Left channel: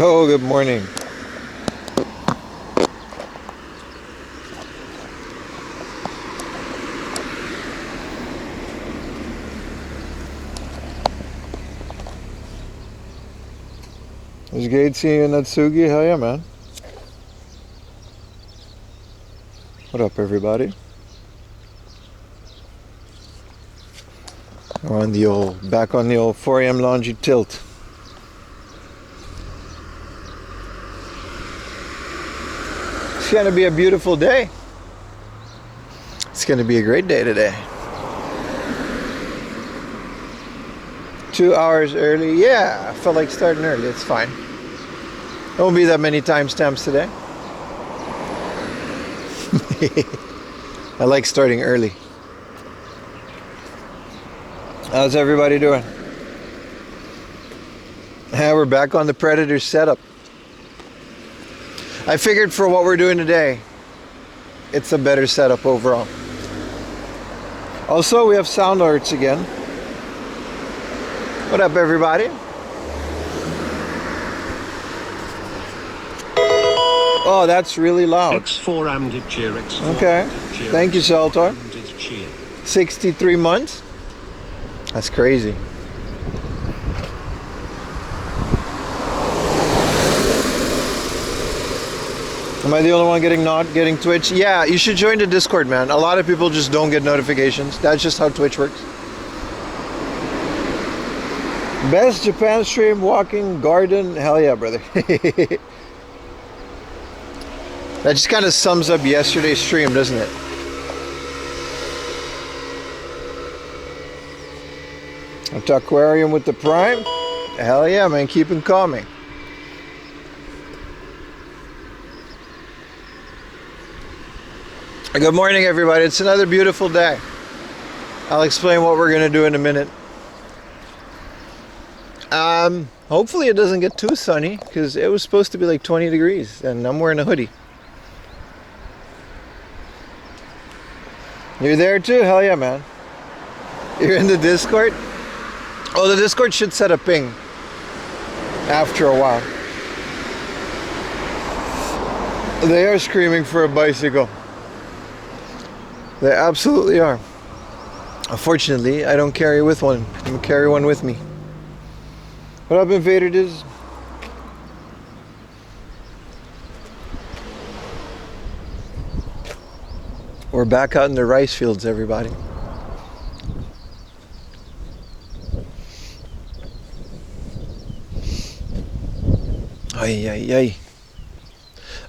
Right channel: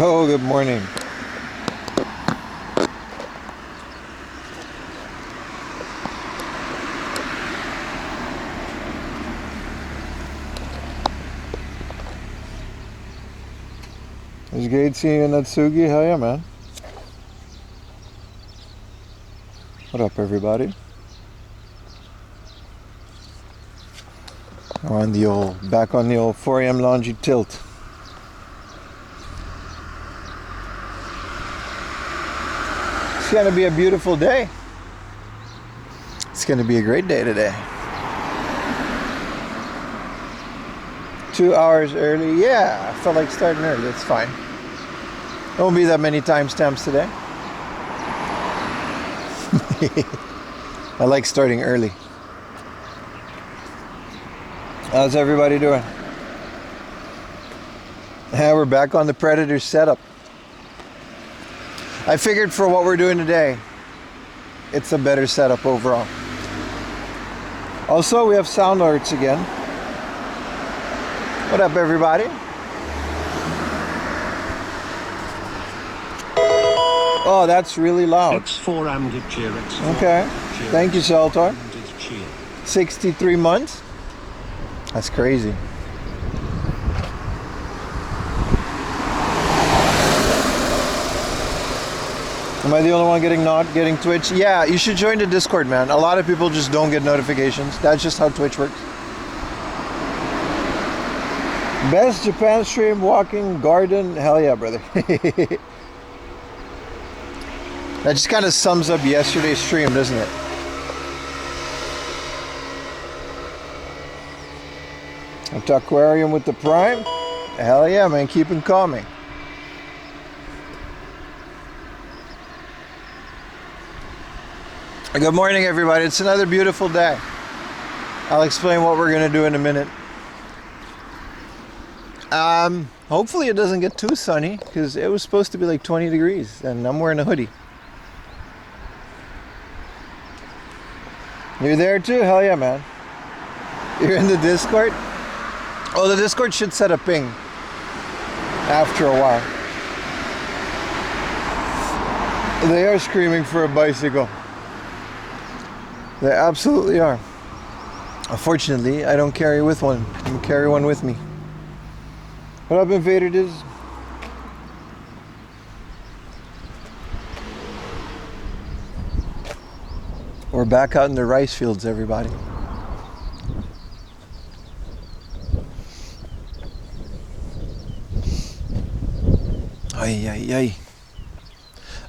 Yo, good morning. It's great seeing you, Natsugi. Hell yeah, man. What up, everybody? We're on the back on the old 4 a.m. laundry tilt. It's gonna be a beautiful day. It's gonna be a great day today. 2 hours early. Yeah, I felt like starting early. It's fine. There won't be that many timestamps today. I like starting early. How's everybody doing? Yeah, we're back on the Predator setup. I figured for what we're doing today, it's a better setup overall. Also, we have sound alerts again. What up, everybody? Oh, that's really loud. X4 and cheer, X4. Okay. Cheer. Thank you, Saltar. 63 months? That's crazy. Am I the only one not getting Twitch? Yeah, you should join the Discord, man. A lot of people just don't get notifications. That's just how Twitch works. Best Japan stream, walking, garden. Hell yeah, brother. That just kind of sums up yesterday's stream, doesn't it? At the aquarium with the Prime. Hell yeah, man. Keep it calming. Good morning, everybody. It's another beautiful day. I'll explain what we're going to do in a minute. Hopefully it doesn't get too sunny because it was supposed to be like 20 degrees and I'm wearing a hoodie. You're there too? Hell yeah, man. You're in the Discord? Oh, the Discord should set a ping after a while. They are screaming for a bicycle. They absolutely are. Unfortunately, I don't carry with one. I'm gonna carry one with me. What up, Invader Diz? We're back out in the rice fields, everybody. Ay, ay, ay.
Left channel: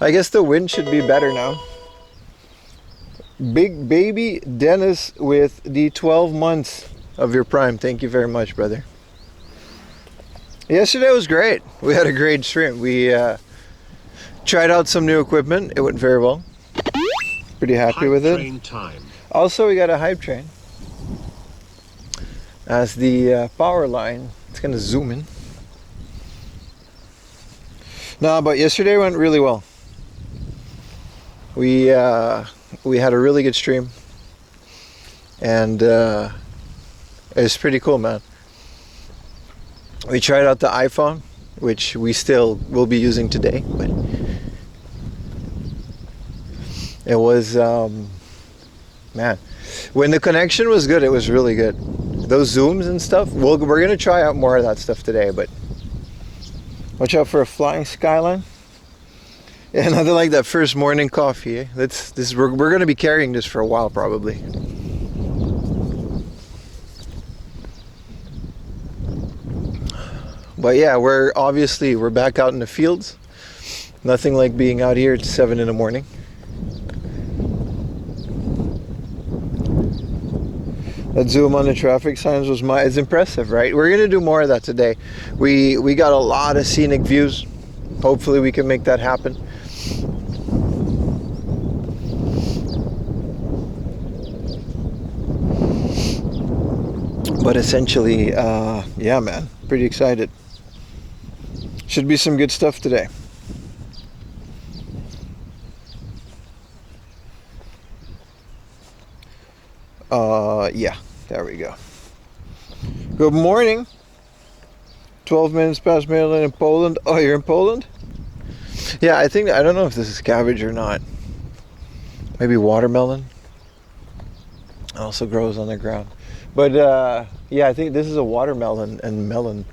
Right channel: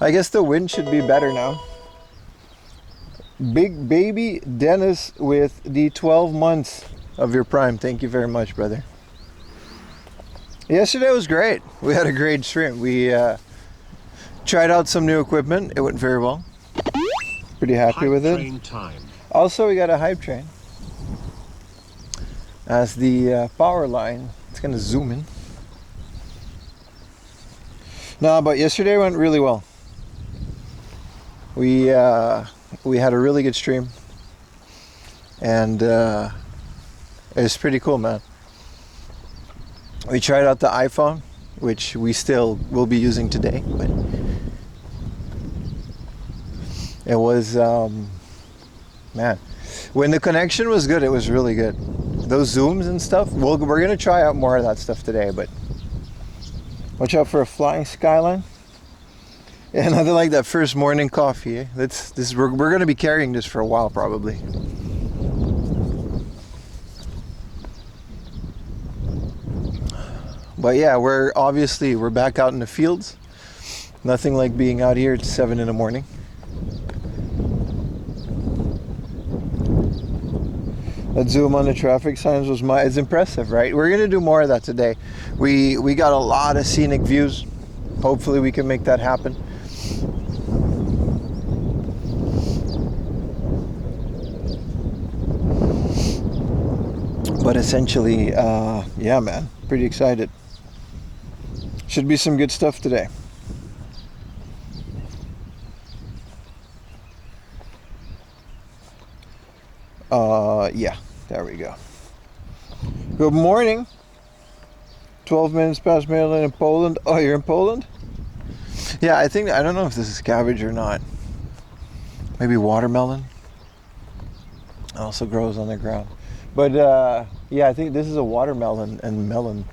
I guess the wind should be better now. Big baby Dennis with the 12 months of your Prime. Thank you very much, brother. Yesterday was great. We had a great stream. We tried out some new equipment. It went very well. Pretty happy with it. Time. Also, we got a hype train as the power line. It's gonna zoom in. No, but yesterday went really well. We had a really good stream, and it's pretty cool, man. We tried out the iPhone, which we still will be using today, but it was, man, when the connection was good, it was really good. Those zooms and stuff, we're gonna try out more of that stuff today, but watch out for a flying skyline. Yeah, nothing like that first morning coffee. Eh? We're gonna be carrying this for a while, probably. But yeah, we're back out in the fields. Nothing like being out here at 7 in the morning. That zoom on the traffic signs it's impressive, right? We're gonna do more of that today. We got a lot of scenic views. Hopefully we can make that happen. But essentially, yeah, man, pretty excited. Should be some good stuff today. Yeah, there we go. Good morning. 12 minutes past Maryland in Poland. Oh, you're in Poland? Yeah, I don't know if this is cabbage or not. Maybe watermelon. Also grows on the ground. But yeah, I think this is a watermelon and melon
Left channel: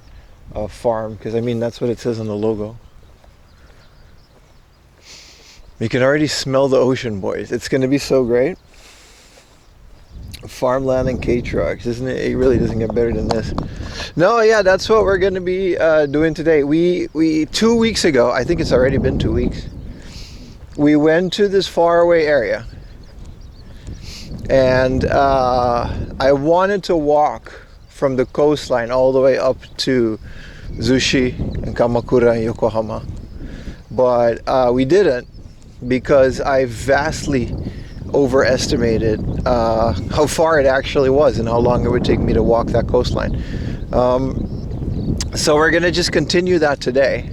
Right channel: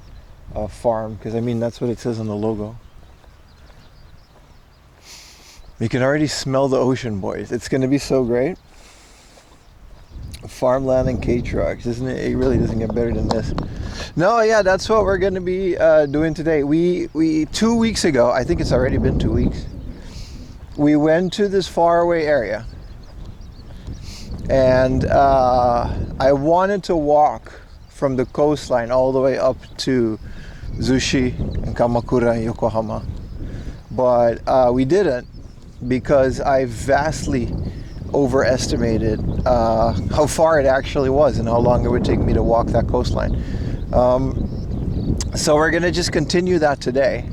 farm, because I mean that's what it says on the logo. You can already smell the ocean, boys. It's going to be so great. Farmland and Kei Trucks, isn't it? It really doesn't get better than this. No, yeah, that's what we're going to be doing today. We 2 weeks ago, I think it's already been 2 weeks, we went to this faraway area, and I wanted to walk from the coastline all the way up to Zushi and Kamakura and Yokohama, but we didn't, because I vastly overestimated how far it actually was and how long it would take me to walk that coastline. So we're gonna just continue that today.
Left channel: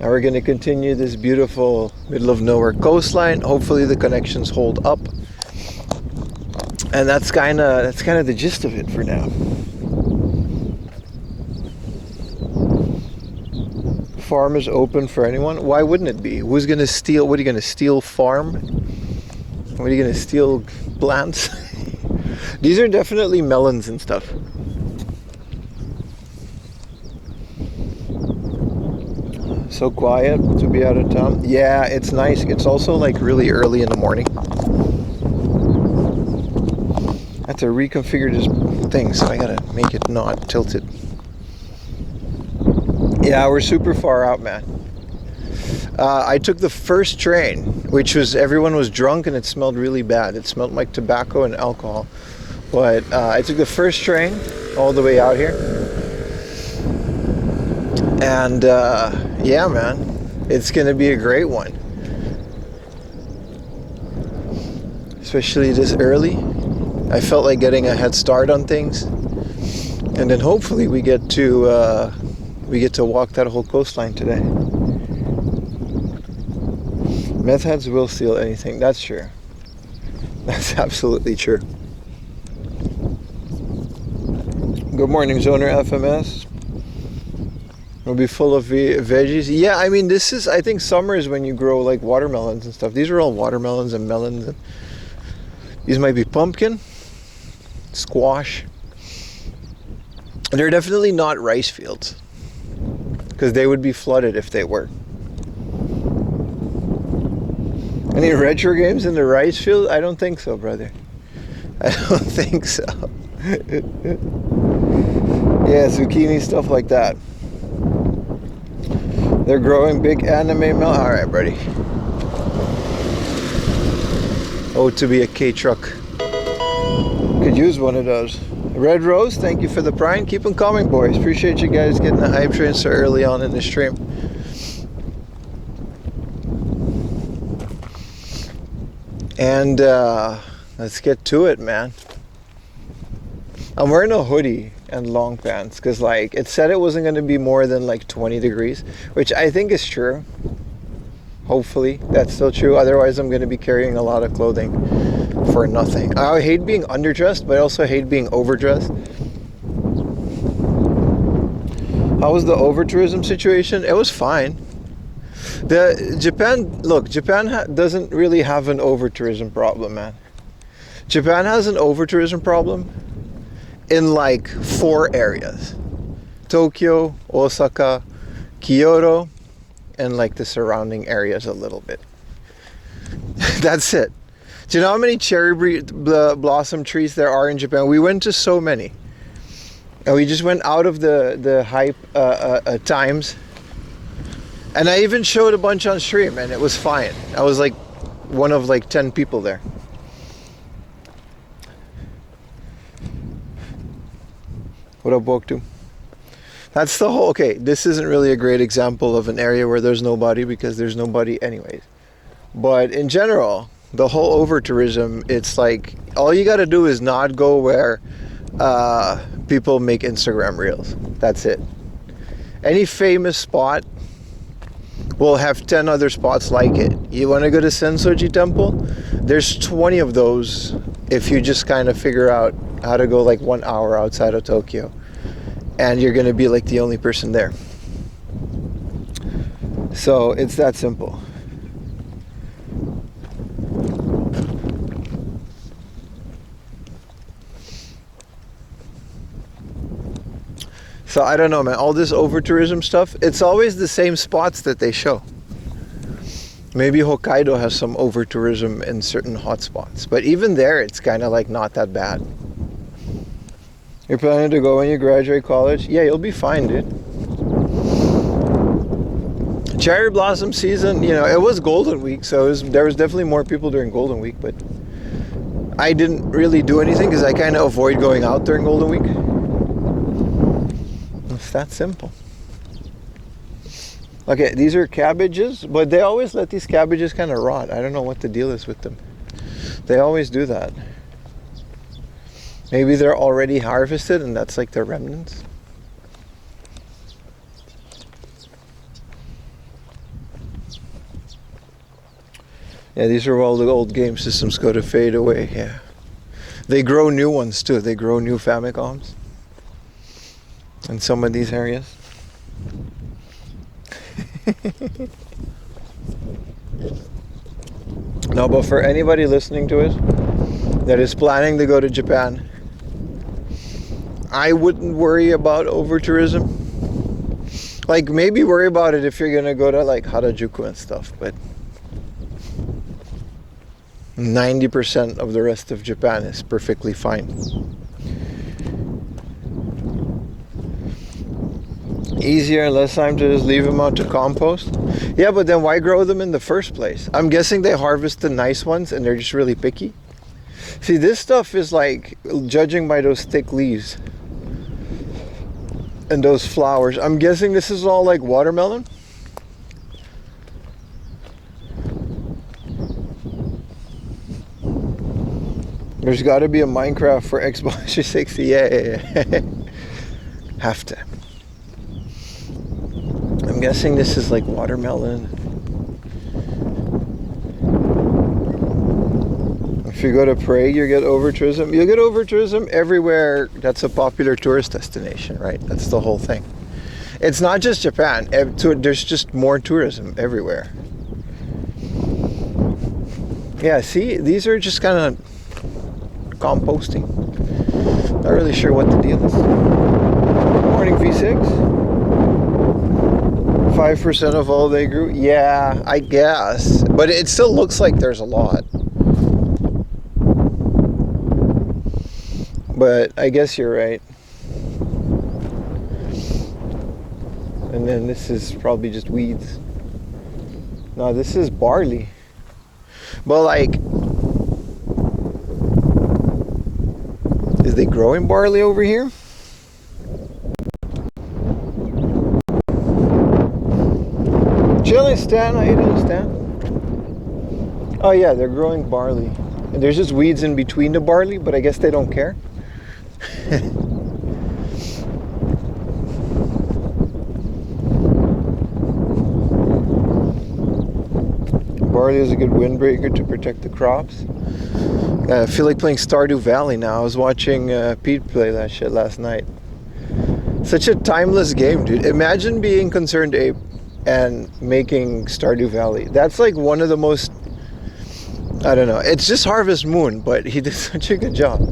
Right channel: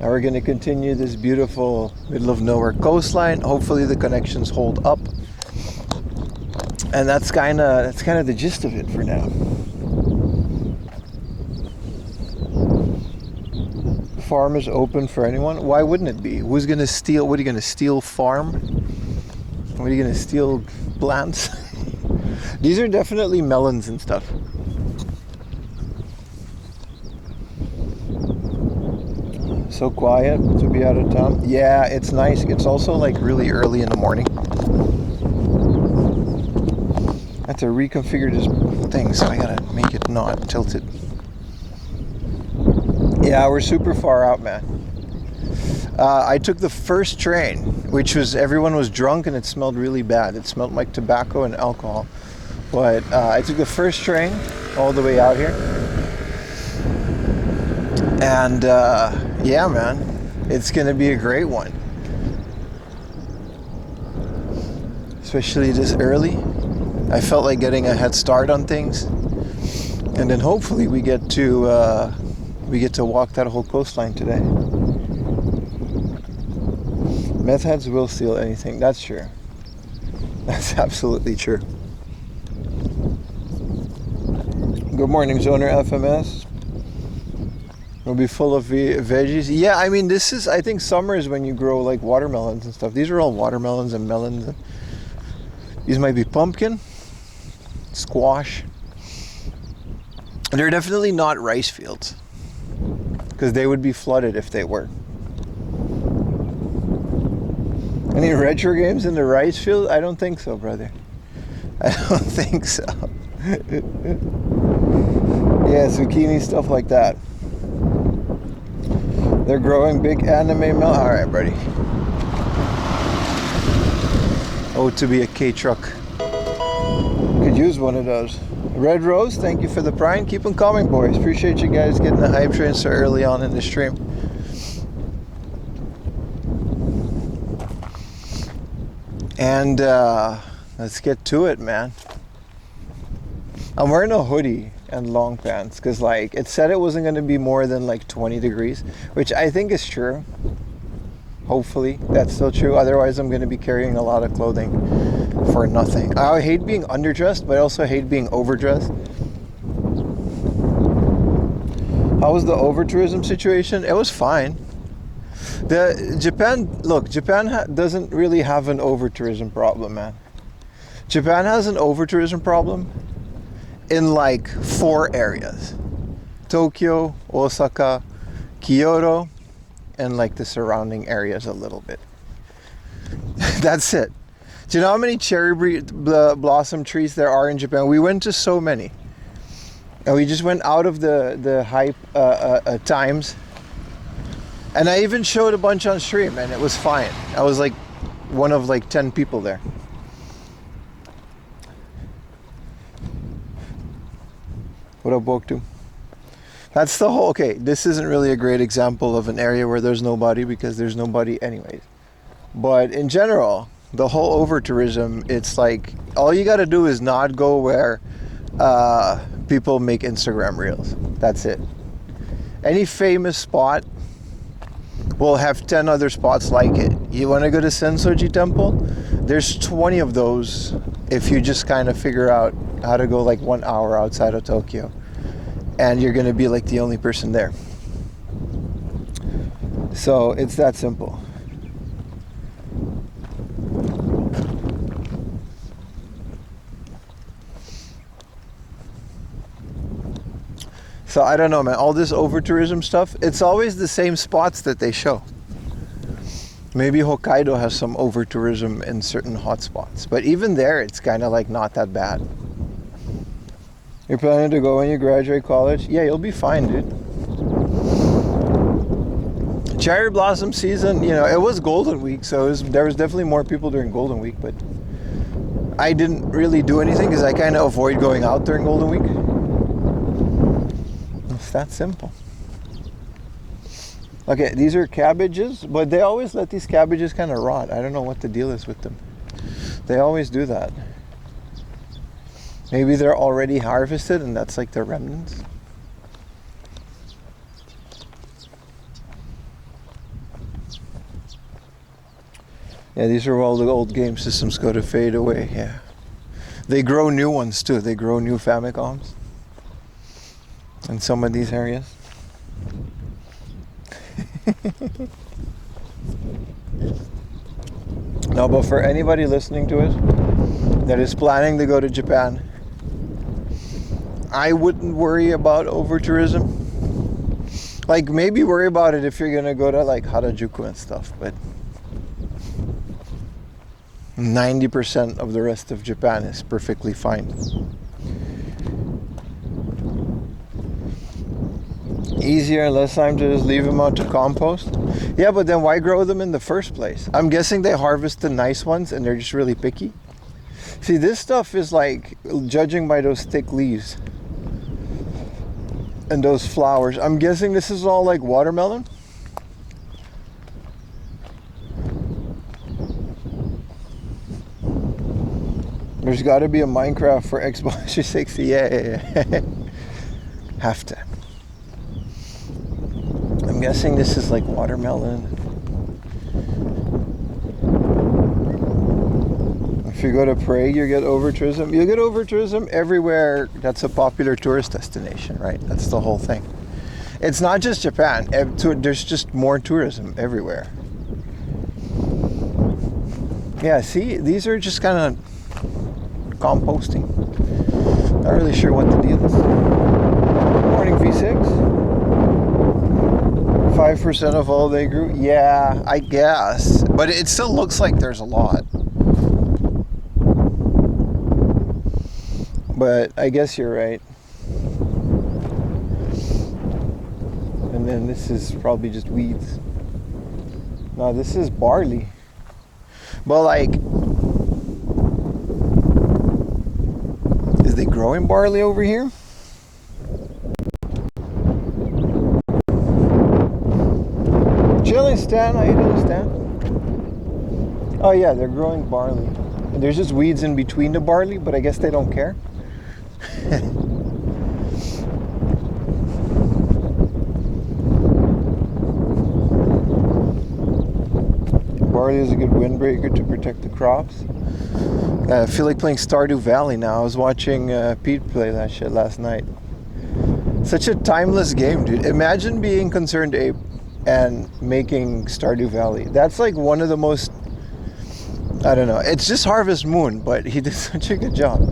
And we're gonna continue this beautiful middle of nowhere coastline. Hopefully the connections hold up. And that's kind of the gist of it for now. Farm is open for anyone. Why wouldn't it be? Who's gonna steal? What are you gonna steal? Farm? What are you gonna steal? Plants? These are definitely melons and stuff. So quiet to be out of town. Yeah, it's nice. It's also like really early in the morning. I have to reconfigure this thing, so I gotta make it not tilted. Yeah, we're super far out, man. I took the first train, which was, everyone was drunk and it smelled really bad. It smelled like tobacco and alcohol. But I took the first train all the way out here. And yeah, man, it's gonna be a great one. Especially this early. I felt like getting a head start on things. And then hopefully we get to walk that whole coastline today. Meth heads will steal anything. That's true. That's absolutely true. Good morning, Zoner FMS. We'll be full of veggies. Yeah, I mean, this is, I think summer is when you grow like watermelons and stuff. These are all watermelons and melons. And these might be pumpkin, squash. They're definitely not rice fields, because they would be flooded if they were. Any retro games in the rice field? I don't think so, brother. I don't think so. Yeah, zucchini, stuff like that. They're growing big anime melon. All right, buddy. Oh, to be a Kei truck. Could use one of those. Red Rose, thank you for the prime. Keep them coming, boys. Appreciate you guys getting the hype train so early on in the stream. And let's get to it, man. I'm wearing a hoodie and long pants because, like, it said it wasn't going to be more than like 20 degrees, which I think is true. Hopefully that's still true. Otherwise, I'm going to be carrying a lot of clothing for nothing. I hate being underdressed, but I also hate being overdressed. How was the over-tourism situation? It was fine. Japan doesn't really have an over-tourism problem, man. Japan has an over-tourism problem in like 4 areas: Tokyo, Osaka, Kyoto, and like the surrounding areas a little bit. That's it. Do you know how many cherry blossom trees there are in Japan? We went to so many, and we just went out of the hype times. And I even showed a bunch on stream, and it was fine. I was like one of like 10 people there. What up, Boktu? That's the whole, okay, this isn't really a great example of an area where there's nobody, because there's nobody anyways. But in general, the whole over-tourism, it's like, all you gotta do is not go where people make Instagram reels. That's it. Any famous spot will have 10 other spots like it. You wanna go to Sensoji Temple? There's 20 of those if you just kind of figure out how to go like 1 hour outside of Tokyo. and you're going to be like the only person there. So it's that simple. So I don't know, man, all this over tourism stuff, it's always the same spots that they show. Maybe Hokkaido has some over tourism in certain hot spots, but even there it's kind of like not that bad. You're planning to go when you graduate college? Yeah, you'll be fine, dude. Cherry blossom season, you know, it was Golden Week, so there was definitely more people during Golden Week, but I didn't really do anything because I kind of avoid going out during Golden Week. It's that simple. Okay, these are cabbages, but they always let these cabbages kind of rot. I don't know what the deal is with them. They always do that. Maybe they're already harvested and that's like their remnants. Yeah, these are all the old game systems go to fade away, yeah. They grow new ones too. They grow new Famicoms in some of these areas. No, but for anybody listening to it that is planning to go to Japan, I wouldn't worry about over tourism. Like, maybe worry about it if you're gonna go to like Harajuku and stuff, but 90% of the rest of Japan is perfectly fine. Easier and less time to just leave them out to compost. Yeah, but then why grow them in the first place? I'm guessing they harvest the nice ones and they're just really picky. See, this stuff is like, judging by those thick leaves and those flowers, I'm guessing this is all like watermelon. There's got to be a Minecraft for Xbox 360. Yeah. Have to. I'm guessing this is like watermelon. If you go to Prague, you get over tourism. You get over tourism everywhere that's a popular tourist destination, right? That's the whole thing. It's not just Japan. There's just more tourism everywhere. Yeah, see, these are just kind of composting. Not really sure what the deal is. Morning, V6. 5% of all they grew. Yeah, I guess, but it still looks like there's a lot. But I guess you're right. And then this is probably just weeds. No, this is barley. But like, is they growing barley over here? Chilling, Stan. How you doing, Stan? Oh yeah, they're growing barley. And there's just weeds in between the barley, but I guess they don't care. Barley is a good windbreaker to protect the crops. I feel like playing Stardew Valley now. I was watching Pete play that shit last night. Such a timeless game, dude. Imagine being Concerned Ape and making Stardew Valley. That's like one of the most, I don't know, it's just Harvest Moon, but he did such a good job.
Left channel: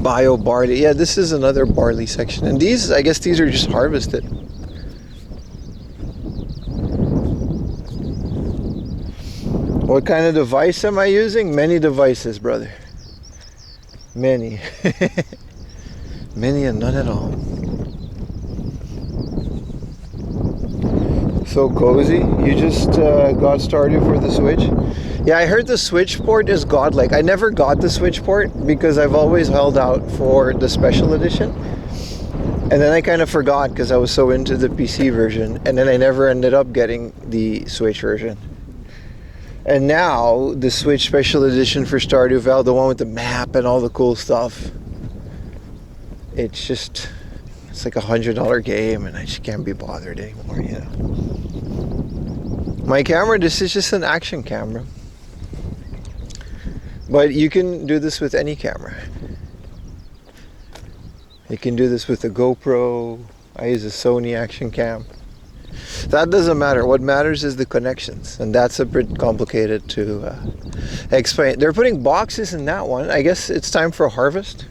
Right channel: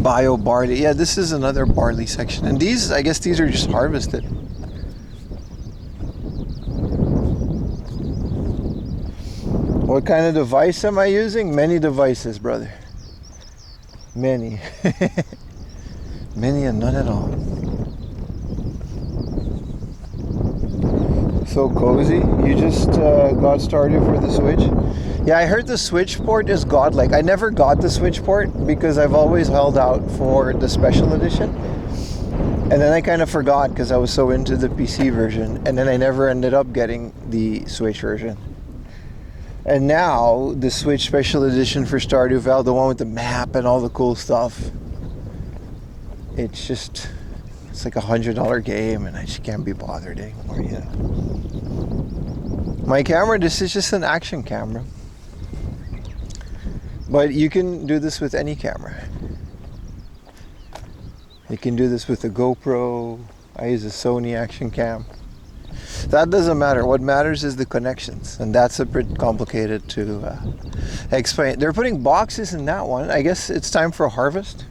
Bio barley. Yeah, this is another barley section. And these, I guess these are just harvested. What kind of device am I using? Many devices, brother. Many. Many and none at all. So cozy. You just got started for the Switch? Yeah, I heard the Switch port is godlike. I never got the Switch port because I've always held out for the special edition. And then I kind of forgot because I was so into the PC version. And then I never ended up getting the Switch version. And now, the Switch Special Edition for Stardew Valley, the one with the map and all the cool stuff. It's just, it's like $100 game and I just can't be bothered anymore, you know. My camera, this is just an action camera. But you can do this with any camera. You can do this with a GoPro. I use a Sony Action Cam. That doesn't matter. What matters is the connections, and that's a bit complicated to explain. They're putting boxes in that one. I guess it's time for a harvest.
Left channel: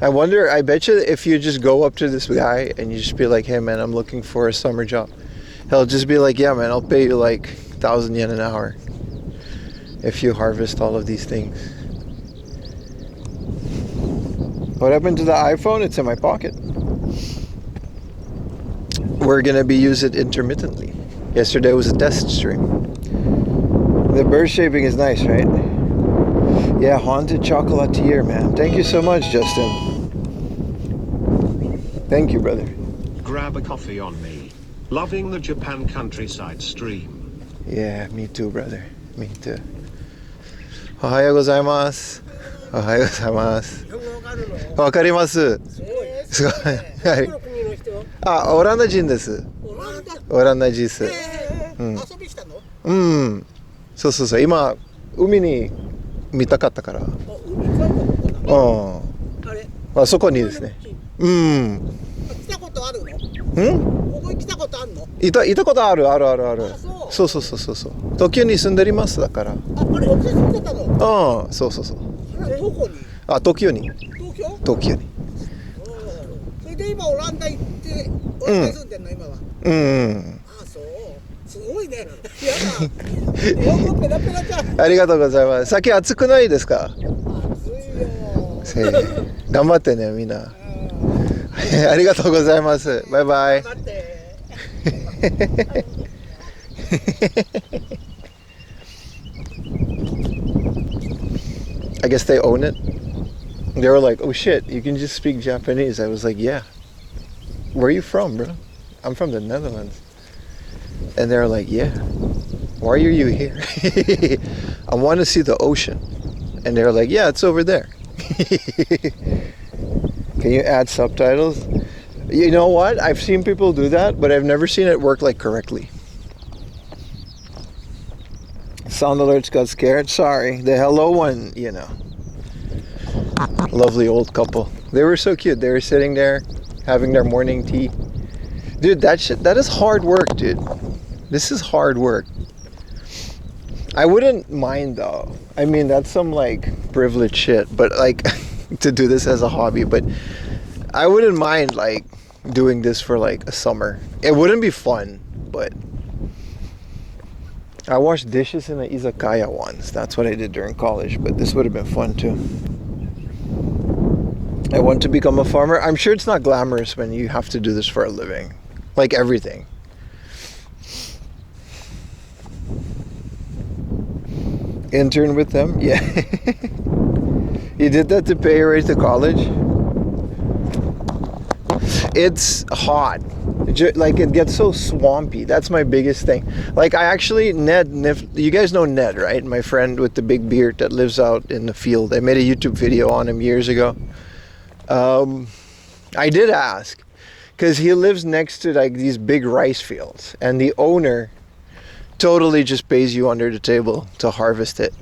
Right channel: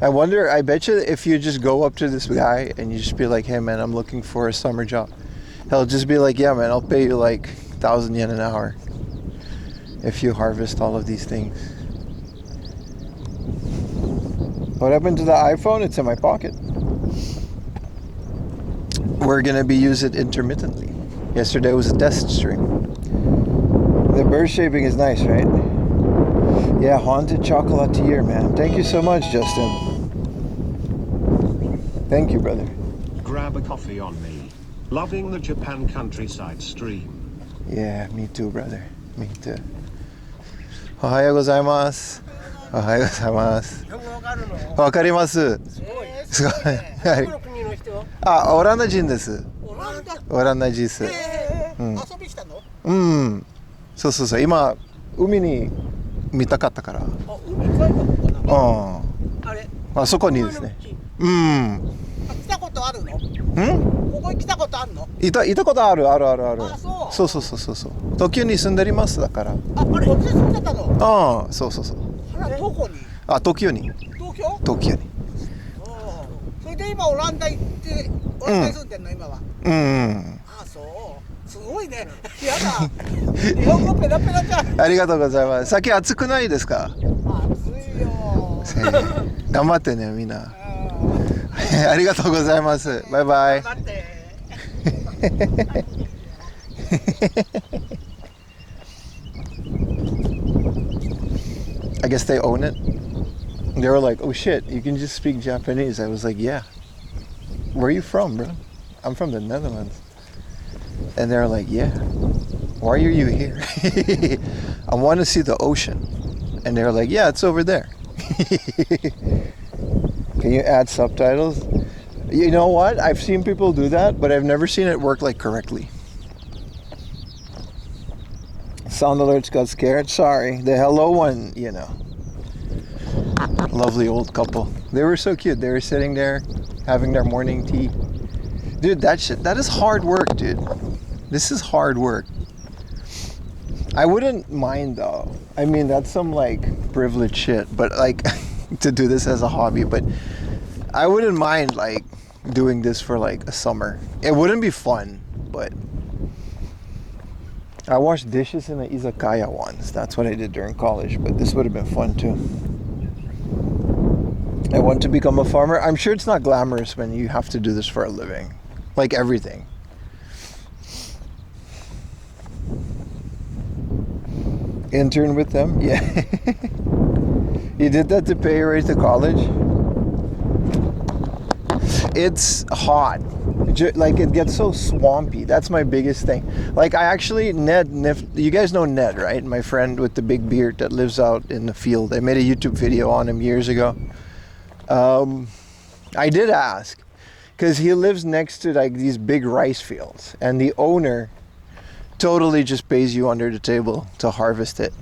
I wonder, I bet you if you just go up to this guy and you just be like, hey man, I'm looking for a summer job. He'll just be like, yeah man, I'll pay you like 1,000 yen an hour if you harvest all of these things. What happened to the iPhone? It's in my pocket. We're gonna be using it intermittently. Yesterday was a test stream. The bird shaping is nice, right? Yeah, haunted chocolatier, man. Thank you so much, Justin. Thank you, brother. Grab a coffee on me. Loving the Japan countryside stream. Yeah, me too, brother. Me too. Ohayou gozaimasu. Ohayou gozaimasu. 日本語わかるの？わかります。すごい。すごい。はい。どこの国の人？あ、オランダ人です。オランダ。オランダ人です。うん。遊びしたの？うん。そうそうそう。今、海に見たかったから。あ、海帰ったことかな。うん。あれ。あそこにですね。うん。来たことあるの？ん？ここに来たことあるの？いたことある。あ、そう。そう。東京に住んでますだから。あれ、こっちに住んでたの？うん、そう。あら、どこに？あ、東京に。東京？東京に。それで今オランダ行ってオランダに住んでんの今は。うん。あ、そう。すごいね。やだ。日本語ペラペラじゃん。ありがとうございます。先暑くないですか？暑いよ。頑張ってね、みんな。ありがとうございます。バイバイ。頑張って。I guess they own it. They were like, oh shit, you can just speak Japanese. I was like, yeah. Where are you from, bro? I'm from the Netherlands. And they're like, yeah. Why are you here? I want to see the ocean. And they're like, yeah, it's over there. Can you add subtitles? You know what? I've seen people do that, but I've never seen it work like correctly. Sound alerts got scared. Sorry. The hello one, you know. Lovely old couple. They were so cute. They were sitting there having their morning tea. Dude, that is hard work, dude. This is hard work. I wouldn't mind though. I mean, that's some like privileged shit, but like to do this as a hobby, but I wouldn't mind like doing this for like a summer. It wouldn't be fun, but I washed dishes in an izakaya once. That's what I did during college, but this would have been fun too. I want to become a farmer. I'm sure it's not glamorous when you have to do this for a living. Like everything. Intern with them? Yeah. You did that to pay your way to college? It's hot. Like it gets so swampy. That's my biggest thing. Like I actually, you guys know Ned, right? My friend with the big beard that lives out in the field. I made a YouTube video on him years ago. I did ask because he lives next to like these big rice fields, and the owner totally just pays you under the table to harvest it.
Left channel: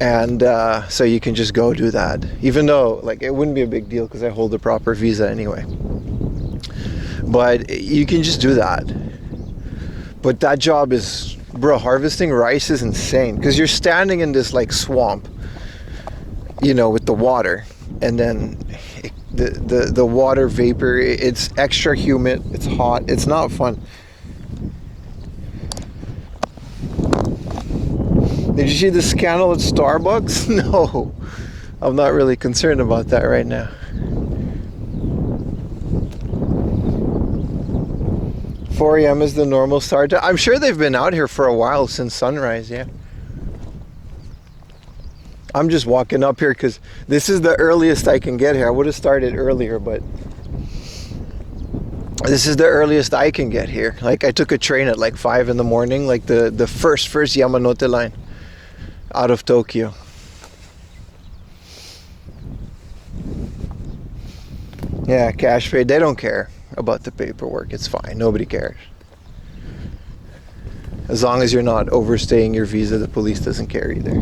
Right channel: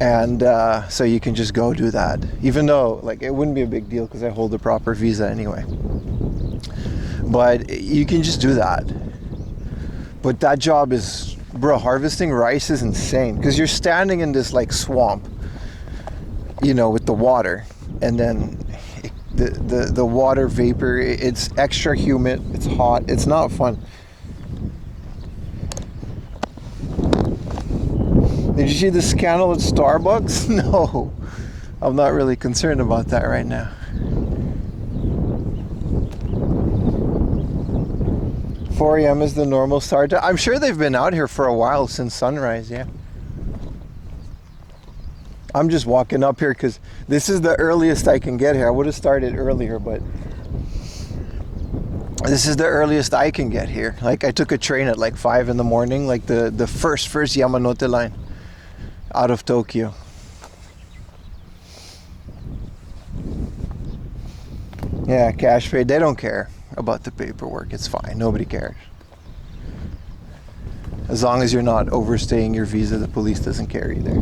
And so you can just go do that, even though like it wouldn't be a big deal because I hold the proper visa anyway. But you can just do that. But that job is, bro, harvesting rice is insane because you're standing in this like swamp, you know, with the water, and then the water vapor, it's extra humid, it's hot, it's not fun. Did you see the scandal at Starbucks? No, I'm not really concerned about that right now. 4 a.m. is the normal start time. I'm sure they've been out here for a while since sunrise, yeah. I'm just walking up here because this is the earliest I can get here. I would have started earlier, but this is the earliest I can get here. Like I took a train at like 5 in the morning, like the first Yamanote line out of Tokyo. Yeah, cash paid. They don't care about the paperwork. It's fine. Nobody cares. As long as you're not overstaying your visa, the police doesn't care either.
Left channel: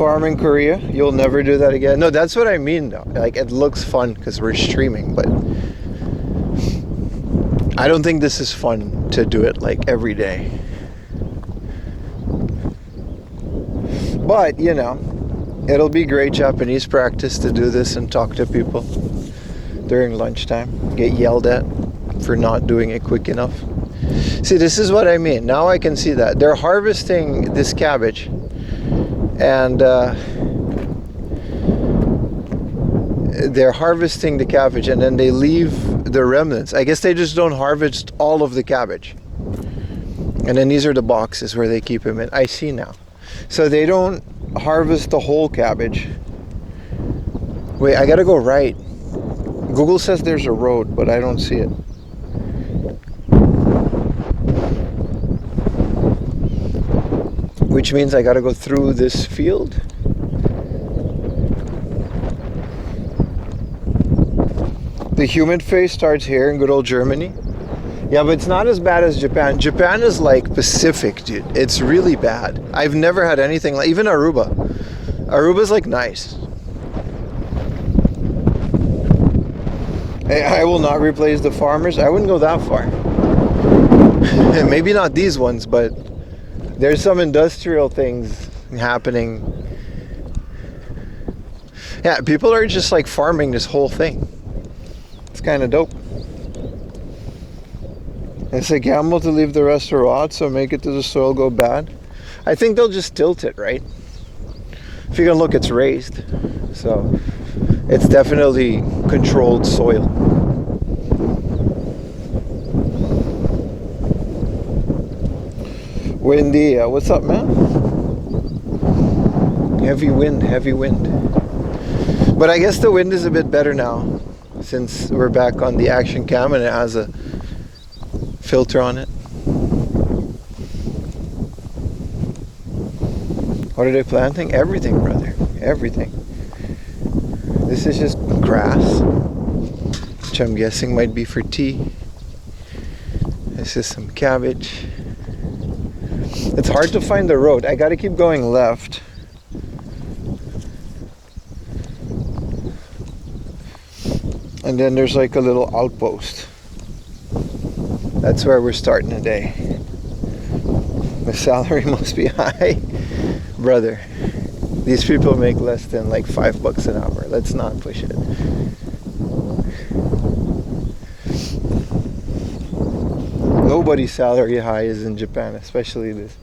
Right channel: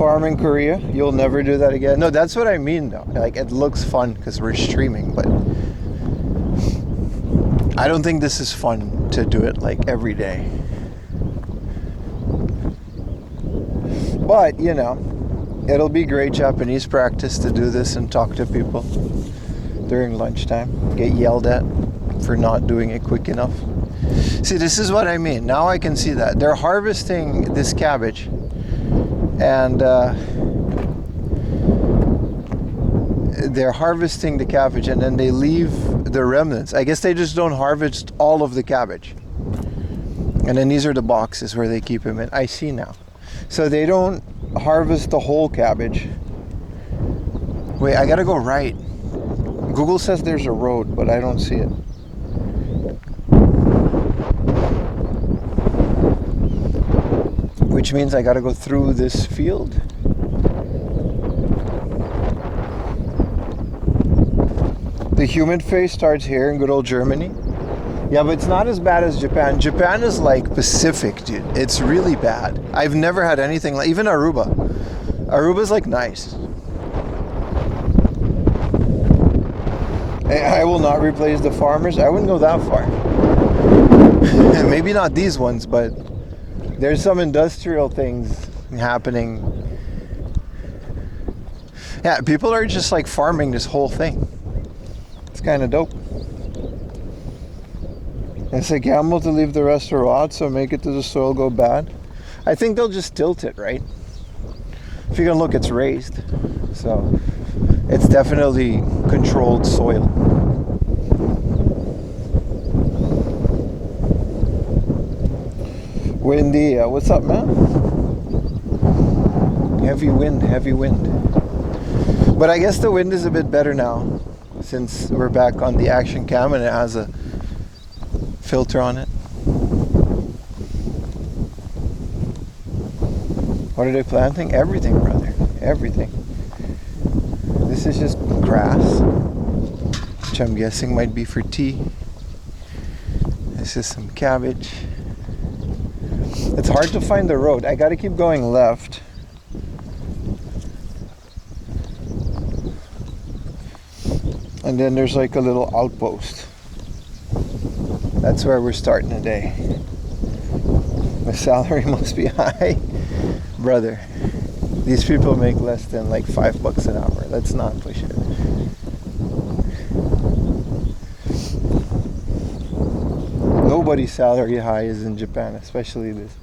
farm in Korea, you'll never do that again. No, that's what I mean though. Like, it looks fun because we're streaming, but I don't think this is fun to do it like every day. But, you know, it'll be great Japanese practice to do this and talk to people during lunchtime. Get yelled at for not doing it quick enough. See, this is what I mean. Now I can see that. They're harvesting this cabbage. And they're harvesting the cabbage and then they leave the remnants. I guess they just don't harvest all of the cabbage. And then these are the boxes where they keep them in. I see now. So they don't harvest the whole cabbage. Wait, I gotta go right. Google says there's a road, but I don't see it. Which means I gotta go through this field. The humid phase starts here in good old Germany. Yeah, but it's not as bad as Japan. Japan is like Pacific, dude. It's really bad. I've never had anything like, even Aruba. Aruba's like nice. I will not replace the farmers. I wouldn't go that far. Maybe not these ones, but there's some industrial things happening. Yeah, people are just like farming this whole thing. It's kind of dope. It's a gamble to leave the rest rot, so make it to the soil go bad. I think they'll just tilt it, right? If you can look, it's raised. So it's definitely controlled soil. Windy, what's up, man? Heavy wind, heavy wind. But I guess the wind is a bit better now since we're back on the action cam and it has a filter on it. What are they planting? Everything, brother. Everything. This is just grass, which I'm guessing might be for tea. This is some cabbage. It's hard to find the road. I gotta keep going left. And then there's like a little outpost. That's where we're starting today. The salary must be high. Brother, these people make less than like $5 an hour. Let's not push it. Nobody's salary high is in Japan, especially this.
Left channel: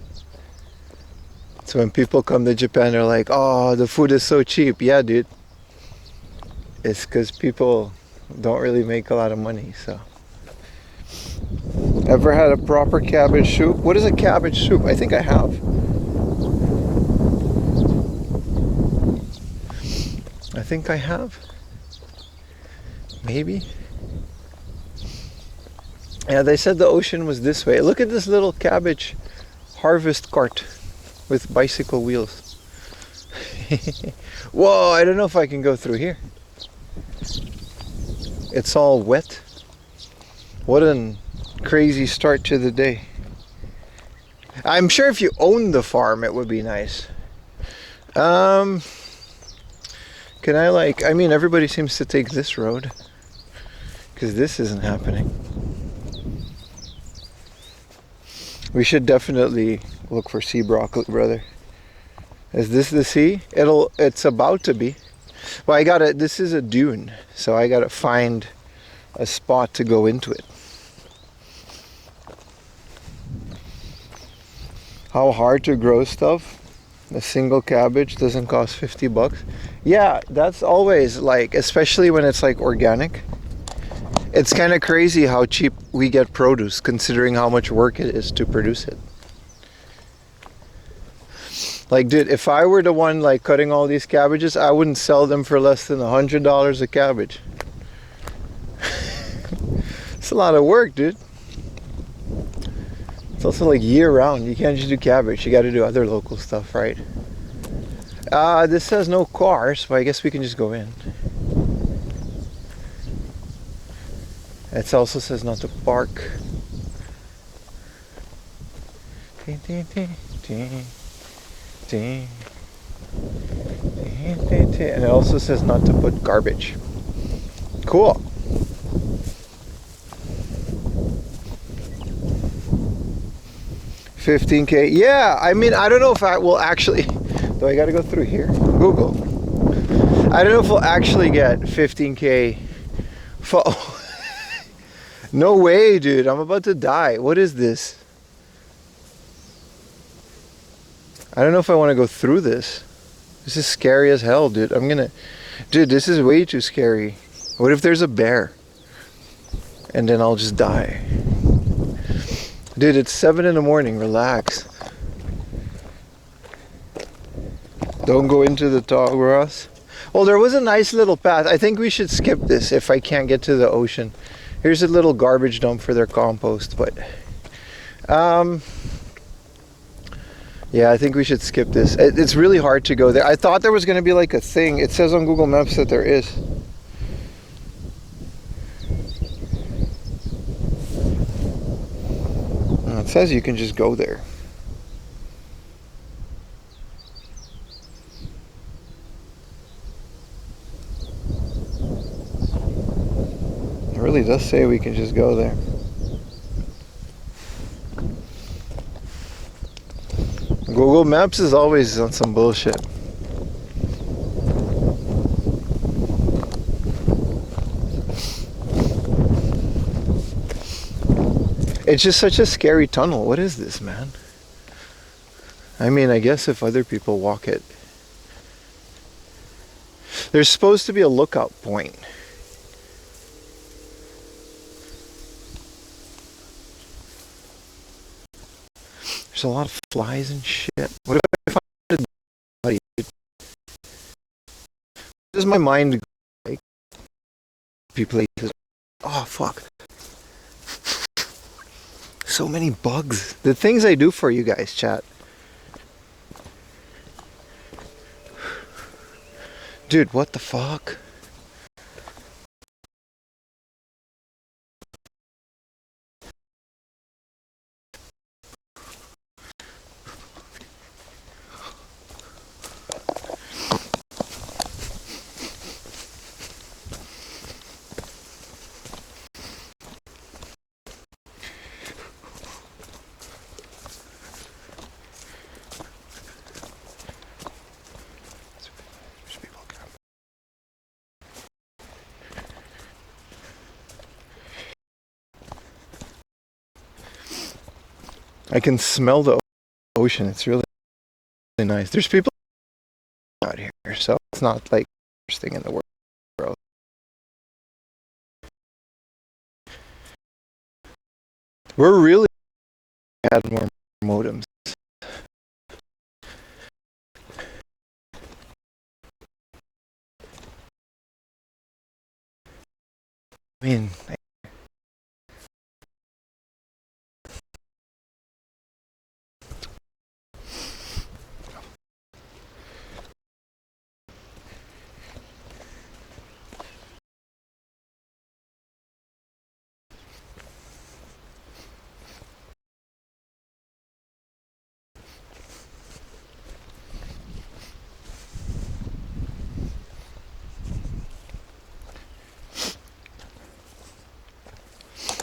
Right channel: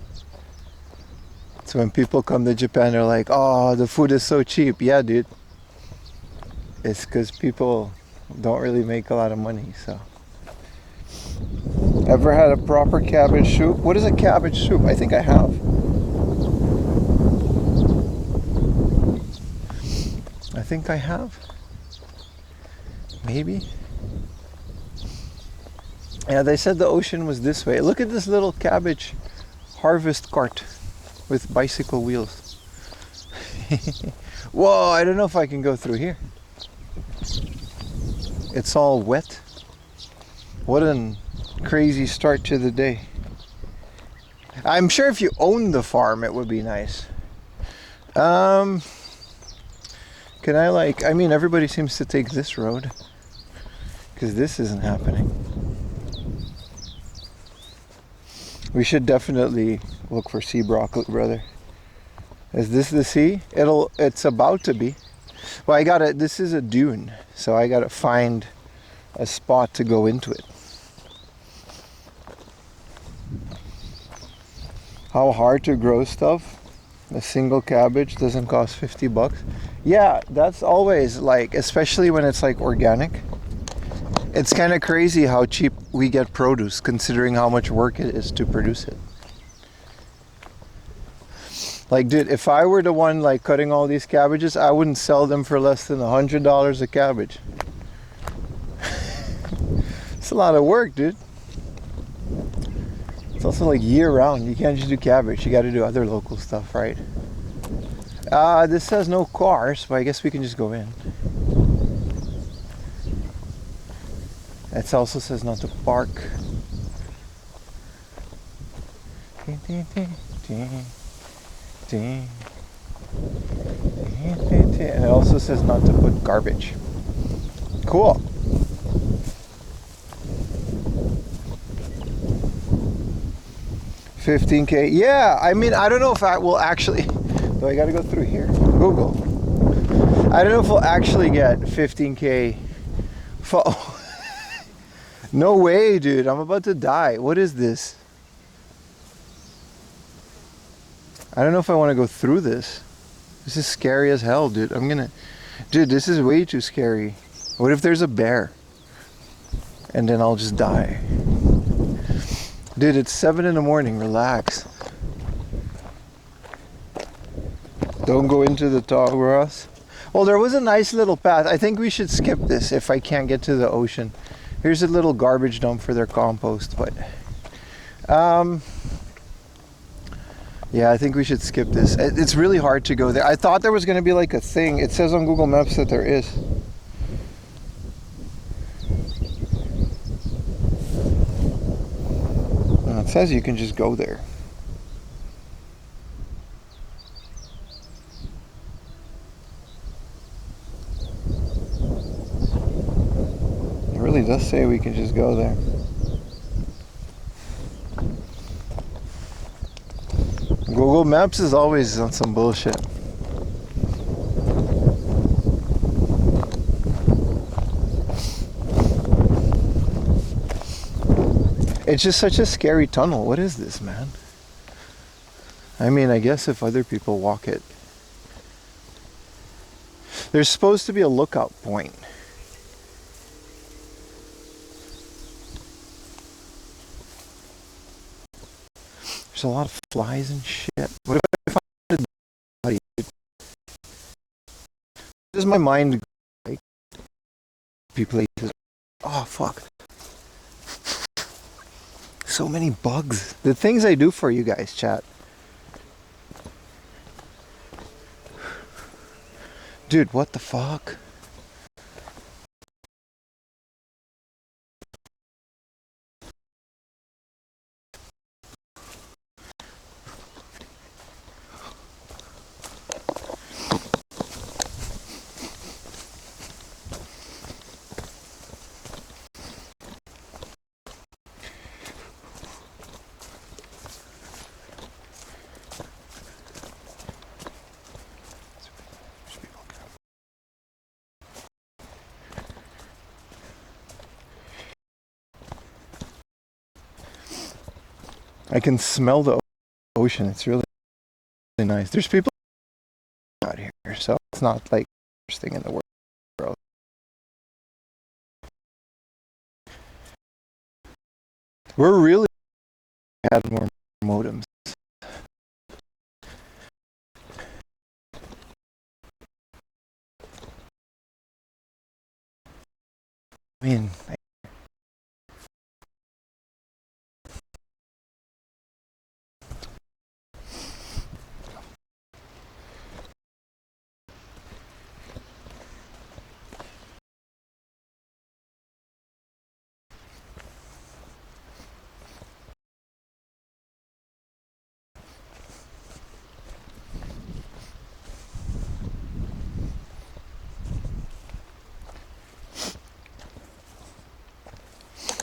So when people come to Japan, they're like, oh, the food is so cheap. Yeah, dude. It's because people don't really make a lot of money, so. Ever had a proper cabbage soup? What is a cabbage soup? I think I have. I think I have. Maybe. Yeah, they said the ocean was this way. Look at this little cabbage harvest cart with bicycle wheels. Whoa, I don't know if I can go through here. It's all wet. What a crazy start to the day. I'm sure if you own the farm it would be nice. Can I like, I mean everybody seems to take this road because this isn't happening. We should definitely look for sea broccoli, brother. Is this the sea? It's about to be. Well, this is a dune, so I gotta find a spot to go into it. How hard to grow stuff? A single cabbage doesn't cost $50. Yeah, that's always like, especially when it's like organic. It's kind of crazy how cheap we get produce considering how much work it is to produce it. Like, dude, if I were the one like cutting all these cabbages, I wouldn't sell them for less than $100 a cabbage. It's a lot of work, dude. It's also like year round. You can't just do cabbage. You got to do other local stuff, right? This says no cars, but I guess we can just go in. It also says not to park. And it also says not to put garbage. Cool. $15K. Yeah, I mean, I don't know if I will actually. Do I got to go through here? Google. I don't know if we'll actually get 15K. No way, dude. I'm about to die. What is this? I don't know if I want to go through this. This is scary as hell, dude. Dude, this is way too scary. What if there's a bear? And then I'll just die. Dude, it's 7 in the morning. Relax. Don't go into the tall grass. Well, there was a nice little path. I think we should skip this if I can't get to the ocean. Here's a little garbage dump for their compost, but yeah, I think we should skip this. It's really hard to go there. I thought there was going to be like a thing. It says on Google Maps that there is. It says you can just go there. It really does say we can just go there. Google Maps is always on some bullshit. It's just such a scary tunnel. What is this, man? I mean, I guess if other people walk it. There's supposed to be a lookout point. There's a lot of flies and shit. What if I find a body? Does my mind like be places? Oh fuck. So many bugs. The things I do for you guys, chat. Dude, what the fuck? I can smell the ocean. It's really, really nice. There's people out here, so it's not like the worst thing in the world. We're really add more modems. I mean,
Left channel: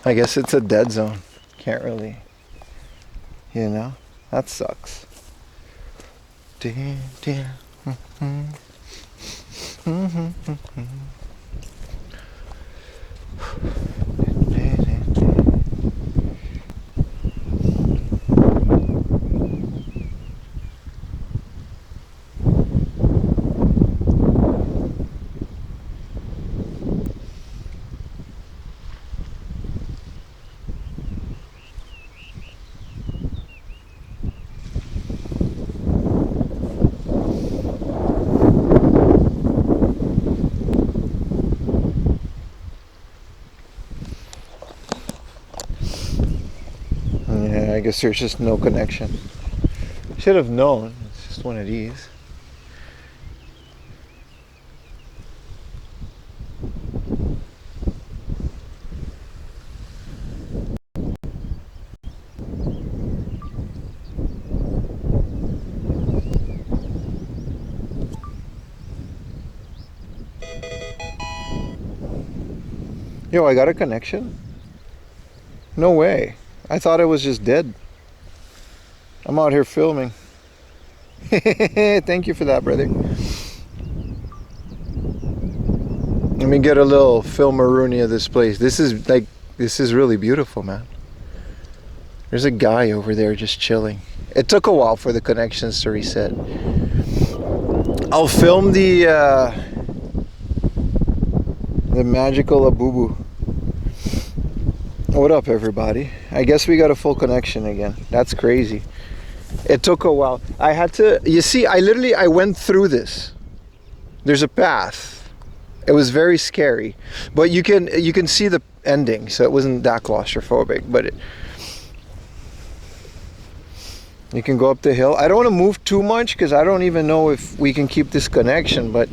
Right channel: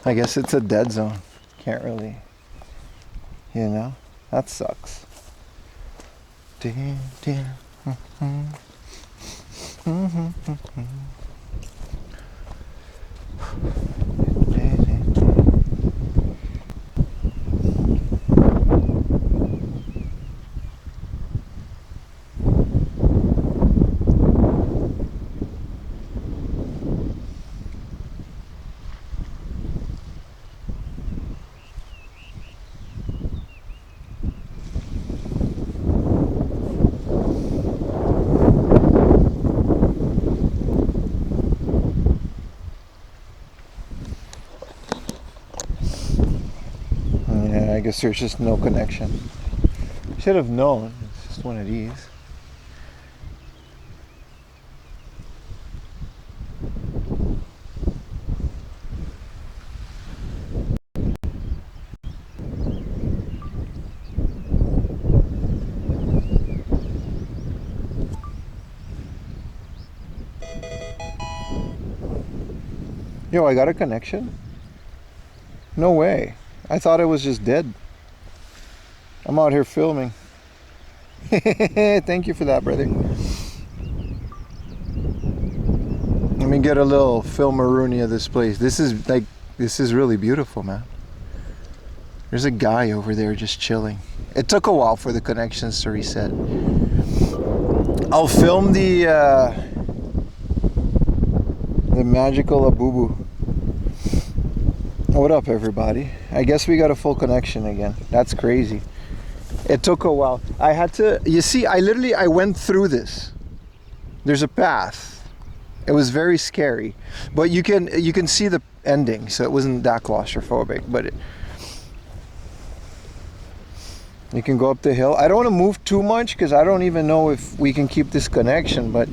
I guess it's a dead zone. Can't really, you know, that sucks. Yeah, I guess there's just no connection. Should have known. It's just one of these. Yo, I got a connection? No way. I thought it was just dead. I'm out here filming. Thank you for that, brother. Let me get a little filmaroonie of this place. This is really beautiful, man. There's a guy over there just chilling. It took a while for the connections to reset. I'll film the magical Abubu. What up, everybody? I guess we got a full connection again. That's crazy. It took a while. I had to, you see, I went through this. There's a path. It was very scary, but you can see the ending, so it wasn't that claustrophobic. But you can go up the hill. I don't want to move too much because I don't even know if we can keep this connection. But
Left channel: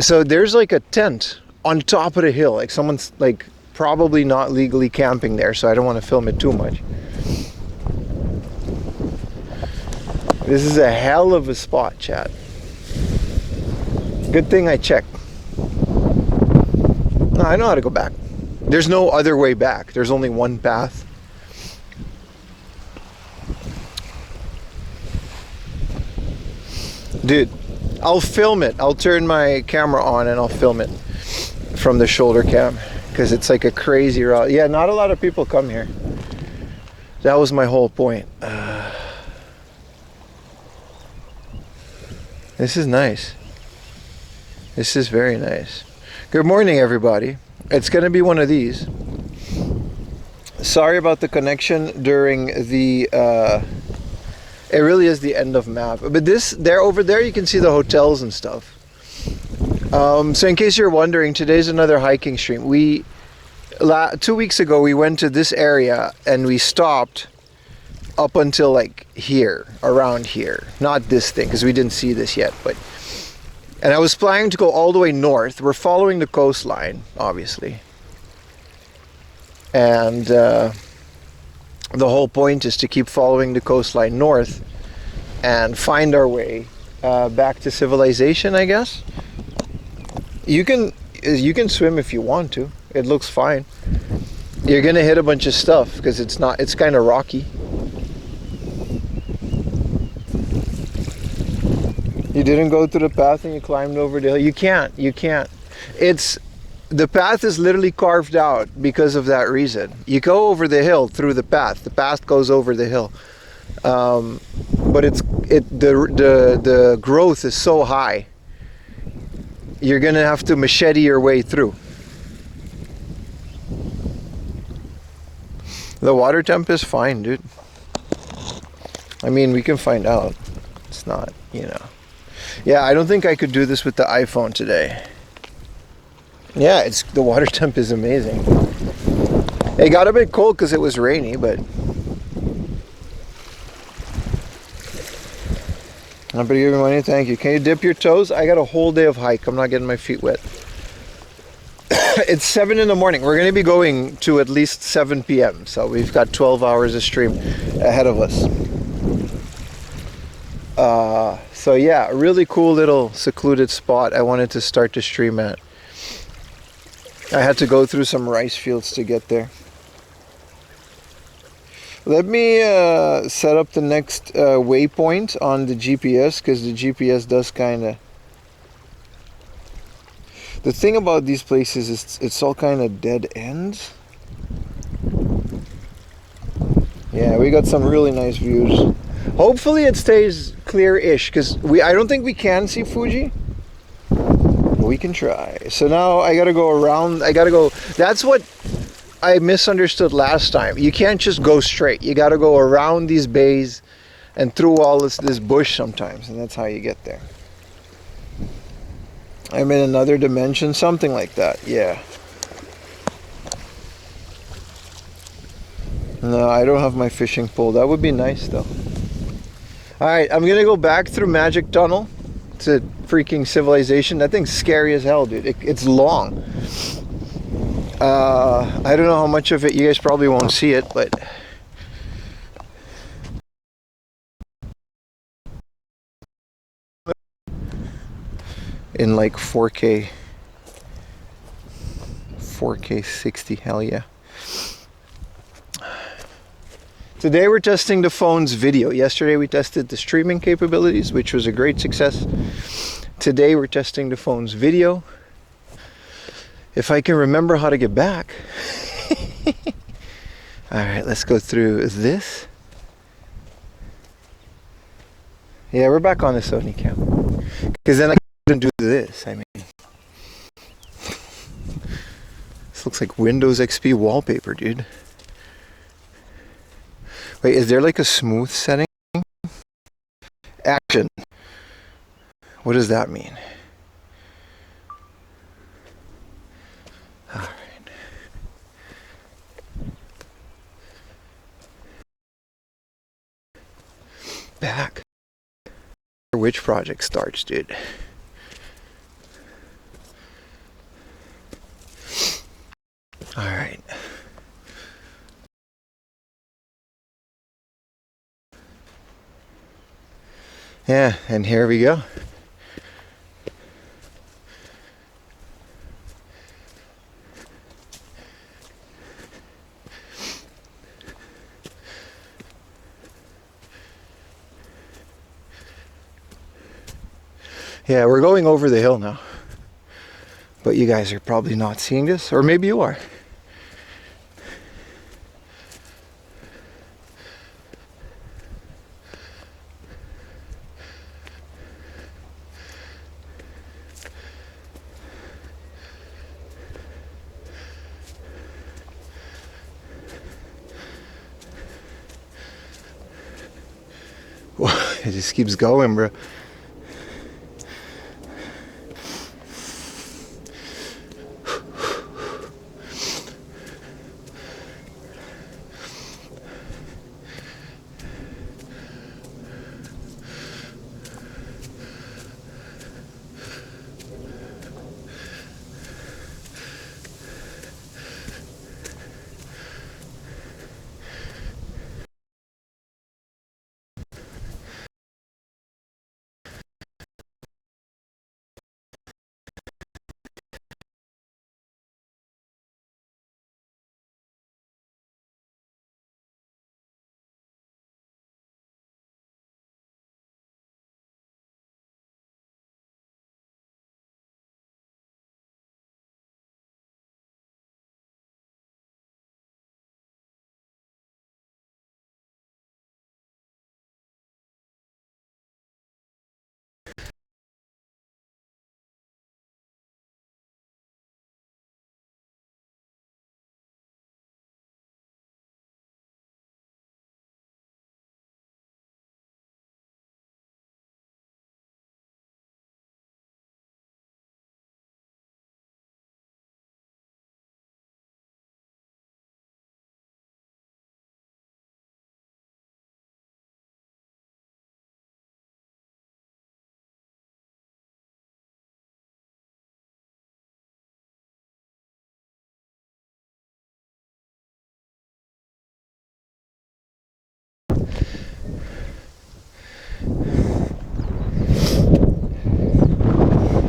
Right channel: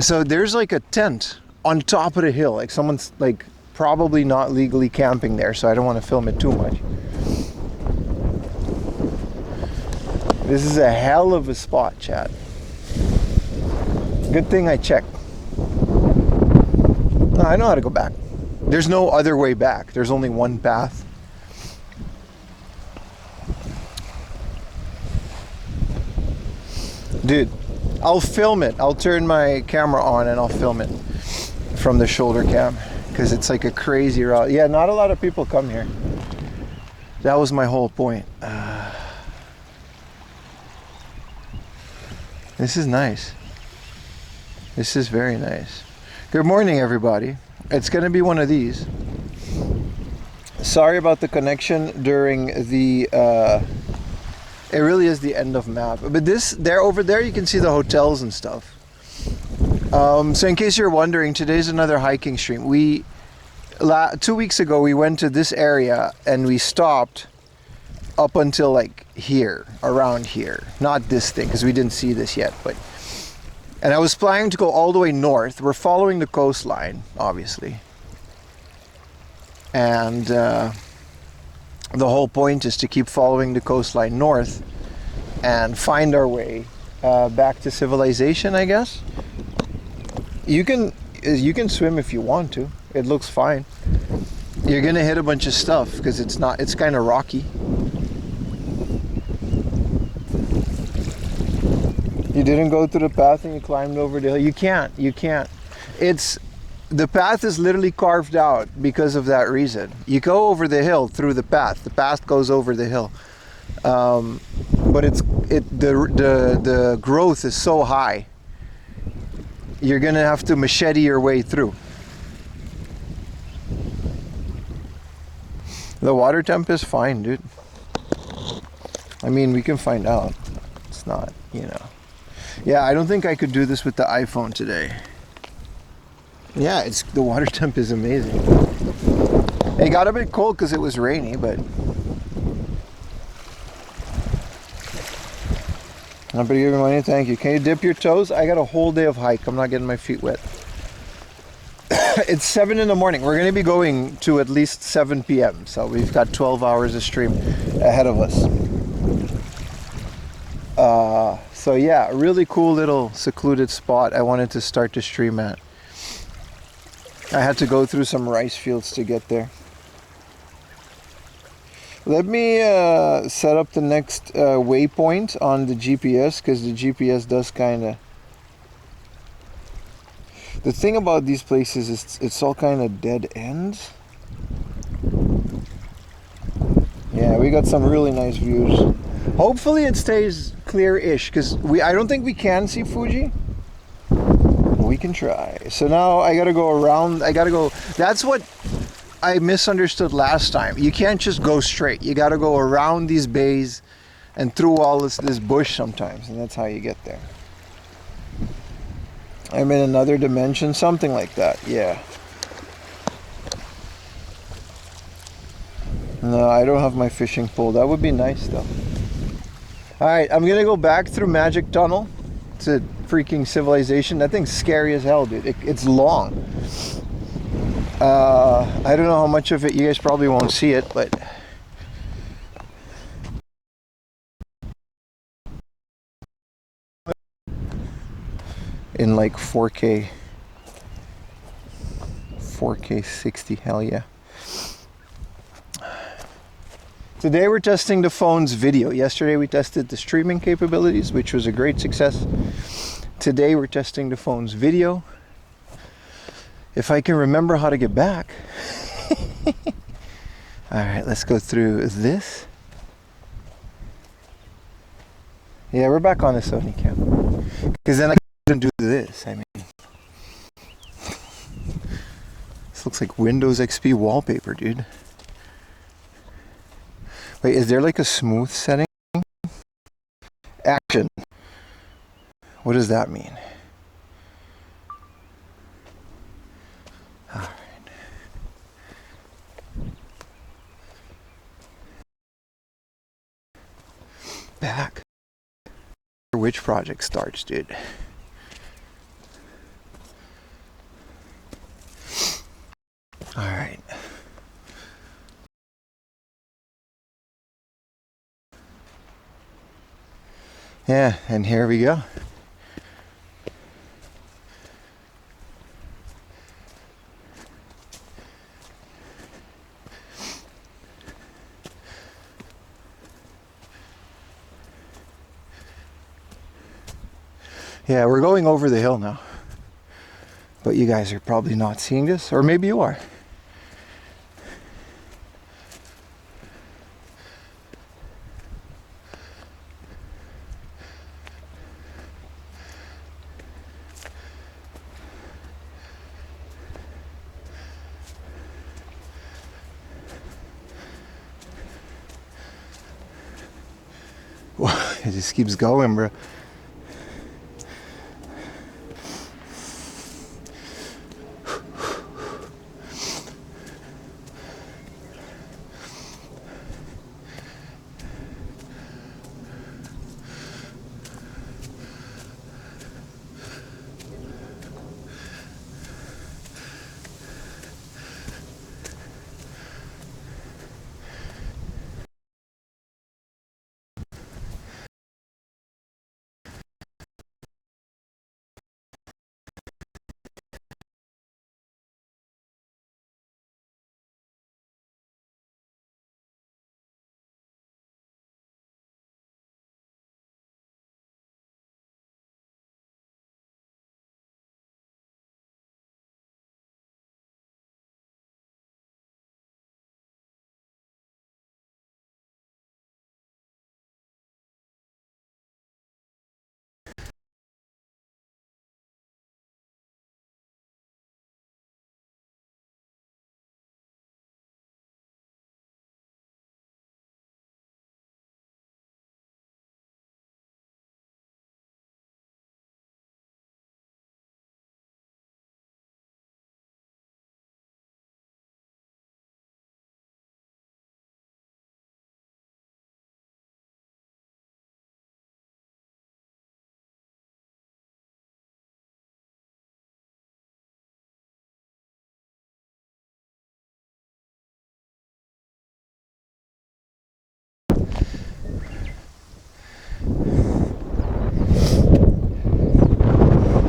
so there's like a tent on top of the hill, like someone's like probably not legally camping there. So I don't want to film it too much. This is a hell of a spot, chat. Good thing I checked. No, I know how to go back. There's no other way back. There's only one path. Dude, I'll film it. I'll turn my camera on and I'll film it from the shoulder cam because it's like a crazy route. Yeah, not a lot of people come here. That was my whole point. This is nice. This is very nice. Good morning, everybody. It's going to be one of these. Sorry about the connection during the it really is the end of map, but over there you can see the hotels and stuff. So in case you're wondering, today's another hiking stream. 2 weeks ago we went to this area and we stopped up until like here, around here, not this thing because we didn't see this yet, and I was planning to go all the way north. We're following the coastline, obviously. And the whole point is to keep following the coastline north and find our way back to civilization, I guess. You can swim if you want to. It looks fine. You're gonna hit a bunch of stuff because it's kind of rocky. You didn't go through the path and you climbed over the hill. You can't. The path is literally carved out because of that reason. You go over the hill through the path. The path goes over the hill. But the growth is so high. You're gonna have to machete your way through. The water temp is fine, dude. I mean, we can find out. It's not, Yeah, I don't think I could do this with the iPhone today. Yeah, the water temp is amazing. It got a bit cold because it was rainy, but I'm pretty good money, thank you. Can you dip your toes? I got a whole day of hike. I'm not getting my feet wet. It's 7 in the morning. We're going to be going to at least 7 p.m. So we've got 12 hours of stream ahead of us. So yeah, a really cool little secluded spot I wanted to start to stream at. I had to go through some rice fields to get there. Let me set up the next waypoint on the GPS because the GPS does kind of... The thing about these places is it's all kind of dead ends. Yeah, we got some really nice views. Hopefully it stays clear-ish because I don't think we can see Fuji. We can try. So now I gotta go around. That's what I misunderstood last time. You can't just go straight. You gotta go around these bays and through all this bush sometimes, and that's how you get there. I'm in another dimension, something like that. Yeah. No, I don't have my fishing pole. That would be nice though. Alright, I'm gonna go back through Magic Tunnel to freaking civilization. That thing's scary as hell, dude. It's long. I don't know how much of it you guys probably won't see it, but in like 4K 4K 60, hell yeah. Today we're testing the phone's video. Yesterday we tested the streaming capabilities, which was a great success. Today we're testing the phone's video. If I can remember how to get back. Alright, let's go through this. Yeah, we're back on the Sony cam. Because then I couldn't do this. I mean, this looks like Windows XP wallpaper, dude. Wait, is there like a smooth setting? Action. What does that mean? Alright. Back. Which project starts, dude? Alright. Yeah, and here we go. Yeah, we're going over the hill now. But you guys are probably not seeing this, or maybe you are. It just keeps going, bro.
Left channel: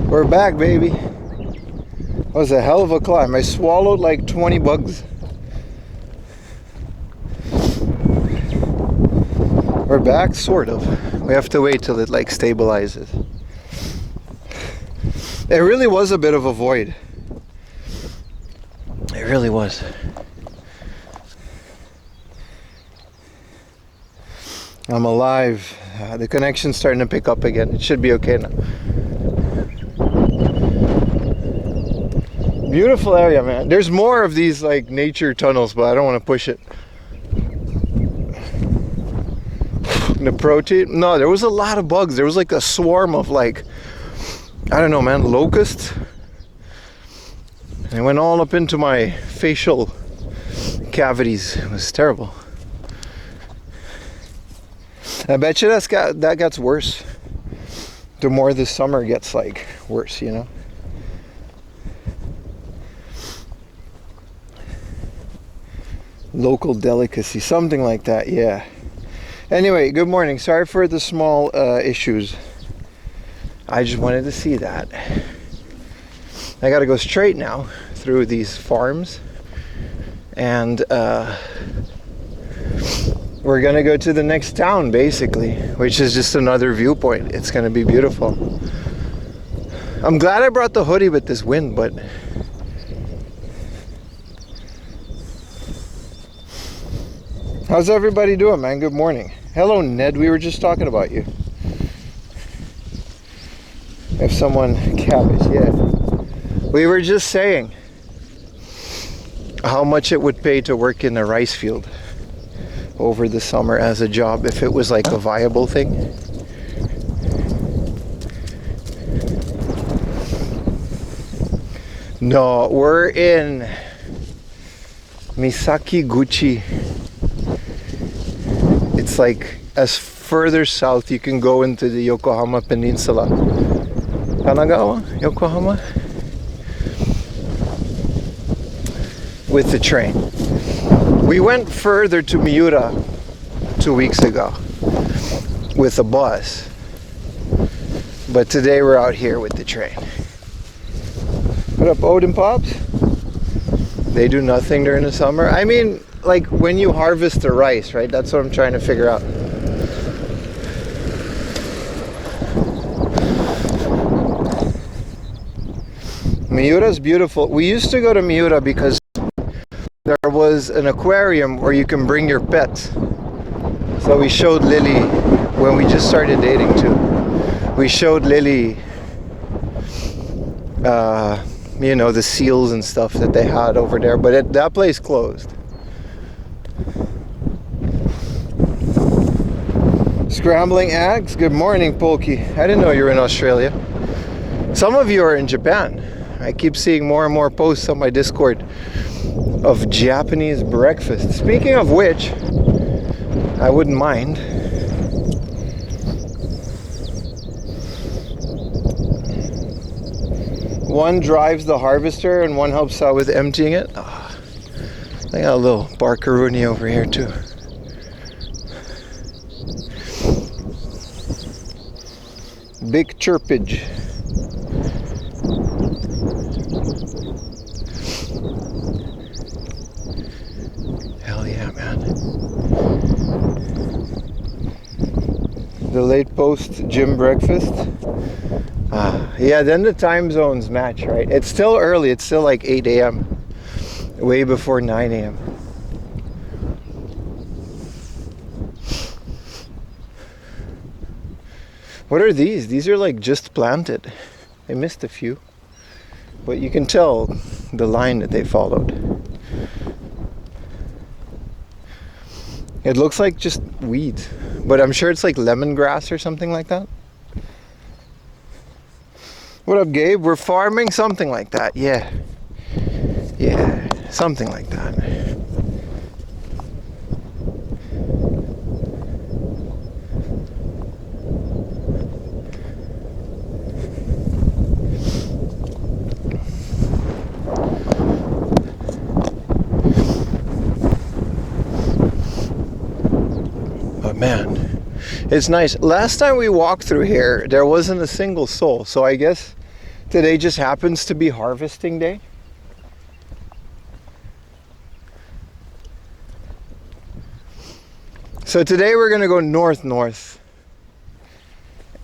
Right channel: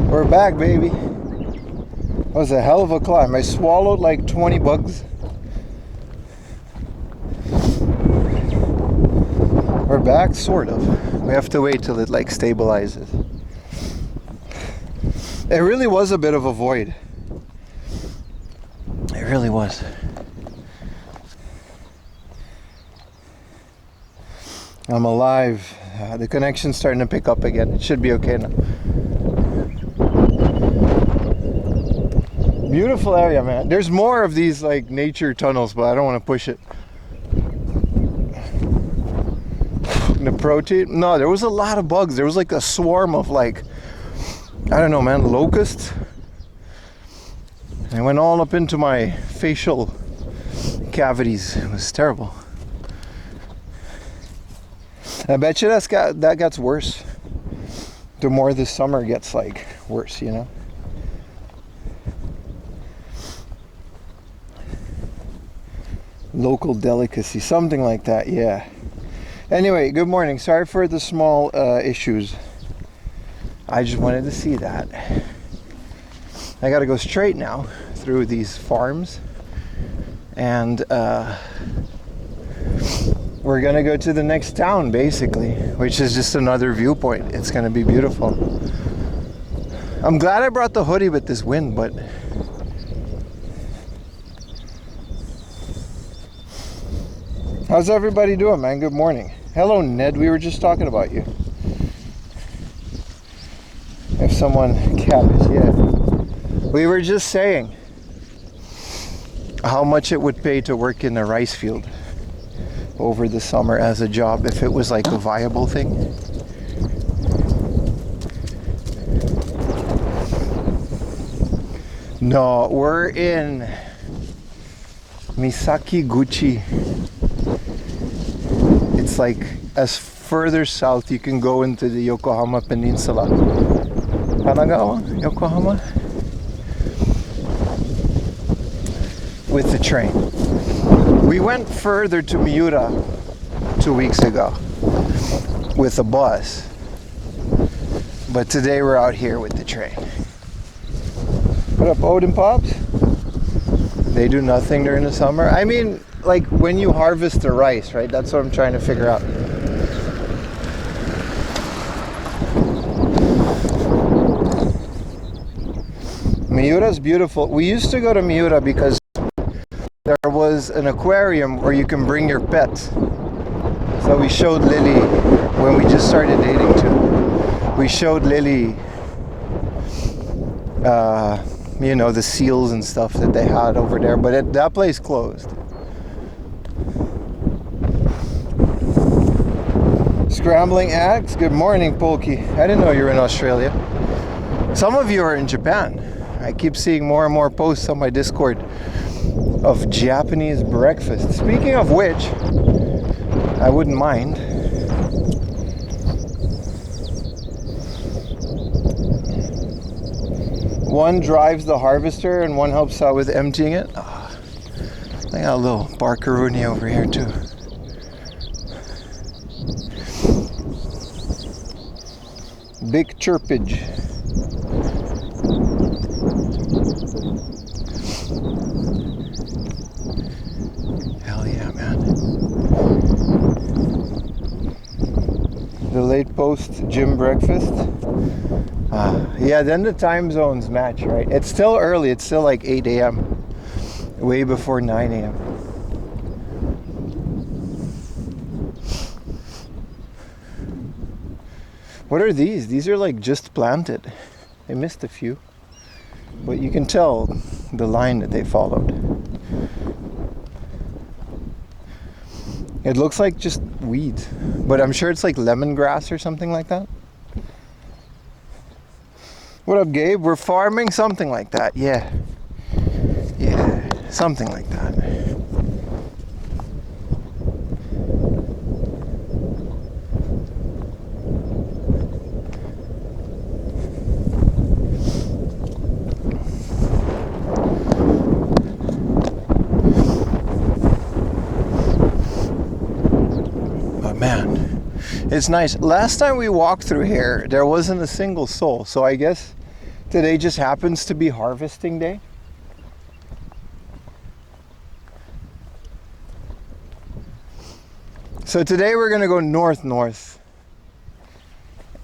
We're back, baby. That was a hell of a climb. I swallowed like 20 bugs. We're back, sort of. We have to wait till it like stabilizes. It really was a bit of a void. It really was. I'm alive. The connection's starting to pick up again. It should be okay now. Beautiful area, man. There's more of these like nature tunnels, but I don't want to push it. The protein? No, there was a lot of bugs. There was like a swarm of like, I don't know, man, locusts. And it went all up into my facial cavities. It was terrible. I bet you that gets worse. The more the summer gets like worse, you know? Local delicacy, something like that, yeah. Anyway, good morning. Sorry for the small issues. I just wanted to see that. I gotta go straight now. through these farms, and we're gonna go to the next town basically, which is just another viewpoint. It's gonna be beautiful. I'm glad I brought the hoodie with this wind, but how's everybody doing, man? Good morning. Hello, Ned. We were just talking about you. If someone cabbage, yeah. We were just saying how much it would pay to work in a rice field over the summer as a job if it was like a viable thing. No, we're in Misakiguchi. It's like as further south you can go into the Yokohama Peninsula. Kanagawa? Yokohama? With the train. We went further to Miura 2 weeks ago with a bus. But today we're out here with the train. What up, Odin Pops? They do nothing during the summer. I mean, like when you harvest the rice, right? That's what I'm trying to figure out. Miura's beautiful. We used to go to Miura because there was an aquarium where you can bring your pets. So we showed Lily when we just started dating too. We showed Lily you know, the seals and stuff that they had over there, but that place closed. Scrambling eggs. Good morning, Polky. I didn't know you were in Australia. Some of you are in Japan. I keep seeing more and more posts on my Discord of Japanese breakfast. Speaking of which, I wouldn't mind. One drives the harvester and one helps out with emptying it. Oh, they got a little barkaruni over here too. Big chirpage. Hell yeah, man. The late post gym breakfast. Yeah, then the time zones match, right? It's still early. It's still like 8 a.m. Way before 9 a.m. What are these? These are like just planted. I missed a few. But you can tell the line that they followed. It looks like just weeds. But I'm sure it's like lemongrass or something like that. What up, Gabe? We're farming something like that. Yeah. Yeah, something like that. But man, it's nice. Last time we walked through here, there wasn't a single soul. So I guess today just happens to be harvesting day. So today we're gonna go north.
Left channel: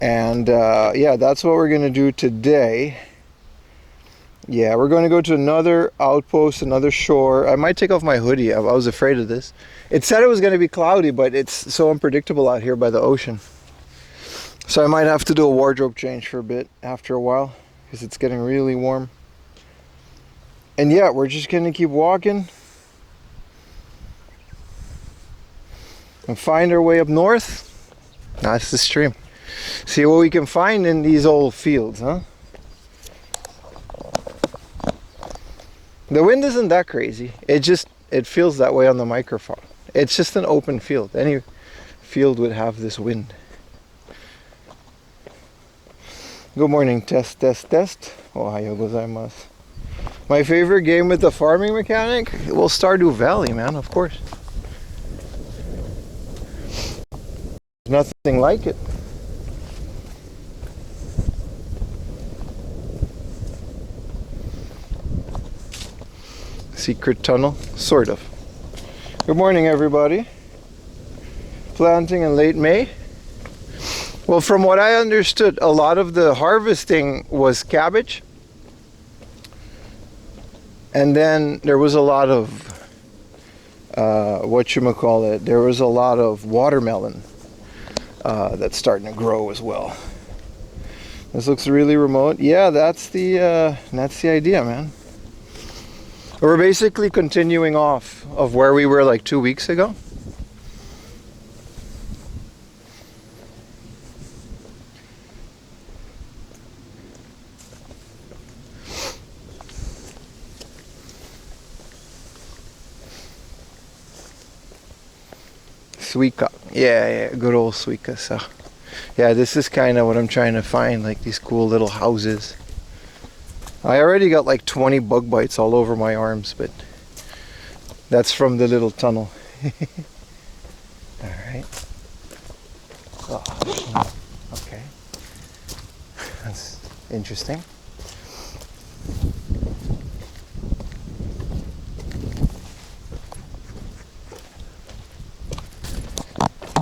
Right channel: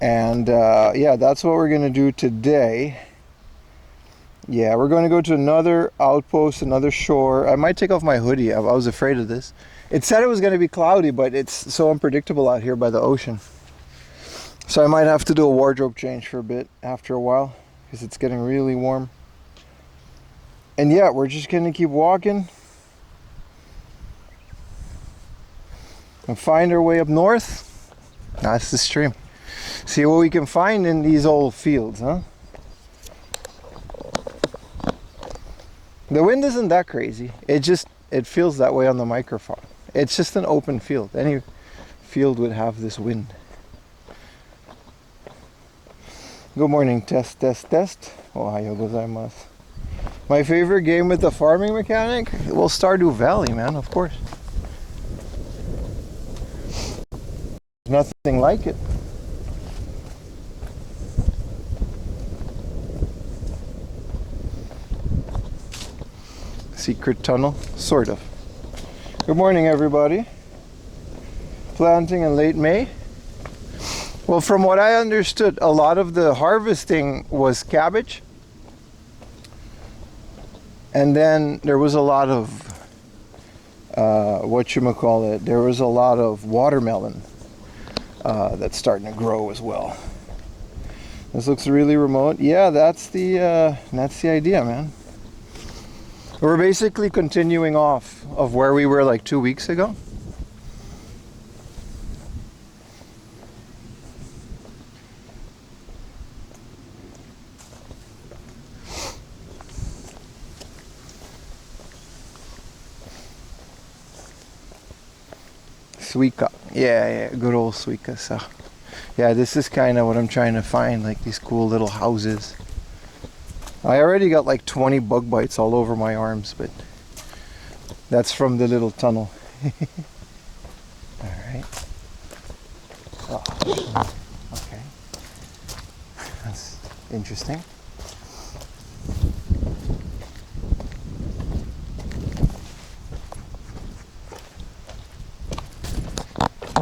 And yeah, that's what we're gonna do today. Yeah, we're gonna go to another outpost, another shore. I might take off my hoodie. I was afraid of this. It said it was gonna be cloudy, but it's so unpredictable out here by the ocean. So I might have to do a wardrobe change for a bit after a while, because it's getting really warm. And yeah, we're just gonna keep walking and find our way up north. That's the stream. See what we can find in these old fields, huh? The wind isn't that crazy. It feels that way on the microphone. It's just an open field. Any field would have this wind. Good morning, test. Ohayo gozaimasu. My favorite game with the farming mechanic? Well, Stardew Valley, man, of course. There's nothing like it. Secret tunnel, sort of. Good morning, everybody. Planting in late May. Well, from what I understood, a lot of the harvesting was cabbage. And then there was a lot of, whatchamacallit, there was a lot of watermelon that's starting to grow as well. This looks really remote. Yeah, that's the idea, man. We're basically continuing off of where we were like 2 weeks ago. Suica. Yeah, good old Suica. So, yeah, this is kind of what I'm trying to find, like these cool little houses. I already got like 20 bug bites all over my arms, but that's from the little tunnel. Alright. Oh, no. Okay. That's interesting.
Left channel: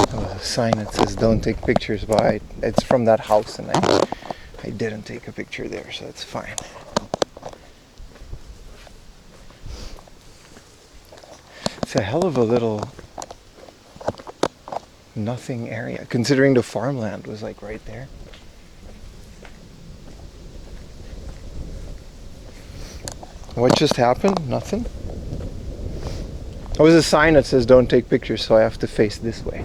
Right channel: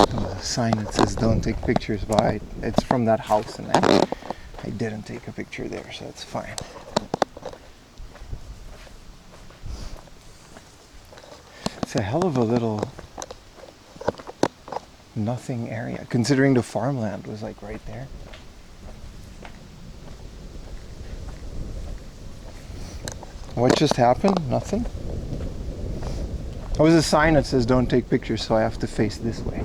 There was a sign that says don't take pictures, but it's from that house and I didn't take a picture there, so it's fine. It's a hell of a little nothing area, considering the farmland was like right there. What just happened? Nothing? There was a sign that says don't take pictures, so I have to face this way.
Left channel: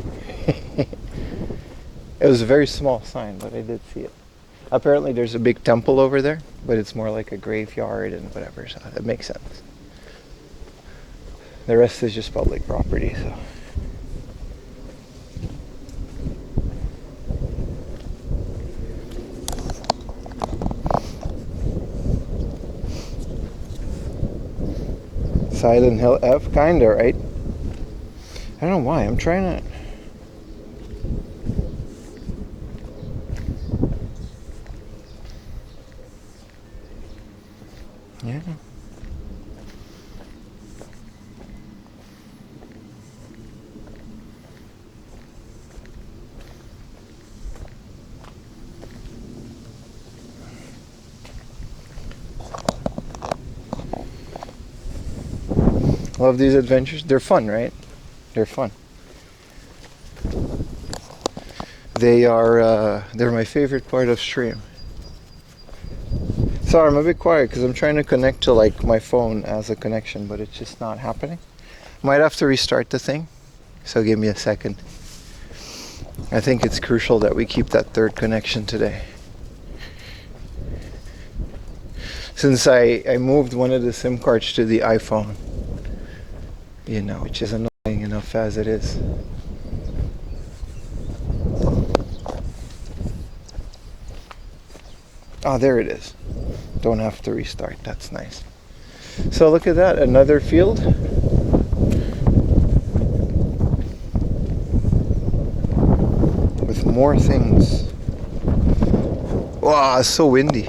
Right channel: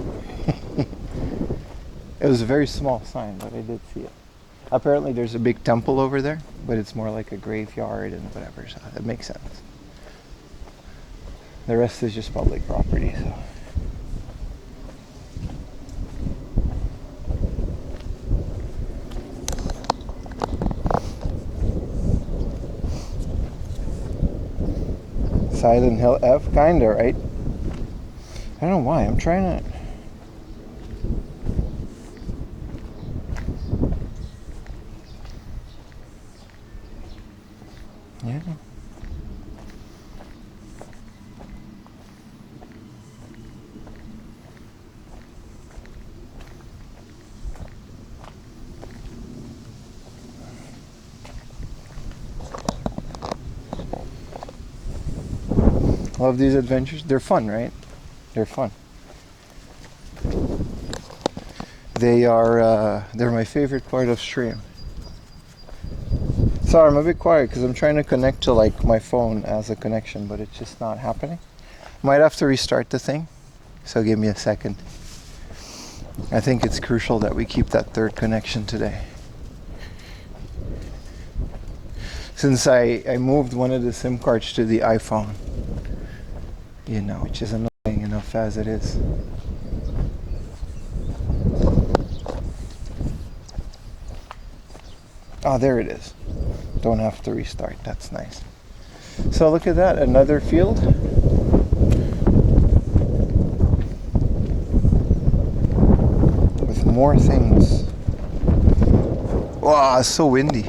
It was a very small sign, but I did see it. Apparently there's a big temple over there, but it's more like a graveyard and whatever, so it makes sense. The rest is just public property, so. Silent Hill F, kinda, right? I don't know why, I'm trying to... Yeah. Love these adventures. They're fun, right? They're fun. They are, they're my favorite part of stream. Sorry, I'm a bit quiet because I'm trying to connect to like my phone as a connection, but it's just not happening. Might have to restart the thing, so give me a second. I think it's crucial that we keep that third connection today. Since I moved one of the SIM cards to the iPhone, you know, which is annoying enough as it is. Ah, there it is. Don't have to restart. That's nice. So look at that, another field. With more things. Wow, it's so windy.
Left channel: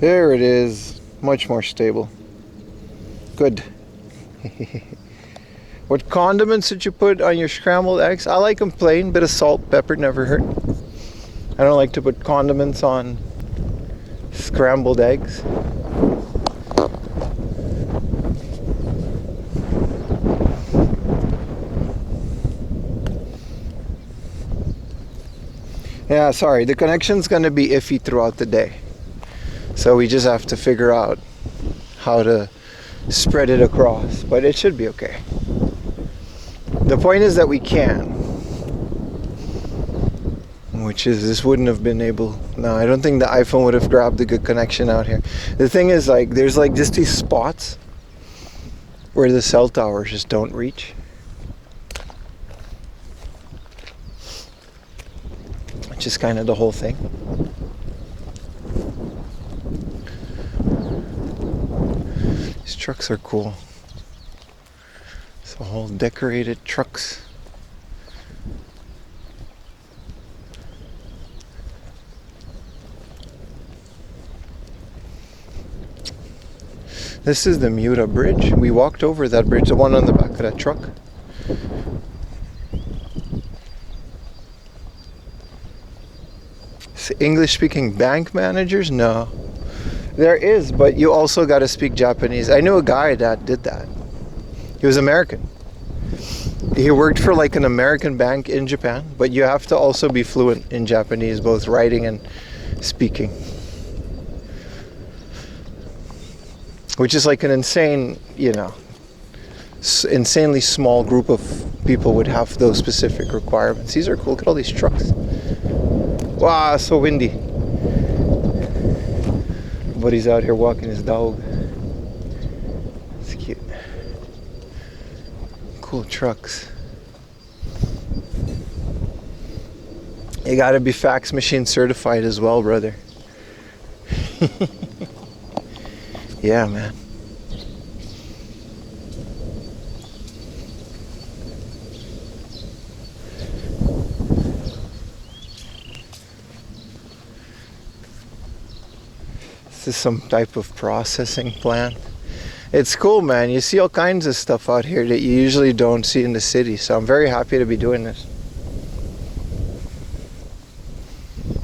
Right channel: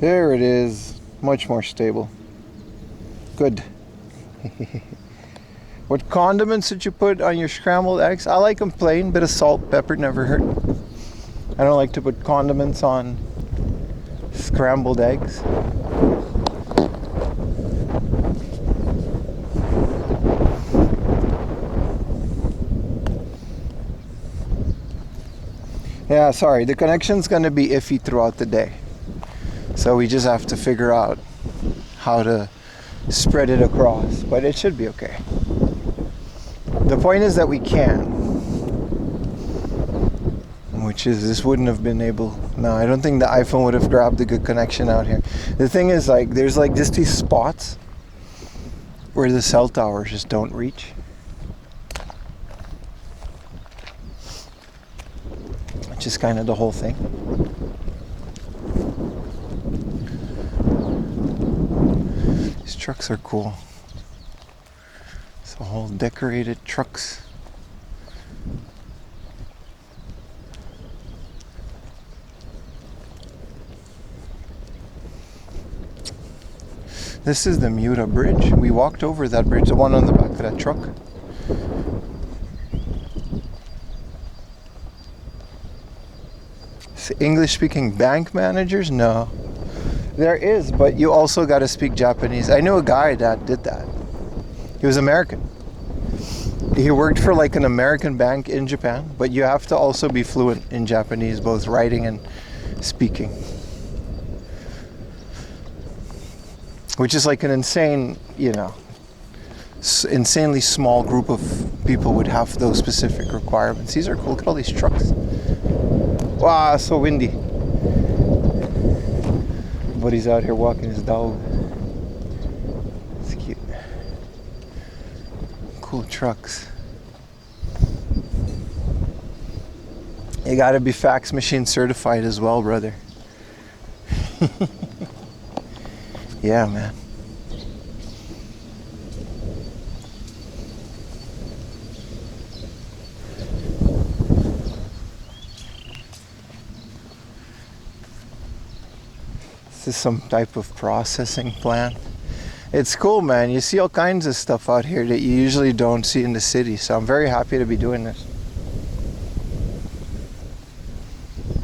There it is, much more stable. Good. What condiments did you put on your scrambled eggs? I like them plain. Bit of salt, pepper never hurt. I don't like to put condiments on scrambled eggs. Yeah, sorry, the connection's gonna be iffy throughout the day. So we just have to figure out how to spread it across, but it should be okay. The point is that we can. Which is, this wouldn't have been able, no, I don't think the iPhone would have grabbed a good connection out here. The thing is, like, there's like just these spots where the cell towers just don't reach. Which is kind of the whole thing. These trucks are cool. It's a whole decorated trucks. This is the Miura Bridge. We walked over that bridge, the one on the back of that truck. English-speaking bank managers? No. There is, but you also got to speak Japanese. I knew a guy that did that. He was American. He worked for like an American bank in Japan, but you have to also be fluent in Japanese, both writing and speaking. Which is like an insane, you know, insanely small group of people would have those specific requirements. These are cool. Look at all these trucks. Wow, so windy. Buddy's out here walking his dog. It's cute. Cool trucks. You gotta be fax machine certified as well, brother. Yeah, man. This is some type of processing plant. It's cool, man. You see all kinds of stuff out here that you usually don't see in the city. So I'm very happy to be doing this.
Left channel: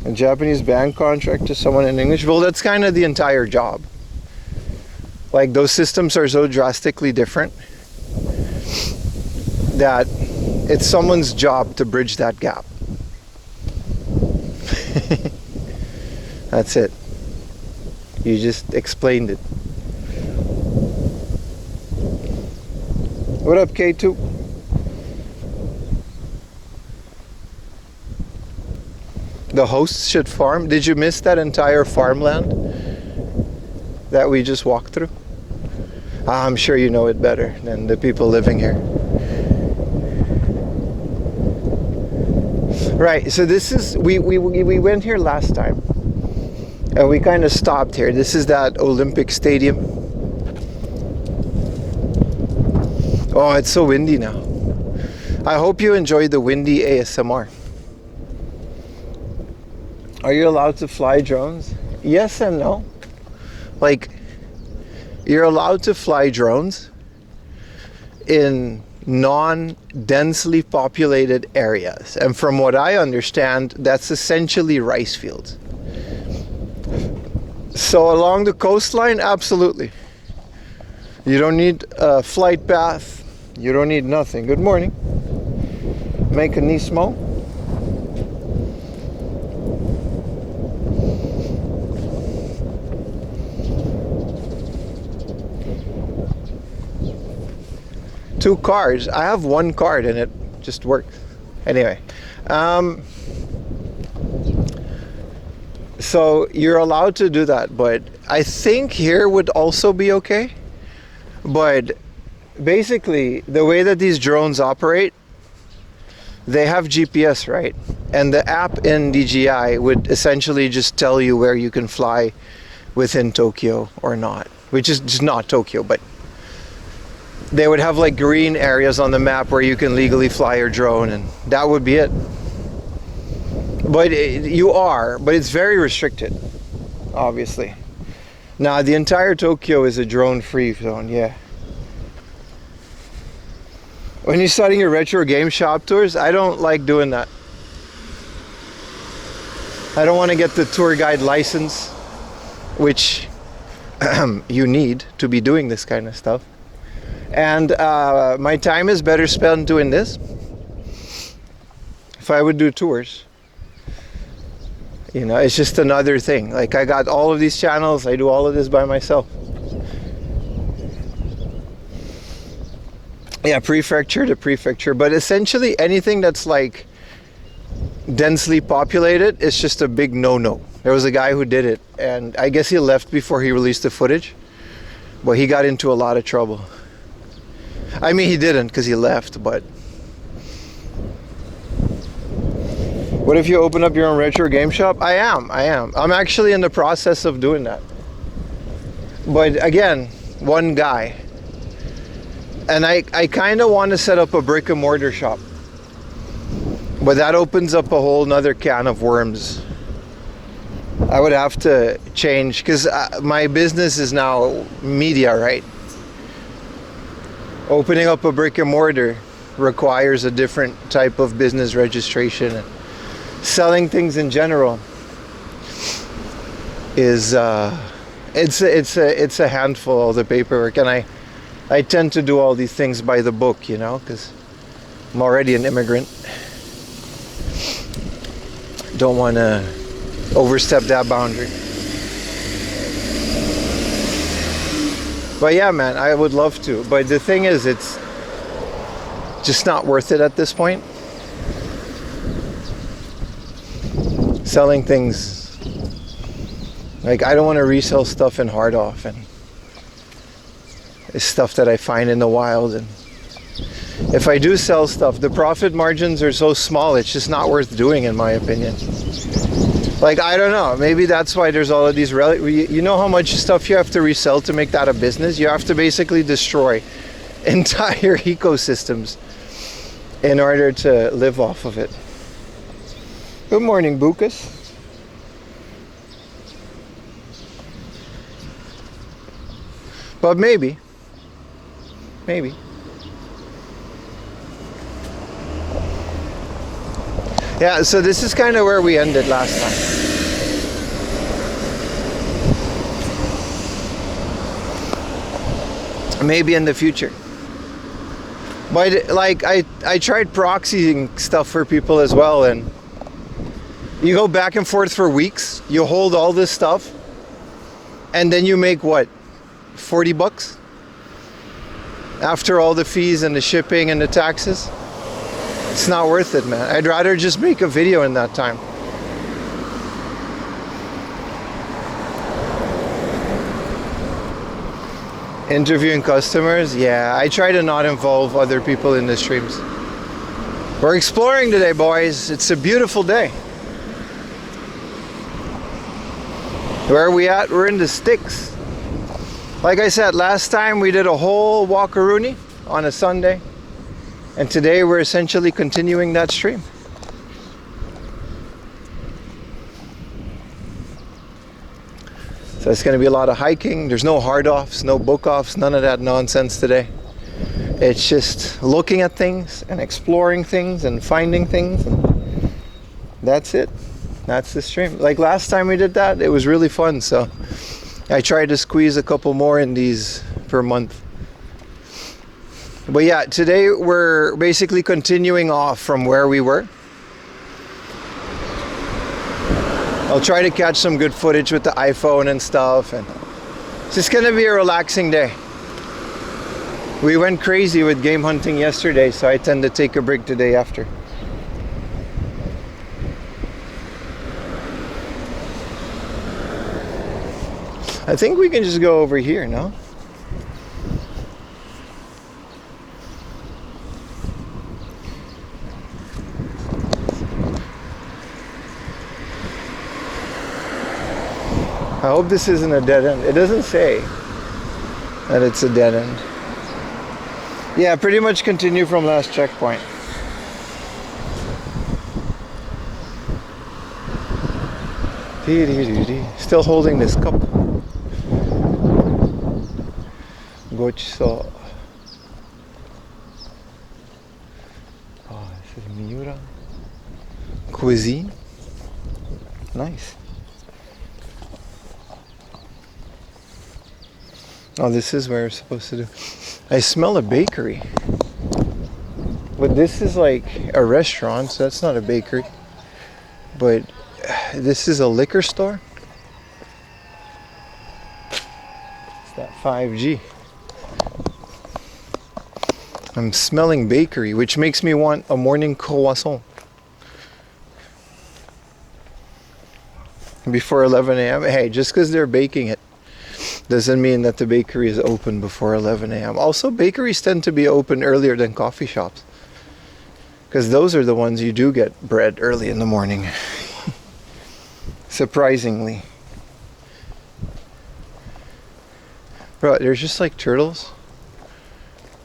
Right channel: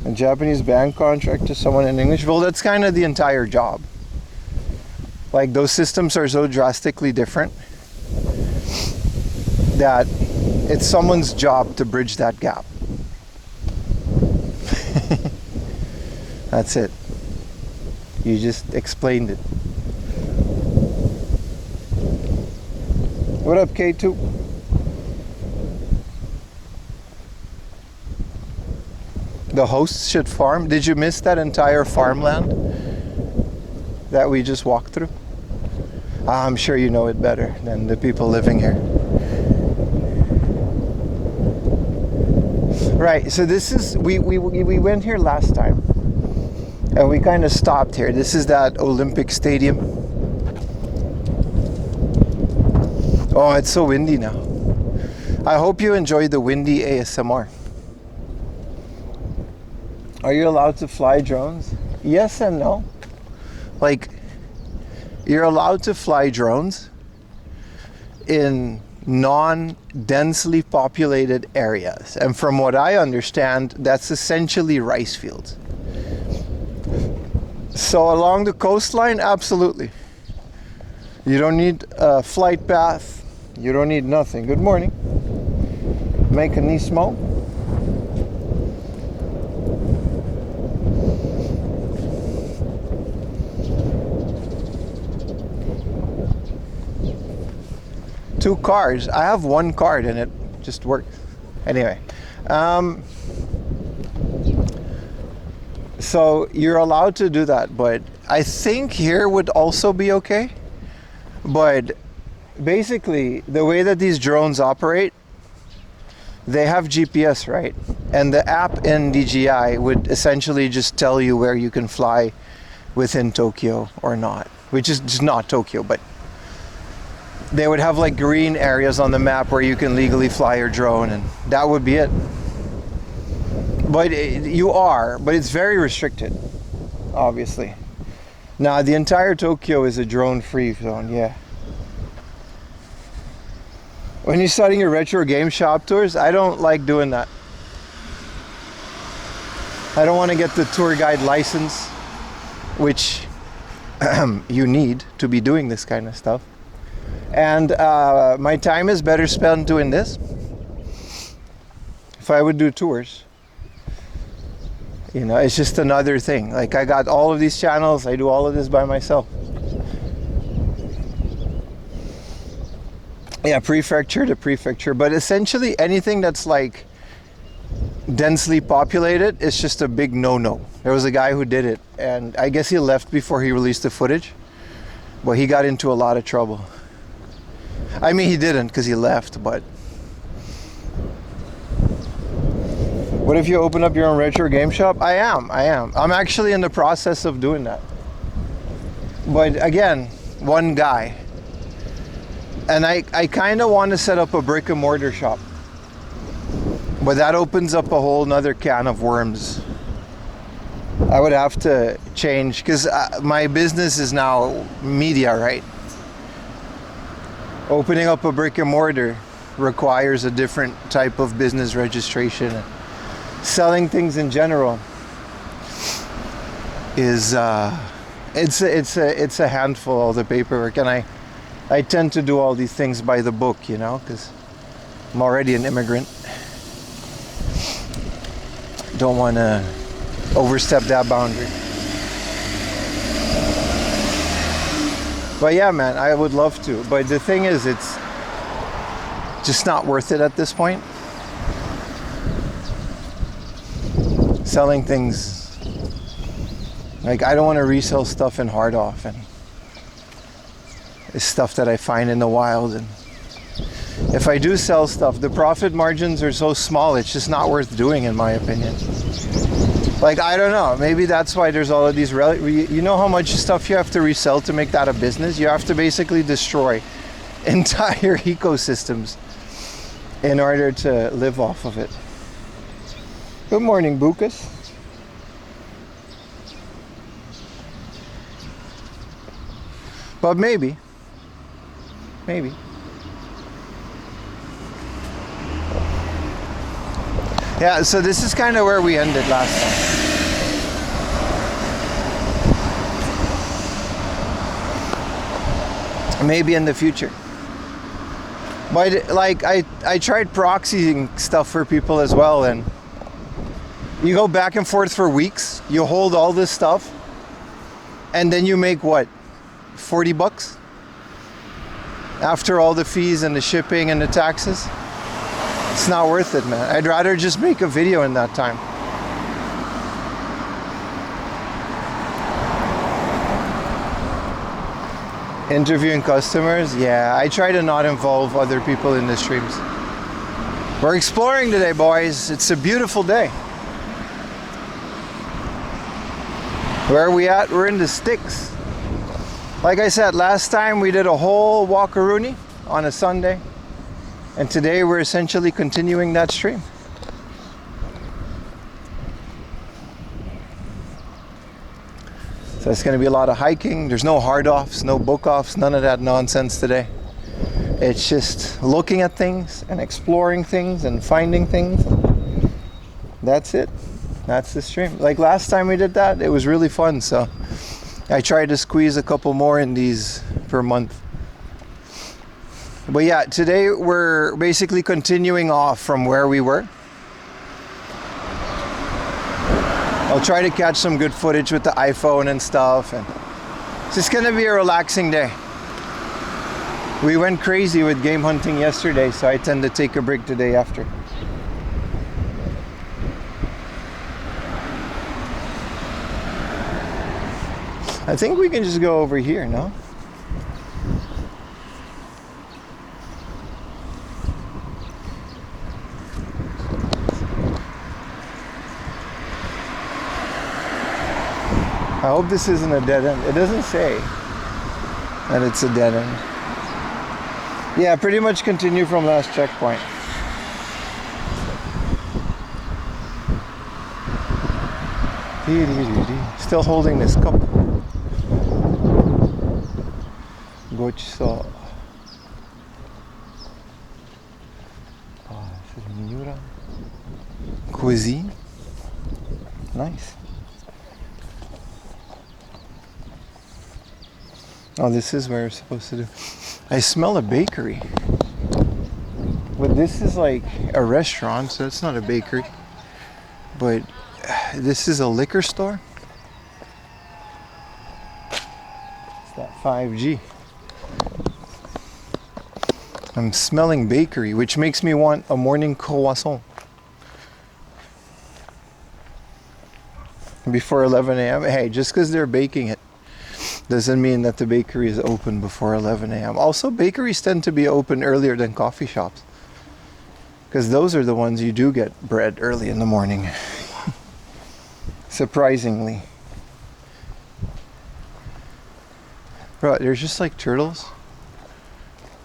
A Japanese bank contract to someone in English. Well, that's kind of the entire job. Like, those systems are so drastically different that it's someone's job to bridge that gap. That's it. You just explained it. What up, K2? The hosts should farm. Did you miss that entire farmland that we just walked through? I'm sure you know it better than the people living here. Right, so this is, we went here last time. And we kind of stopped here. This is that Olympic Stadium. Oh, it's so windy now. I hope you enjoyed the windy ASMR. Are you allowed to fly drones? Yes and no. Like, you're allowed to fly drones in non-densely populated areas. And from what I understand, that's essentially rice fields. So along the coastline, absolutely. You don't need a flight path. You don't need nothing. Good morning. Make a Nismo. Two cars. I have one card and it just works. Anyway. So you're allowed to do that, but I think here would also be okay. But basically, the way that these drones operate, they have GPS, right? And the app in DJI would essentially just tell you where you can fly within Tokyo or not, which is just not Tokyo, but they would have like green areas on the map where you can legally fly your drone, and that would be it. But but it's very restricted, obviously. Now, the entire Tokyo is a drone-free zone, yeah. When you're starting your retro game shop tours, I don't like doing that. I don't want to get the tour guide license, which you need to be doing this kind of stuff. And my time is better spent doing this. If I would do tours, you know, it's just another thing. Like, I got all of these channels, I do all of this by myself. Yeah, prefecture to prefecture, but essentially anything that's like densely populated is just a big no-no. There was a guy who did it, and I guess he left before he released the footage, but he got into a lot of trouble. I mean, he didn't, because he left, but what if you open up your own retro game shop? I am. I'm actually in the process of doing that. But again, one guy. And I kind of want to set up a brick and mortar shop. But that opens up a whole nother can of worms. I would have to change, because my business is now media, right? Opening up a brick and mortar requires a different type of business registration. Selling things in general is it's a handful of the paperwork, and I tend to do all these things by the book, you know, because I'm already an immigrant. Don't want to overstep that boundary. But yeah, man, I would love to. But the thing is, it's just not worth it at this point. Selling things, like, I don't want to resell stuff in hard off, and it's stuff that I find in the wild. And if I do sell stuff, the profit margins are so small, it's just not worth doing, in my opinion. Like, I don't know, maybe that's why there's all of these you know how much stuff you have to resell to make that a business? You have to basically destroy entire ecosystems in order to live off of it. Good morning, Bukas. But maybe. Yeah, so this is kind of where we ended last time. Maybe in the future. But like, I tried proxying stuff for people as well, and you go back and forth for weeks, you hold all this stuff, and then you make what, 40 bucks? After all the fees and the shipping and the taxes? It's not worth it, man. I'd rather just make a video in that time. Interviewing customers? Yeah, I try to not involve other people in the streams. We're exploring today, boys. It's a beautiful day. Where are we at? We're in the sticks. Like I said, last time we did a whole walkaroony on a Sunday. And today we're essentially continuing that stream. So it's going to be a lot of hiking. There's no hard offs, no book offs, none of that nonsense today. It's just looking at things and exploring things and finding things. And that's it. That's the stream. Like last time we did that, it was really fun. So I tried to squeeze a couple more in these per month. But yeah, today we're basically continuing off from where we were. I'll try to catch some good footage with the iPhone and stuff, and it's just gonna be a relaxing day. We went crazy with game hunting yesterday, so I tend to take a break today after. I think we can just go over here, no? I hope this isn't a dead end. It doesn't say that it's a dead end. Yeah, pretty much continue from last checkpoint. Still holding this cup. Gochiso. Oh, this is Miura. Cuisine. Nice. Oh, this is where we're supposed to do. I smell a bakery. But this is like a restaurant, so that's not a bakery. But this is a liquor store. It's that 5G. I'm smelling bakery, which makes me want a morning croissant. Before 11 a.m. Hey, just because they're baking it doesn't mean that the bakery is open before 11 a.m. Also, bakeries tend to be open earlier than coffee shops, because those are the ones you do get bread early in the morning. Surprisingly. Bro, there's just like turtles.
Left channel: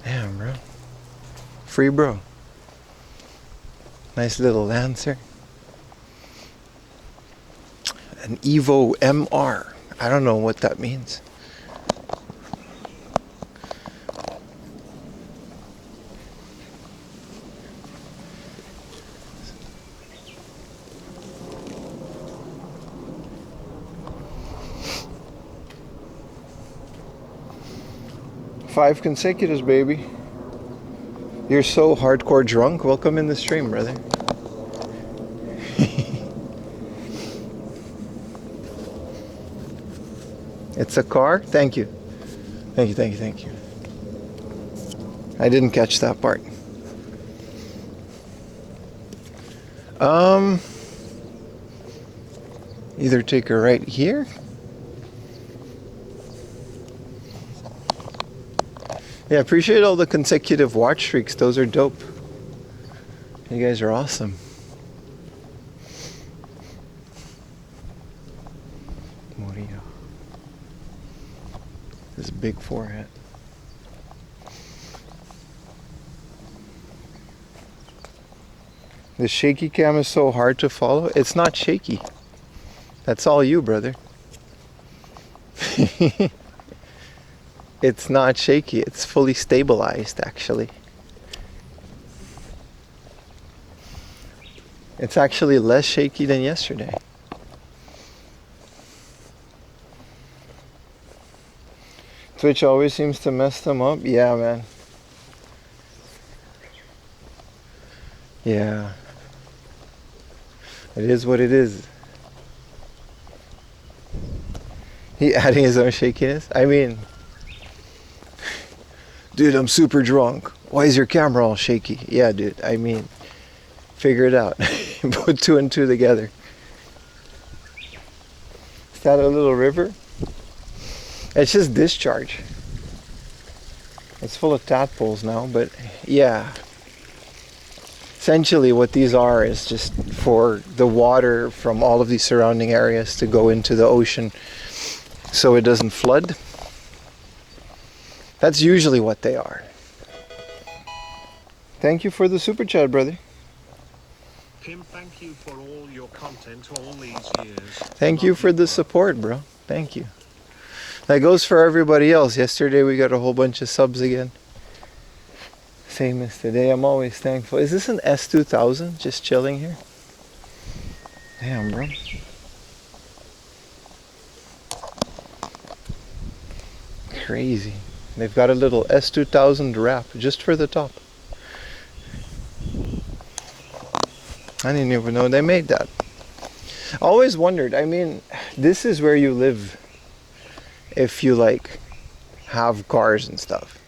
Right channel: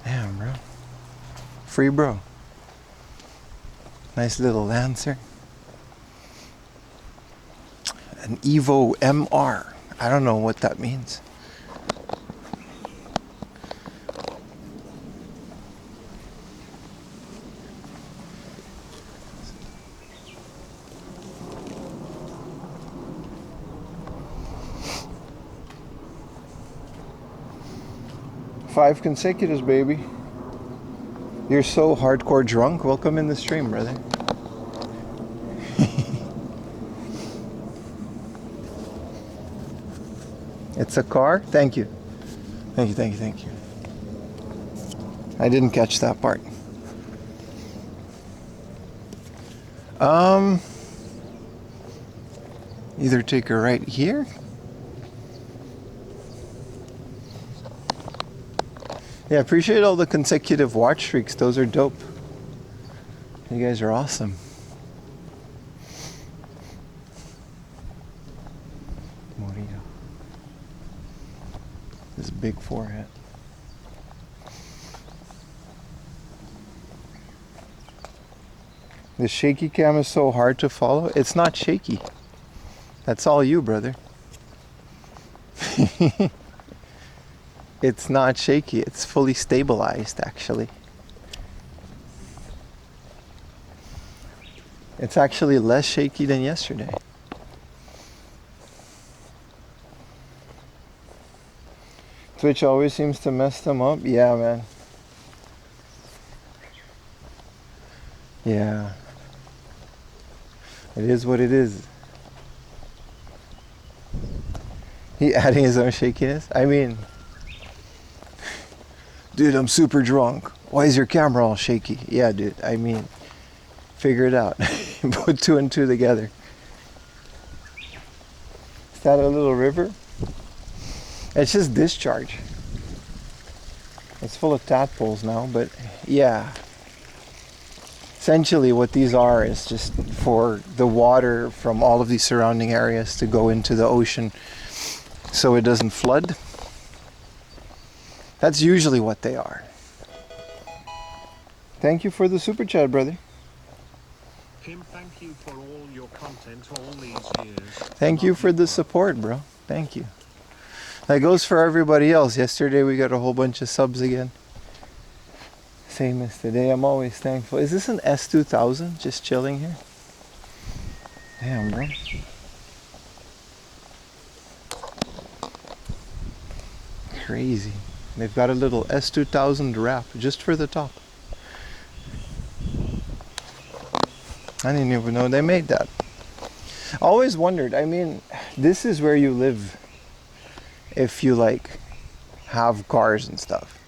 Damn, bro. Free bro. Nice little Lancer. An Evo MR. I don't know what that means. Five consecutives, baby. You're so hardcore drunk. Welcome in the stream, brother. It's a car? Thank you. Thank you, thank you, thank you. I didn't catch that part. Either take a right here. Yeah, appreciate all the consecutive watch streaks. Those are dope. You guys are awesome. Moria. This big forehead. The shaky cam is so hard to follow. It's not shaky. That's all you, brother. It's not shaky. It's fully stabilized, actually. It's actually less shaky than yesterday. Twitch always seems to mess them up. Yeah, man. Yeah. It is what it is. He adding his own shakiness? I mean, dude, I'm super drunk. Why is your camera all shaky? Yeah, dude, I mean, figure it out. Put two and two together. Is that a little river? It's just discharge. It's full of tadpoles now, but yeah. Essentially what these are is just for the water from all of these surrounding areas to go into the ocean so it doesn't flood. That's usually what they are. Thank you for the super chat, brother. Kim, thank you for all your content all these years. Thank you for the support, bro. Thank you. That goes for everybody else. Yesterday we got a whole bunch of subs again. Same as today. I'm always thankful. Is this an S2000 just chilling here? Damn, bro. Crazy. They've got a little S2000 wrap just for the top. I didn't even know they made that. Always wondered, I mean, this is where you live if you like have cars and stuff.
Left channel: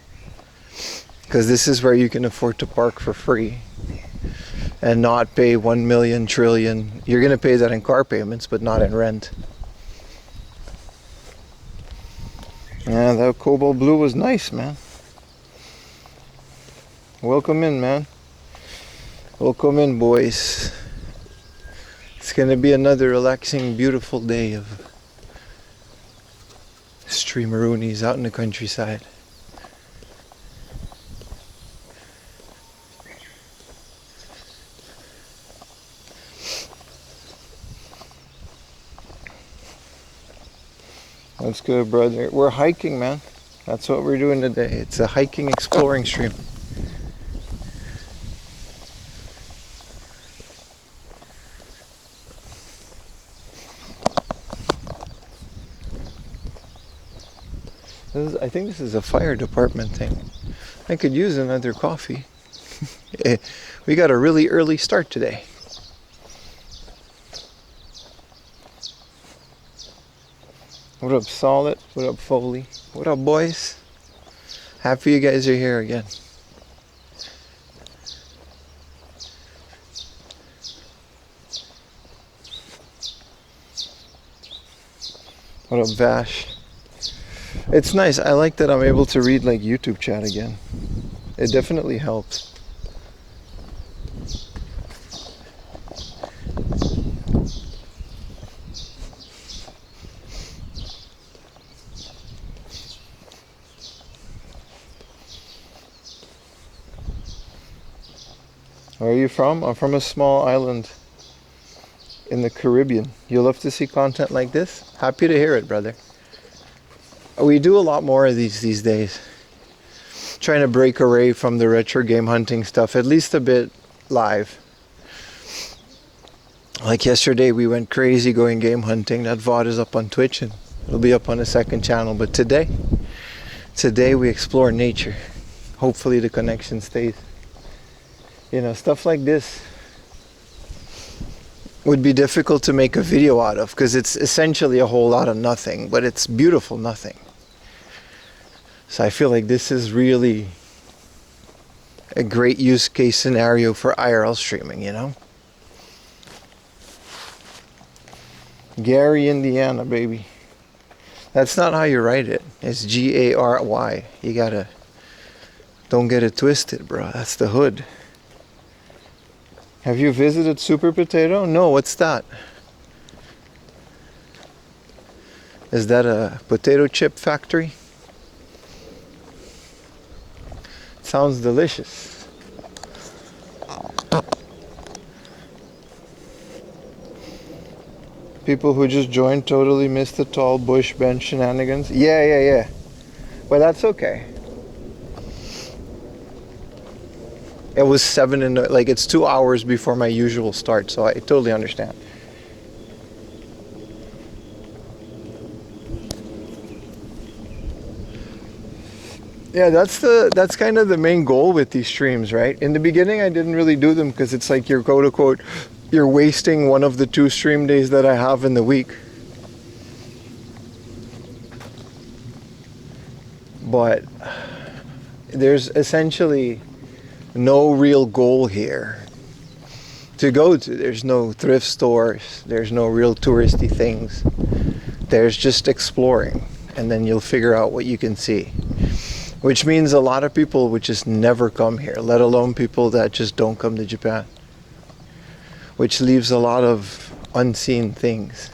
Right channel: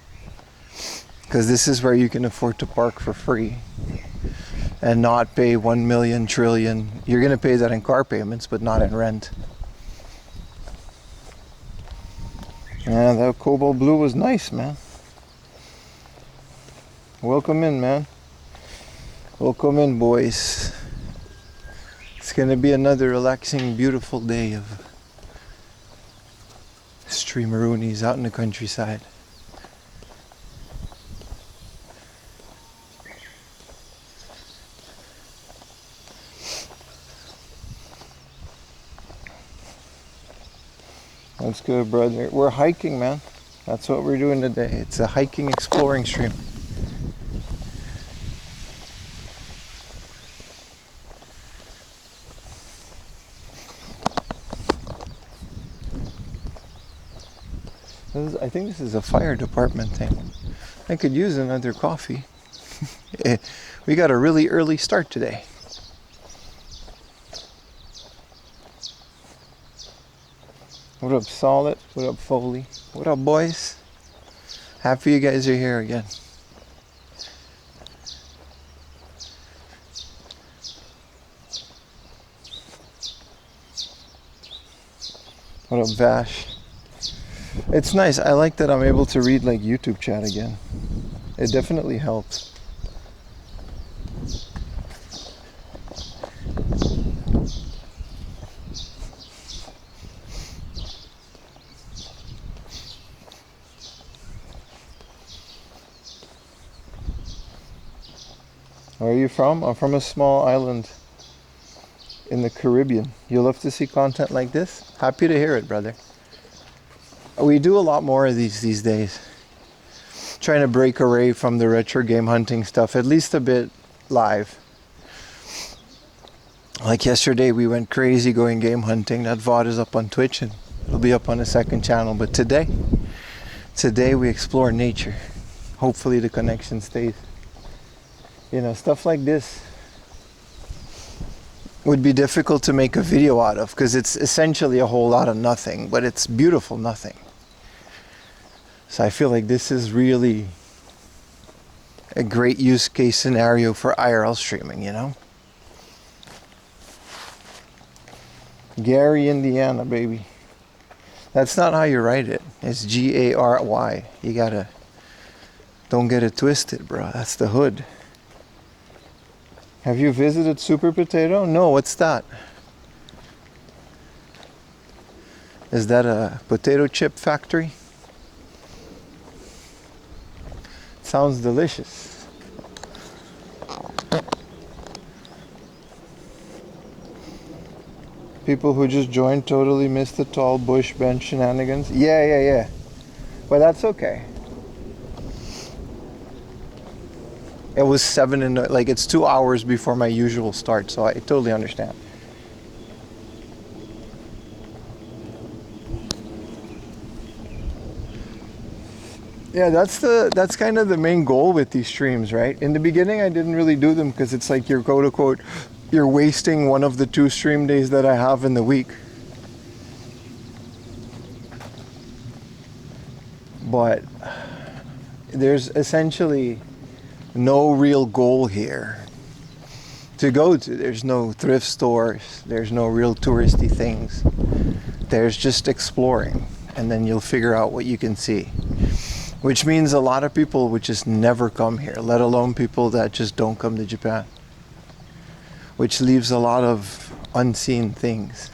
Because this is where you can afford to park for free and not pay 1 million trillion. You're going to pay that in car payments, but not in rent. Yeah, that cobalt blue was nice, man. Welcome in, man. Welcome in, boys. It's going to be another relaxing, beautiful day of streameroonies out in the countryside. That's good, brother. We're hiking, man. That's what we're doing today. It's a hiking, exploring stream. I think this is a fire department thing. I could use another coffee. We got a really early start today. What up, Solid? What up, Foley? What up, boys? Happy you guys are here again. What up, Vash? It's nice. I like that I'm able to read like YouTube chat again. It definitely helps. Where are you from? I'm from a small island in the Caribbean. You love to see content like this? Happy to hear it, brother. We do a lot more of these days. Trying to break away from the retro game hunting stuff, at least a bit live. Like yesterday, we went crazy going game hunting. That VOD is up on Twitch and it'll be up on a second channel. But today we explore nature. Hopefully the connection stays. You know, stuff like this would be difficult to make a video out of because it's essentially a whole lot of nothing, but it's beautiful nothing. So I feel like this is really a great use case scenario for IRL streaming, you know? Gary, Indiana, baby. That's not how you write it. It's Gary. You gotta, don't get it twisted, bro. That's the hood. Have you visited Super Potato? No, what's that? Is that a potato chip factory? Sounds delicious. People who just joined totally missed the tall bush bench shenanigans. Yeah. Well, that's okay. It was 7 and like it's 2 hours before my usual start, so I totally understand. Yeah, that's kind of the main goal with these streams, right? In the beginning, I didn't really do them because it's like you're quote unquote, you're wasting one of the 2 stream days that I have in the week. But there's essentially no real goal here to go to. There's no thrift stores, there's no real touristy things. There's just exploring, and then you'll figure out what you can see. Which means a lot of people would just never come here, let alone people that just don't come to Japan. Which leaves a lot of unseen things.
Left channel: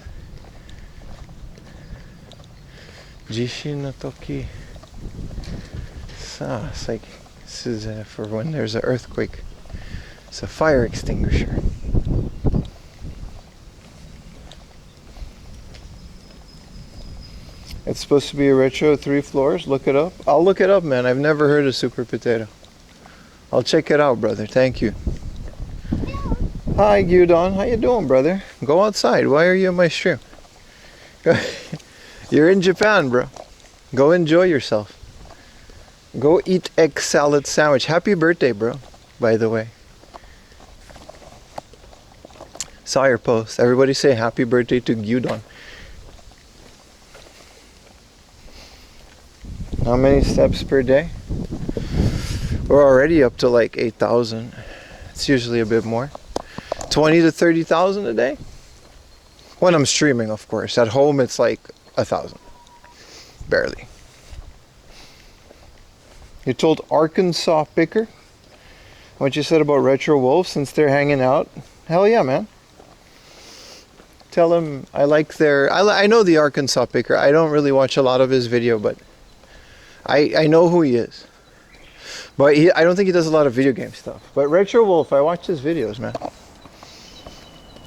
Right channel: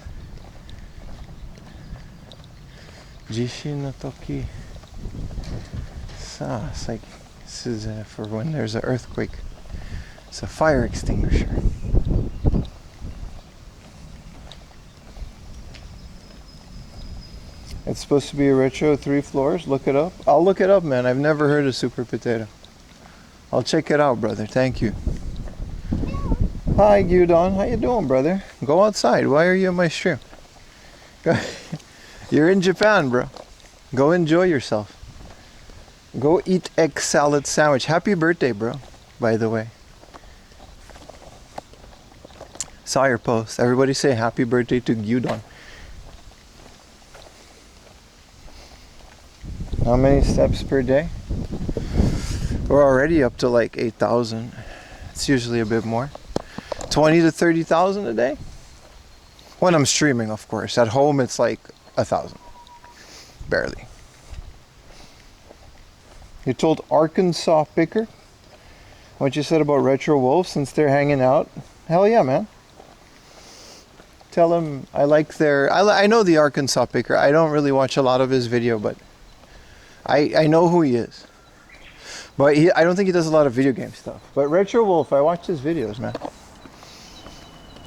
Jishin no toki. It's like, this is for when there's an earthquake. It's a fire extinguisher. It's supposed to be a retro 3 floors. Look it up. I'll look it up, man. I've never heard of Super Potato. I'll check it out, brother. Thank you. Hi, Gyudon. How you doing, brother? Go outside. Why are you in my stream? You're in Japan, bro. Go enjoy yourself. Go eat egg salad sandwich. Happy birthday, bro, by the way. Saw your post. Everybody say happy birthday to Gyudon. How many steps per day? We're already up to like 8,000. It's usually a bit more. 20 to 30,000 a day? When I'm streaming, of course. At home, it's like 1,000. Barely. You told Arkansas Picker what you said about Retro Wolf since they're hanging out? Hell yeah, man. Tell him I like their... I know the Arkansas Picker. I don't really watch a lot of his video, but I know who he is. But I don't think he does a lot of video game stuff. But Retro Wolf, I watch his videos, man.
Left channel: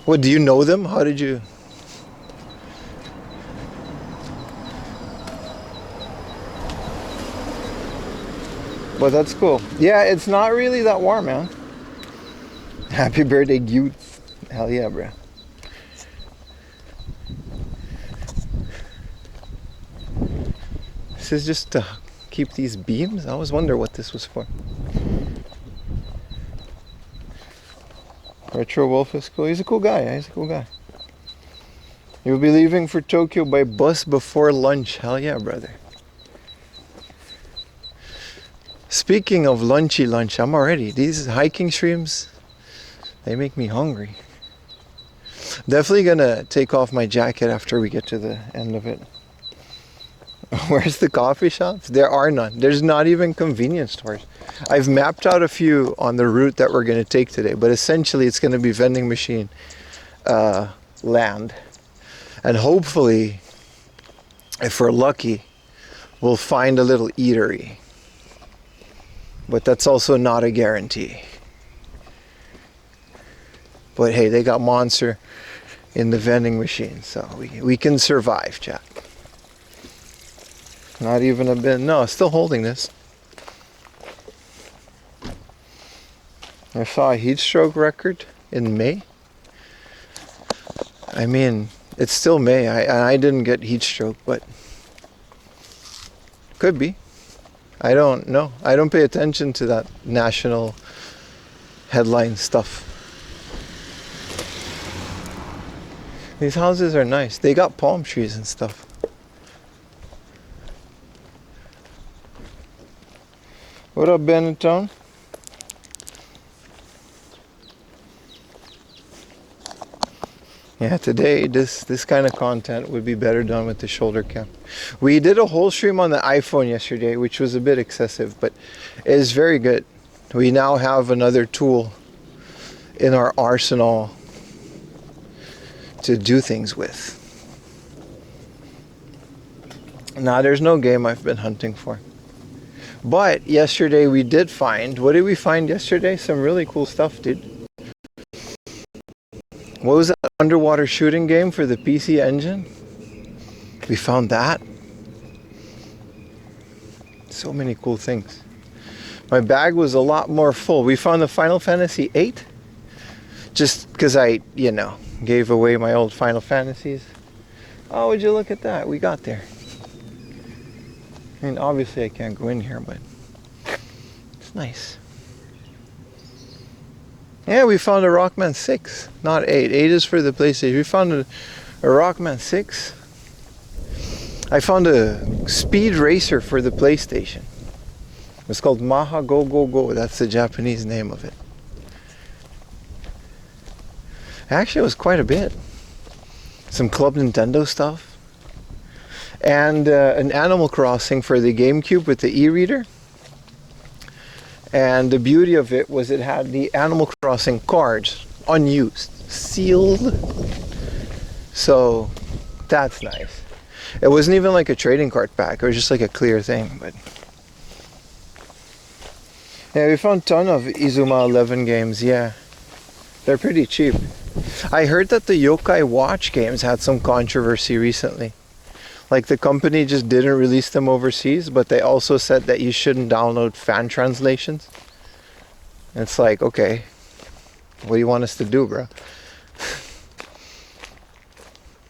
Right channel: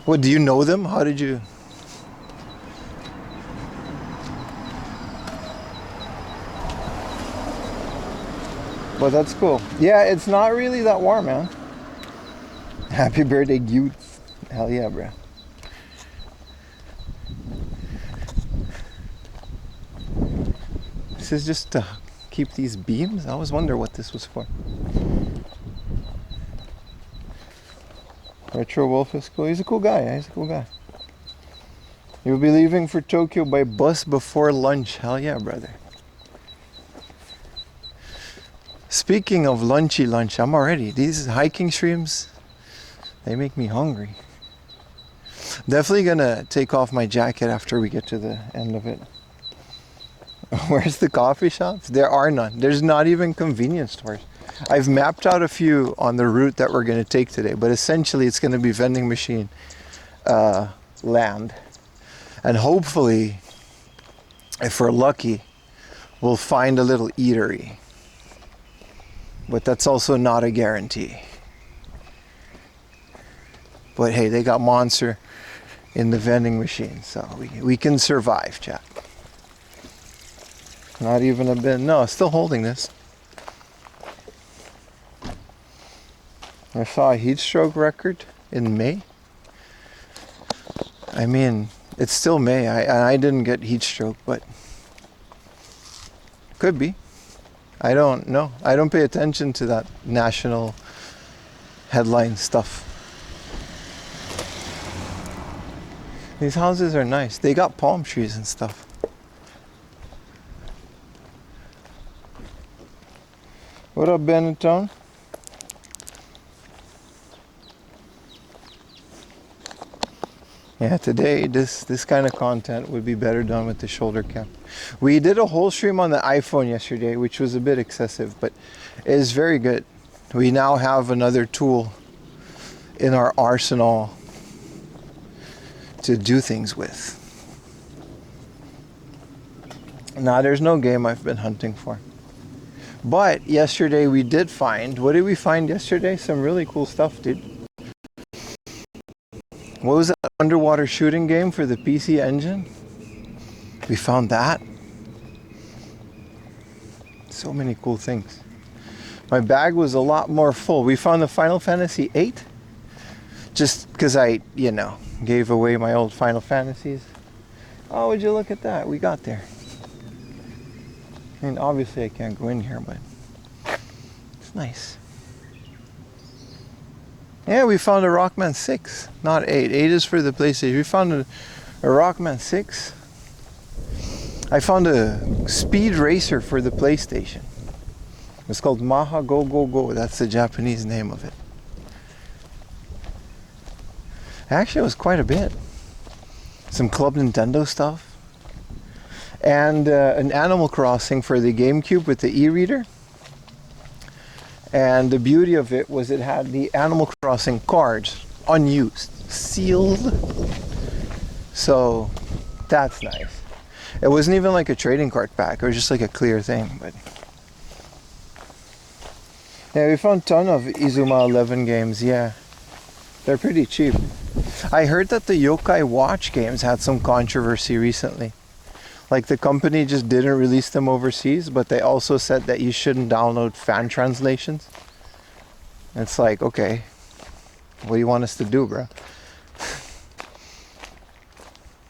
What, do you know them? How did you... But that's cool. Yeah, it's not really that warm, man. Happy birthday, youth. Hell yeah, bro. This This is just to keep these beams? I always wonder what this was for. Retro Wolf is cool. He's a cool guy. He's a cool guy. You'll be leaving for Tokyo by bus before lunch. Hell yeah, brother. Speaking of lunchy lunch, I'm already. These hiking streams, they make me hungry. Definitely gonna take off my jacket after we get to the end of it. Where's the coffee shops? There are none. There's not even convenience stores. I've mapped out a few on the route that we're gonna take today, but essentially it's gonna be vending machine land. And hopefully, if we're lucky, we'll find a little eatery. But that's also not a guarantee. But hey, they got Monster in the vending machine, so we can survive, chat. Not even a bit. No, still holding this. I saw a heat stroke record in May. I mean, it's still May. I didn't get heat stroke, but could be. I don't know. I don't pay attention to that national headline stuff. These houses are nice. They got palm trees and stuff. What up, Benetton? Yeah, today this kind of content would be better done with the shoulder cam. We did a whole stream on the iPhone yesterday, which was a bit excessive, but it is very good. We now have another tool in our arsenal to do things with. Now, there's no game I've been hunting for. But yesterday we did find, what did we find yesterday? Some really cool stuff, dude. What was that underwater shooting game for the PC Engine? We found that. So many cool things. My bag was a lot more full. We found the Final Fantasy VIII. Just because I, gave away my old Final Fantasies. Oh, would you look at that? We got there. I mean, obviously I can't go in here, but it's nice. Yeah, we found a Rockman 6, not 8. 8 is for the PlayStation. We found a Rockman 6. I found a speed racer for the PlayStation. It's called Maha Go Go Go. That's the Japanese name of it. Actually, it was quite a bit. Some Club Nintendo stuff. And an Animal Crossing for the GameCube with the e-reader. And the beauty of it was it had the Animal Crossing cards, unused, sealed. So that's nice. It wasn't even like a trading card pack. It was just like a clear thing. But yeah, we found a ton of Izuma 11 games. Yeah, they're pretty cheap. I heard that the Yokai Watch games had some controversy recently. Like the company just didn't release them overseas, but they also said that you shouldn't download fan translations. It's like, okay, what do you want us to do, bro?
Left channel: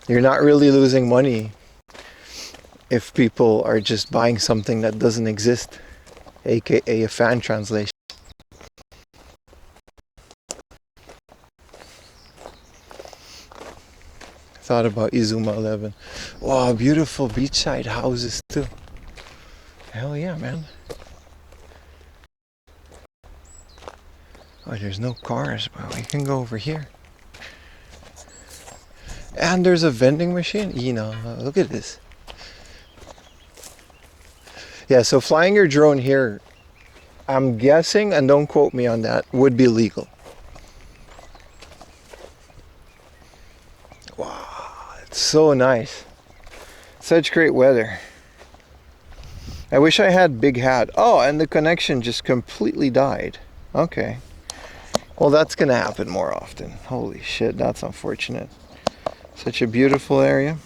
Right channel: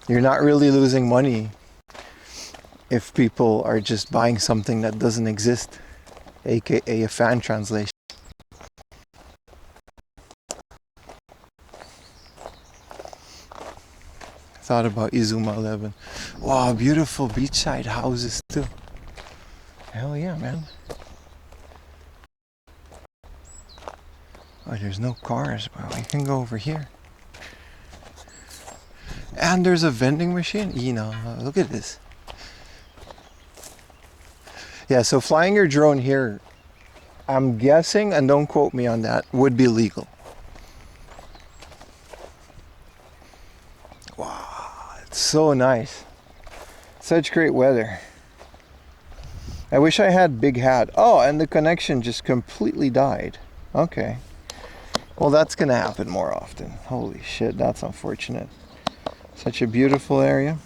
You're not really losing money if people are just buying something that doesn't exist, aka a fan translation. Thought about Izuma 11. Wow, beautiful beachside houses too. Hell yeah, man. Oh, there's no cars, but we can go over here. And there's a vending machine. Look at this. Yeah, so flying your drone here, I'm guessing, and don't quote me on that, would be legal. So nice. Such great weather. I wish I had big hat. Oh, and the connection just completely died. Okay. Well, that's gonna happen more often. Holy shit, that's unfortunate. Such a beautiful area.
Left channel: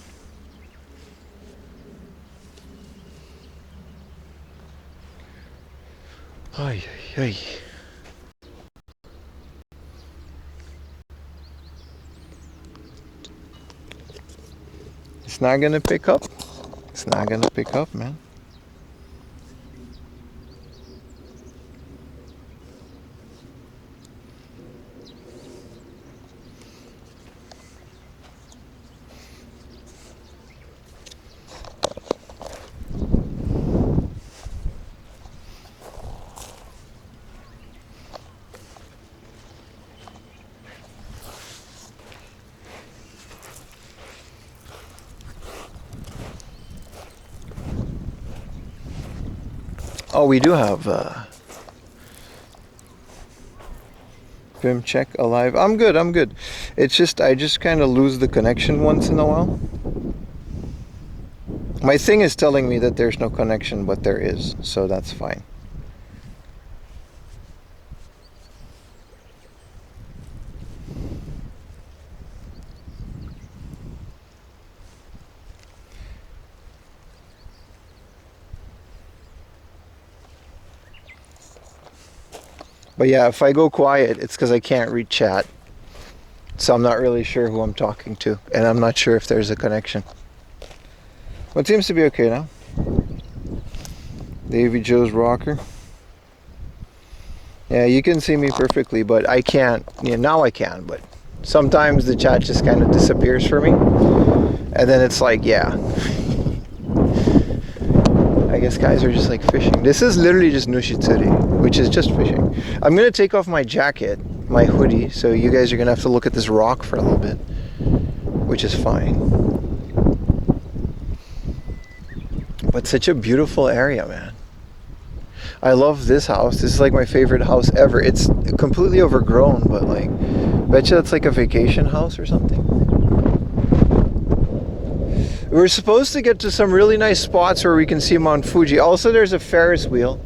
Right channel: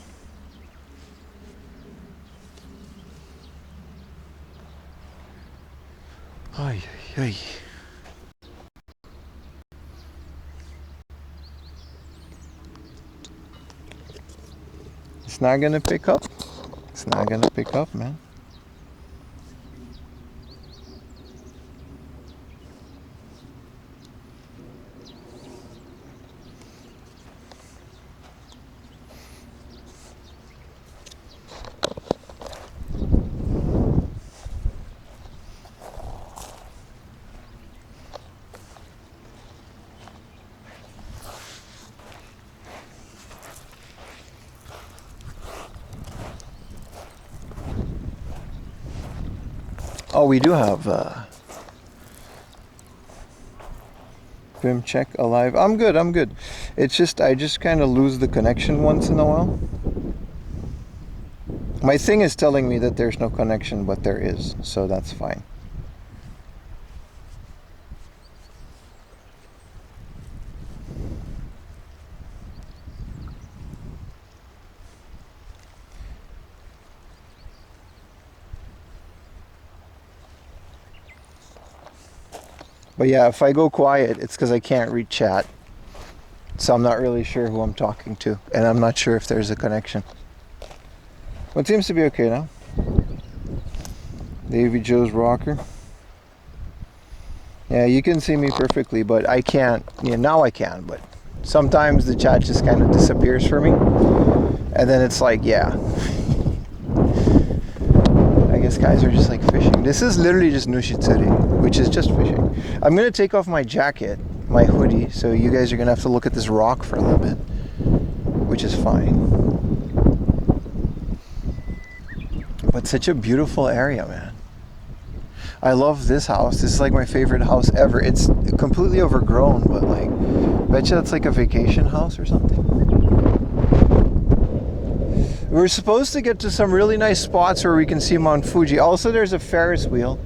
Ay, ay, ay. It's not gonna pick up. It's not gonna pick up, man. Oh, we do have Vim check alive. I'm good, I'm good. It's just I just kind of lose the connection once in a while. My thing is telling me that there's no connection, but there is, so that's fine. But yeah, if I go quiet, it's because I can't read chat. So I'm not really sure who I'm talking to, and I'm not sure if there's a connection. But it seems to be okay now. Davy Joe's rocker. Yeah, you can see me perfectly, but I can't. Yeah, now I can, but sometimes the chat just kind of disappears for me. And then it's like, yeah. I guess guys are just like fishing. This is literally just Nushitsuri, which is just fishing. I'm going to take off my jacket, my hoodie, so you guys are going to have to look at this rock for a little bit, which is fine. But such a beautiful area, man. I love this house. This is like my favorite house ever. It's completely overgrown, but like, bet you that's like a vacation house or something. We're supposed to get to some really nice spots where we can see Mount Fuji. Also, there's a Ferris wheel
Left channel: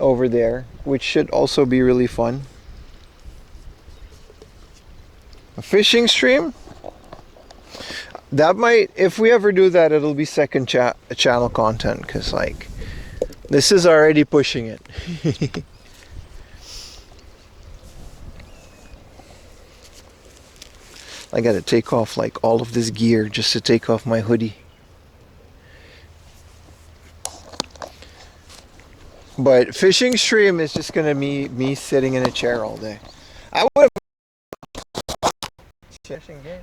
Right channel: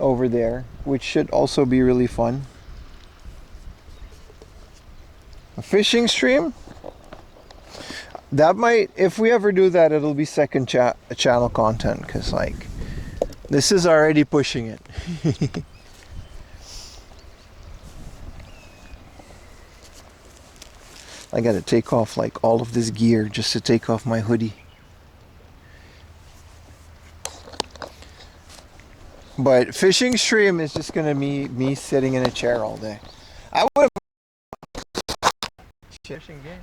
over there, which should also be really fun. A fishing stream? That might, if we ever do that, it'll be second channel content, because like, this is already pushing it. I gotta take off like all of this gear just to take off my hoodie. But fishing stream is just gonna be me sitting in a chair all day. I would have fishing game.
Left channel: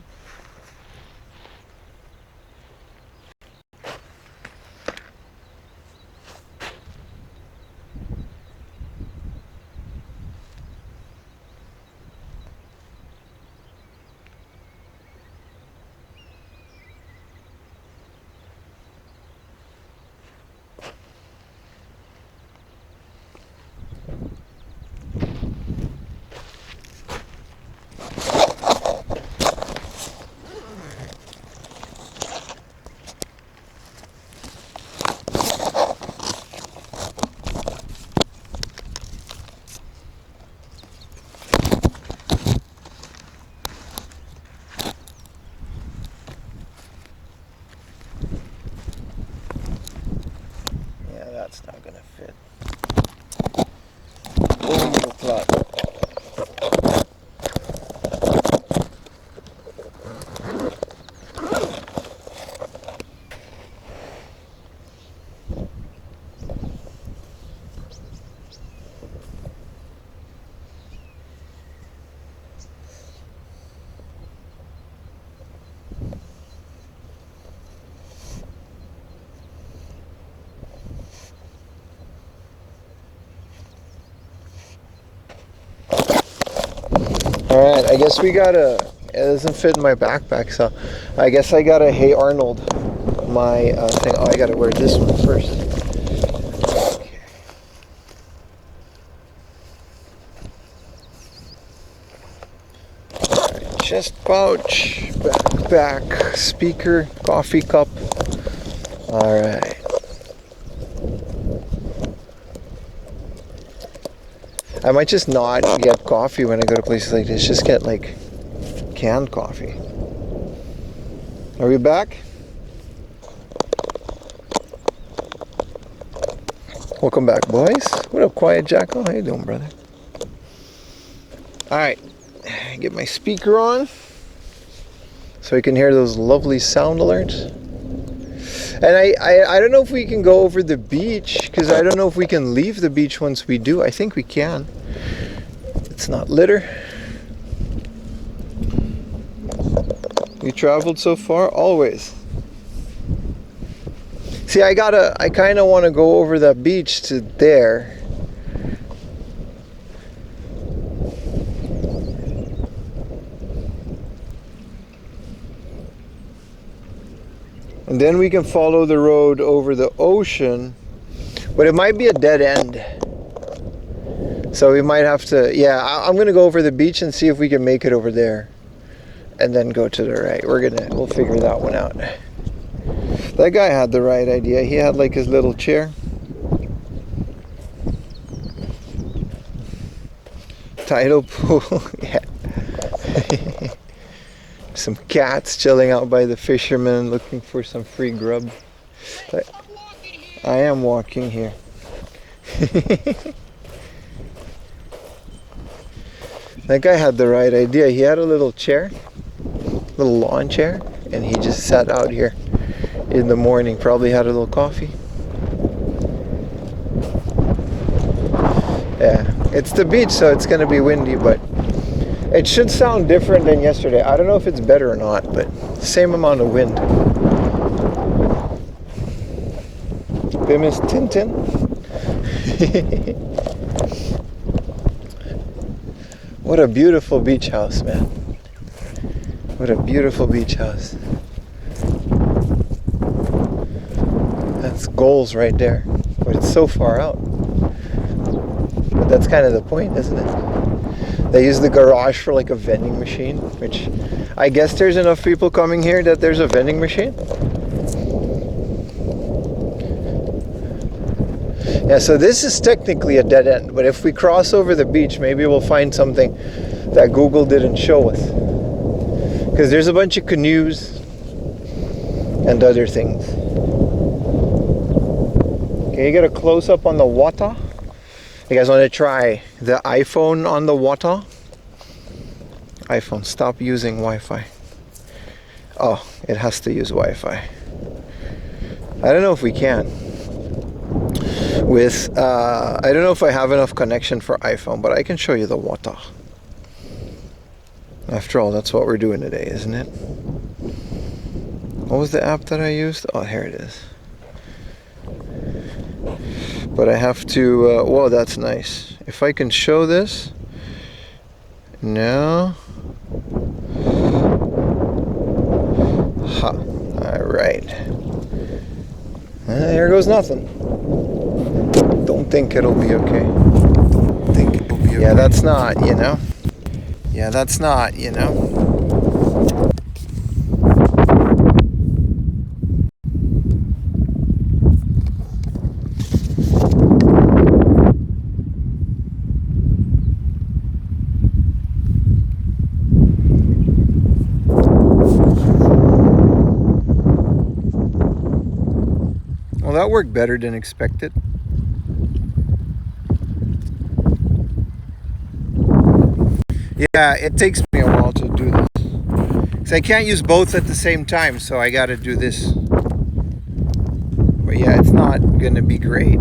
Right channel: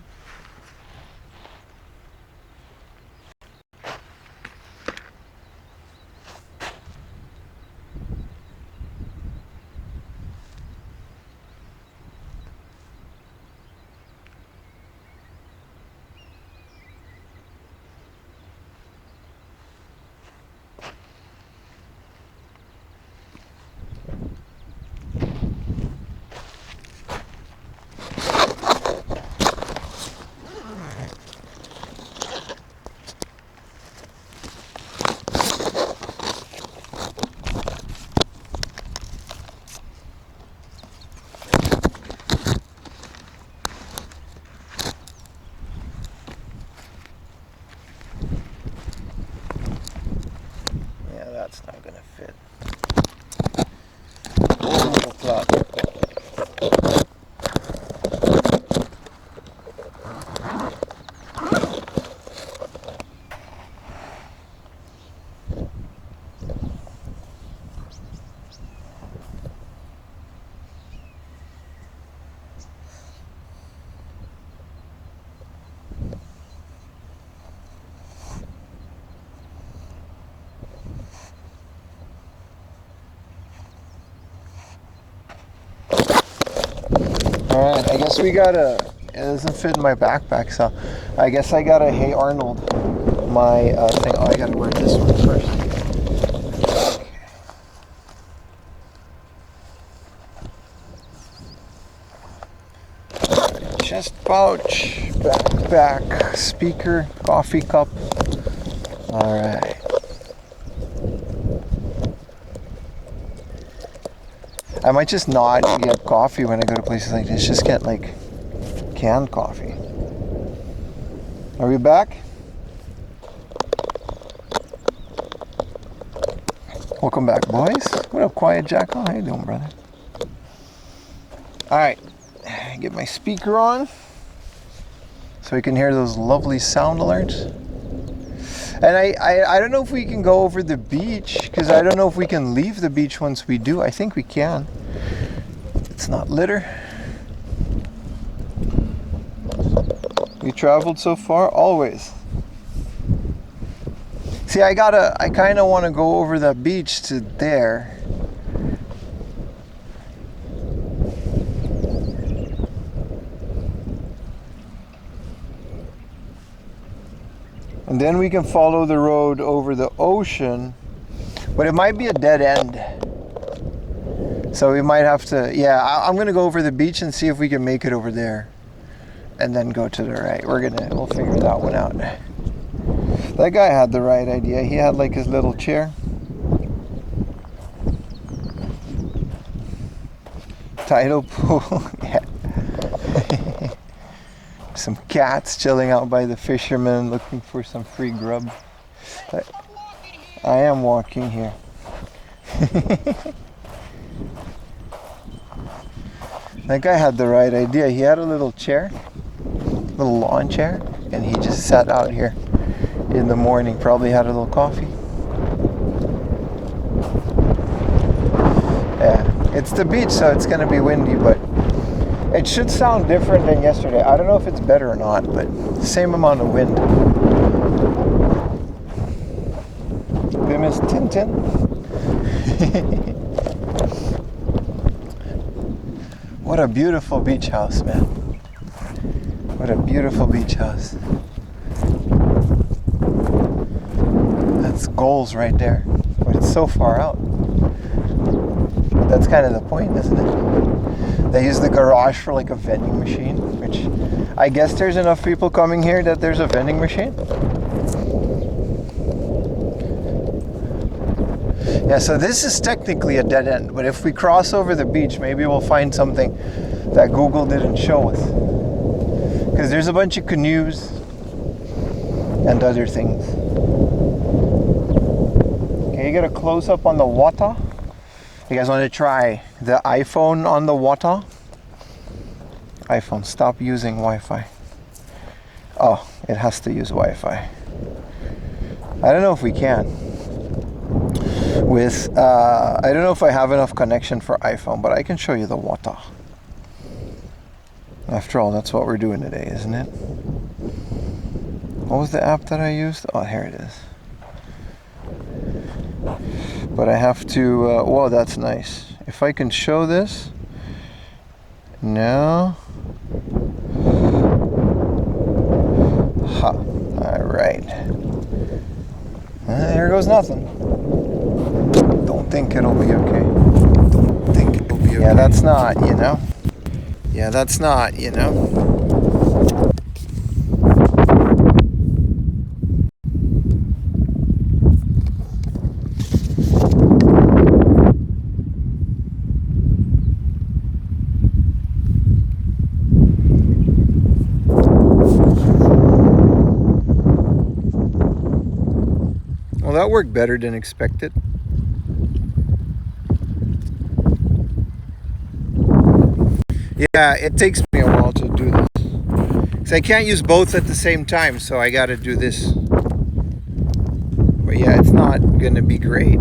That's not gonna fit. Bombo clock. Alright, I guess we gotta, it doesn't fit in my backpack, so I guess I gotta Hey Arnold my thing. Oh, I gotta wear this one first. Alright, chest pouch, backpack, speaker, coffee cup. Alright. I might just not get coffee when I go to places like this. Just get like canned coffee. Are we back? Welcome back, boys. What up, Quiet Jacko? How you doing, brother? All right, get my speaker on so I can hear those lovely sound alerts. And I don't know if we can go over the beach, because I don't know if we can leave the beach once we do. I think we can. It's not litter. We traveled so far? Always. See, I kind of want to go over that beach to there. And then we can follow the road over the ocean. But it might be a dead end. So we might have to, yeah, I'm gonna go over the beach and see if we can make it over there. And then go to the right. We'll figure that one out. That guy had the right idea. He had like his little chair. Tidal pool, yeah. Some cats chilling out by the fishermen looking for some free grub. I am walking here. That guy had the right idea. He had a little chair, little lawn chair, and he just sat out here in the morning, probably had a little coffee. Yeah, it's the beach, so it's gonna be windy, but it should sound different than yesterday. I don't know if it's better or not, but same amount of wind. Bim is Tintin. What a beautiful beach house, man. What a beautiful beach house. That's goals right there. But it's so far out. But that's kind of the point, isn't it? They use the garage for like a vending machine, which I guess there's enough people coming here that there's a vending machine. Yeah, so this is technically a dead end, but if we cross over the beach, maybe we'll find something that Google didn't show us. Because there's a bunch of canoes and other things. Okay, you get a close-up on the water. You guys want to try the iPhone on the water? iPhone, stop using Wi-Fi. Oh, it has to use Wi-Fi. I don't know if we can. I don't know if I have enough connection for iPhone, but I can show you the water. After all, that's what we're doing today, isn't it? What was the app that I used? Oh, here it is. But I have to, whoa, that's nice. If I can show this. No. Ha. All right. Here goes nothing. Don't think it'll be okay. Don't think it'll be okay. Yeah, that's not, you know. Yeah, that's not, you know. Well, that worked better than expected. Yeah, it takes me a while to do this. Because I can't use both at the same time, so I gotta do this. But yeah, it's not gonna be great.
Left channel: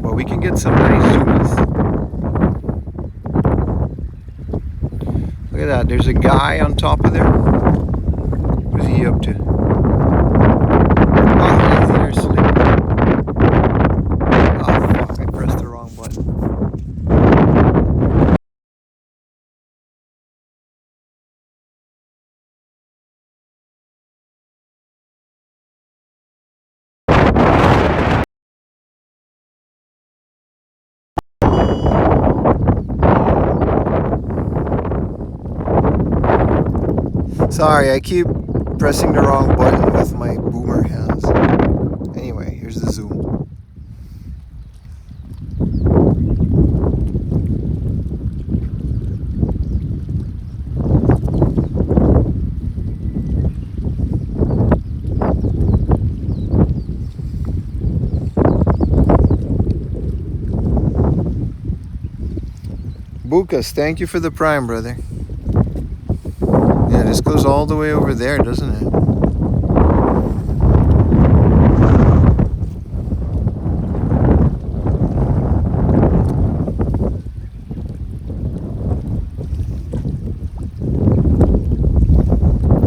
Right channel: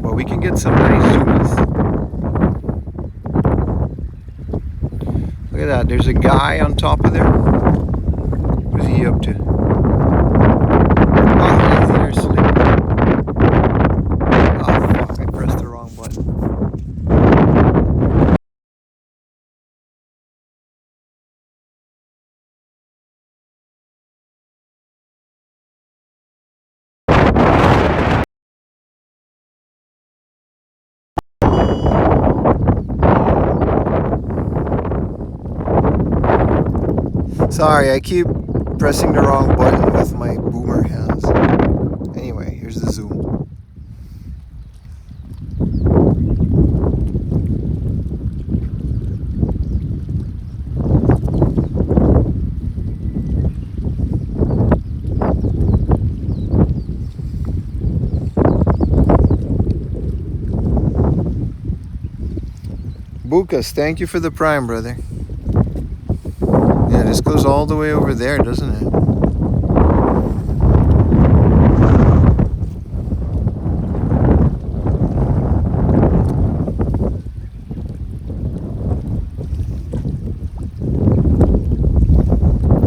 But we can get some nice zoomies. Look at that, there's a guy on top of there. What is he up to? Oh, he's there sleeping. Sorry, I keep pressing the wrong button with my boomer hands. Anyway, here's the zoom. Bukas, thank you for the prime, brother. Yeah, this goes all the way over there, doesn't it?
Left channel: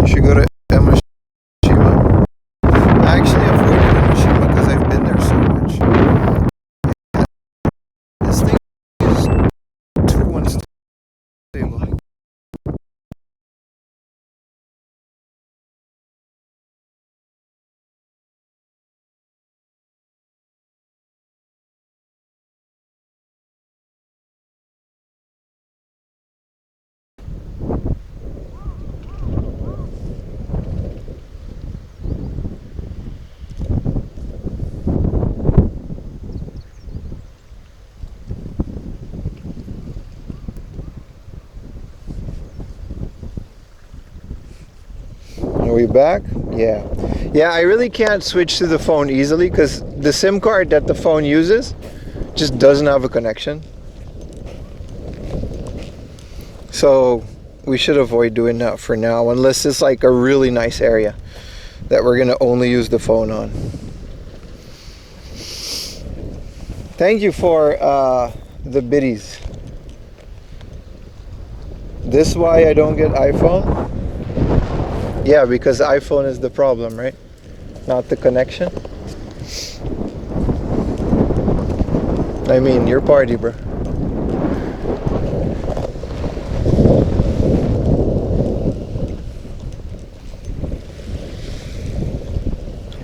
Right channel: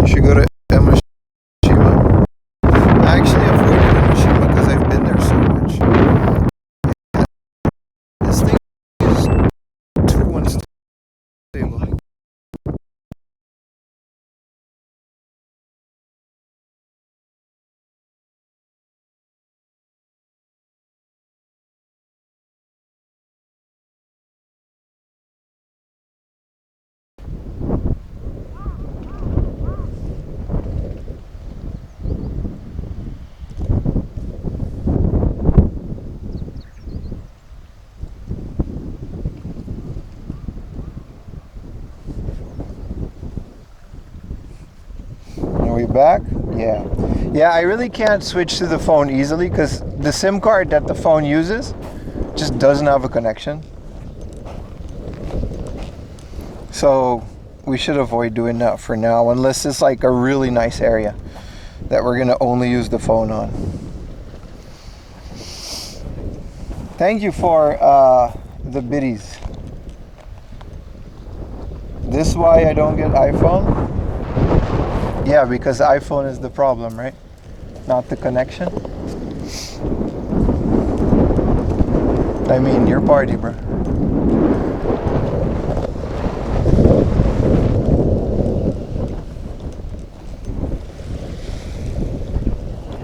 You should go to Emashima. I actually avoided Emashima because I've been there so much. This thing is too unstable. we back? Yeah. Yeah, I really can't switch to the phone easily because the SIM card that the phone uses just doesn't have a connection. So we should avoid doing that for now, unless it's like a really nice area that we're gonna only use the phone on. Thank you for the biddies. This why I don't get iPhone? Yeah, because iPhone is the problem, right? Not the connection. I mean, your party, bro.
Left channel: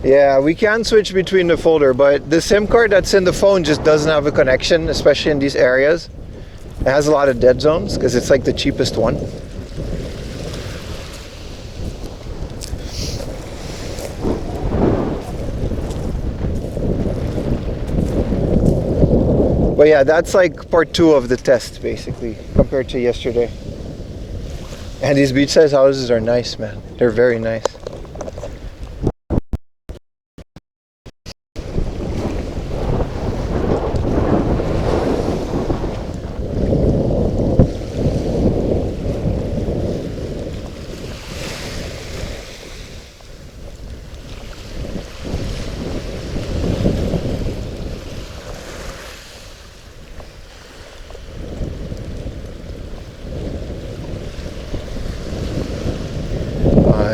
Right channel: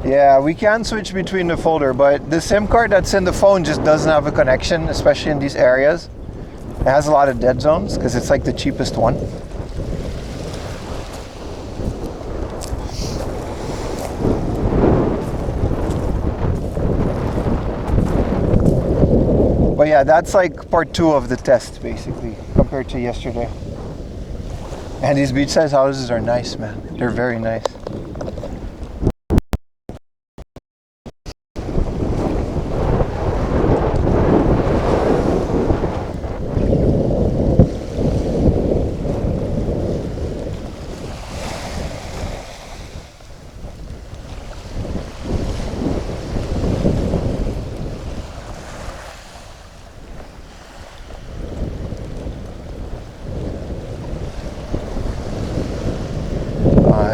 Yeah, we can switch between the folder, but the SIM card that's in the phone just doesn't have a connection, especially in these areas. It has a lot of dead zones because it's like the cheapest one. But yeah, that's like part 2 of the test basically compared to yesterday. And these beachside houses are nice, man. They're very nice.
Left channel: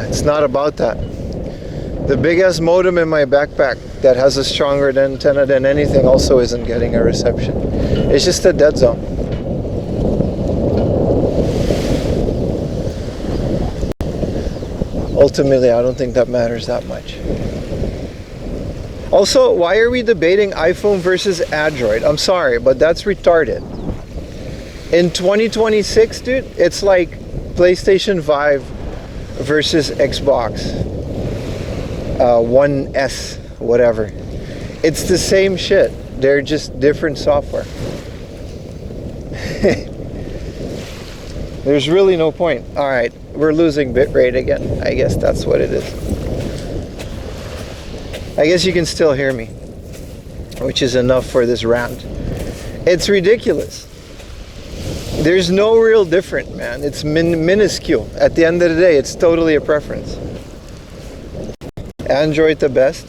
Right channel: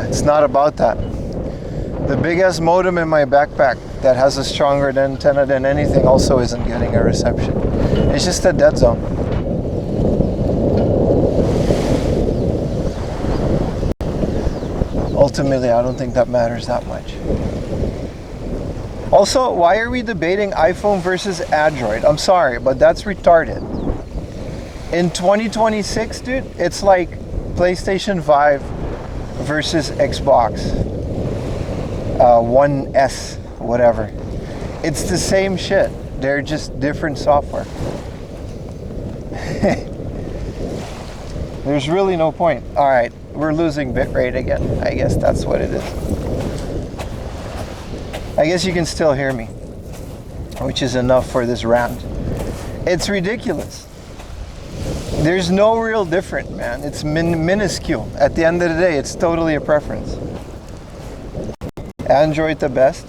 It's not about that. The biggest modem in my backpack that has a stronger antenna than anything also isn't getting a reception. It's just a dead zone. Ultimately, I don't think that matters that much. Also, why are we debating iPhone versus Android? I'm sorry, but that's retarded. In 2026, dude, it's like PlayStation 5 versus Xbox One S, whatever. It's the same shit. They're just different software. There's really no point. All right, we're losing bitrate again. I guess that's what it is. I guess you can still hear me, which is enough for this rant. It's ridiculous. There's no real difference, man. It's minuscule. At the end of the day, it's totally a preference. Android the best.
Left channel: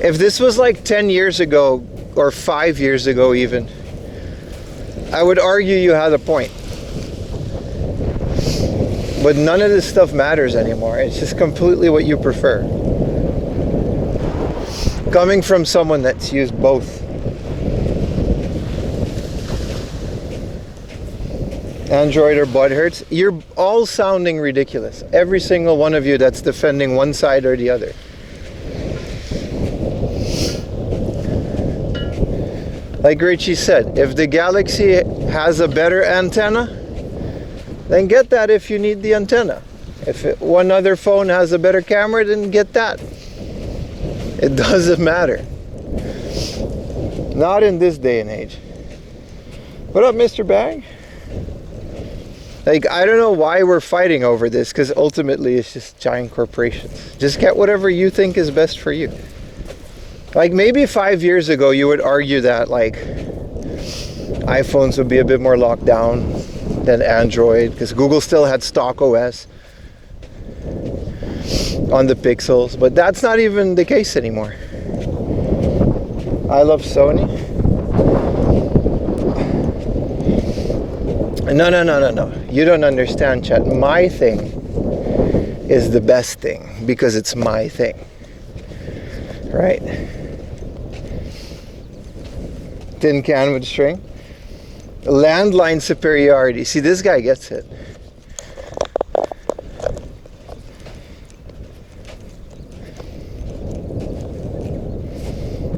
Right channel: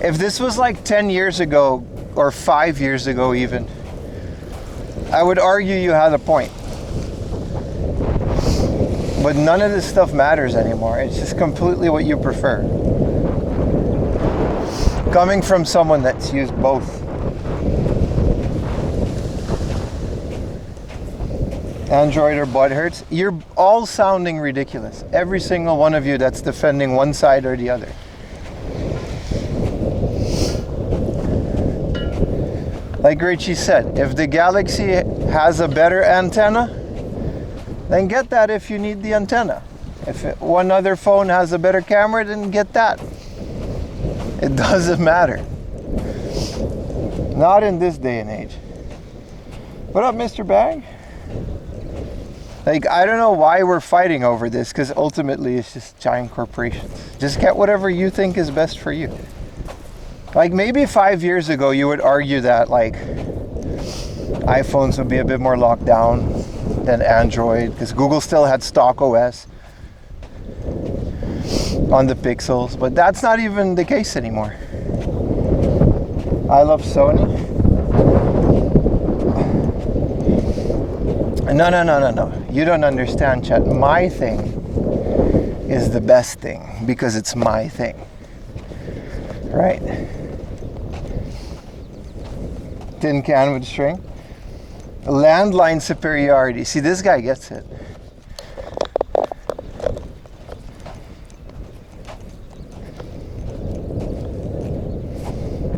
If this was like 10 years ago or 5 years ago even, I would argue you had a point. But none of this stuff matters anymore. It's just completely what you prefer. Coming from someone that's used both. Android or butt hurts, you're all sounding ridiculous. Every single one of you that's defending one side or the other. Like Richie said, if the Galaxy has a better antenna, then get that if you need the antenna. If one other phone has a better camera, then get that. It doesn't matter. Not in this day and age. What up, Mr. Bag? Like, I don't know why we're fighting over this, because ultimately it's just giant corporations. Just get whatever you think is best for you. Like, maybe 5 years ago you would argue that like iPhones would be a bit more locked down than Android, because Google still had stock OS on the Pixels, but that's not even the case anymore. I love Sony. No. You don't understand, chat. My thing is the best thing because it's my thing. Right? Tin can with string. Landline superiority. See, this guy gets it.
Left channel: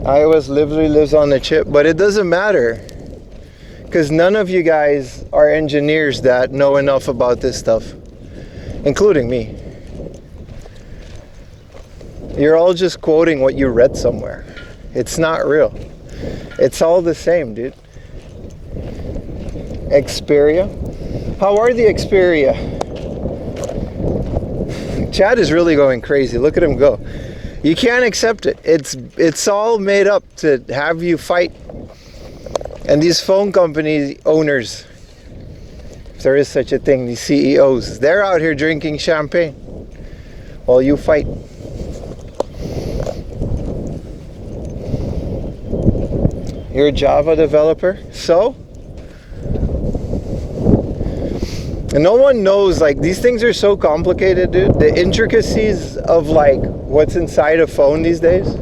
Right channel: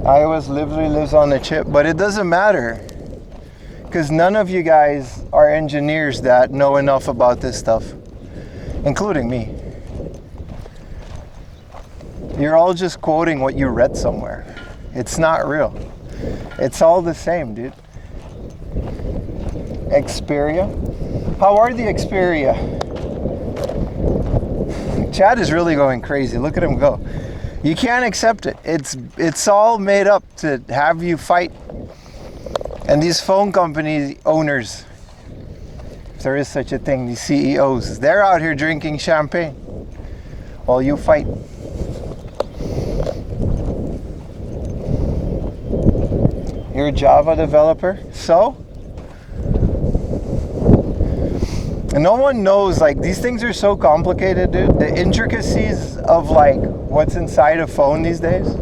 iOS literally lives on the chip, but it doesn't matter. Because none of you guys are engineers that know enough about this stuff, including me. You're all just quoting what you read somewhere. It's not real. It's all the same, dude. Xperia. How are the Xperia? Chad is really going crazy. Look at him go. You can't accept it. It's all made up to have you fight. And these phone company owners, if there is such a thing, these CEOs, they're out here drinking champagne while you fight. You're a Java developer, so? And no one knows, like, these things are so complicated, dude. The intricacies of, like, what's inside a phone these days.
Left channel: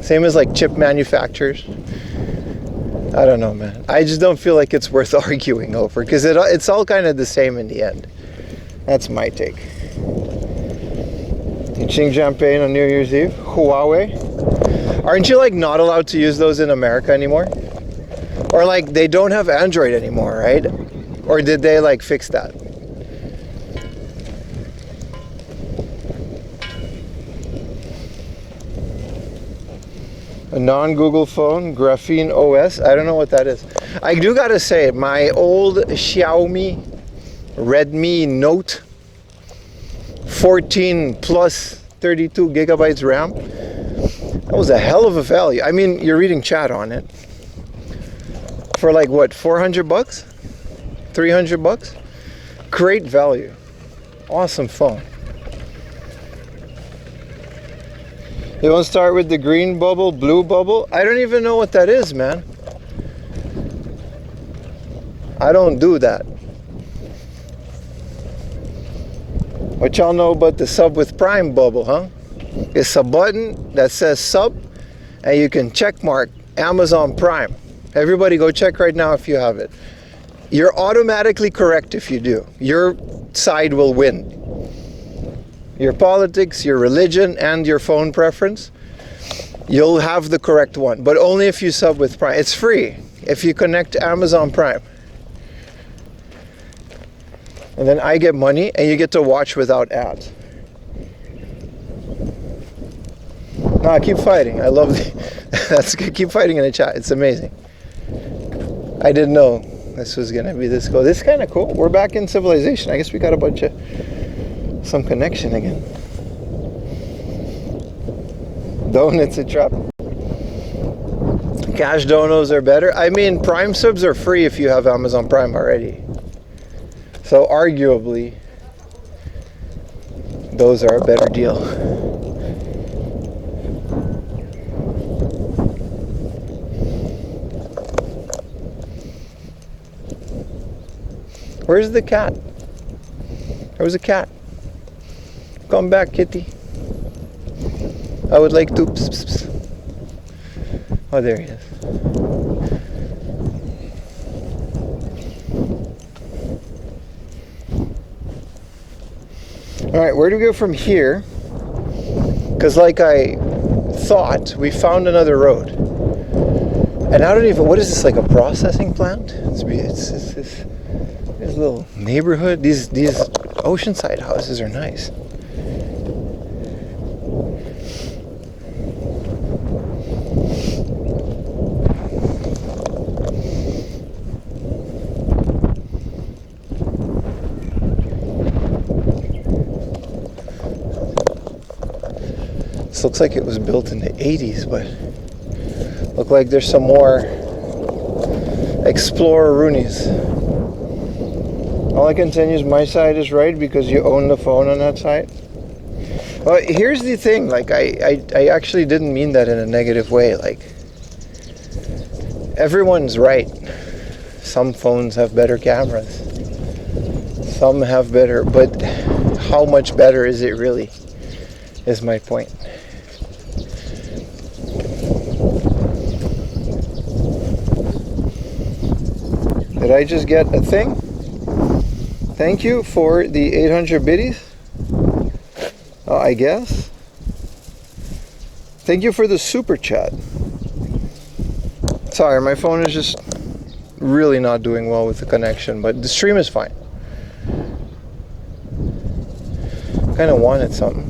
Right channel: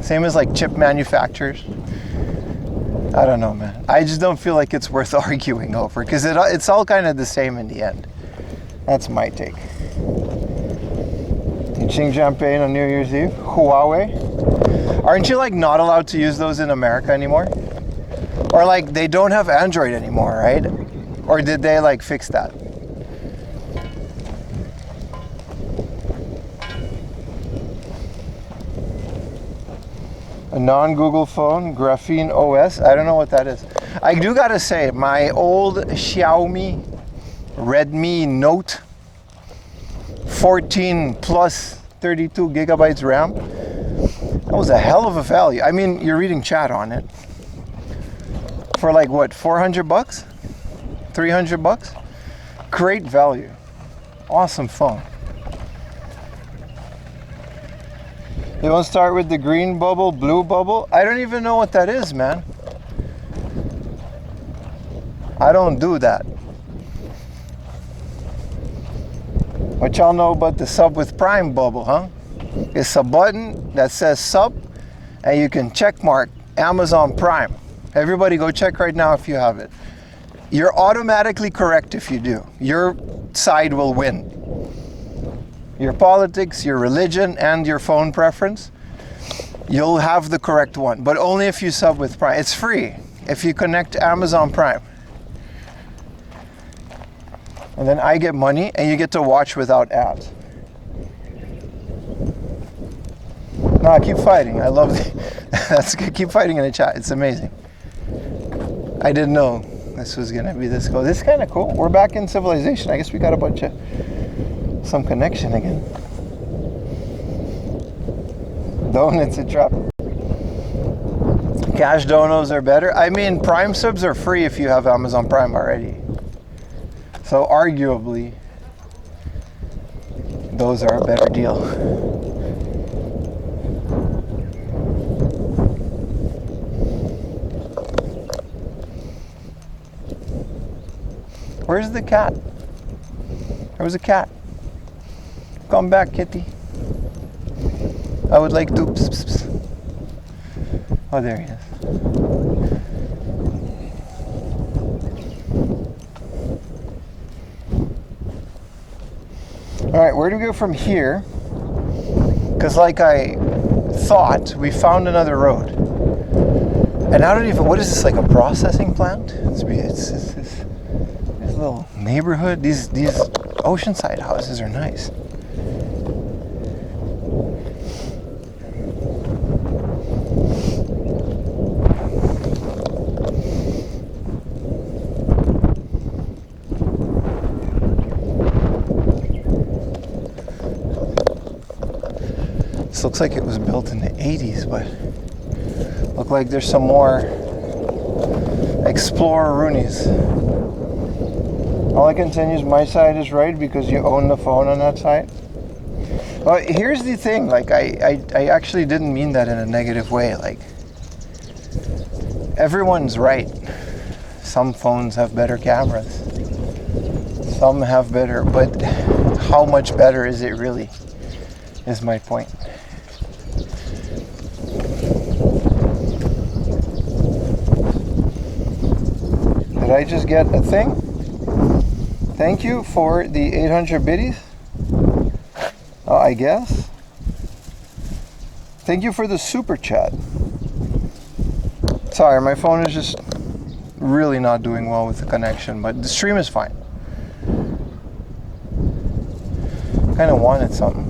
Same as, like, chip manufacturers. I don't know, man. I just don't feel like it's worth arguing over, because it's all kind of the same in the end. That's my take. You ching champagne on New Year's Eve? Huawei? Aren't you, like, not allowed to use those in America anymore? Or, like, they don't have Android anymore, right? Or did they, like, fix that? A non-Google phone, Graphene OS. I don't know what that is. I do gotta say, my old Xiaomi Redmi Note 14 plus 32 gigabytes RAM. That was a hell of a value. I mean, you're reading chat on it. For like what, 400 bucks? 300 bucks? Great value. Awesome phone. You want to start with the green bubble, blue bubble? I don't even know what that is, man. I don't do that. What y'all know about the sub with Prime bubble, huh? It's a button that says sub, and you can check mark Amazon Prime. Everybody go check right now if you have it. You're automatically correct if you do. Your side will win. Your politics, your religion, and your phone preference, you'll have the correct one, but only if you sub with Prime. It's free if you connect to Amazon Prime. And then I get money, and you get to watch without ads. Nah, keep fighting. I love that's good. Keep fighting in the chat. It's amazing. I didn't know this was gonna be this cool. This is kind of cool. We're back in civilization. I guess we got a bunch of some connection again. Donuts a trap. Cash donos are better. I mean, Prime subs are free if you have Amazon Prime already. So arguably, those are a better deal. Where's the cat? There was a cat. Come back, kitty. I would like to. Pss, pss, pss. Oh, there he is. All right, where do we go from here? Because like I thought, we found another road. And I don't even, what is this, like a processing plant? It's this little neighborhood. These oceanside houses are nice. This looks like it was built in the 80s, but look like there's some more Explorer-roonies. All I can tell you is my side is right because you own the phone on that side. Well, here's the thing, like I actually didn't mean that in a negative way. Like, everyone's right. Some phones have better cameras. Some have better, but how much better is it really, is my point. Did I just get a thing? Thank you for the 800 biddies. I guess. Thank you for the super chat. Sorry, my phone is just really not doing well with the connection, but the stream is fine. Kind of wanted something.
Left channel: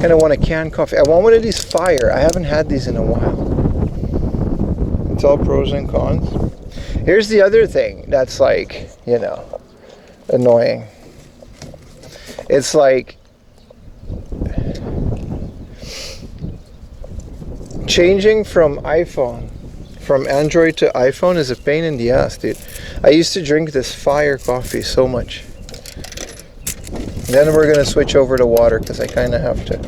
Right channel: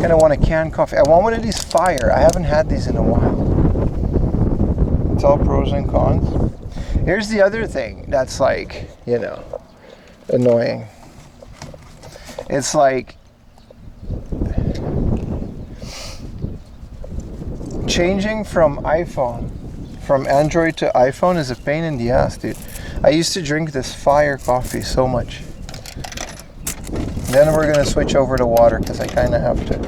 Kind of want a canned coffee. I want one of these Fire. I haven't had these in a while. It's all pros and cons. Here's the other thing that's like, you know, annoying. It's like changing from Android to iPhone is a pain in the ass, dude. I used to drink this fire coffee so much. Then we're gonna switch over to water because I kind of have to.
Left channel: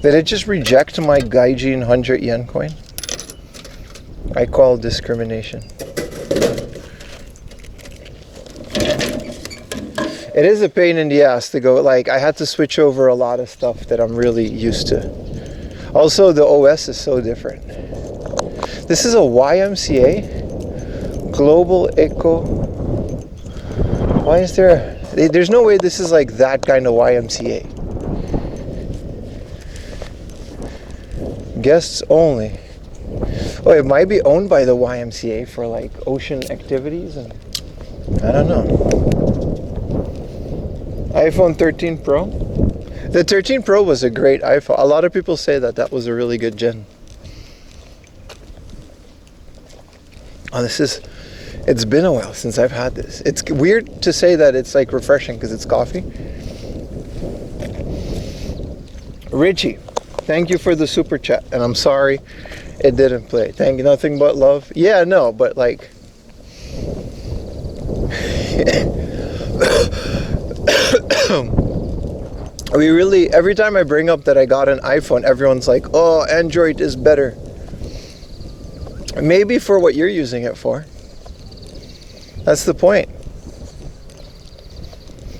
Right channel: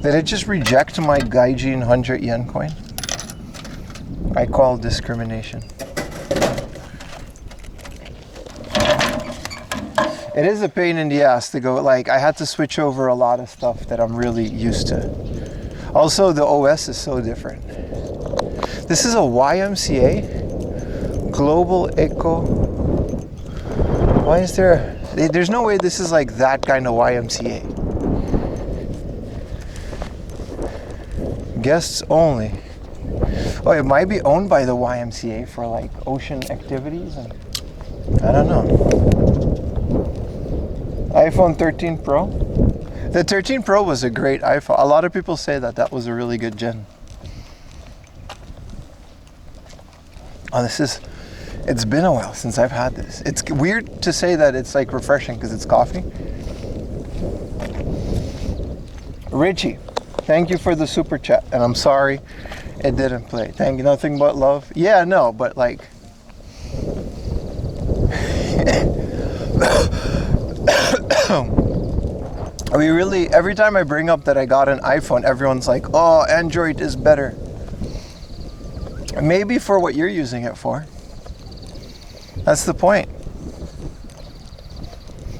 Did it just reject my Gaijin 100 yen coin? I call discrimination. It is a pain in the ass to go, like, I had to switch over a lot of stuff that I'm really used to. Also, the OS is so different. This is a YMCA? Global Eco. Why is there... There's no way this is like that kind of YMCA. Guests only. Oh, it might be owned by the YMCA for like ocean activities and... I don't know. iPhone 13 Pro. The 13 Pro was a great iPhone. A lot of people say that that was a really good gen. Oh, it's been a while since I've had this. It's weird to say that it's like refreshing because it's coffee. Richie, thank you for the super chat. And I'm sorry it didn't play. Thank you, nothing but love. Yeah, no, but like... We really, every time I bring up that I got an iPhone, everyone's like, oh, Android is better. Maybe for what you're using it for. That's the point.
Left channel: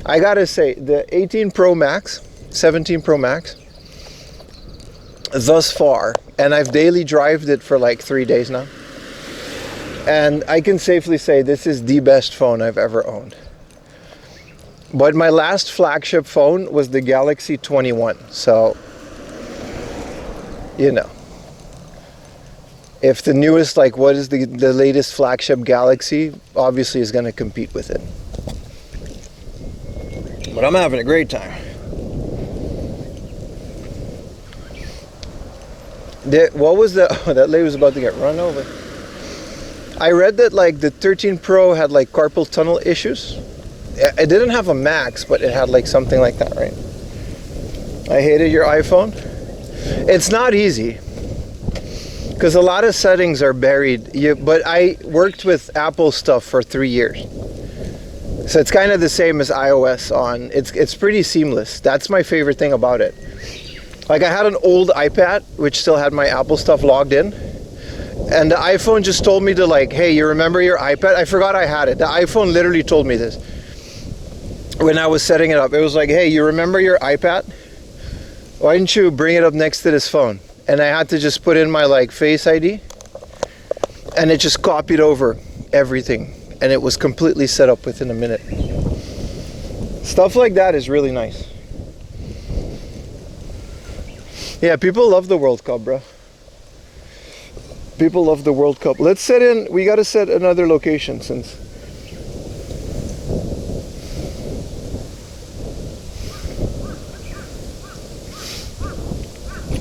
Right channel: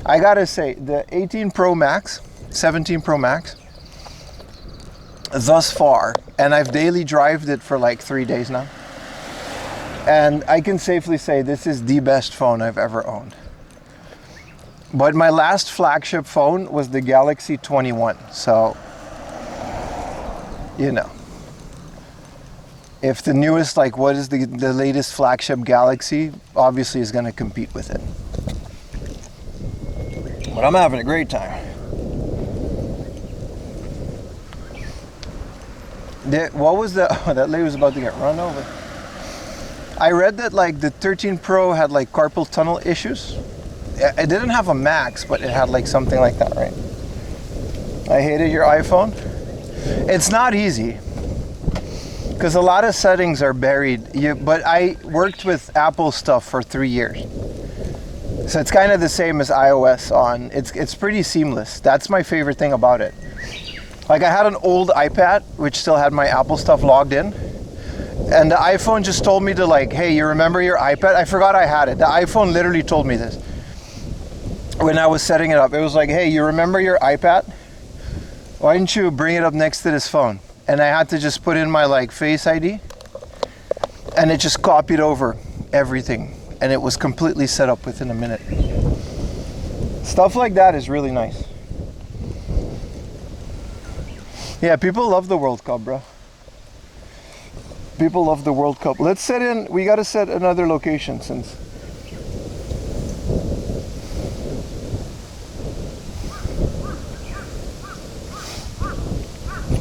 I gotta say, the 18 Pro Max, 17 Pro Max, thus far, and I've daily drived it for like 3 days now, and I can safely say this is the best phone I've ever owned. But my last flagship phone was the Galaxy 21, so, you know. If the newest, like what is the latest flagship Galaxy, obviously is going to compete with it. But I'm having a great time. What was the, oh, that lady was about to get run over. I read that like the 13 Pro had like carpal tunnel issues. It didn't have a max, but it had like something like that, right? I hated your iPhone. It's not easy because a lot of settings are buried. But I worked with Apple stuff for 3 years, so it's kind of the same as iOS on. It's pretty seamless. That's my favorite thing about it. Like I had an old iPad which still had my Apple stuff logged in, and the iPhone just told me to like, hey, you remember your iPad? I forgot I had it. The iPhone literally told me this. When I was setting it up, it was like, hey, you remember your iPad? Why didn't you bring it up next to this phone? And I had to just put in my like Face ID, and it just copied over everything, and it was completely set up within a minute. Stuff like that is really nice. Yeah, people love the World Cup, bro. People love the World Cup. Let's set in, we gotta set another location since...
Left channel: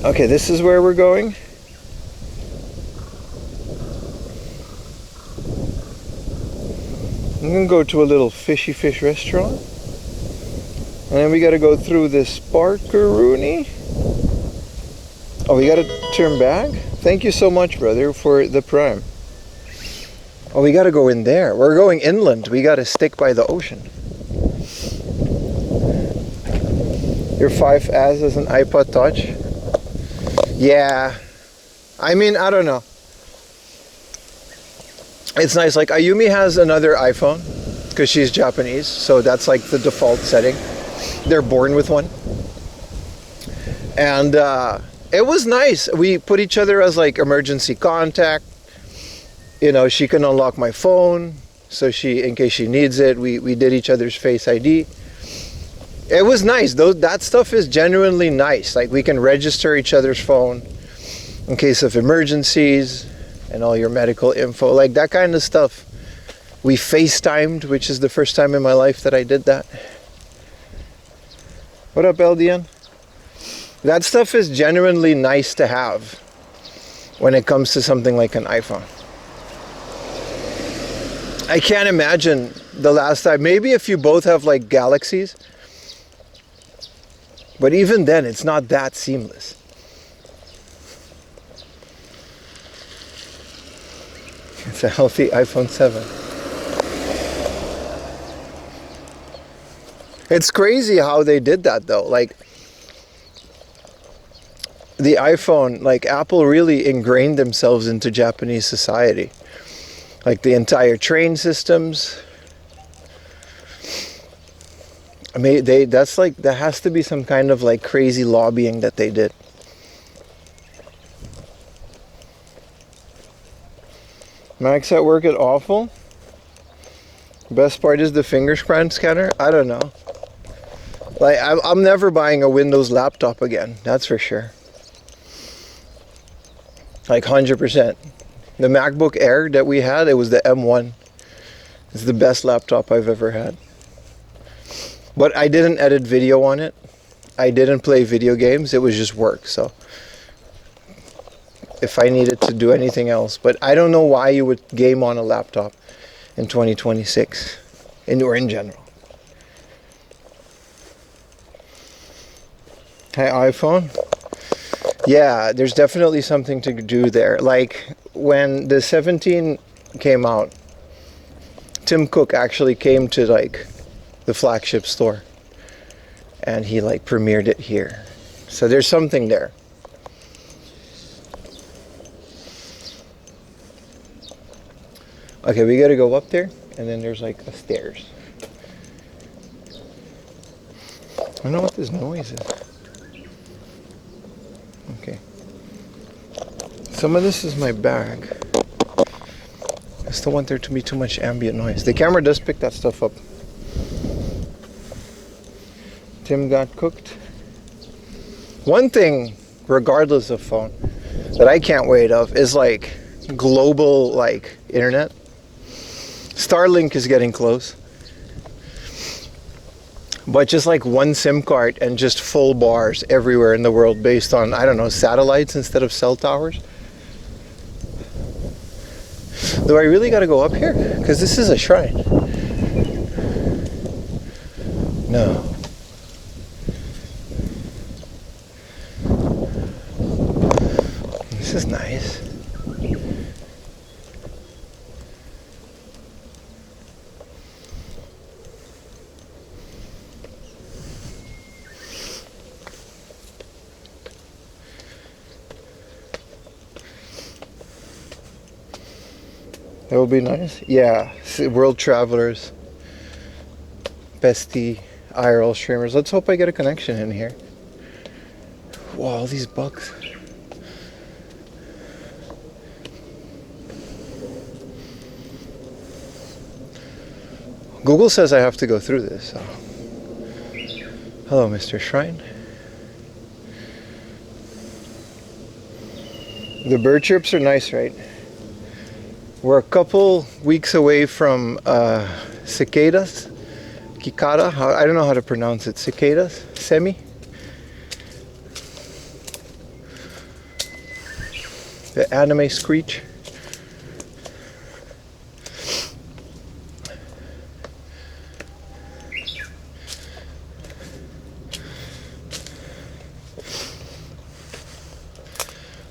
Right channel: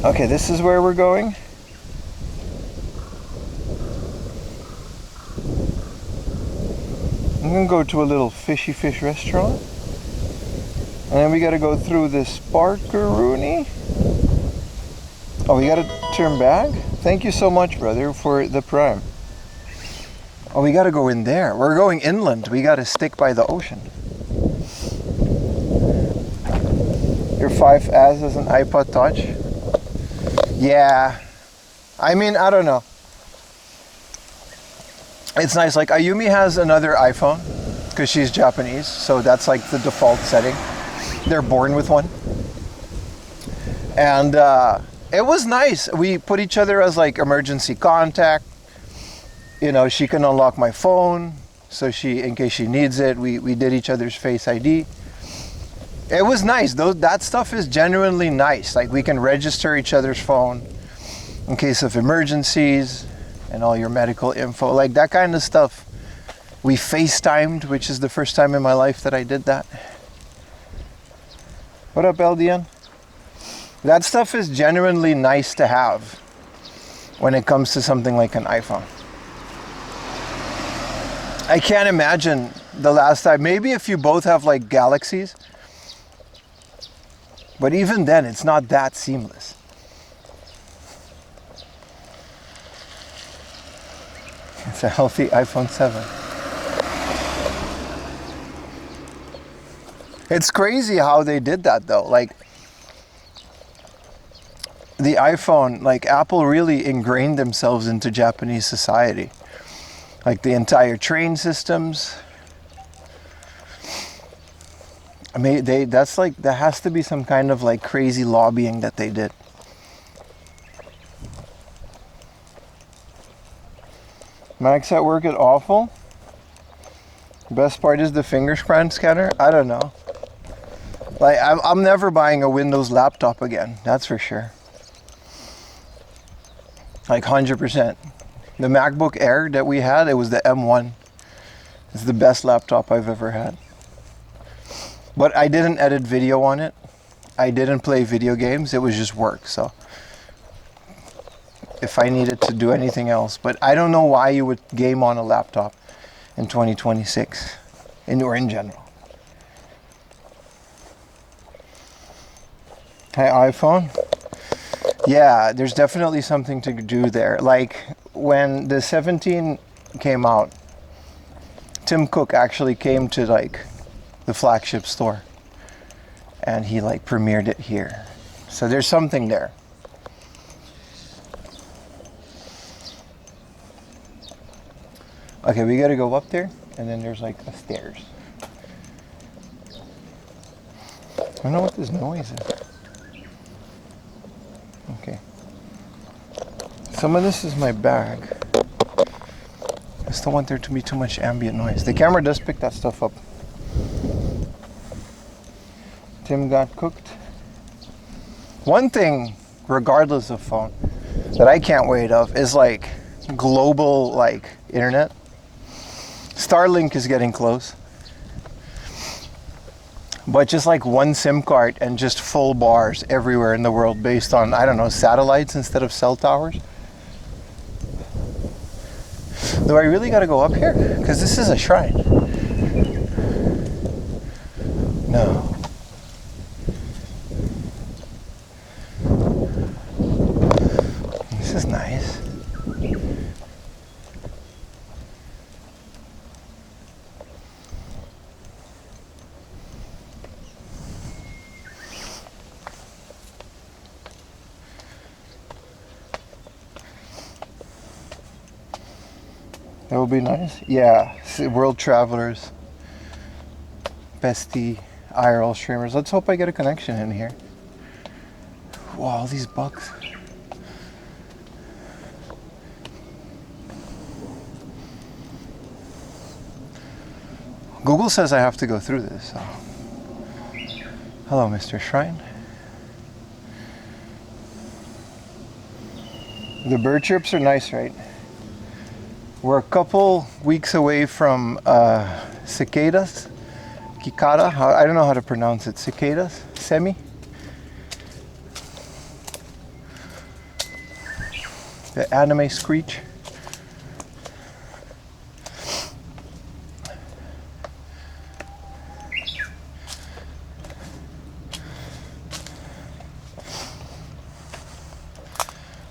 Okay, this is where we're going. I'm gonna go to a little fishy fish restaurant. And then we gotta go through this Sparkaroonie. Oh, we gotta turn back? Thank you so much, brother, for the prime. Oh, we gotta go in there. We're going inland. We gotta stick by the ocean. Your 5S is an iPod Touch. Yeah, I mean, I don't know. It's nice. Like Ayumi has another iPhone because she's Japanese, so that's like the default setting. They're born with one. And it was nice. We put each other as like emergency contact. You know, she can unlock my phone, so in case she needs it, we did each other's Face ID. It was nice. That stuff is genuinely nice. Like we can register each other's phone in case of emergencies and all your medical info, like that kind of stuff. We FaceTimed, which is the first time in my life that I did that. What up, LDN? That stuff is genuinely nice to have when it comes to something like an iPhone. I can't imagine the last time. Maybe if you both have like Galaxies. But even then, it's not that seamless. It's a healthy iPhone 7. It's crazy how they did that though. Like the iPhone, like Apple really ingrained themselves into Japanese society. Like the entire train systems. I mean, that's like, there has to be some kind of like crazy lobbying that they did. Max at work at awful. Best part is the fingerprint scanner. I don't know. Like, I'm never buying a Windows laptop again. That's for sure. Like 100%. The MacBook Air that we had, it was the M1. It's the best laptop I've ever had. But I didn't edit video on it. I didn't play video games. It was just work. So if I needed to do anything else, but I don't know why you would game on a laptop in 2026 or in general. Hi, iPhone. Yeah, there's definitely something to do there. Like when the 17 came out, Tim Cook actually came to like the flagship store and he like premiered it here. So there's something there. Okay, we gotta go up there and then there's like a stairs. I don't know what this noise is. Okay. Some of this is my bag. I still want there to be too much ambient noise. The camera does pick that stuff up. Tim got cooked. One thing, regardless of phone, that I can't wait of is like global like internet. Starlink is getting close. But just like one SIM card and just full bars everywhere in the world based on, I don't know, satellites instead of cell towers. Do I really gotta go up here? Because this is a shrine. No. This is nice. That would be nice. Yeah, world travelers, bestie, IRL streamers. Let's hope I get a connection in here. Wow, all these bugs. Google says I have to go through this. So. Hello, Mr. Shrine. The bird chirps are nice, right? We're a couple weeks away from cicadas, cicada. I don't know how to pronounce it. Cicadas, semi. The anime screech.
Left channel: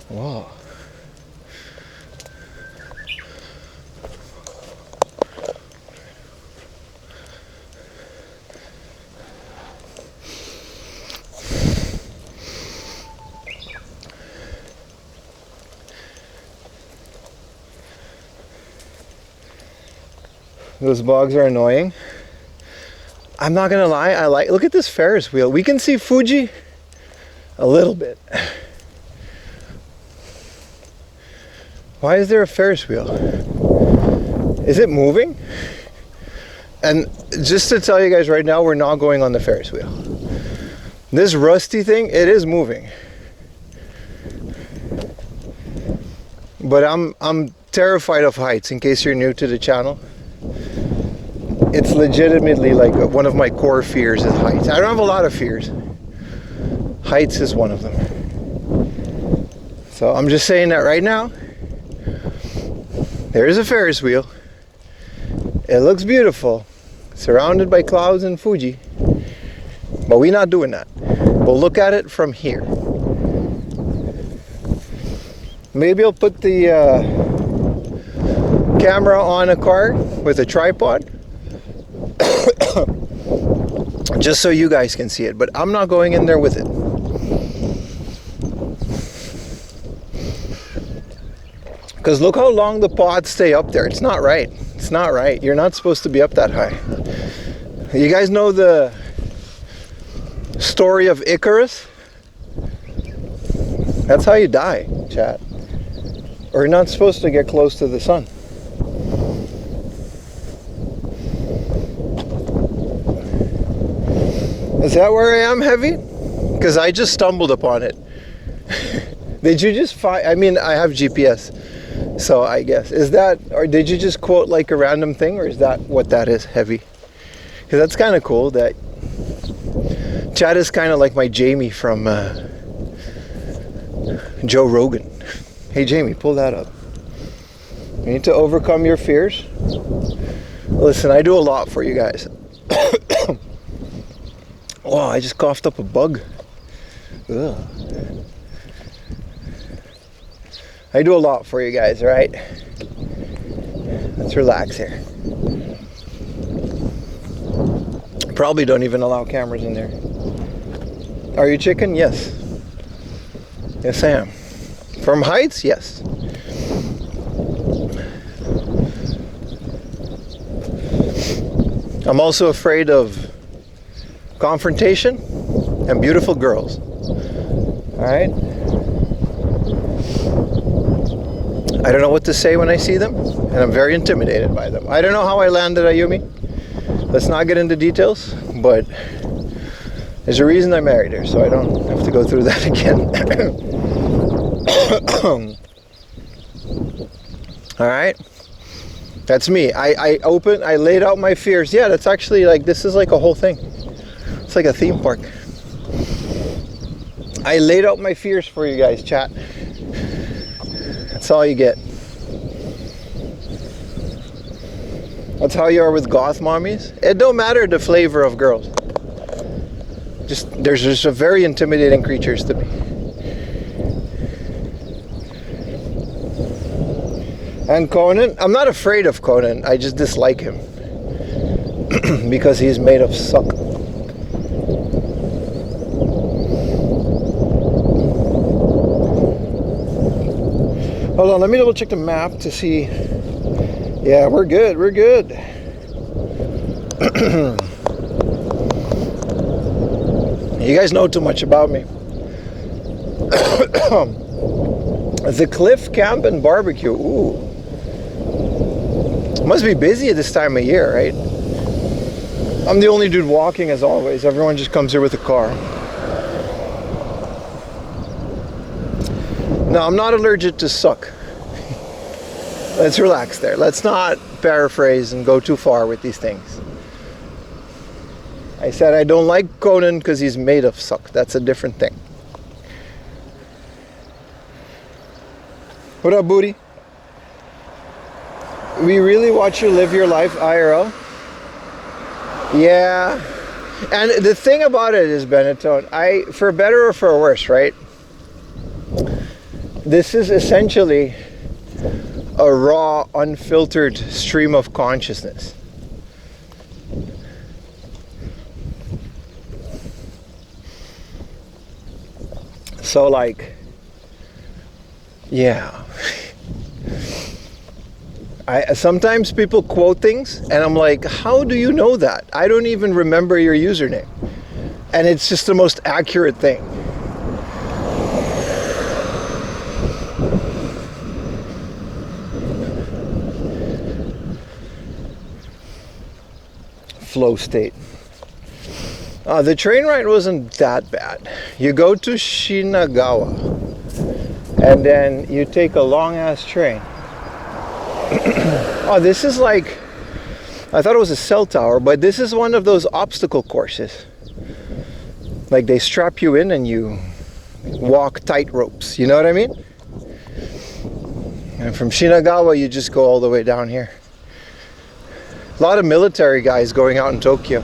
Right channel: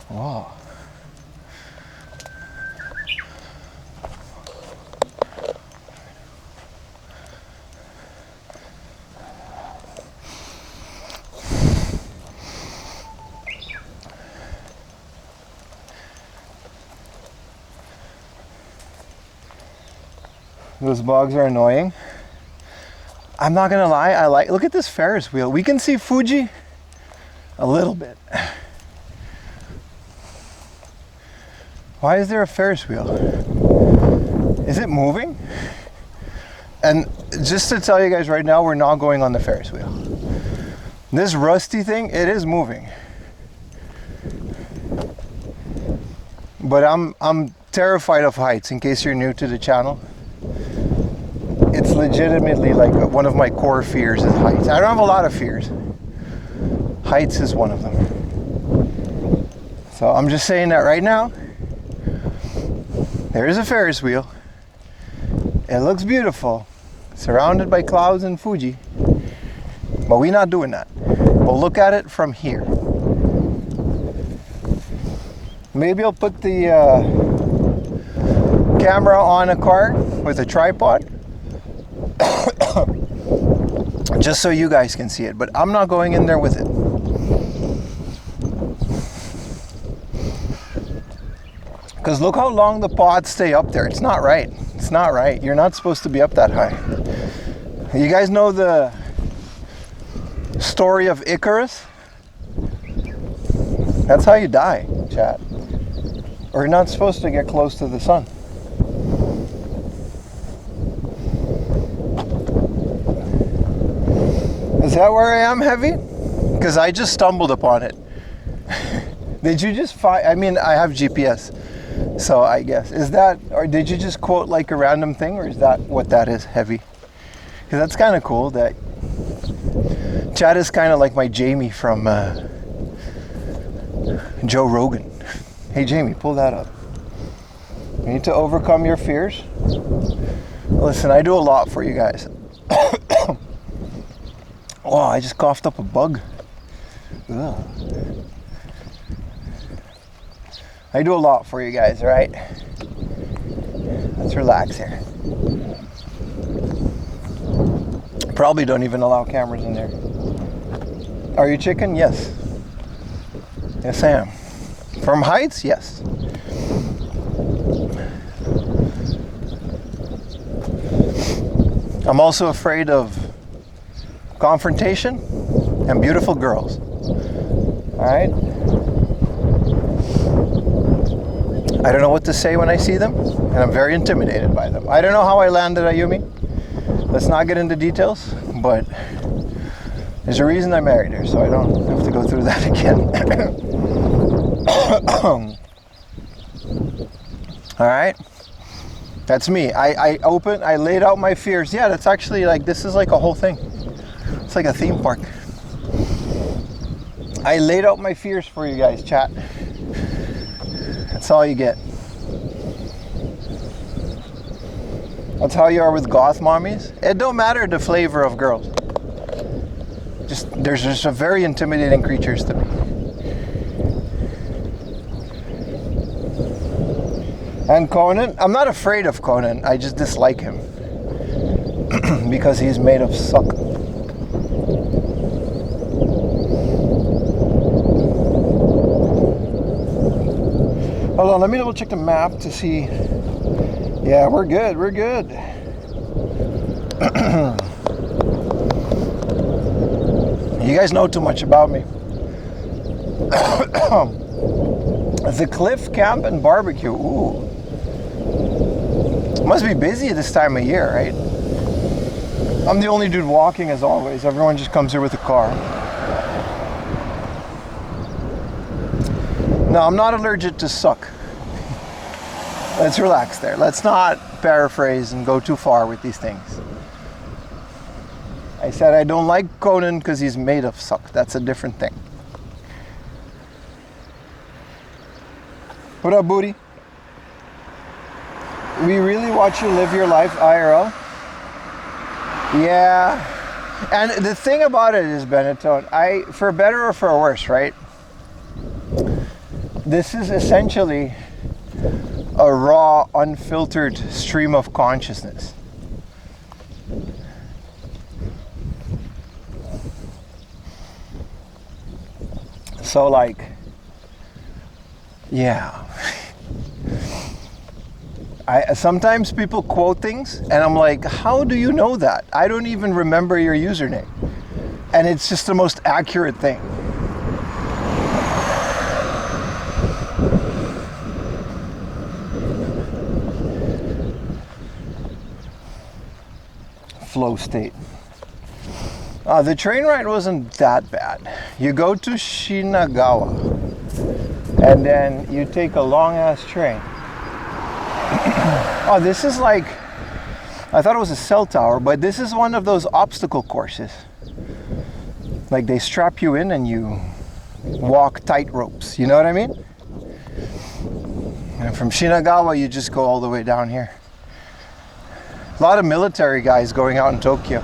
Wow. Those bugs are annoying. I'm not gonna lie, look at this Ferris wheel. We can see Fuji a little bit. Why is there a Ferris wheel? Is it moving? And just to tell you guys right now, we're not going on the Ferris wheel. This rusty thing, it is moving. But I'm terrified of heights, in case you're new to the channel. It's legitimately like one of my core fears is heights. I don't have a lot of fears. Heights is one of them. So I'm just saying that right now. There is a Ferris wheel. It looks beautiful. surrounded by clouds and Fuji. But we're not doing that. We'll look at it from here. Maybe I'll put the camera on a car with a tripod just so you guys can see it, but I'm not going in there with it. Because look how long the pods stay up there. It's not right. It's not right. You're not supposed to be up that high. You guys know the story of Icarus? That's how you die, chat. Or you're not supposed to get close to the sun. Is that where I am, Heavy? Because I just stumbled upon it. Did you just find, I mean, I have GPS, so I guess. Is that, or did you just quote like a random thing, or is that what that is, Heavy? Because that's kind of cool that Chad is kind of like my Jamie from Joe Rogan. Hey Jamie, pull that up. You need to overcome your fears. Listen, I do a lot for you guys. Oh, I just coughed up a bug. Ugh. I do a lot for you guys, right? Let's relax here. Probably don't even allow cameras in there. Are you chicken? Yes. Yes, I am. From heights? Yes. I'm also afraid of confrontation and beautiful girls. All right? I don't know what to say when I see them, and I'm very intimidated by them. I don't know how I landed Ayumi. Let's not get into details, but there's a reason I married her, so I don't have to go through that again. All right, that's me. I laid out my fears. Yeah, that's actually like, this is like a whole thing. It's like a theme park. I laid out my fears for you guys, chat. That's all you get. That's how you are with goth mommies. It don't matter the flavor of girls. There's just a very intimidating creatures to me. And Conan, I'm not afraid of Conan. I just dislike him because he's made of suck. Hold on, let me double check the map to see. Yeah, we're good, we're good. You guys know too much about me. The Cliff Camp and Barbecue, ooh. Must be busy at this time of year, right? I'm the only dude walking as always. Everyone just comes here with a car. No, I'm not allergic to suck. Let's relax there. Let's not paraphrase and go too far with these things. I said I don't like Conan because he's made of suck. That's a different thing. What up, booty? We really watch you live your life IRL? Yeah. And the thing about it is, Benetton, for better or for worse, right? This is essentially a raw, unfiltered stream of consciousness. So like, yeah. Sometimes people quote things and I'm like, how do you know that? I don't even remember your username. And it's just the most accurate thing. Flow state. The train ride wasn't that bad. You go to Shinagawa and then you take a long ass train. Oh, this is like, I thought it was a cell tower, but this is one of those obstacle courses. Like they strap you in and you walk tight ropes, you know what I mean? And from Shinagawa you just go all the way down here. A lot of military guys going out in Tokyo.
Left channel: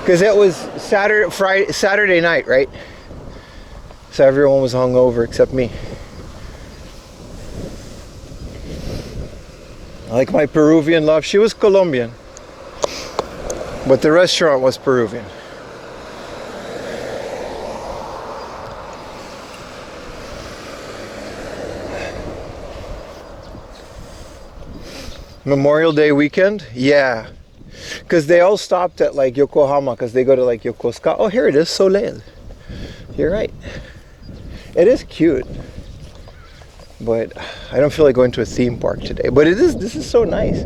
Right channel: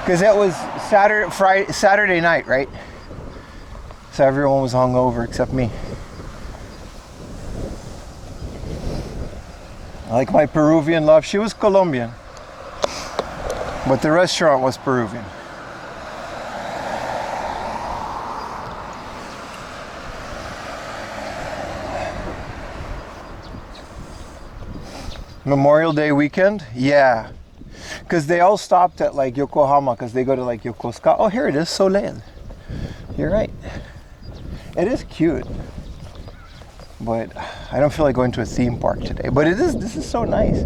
Because it was Saturday night, right? So everyone was hungover except me. I like my Peruvian love. She was Colombian. But the restaurant was Peruvian. Memorial Day weekend? Yeah. Because they all stopped at like Yokohama because they go to like Yokosuka. Oh, here it is, Soleil. You're right. It is cute. But I don't feel like going to a theme park today. But this is so nice.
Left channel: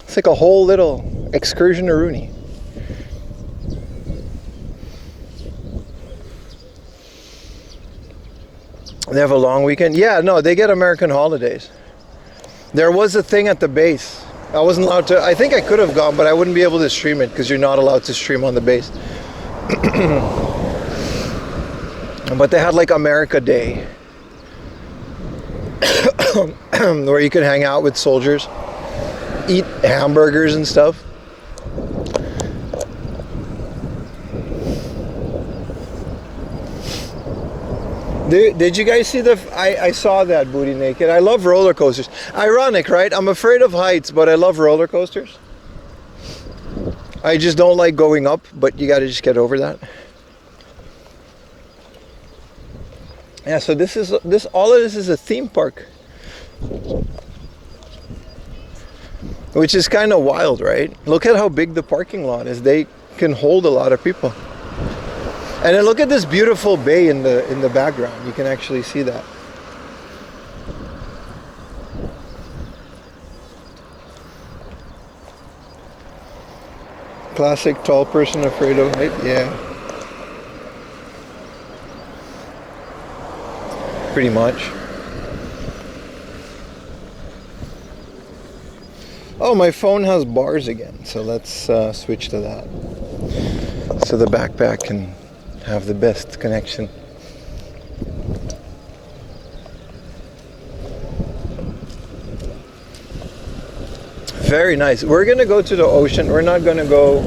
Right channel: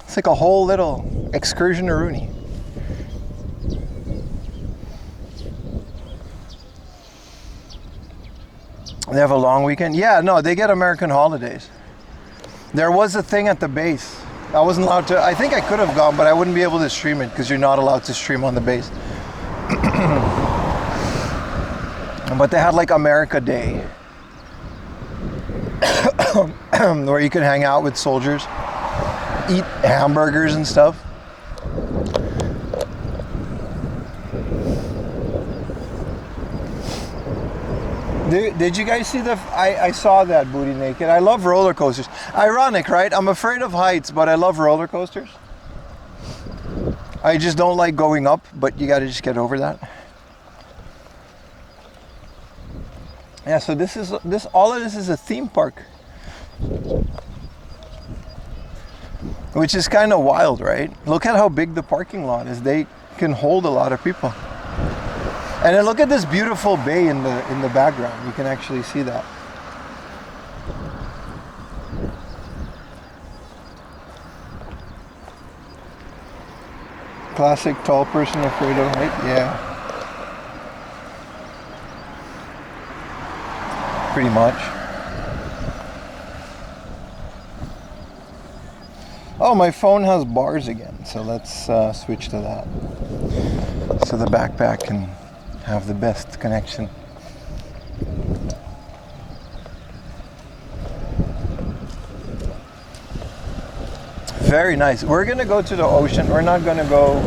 It's like a whole little excursion to Rooney. They have a long weekend? Yeah, no, they get American holidays. There was a thing at the base. I wasn't allowed to, I think I could have gone, but I wouldn't be able to stream it because you're not allowed to stream on the base. But they had like America Day. Where you can hang out with soldiers, eat hamburgers and stuff. Did you guys see I saw that Booty Naked. I love roller coasters. Ironic, right? I'm afraid of heights, but I love roller coasters. I just don't like going up, but you gotta just get over that. Yeah, so all of this is a theme park. Which is kind of wild, right? Look at how big the parking lot is. They can hold a lot of people. And then look at this beautiful bay in the background. You can actually see that. Classic tall person afraid of height. Yeah. Pretty much. Oh, my phone has bars again, so let's switch to that. So the backpack can have the best connection. Very nice. We're gonna go to the ocean. We're not gonna go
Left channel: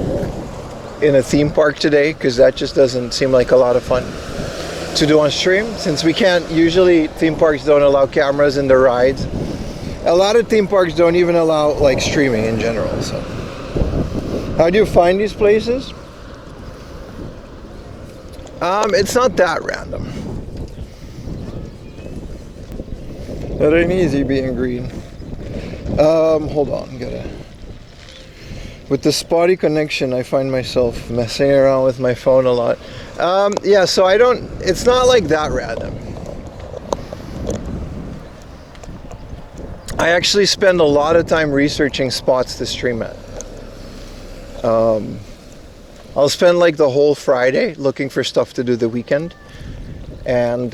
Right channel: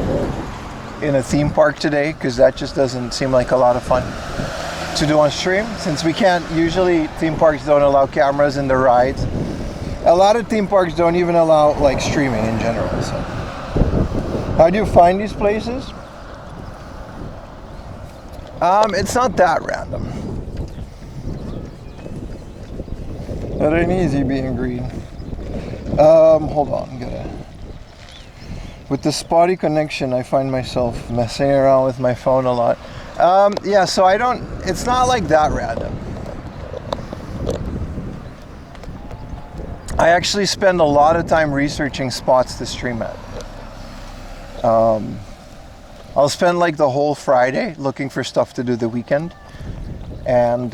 in a theme park today because that just doesn't seem like a lot of fun to do on stream, since we can't, usually theme parks don't allow cameras in the rides. A lot of theme parks don't even allow like streaming in general. So how do you find these places? It's not that random. It ain't easy being green. Hold on, with the spotty connection, I find myself messing around with my phone a lot. Yeah, so it's not like that random. I actually spend a lot of time researching spots to stream at. I'll spend like the whole Friday looking for stuff to do the weekend. And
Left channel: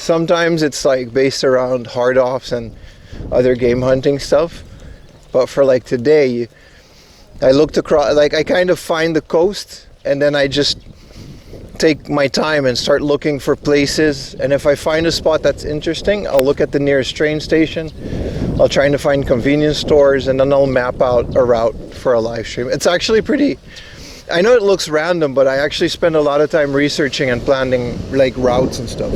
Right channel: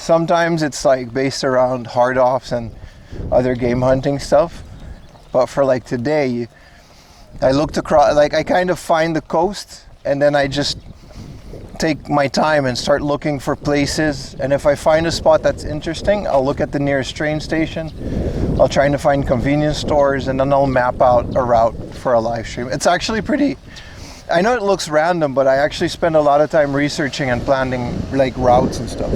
sometimes it's like based around hard offs and other game hunting stuff. But for like today, I looked across, like I kind of find the coast and then I just take my time and start looking for places. And if I find a spot that's interesting, I'll look at the nearest train station. I'll try to find convenience stores, and then I'll map out a route for a live stream. It's actually pretty, I know it looks random, but I actually spend a lot of time researching and planning like routes and stuff.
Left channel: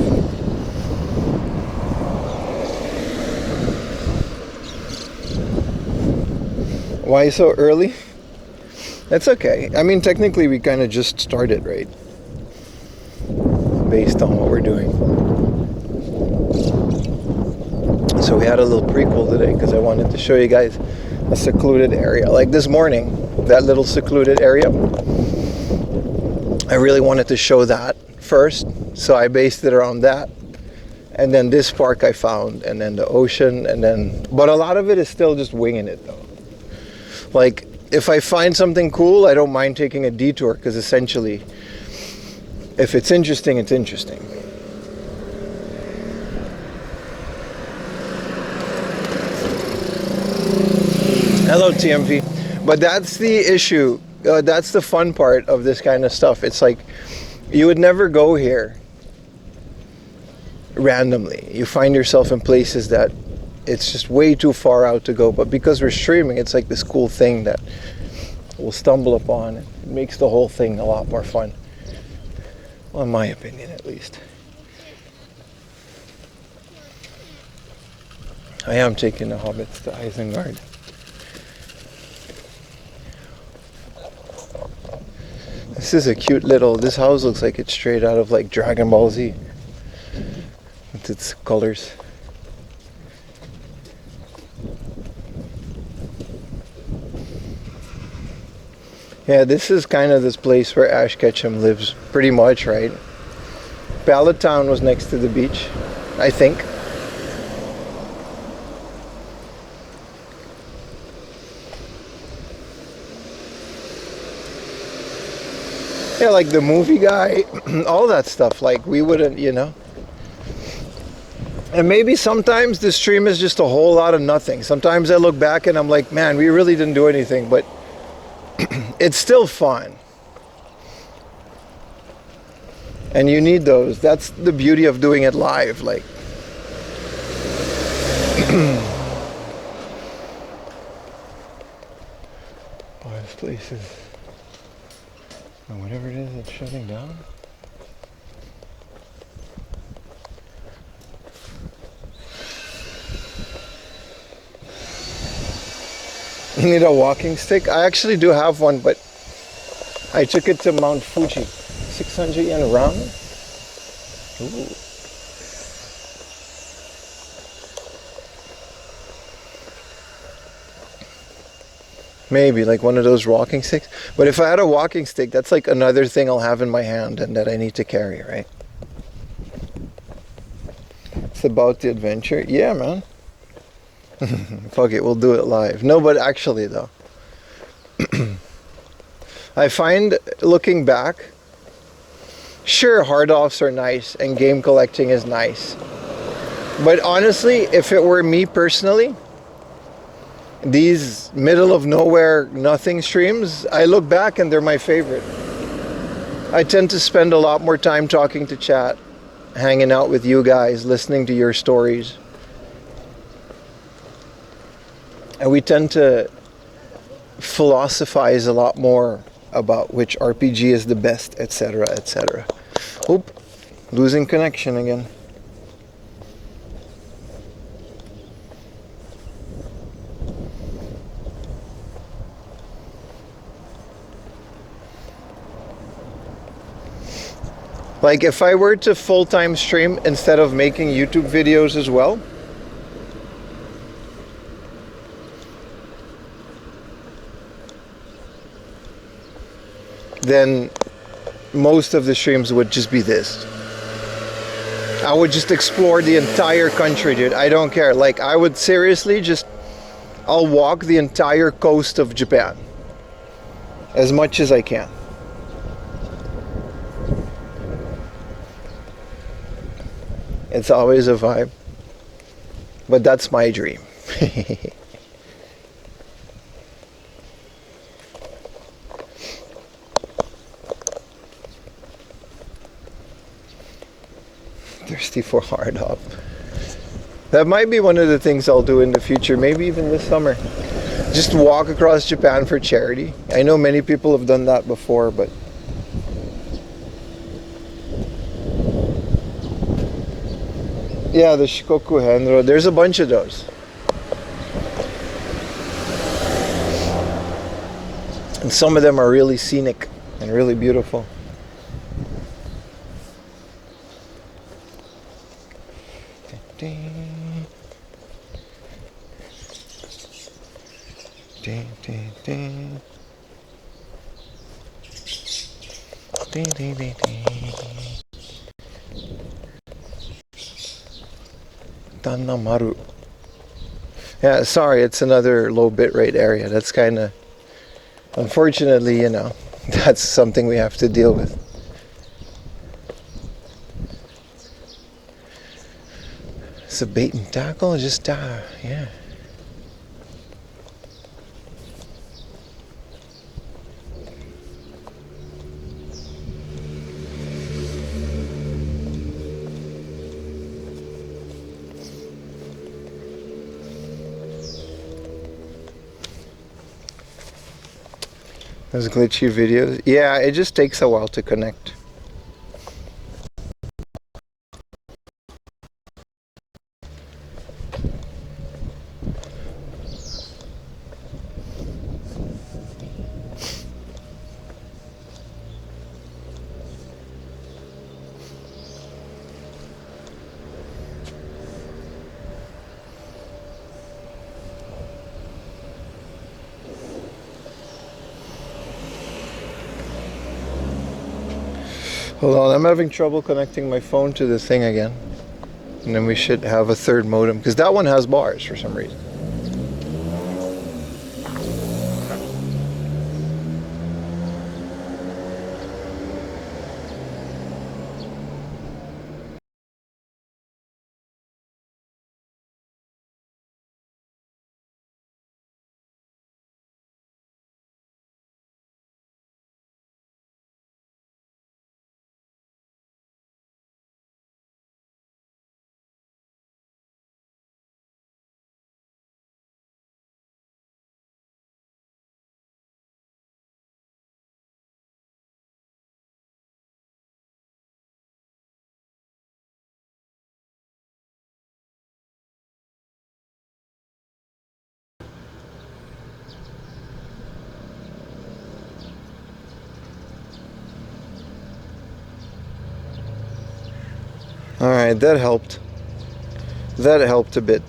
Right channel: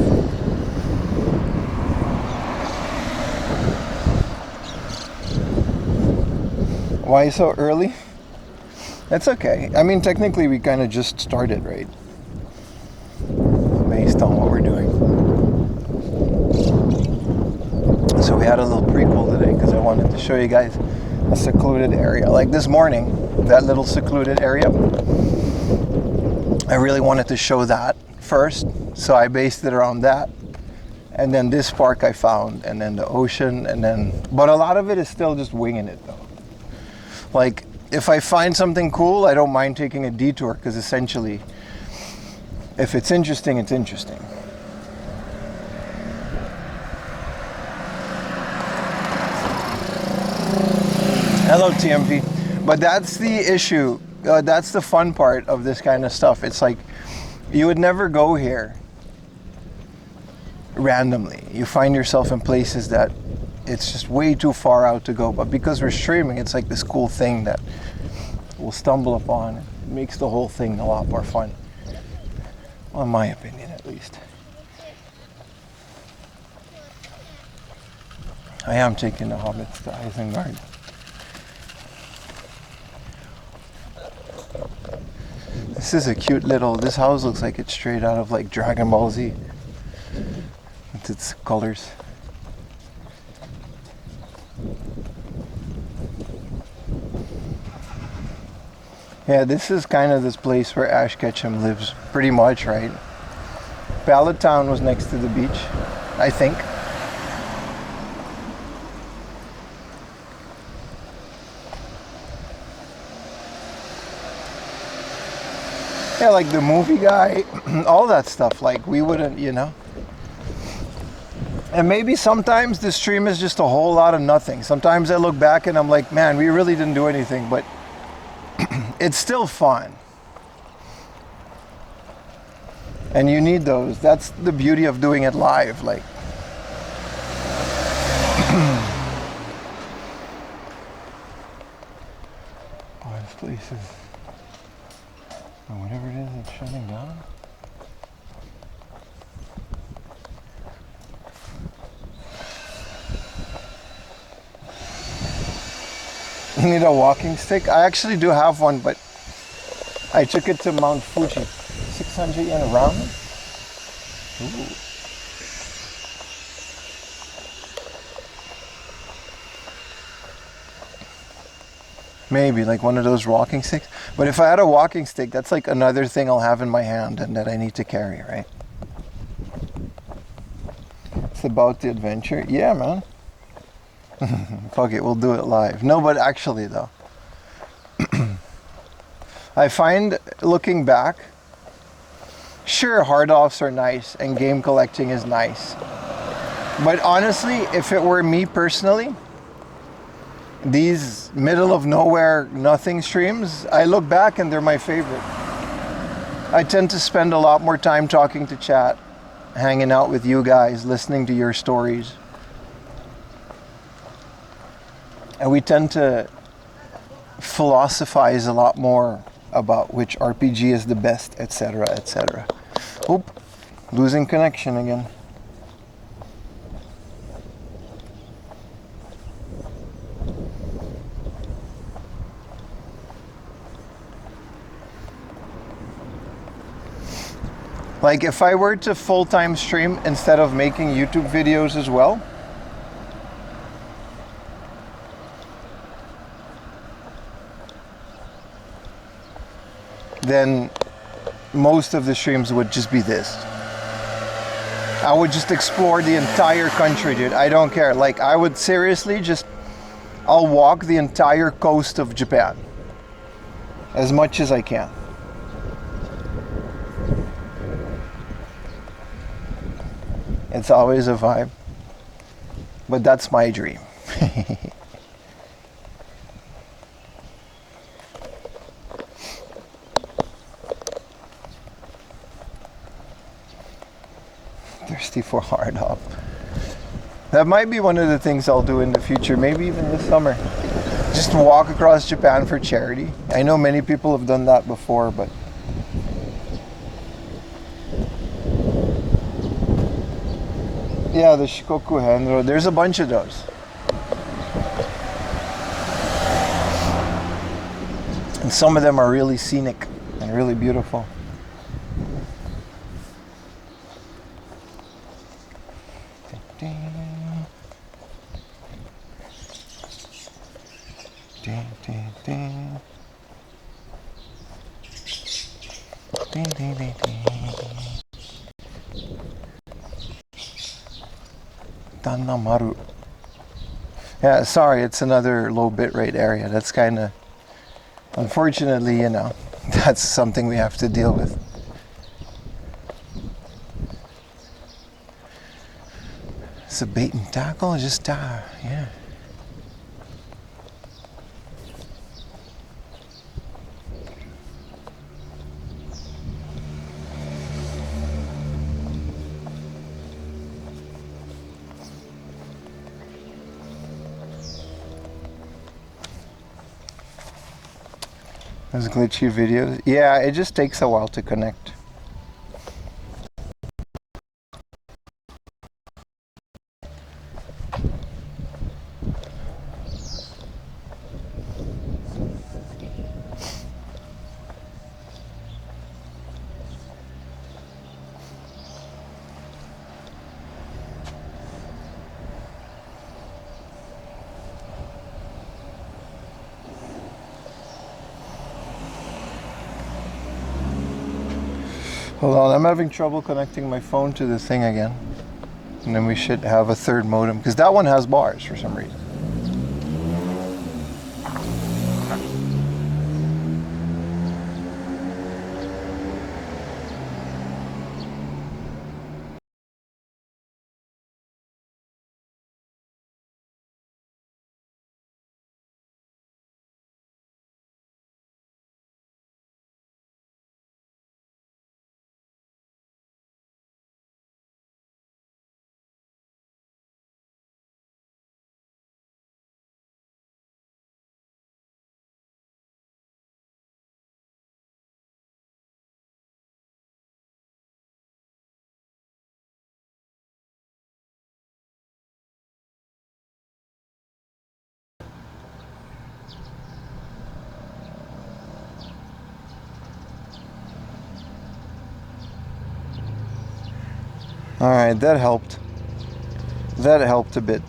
Why so early? That's okay. I mean, technically we kind of just started, right? Based on what we're doing. So we had a little prequel today because I wanted to show you guys a secluded area. Like this morning, that little secluded area. I really wanted to show that first. So I based it around that. And then this park I found, and then the ocean, and then, but a lot of it is still just winging it though. Like if I find something cool, I don't mind taking a detour because essentially, if it's interesting, it's interesting. Hello, TMP. But that's the issue. That's the fun part of this kind of stuff. It's like you would never go here randomly. You find yourself in places that it's just way too far out to go. But because we're streaming, it's like this cool thing that we'll stumble upon. It makes the whole thing a lot more fun. Well, in my opinion, at least. I am taking the hobbits to Isengard. This is a cute little, this house looks like it's straight out of like Dragon Ball Z with its colors. Yeah, this is kind of this place where Ash Ketchum lives pretty much, right? Pallet Town was next to the beach, I think. Yeah, like the movie guy, all that stuff, like we wouldn't, you know. And maybe sometimes the stream is just a whole lot of nothing. Sometimes I look back and I'm like, man, we really didn't do anything, but it's still fun. And you need those. That's the beauty of doing it live, like. Oh, this place is, or whatever it is, it's shutting down. You need a walking stick? I actually do have one, but I took it to Mount Fuji. 600 yen ramen? Ooh. Maybe like one of those walking sticks. But if I had a walking stick, that's like another thing I'll have in my hand and that I need to carry, right? It's about the adventure. Yeah, man. Fuck it, we'll do it live. No, but actually though, I find looking back, sure, hard offs are nice and game collecting is nice. But honestly, if it were me personally, these middle of nowhere nothing streams, I look back and they're my favorite. I tend to spend a lot more time talking to chat, hanging out with you guys, listening to your stories. And we tend to philosophize a lot more about which RPG is the best, etc., etc. Oop, losing connection again. Like if I were to full-time stream instead of making YouTube videos as well, then most of the streams would just be this. I would just explore the entire country, dude. I don't care. Like I would seriously just, I'll walk the entire coast of Japan as much as I can. It's always a vibe, but that's my dream. Thirsty for hard hop. That might be one of the things I'll do in the future, maybe even this summer. Just walk across Japan for charity. I know many people have done that before, but yeah, the Shikoku Henro, there's a bunch of those. And some of them are really scenic and really beautiful. Danamaru. Yeah, sorry, it's another low bitrate area. That's kind of, unfortunately, you know, that's something we have to deal with. It's a bait and tackle, just yeah. Those glitchy videos. Yeah, it just takes a while to connect. Hold on, I'm having trouble connecting my phone to the thing again. And then we should have a third modem, because that one has bars for some reason. Alright, that helped. That helped a bit.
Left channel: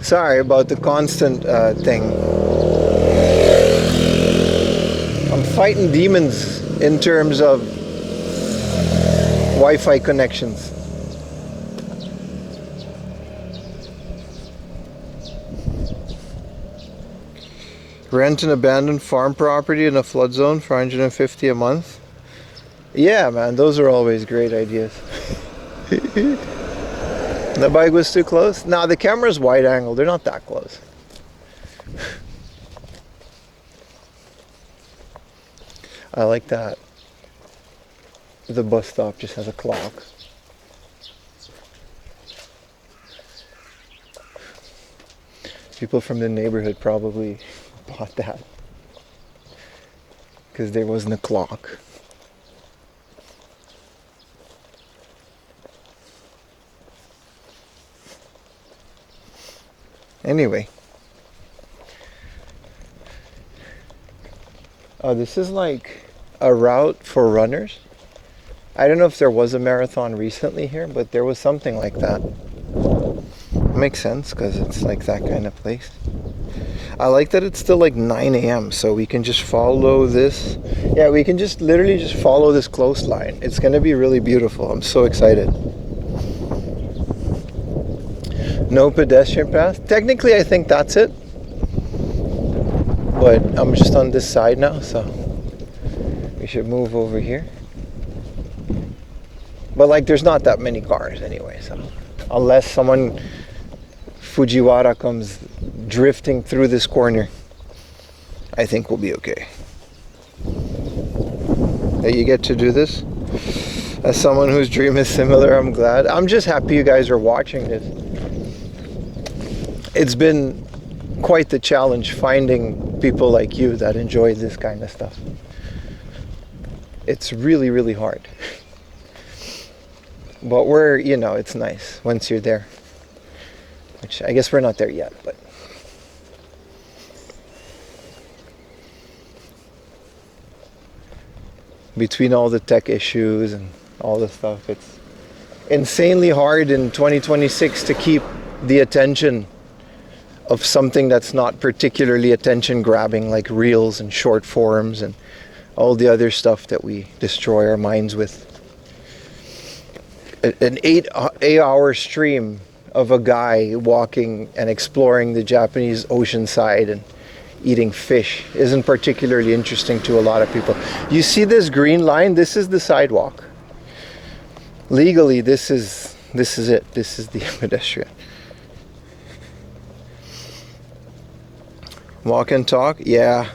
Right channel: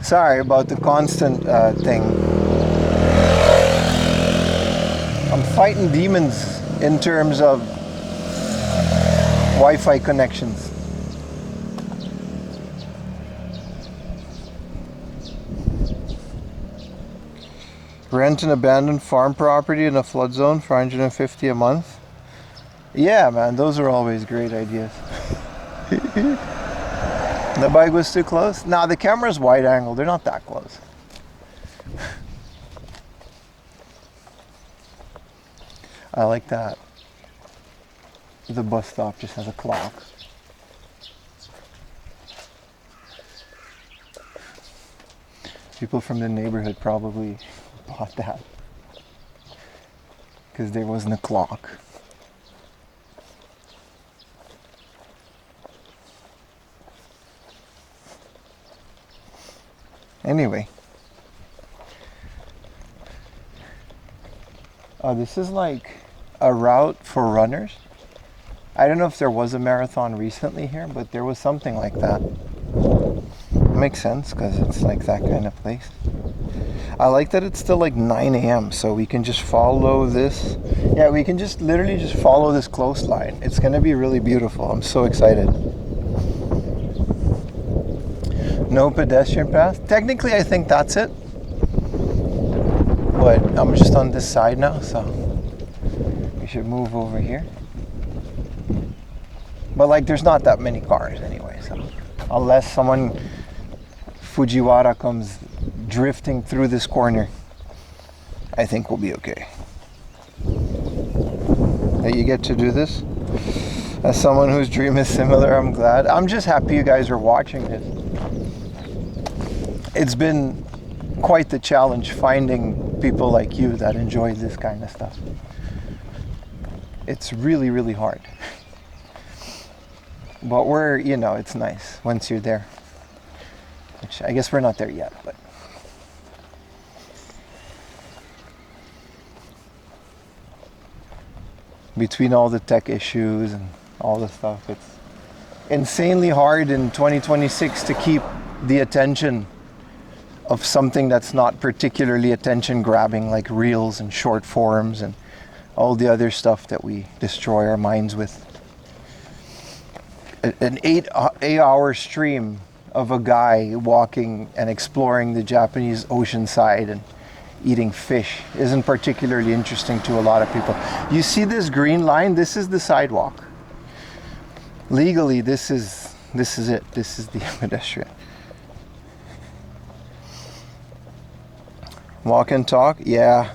Sorry about the constant thing. I'm fighting demons in terms of Wi-Fi connections. Rent an abandoned farm property in a flood zone for $150 a month. Yeah, man, those are always great ideas. The bike was too close? Nah, the camera's wide angle. They're not that close. I like that. The bus stop just has a clock. People from the neighborhood probably bought that because there wasn't a clock. Anyway. Oh, this is like a route for runners. I don't know if there was a marathon recently here, but there was something like that. Makes sense because it's like that kind of place. I like that it's still like 9 a.m. so we can just follow this. Yeah, we can just literally just follow this coastline. It's gonna be really beautiful. I'm so excited. No pedestrian path. Technically, I think that's it. But I'm just on this side now, so we should move over here. But like, there's not that many cars anyway, so unless someone Fujiwara comes drifting through this corner, I think we'll be okay. That you get to do this. As someone whose dream is similar, I'm glad. I'm just happy you guys are watching this. It's been quite the challenge finding people like you that enjoy this kind of stuff. It's really, really hard. But we're, you know, it's nice once you're there. Which I guess we're not there yet, but between all the tech issues and all the stuff, it's insanely hard in 2026 to keep the attention of something that's not particularly attention grabbing, like reels and short forms and all the other stuff that we destroy our minds with. An 8-hour stream of a guy walking and exploring the Japanese ocean side and eating fish isn't particularly interesting to a lot of people. You see this green line? This is the sidewalk. Legally, this is it. This is the pedestrian. Walk and talk? Yeah.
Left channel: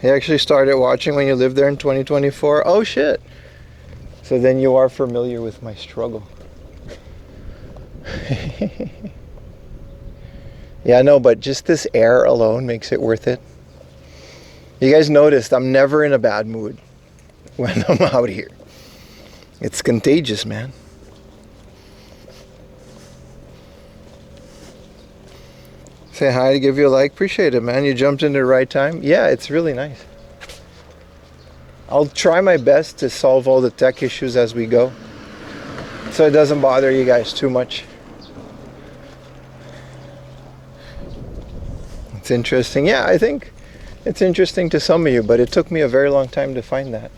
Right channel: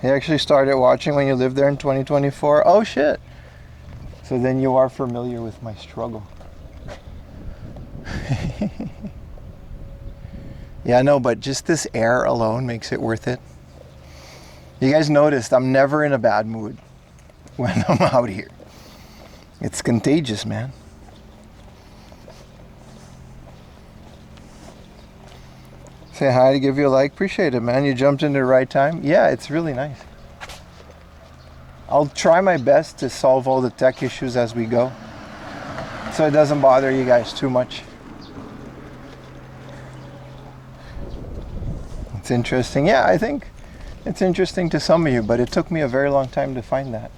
He actually started watching when you lived there in 2024. Oh shit. So then you are familiar with my struggle. Yeah, no, but just this air alone makes it worth it. You guys noticed I'm never in a bad mood when I'm out here. It's contagious, man. Say hi to give you a like. Appreciate it, man. You jumped in the right time. Yeah, it's really nice. I'll try my best to solve all the tech issues as we go, so it doesn't bother you guys too much. It's interesting. Yeah, I think it's interesting to some of you, but it took me a very long time to find that.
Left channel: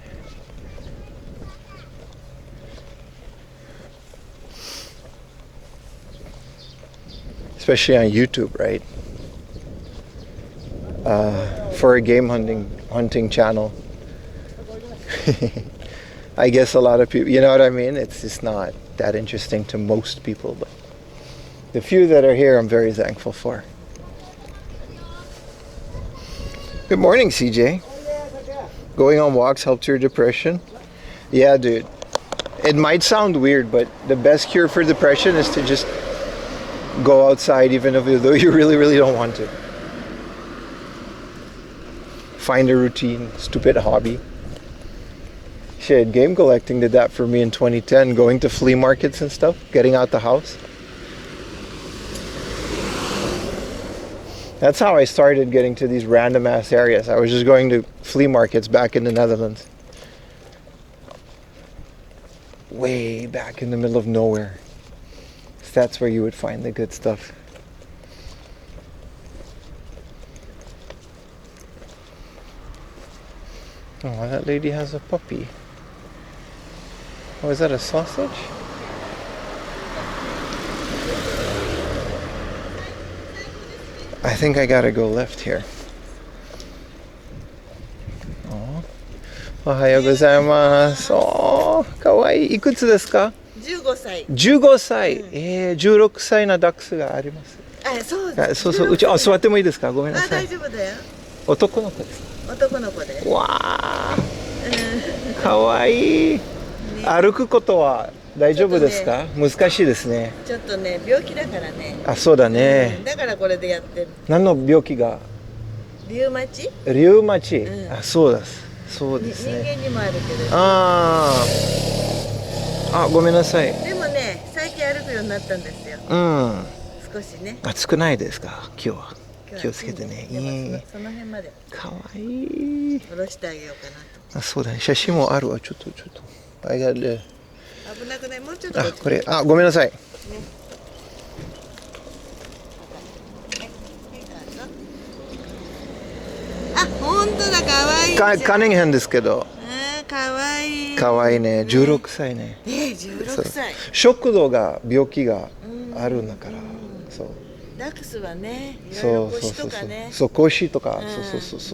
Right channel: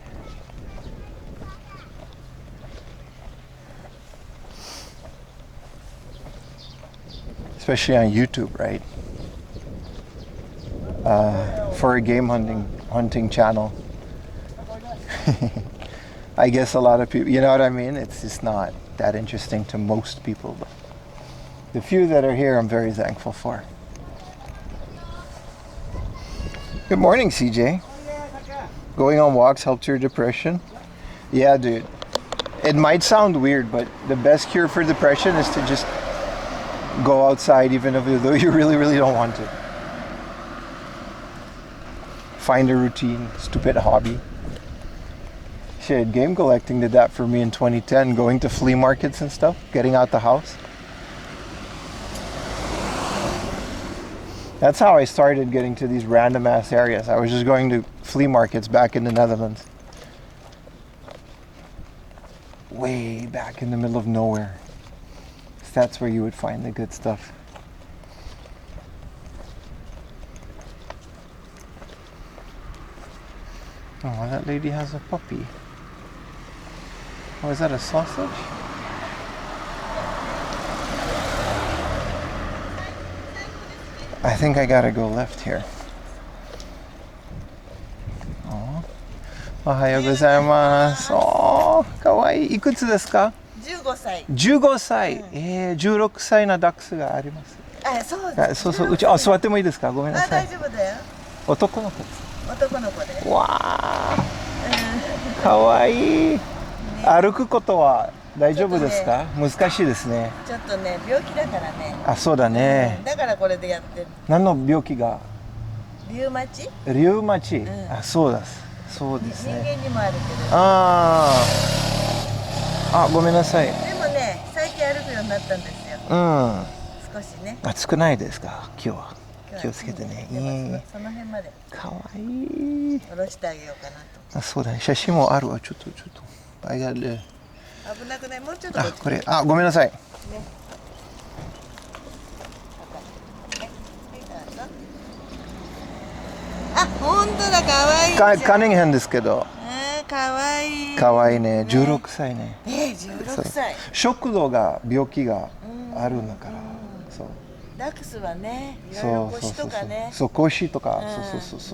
Especially on YouTube, right? For a game hunting channel. I guess a lot of people, you know what I mean? It's just not that interesting to most people, but the few that are here, I'm very thankful for. Good morning, CJ. Going on walks helped your depression? Yeah, dude. It might sound weird, but the best cure for depression is to just go outside, even though you really, really don't want to. Find a routine, stupid hobby. Shit, game collecting did that for me in 2010, going to flea markets and stuff, getting out the house. That's how I started getting to these random ass areas. I was just going to flea markets back in the Netherlands. Way back in the middle of nowhere. That's where you would find the good stuff. Oh, that lady has a puppy. Oh, is that a sausage? I think I gotta go left here. Oh. おはようございます。おー、かわいい。いくつですか15歳。15歳。16歳のダックスがあります。そうです。そうそう。うち、座ってもいいですかごめんなさい。大丈夫だよ。男の子です。男の子で。わあ。かわいい。歩くことは大丈夫ですか難しいですね。ちょっとね、病気だからね。あ、そうだね。だからこれでやってる。何の病気がリウマチ？リウマチ。あ、そうです。そうですね。人間にもあるけど。あ、ごめんなさい。でもね、最近歩くようになったんですよ。少しね。暑くないですか今日は。気をつけてね。その辺まで。かわいい。下ろしてあげようかなと。あ、そうだね。写真もあるわ。ちょっと。危なくない？もうちょっと。これ、ごめんなさい。本当だ、かわいい。カニンヘンですけど。かわいい。かわいいね。16歳ね。16歳。食道が病気があるんだから。そう。ダックスはね、いろいろ腰とかね。そう、腰とか。そう。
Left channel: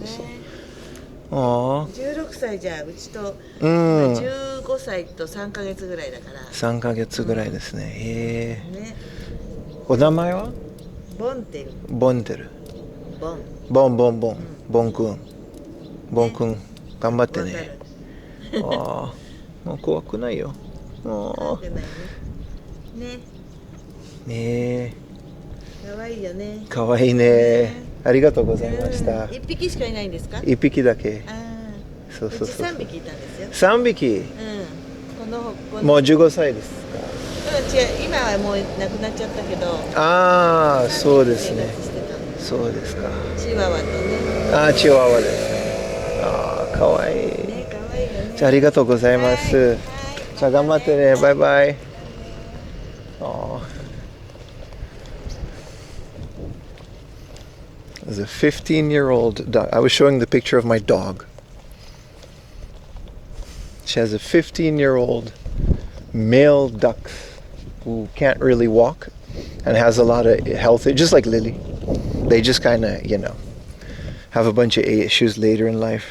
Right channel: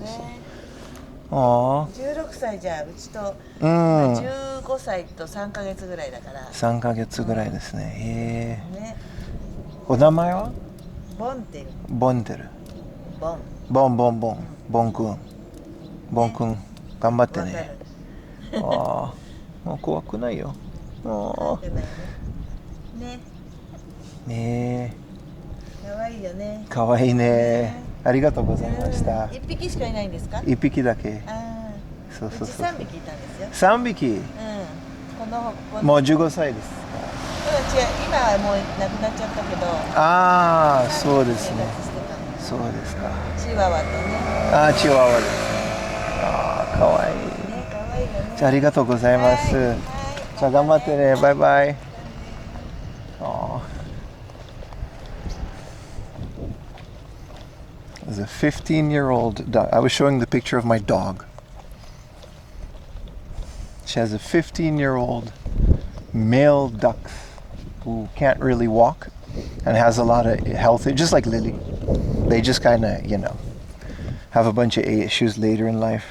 16歳じゃうちと15歳と3ヶ月ぐらいだから3ヶ月ぐらいですね。お名前はボンテル。ボンくん頑張ってね。もう怖くないよ。ね。かわいいよね。かわいいね。ありがとうございました。1匹しかいないんですか？1匹だけ。そう。うち3匹いたんですよ。3匹？もう15歳ですか？違う、今はもう亡くなっちゃったけど。そうですね。そうですか。チワワとね。チワワですね。かわいい。じゃあありがとうございます。じゃあ頑張ってね。バイバイ。There's a 15-year-old dog. I was showing the picture of my dog. She has a 15-year-old male duck who can't really walk and has a lot of health, just like Lily. They just kind of, have a bunch of issues later in life.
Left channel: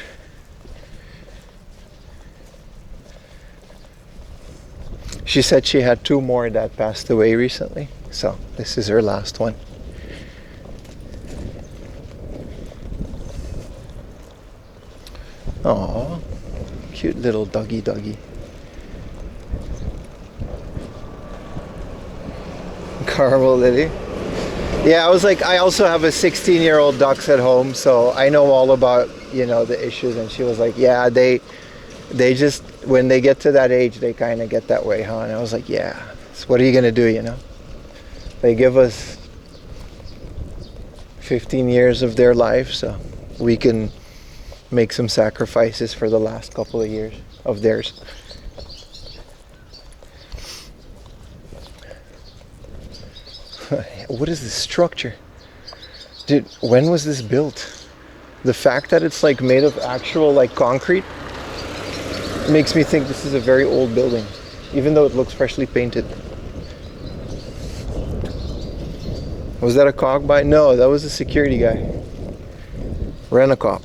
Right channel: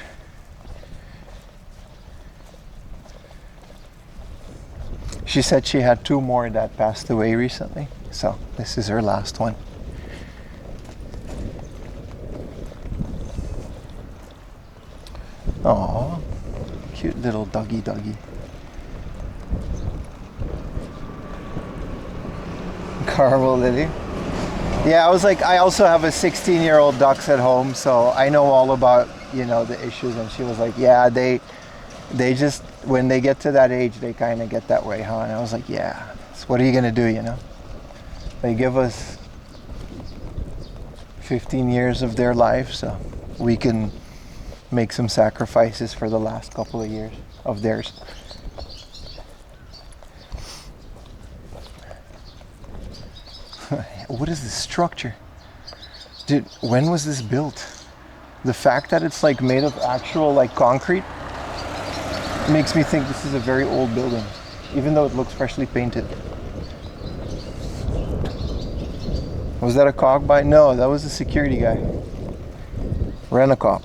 She said she had 2 more that passed away recently, so this is her last one. Aw, cute little doggy. Caramel Lily. Yeah, I was like, I also have a 16-year-old ducks at home, so I know all about, you know, the issues. And she was like, yeah, they just, when they get to that age, they kind of get that way, huh? And I was like, yeah, so what are you gonna do, you know? They give us 15 years of their life, so we can make some sacrifices for the last couple of years of theirs. What is this structure? Dude, when was this built? The fact that it's like made of actual like concrete makes me think this is a very old building, even though it looks freshly painted. Was that a cog by? No, that was a security guy. Rent-a-cop.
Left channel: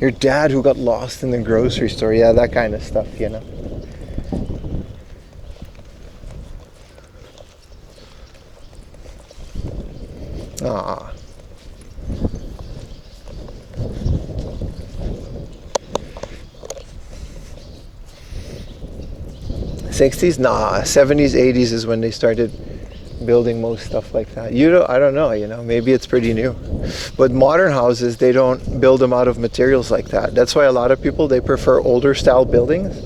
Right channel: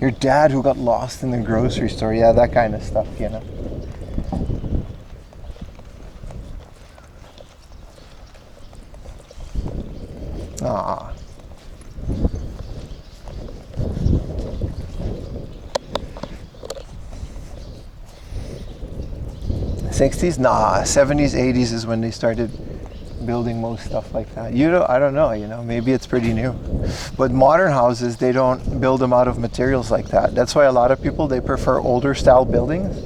Your dad who got lost in the grocery store. Yeah, that kind of stuff, you know. Ah. '60s? Nah, '70s, '80s is when they started building most stuff like that. I don't know, you know, maybe it's pretty new. But modern houses, they don't build them out of materials like that. That's why a lot of people, they prefer older style buildings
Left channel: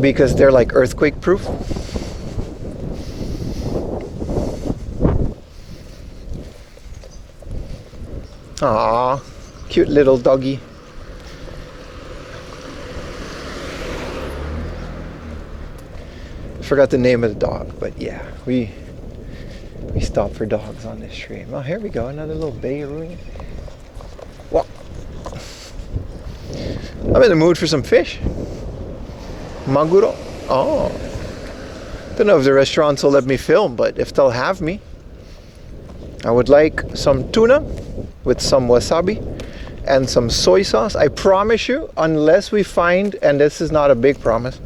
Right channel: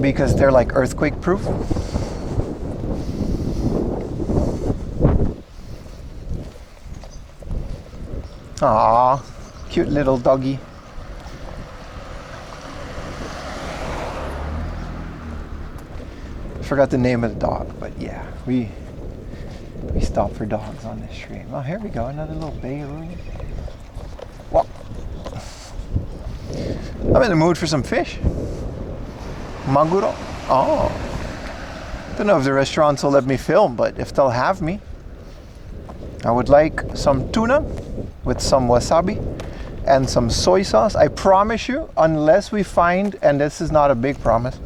because they're like earthquake proof. Ah, cute little doggy. Forgot the name of the dog, but yeah, we stop for dogs on this stream. Oh, here we go, another little bay room. Well, I'm in the mood for some fish. Maguro. Oh, don't know if the restaurants will let me film, but if they'll have me, I would like some tuna with some wasabi and some soy sauce. I promise you, unless we find, and this is not a big promise,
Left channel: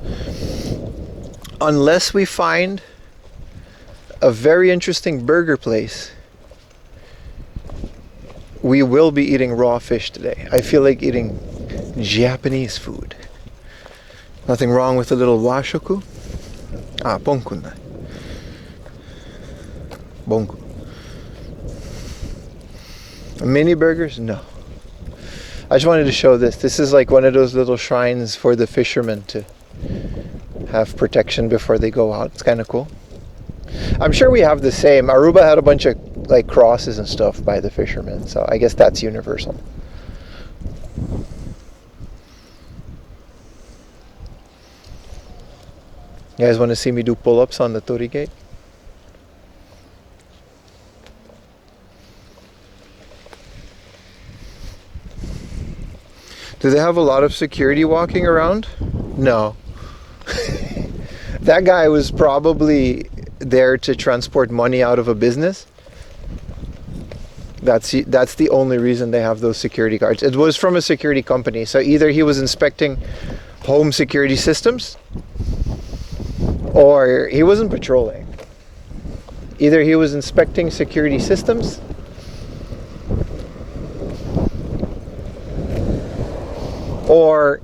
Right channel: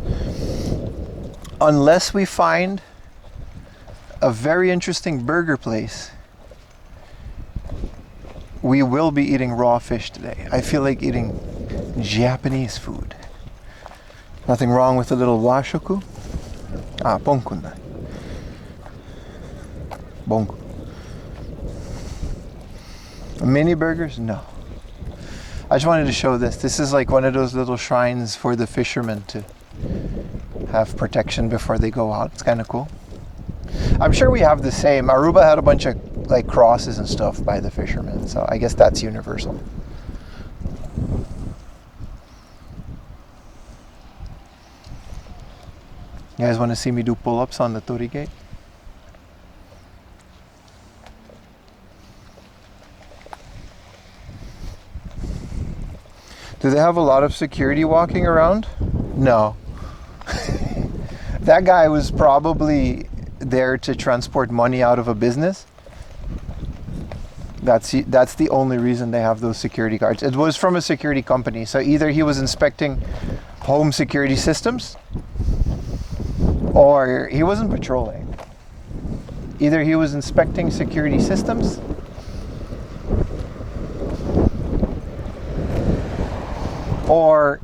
unless we find a very interesting burger place, we will be eating raw fish today. I feel like eating Japanese food. Nothing wrong with a little washoku. Ah, bonkun. Bonku. Mini burgers? No. I just wanted to show this. This is like one of those little shrines for the fishermen to have protection before they go out. It's kind of cool. I'm sure we have the same. Aruba had a bunch of like crosses and stuff by the fishermen, so I guess that's universal. You guys want to see me do pull-ups on the Tori Gate? Do they have a lot of security walking around? No. That guy was probably there to transport money out of a business. That's the only reason they have those security guards. It was from a security company, so either he was inspecting home security systems or he wasn't patrolling. Either he was inspecting security systems or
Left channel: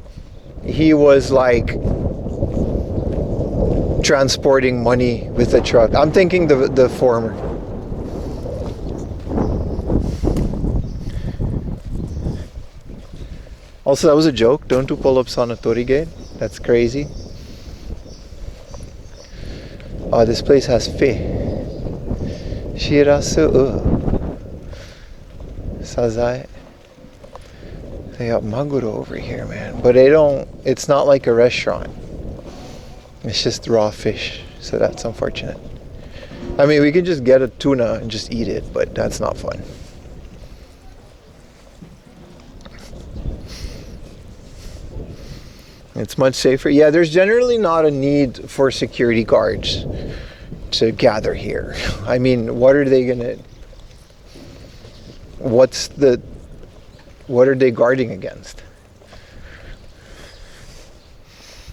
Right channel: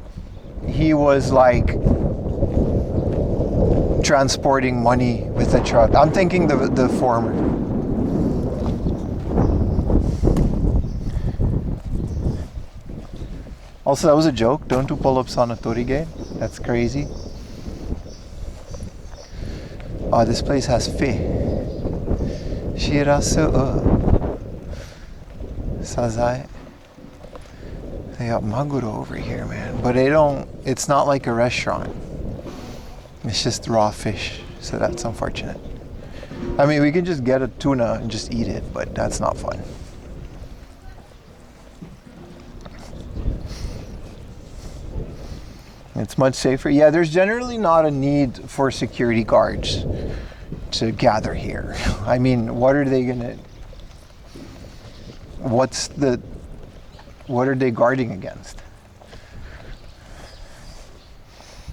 he was like transporting money with a truck. I'm thinking the former. Also, that was a joke. Don't do pull-ups on a Tori Gate. That's crazy. Oh, this place has fe. Shirasu. Sazai. They got maguro over here, man. But it's not like a restaurant. It's just raw fish, so that's unfortunate. I mean, we can just get a tuna and just eat it, but that's not fun. It's much safer. Yeah, there's generally not a need for security guards to gather here. I mean, what are they gonna... What are they guarding against?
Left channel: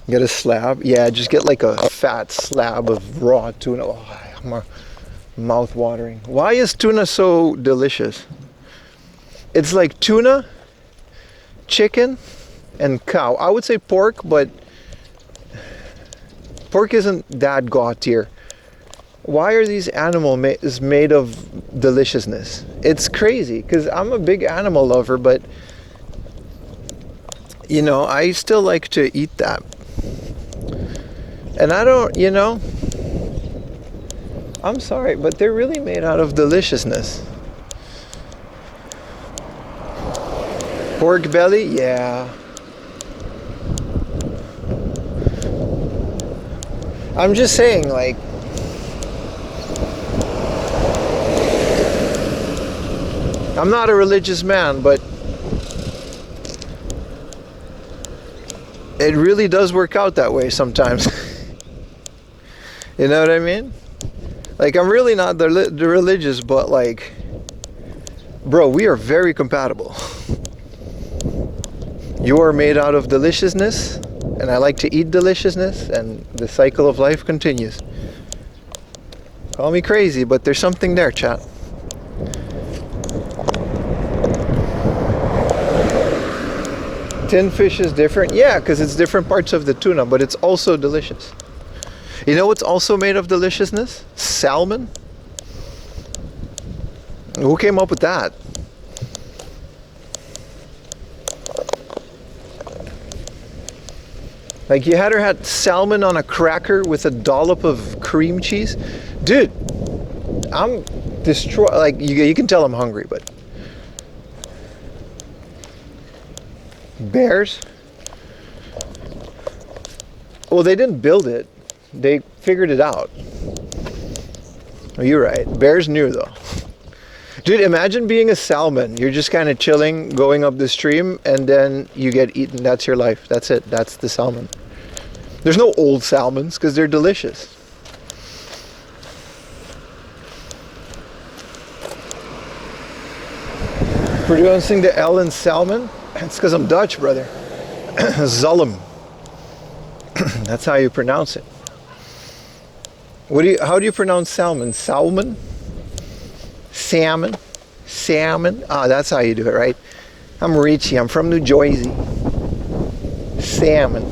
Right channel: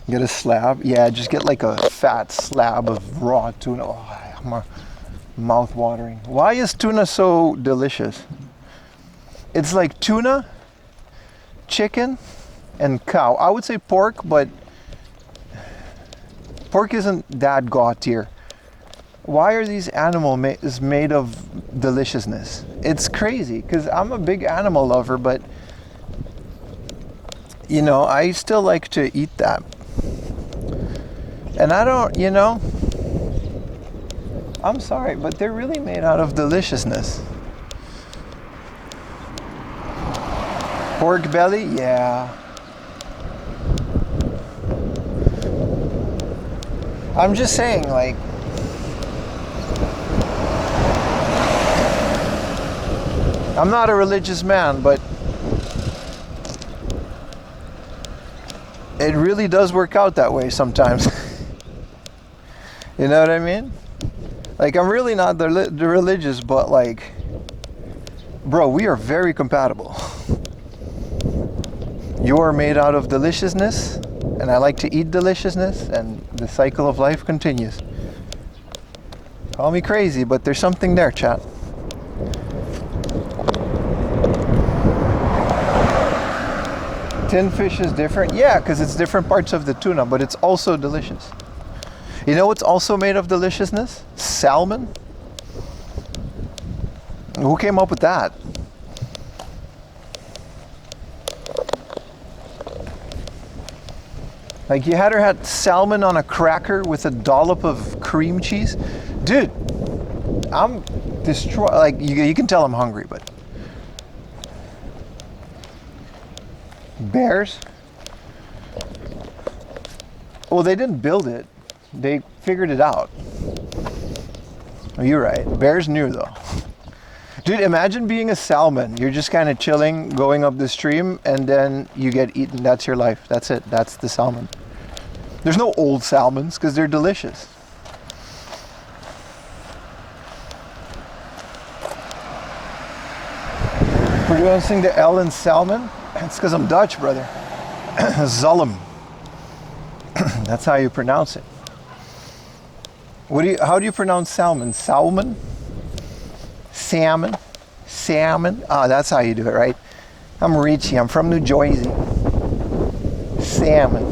Get a slab? Yeah, just get like a fat slab of raw tuna. Oh, mouth watering. Why is tuna so delicious? It's like tuna, chicken, and cow. I would say pork, but Pork isn't that god tier. Why are these animals made of deliciousness? It's crazy, because I'm a big animal lover, but you know, I still like to eat that. And I don't, you know, I'm sorry, but they're really made out of deliciousness. Pork belly? Yeah. I'm just saying, like, I'm not a religious man, but it really does work out that way sometimes. You know what I mean? Like, I'm really not the religious, but like, bro, we are very compatible. You are made out of deliciousness, and I like to eat deliciousness, and the cycle of life continues. Call me crazy, but there's something there, chat. Tin fish is different? Yeah, because it's different parts of the tuna, but it's also delicious. You know what's also made of deliciousness? Salmon. Who came up with that? Like, you had salmon on a cracker with a dollop of cream cheese? Dude, I'm destroyed. Like, you can tell I'm hungry, but bears? Well, they didn't build it. They figured it out. Oh, you're right. Bears knew, though. Dude, imagine being a salmon. You're just kind of chilling, going up the stream, and then you get eaten. That's your life. That's it. That's the salmon. There's no old salmons, because they're delicious. Pronouncing the L in salmon? It's because I'm Dutch, brother. Zalm. That's how you pronounce it. How do you pronounce salmon? Salmon? Salmon? Salmon? Ah, that's how you do it, right? I'm Richie. I'm from New Jersey. Salmon.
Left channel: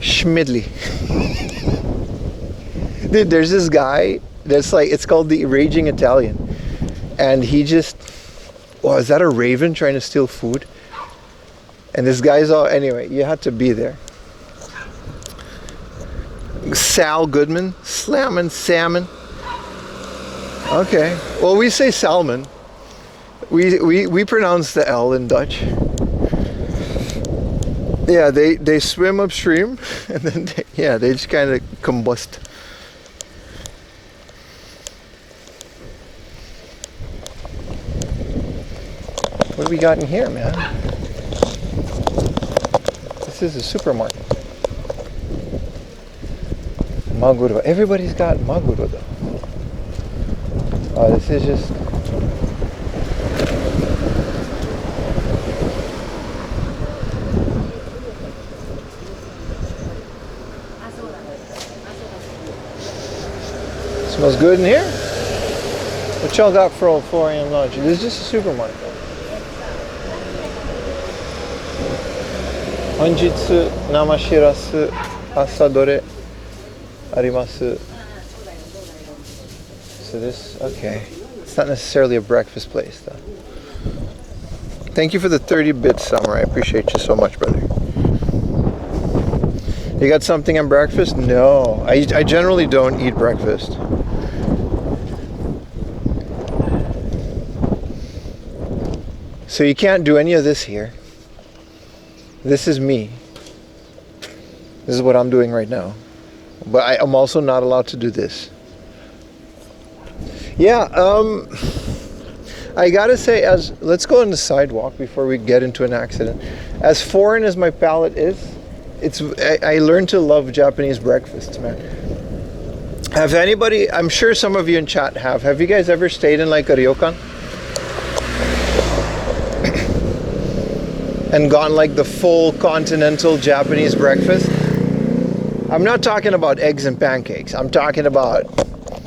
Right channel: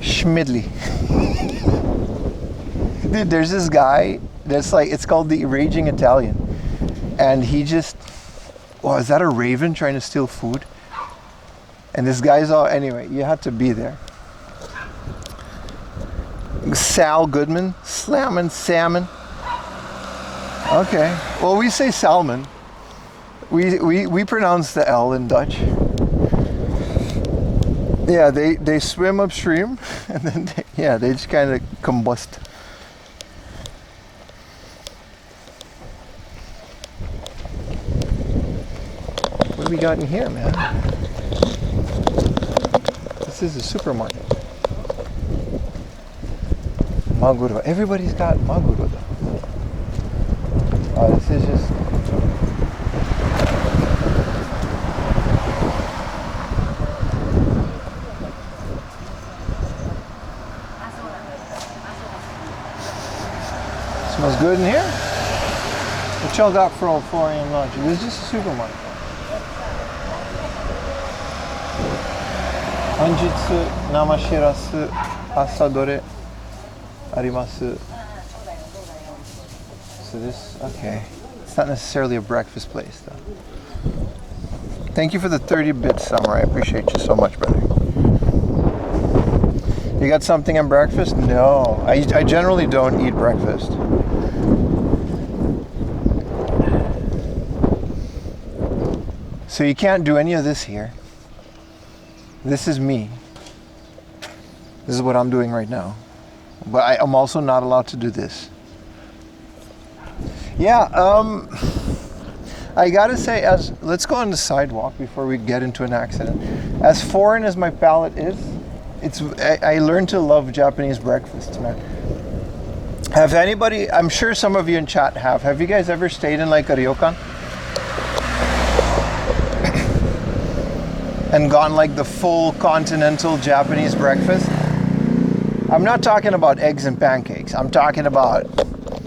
Schmidley. Dude, there's this guy that's like, it's called the Raging Italian. And he just, oh, is that a raven trying to steal food? And this guy's all, anyway, you had to be there. Sal Goodman, slamming salmon. Okay, well, we say salmon. We pronounce the L in Dutch. Yeah, they swim upstream, and then they just kind of combust. What do we got in here, man? This is a supermarket. Maguro. Everybody's got maguro though. Oh, this is just... Smells good in here. What y'all got for 4 a.m. lunch? This is just a supermarket. Hanjitsu namashirasu asadore arimasu. So this, okay. It's not necessarily a breakfast place though. Thank you for the 30 bits, Samurai. I appreciate you so much, brother. You got something on breakfast? No, I generally don't eat breakfast. So you can't do any of this here. This is me. This is what I'm doing right now. But I'm also not allowed to do this. Yeah, I gotta say, let's go on the sidewalk before we get into an accident. As foreign as my palate is, I learned to love Japanese breakfasts, man. Have anybody, I'm sure some of you in chat have you guys ever stayed in like a ryokan? And gotten like the full continental Japanese breakfast? I'm not talking about eggs and pancakes. I'm talking about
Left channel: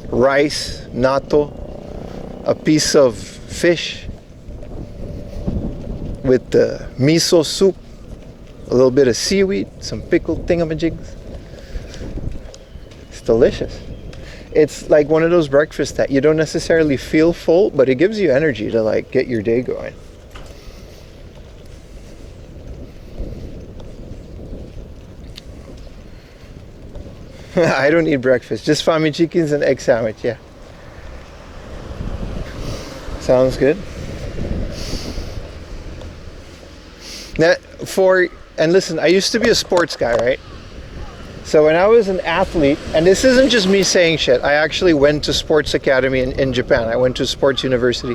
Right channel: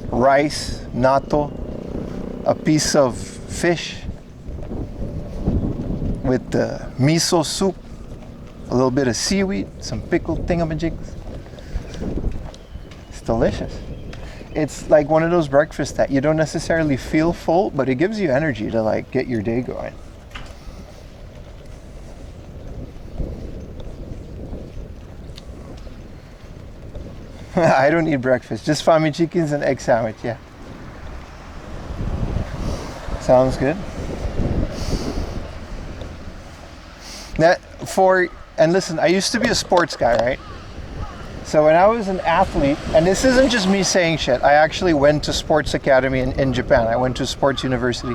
rice, natto, a piece of fish with the miso soup, a little bit of seaweed, some pickled thingamajigs. It's delicious. It's like one of those breakfasts that you don't necessarily feel full, but it gives you energy to like get your day going. I don't eat breakfast, just fami chickens and egg sandwich, yeah. Sounds good. Now, and listen, I used to be a sports guy, right? So when I was an athlete, and this isn't just me saying shit, I actually went to sports academy in Japan. I went to sports university.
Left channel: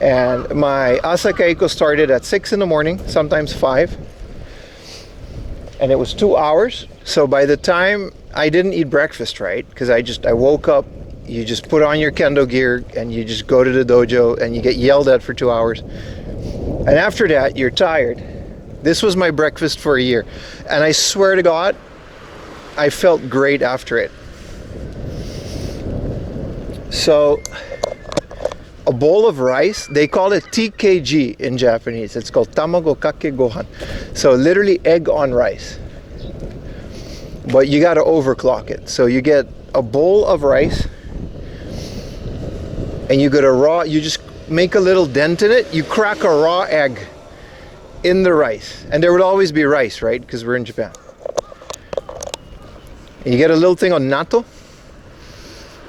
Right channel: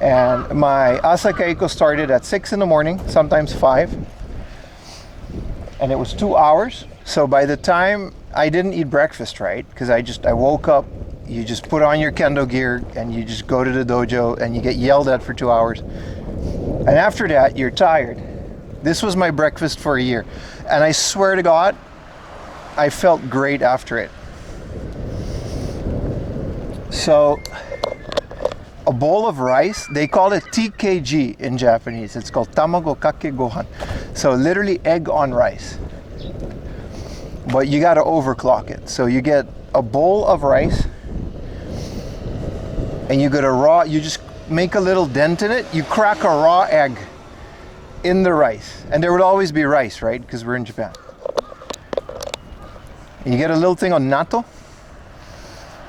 And my asakaiko started at 6 in the morning, sometimes 5. And it was 2 hours. So by the time I didn't eat breakfast, right? Because I woke up, you just put on your kendo gear and you just go to the dojo and you get yelled at for 2 hours. And after that, you're tired. This was my breakfast for a year. And I swear to God, I felt great after it. So, a bowl of rice, they call it TKG in Japanese. It's called tamago kake gohan. So literally egg on rice. But you gotta overclock it. So you get a bowl of rice and you get a raw, you just make a little dent in it, you crack a raw egg in the rice. And there would always be rice, right? Because we're in Japan. And you get a little thing on natto.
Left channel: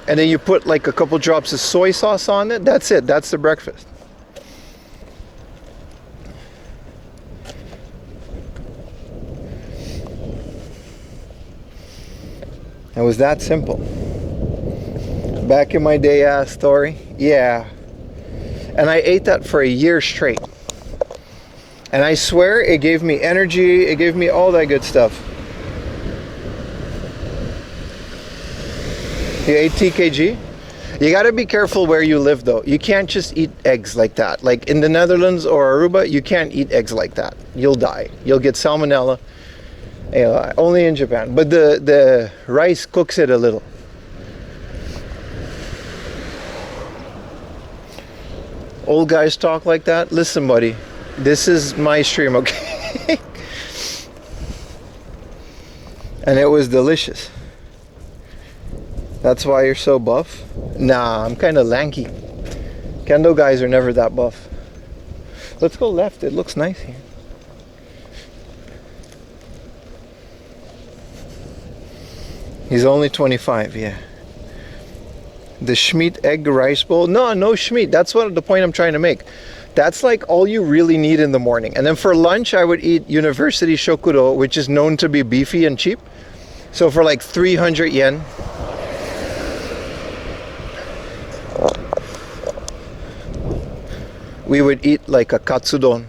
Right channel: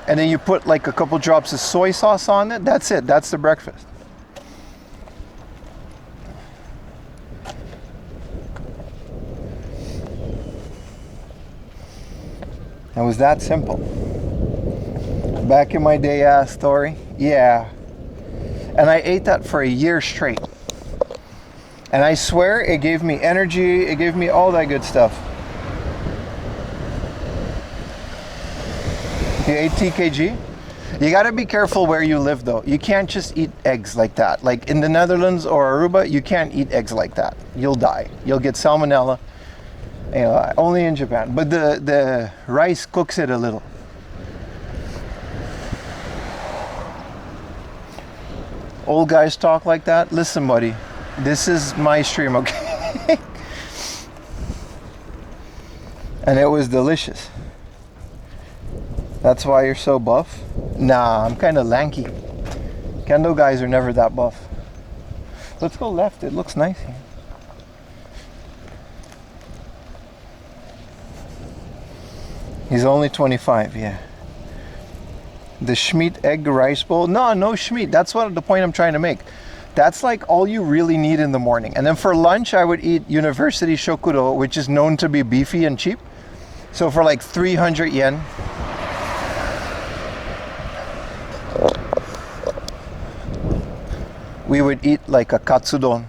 And then you put like a couple drops of soy sauce on it. That's it. That's the breakfast. It was that simple. Back in my day ass story. Yeah. And I ate that for a year straight. And I swear it gave me energy. It gave me all that good stuff. You ate TKG? You gotta be careful where you live though. You can't just eat eggs like that. Like in the Netherlands or Aruba, you can't eat eggs like that. You'll die. You'll get salmonella. You know, only in Japan. But the rice cooks it a little. Old guys talk like that. Listen, buddy, this is my stream, okay? And it was delicious. That's why you're so buff? Nah, I'm kind of lanky. Kendo guys are never that buff. Let's go left. It looks nice here. He's only 25, yeah. The Schmeat egg rice bowl. No Schmeat. That's what the point I'm trying to make. That's like all you really need in the morning. And then for lunch, I would eat University Shokuro, which is known to be beefy and cheap. So for like 300 yen. We would eat like a katsudon,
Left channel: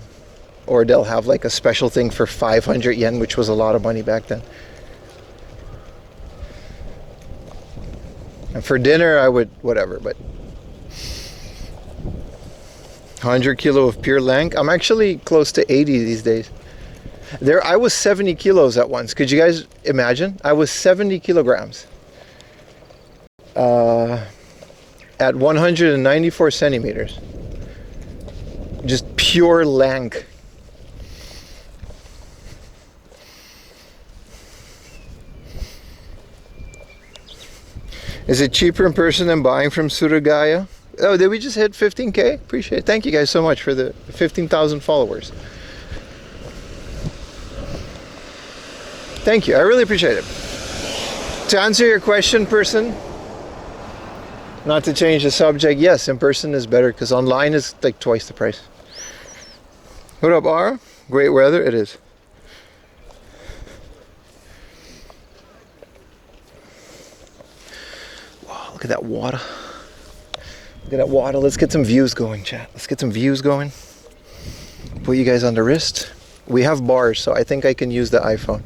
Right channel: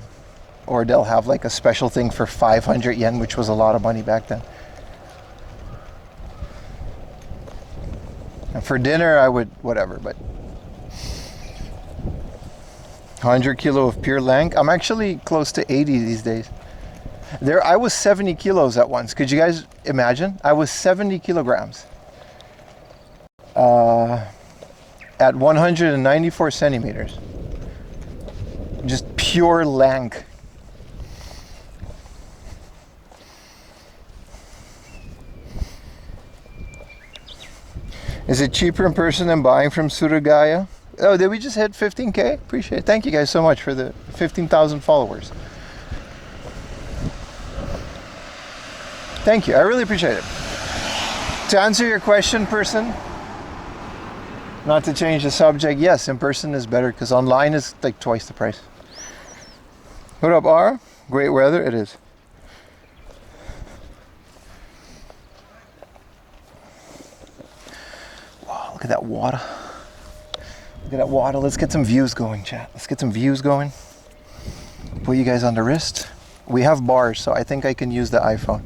or they'll have like a special thing for 500 yen, which was a lot of money back then. And for dinner, I would whatever, but 100 kilo of pure lank. I'm actually close to 80 these days. I was 70 kilos at once. Could you guys imagine? I was 70 kilograms at 194 centimeters. Just pure lank. Is it cheaper in person than buying from Surugaya? Oh, did we just hit 15K? Appreciate it. Thank you guys so much for the 15,000 followers. Thank you. I really appreciate it. To answer your question, person, not to change the subject, yes, in person is better because online is like twice the price. What up, Ara? Great weather? It is. Wow, look at that water. Look at that water. Let's get some views going, chat. Let's get some views going. Put you guys on the wrist. We have bars, so I think I can use the iPhone.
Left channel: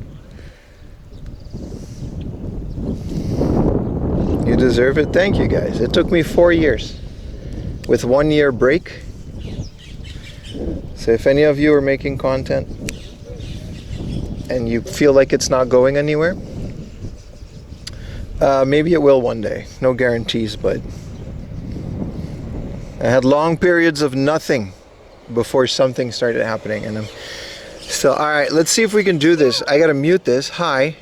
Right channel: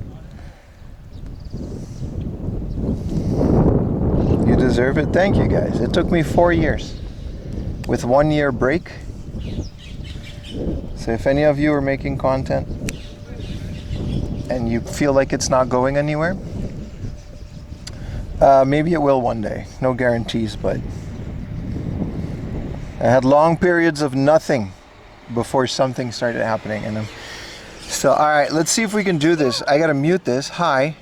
You deserve it. Thank you, guys. It took me 4 years with 1 year break. So if any of you are making content and you feel like it's not going anywhere, maybe it will one day. No guarantees, but I had long periods of nothing before something started happening, and I'm So, all right, let's see if we can do this. I gotta mute this. Hi.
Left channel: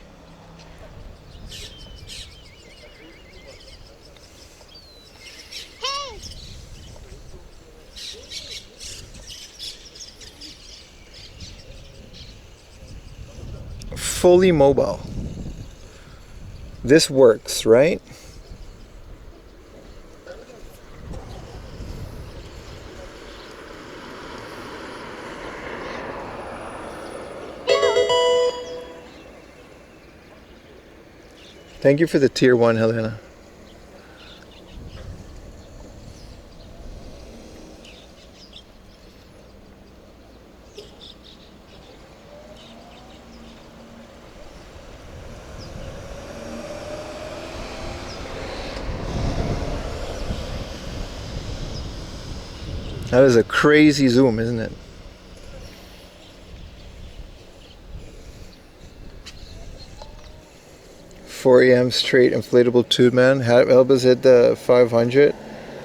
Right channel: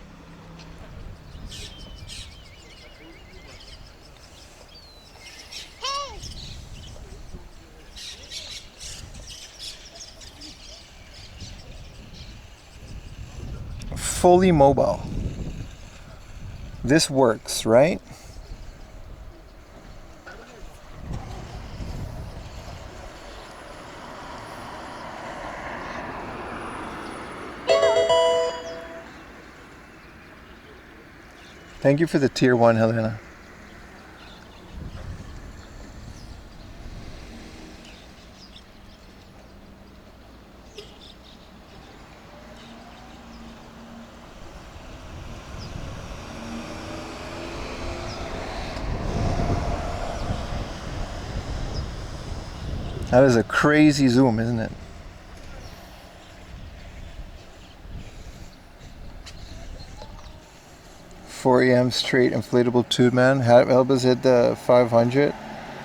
Fully mobile. This works, right? Thank you for the tier 1, Helena. That is a crazy zoom, isn't it? $4 straight inflatable tube, man. Help us hit the 500.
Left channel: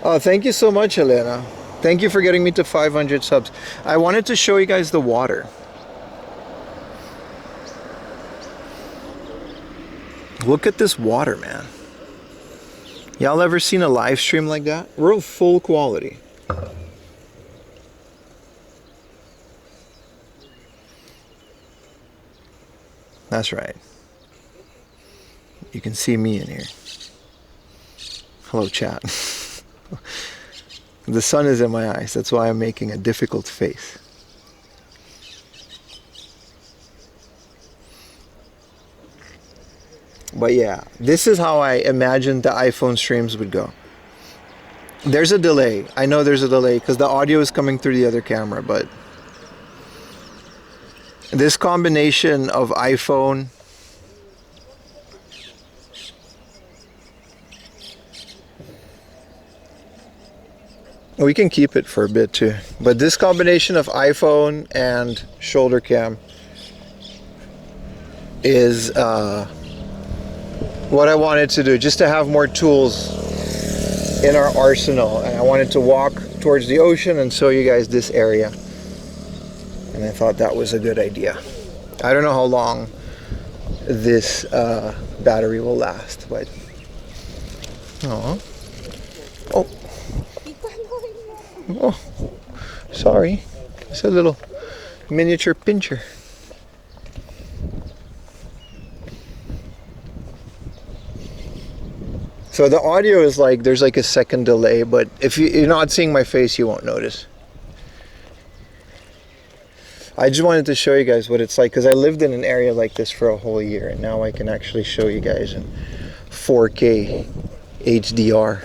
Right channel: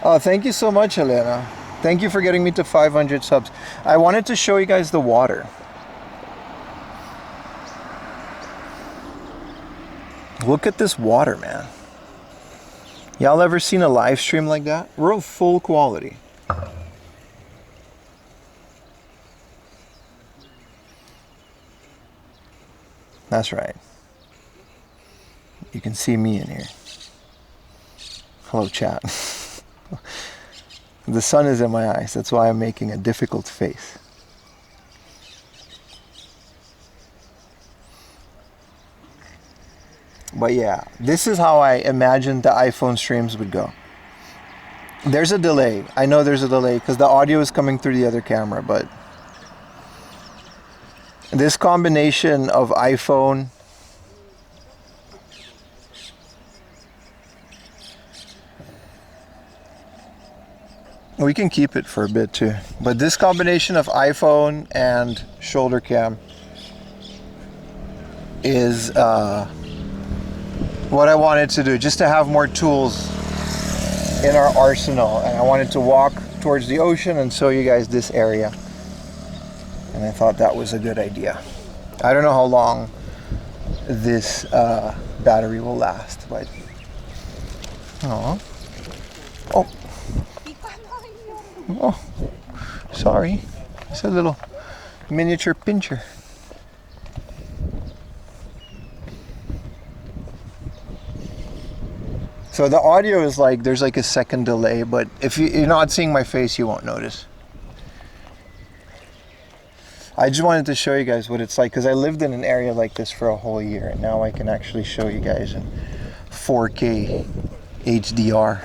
Oh, thank you so much, Helena. Thank you for getting me to 500 subs. I wanted to show you guys the water. Look at this water, man. Y'all ever seen a live stream like that? We're full quality. That's right. You can see me in here. Hello, chat. The sun is in my eyes. That's why I'm making a difficult face. But yeah, this is how I imagined the iPhone streams would go. There's a delay. I know there's a delay because the audio is coming through the other camera, but this combination of iPhone we can keep it for a bit too, but this combination of iPhone and shoulder cam is what I wanted to do, just to have more tools in our arsenal. And I wanted to walk towards the ocean and show you guys this area, and I thought that was a good idea. I don't know how long this battery will last, but oh, sorry, it's a little miniature pincher. So the audio is like, there's like a second delay, but if you're not seeing my face, you won't notice. I just wanted to show you guys what it's like, because I lived in an area like this for a whole year, and now I can actually show you guys in 4K HDR.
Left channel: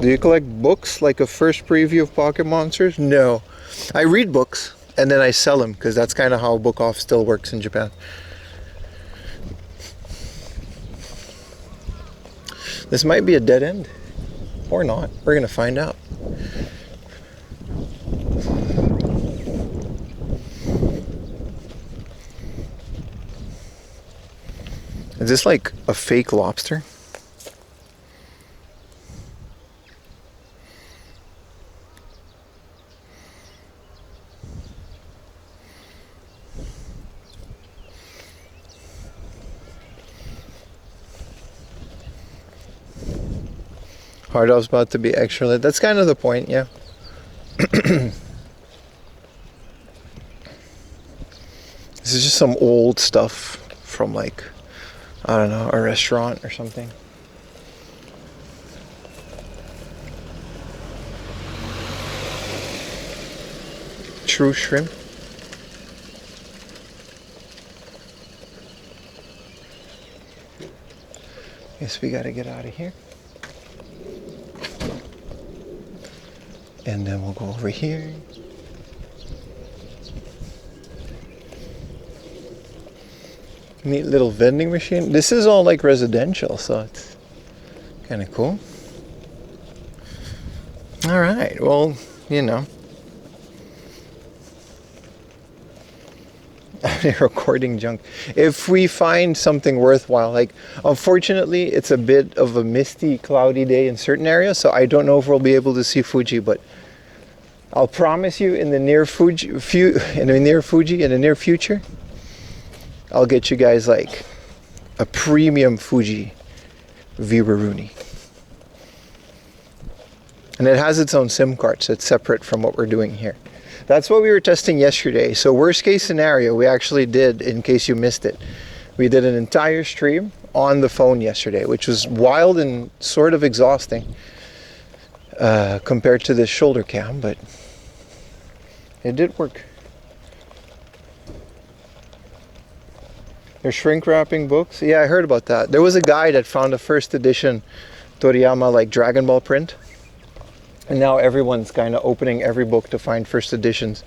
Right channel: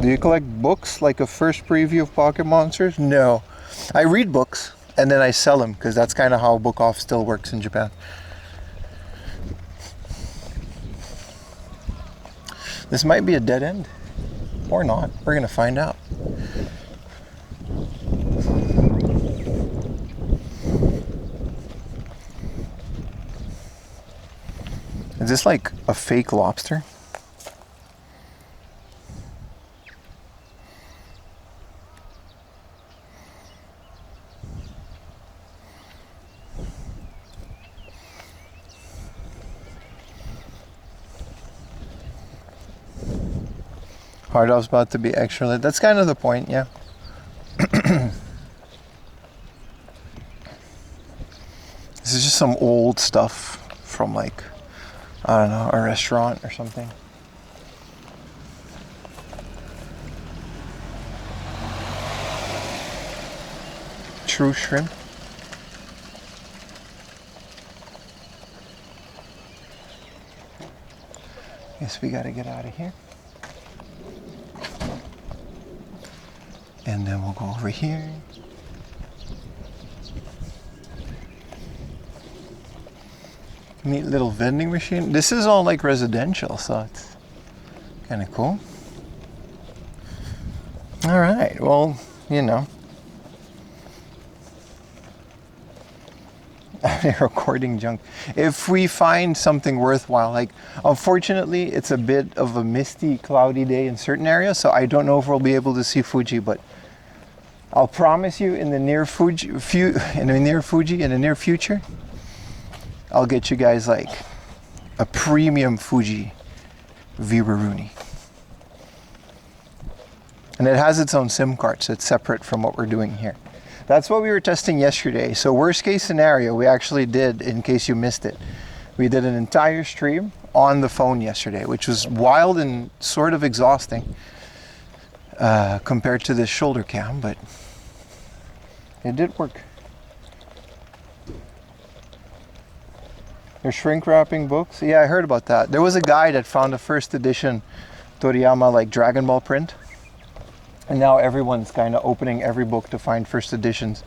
Do you collect books, like a first preview of Pocket Monsters? No. I read books, and then I sell them, because that's kind of how book off still works in Japan. This might be a dead end, or not. We're gonna find out. Is this like a fake lobster? Hard off's about to be extra lit. That's kind of the point, yeah. This is just some old stuff from, like, I don't know, a restaurant or something. True shrimp. Guess we gotta get out of here. And then we'll go over here. Neat little vending machine. This is all like residential, so it's kind of cool. All right, well, you know. Recording junk. If we find something worthwhile, like, unfortunately, it's a bit of a misty, cloudy day in certain areas, so I don't know if we'll be able to see Fuji, but I'll promise you in the near future, I'll get you guys like a premium Fuji Viraruni. And it has its own SIM card, so it's separate from what we're doing here. That's what we were testing yesterday. So worst case scenario, we actually did, in case you missed it, we did an entire stream on the phone yesterday, which was wild and sort of exhausting compared to this shoulder cam, but it did work. They're shrink wrapping books. Yeah, I heard about that. There was a guy that found a first edition Toriyama like Dragon Ball print. And now everyone's kind of opening every book to find first editions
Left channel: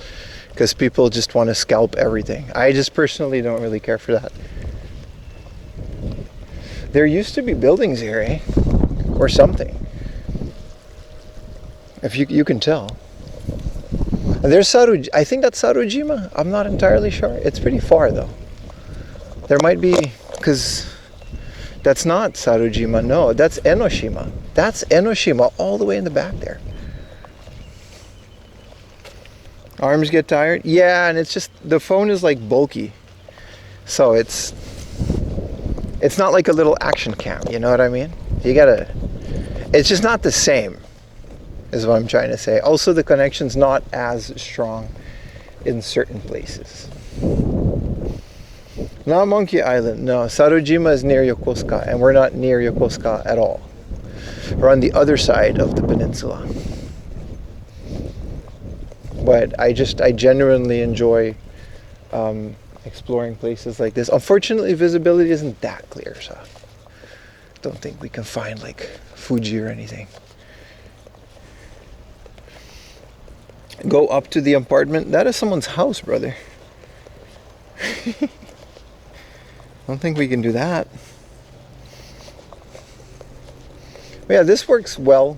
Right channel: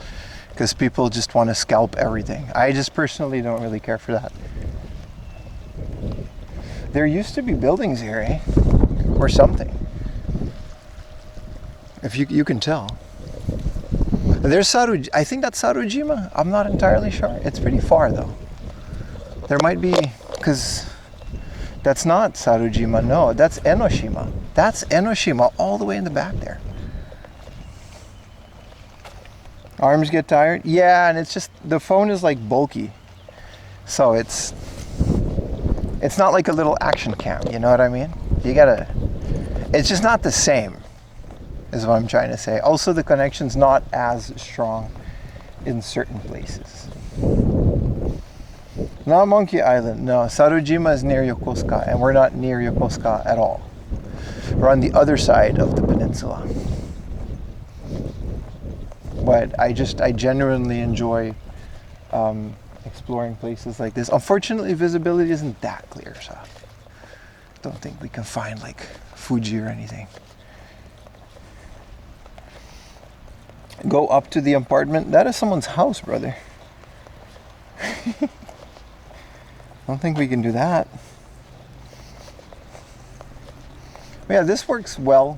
because people just want to scalp everything. I just personally don't really care for that. There used to be buildings here, eh? Or something. If you can tell. There's I think that's Sarojima. I'm not entirely sure. It's pretty far though. There might be, because that's not Sarojima. No, that's Enoshima. That's Enoshima all the way in the back there. Arms get tired? Yeah, and it's just, the phone is like bulky. So it's not like a little action cam, you know what I mean? It's just not the same, is what I'm trying to say. Also, the connection's not as strong in certain places. Not Monkey Island, no. Sarojima is near Yokosuka, and we're not near Yokosuka at all. We're on the other side of the peninsula. But I genuinely enjoy exploring places like this. Unfortunately, visibility isn't that clear, so I don't think we can find like Fuji or anything. Go up to the apartment. That is someone's house, brother. I don't think we can do that. But yeah, this works well.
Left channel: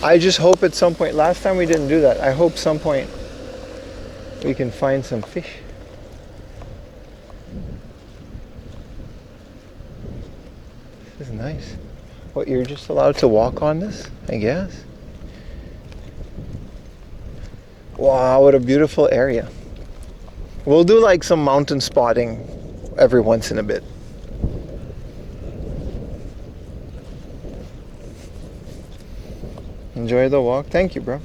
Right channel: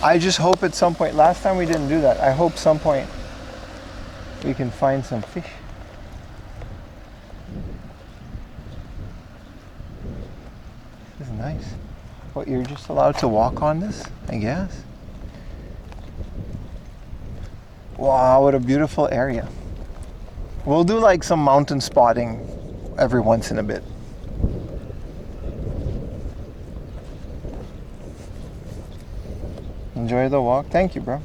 I just hope at some point, last time we didn't do that, I hope some point we can find some fish. This is nice. What, you're just allowed to walk on this, I guess? Wow, what a beautiful area. We'll do like some mountain spotting every once in a bit. Enjoy the walk. Thank you, bro.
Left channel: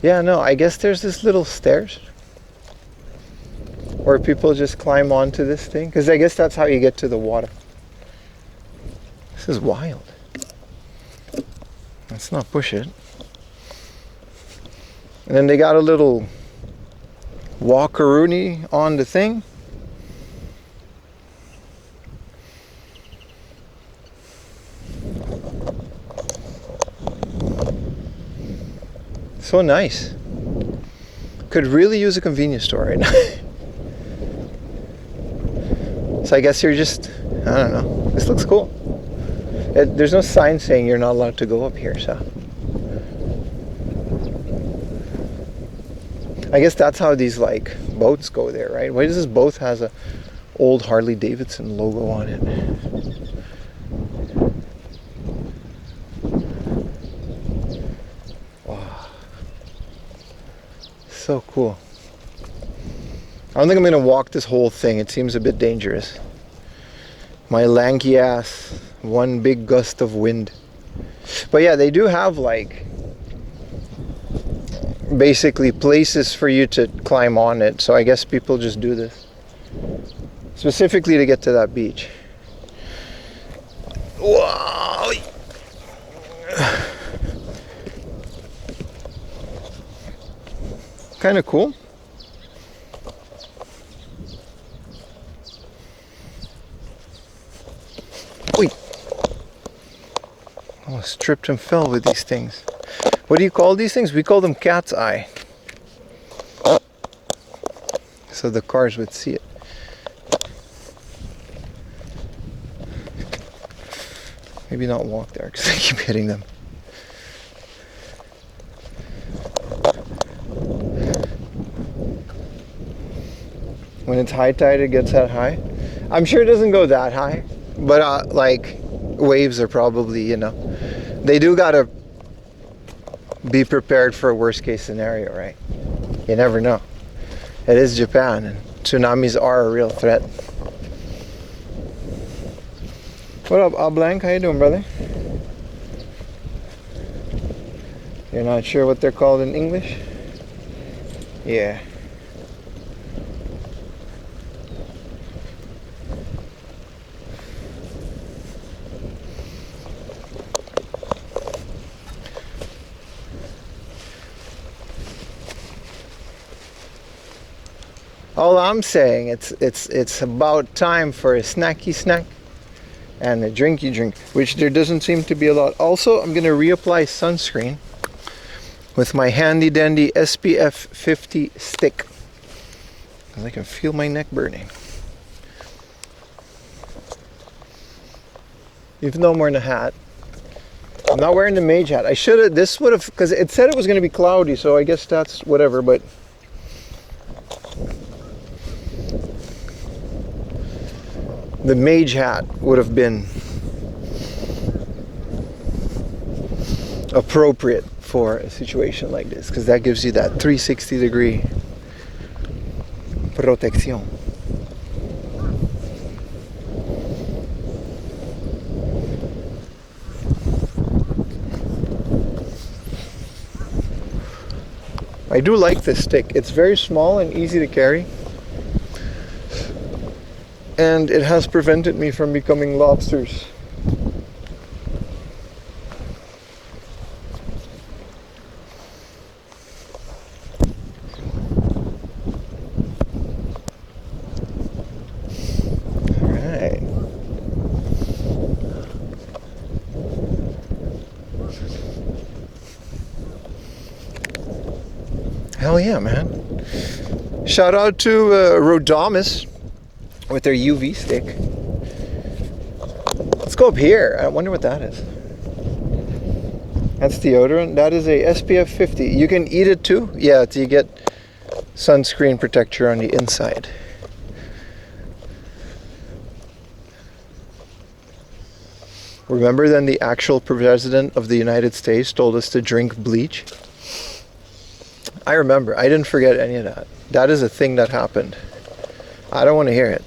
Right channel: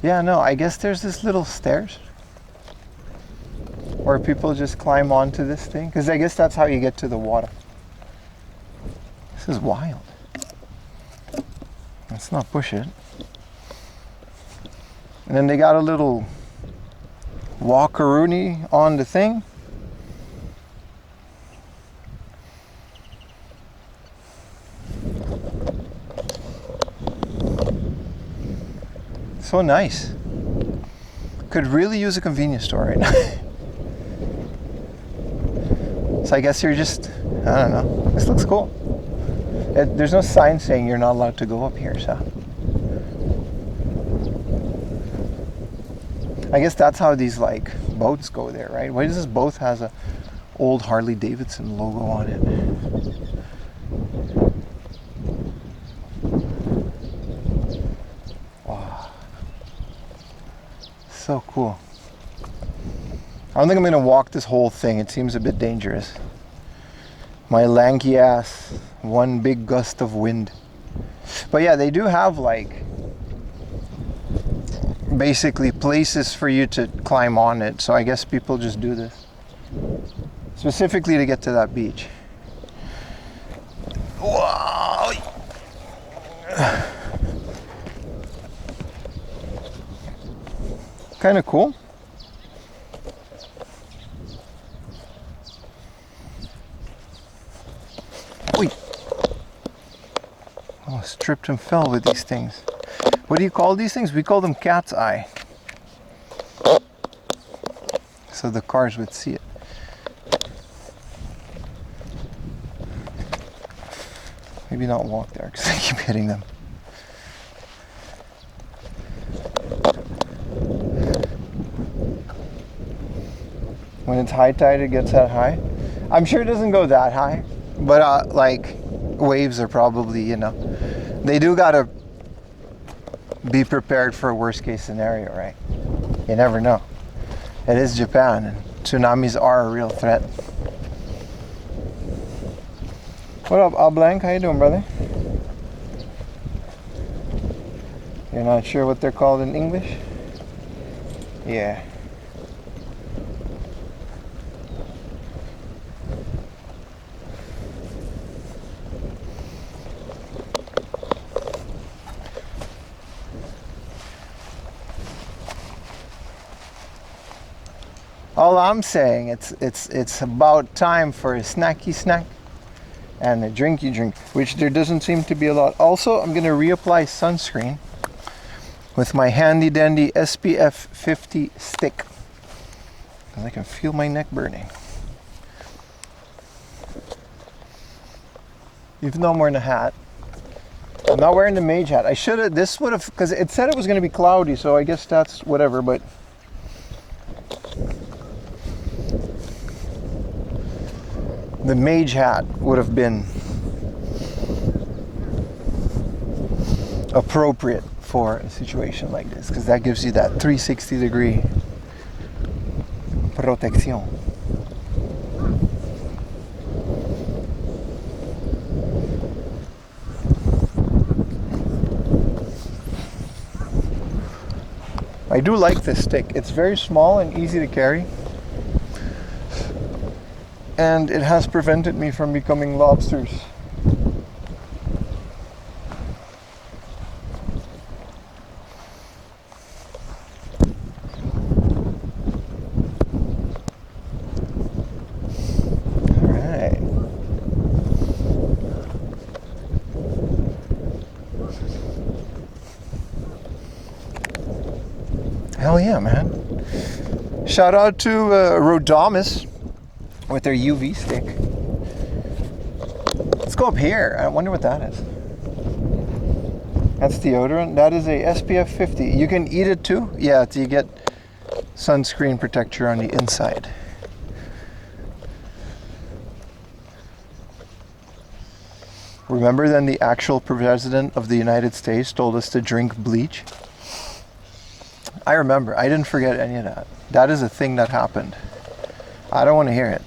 Yeah, no, I guess there's this little stairs where people just climb onto this thing, because I guess that's how you get to the water. This is wild. Let's not push it. And then they got a little walkaroonie on the thing. So nice. Could really use a convenience store right now. So I guess you're just, I don't know. This looks cool. There's no sign saying you're not allowed to go up here, so. I guess that's how these like boats go there, right? Why does this boat has a old Harley Davidson logo on it? Wow. So cool. I don't think I'm gonna walk this whole thing. It seems a bit dangerous. My lanky ass, one big gust of wind. But yeah, they do have like basically places for you to climb on it. So I guess people just do this specifically to get to that beach. Wow. Kind of cool. Oh, almost tripped and fell with these things. What do you call these things? We call them cat's eye. So the cars would see it. Maybe not walk there because I keep hitting them. When it's high tide, it gets that high. I'm sure it doesn't go that high, but like waves are probably, you know, they do gotta be prepared for a worst case scenario, right? You never know. It is Japan, and tsunamis are a real threat. What up, Ablank? How you doing, brother? You're not sure what they're called in English? Yeah. All I'm saying, it's about time for a snacky snack and a drinky drink, which there doesn't seem to be a lot. Also, I'm gonna reapply sunscreen with my handy dandy SPF 50 stick because I can feel my neck burning. Even though I'm wearing a hat, I'm not wearing the mage hat. I should have. This would have, because it said it was gonna be cloudy, so I guess that's whatever. But the mage hat would have been appropriate for a situation like this, because that gives you that 360-degree protection. I do like this stick. It's very small and easy to carry. And it has prevented me from becoming lobsters. All right. Hell yeah, man. Shout out to Rhodamus with their UV stick. Let's go up here. I wonder what that is. That's deodorant. That is a SPF 50. You can eat it too? Yeah, you get sunscreen protector on the inside. Remember then the actual president of the United States told us to drink bleach? I remember. I didn't forget any of that. That is a thing that happened. I don't want to hear it.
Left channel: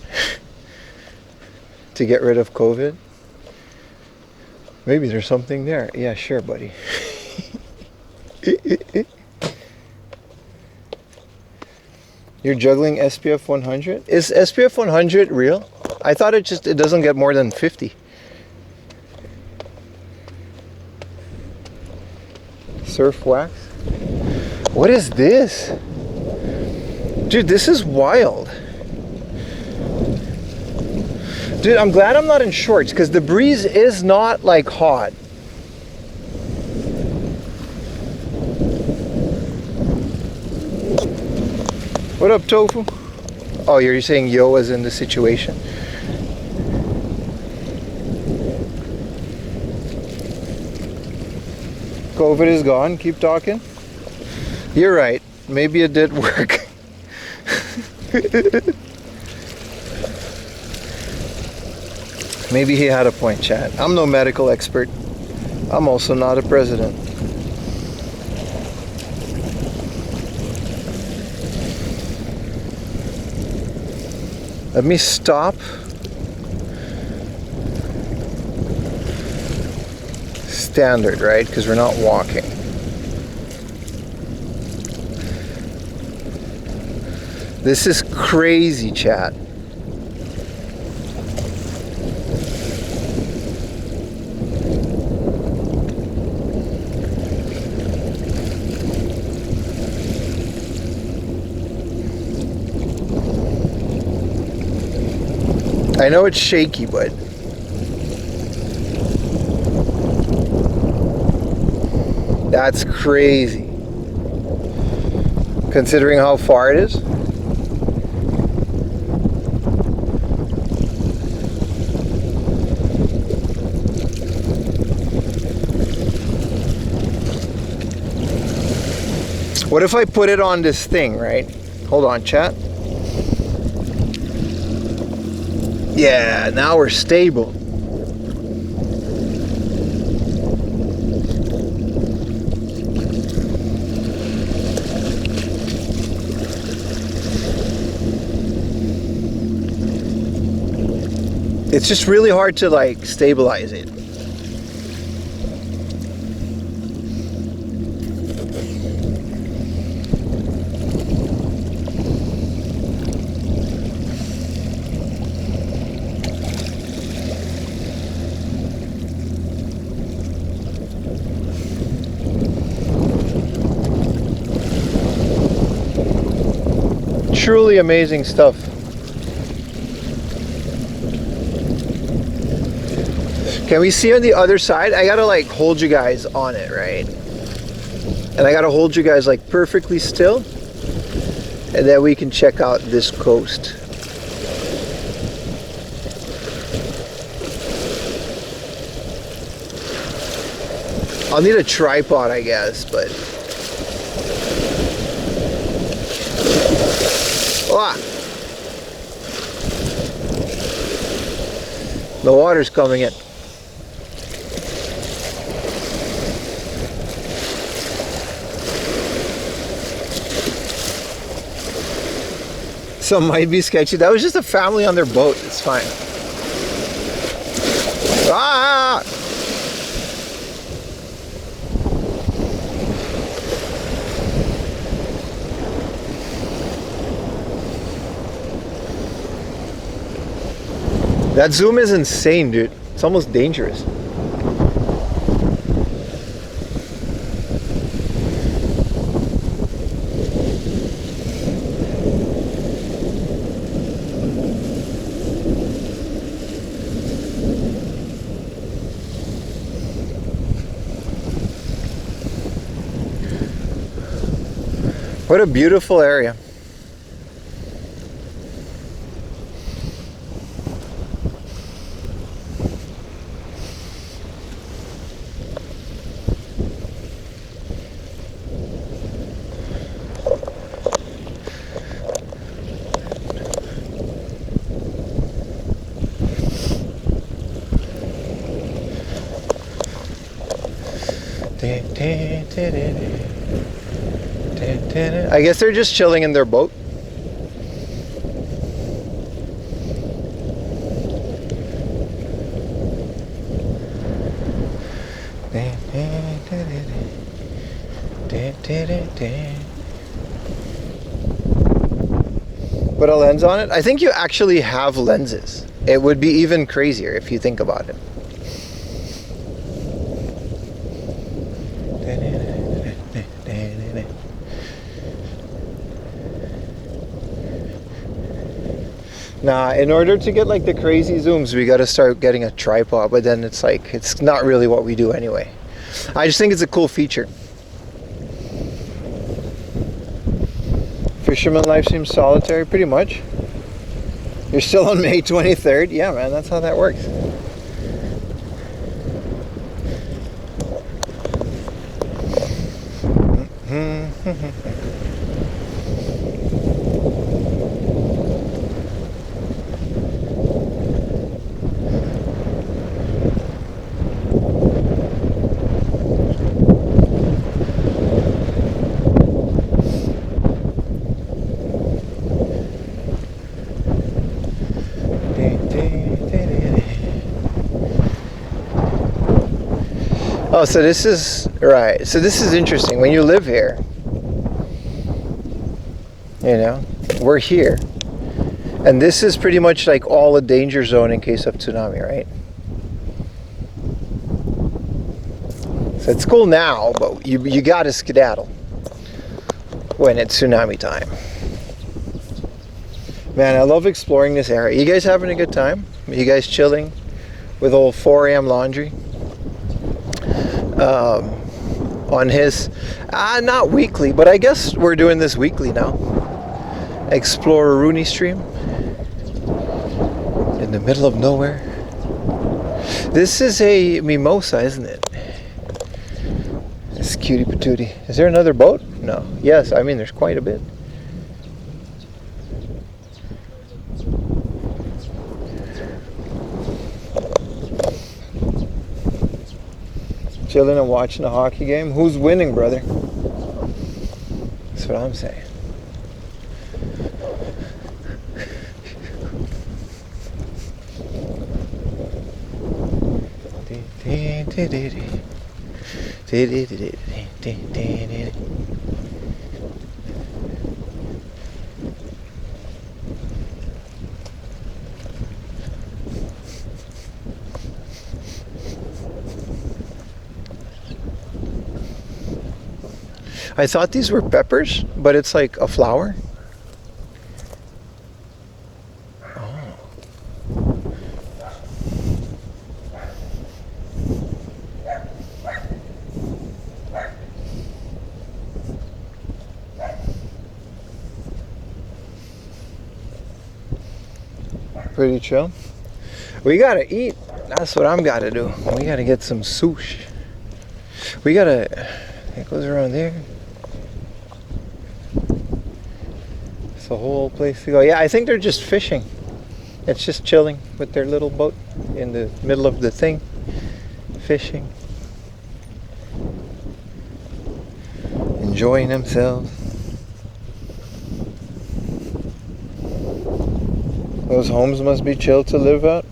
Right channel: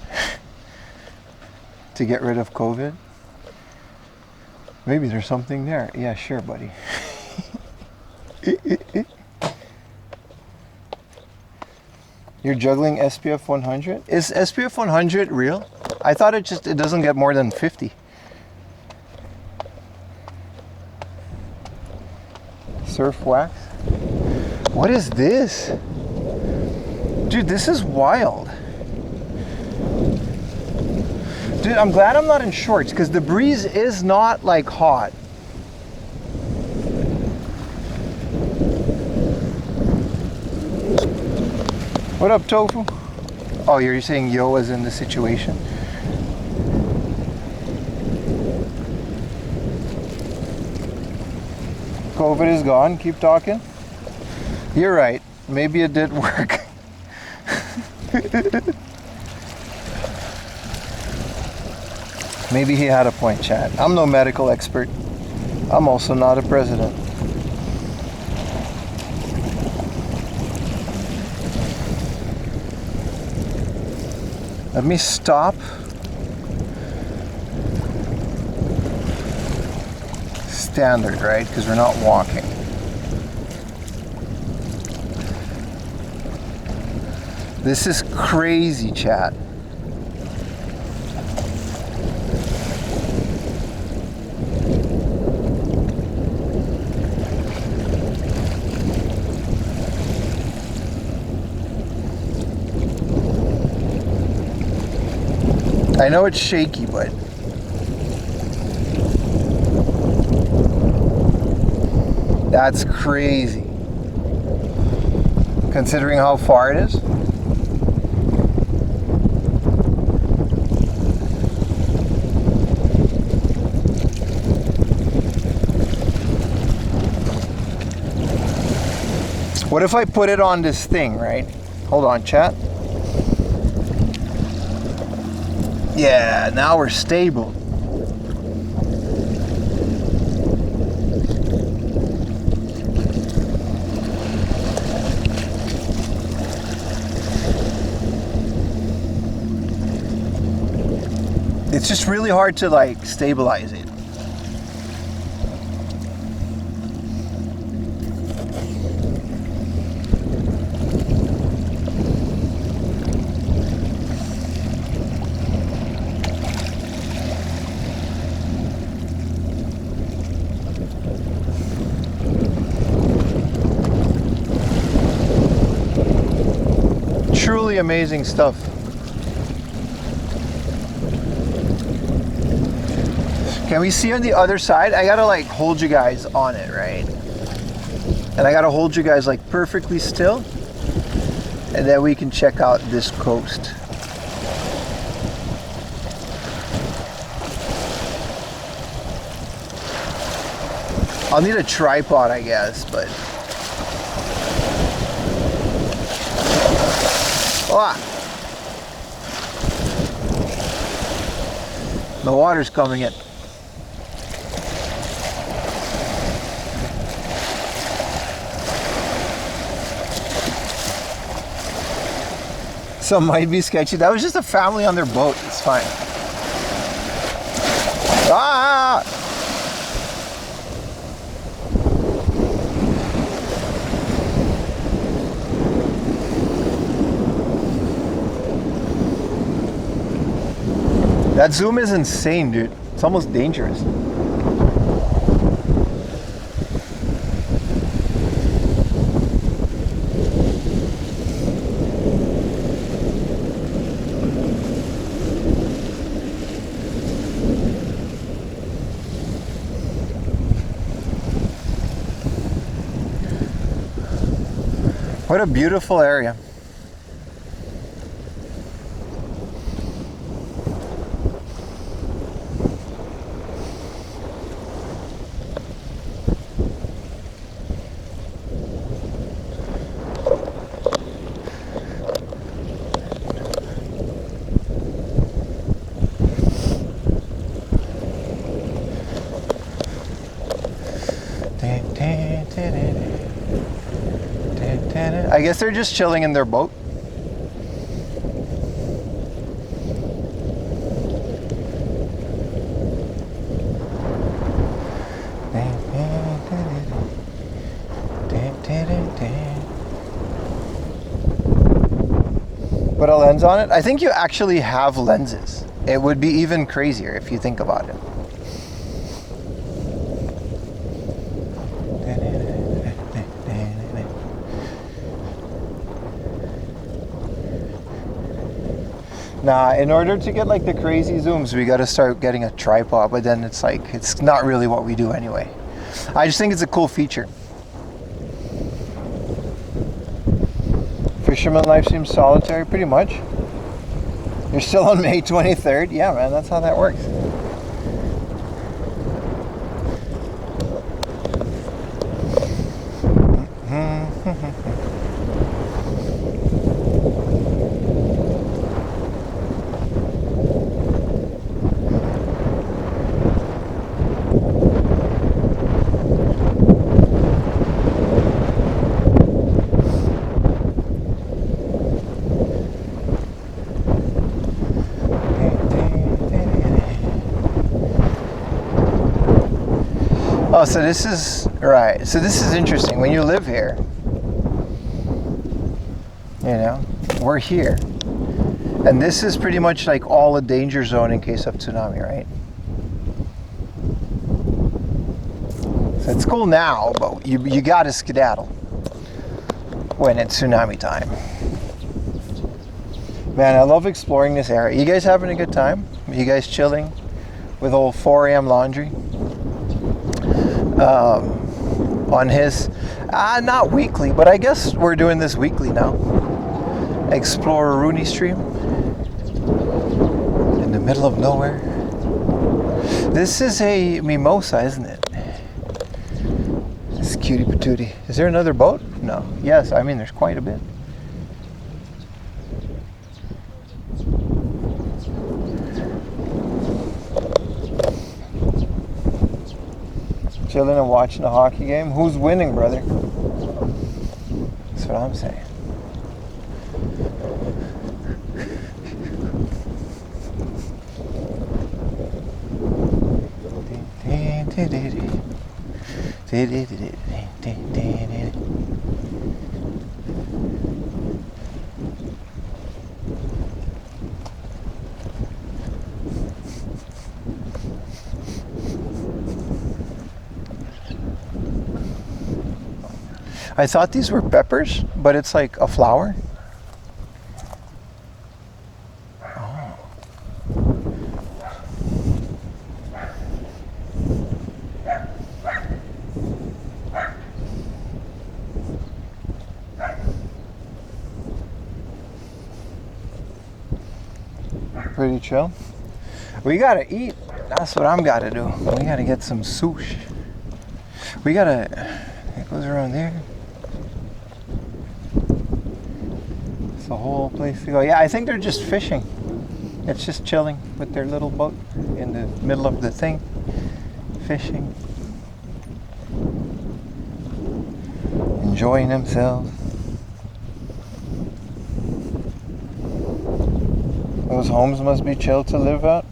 To get rid of COVID. Maybe there's something there. Yeah, sure, buddy. You're juggling SPF 100? Is SPF 100 real? I thought it doesn't get more than 50. Surf wax? What is this? Dude, this is wild. Dude, I'm glad I'm not in shorts because the breeze is not like hot. What up, Tofu? Oh, you're saying yo was in the situation? COVID is gone. Keep talking. You're right. Maybe it did work. Maybe he had a point, Chad. I'm no medical expert. I'm also not a president. Let me stop. Standard, right? Because we're not walking. This is crazy, chat. I know it's shaky, but That's crazy. Considering how far it is. What if I put it on this thing, right? Hold on, chat. Yeah, now we're stable. It's just really hard to like stabilize it. Truly amazing stuff. Can we see on the other side? I gotta like hold you guys on it, right? And I gotta hold you guys like perfectly still, and then we can check out this coast. I'll need a tripod, I guess, but ah! The water's coming in. Some might be sketchy. That was just a family on their boat. It's fine. Ah! That zoom is insane, dude. It's almost dangerous. What a beautiful area. I guess they're just chilling in their boat. Put a lens on it? I think you actually have lenses. It would be even crazier if you think about it. Nah, in order to get like the crazy zooms, we gotta start getting a tripod, but then it's like, it's not really what we do anyway. I just think it's a cool feature. Fisherman life seems solitary, pretty much. You're still on May 23rd? Yeah, man, that's how that works. Oh, so this is, right, so this is interesting. When you live here, you know, we're here. And this is pretty much like all a danger zone in case of tsunami, right? So it's cool now, but you gotta skedaddle when it's tsunami time. Man, I love exploring this area. You guys having a good time? You guys chilling with old 4 a.m. laundry? on his, not weekly, but I guess we're doing this weekly now. Explore Rooney Stream in the middle of nowhere. This is a mimosa, isn't it? It's cutie patootie. Is there another boat? No. Yes, I mean there's quite a bit. Chilling and watching a hockey game. Who's winning, brother? That's what I'm saying. I thought these were peppers, but it's like a flower. Oh. Pretty chill. We gotta eat. That's what I'm gotta do. We gotta get some sushi. We gotta, it goes around there. It's the whole place to go. Yeah, I think they're just fishing. It's just chilling with their little boat in the middle of the thing. Fishing. Enjoying themselves. Those homes must be chill to live at.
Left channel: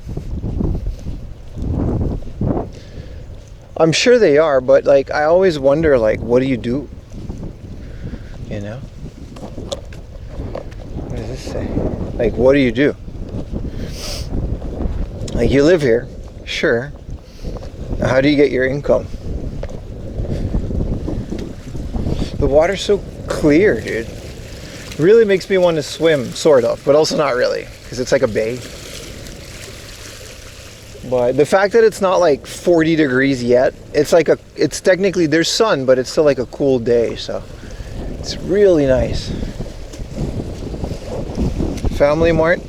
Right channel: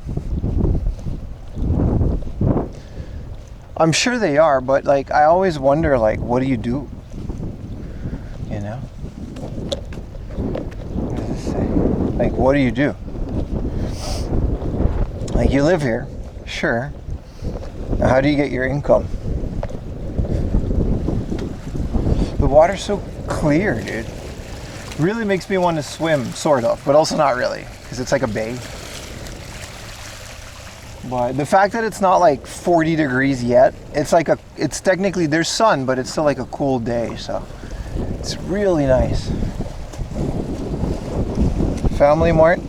I'm sure they are, but like I always wonder, like, what do you do? You know? What does this say? Like, what do you do? Like, you live here, sure. How do you get your income? The water's so clear, dude. Really makes me want to swim, sort of, but also not really, because it's like a bay. But the fact that it's not like 40 degrees yet, it's like it's technically, there's sun, but it's still like a cool day, so it's really nice. Family Mart?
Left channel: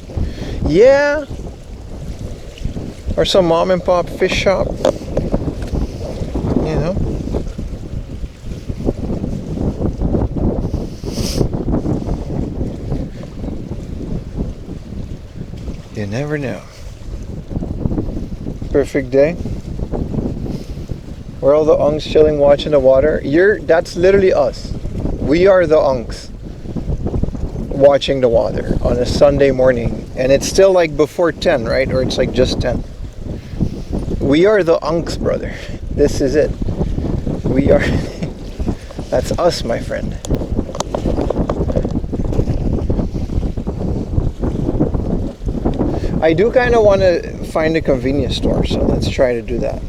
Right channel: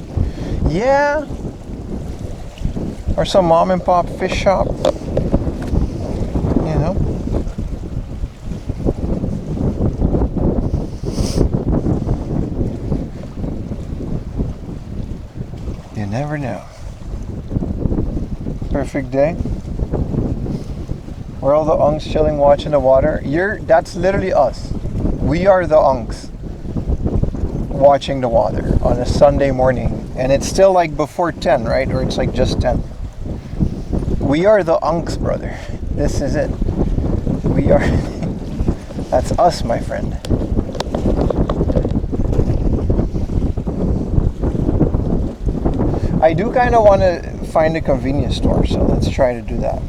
Yeah. Or some mom and pop fish shop. You know? You never know. Perfect day. We're all the unks chilling, watching the water. That's literally us. We are the unks watching the water on a Sunday morning, and it's still like before 10, right? Or it's like just 10. We are the unks, brother. This is it. We are. That's us, my friend. I do kind of want to find a convenience store, so let's try to do that.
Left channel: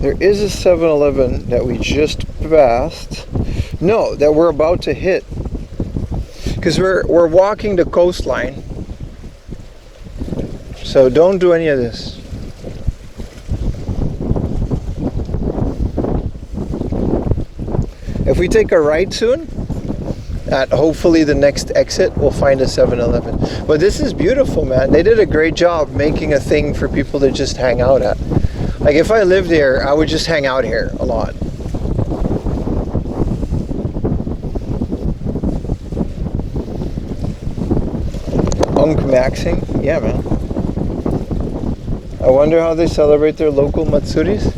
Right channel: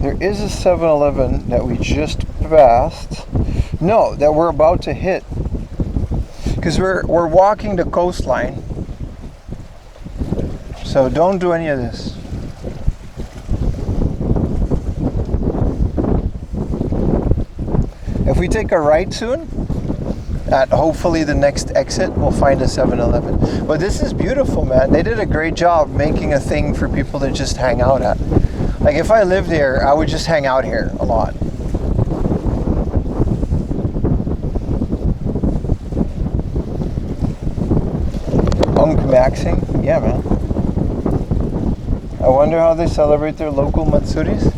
There is a 7-Eleven that we just passed. No, that we're about to hit. Because we're walking the coastline. So don't do any of this. If we take a right soon, at hopefully the next exit, we'll find a 7-Eleven. But this is beautiful, man. They did a great job making a thing for people to just hang out at. Like if I lived here, I would just hang out here a lot. Unk maxing? Yeah, man. I wonder how they celebrate their local Matsuris.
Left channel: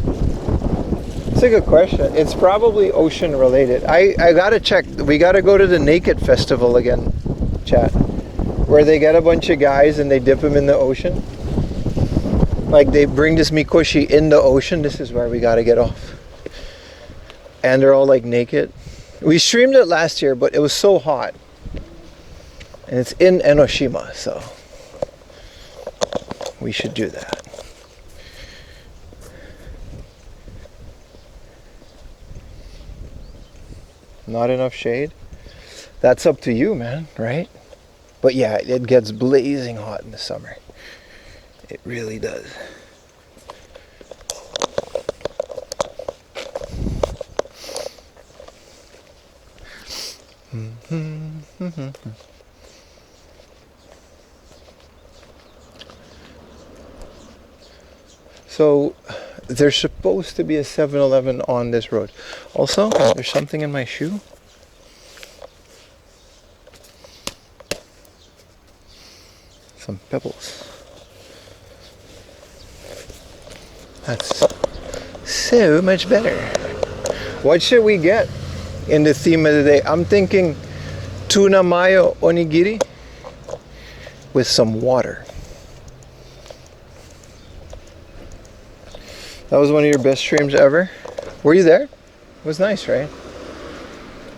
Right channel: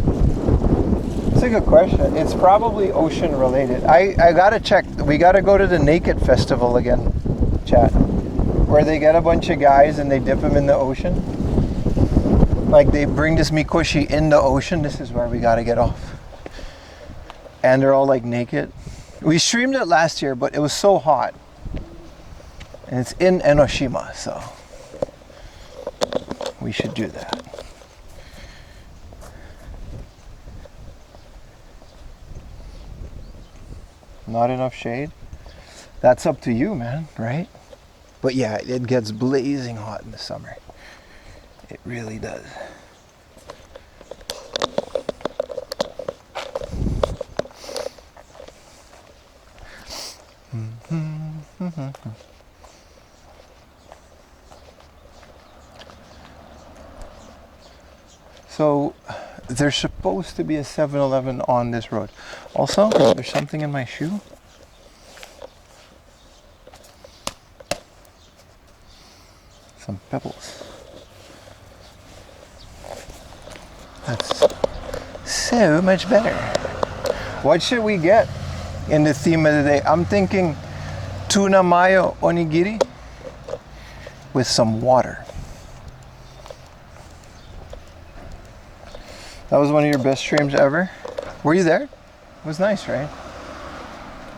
It's a good question. It's probably ocean related. I gotta check. We gotta go to the Naked Festival again, chat. Where they get a bunch of guys and they dip them in the ocean. Like they bring this mikoshi in the ocean. This is where we gotta get off. And they're all like naked. We streamed it last year, but it was so hot. And it's in Enoshima, so we should do that. not enough shade. That's up to you, man, right? But yeah, it gets blazing hot in the summer. It really does. So there's supposed to be a 7-Eleven on this road. Also, there's something in my shoe. Some pebbles. That's so much better. What should we get in the theme of the day? I'm thinking tuna mayo onigiri with some water. That was one of your best streams ever. Were you there? It was nice, right?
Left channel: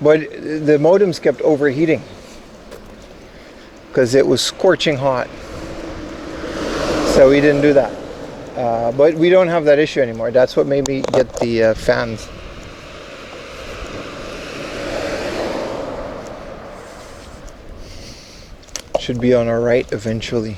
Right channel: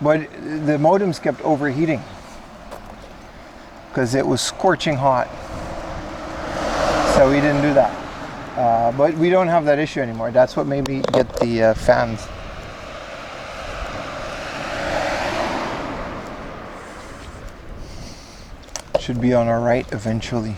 But the modems kept overheating because it was scorching hot. So we didn't do that. But we don't have that issue anymore. That's what made me get the fans. Should be on our right eventually.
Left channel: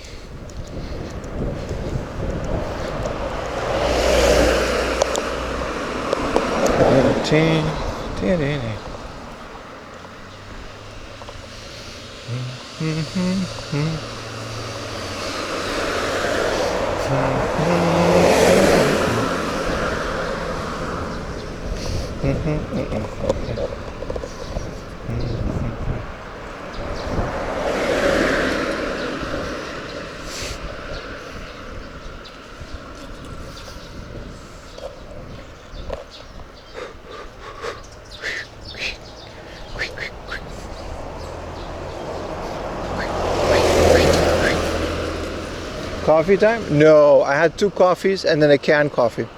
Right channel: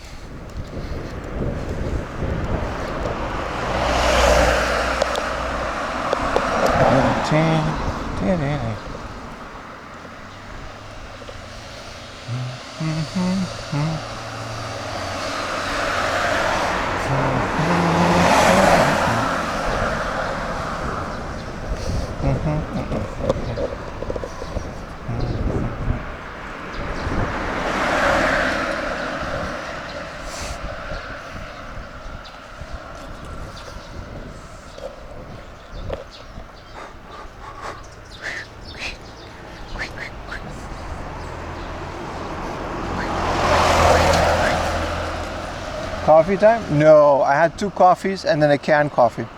Coffee time? No, I had 2 coffees and then a canned coffee.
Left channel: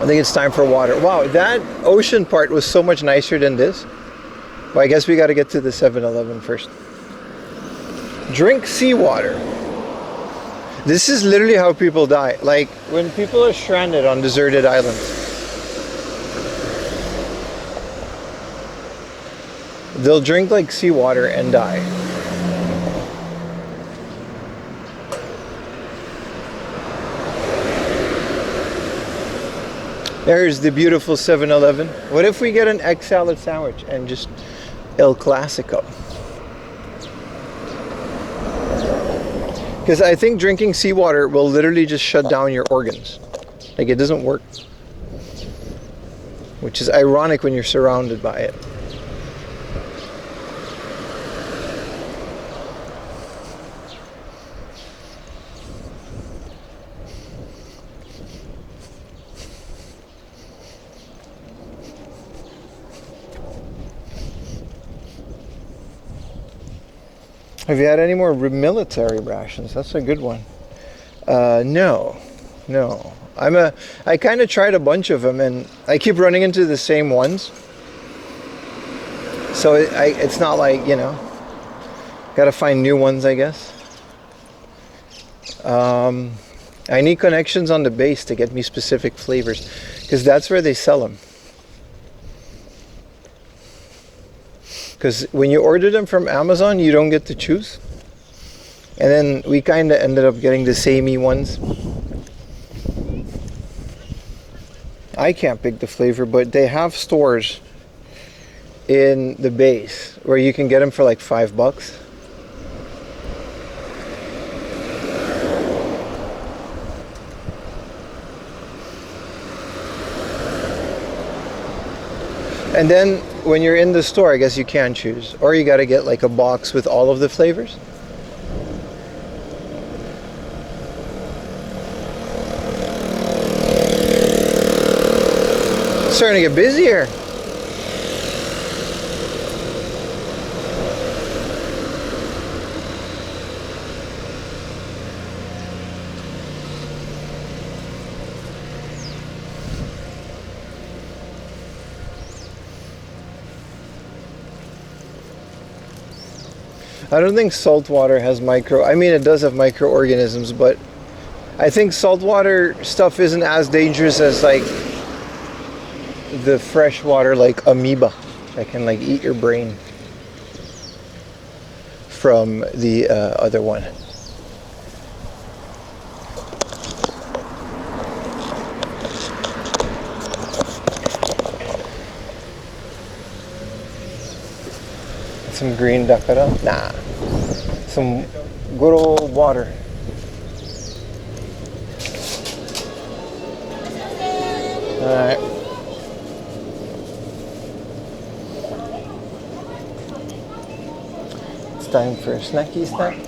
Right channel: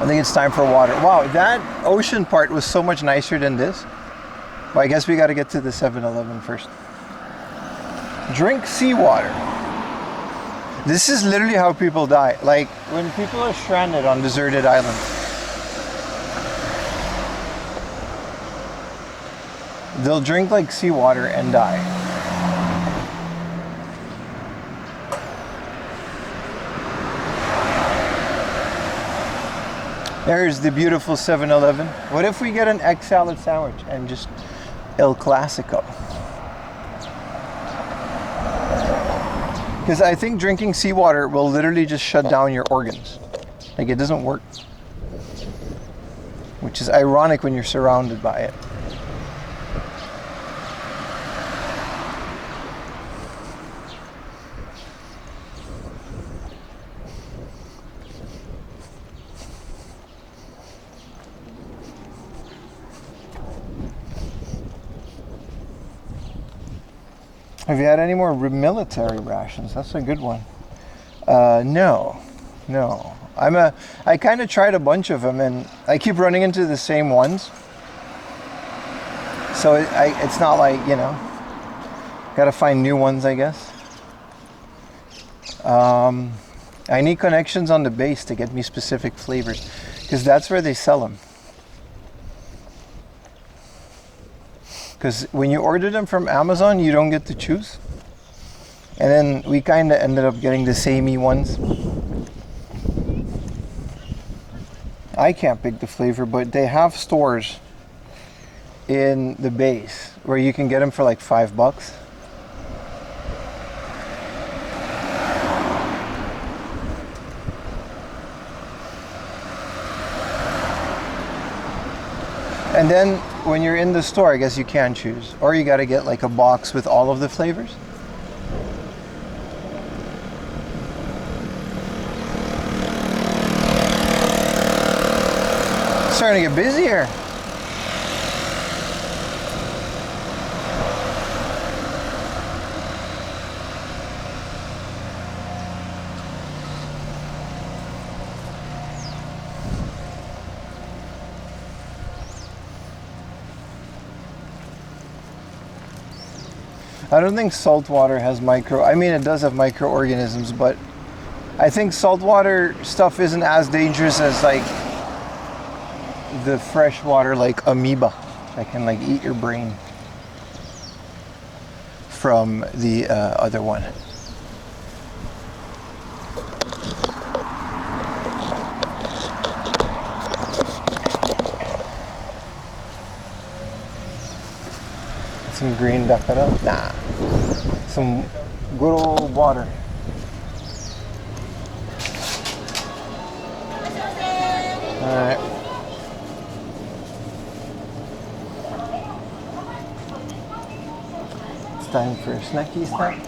I think it's time for water. Wow, that ocean part was so much nicer than this. But I guess we got to get to the 7-Eleven first. Drink seawater. This is literally how people die. Like when people are stranded on deserted islands. They'll drink like seawater and die. There's the beautiful 7-Eleven. What if we get an egg salad sandwich and just El Clasico? Because I think drinking seawater will literally just shut down your organs. Like it doesn't work. Which is ironic when you're surrounded by it. Have you had any more military rations? That's a good one. No. I kind of tried a bunch of them and I keep running into the same ones. So it's not like, you know, gotta find new ones, I guess. I need connections on the base to get me specific flavors because that's where they sell them. Because when you order them from Amazon, you don't get to choose. And then we kind of ended up getting the samey ones. I can't pick the flavor, but they have stores in the base where you can get them for like $5. And then when you're in the store, I guess you can choose. Or you got to get like a box with all of the flavors. It's starting to get busier. I don't think salt water has I mean it does have microorganisms, but I think saltwater stuff isn't as dangerous as like the freshwater like amoeba that can like eat your brain from the other one. Some green dakara? Nah. Some good old water. Alright. It's time for a snacky snack.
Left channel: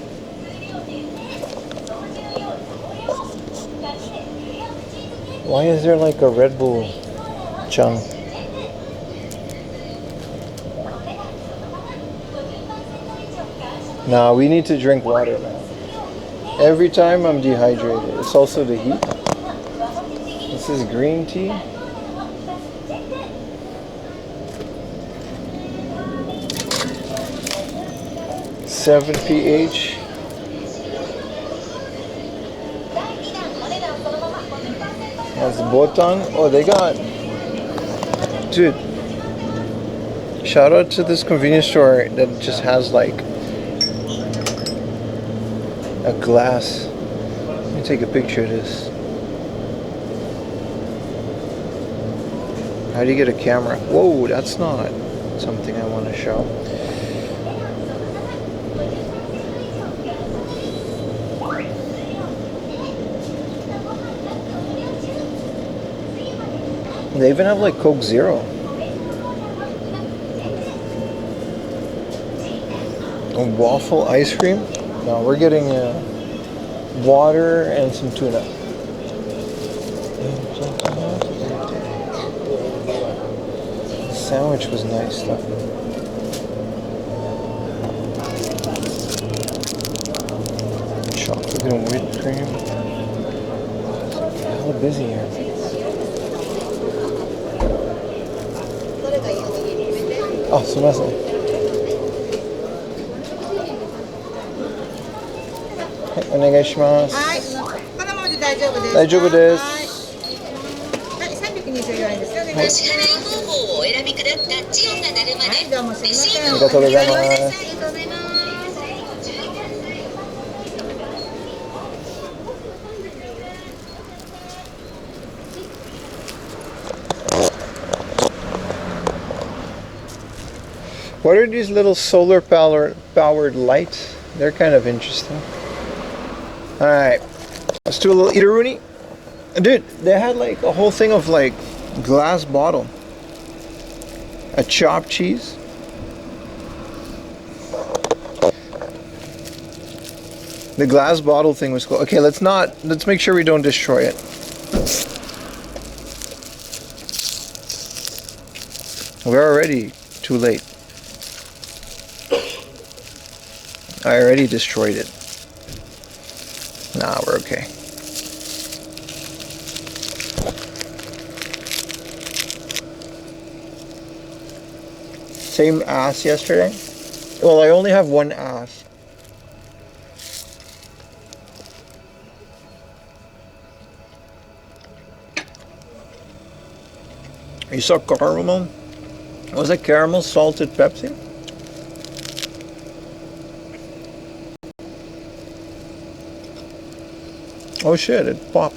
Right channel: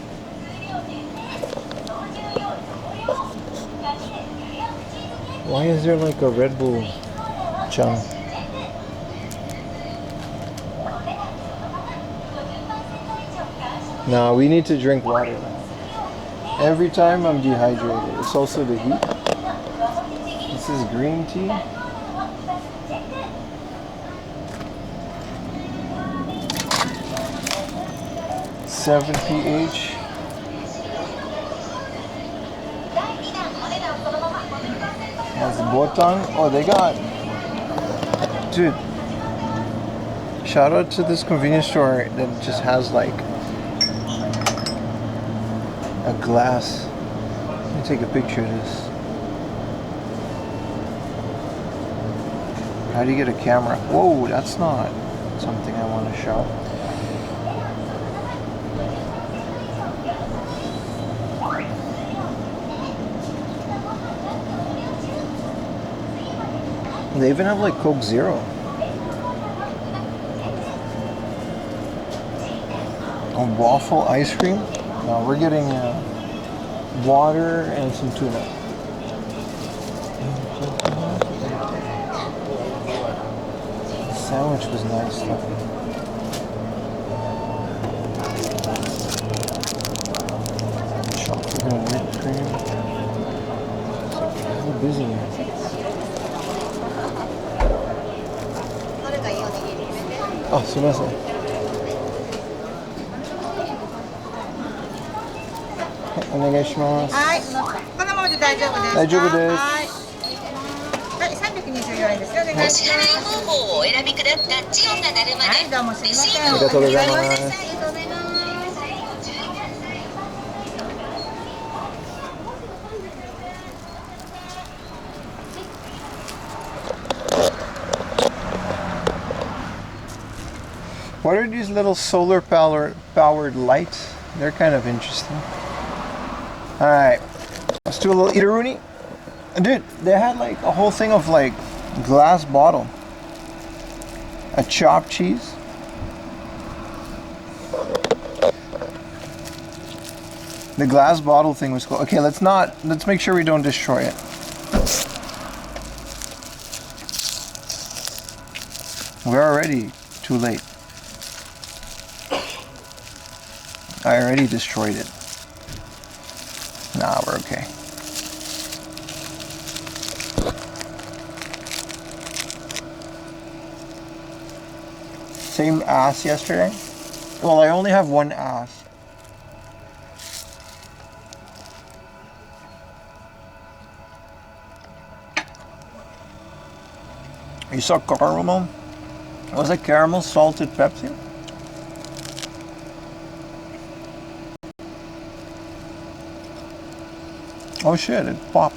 Why is there like a Red Bull chunk? Nah, we need to drink water now. Every time I'm dehydrated. It's also the heat. This is green tea. Seven pH. That's botan. Oh, they got. Dude. Shout out to this convenience store that just has like a glass. Let me take a picture of this. How do you get a camera? Whoa, that's not something I want to show. They even have like Coke Zero. A waffle ice cream? No, we're getting water and some tuna. The sandwich was nice stuff. Chocolate and whipped cream. It's hella busy here. Oh, すみません。お願いします。はい、このままで大丈夫ですか？大丈夫です。はい、324円ですよね。お支払い方法をお選びください。タッチ音が鳴るまはい、どうもすでレみません。シートをありがとうございます。お願いします。ありがとうございます。What are these little solar powered lights? They're kind of interesting. Alright, let's do a little eateroonie. Dude, they had like a whole thing of like glass bottle. A chopped cheese. The glass bottle thing was cool. Okay, let's make sure we don't destroy it. We're already too late. I already destroyed it. Nah, we're okay. Same ass yesterday? Well, I only have one ass. You saw caramel? Was it caramel salted Pepsi? Oh shit, it popped.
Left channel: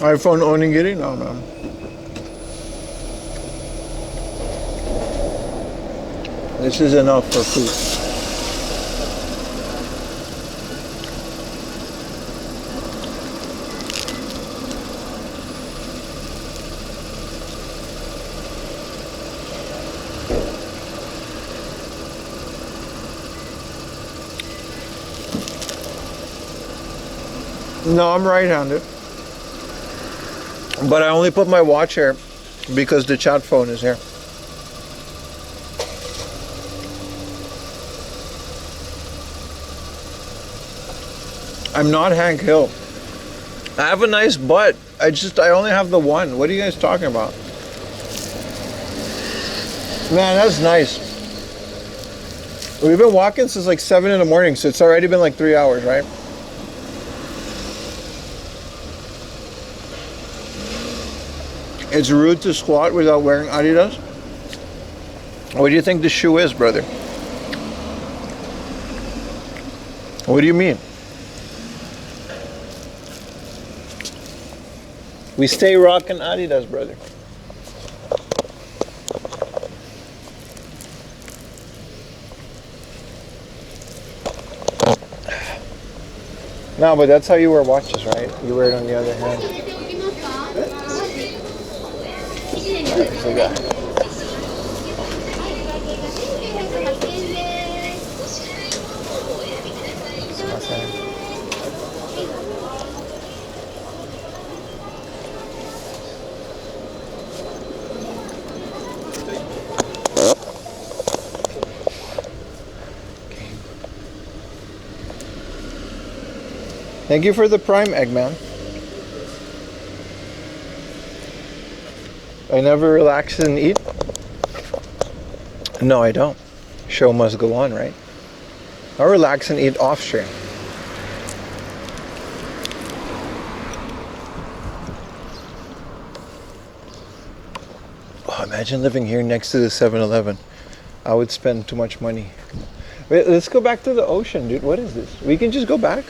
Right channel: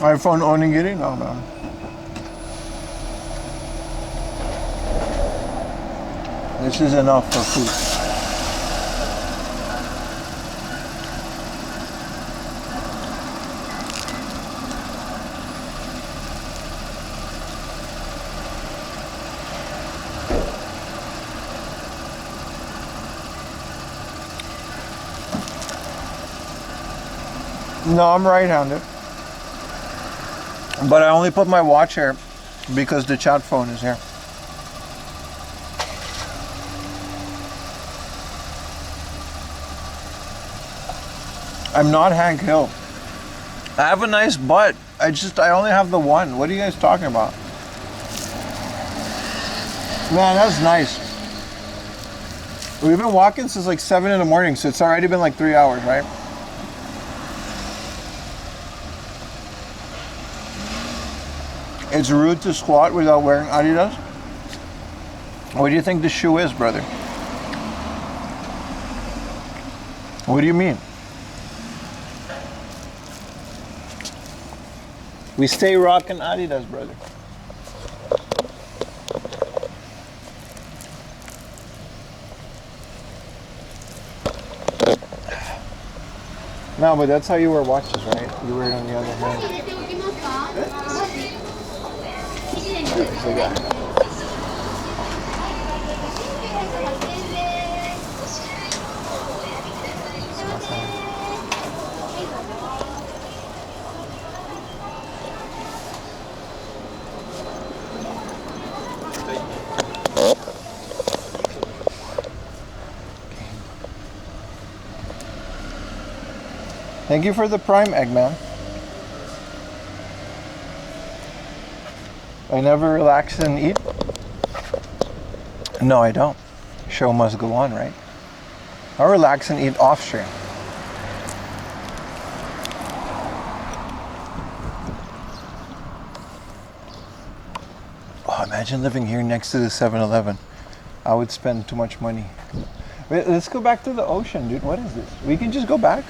iPhone onigiri? No, man. This is enough for food. No, I'm right-handed. But I only put my watch here because the chat phone is here. I'm not Hank Hill. I have a nice butt. I only have the one. What are you guys talking about? Man, that's nice. We've been walking since like 7 in the morning, so it's already been like 3 hours, right? It's rude to squat without wearing Adidas. What do you think the shoe is, brother? What do you mean? We stay rocking Adidas, brother. No, but that's how you wear watches, right? You wear it on the other hand. There's a guy. Thank you for the prime egg, man. I never relax and eat. No, I don't. Show must go on, right? I relax and eat off stream. Oh, imagine living here next to the 7-Eleven. I would spend too much money. Wait, let's go back to the ocean, dude. What is this? We can just go back?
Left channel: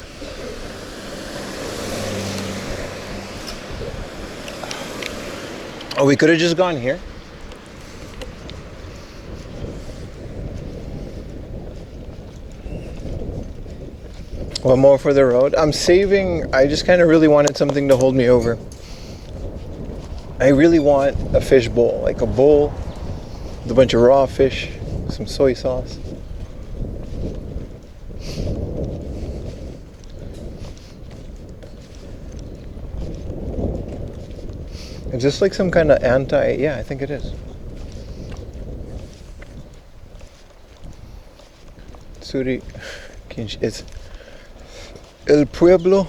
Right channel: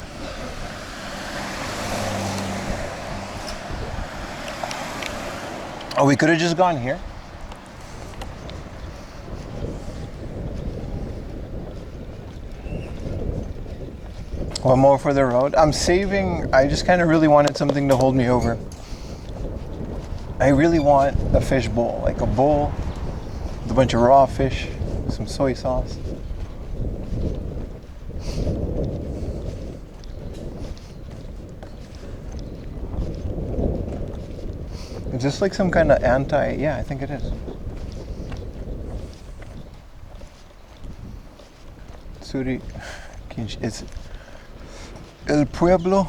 Oh, we could have just gone here. One more for the road. I'm saving. I just kind of really wanted something to hold me over. I really want a fish bowl, like a bowl with a bunch of raw fish, some soy sauce. Is this like some kind of yeah, I think it is. Suri, it's El Pueblo.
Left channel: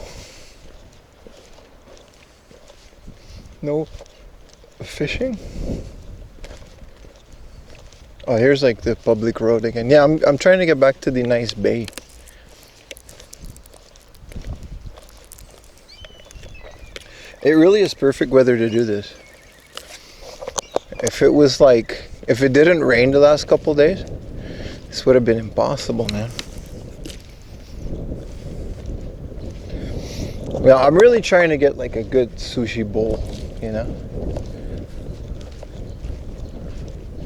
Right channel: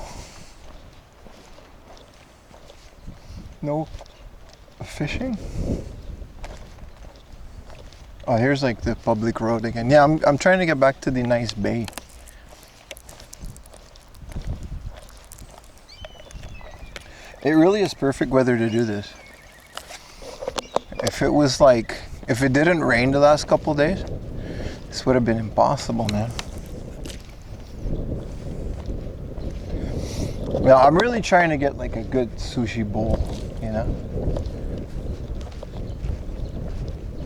No fishing. Oh, here's like the public road again. Yeah, I'm trying to get back to the nice bay. It really is perfect weather to do this. If it was like, if it didn't rain the last couple days, this would have been impossible, man. Now, I'm really trying to get like a good sushi bowl, you know?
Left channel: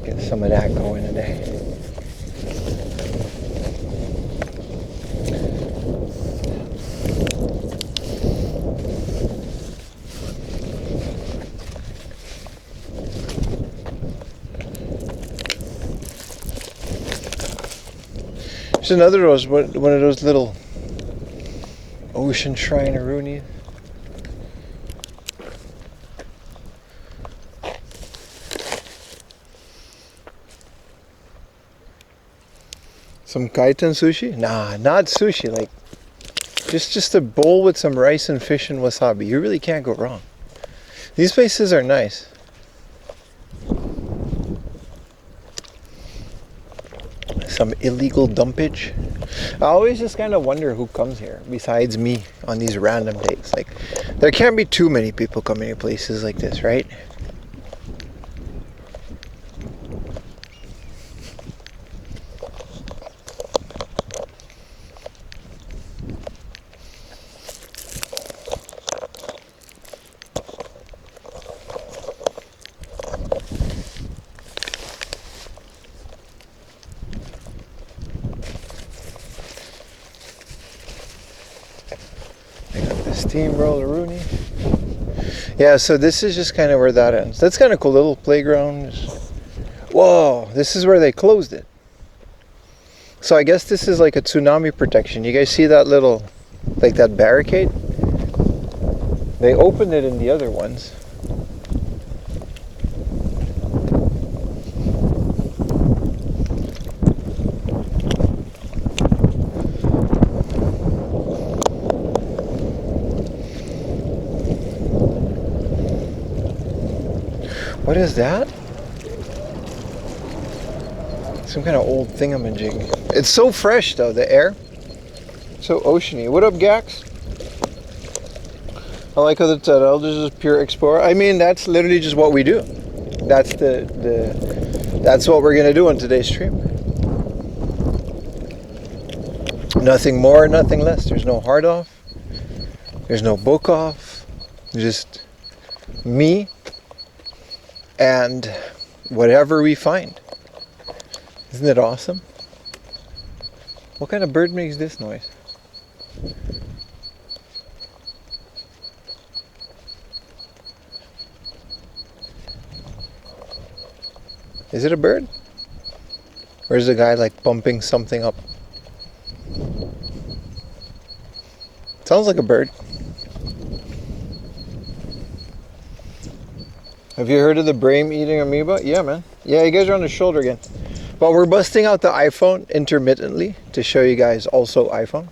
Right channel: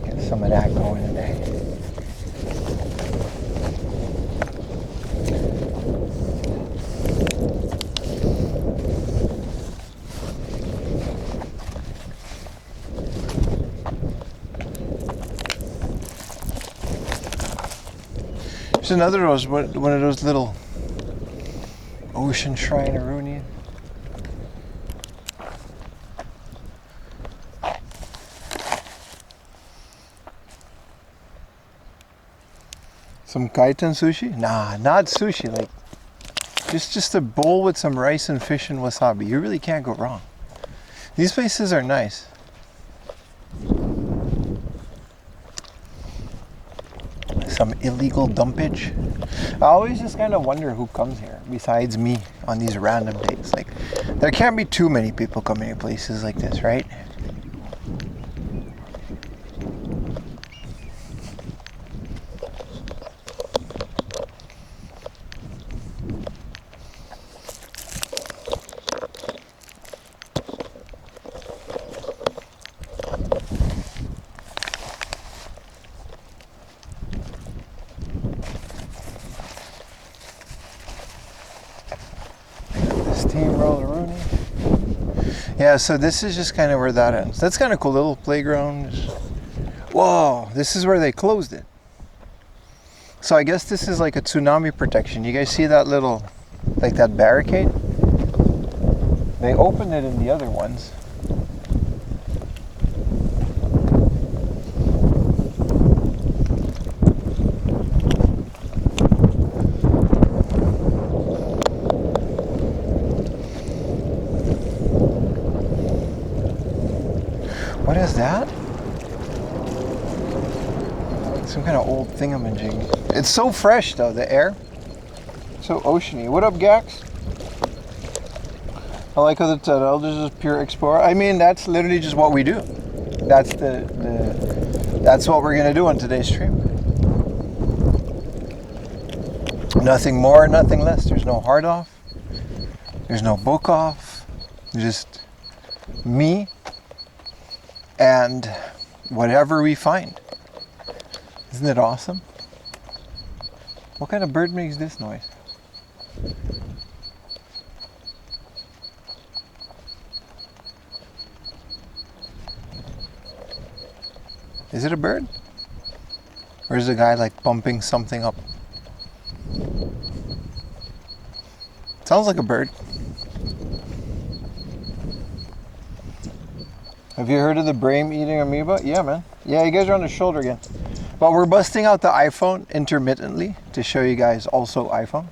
Get some of that going today. There's another one of those little ocean shrine Rooney. Some kaitan sushi? Nah, not sushi. Like just a bowl with some rice and fish and wasabi. You really can't go wrong. These places are nice. Some illegal dumpage. I always just kind of wonder who comes here besides me on these random days. Like, there can't be too many people coming to places like this, right? Steamroller Rooney. Yeah, so this is just kind of where that ends. That's kind of cool, little playground. Whoa, this is where they closed it. So I guess this is like a tsunami protection. You guys see that little, like that barricade? They opened it in the other ones. What is that? Some kind of old thingamajig. It's so fresh though, the air. So oceany. What up, Gax? I like how the tunnel this is pure explorer. I mean, that's literally just what we do. That's that's what we're gonna do on today's stream. Nothing more, nothing less. There's no hard off. There's no book off. Just me and whatever we find. Isn't it awesome? What kind of bird makes this noise? Is it a bird? Or is the guy like pumping something up? Sounds like a bird. Have you heard of the brain eating amoeba? Yeah, man. Yeah, you guys are on the shoulder again. But we're busting out the iPhone intermittently to show you guys also iPhone.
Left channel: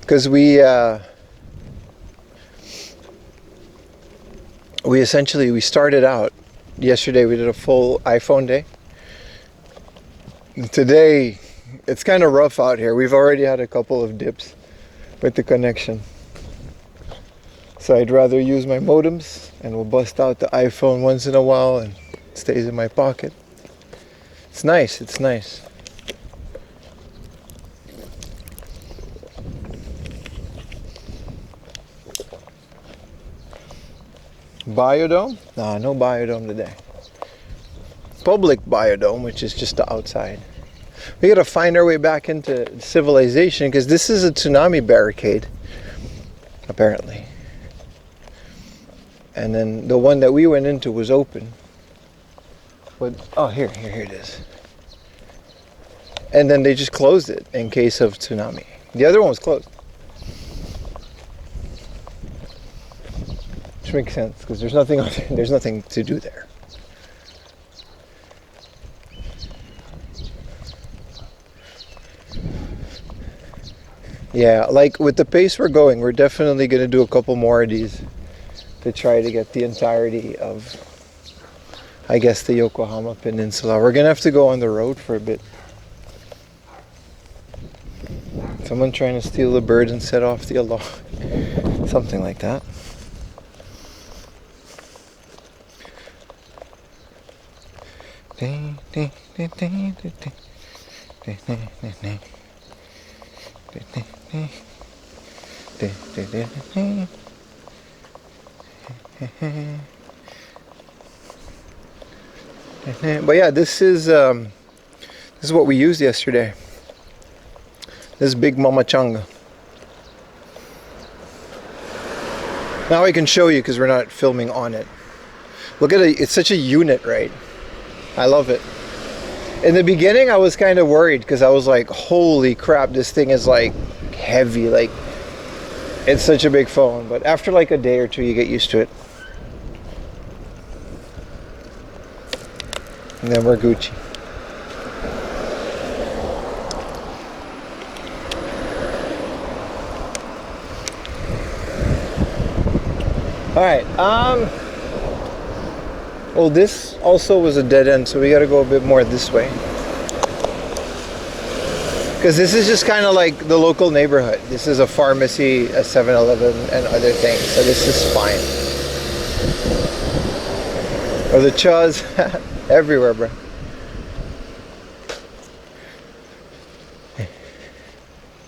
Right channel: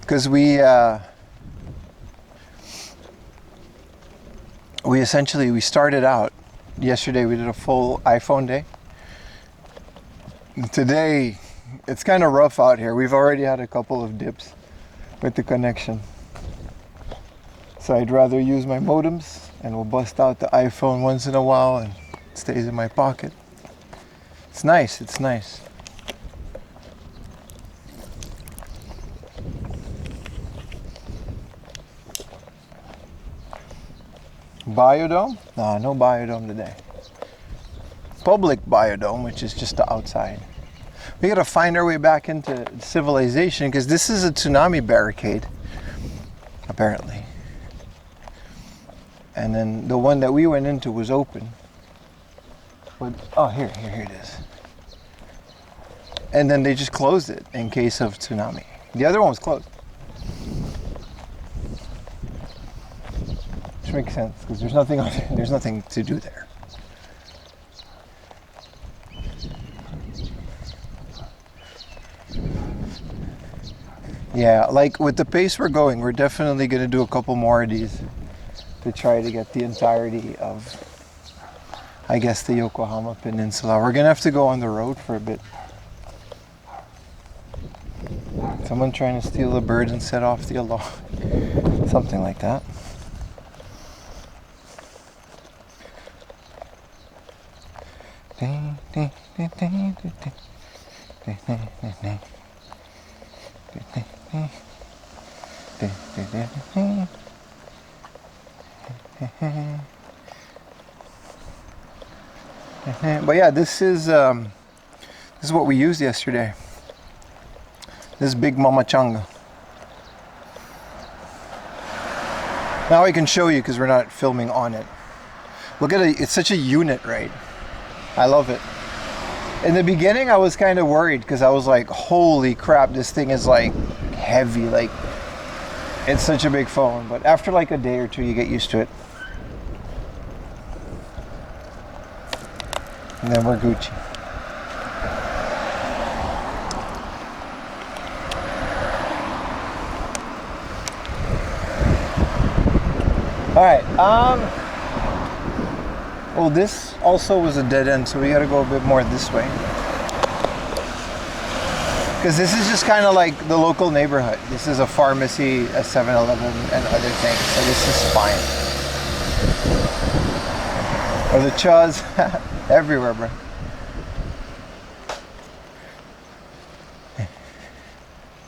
Because we essentially started out yesterday. We did a full iPhone day. And today it's kind of rough out here. We've already had a couple of dips with the connection. So I'd rather use my modems and we'll bust out the iPhone once in a while and it stays in my pocket. It's nice, it's nice. Biodome? No, no biodome today. Public biodome, which is just the outside. We gotta find our way back into civilization because this is a tsunami barricade, apparently. And then the one that we went into was open. But, oh, here it is. And then they just closed it in case of tsunami. The other one was closed. Which makes sense because there's nothing on there. There's nothing to do there. Yeah, like with the pace we're going, we're definitely going to do a couple more of these to try to get the entirety of, I guess, the Yokohama Peninsula. We're going to have to go on the road for a bit. Someone trying to steal a bird and set off the alarm. Something like that. But yeah, this is what we used yesterday. This big Mama Changa. Now I can show you because we're not filming on it. Look at it, it's such a unit, right? I love it. In the beginning I was kind of worried because I was like, holy crap, this thing is like heavy, like it's such a big phone. But after like a day or two you get used to it. And then we're Gucci. All right. Well, this also was a dead end, so we got to go a bit more this way. Because this is just kind of like the local neighborhood. This is a pharmacy, a 7-Eleven, and other things. So this is fine. Or the chuz. Everywhere, bro.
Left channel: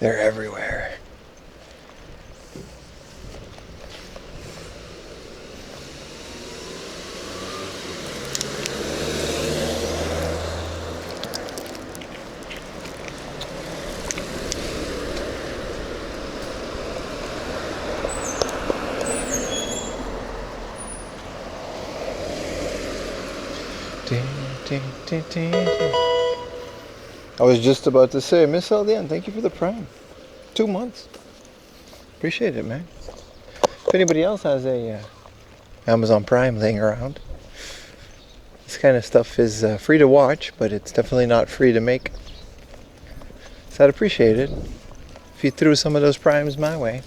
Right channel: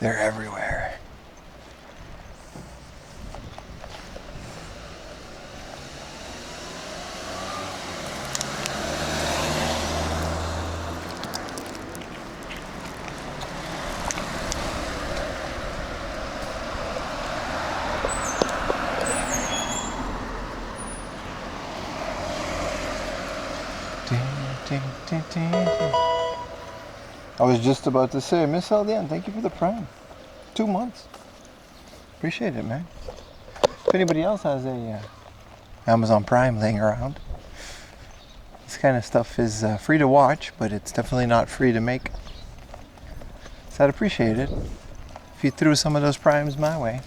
They're everywhere. I was just about to say, Miss Aldian, thank you for the Prime. 2 months. Appreciate it, man. If anybody else has a Amazon Prime laying around, this kind of stuff is free to watch, but it's definitely not free to make. So I'd appreciate it if you threw some of those Primes my way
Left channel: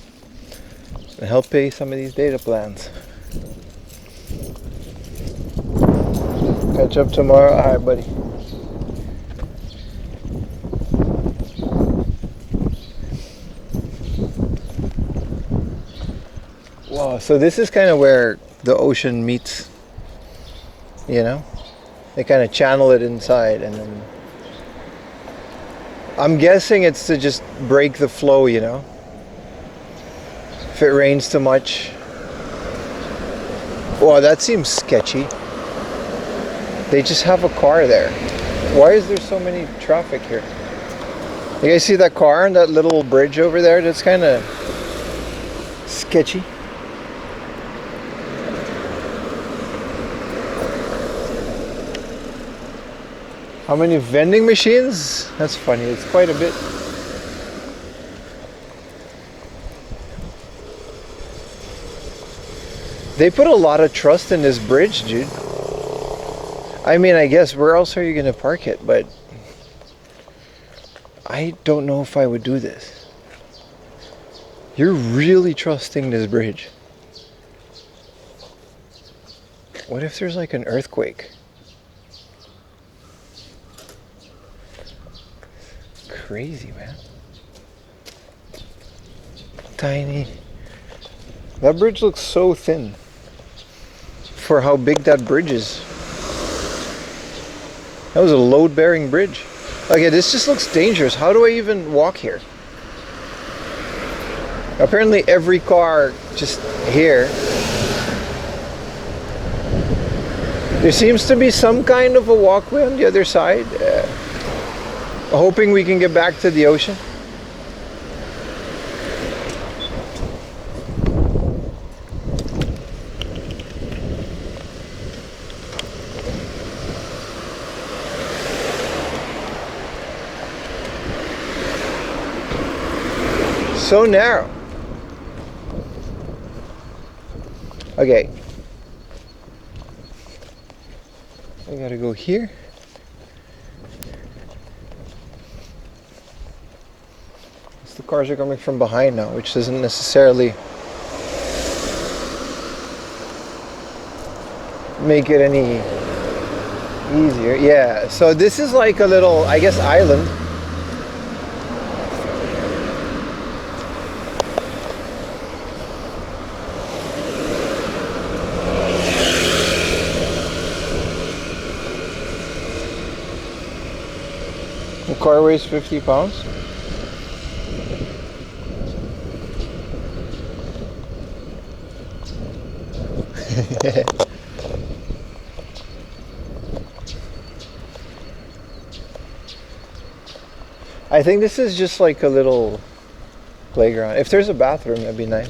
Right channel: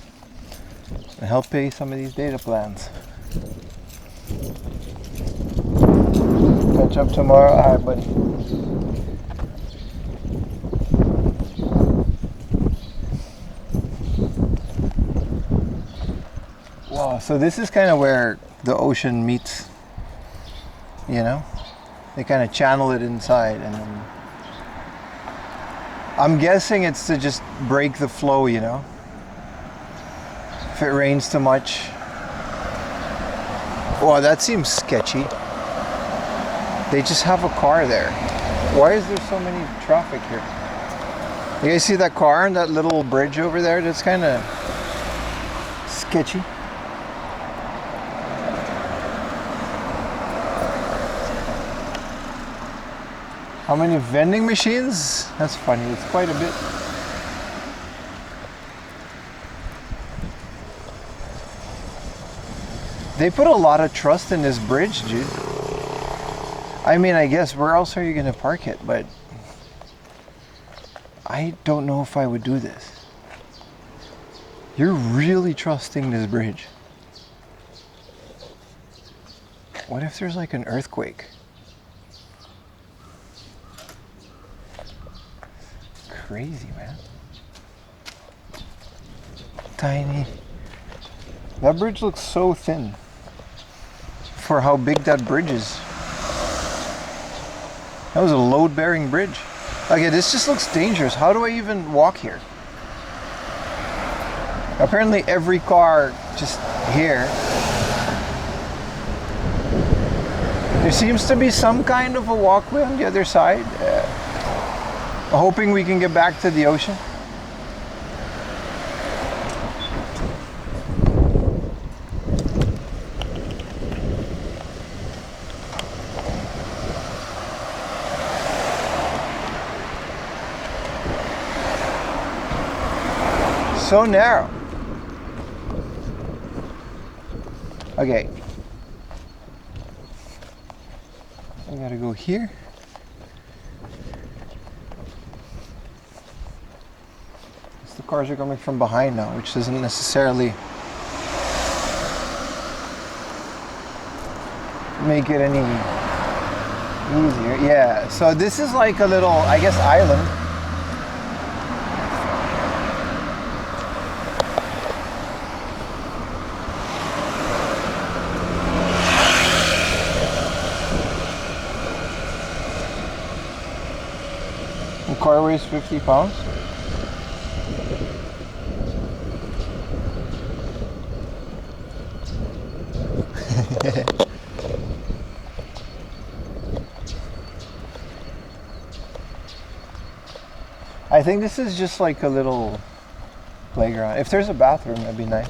and help pay some of these data plans. Catch up tomorrow. All right, buddy. Wow, so this is kind of where the ocean meets, you know? They kind of channel it inside, and then I'm guessing it's to just break the flow, you know? If it rains too much. Wow, that seems sketchy. They just have a car there. Why is there so many traffic here? You guys see that car and that little bridge over there? That's kind of sketchy. How many vending machines? That's funny. It's quite a bit. They put a lot of trust in this bridge, dude. I mean, I guess where else are you gonna park it? But I don't know if I would do this. You're really trusting this bridge. What if there's like an earthquake? Crazy, man. Tiny. That bridge looks so thin for how big that bridge is. That was a load-bearing bridge. Okay, this just looks dangerous. How do I even walk here? Apparently every car just here. There seems to be some kind of a walkway on the other side. Hoping we can get back to the ocean. So narrow. Okay. I gotta go here. The cars are coming from behind now, which doesn't necessarily make it any easier. Yeah, so this is like a little, I guess, island. The car weighs 50 pounds. I think this is just like a little playground. If there's a bathroom, that'd be nice.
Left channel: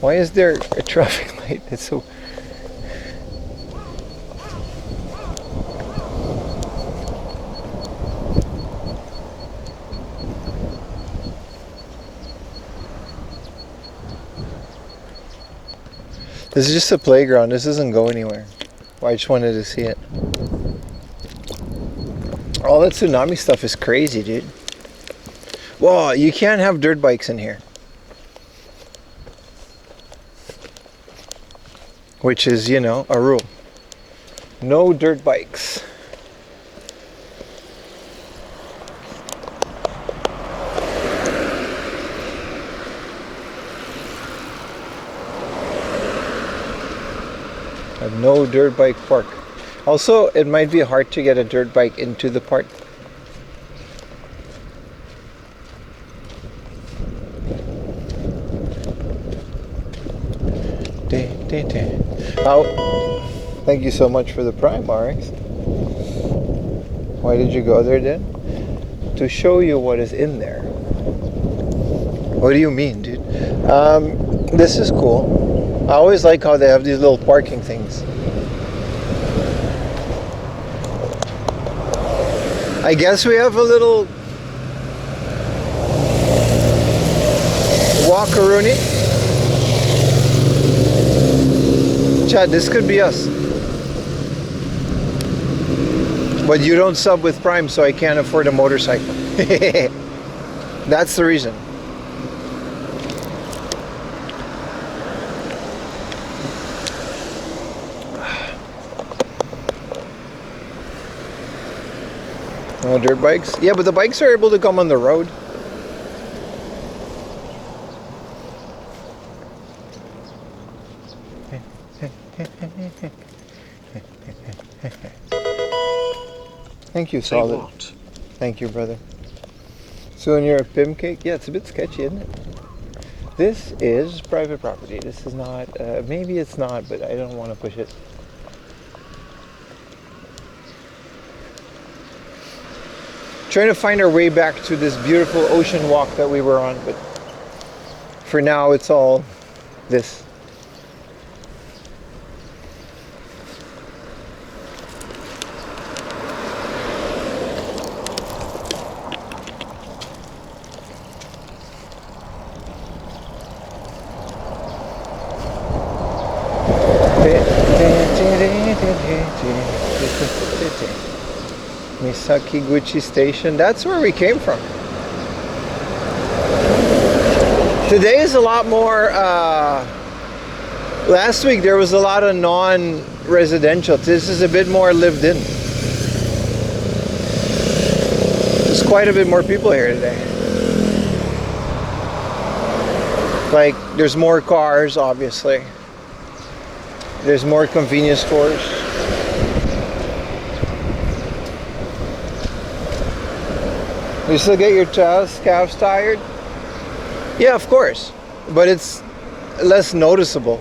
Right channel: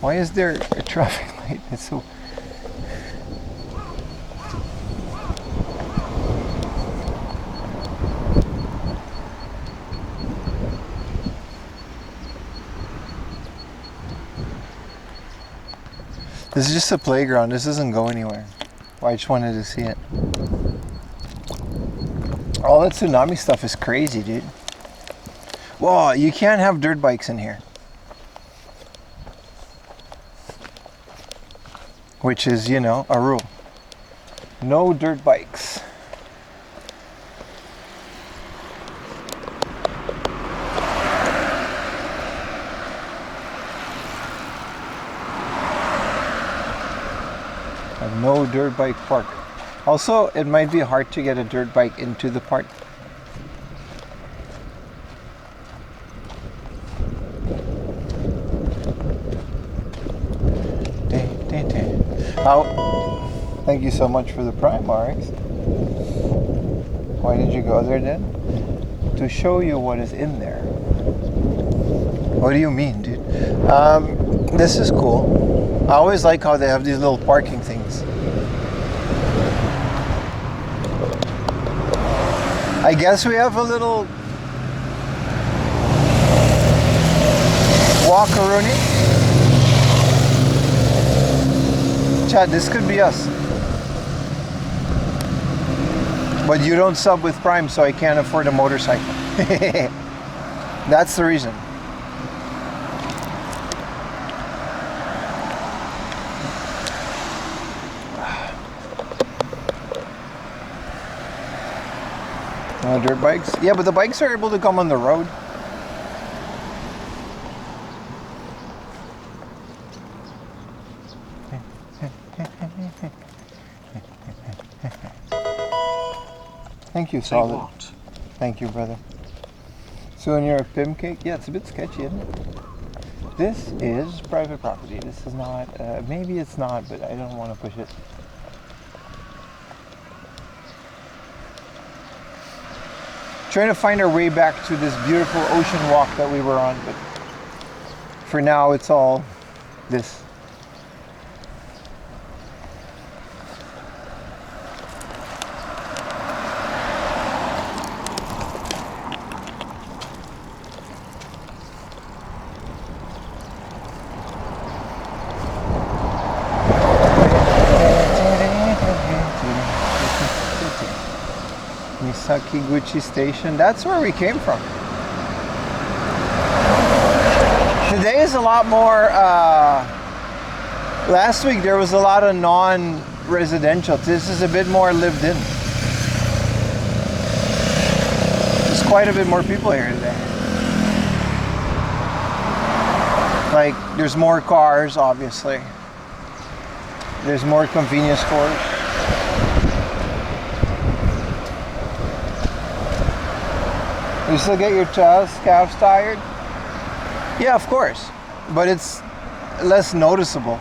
Why is there a traffic light? It's so... This is just a playground. This doesn't go anywhere. Well, I just wanted to see it. All that tsunami stuff is crazy, dude. Whoa, you can't have dirt bikes in here. Which is, you know, a rule. No dirt bikes. No dirt bike park. Also, it might be hard to get a dirt bike into the park. Thank you so much for the Prime, RX. Why did you go there then? To show you what is in there. What do you mean, dude? This is cool. I always like how they have these little parking things. I guess we have a little walk-a-rooney. Chad, this could be us. But you don't sub with Prime, so I can't afford a motorcycle. That's the reason. Dirt bikes? Yeah, but the bikes are able to come on the road. Thank you, Say Solid. what? Thank you, brother. So when you're a Pim cake, yeah, it's a bit sketchy, isn't it? This is private property. This is not, maybe it's not, but I don't want to push it. Trying to find our way back to this beautiful ocean walk that we were on, but for now it's all this. Misakiguchi Station, that's where we came from. Today is a lot more, last week there was a lot of non-residential. This is a bit more lived in. There's quite a bit more people here today. Like, there's more cars, obviously. There's more convenience stores. You still get your calves tired? Yeah, of course. But it's less noticeable.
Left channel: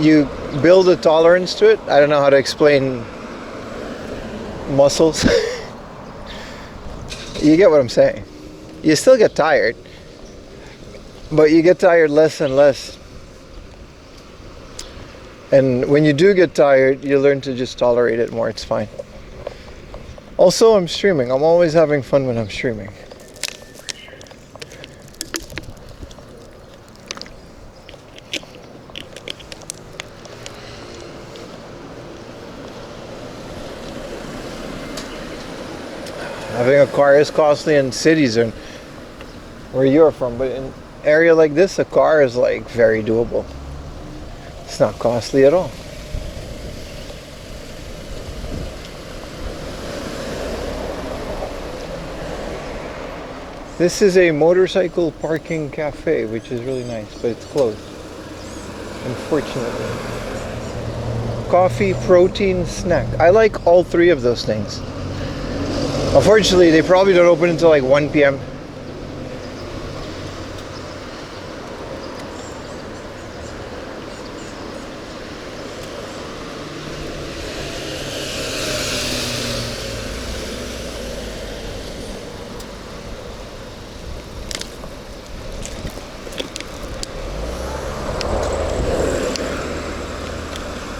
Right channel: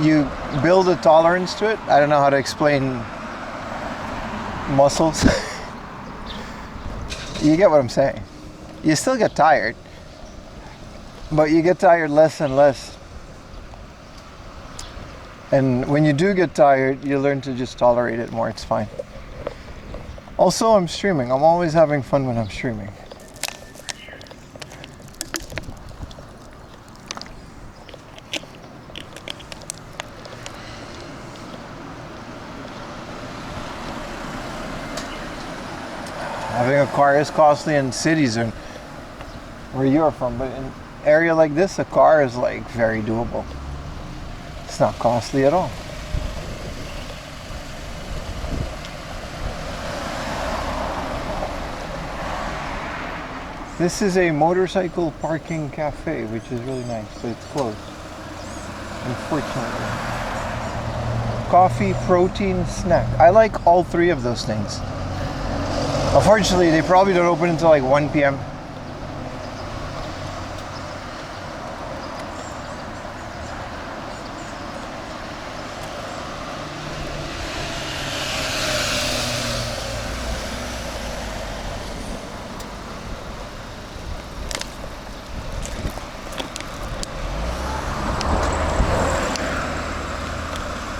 You build a tolerance to it. I don't know how to explain muscles. You get what I'm saying. You still get tired. But you get tired less and less. And when you do get tired, you learn to just tolerate it more. It's fine. Also, I'm streaming. I'm always having fun when I'm streaming. Having a car is costly in cities and where you're from, but in an area like this, a car is like very doable. It's not costly at all. This is a motorcycle parking cafe, which is really nice, but it's closed, unfortunately. Coffee, protein, snack. I like all three of those things. Unfortunately, they probably don't open until like 1 p.m.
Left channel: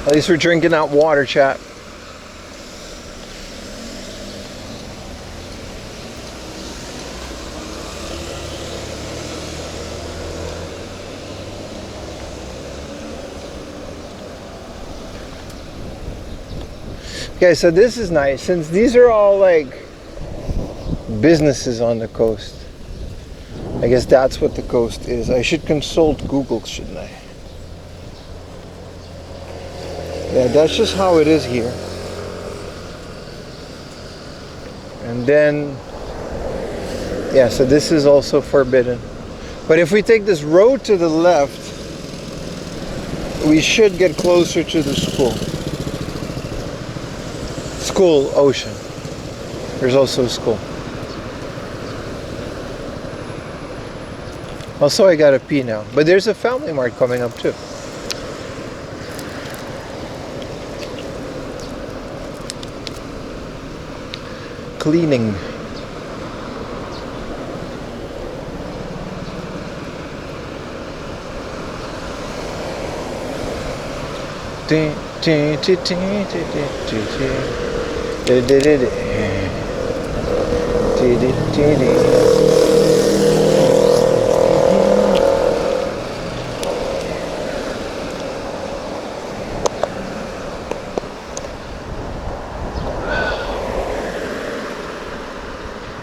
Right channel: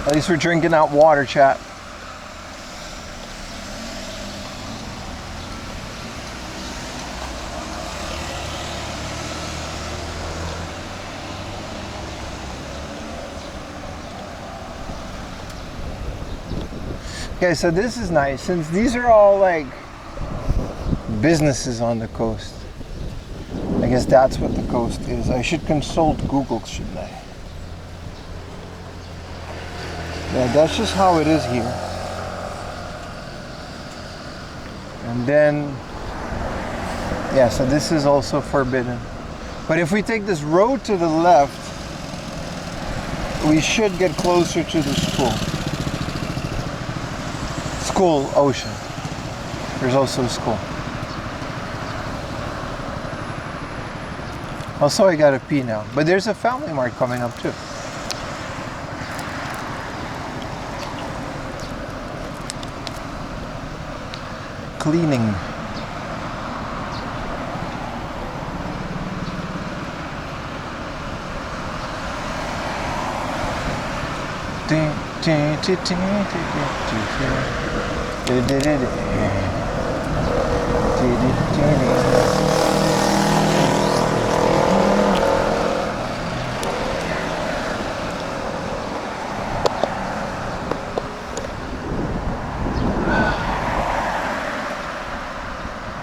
At least we're drinking out water, chat. Okay, so this is nice. Since these are all like businesses on the coast, I guess that's what the coast is. I should consult Google, shouldn't I? Yeah, that's just how it is here. And then, yeah, so this is also forbidden. But if we take this road to the left, we should get closer to the school. School, ocean. There's also a school. Also, I gotta pee now. But there's a Family Mart coming up too. Cleaning.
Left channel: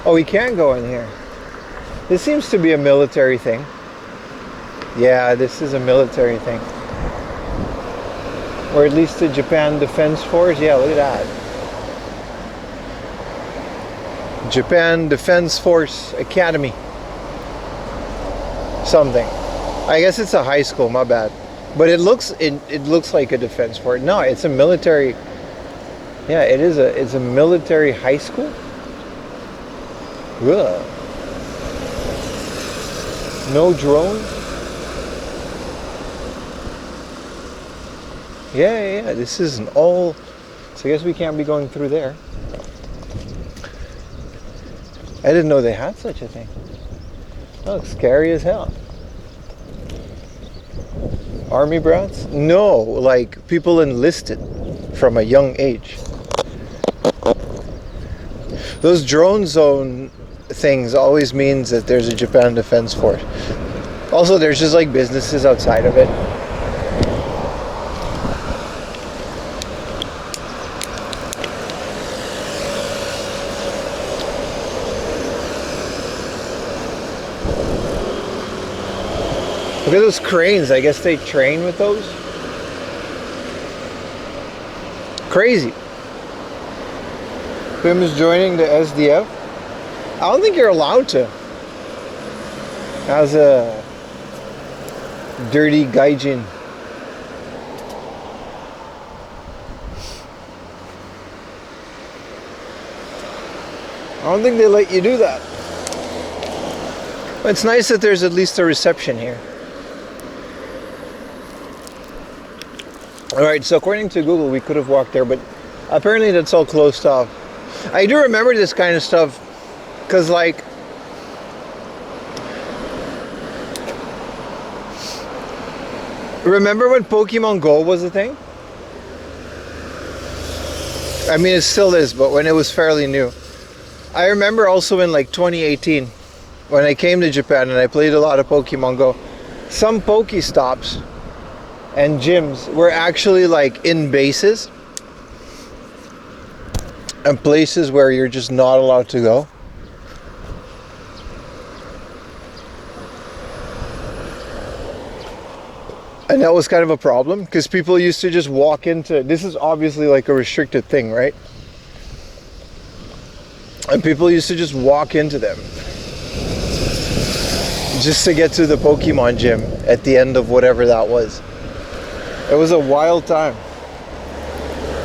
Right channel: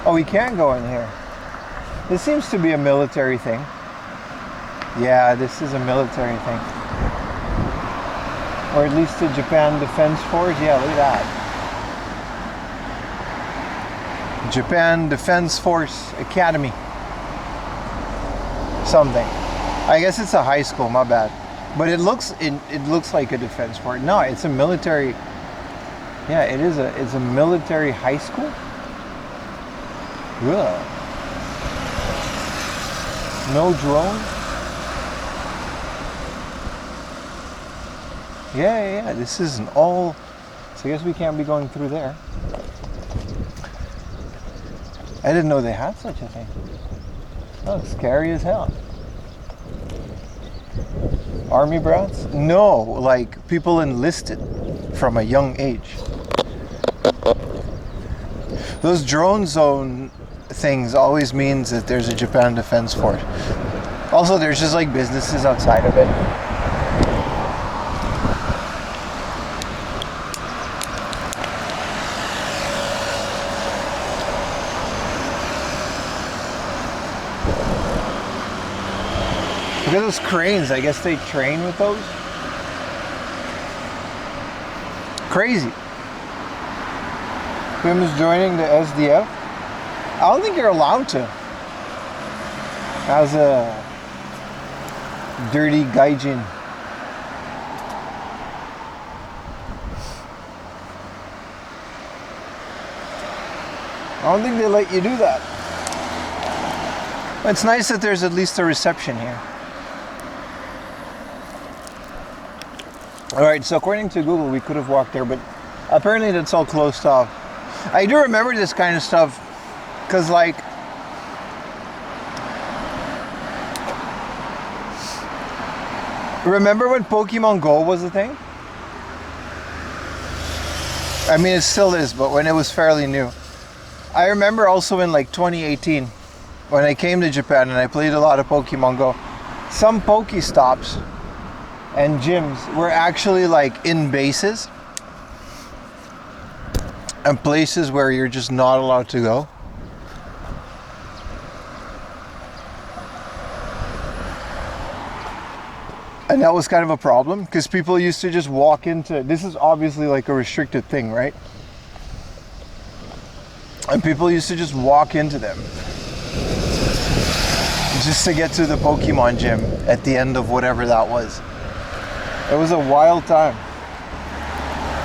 Oh, we can go in here. This seems to be a military thing. Yeah, this is a military thing. Or at least the Japan Defense Force. Yeah, look at that. Japan Defense Force Academy. Something. I guess it's a high school, my bad. But it looks like a defense force. No, it's a military. Yeah, it's a military high school. Ugh. No drones. Yeah. This isn't all. So I guess we can't be going through there. I didn't know they had such a thing. That looks scary as hell. Army brats? No, like people enlisted from a young age. Those drone zone things always means that there's a Japan Defense Force. Also, there's just like businesses outside of it. Look at those cranes. I guess they train with those. Crazy. Pim is joining the SDF. I don't think you're allowed to. As a dirty gaijin. I don't think they let you do that. It's nice that there's at least a reception here. Alright, so according to Google, we could have walked there, but apparently that's all closed off. I do remember this kind of stuff, because like, remember when Pokemon Go was a thing? I mean, it still is, but when it was fairly new. I remember also in like 2018, when I came to Japan and I played a lot of Pokemon Go, some Pokestops and gyms were actually like in bases and places where you're just not allowed to go. And that was kind of a problem because people used to just walk into, this is obviously like a restricted thing, right? And people used to just walk into them just to get to the Pokemon gym at the end of whatever that was. It was a wild time.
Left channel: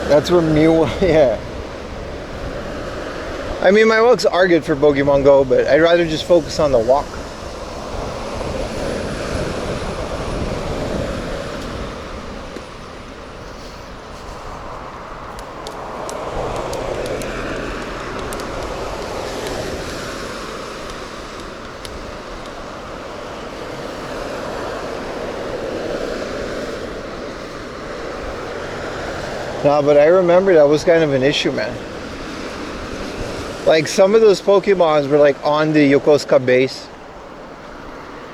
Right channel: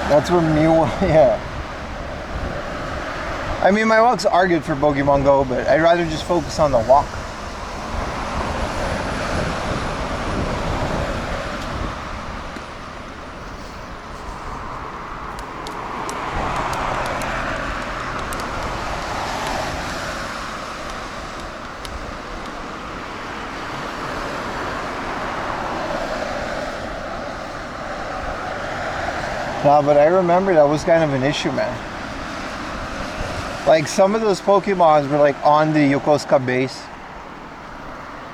That's where Mew, yeah. I mean, my walks are good for Pokemon Go, but I'd rather just focus on the walk. No, but I remember that was kind of an issue, man. Like some of those Pokemons were like on the Yokosuka base.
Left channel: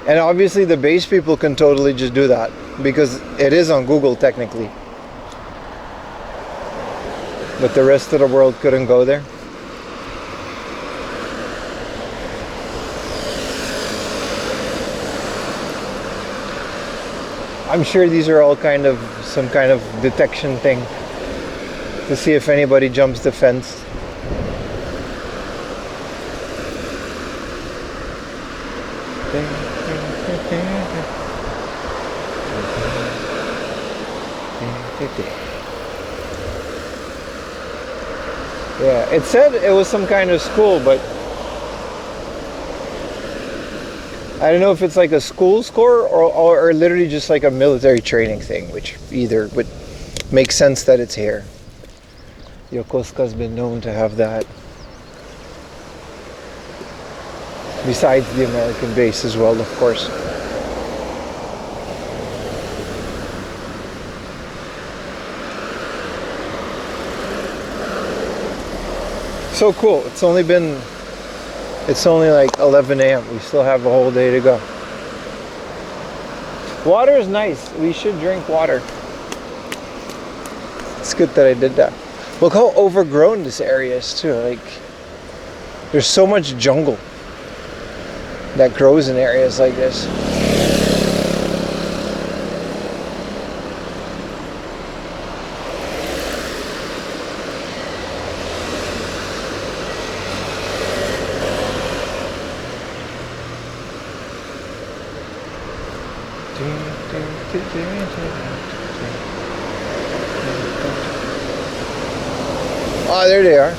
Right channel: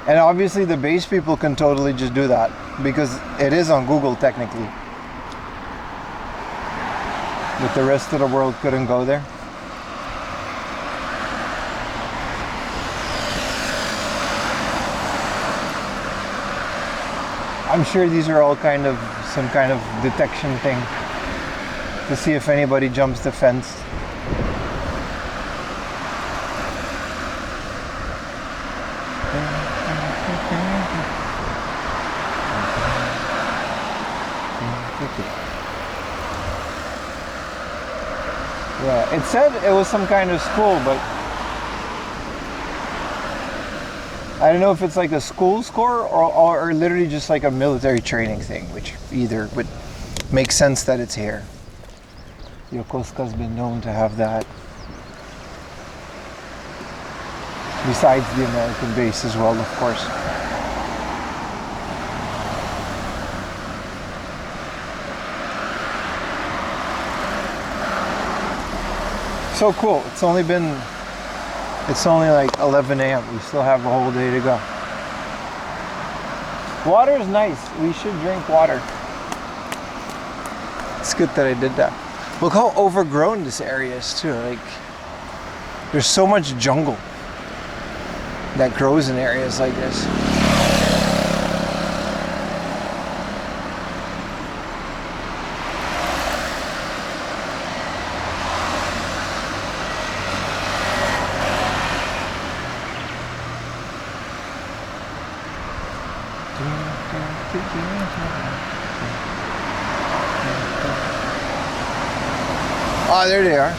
And obviously the base people can totally just do that because it is on Google technically. But the rest of the world couldn't go there. I'm sure these are all kind of some kind of detection thing to see if anybody jumps the fence. Yeah, it said it was some kind of school, but I don't know if it's like a school score or literally just like a military training thing, which either would make sense that it's here. Yokosuka's been known to have that. Besides the American base as well, of course. So cool. It's only like 11 a.m. We still have a whole day to go. Water is nice. We should drink water. It's good that I did that. Look how overgrown this area is too. Like, There's so much jungle that grows in areas like this. Ah, there they are.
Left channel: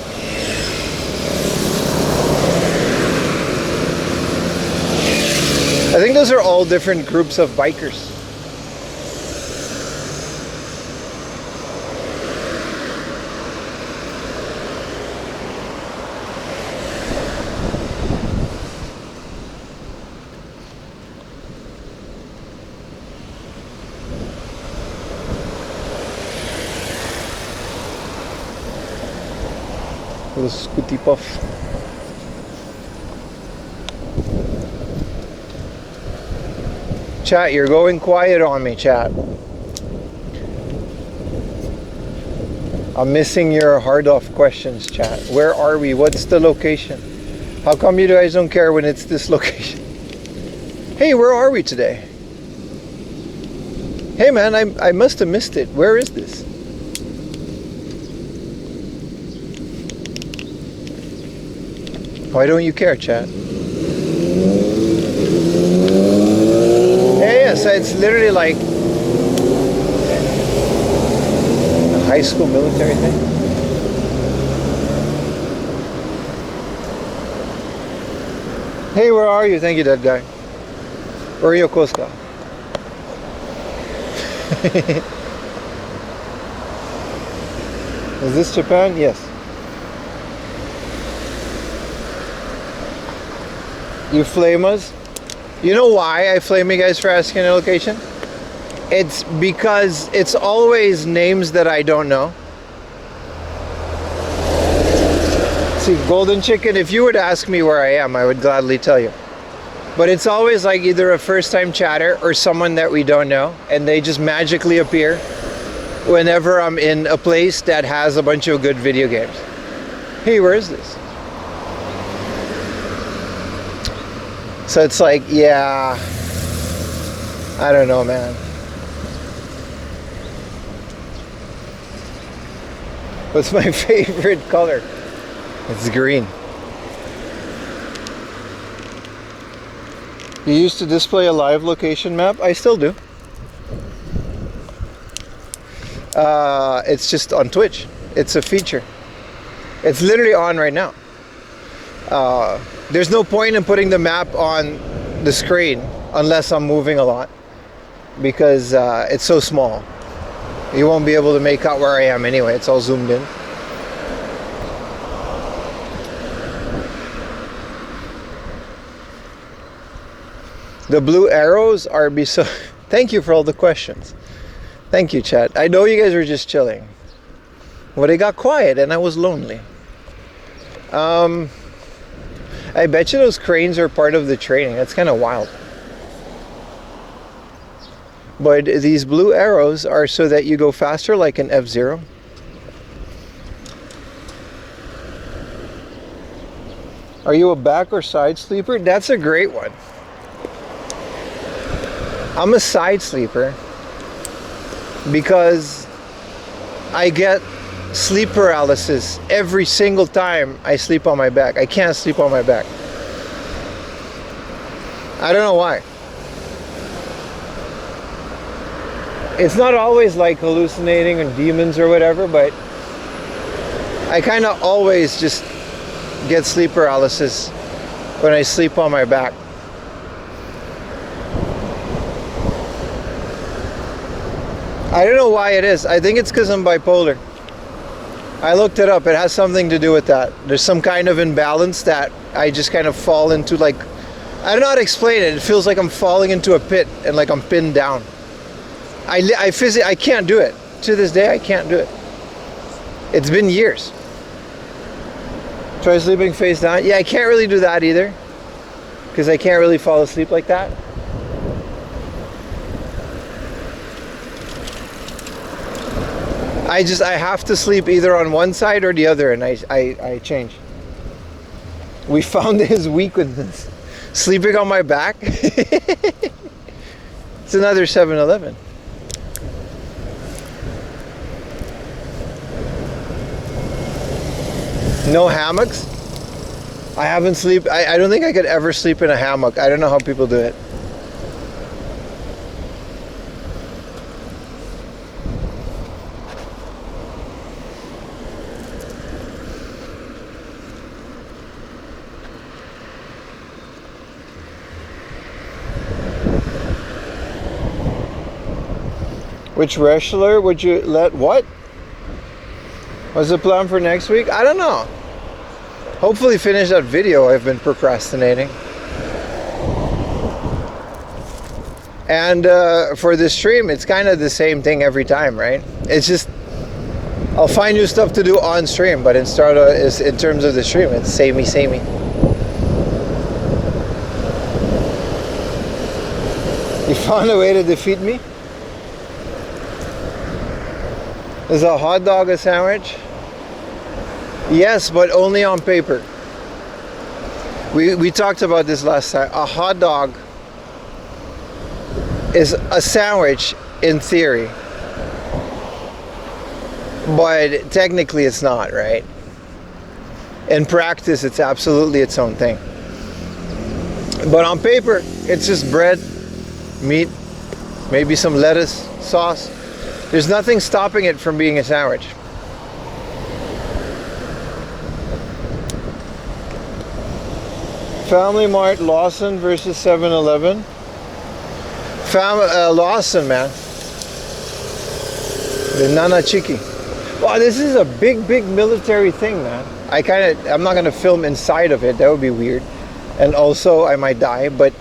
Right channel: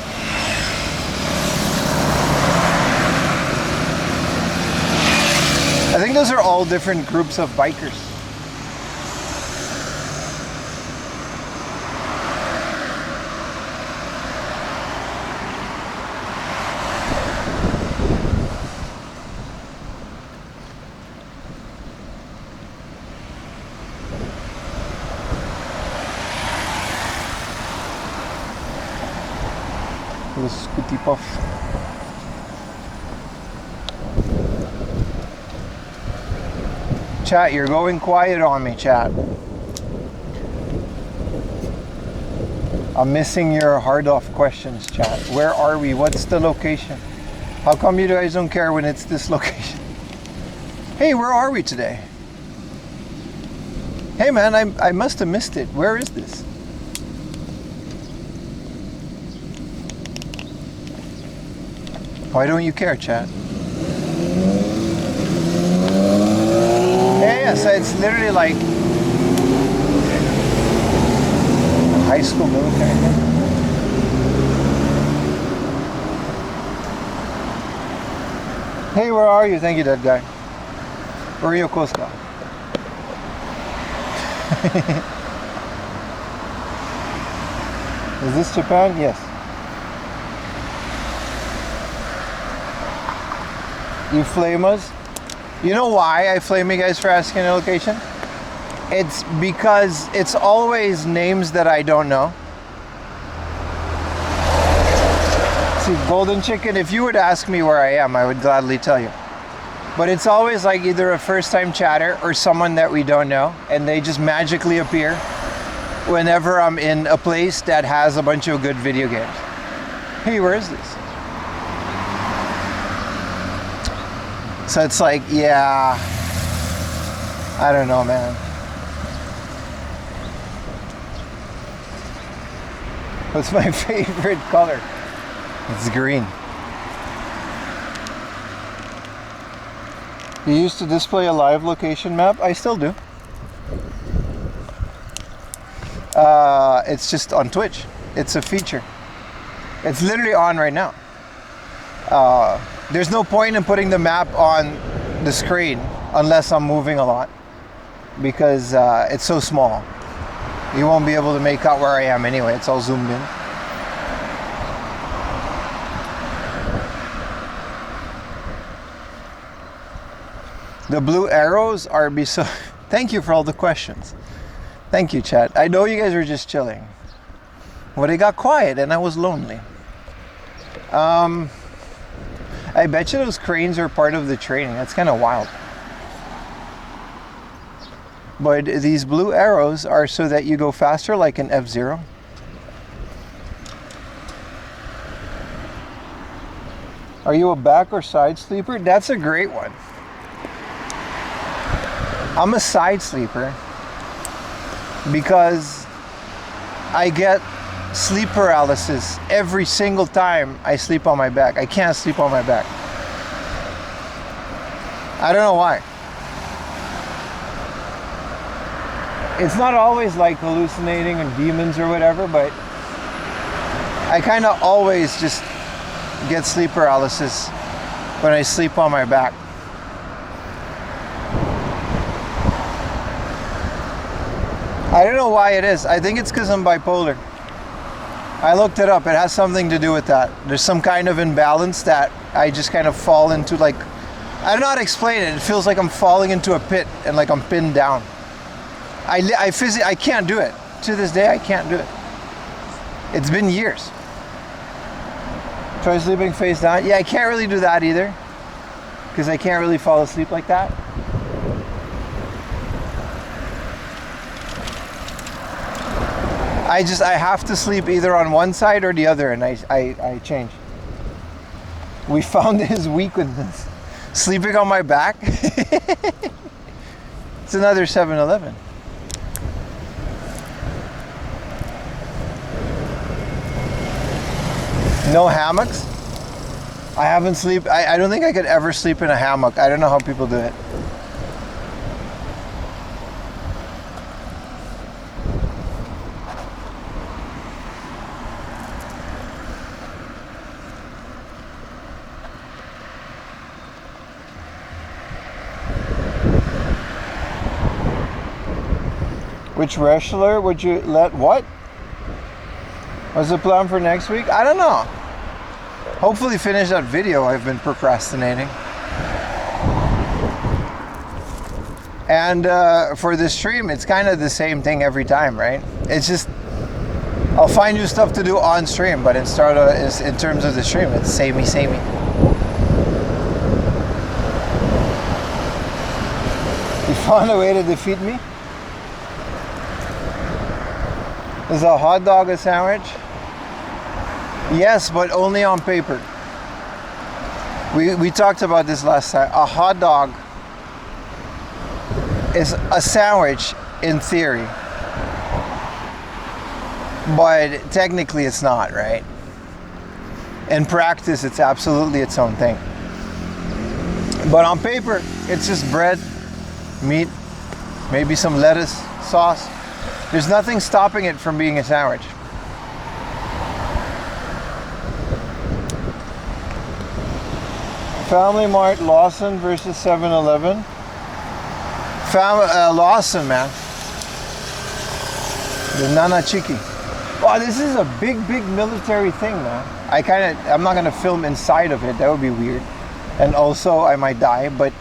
I think those are all different groups of bikers. Little scooty puff. Chat, you're going quiet on me, chat. I'm missing your hard off questions, chat. Where are we? What's the location? How come you guys don't care when it's this location? Hey, where are we today? Hey man, I must have missed it. Where is this? Why don't you care, chat? Yeah, so it's literally like a high school military thing. Hey, where are you? Thank you, that guy. Where are you, Koska? Is this Japan? Yes. You flame us? You know why I flame you guys for asking a location? It's because it's always names that I don't know. See, Golden Chicken, if you would ask me where I am, I would gladly tell you. But it's always like either a first-time chatter or someone that we don't know, and they just magically appear whenever I'm in a place that has a bunch of good video games. Hey, where is this? So it's like, yeah, I don't know, man. What's my favorite color? It's green. You used to display a live location map? I still do. It's just on Twitch. It's a feature. It's literally on right now. There's no point in putting the map on the screen unless I'm moving a lot, because it's so small. You won't be able to make out where I am anyway. It's all zoomed in. The blue arrows are so. Thank you for all the questions. Thank you, chat. I know you guys were just chilling. Well, it got quiet and I was lonely. I bet you those cranes are part of the training. That's kind of wild. But these blue arrows are so that you go faster, like an F-Zero. Are you a back or side sleeper? That's a great one. I'm a side sleeper because I get sleep paralysis every single time I sleep on my back. I can't sleep on my back. I don't know why. It's not always like hallucinating and demons or whatever, but I kind of always just get sleep paralysis when I sleep on my back. I don't know why it is. I think it's because I'm bipolar. I looked it up. It has something to do with that. There's some kind of imbalance that I just kind of fall into, like, I don't know how to explain it. It feels like I'm falling into a pit and like I'm pinned down. I can't do it. To this day, I can't do it. It's been years. Try sleeping face down. Yeah, I can't really do that either, because I can't really fall asleep like that. I have to sleep either on one side or the other, and I change. We found his weakness. Sleeping on my back. It's another 7-Eleven. No hammocks? I haven't sleep. I don't think I could ever sleep in a hammock. I don't know how people do it. Which wrestler would you let what? What's the plan for next week? I don't know. Hopefully finish that video I've been procrastinating. And for the stream, it's kind of the same thing every time, right? It's just, I'll find new stuff to do on stream, but in terms of the stream, it's samey. You found a way to defeat me? Is a hot dog a sandwich? Yes, but only on paper. We talked about this last time. A hot dog is a sandwich in theory, but technically it's not, right? In practice, it's absolutely its own thing. But on paper, it's just bread, meat, maybe some lettuce, sauce. There's nothing stopping it from being a sandwich. Family Mart Lawson versus 7-Eleven. Lawson, man. The Nana Chiki. Wow, this is a big military thing, man. I'm not gonna film inside of it. That would be weird. And also, I might die, but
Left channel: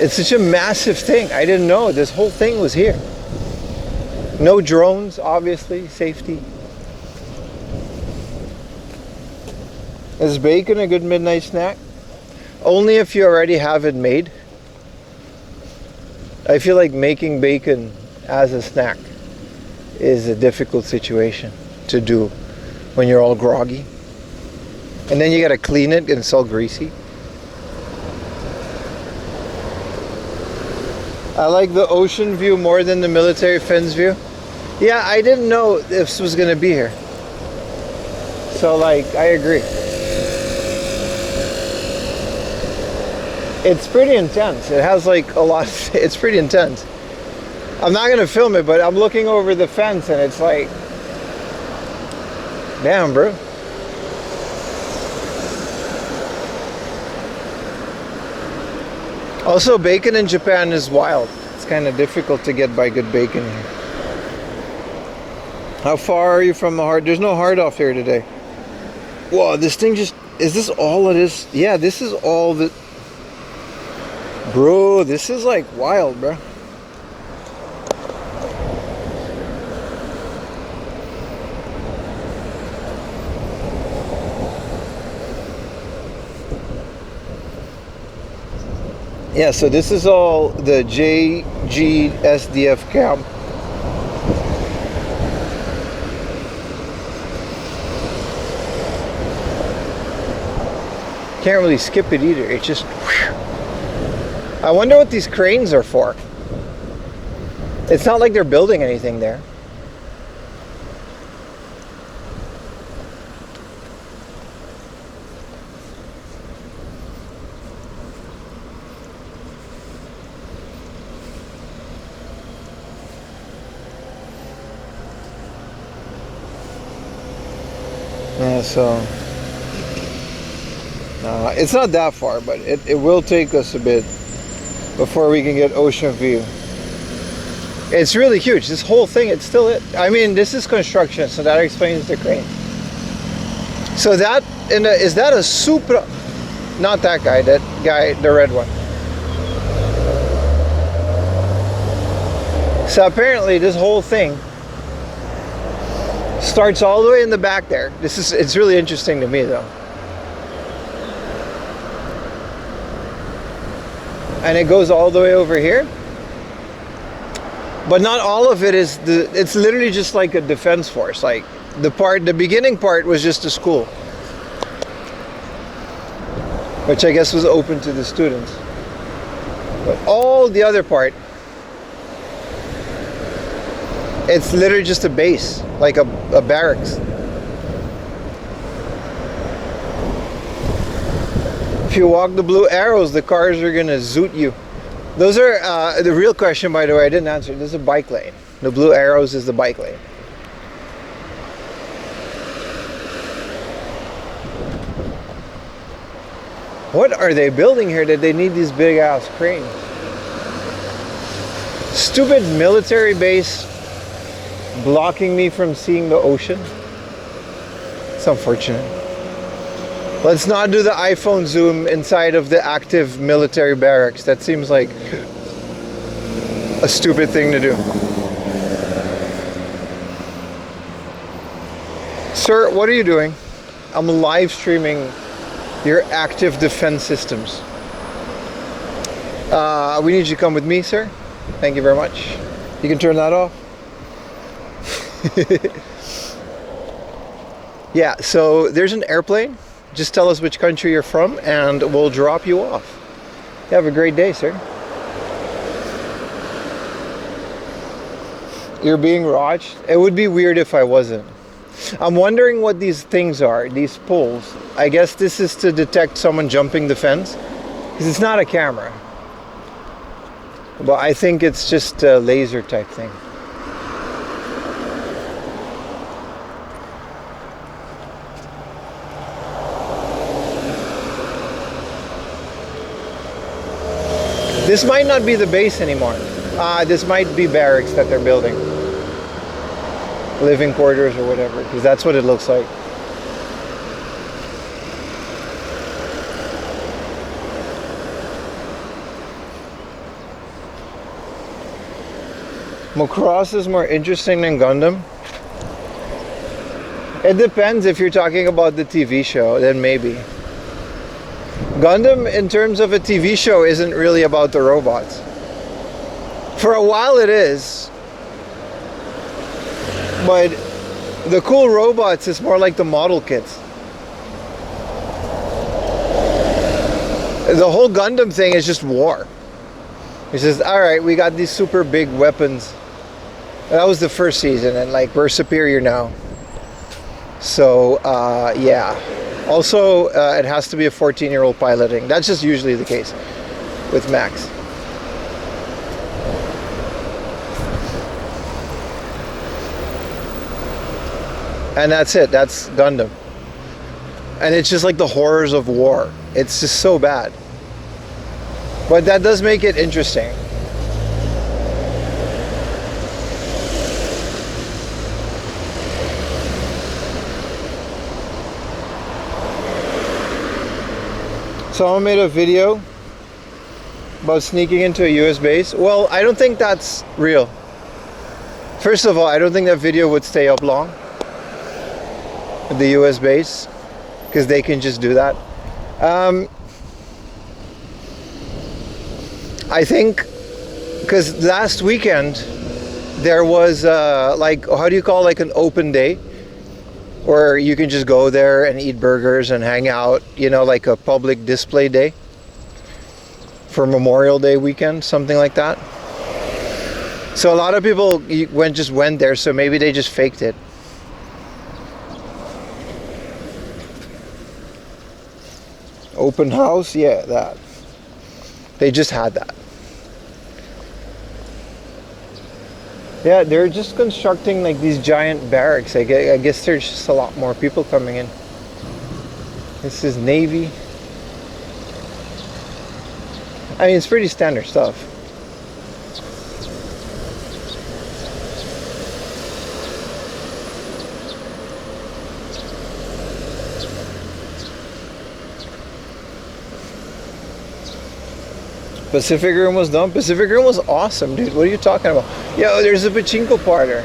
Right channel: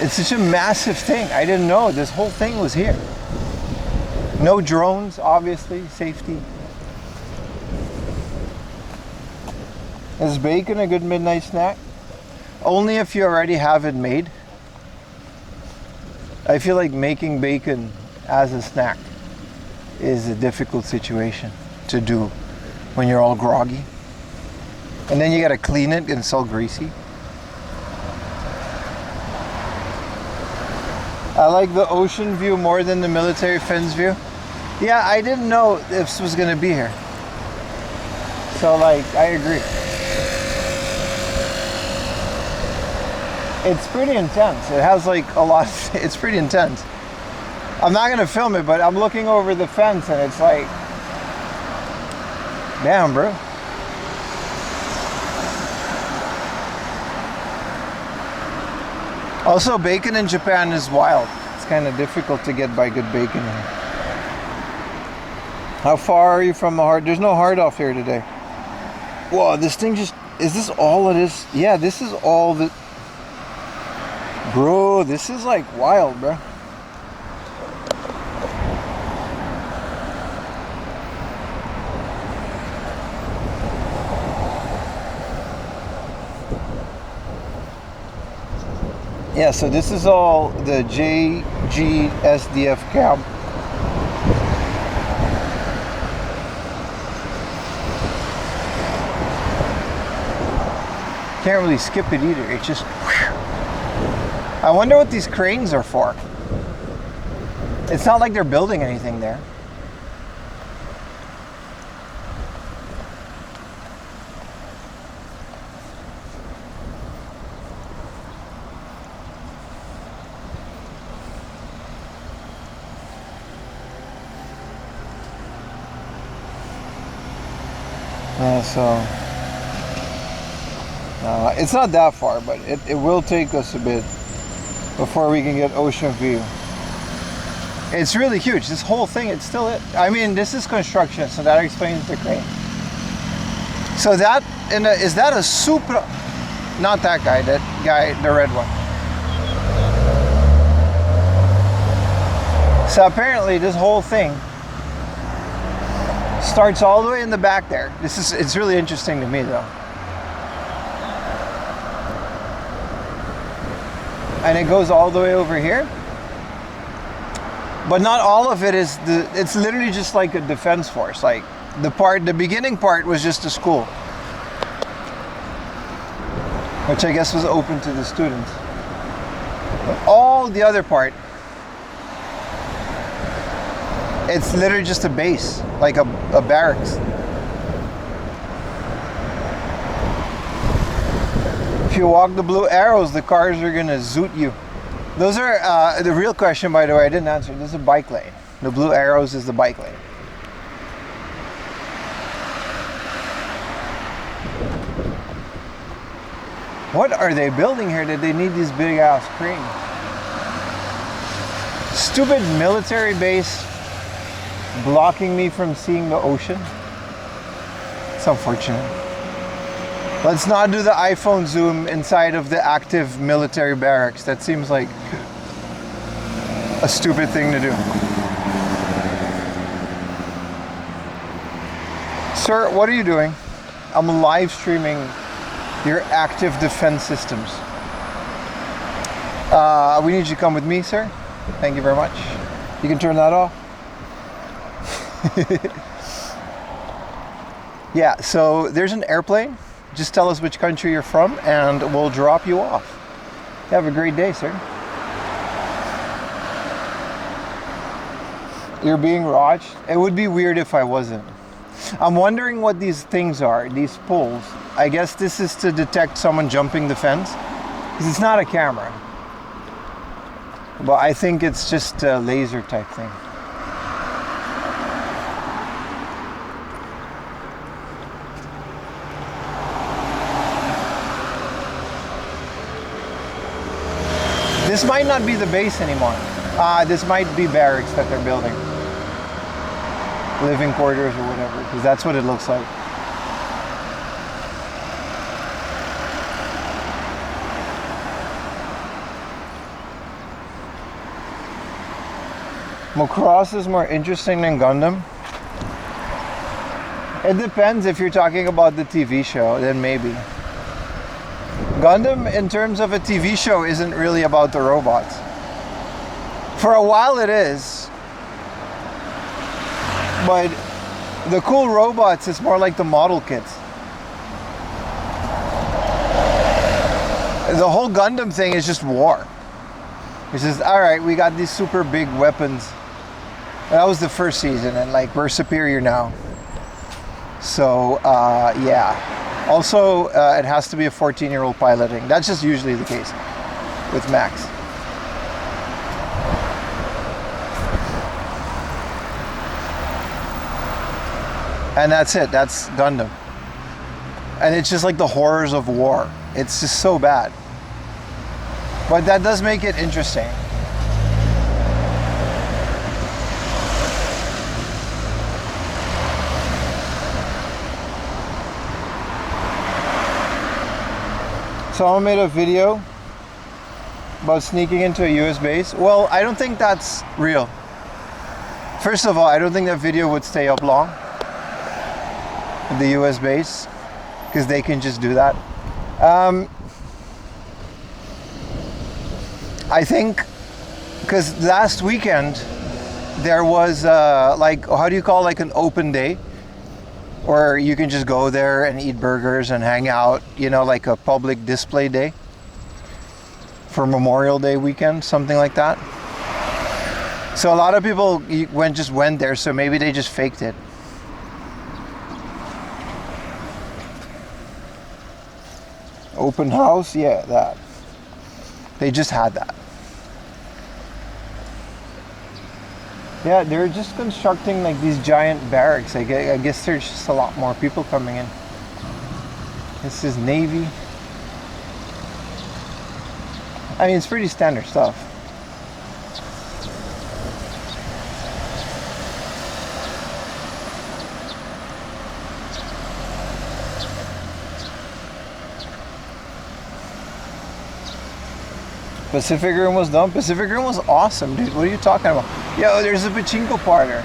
it's such a massive thing. I didn't know this whole thing was here. No drones, obviously, safety. Is bacon a good midnight snack? Only if you already have it made. I feel like making bacon as a snack is a difficult situation to do when you're all groggy. And then you gotta clean it and it's all greasy. I like the ocean view more than the military fence view. Yeah, I didn't know this was gonna be here. So like, I agree. It's pretty intense. It has like a lot, it's pretty intense. I'm not gonna film it, but I'm looking over the fence and it's like, damn, bro. Also, bacon in Japan is wild. It's kind of difficult to get by good bacon here. How far are you from the hard? There's no hard off here today. Whoa, this thing just, is this all it is? Yeah, this is all that. Bro, this is like wild, bro. Yeah, so this is all the JGSDF camp. Can't really skip it either. It's just whew. I wonder what these cranes are for. It's not like they're building anything there. So it's not that far, but it will take us a bit before we can get ocean view. It's really huge. This whole thing, it's still it. I mean, this is construction, so that explains the crane. So that is that a Supra? Not that guy. That guy, the red one. So apparently, this whole thing starts all the way in the back there. It's really interesting to me though. And it goes all the way over here. But not all of it is it's literally just like a defense force. Like the beginning part was just a school. which I guess was open to the students. But all the other part, it's literally just a base, like a barracks. If you walk the blue arrows, the cars are gonna zoot you. Those are the real question, by the way. I didn't answer. This is a bike lane. The blue arrows is the bike lane. What are they building here that they need these big ass cranes? Stupid military base blocking me from seeing the ocean. It's unfortunate. Let's not do the iPhone zoom inside of the active military barracks. That seems like a stupid thing to do. Sir, what are you doing? I'm live streaming your active defense systems. We need you to come with me, sir. Thank you very much. You can turn that off. Yeah, so there's an airplane. Just tell us which country you're from and we'll drop you off. You have a great day, sir. You're being watched? It would be weird if I wasn't. I'm wondering what these things are, these poles. I guess this is to detect someone jumping the fence, because it's not a camera. But I think it's just a laser type thing. This might not be the base anymore. This might be barracks that they're building. Living quarters or whatever, because that's what it looks like. Macross is more interesting than Gundam. It depends. If you're talking about the TV show, then maybe. Gundam, in terms of a TV show, isn't really about the robots. For a while it is. But the cool robots is more like the model kits. The whole Gundam thing is just war. It's just, alright, we got these super big weapons. That was the first season, and like, we're superior now. So, yeah. Also, it has to be a 14-year-old piloting. That's just usually the case with Max. And that's it. That's Gundam. And it's just like the horrors of war. It's just so bad. But that does make it interesting. Someone made a video about sneaking into a US base. Well, I don't think that's real. First of all, I don't think that video would stay up long. The US base, because they can just do that. I think because last weekend there was like, how do you call, like an open day where you can just go there and eat burgers and hang out, you know, like a public display day for Memorial Day weekend, something like that. So a lot of people just went there, so maybe they just faked it. Open house, yeah, that. They just had that. Yeah, they're just constructing like these giant barracks. I guess there's just a lot more people coming in. This is Navy. I mean, it's pretty standard stuff. Pacific Room was done. Pacific Room was awesome, dude. What are you talking about? Yo, there's a pachinko parlor.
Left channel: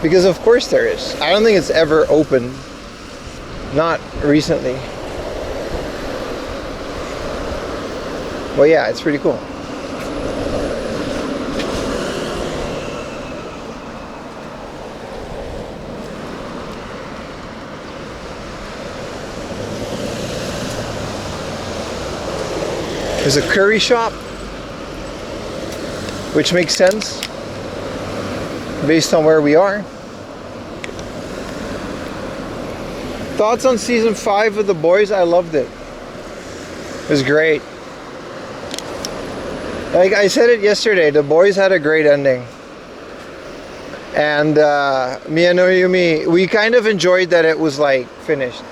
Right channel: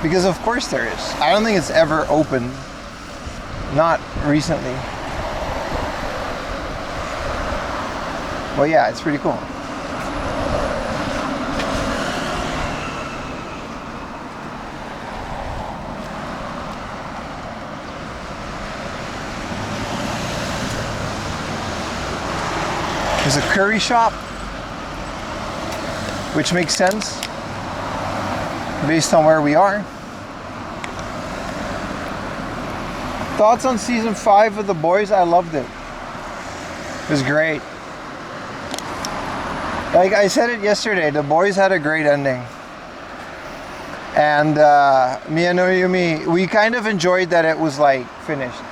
Because of course there is. I don't think it's ever open. Not recently. Well, yeah, it's pretty cool. There's a curry shop, which makes sense based on where we are. Thoughts on season 5 of The Boys? I loved it. It was great. Like I said it yesterday, The Boys had a great ending. And Mia no Yumi, we kind of enjoyed that it was like finished.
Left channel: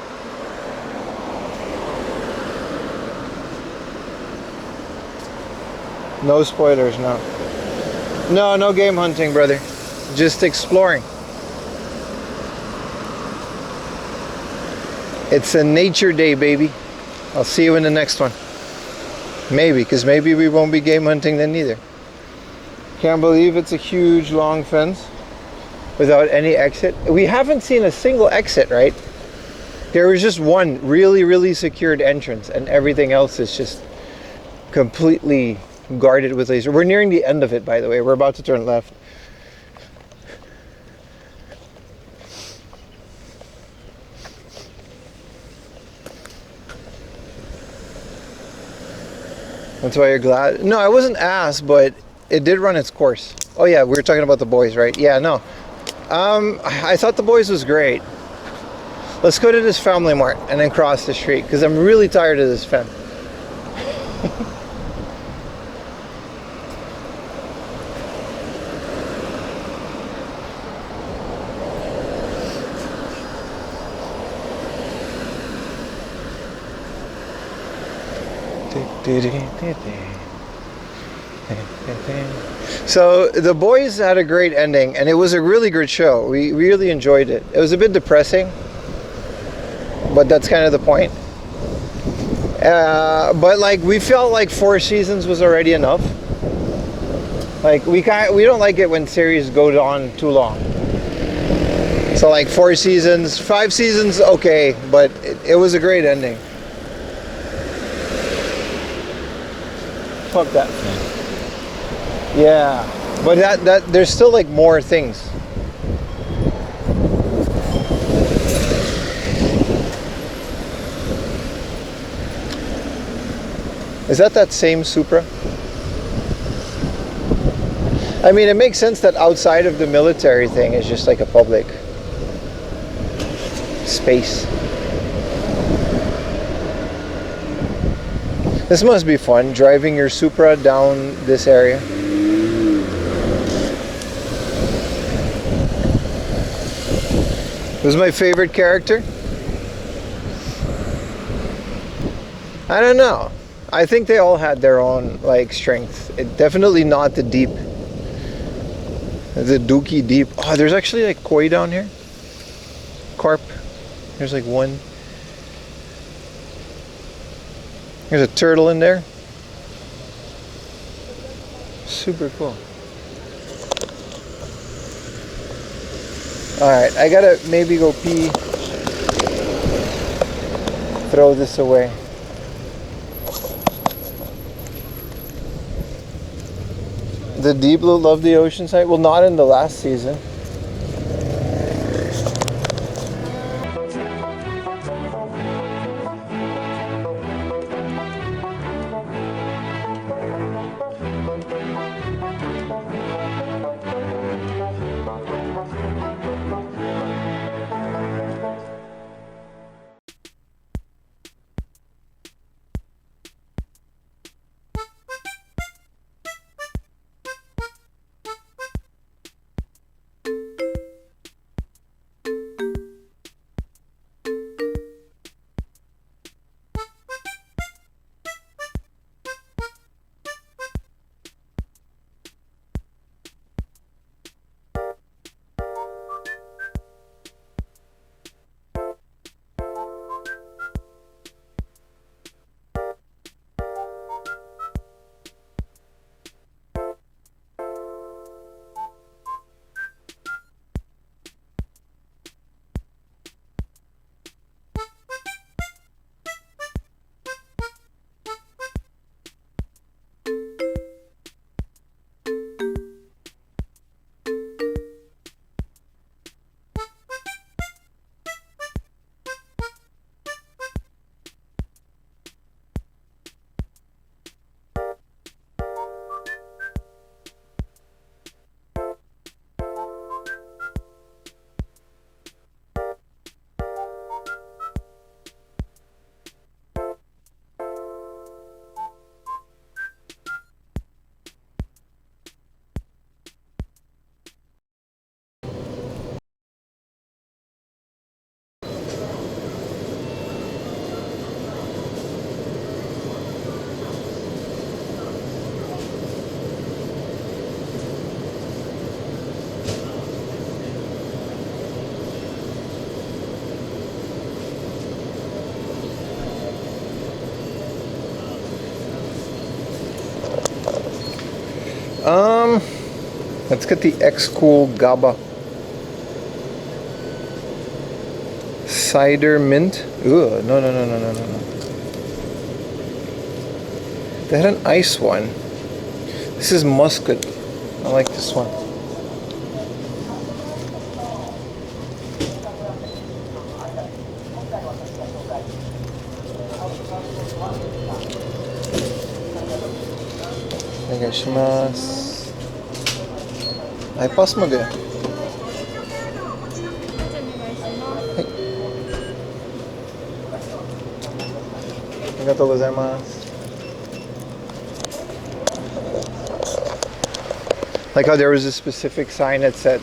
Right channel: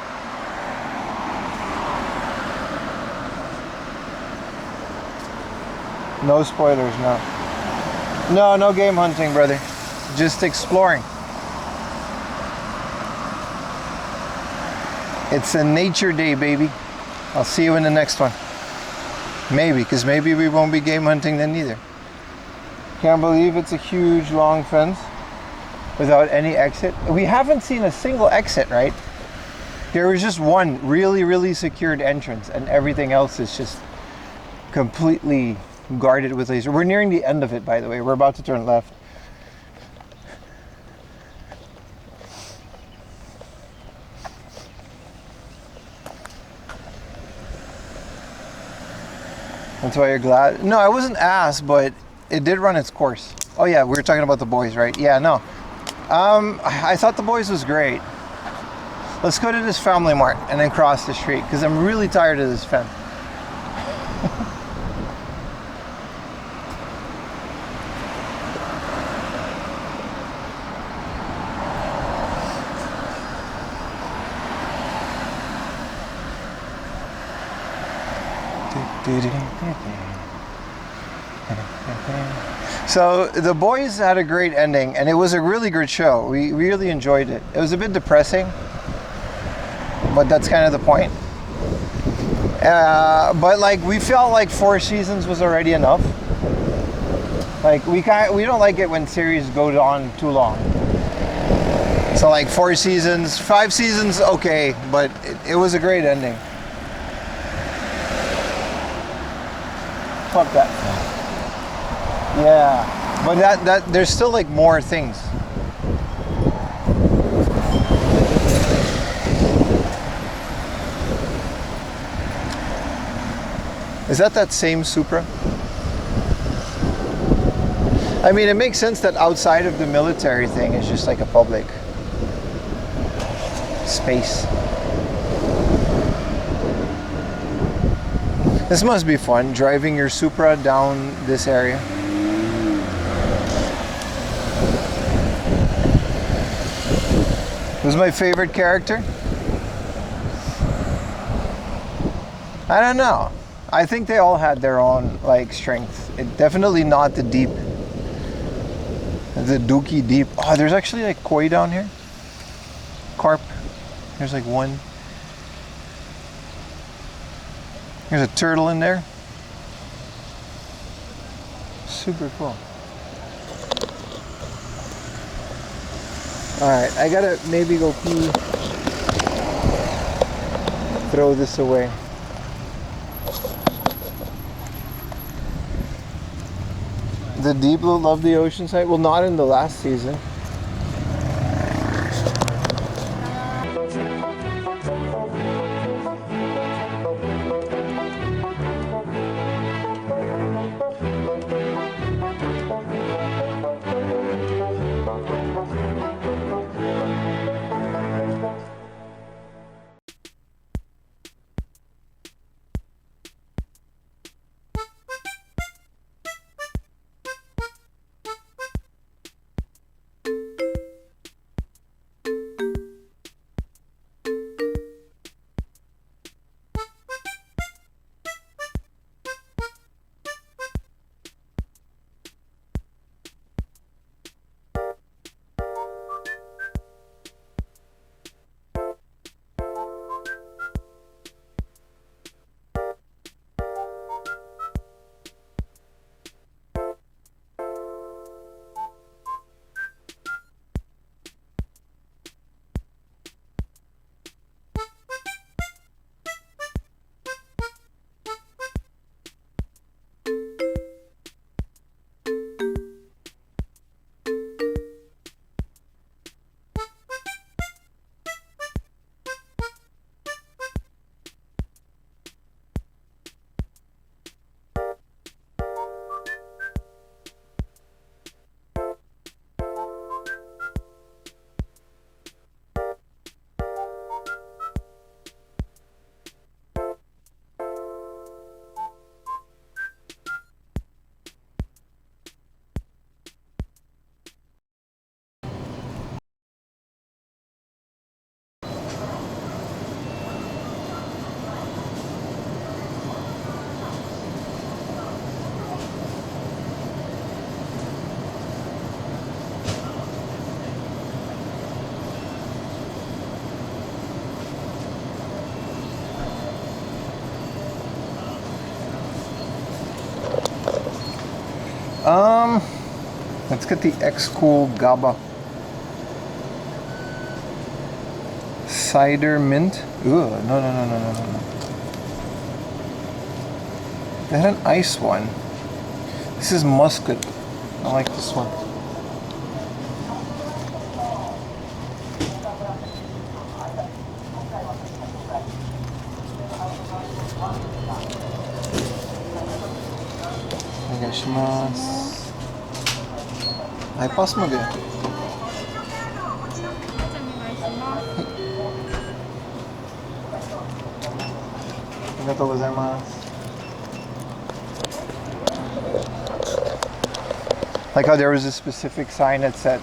No spoilers, no. No game hunting, brother. Just exploring. It's a nature day, baby. I'll see you in the next one. Maybe, because maybe we won't be game hunting then either. Can't believe it's a huge long fence without any exit. We haven't seen a single exit, right? There was just one really secured entrance, and everything else is just completely guarded with laser. We're nearing the end of it, by the way. We're about to turn left. That's why you're glad? No, I wasn't asked, but it did run its course. Oh yeah, we were talking about The Boys, right? Yeah, no. I thought The Boys was great. Let's go to this Family Mart and then cross the street, because I'm really tired of this fence. So The Boys had a great ending, and it was a really good show. We really enjoyed it. It was a bit depressing, but that's kind of the point. But like, we felt like 4 seasons was already enough. Like, we don't like it when series go on too long. So like 4 seasons, 5 seasons, okay, but it was a great ending. Fuck that. Yeah, but that there's still like more things. Is that same Supra? I mean, it makes sense that outside of the military thing is just like a public space. This must be fun, driving your Supra down this area. Who's my favorite character? I don't know. I think they all had their own like strength. Definitely not the deep. The Dookie deep. Oh, there's actually like koi down here. Carp. There's like one. There's a turtle in there. Super cool. Alright, I gotta maybe go pee. Throw this away. The Deep Blue loved the ocean side. Well, not in the last season. Let's get the X-Cool GABA. Cider mint. Ooh, no. They had an ice one. This is muscat. I like this one. Onegaishimasu. Hi, pass mo ga. Arigatou gozaimasu. Like how there was a specific sign that said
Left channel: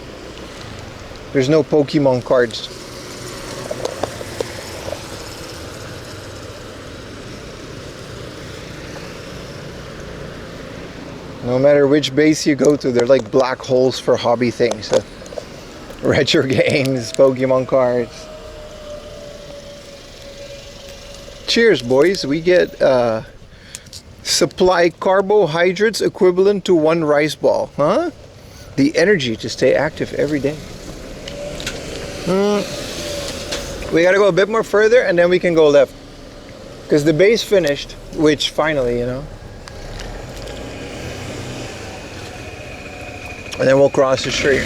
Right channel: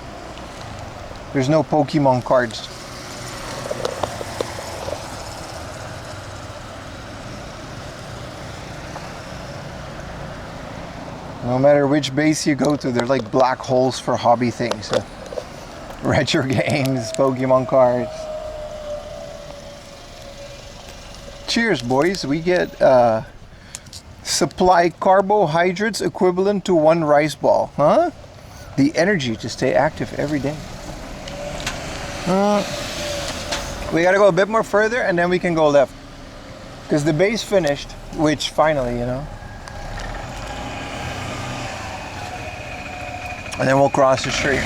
there's no Pokemon cards. No matter which base you go to, they're like black holes for hobby things. Retro games, Pokemon cards. Cheers, boys. We get supply carbohydrates equivalent to 1 rice ball. Huh? The energy to stay active every day. We gotta go a bit more further and then we can go left. Because the base finished, which finally, you know. And then we'll cross the street.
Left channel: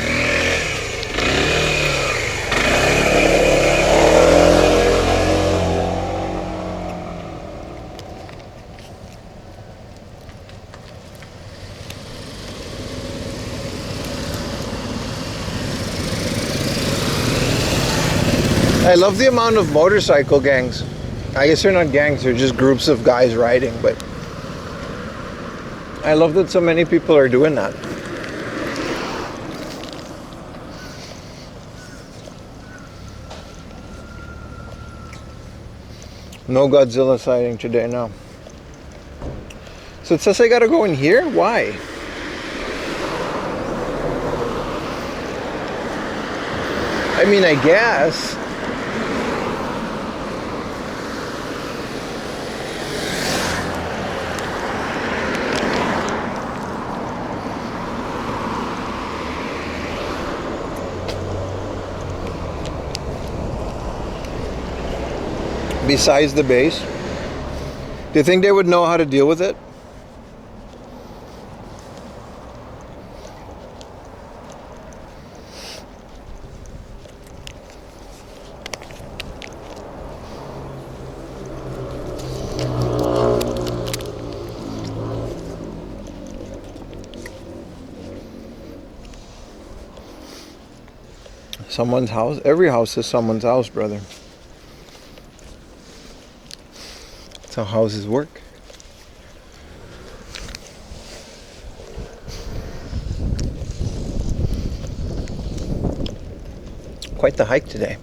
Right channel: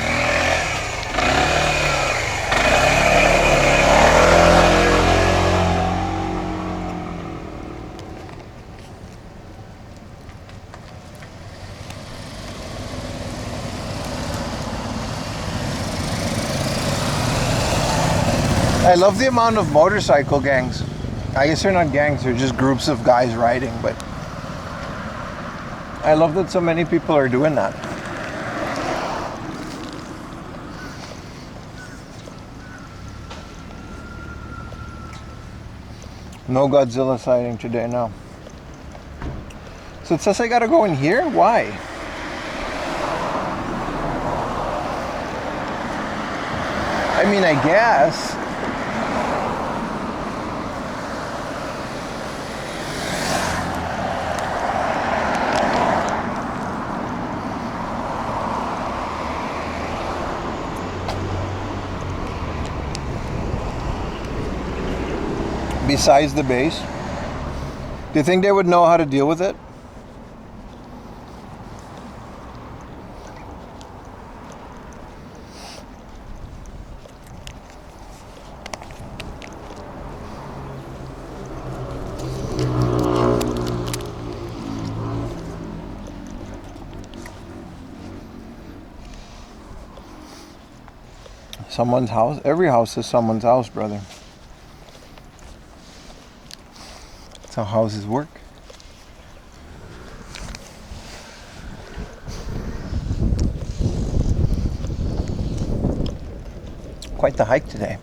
I love the amount of motorcycle gangs. I guess they're not gangs, they're just groups of guys riding, but I love that so many people are doing that. No Godzilla sighting today, no. So it says I gotta go in here? Why? I mean, I guess. Besides the base, do you think they would know how to deal with it? Someone's house? Every house is someone's house, brother. That's how houses work. Quite the hike today.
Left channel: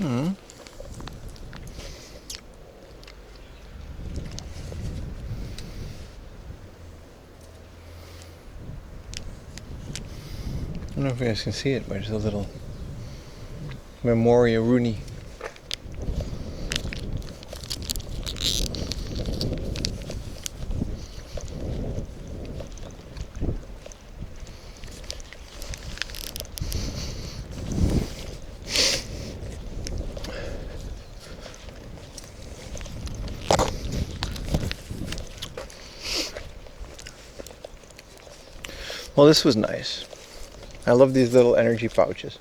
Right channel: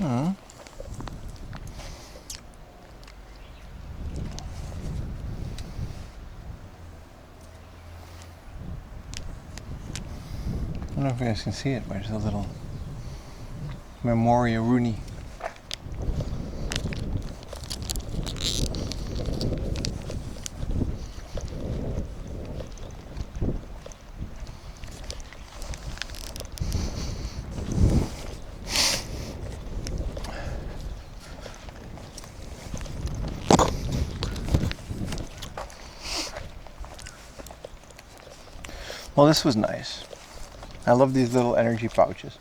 I don't know if you guys can see it, but there's a little Memoria Rooney. Well, this was nice. I love these little energy pouches.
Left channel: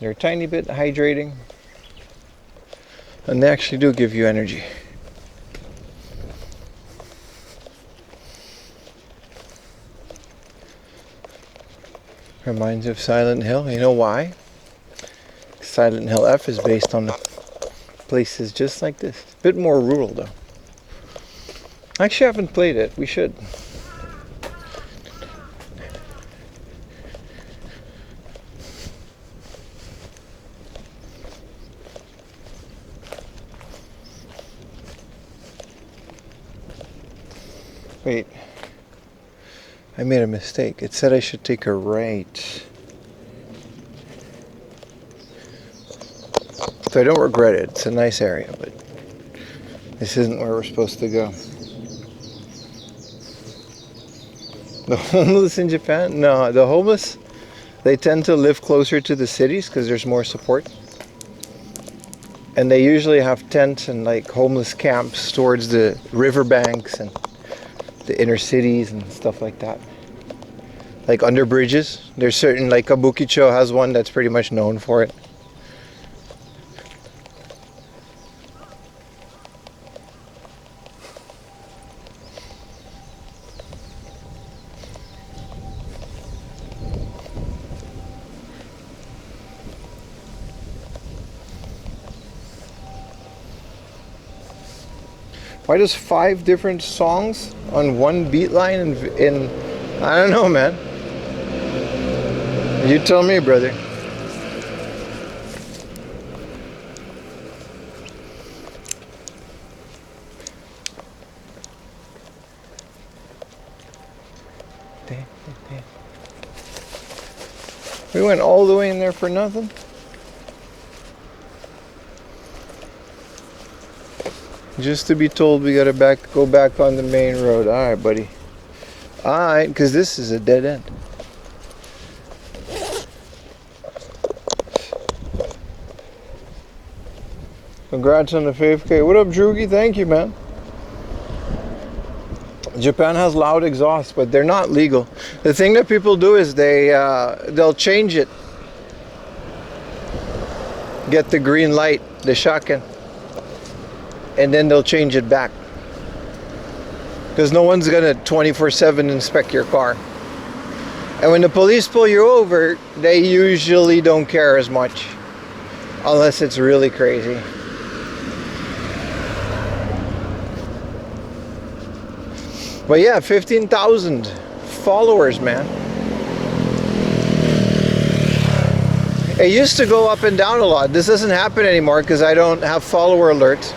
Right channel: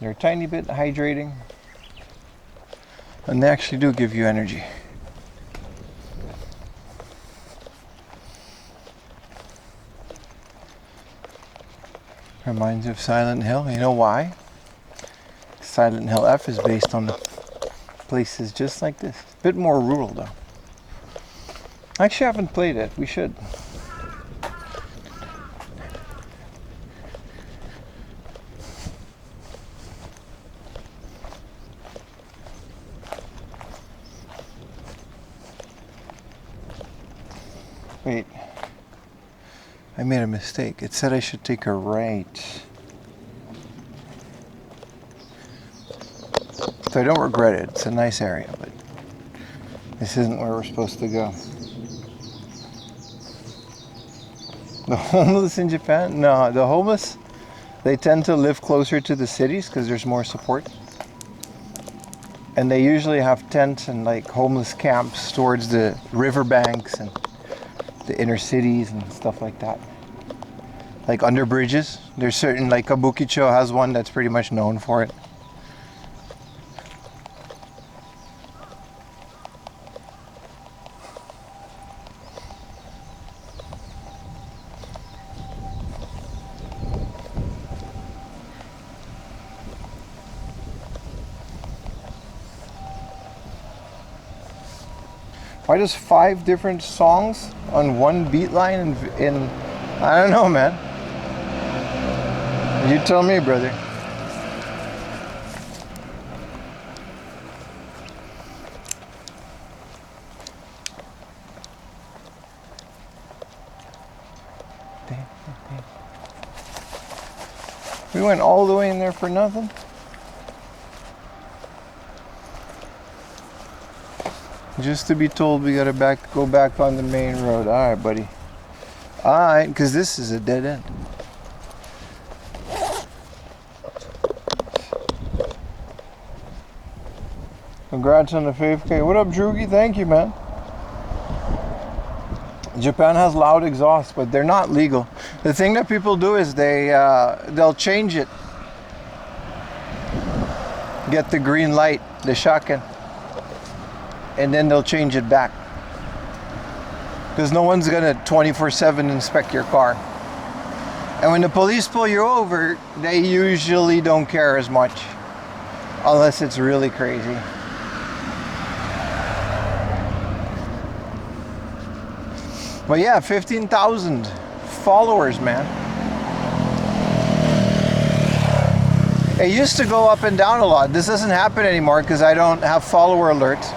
They're a tiny bit hydrating, and they actually do give you energy. Reminds you of Silent Hill. You know why? Silent Hill F is based on places just like this. A bit more rural though. I actually haven't played it. We should. Wait, I made a mistake. It said I should take a right. So I don't regret it. It's a nice area, but This isn't where we're supposed to go. The homeless in Japan? No, the homeless, they tend to live closer to the cities because there's more support. And they usually have tents and like homeless camps towards the riverbanks and the inner cities and stuff like that. Like under bridges. There's certain, like Kabukicho has one that's pretty much known for it. Why does 5 different songs on one beat line in I don't know, man. You tell me, brother. We went all the way in there for nothing. Just to be told we gotta go back on the main road. All right, buddy. All right, because this is a dead end. Congrats on the 5K. What up, Drugi? Thank you, man. Japan has loud exhaust, but they're not legal. The thing that people do is they'll change it. Get the green light, the shaken. And then they'll change it back. Because no one's gonna 24/7 inspect your car. And when the police pull you over, they usually don't care as much. Unless it's really crazy. But yeah, 15,000 followers, man. It used to go up and down a lot. This doesn't happen anymore because I don't have follower alerts.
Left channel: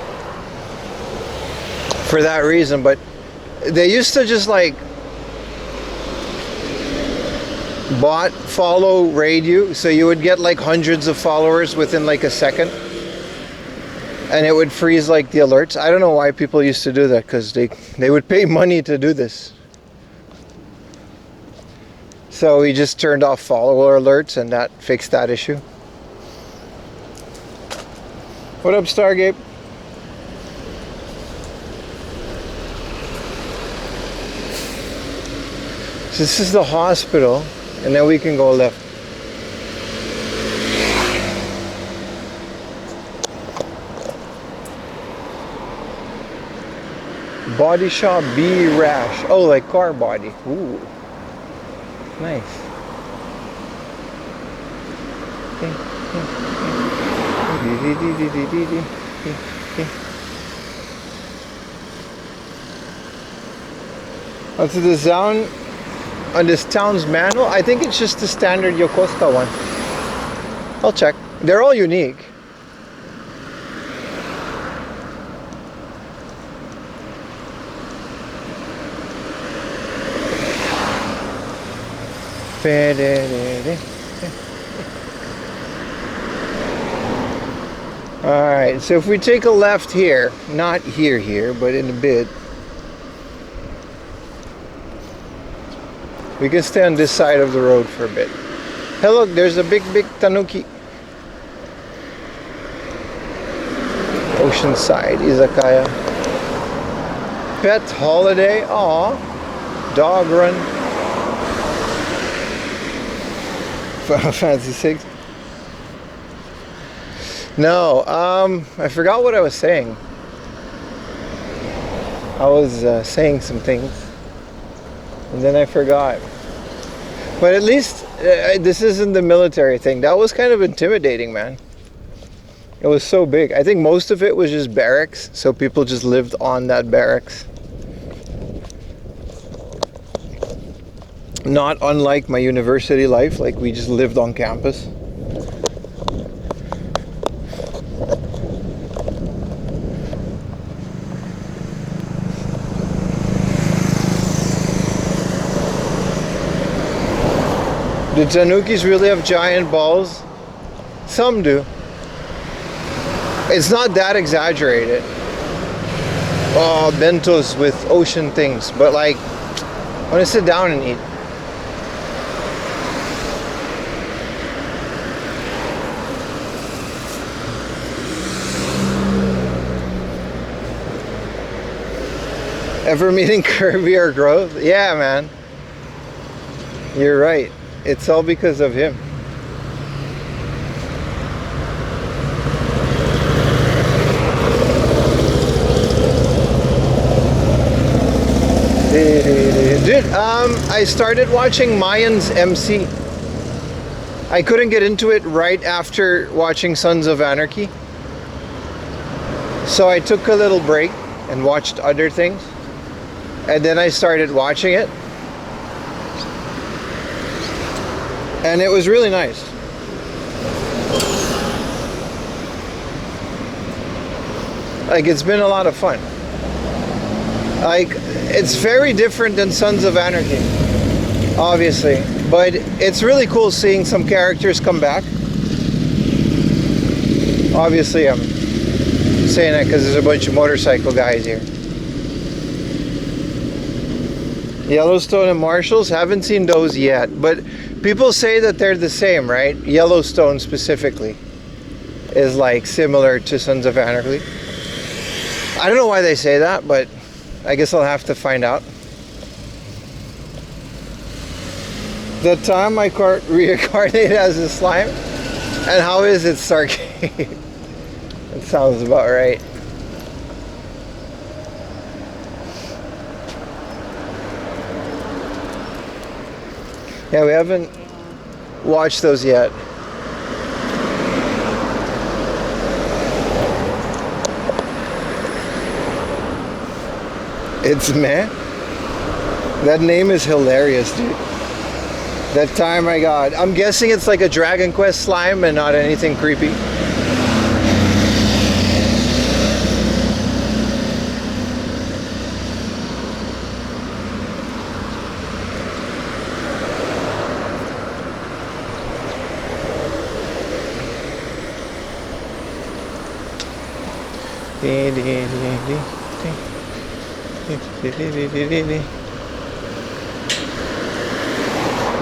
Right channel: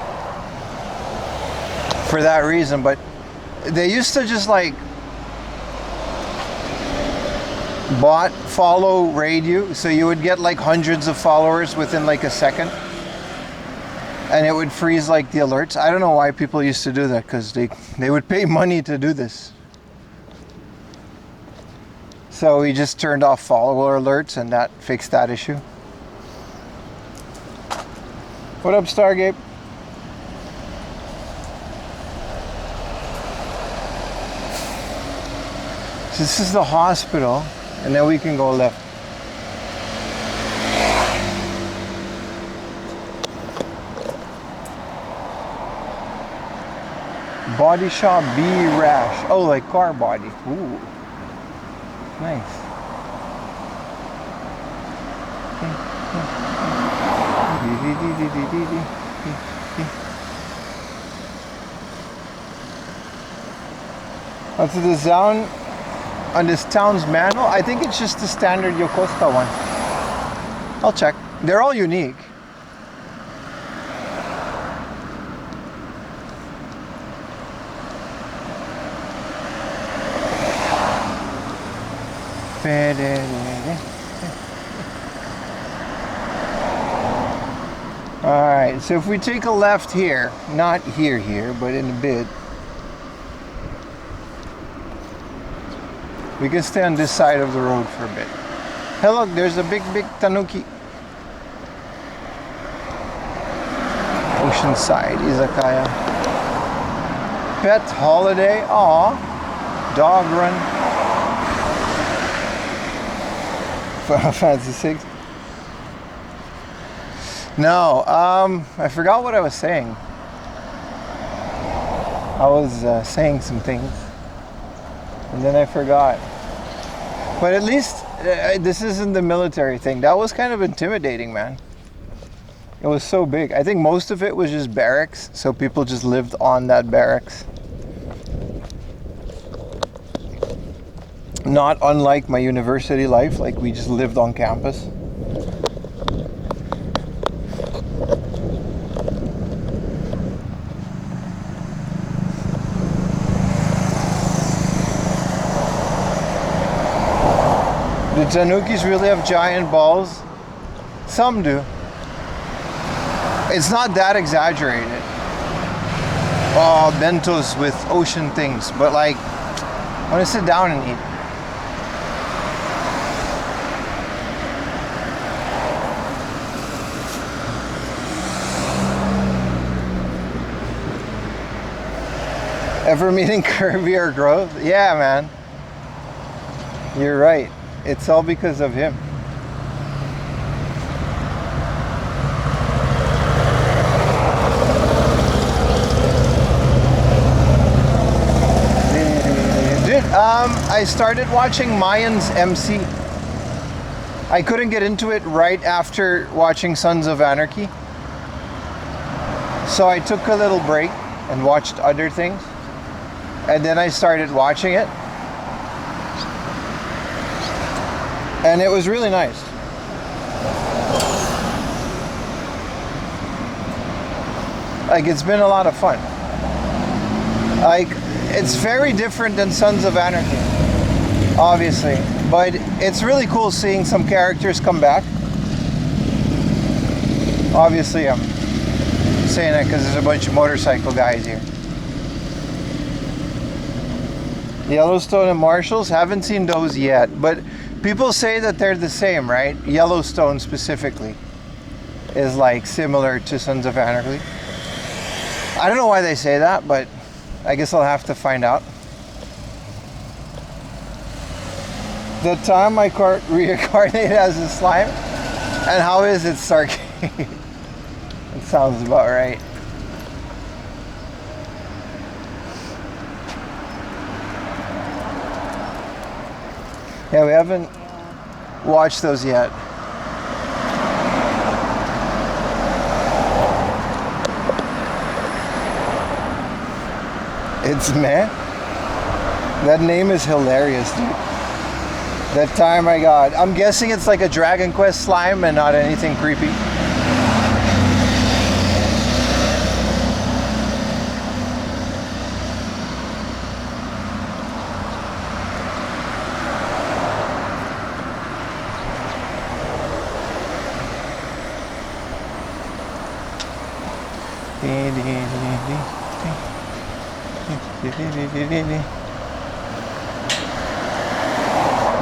For that reason, but they used to just like follow, raid you, so you would get like hundreds of followers within like a second, and it would freeze like the alerts. I don't know why people used to do that, because they would pay money to do this. So we just turned off follower alerts, and that fixed that issue. What up, Stargate? So this is the hospital, and then we can go left. Body shop B Rash. Oh, like car body. Ooh. Nice. Onto the sound. On this town's manual, I think it's just the standard Yokosuka one. I'll check. They're all unique. Alright, so if we take a left here, not here, but in a bit, we can stay on this side of the road for a bit. Hey look, there's a big tanuki. Oceanside Izakaya. Pet holiday. Aw. Dog run. Final Fantasy 6. No, I forgot what I was saying. I was saying some things, and then I forgot. But at least this isn't the military thing. That was kind of intimidating, man. It was so big. I think most of it was just barracks, so people just lived on that barracks. Not unlike my university life, like we just lived on campus. Do tanukis really have giant balls? Some do. It's not that exaggerated. Oh, bentos with ocean things, but like, I want to sit down and eat. Ever meeting Kirby or Growth? Yeah, man. You're right. It's all because of him. Dude, I started watching Mayans MC. I couldn't get into it right after watching Sons of Anarchy. So I took a little break and watched other things. And then I started watching it. And it was really nice. Like, it's been a lot of fun. Like, it's very different than Sons of Anarchy, obviously. But it's really cool seeing some characters come back. Obviously, I'm saying that because there's a bunch of motorcycle guys here. Yellowstone and Marshalls, haven't seen those yet, but people say that they're the same, right? Yellowstone specifically is like similar to Sons of Anarchy. I don't know why they say that, but I guess I'll have to find out. The time I reincarnated as a slime, and how is it, Starkey? It sounds about right. Yeah, we haven't watched those yet. It's meh. That name is hilarious, dude. That time I got, I'm guessing it's like a Dragon Quest slime and not anything creepy.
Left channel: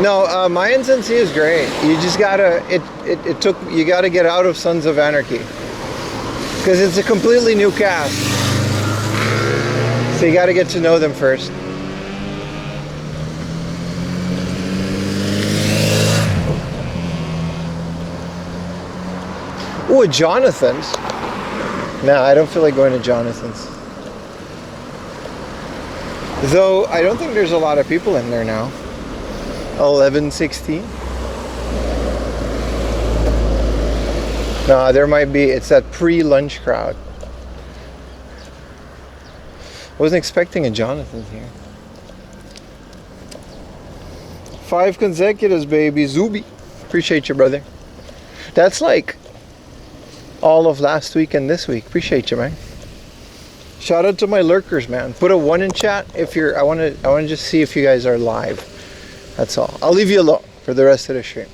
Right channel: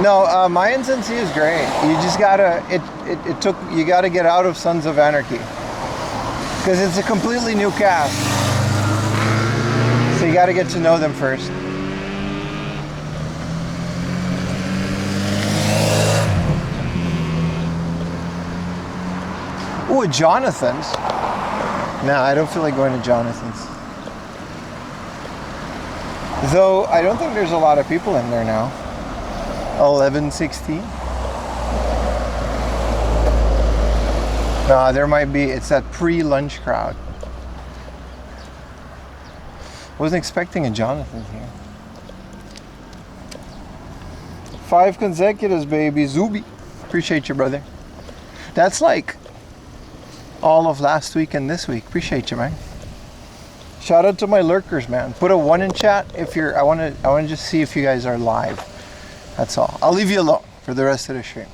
No, Mayans NC is great. You just gotta, you gotta get out of Sons of Anarchy. Because it's a completely new cast. So you gotta get to know them first. Ooh, a Jonathan's. Nah, I don't feel like going to Jonathan's. Though, I don't think there's a lot of people in there now. 11:16. Nah, there might be. It's that pre-lunch crowd. Wasn't expecting a Jonathan here. 5 consecutives, baby. Zubi. Appreciate you, brother. That's like all of last week and this week. Appreciate you, man. Shout out to my lurkers, man. Put a 1 in chat if you're. I want to just see if you guys are live. That's all. I'll leave you alone for the rest of the stream.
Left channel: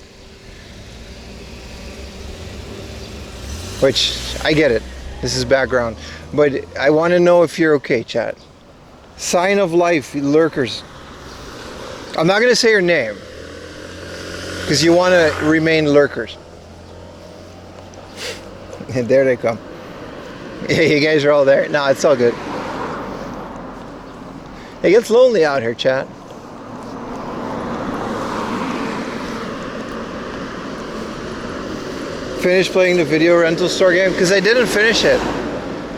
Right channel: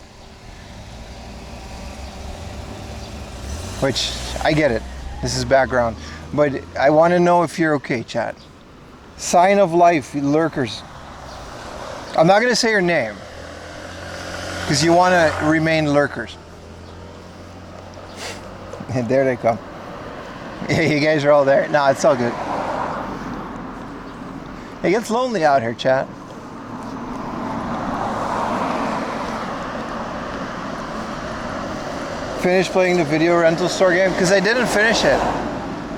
Which I get it. This is background, but I want to know if you're okay, chat. Sign of life, lurkers. I'm not gonna say your name because you want to remain lurkers. And there they come. Yeah, you guys are all there. Nah, it's all good. It gets lonely out here, chat. Finished playing the video rental store game because I didn't finish it.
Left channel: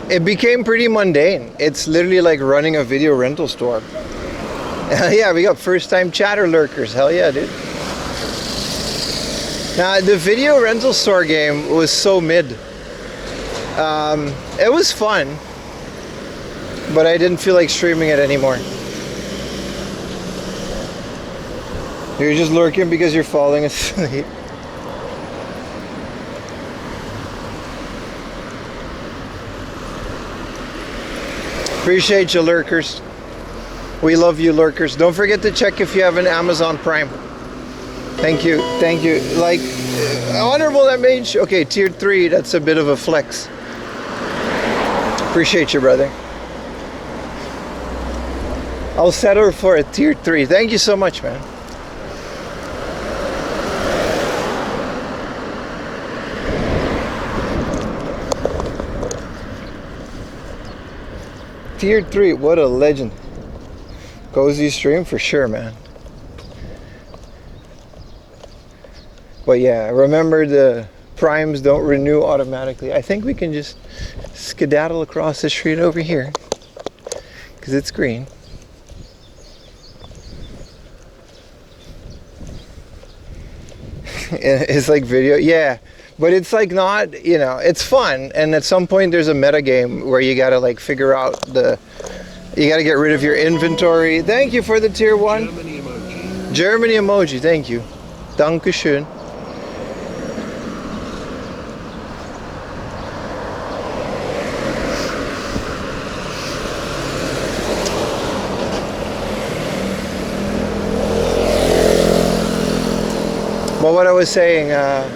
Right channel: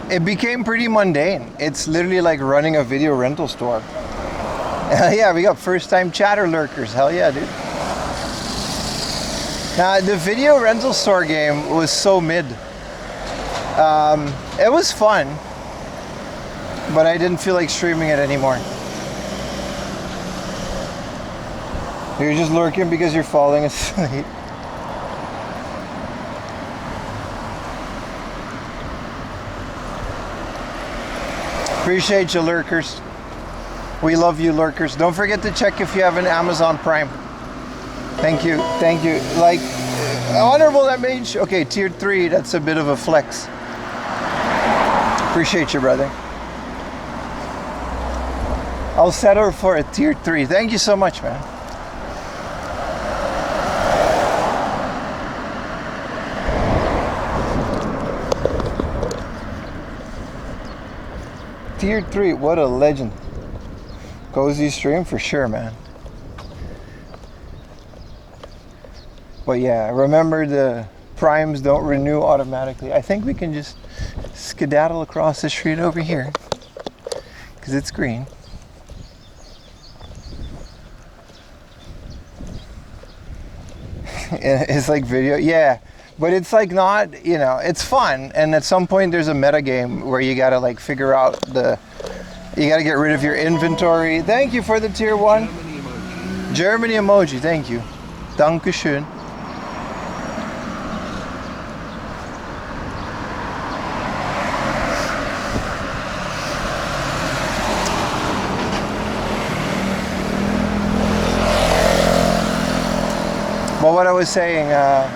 It became pretty mundane. It's literally like running a video rental store. Hell yeah, we got first time chatter lurkers. Hell yeah, dude. Now, the video rental store game was so mid. It was fun, but I didn't feel like streaming it anymore. You're just lurking because you're falling asleep. Appreciate you, lurkers. We love you, lurkers. Don't forget to check if you have an Amazon Prime. Thank you, thank you. Like, honorable MH. Okay, tier 3, that's a bit of a flex. Appreciate you, brother. I'll settle for a tier 3. Thank you so much, man. Tier 3, what a legend. Cozy stream for sure, man. But yeah, remember the primes don't renew automatically. I think we can just skedaddle across the street over here because it's green. It's like video, yeah, but it's like not, you know, it's fun, and at some point there's a meta game where you gotta like figure out you gotta get rid of your inventory. Thank you for the tier 1 Germany emoji. Germany emoji. Thank you. Dankeschön. But what I was saying, yeah,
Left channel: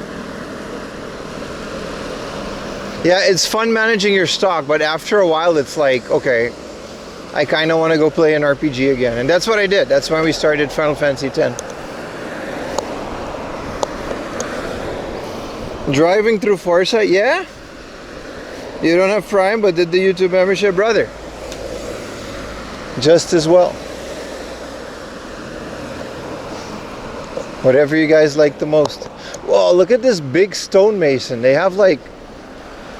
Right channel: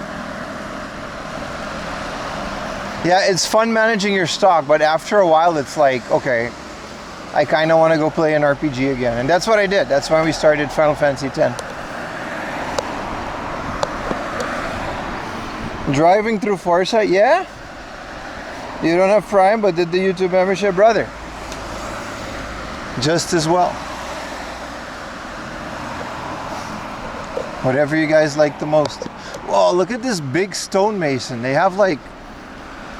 it's fun managing your stock, but after a while it's like, okay, I kind of want to go play an RPG again. And that's what I did. That's when we started Final Fantasy X. Driving through Foresight, yeah? You don't have Prime, but did the YouTube membership, brother? Just as well. Whatever you guys like the most. Whoa, look at this big stonemason. They have like,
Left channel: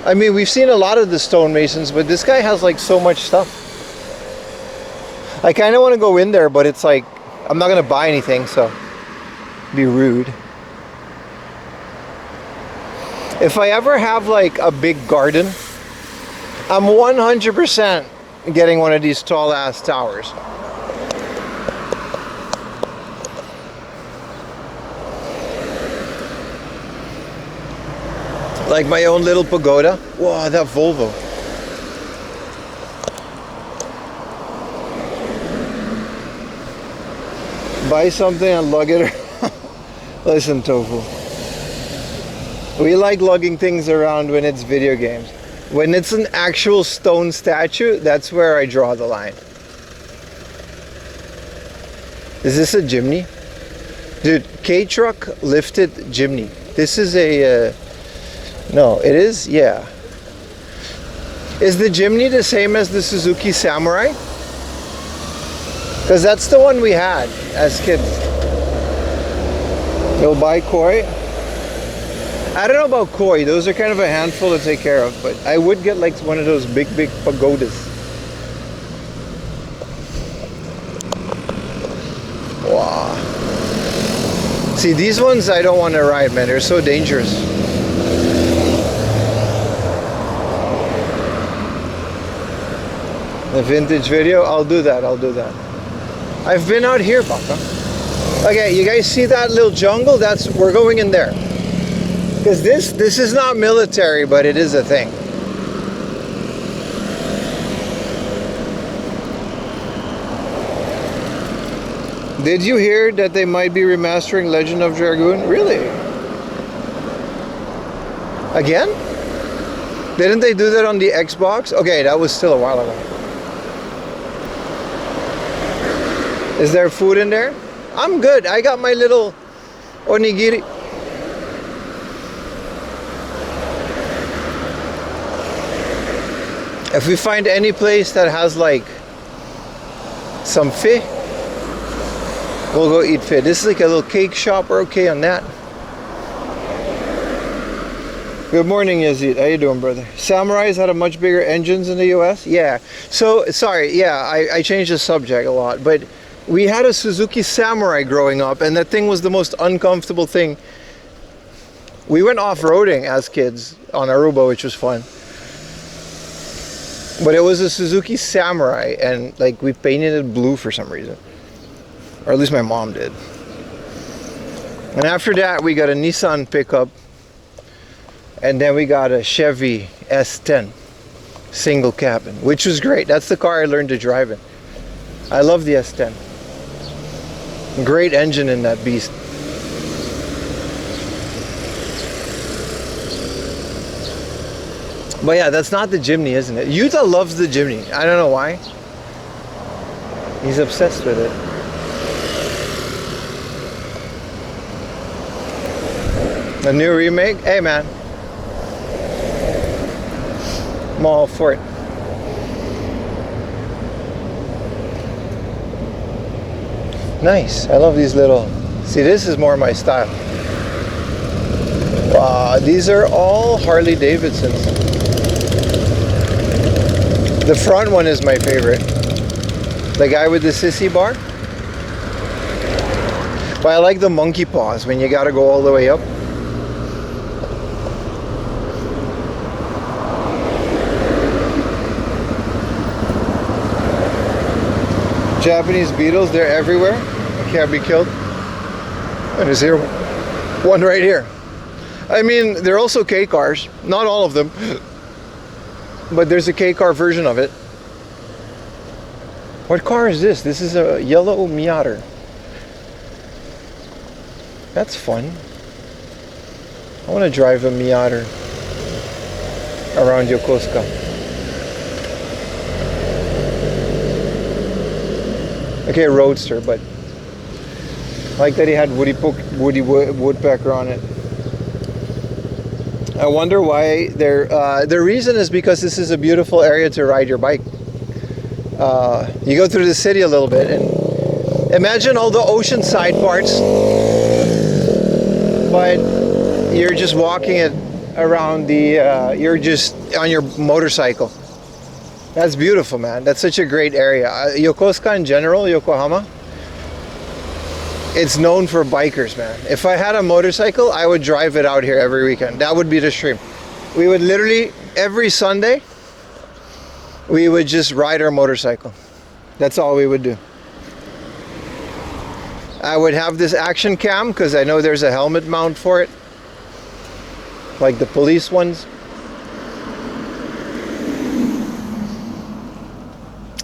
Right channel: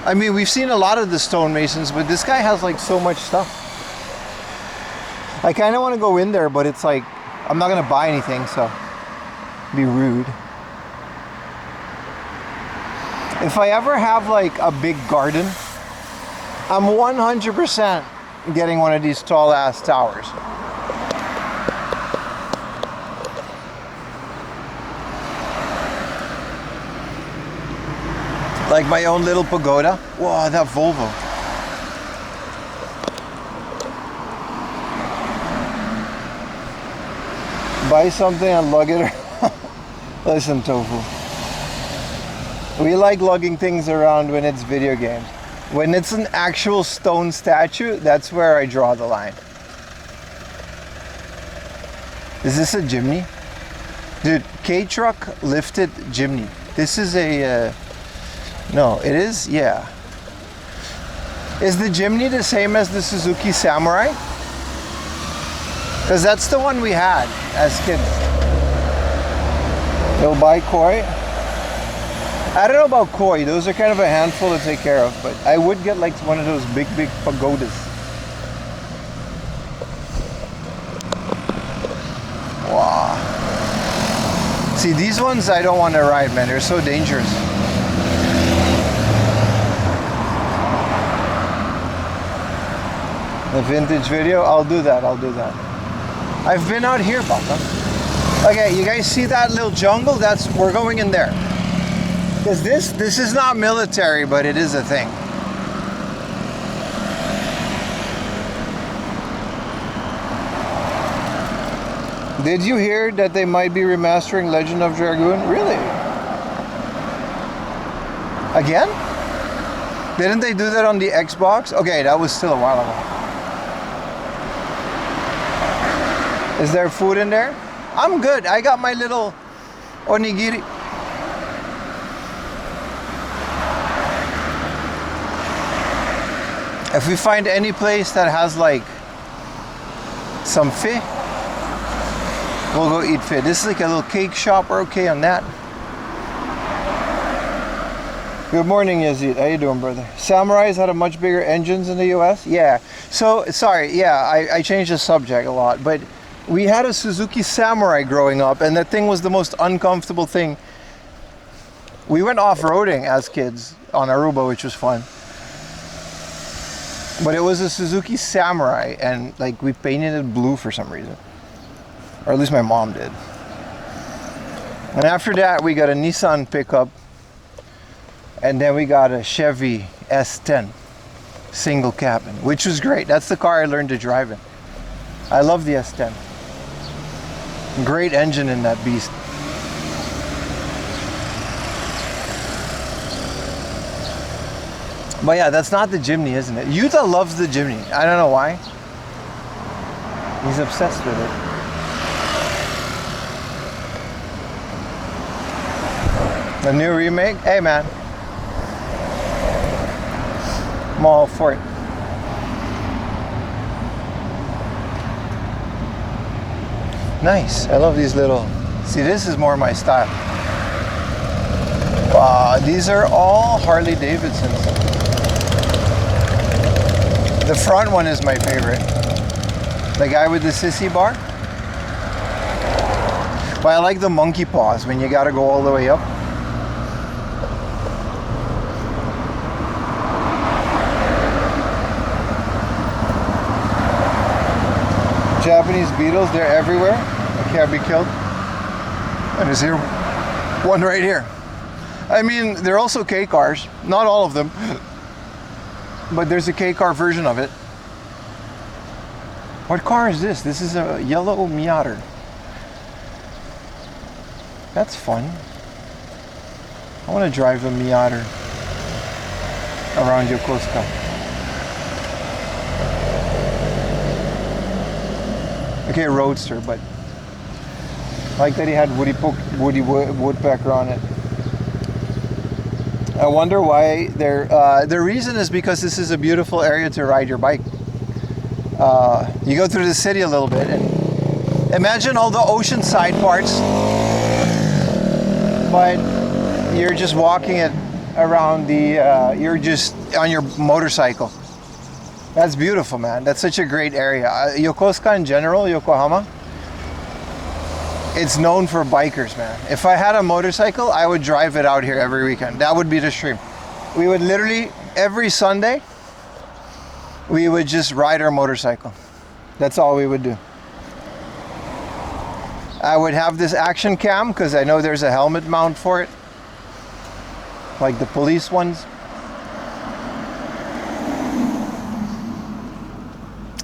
I mean, we've seen a lot of the stonemasons, but this guy has like so much stuff. I kind of want to go in there, but it's like, I'm not going to buy anything, so be rude. If I ever have like a big garden, I'm 100% getting one of these tall ass towers. Like my own little pagoda. Whoa, that Volvo. Buy something and lug it. Listen, Tofu. We like lugging things around when it's video games. When it's an actual stone statue, that's where I draw the line. Is this a Jimny? Dude, Kei Truck lifted Jimny. This is a... no, it is? Yeah. Is the Jimny the same as the Suzuki Samurai? Because that's the one we had as kids. You'll buy koi? I don't know about koi. Those are kind of a handful to take care of. But I would get like one of those big pagodas. Wow. See, these ones I don't want to ride, man. They're so dangerous. The vintage video, I'll do that. I've been out here, Baka. Okay, you guys see that little jungle? We're going in there. Because this is not military, but it is a thing. Did you hear that they might be remastering Legend of Dragoon? Really? Again? Didn't they do that on the Xbox? Okay, that was still a while ago. Is there food in there? I'm good. I got my little onigiri. If we find any place that has like some fish, we'll go eat fish. This is like a little cake shop. We're okay on that. Good morning, Yazid. How you doing, brother? Samurais had a much bigger engines in the US? Yeah. So, sorry, yeah, I changed the subject a lot, but we had a Suzuki Samurai growing up, and that thing was the most uncomfortable thing. We went off-roading as kids on Aruba, which was fun. But it was a Suzuki Samurai, and like we painted it blue for some reason. Or at least my mom did. And after that, we got a Nissan pickup. And then we got a Chevy S10 single cabin, which was great. That's the car I learned to drive in. I love the S10. Great engine in that beast. But yeah, that's not the Jimny, isn't it? Utah loves the Jimny. I don't know why. He's obsessed with it. A new remake? Hey man. I'm all for it. Nice. I love these little... See, this is more my style. Wow, these are all Harley Davidsons. The front one is my favorite. The guy with the sissy bar. But I like the monkey paws when you gotta go all the way up. Japanese beetles, they're everywhere. I can't be killed. And is here one right here. I mean, they're also K cars. Not all of them. But there's a K car version of it. What car is this? This is a yellow Miata. That's fun. I want to drive a Miata around Yokosuka. Okay, roadster, but I like that he had Woody Woodpecker on it. I wonder why they're... the reason is because this is a beautiful area to ride your bike. You go through the city a little bit and imagine all the oceanside parts, but you're just walking it around the... you're just on your motorcycle. That's beautiful, man. That's such a great area. Yokosuka in general, Yokohama, it's known for bikers, man. If I had a motorcycle, I would drive it out here every weekend. That would be the stream. We would literally, every Sunday, we would just ride our motorcycle. That's all we would do. I would have this action cam because I know there's a helmet mount for it, like the police ones.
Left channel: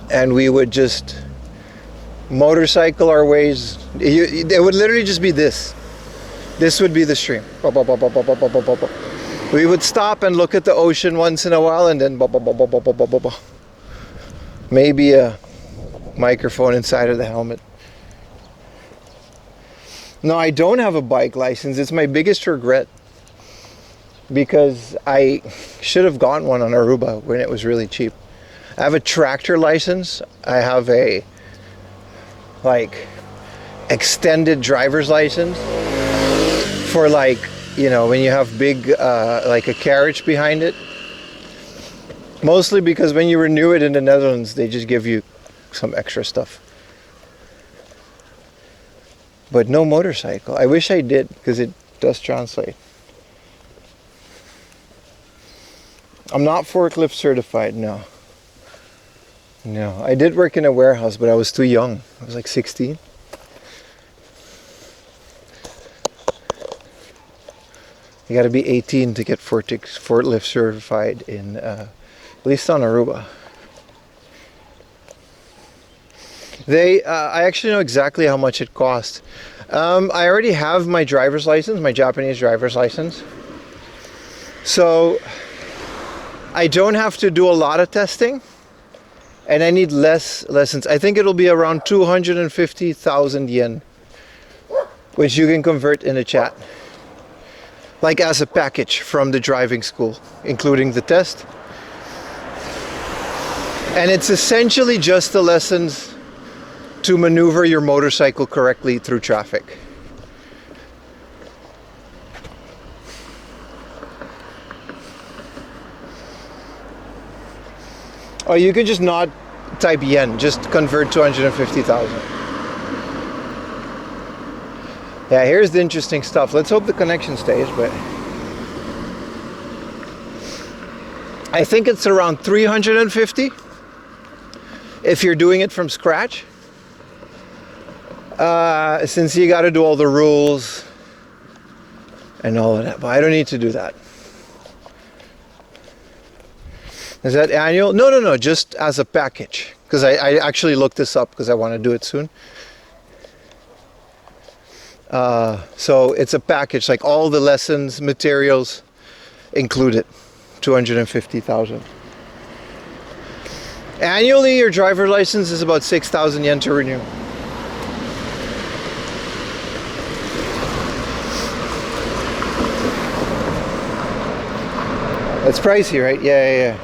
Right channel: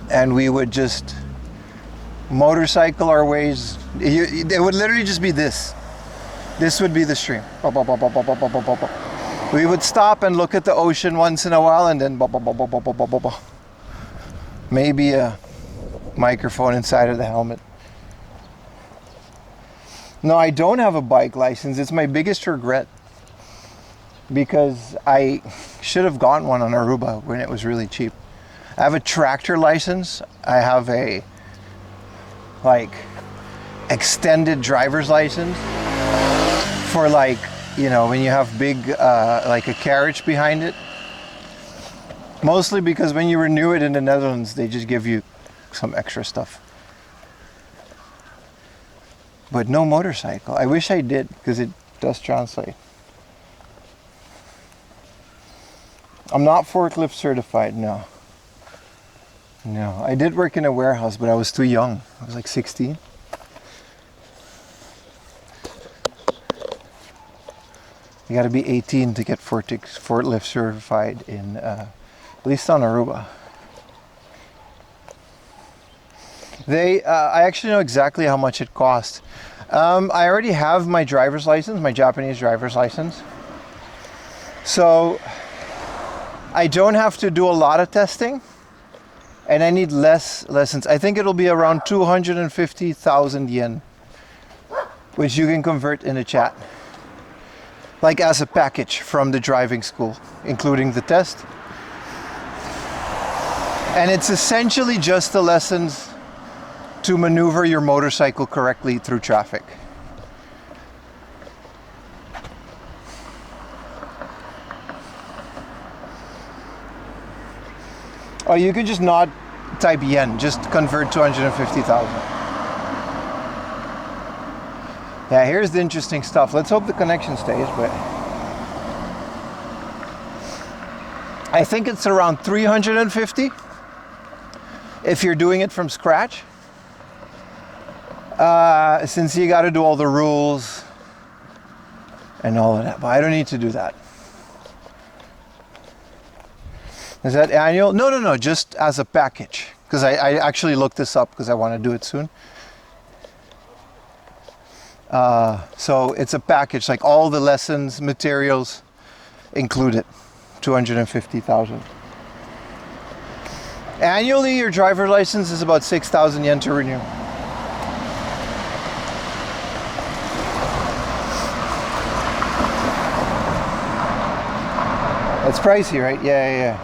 And we would just motorcycle our ways. It would literally just be this. This would be the stream. We would stop and look at the ocean once in a while, and then maybe a microphone inside of the helmet. No, I don't have a bike license. It's my biggest regret, because I should have gotten one on Aruba when it was really cheap. I have a tractor license. I have a extended driver's license for when you have big like a carriage behind it. Mostly because when you renew it in the Netherlands, they just give you some extra stuff. But no motorcycle. I wish I did, because it does translate. I'm not forklift certified, no. No, I did work in a warehouse, but I was too young. I was like 16. You got to be 18 to get forklift certified in, at least on Aruba. I actually know exactly how much it costs. I already have my driver's license, my Japanese driver's license. So I don't have to do a lot of testing. And I need less lessons. I think it'll be around 250,000 yen, which you can convert in a chat. Like as a package from the driving school, including the test. And it's essentially just the lessons to maneuver your motorcycle correctly through traffic. Oh, you can just not type yen, just convert 250,000. Yeah, here's the interesting stuff. Let's hope the connection stays, but I think it's around 350 if you're doing it from scratch. Since you got to do all the rules and all of that, but I don't need to do that. Is that annual? No, just as a package. Because I actually looked this up because I want to do it soon. So it's a package, like all the lessons, materials included, 250,000. Annually, your driver license is about 6,000 yen to renew. That's pricey, right? Yeah.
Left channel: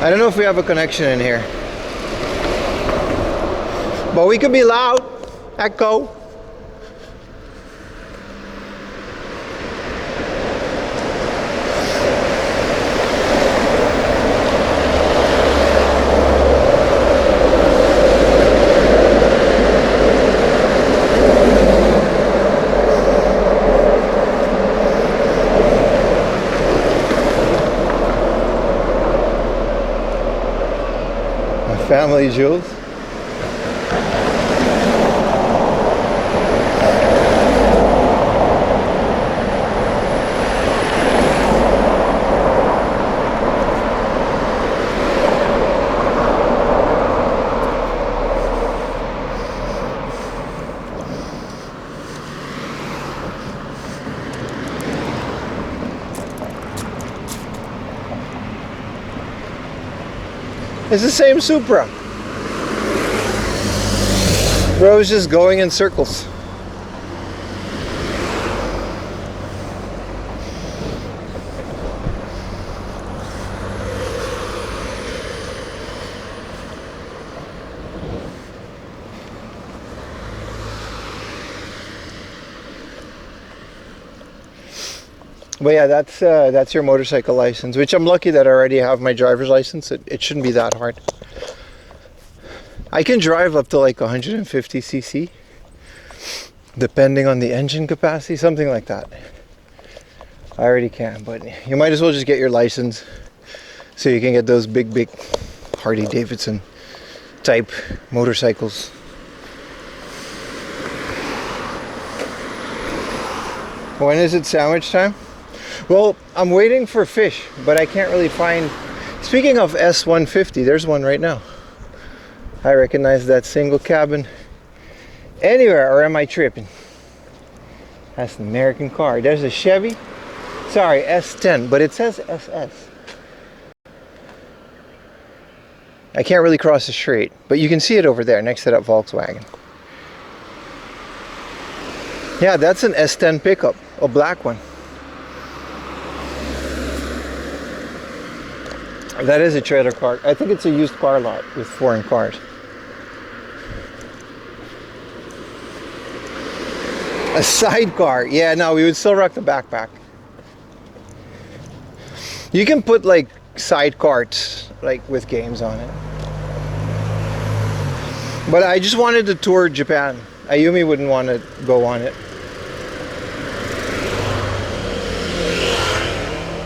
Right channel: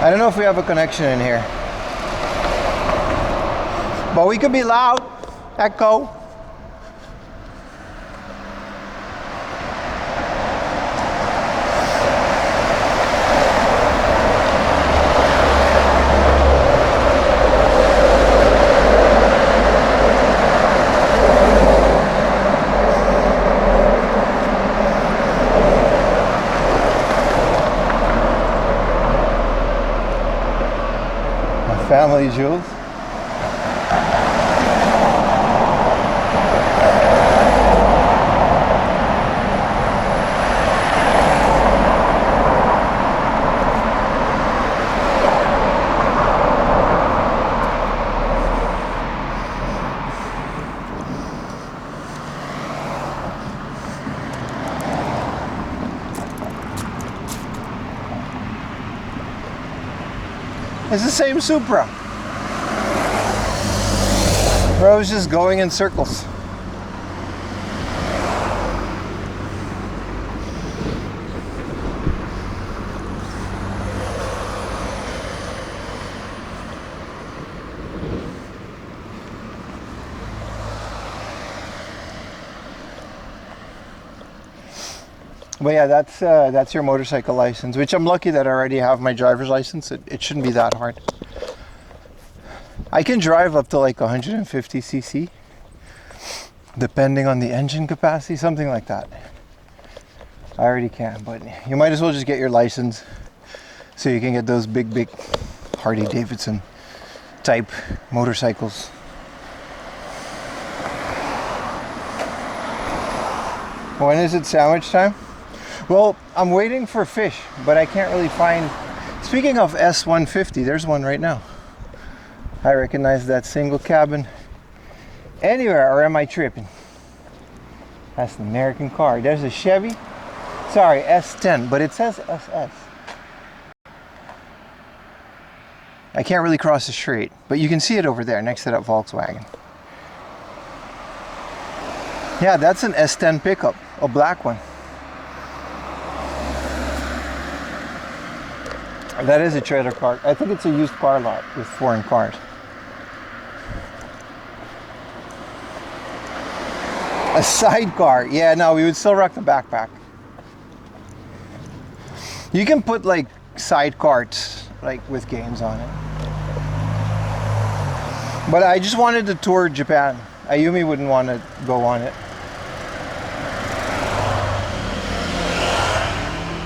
I don't know if we have a connection in here. But we could be loud. Echo. Family jewels. It's the same Supra. Bro's just going in circles. But yeah, that's your motorcycle license, which I'm lucky that I already have my driver's license. It shouldn't be that hard. I can drive up to like 150 cc, depending on the engine capacity, something like that. I already can, but you might as well just get your license so you can get those big Harley Davidson type motorcycles. When is it sandwich time? Well, I'm waiting for fish, but I can't really find... Speaking of S150, there's one right now. I recognize that single cabin anywhere, or am I tripping? That's an American car. There's a Chevy. Sorry, S10, but it says SS. I can't really cross the street, but you can see it over there next to that Volkswagen. Yeah, that's an S10 pickup, a black one. That is a trailer car. I think it's a used car lot with foreign cars. A sidecar. Yeah, no, we would still rock the backpack. You can put like side carts like with games on it. But I just wanted to tour Japan. Ayumi wouldn't want to go on it.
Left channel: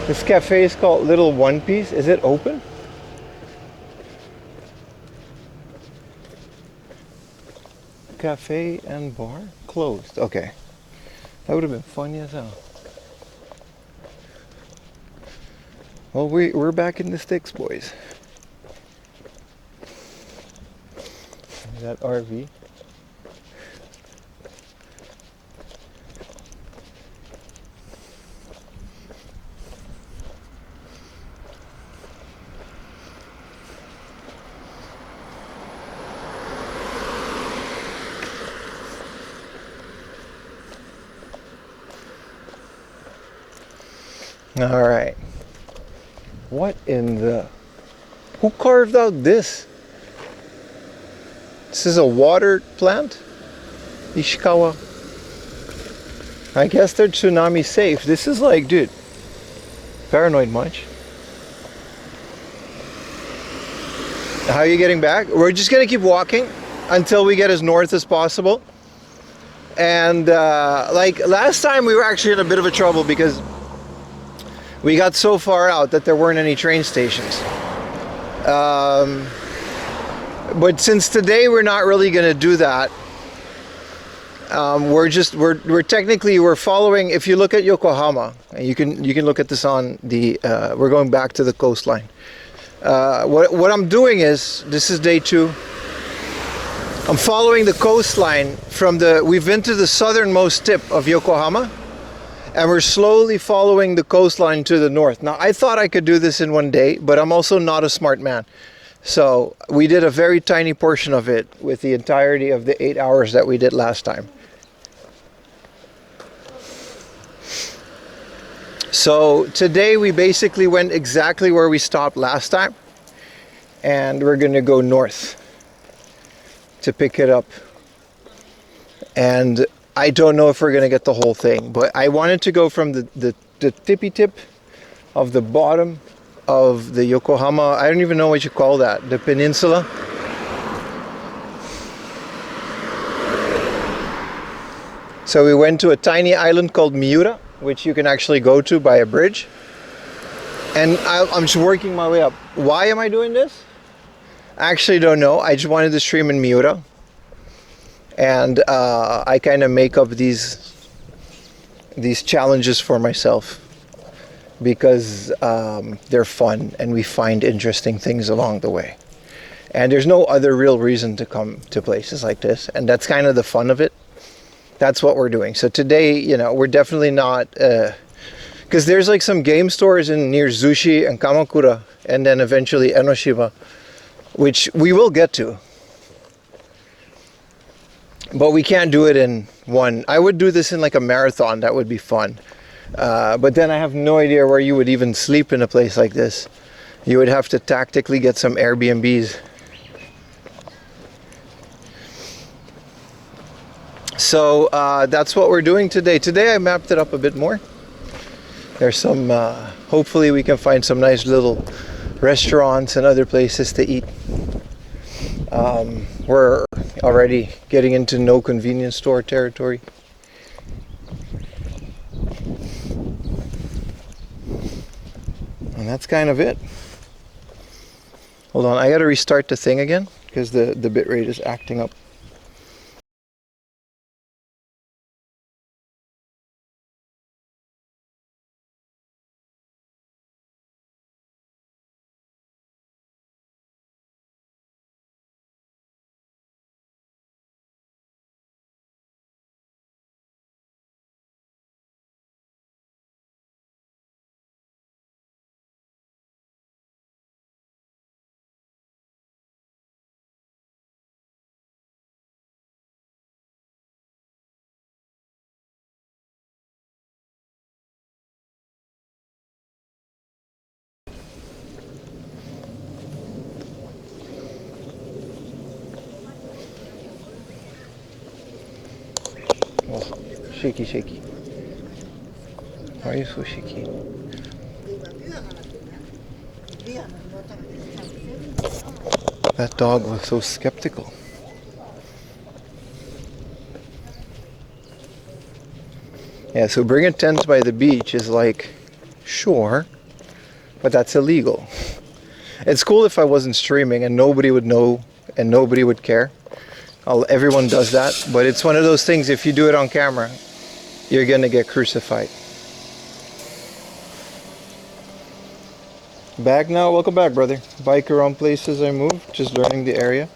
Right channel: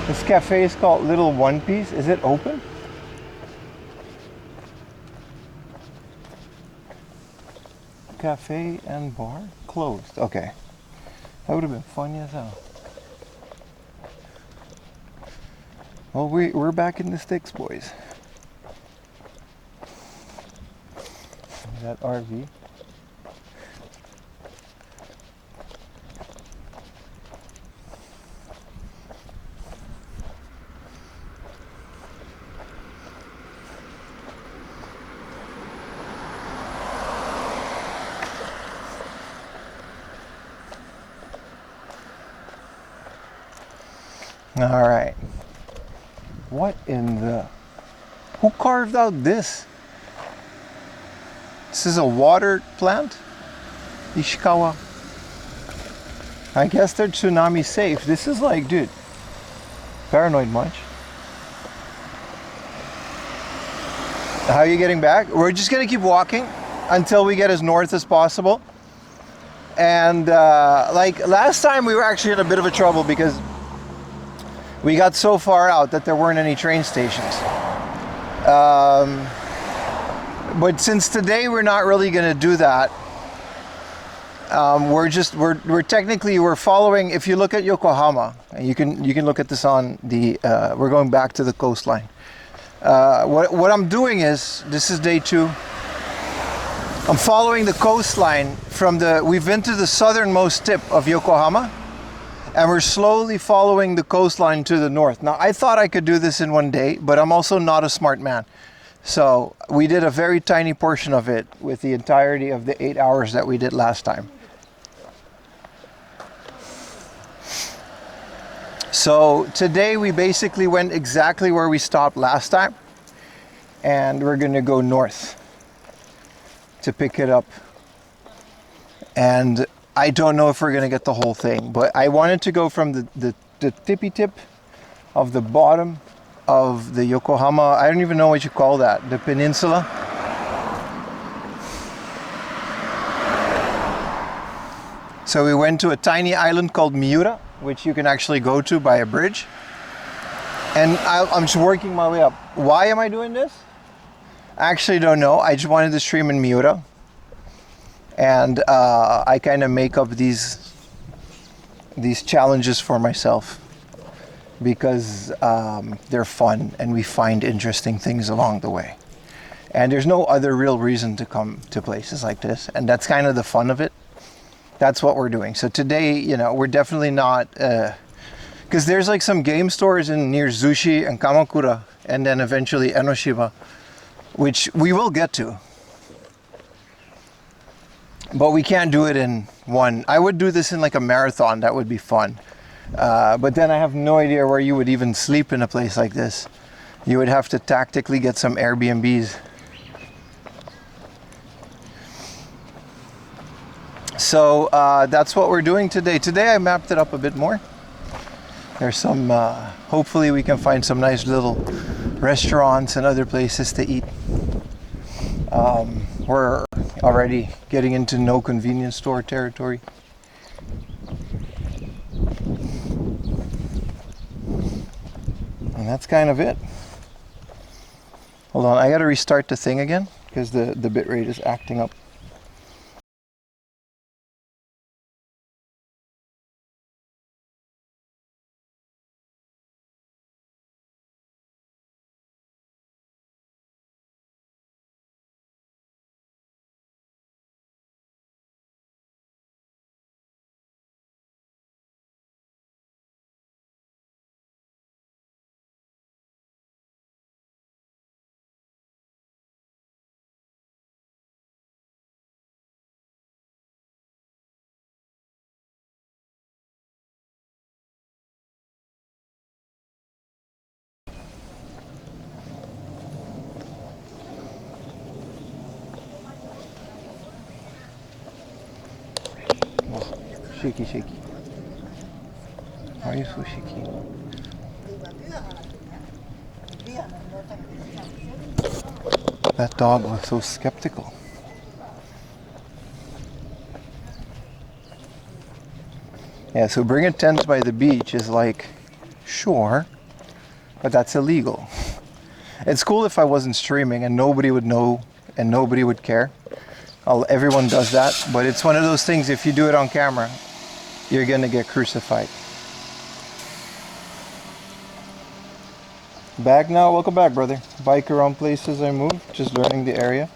This cafe is called Little One Piece. Is it open? Cafe and bar? Closed. Okay. That would have been funny as hell. Well, we're back in the sticks, boys. That RV. All right. What in the... Who carved out this? This is a water plant? Ishikawa. I guess they're tsunami safe. This is like, dude, paranoid much. How are you getting back? We're just gonna keep walking until we get as north as possible. And like last time we were actually in a bit of a trouble because we got so far out that there weren't any train stations. But since today we're not really gonna do that. We're technically following. If you look at Yokohama, and you can look at this on the. We're going back to the coastline. What I'm doing is, this is day 2. I'm following the coastline from the. We've been to the southernmost tip of Yokohama, And we're slowly following the coastline to the north. Now, I thought I could do this in one day, but I'm also not a smart man. So we did a very tiny portion of it with the entirety of the 8 hours that we did last time. So today we basically went exactly where we stopped last time. And we're gonna go north to pick it up. And I don't know if we're gonna get the whole thing, but I wanted to go from the tippy tip of the bottom of the Yokohama, I don't even know what you call that, the peninsula. So we went to a tiny island called Miura, which you can actually go to by a bridge. And I'm just working my way up. Why am I doing this? I actually don't know. I just wanted to stream in Miura. And I kind of make up these challenges for myself because they're fun and we find interesting things along the way. And there's no other real reason to come to places like this. And that's kind of the fun of it. That's what we're doing. So today, you know, we're definitely not, because there's like some game stores in near Zushi and Kamakura and then eventually Enoshima, which we will get to. But we can't do it in one. I would do this in like a marathon. That would be fun. But then I have no idea where you would even sleep in a place like this. You would have to tactically get some Airbnbs. So that's what we're doing today. Today I mapped it up a bit more. There's some, hopefully we can find some nice little restaurants and other places to eat. We're already getting into no convenience store territory. And that's kind of it. Hold on, I gotta restart the thing again because the bitrate is acting up. Oh, shaky, shaky. Why are you so shaky? That dog was so skeptical. Yeah, so bring a tent by the beach is like, sure, but that's illegal. It's cool if I wasn't streaming and nobody would know and nobody would care. Everyone does that, but it's one of those things, if you do it on camera, you're gonna get crucified. Back now, welcome back, brother. Bike around places I move, just learning the area.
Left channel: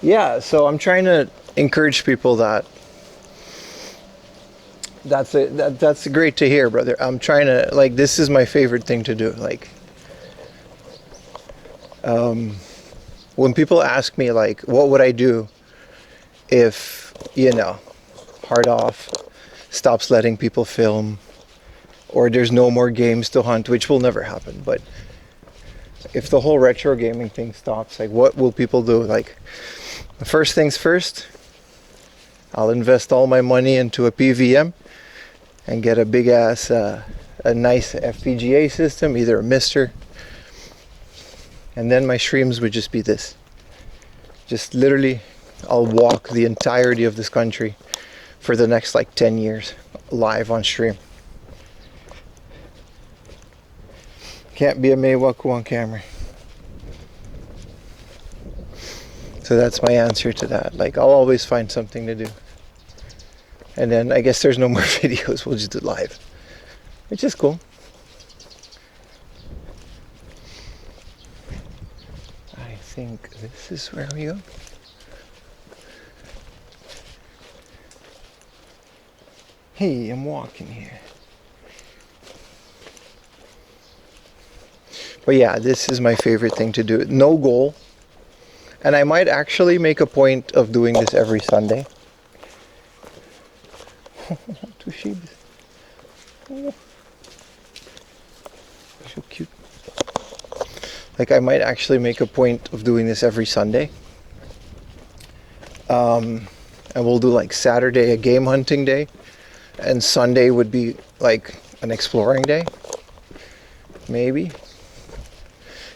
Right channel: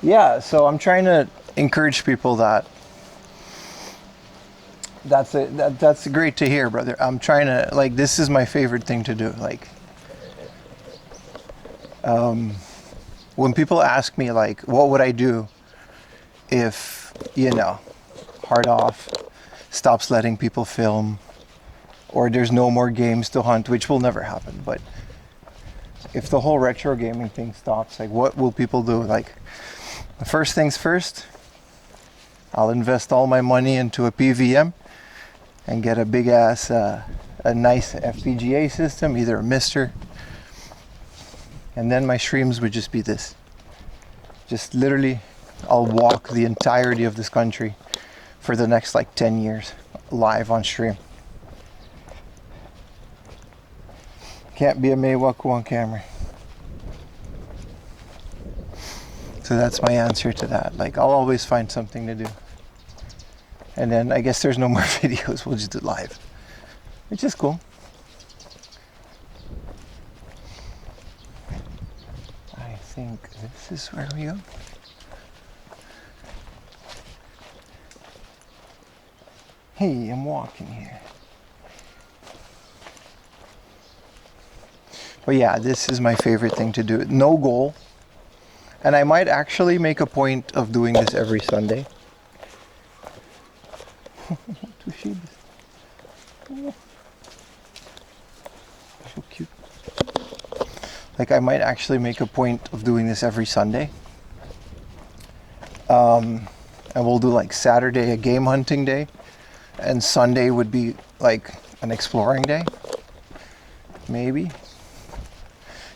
Yeah, so I'm trying to encourage people that that's great to hear, brother. I'm trying to, like, this is my favorite thing to do. Like, when people ask me, like, what would I do if, you know, Hard Off stops letting people film, or there's no more games to hunt, which will never happen, but if the whole retro gaming thing stops, like, what will people do? Like, first things first, I'll invest all my money into a PVM and get a big ass, a nice FPGA system, either a Mister, and then my streams would just be this. Just literally, I'll walk the entirety of this country for the next like 10 years live on stream. Can't be a Meiwaku on camera. So that's my answer to that. Like, I'll always find something to do. And then I guess there's no more videos, we'll just do live. Which is cool. I think this is where we go. Hey, I'm walking here. But yeah, this is my favorite thing to do. No goal. And I might actually make a point of doing this every Sunday. Two sheeps. Oh, so cute. Like I might actually make a point of doing this every Sunday. And we'll do like Saturday a game hunting day, and Sunday would be like an exploring day. Maybe.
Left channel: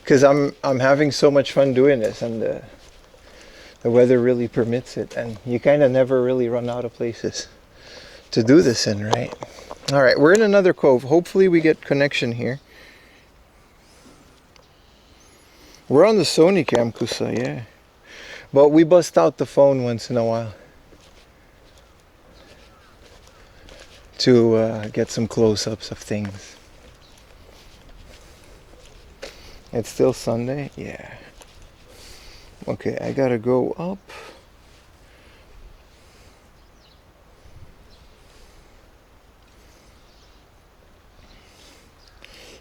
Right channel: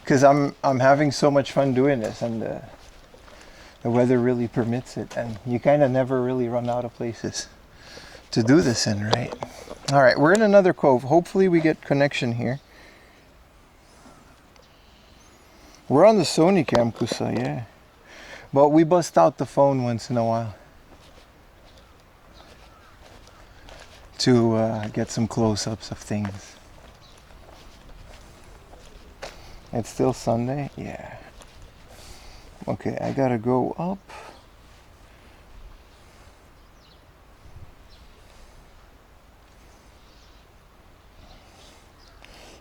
Because I'm having so much fun doing this, and the weather really permits it, and you kind of never really run out of places to do this in, right? All right, we're in another cove. Hopefully we get connection here. We're on the Sony cam, Kusa, yeah. But we bust out the phone once in a while to get some close-ups of things. It's still Sunday? Yeah. Okay, I gotta go up.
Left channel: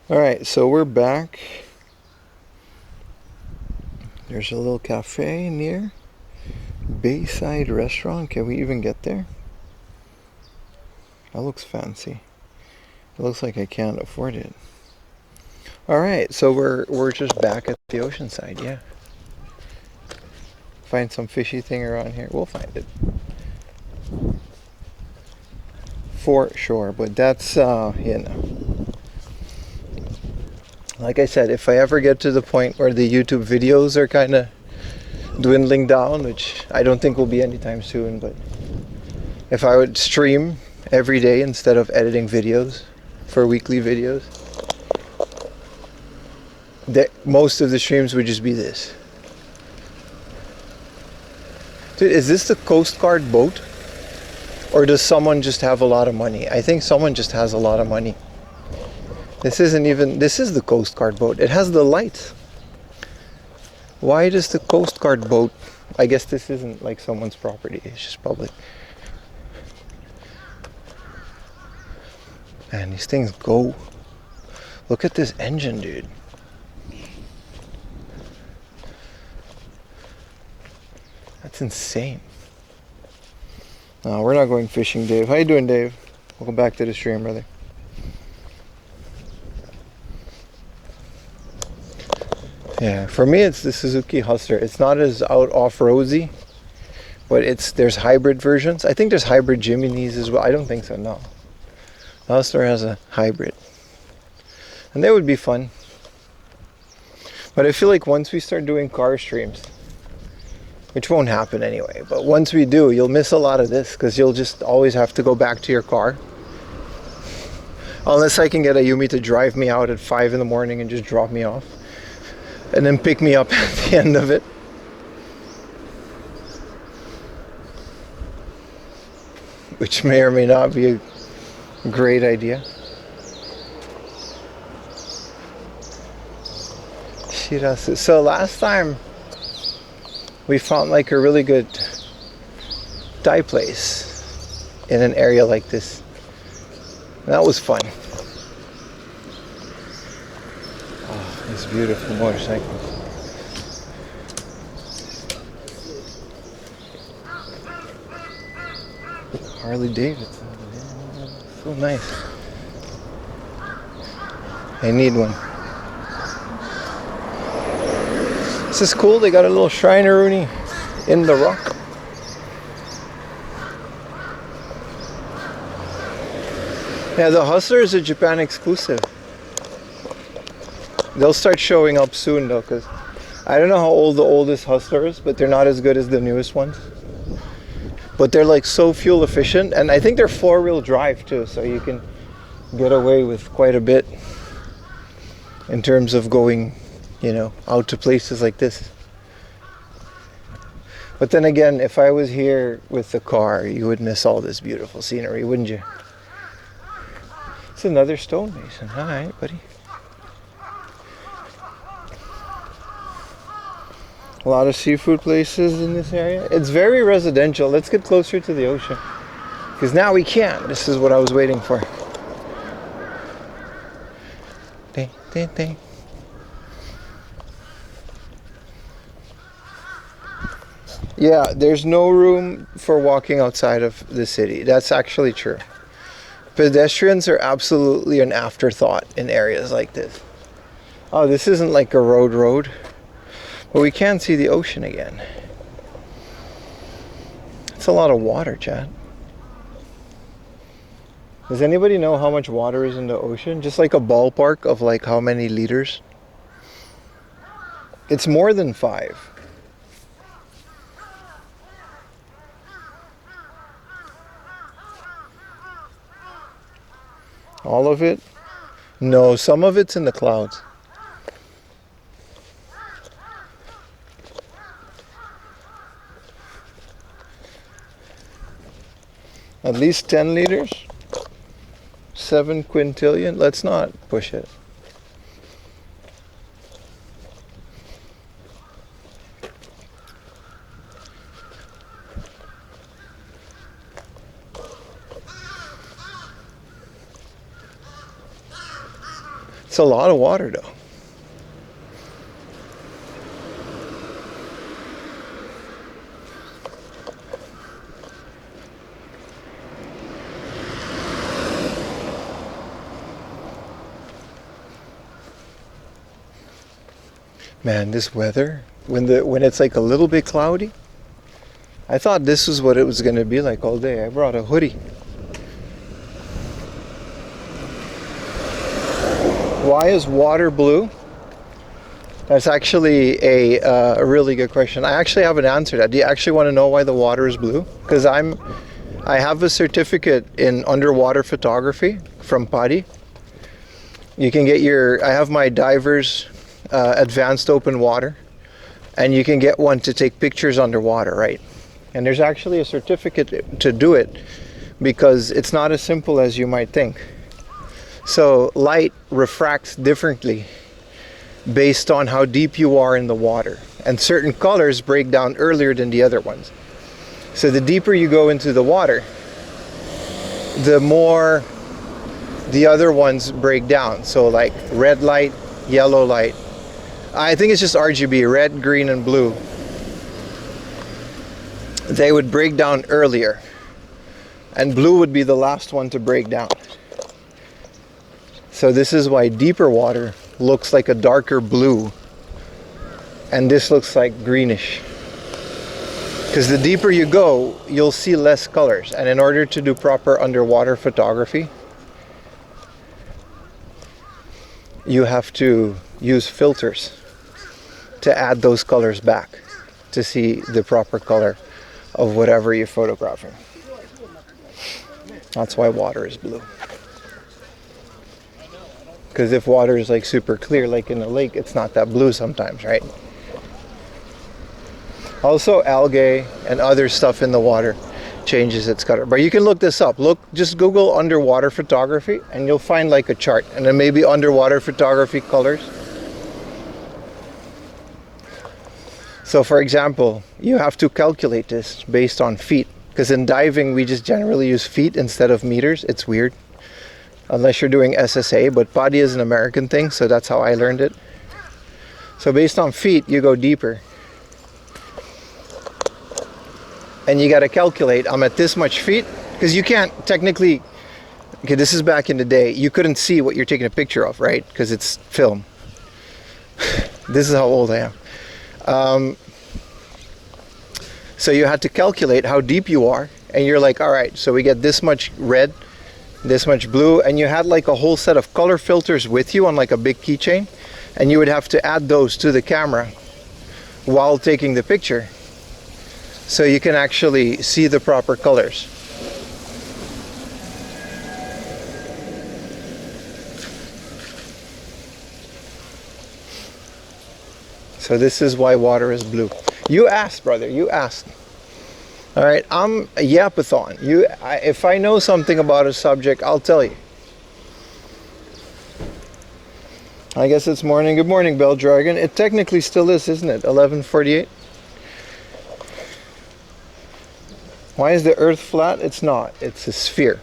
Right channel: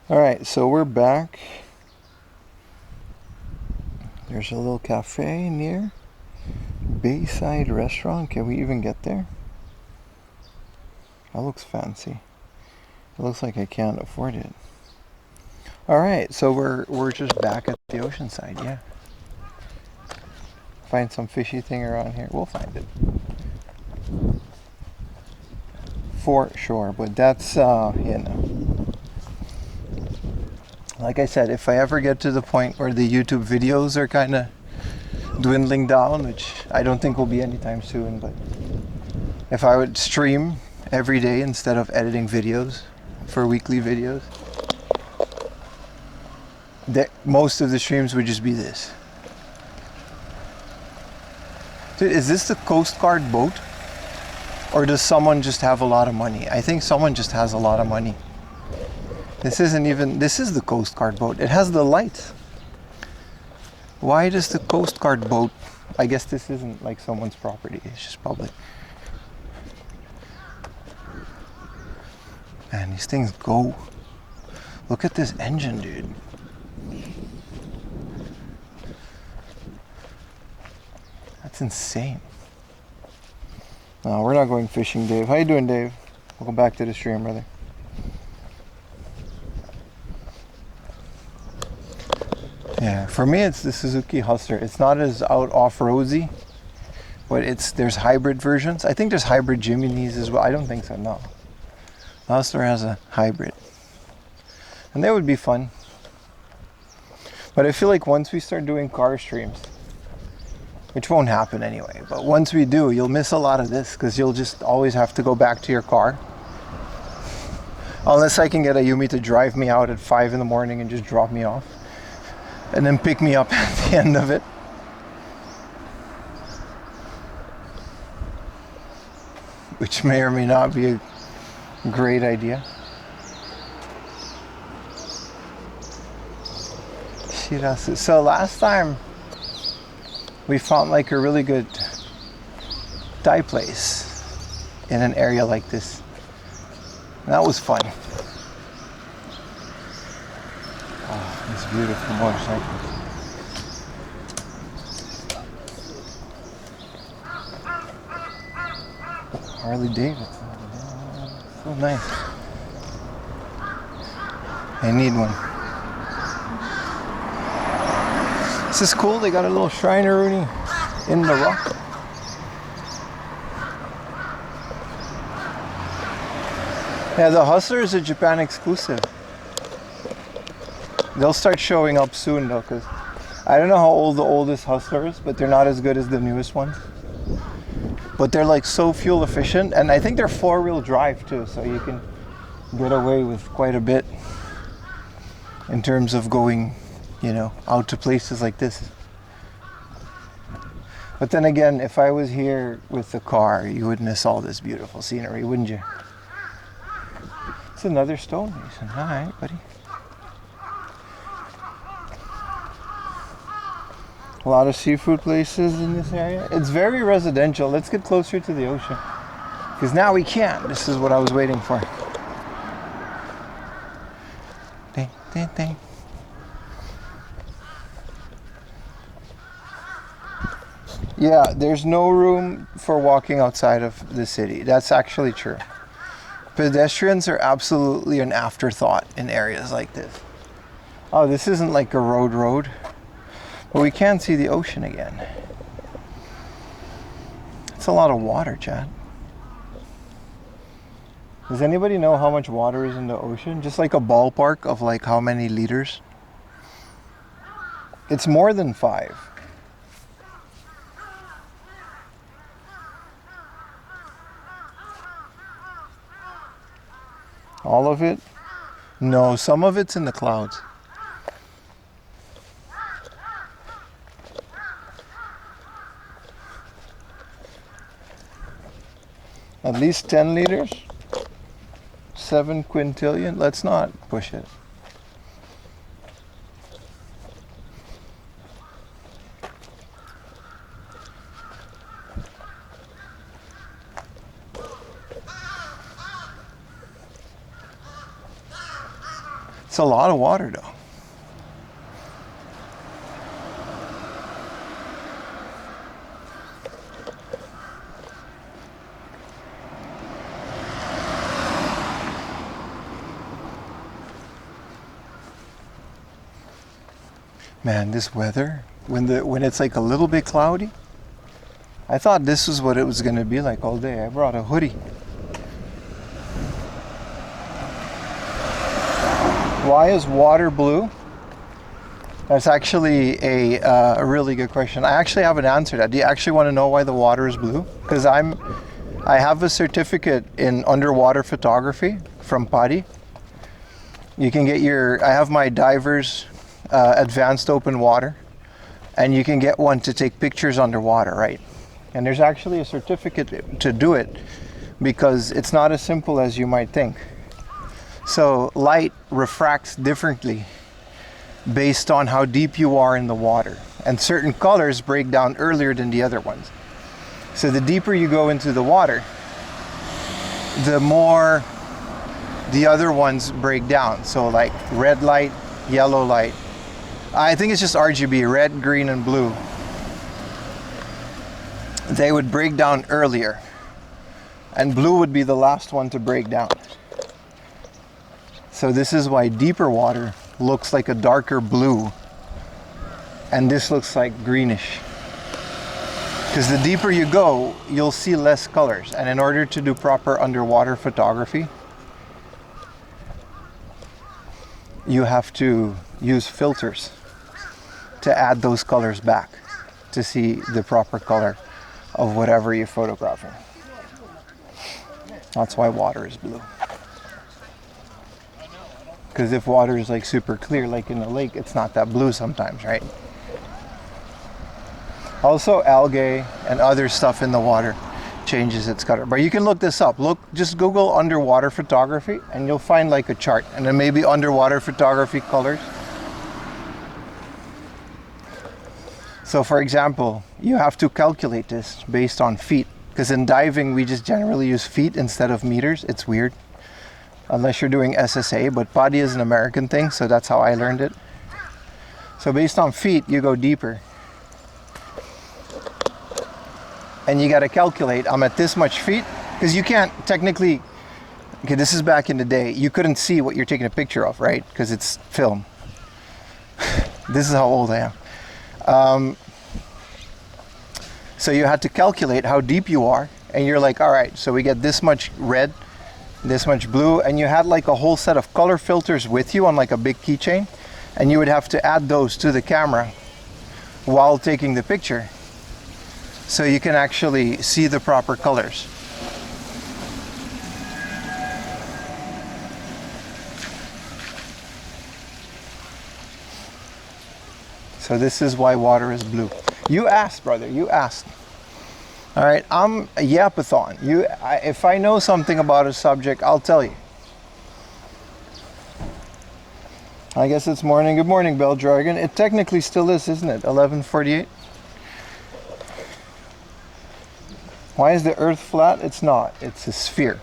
Alright, so we're back. There's a little cafe near Bayside Restaurant. Can we even get there? That looks fancy. It looks like I can't afford it. Alright, so we're just back at the ocean side, yeah. Find some fishy thing around here. We'll find it. For sure, but that's, you know. Like I said, if I ever get to the point where the YouTube videos are kind of dwindling down, which I don't think will be anytime soon, but if I would stream every day instead of editing videos for weekly videos, most of the streams would just be this. Dude, is this the Coast Guard boat? Or does someone just have a lot of money? I think someone just has a lot of money. This isn't even, this is the Coast Guard boat. It has the lights. Why does the Coast Guard boat, I guess this isn't like someone's property, it's just public. Man, these things go. Look at this engine, dude. That's insane. No, we're not going fishing, Dave. How you doing, Dave? Welcome back to the stream, brother. Yeah, for me it's the Suzuki Hustler. It's not as out off-roadsy, but there's hybrid versions. I think there's hybrid Jiminy's as well. I don't think so, no. The Hustler has a hybrid. And that would be fun. But I feel like once we start doing car streams, which won't happen anyway, but once we do, you'll miss a lot of this because you'll just always have to go back to your car. Unless I can get Ayumi to drive me out at 5 in the morning and just drop me off. And then pick me up at the end of it. Which may or may not be a great idea. Shirasu. So last time we found like a really good Thai place in an area like this. And that was fun. Oh, these beautiful motorcycles. Harley Davidson. Yeah, so nice. I need one. This is cool. They got a little Shrineroonie in the rock. Yeah, the Hustler is a Japan exclusive. They'll start showing up soon though, because I don't know how old the oldest Hustler is, but they're not as good as the newest ones. But they're like so fuel efficient, and I think they're 4-wheel drive too, so you can get away with quite a bit in terms of going, you know, out to places like this. But then again, if I was here with the car, you would miss all this beautiful scenery, wouldn't you? It's another stonemason. All right, buddy. A lot of seafood places in this area. It's very residential. Let's get closer to the ocean. Because now we can't. This is what I was waiting for. Ding, ding, ding. Yeah, there's no room for walking outside of the city. That's actually true. Pedestrians are absolutely an afterthought in areas like this. Oh, this isn't like a road, but we can see the ocean again. It's a lot of water, Chad. Does anybody know how much water is in the ocean? Just like a ballpark of like how many liters? It's more than 5. All of it? No, some of it's in the clouds. At least 10 liters? 7 quintillion? Let's not push it. It's a lot of water though. Man, this weather, when it's like a little bit cloudy, I thought this was what it was going to be like all day. I brought a hoodie. Why is water blue? That's actually a really good question. I actually have an answer to that. Do you actually want to know why the water is blue? Because I have a certificate in underwater photography from PADI. You can get I have my diver's advanced open water, and you can get one to take pictures underwater, right? And there's actually a certificate to do it because it's not as simple as you might think. So light refracts differently based on how deep you are in the water, and certain colors break down earlier than the other ones. So the deeper you go into the water, the more the other ones break down. So like red light, yellow light. I think it's just RGB, red, green, and blue. They would break down earlier, and blue would be the last one to break down. So this is why deeper water looks like a darker blue, and this looks like greenish. Because the deeper you go, you'll see less colors, and in order to do proper underwater photography, you have to use filters to add those colors back to see the proper color of whatever you're photographing. That's why water is blue. Because if water is like super clear, like in a lake, it's not that blue sometimes, right? Also, algae and other stuff in the water changes its color. But you can look this up. Just Google underwater photography, and you'll find like a chart, and then maybe underwater photography colors. So for example, you have to calculate this based on feet, because in diving we just generally use feet instead of meters. It's weird unless you're doing SSA, but PADI is an American thing, so that's how I learned it. So based on feet, you go deeper, and you got to calculate, I'm at this much feet, because you can't technically, okay, this is back in the day, you couldn't see what you're taking a picture of, right? Because it's film. This is how old I am. So you had to calculate how deep you are, and you're like, all right, so we get this much red, this much blue, and you had like a whole set of color filters with you on like a big keychain, and you would have to add those to the camera while taking the picture so you can actually see the proper colors. So this is why water is blue. You asked, brother, you asked. All right, I'm a yapathon. If I know something about a subject, I'll tell you. I guess it's morning. Good morning, Bell Dragon. It technically still is, isn't it? 11:48. Why is the Earth flat? It's not. It's a sphere.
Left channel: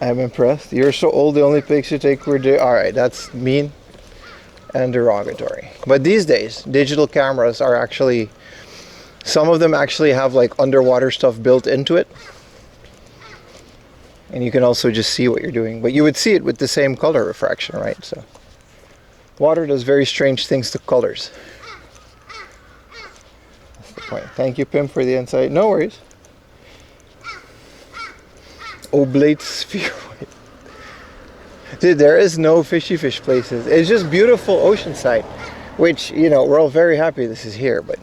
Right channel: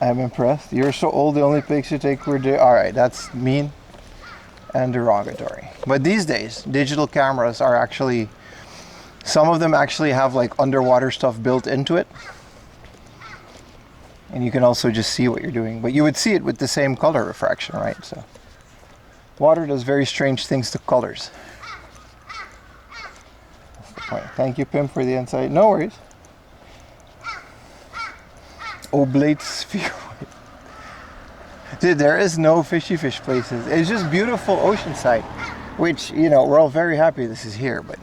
I'm impressed. You're so old, the only pics you take were... All right, that's mean. and derogatory. But these days, digital cameras are actually, some of them actually have like underwater stuff built into it. And you can also just see what you're doing. But you would see it with the same color refraction, right? So water does very strange things to colors. That's the point. Thank you, Pim, for the insight. No worries. Oblate sphere. Dude, there is no fishy fish places. It's just beautiful oceanside, which, you know, we're all very happy this is here, but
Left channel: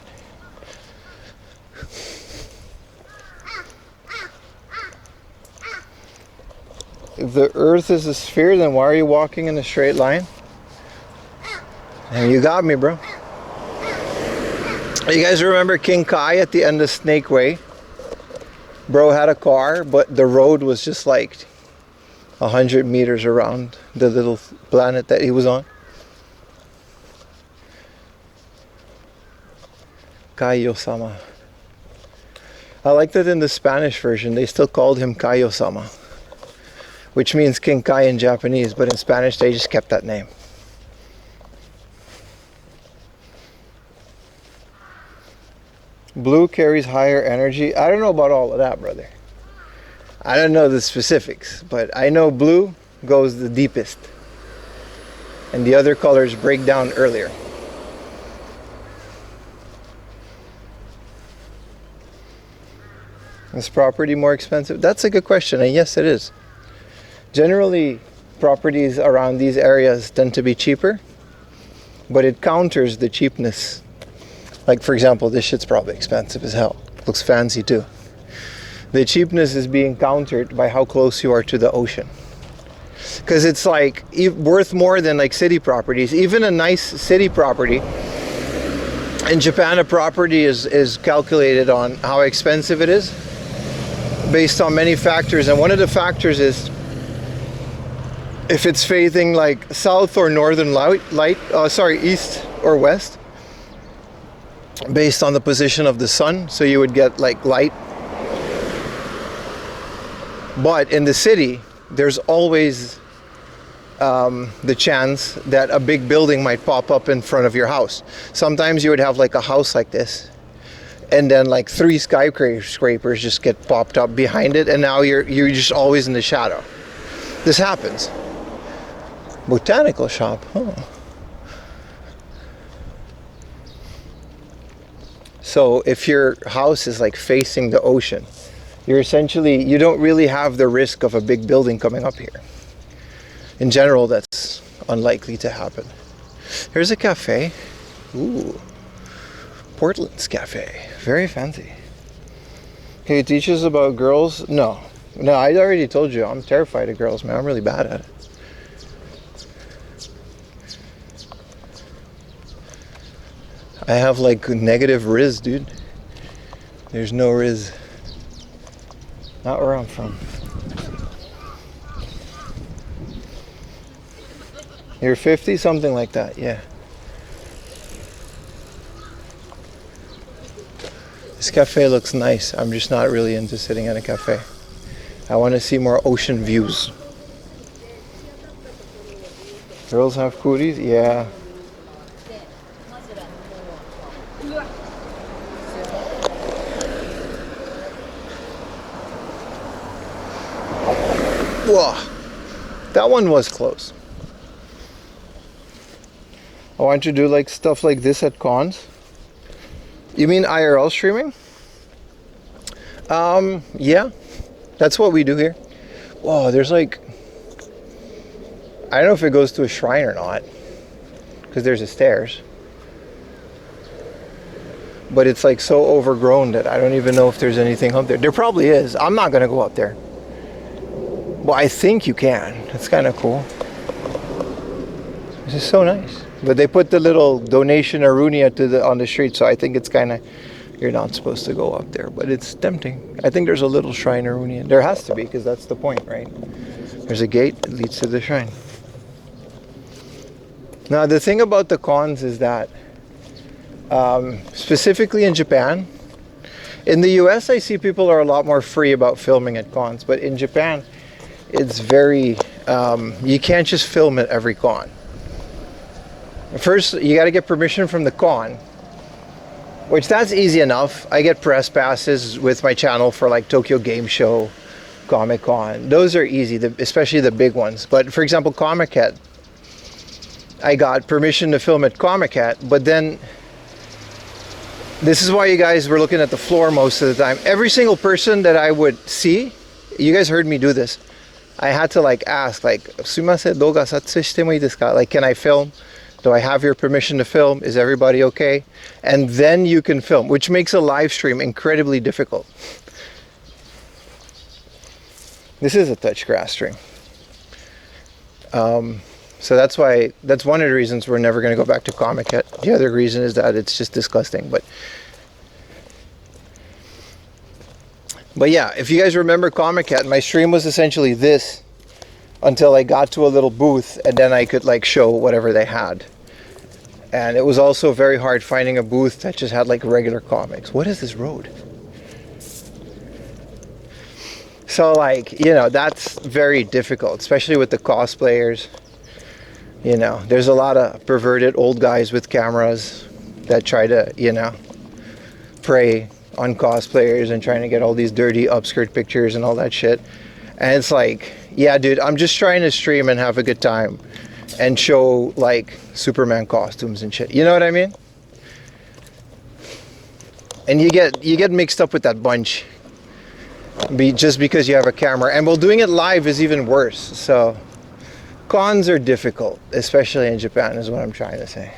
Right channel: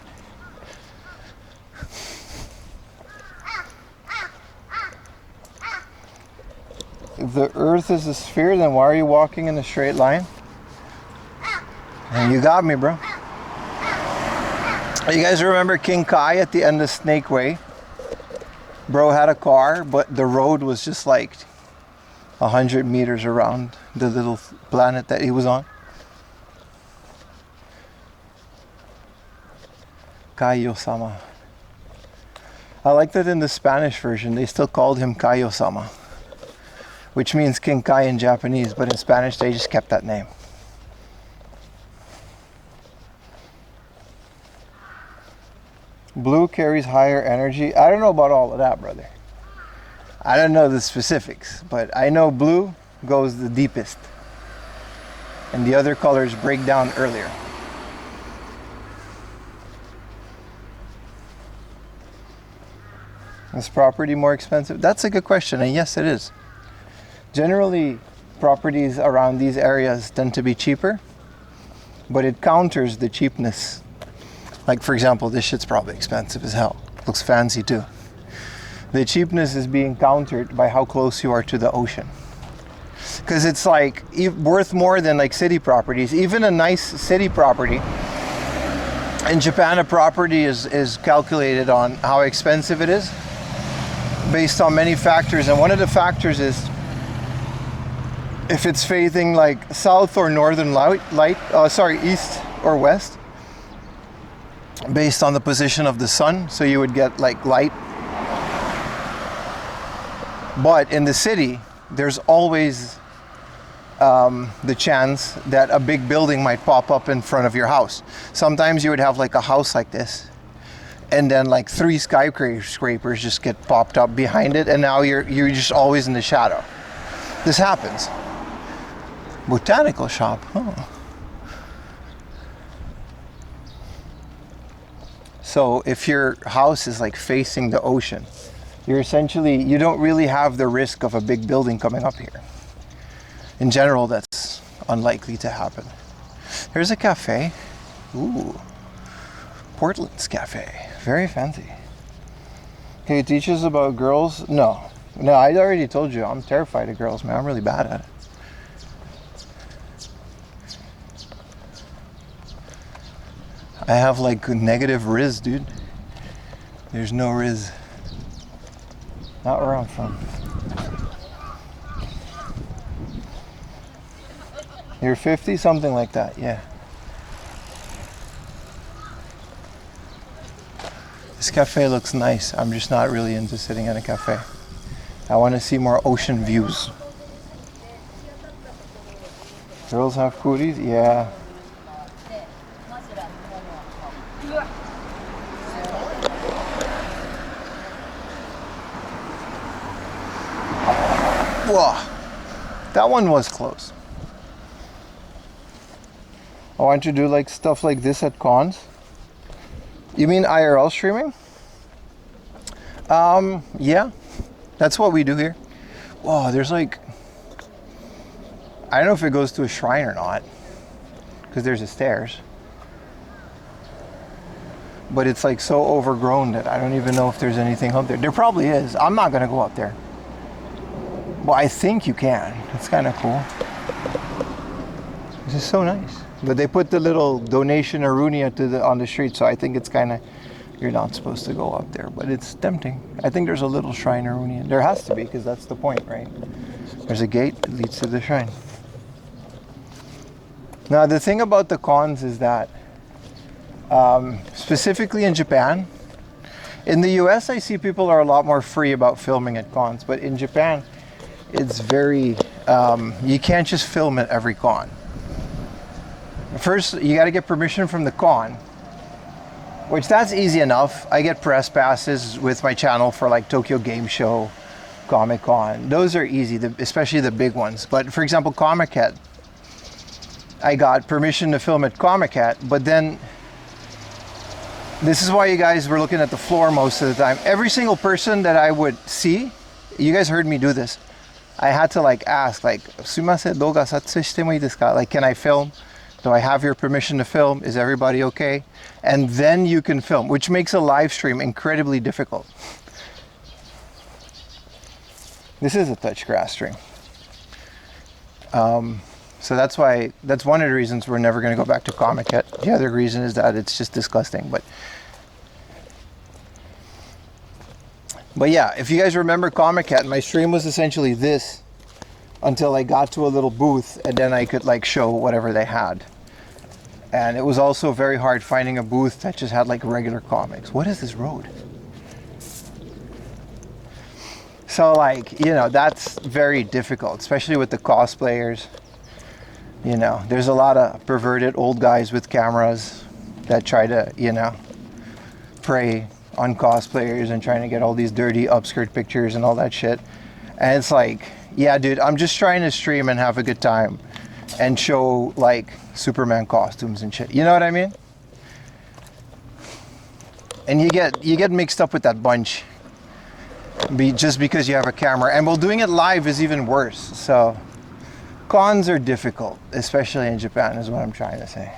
if the earth is a sphere, then why are you walking in a straight line? And you got me, bro. You guys remember King Kai at the end of Snake Way? Bro had a car, but the road was just like 100 meters around the little planet that he was on. Kaio-sama. I like that in the Spanish version they still called him Kaio-sama, which means King Kai in Japanese, but in Spanish they just kept that name. Blue carries higher energy. I don't know about all of that, brother. I don't know the specifics, but I know blue goes the deepest and the other colors break down earlier. Is property more expensive? That's a good question, and yes, it is. Generally, properties around these areas tend to be cheaper, but it counters the cheapness. Like, for example, this shit's probably expensive as hell. Looks fancy too. The cheapness is being countered by how close you are to the ocean. Because it's like worth more than like city properties. Even a nice city property. In Japan, a property is calculated on how expensive it is based on many factors. And one of the factors is if it's facing like south or northern east or west, based on the position of the sun. So you would get like light. But in the city, there's always the chance that a big building might pop up in front of your house. Sometimes you would have like a house like this, and then like 3 skyscrapers just get popped up behind it, and now you're just always in the shadow. This happens. Botanical shop, huh? So if your house is like facing the ocean, you don't really have the risk of a big building coming up here. In general, that's unlikely to happen. Here's a cafe. Ooh, Portland's cafe. Very fancy. Can you teach us about girls? No, I already told you, I'm terrified of girls, man. I'm really bad at it. I have like negative Riz, dude. There's no Riz. Not where I'm from. You're 50? Something like that, yeah. This cafe looks nice. I'm just not really into sitting at a cafe. I want to see more ocean views. Girls have cooties? Yeah. Whoa, that one was close. I want you to do like stuff like this at cons. You mean IRL streaming? Yeah, that's what we do here. Whoa, there's like, I don't know if it goes to a shrine or not, because there's a stairs. But it's like so overgrown that I don't even know if there's anything up there. There probably is. I'm not gonna go up there. Well, I think you can. That's kind of cool. This is so nice. But they put the little donation arunia on the street, so I think it's kind of, you're not supposed to go up there, but it's tempting. I think there's a little shrine arunia. There has to be, because that's the point, right? There's a gate that leads to the shrine. Now, the thing about the cons is that, specifically in Japan, in the US, I see people are a lot more free about filming at cons, but in Japan, it's very, you can't just film at every con. First, you got to get permission from the con, which that's easy enough. I get press passes with my channel for like Tokyo Game Show, Comic Con. Those are easy, especially the big ones. But for example, Comic-Con, I got permission to film at Comic-Con, but then this is why you guys were looking at the floor most of the time. Every single person that I would see, you guys heard me do this. I had to like ask, like, "Sumimasen, douga satsui shite mo ii desu ka?" Like, can I film? Do I have your permission to film? Is everybody okay? And then you can film, which makes a live stream incredibly difficult. This is a touch grass stream. So that's why, that's one of the reasons we're never going to go back to Comic-Con. The other reason is that it's just disgusting. But yeah, if you guys remember Comic-Con, my stream was essentially this until I got to a little booth, and then I could like show whatever they had. And it was also very hard finding a booth that just had like regular comics. What is this road? So like, you know, that's very difficult, especially with the cosplayers. You know, there's a lot of perverted old guys with cameras that try to, you know, prey on cosplayers and trying to get all these dirty upskirt pictures and all that shit. And it's like, yeah, dude, I'm just trying to stream and have a good time and show like Superman costumes and shit. You know what I mean? And you get mixed up with that bunch just because you have a camera. And well, doing it live is even worse. So cons are difficult, especially in Japan, is what I'm trying to say.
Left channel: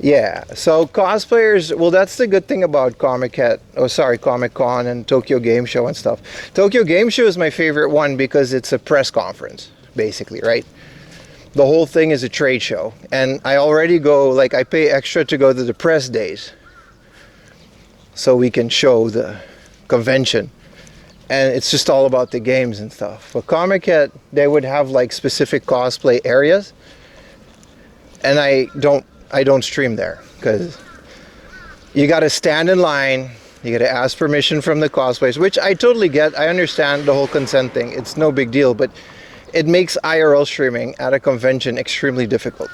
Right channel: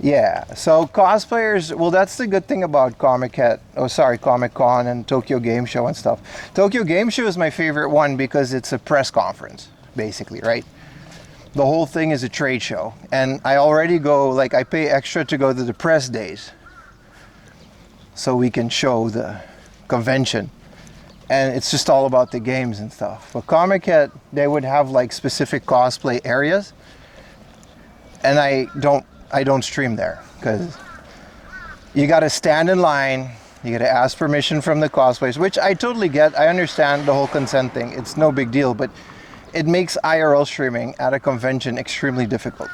Yeah, so cosplayers, well, that's the good thing about Comic-Con and Tokyo Game Show and stuff. Tokyo Game Show is my favorite one because it's a press conference, basically, right? The whole thing is a trade show. And I already go, like, I pay extra to go to the press days so we can show the convention. And it's just all about the games and stuff. But Comic-Con, they would have, like, specific cosplay areas. And I don't stream there because you got to stand in line, you got to ask permission from the cosplayers, which I totally get. I understand the whole consent thing, it's no big deal, but it makes IRL streaming at a convention extremely difficult.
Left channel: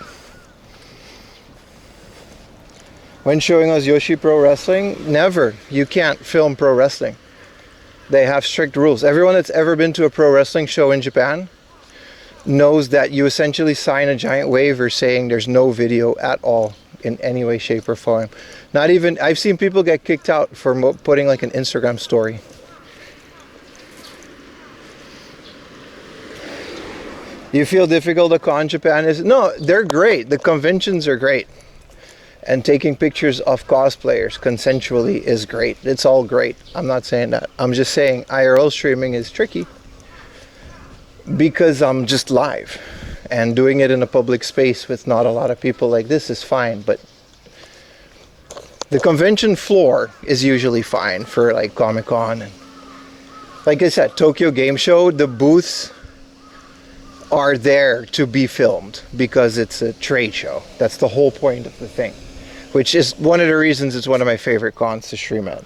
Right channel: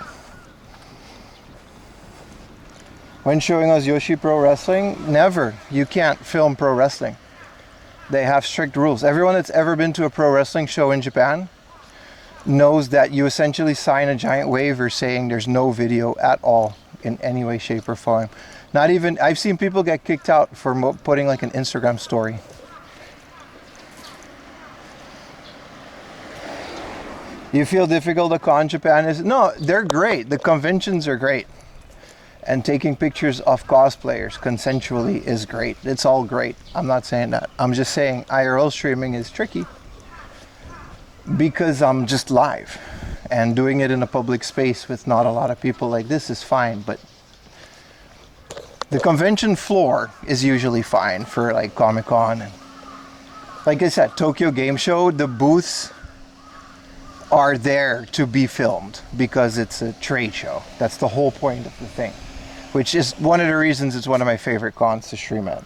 When showing us Yoshi Pro Wrestling, never. You can't film pro wrestling. They have strict rules. Everyone that's ever been to a pro wrestling show in Japan knows that you essentially sign a giant waiver saying there's no video at all in any way, shape, or form. Not even, I've seen people get kicked out for putting like an Instagram story. You feel difficult a con Japan is? No, they're great. The conventions are great. And taking pictures of cosplayers consensually is great. It's all great. I'm not saying that. I'm just saying IRL streaming is tricky. Because I'm just live, and doing it in a public space with not a lot of people like this is fine, but the convention floor is usually fine for like Comic-Con. And like I said, Tokyo Game Show, the booths are there to be filmed because it's a trade show. That's the whole point of the thing, which is one of the reasons it's one of my favorite cons to stream at.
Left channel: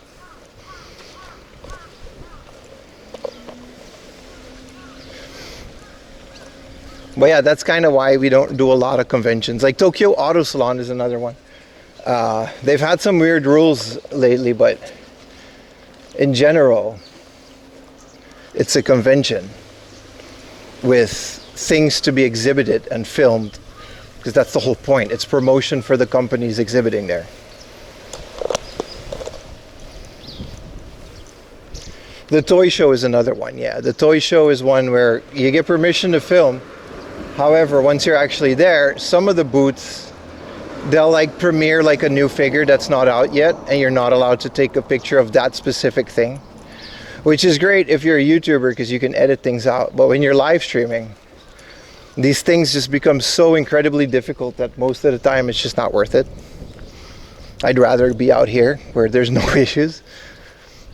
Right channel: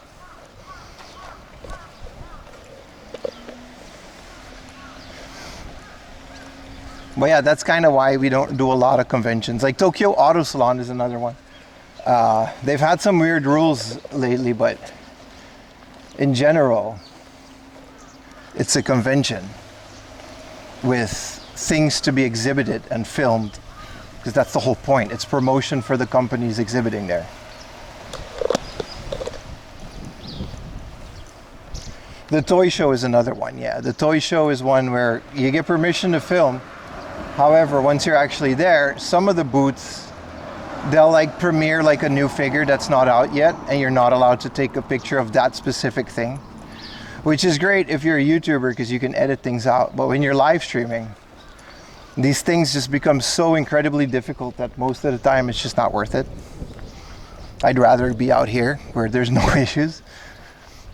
But yeah, that's kind of why we don't do a lot of conventions. Like Tokyo Auto Salon is another one. They've had some weird rules lately, but in general, it's a convention with things to be exhibited and filmed, because that's the whole point. It's promotion for the companies exhibiting there. The toy show is another one, yeah. The toy show is one where you get permission to film. However, once you're actually there, some of the booths, they'll like premiere like a new figure that's not out yet, and you're not allowed to take a picture of that specific thing, which is great if you're a YouTuber because you can edit things out. But when you're live streaming, these things just become so incredibly difficult that most of the time it's just not worth it. I'd rather be out here where there's no issues,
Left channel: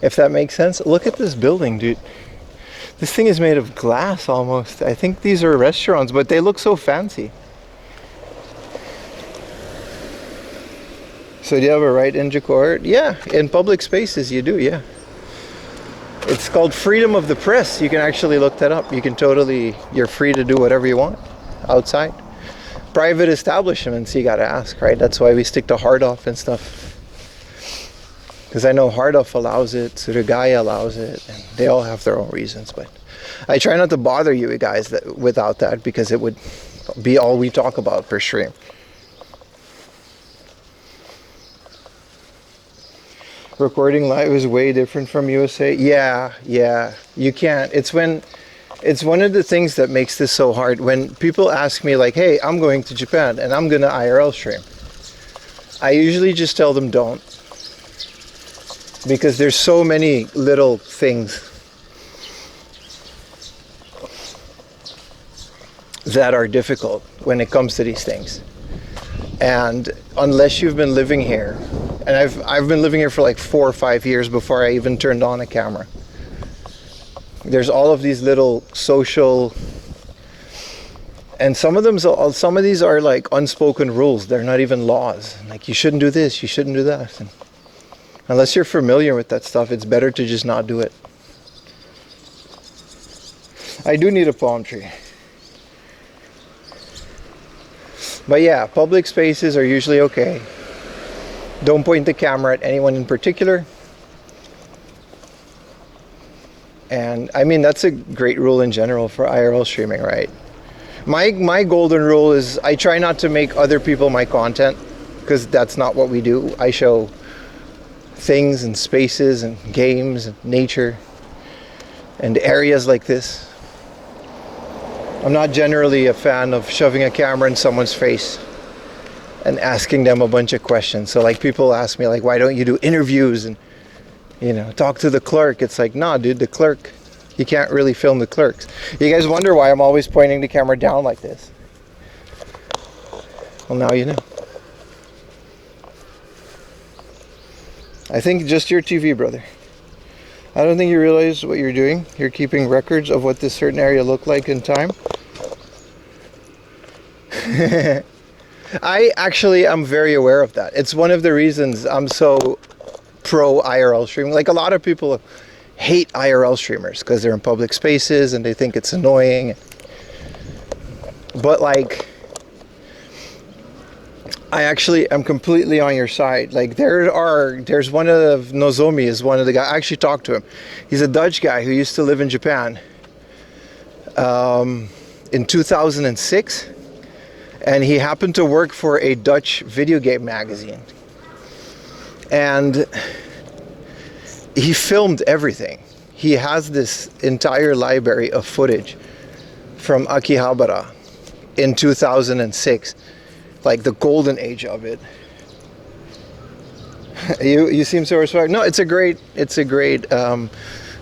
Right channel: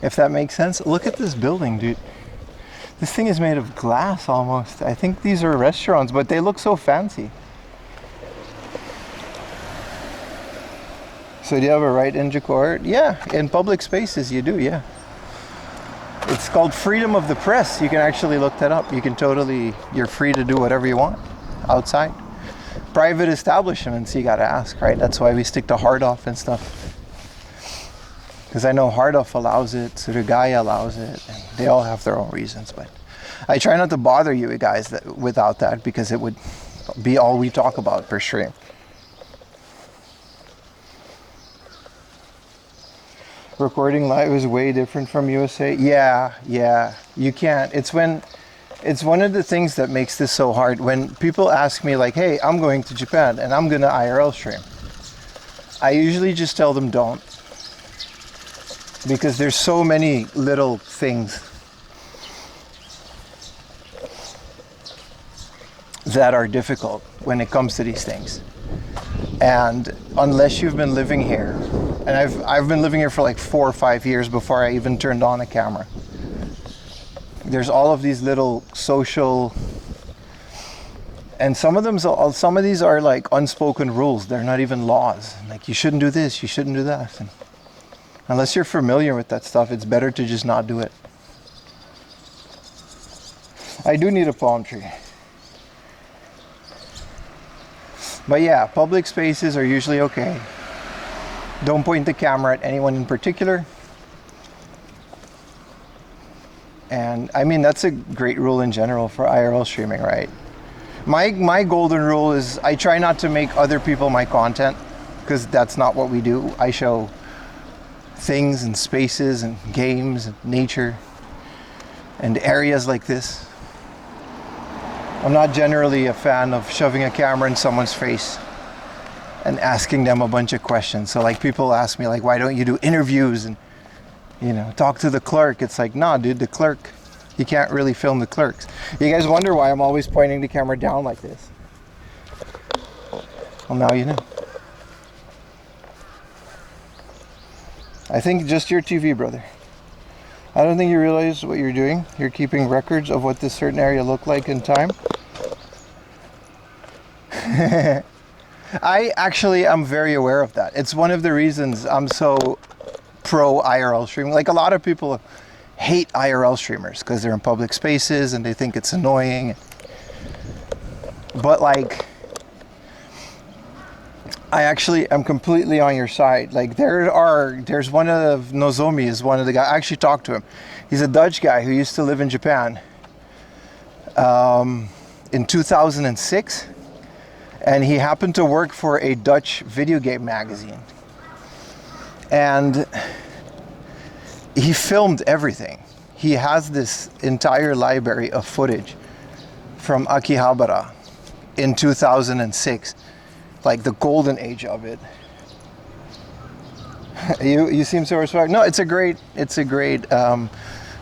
if that makes sense. Look at this building, dude. This thing is made of glass almost. I think these are restaurants, but they look so fancy. So do you have a right in Jakarta? Yeah, in public spaces you do, yeah. It's called freedom of the press. You can actually look that up. You can totally, you're free to do whatever you want outside. private establishments, you gotta ask, right? That's why we stick to hard off and stuff. Because I know hard off allows it, Surugaya allows it, and they all have their own reasons. But I try not to bother you guys without that, because it would be all we talk about per stream. Recording live is way different from USA. Yeah, you can't. It's one of the things that makes this so hard. When people ask me like, hey, I'm going to Japan and I'm gonna IRL stream, I usually just tell them don't, because there's so many little things that are difficult when it comes to these things. And unless you've been living here, and I've been living here for like 4 or 5 years before I even turned on a camera. There's all of these little social, and some of these are like unspoken rules. They're not even laws. Like, you shouldn't do this, you shouldn't do that. And unless you're familiar with that stuff, it's better to just not do it. I do need a palm tree. But yeah, public spaces are usually okay. Don't point the camera at anyone in particular. And I mean, that's a great rule in general for IRL streaming, right? My golden rule is I try not to make other people my content, because that's not what we do. I show things and spaces and games and nature and areas like this. I'm not generally a fan of shoving a camera in someone's face and asking them a bunch of questions. So like, people ask me like, why don't you do interviews and, you know, talk to the clerk? It's like, nah, dude, the clerk, you can't really film the clerks. You guys wonder why I'm always pointing the camera down like this? Well, now you know. I think just your TV, brother. I don't think you realize what you're doing. You're keeping records of what this certain area looked like in time. I actually am very aware of that. It's one of the reasons I'm so pro IRL streaming. Like, a lot of people hate IRL streamers because they're in public spaces and they think it's annoying. But like, I actually am completely on your side. Like, there's one of Nozomi is one of the guys. I actually talked to him. He's a Dutch guy who used to live in Japan in 2006. And he happened to work for a Dutch video game magazine. And he filmed everything. He has this entire library of footage from Akihabara in 2006. Like the golden age of it. You seem so respectful. No, it's a great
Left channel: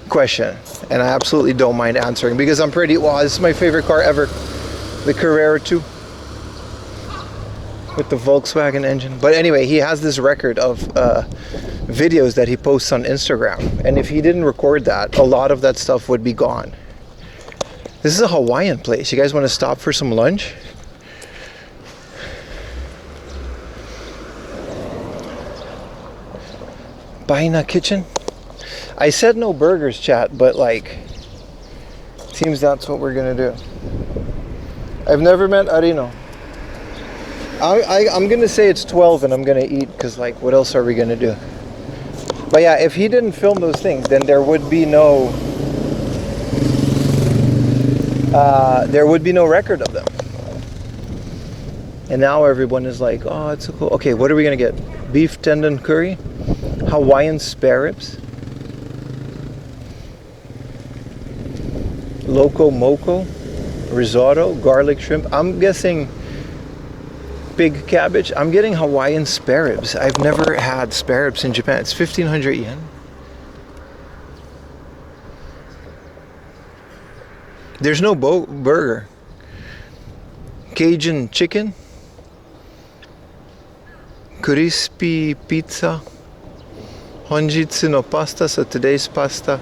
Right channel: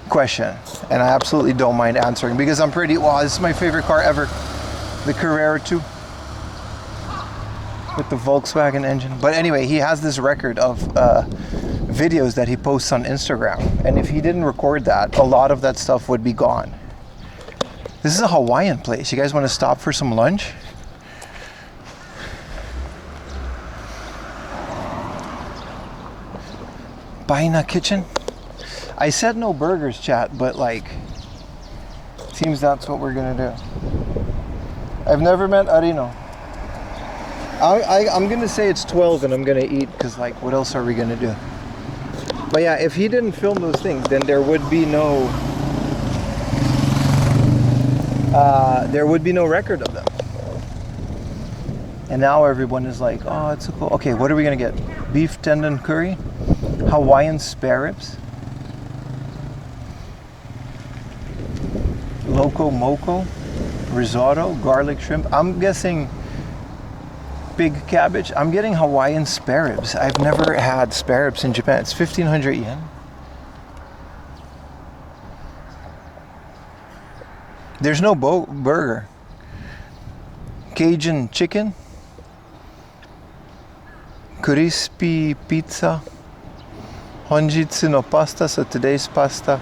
question. And I absolutely don't mind answering, because I'm pretty, wow, this is my favorite car ever. The Carrera 2. With the Volkswagen engine. But anyway, he has this record of videos that he posts on Instagram, and if he didn't record that, a lot of that stuff would be gone. This is a Hawaiian place. You guys want to stop for some lunch? Baina Kitchen? I said no burgers, chat, but like, seems that's what we're gonna do. I've never met Arino. I'm gonna say it's 12 and I'm gonna eat, because like, what else are we gonna do? But yeah, if he didn't film those things, then there would be no record of them. And now everyone is like, oh, it's so cool. Okay, what are we gonna get? Beef tendon curry, Hawaiian spare ribs, loco moco, risotto, garlic shrimp. I'm guessing big cabbage. I'm getting Hawaiian spare ribs. I've never had spare ribs in Japan. It's 1,500 yen. There's no burger. Cajun chicken, crispy pizza, honjitsu no pasta, so today's pasta,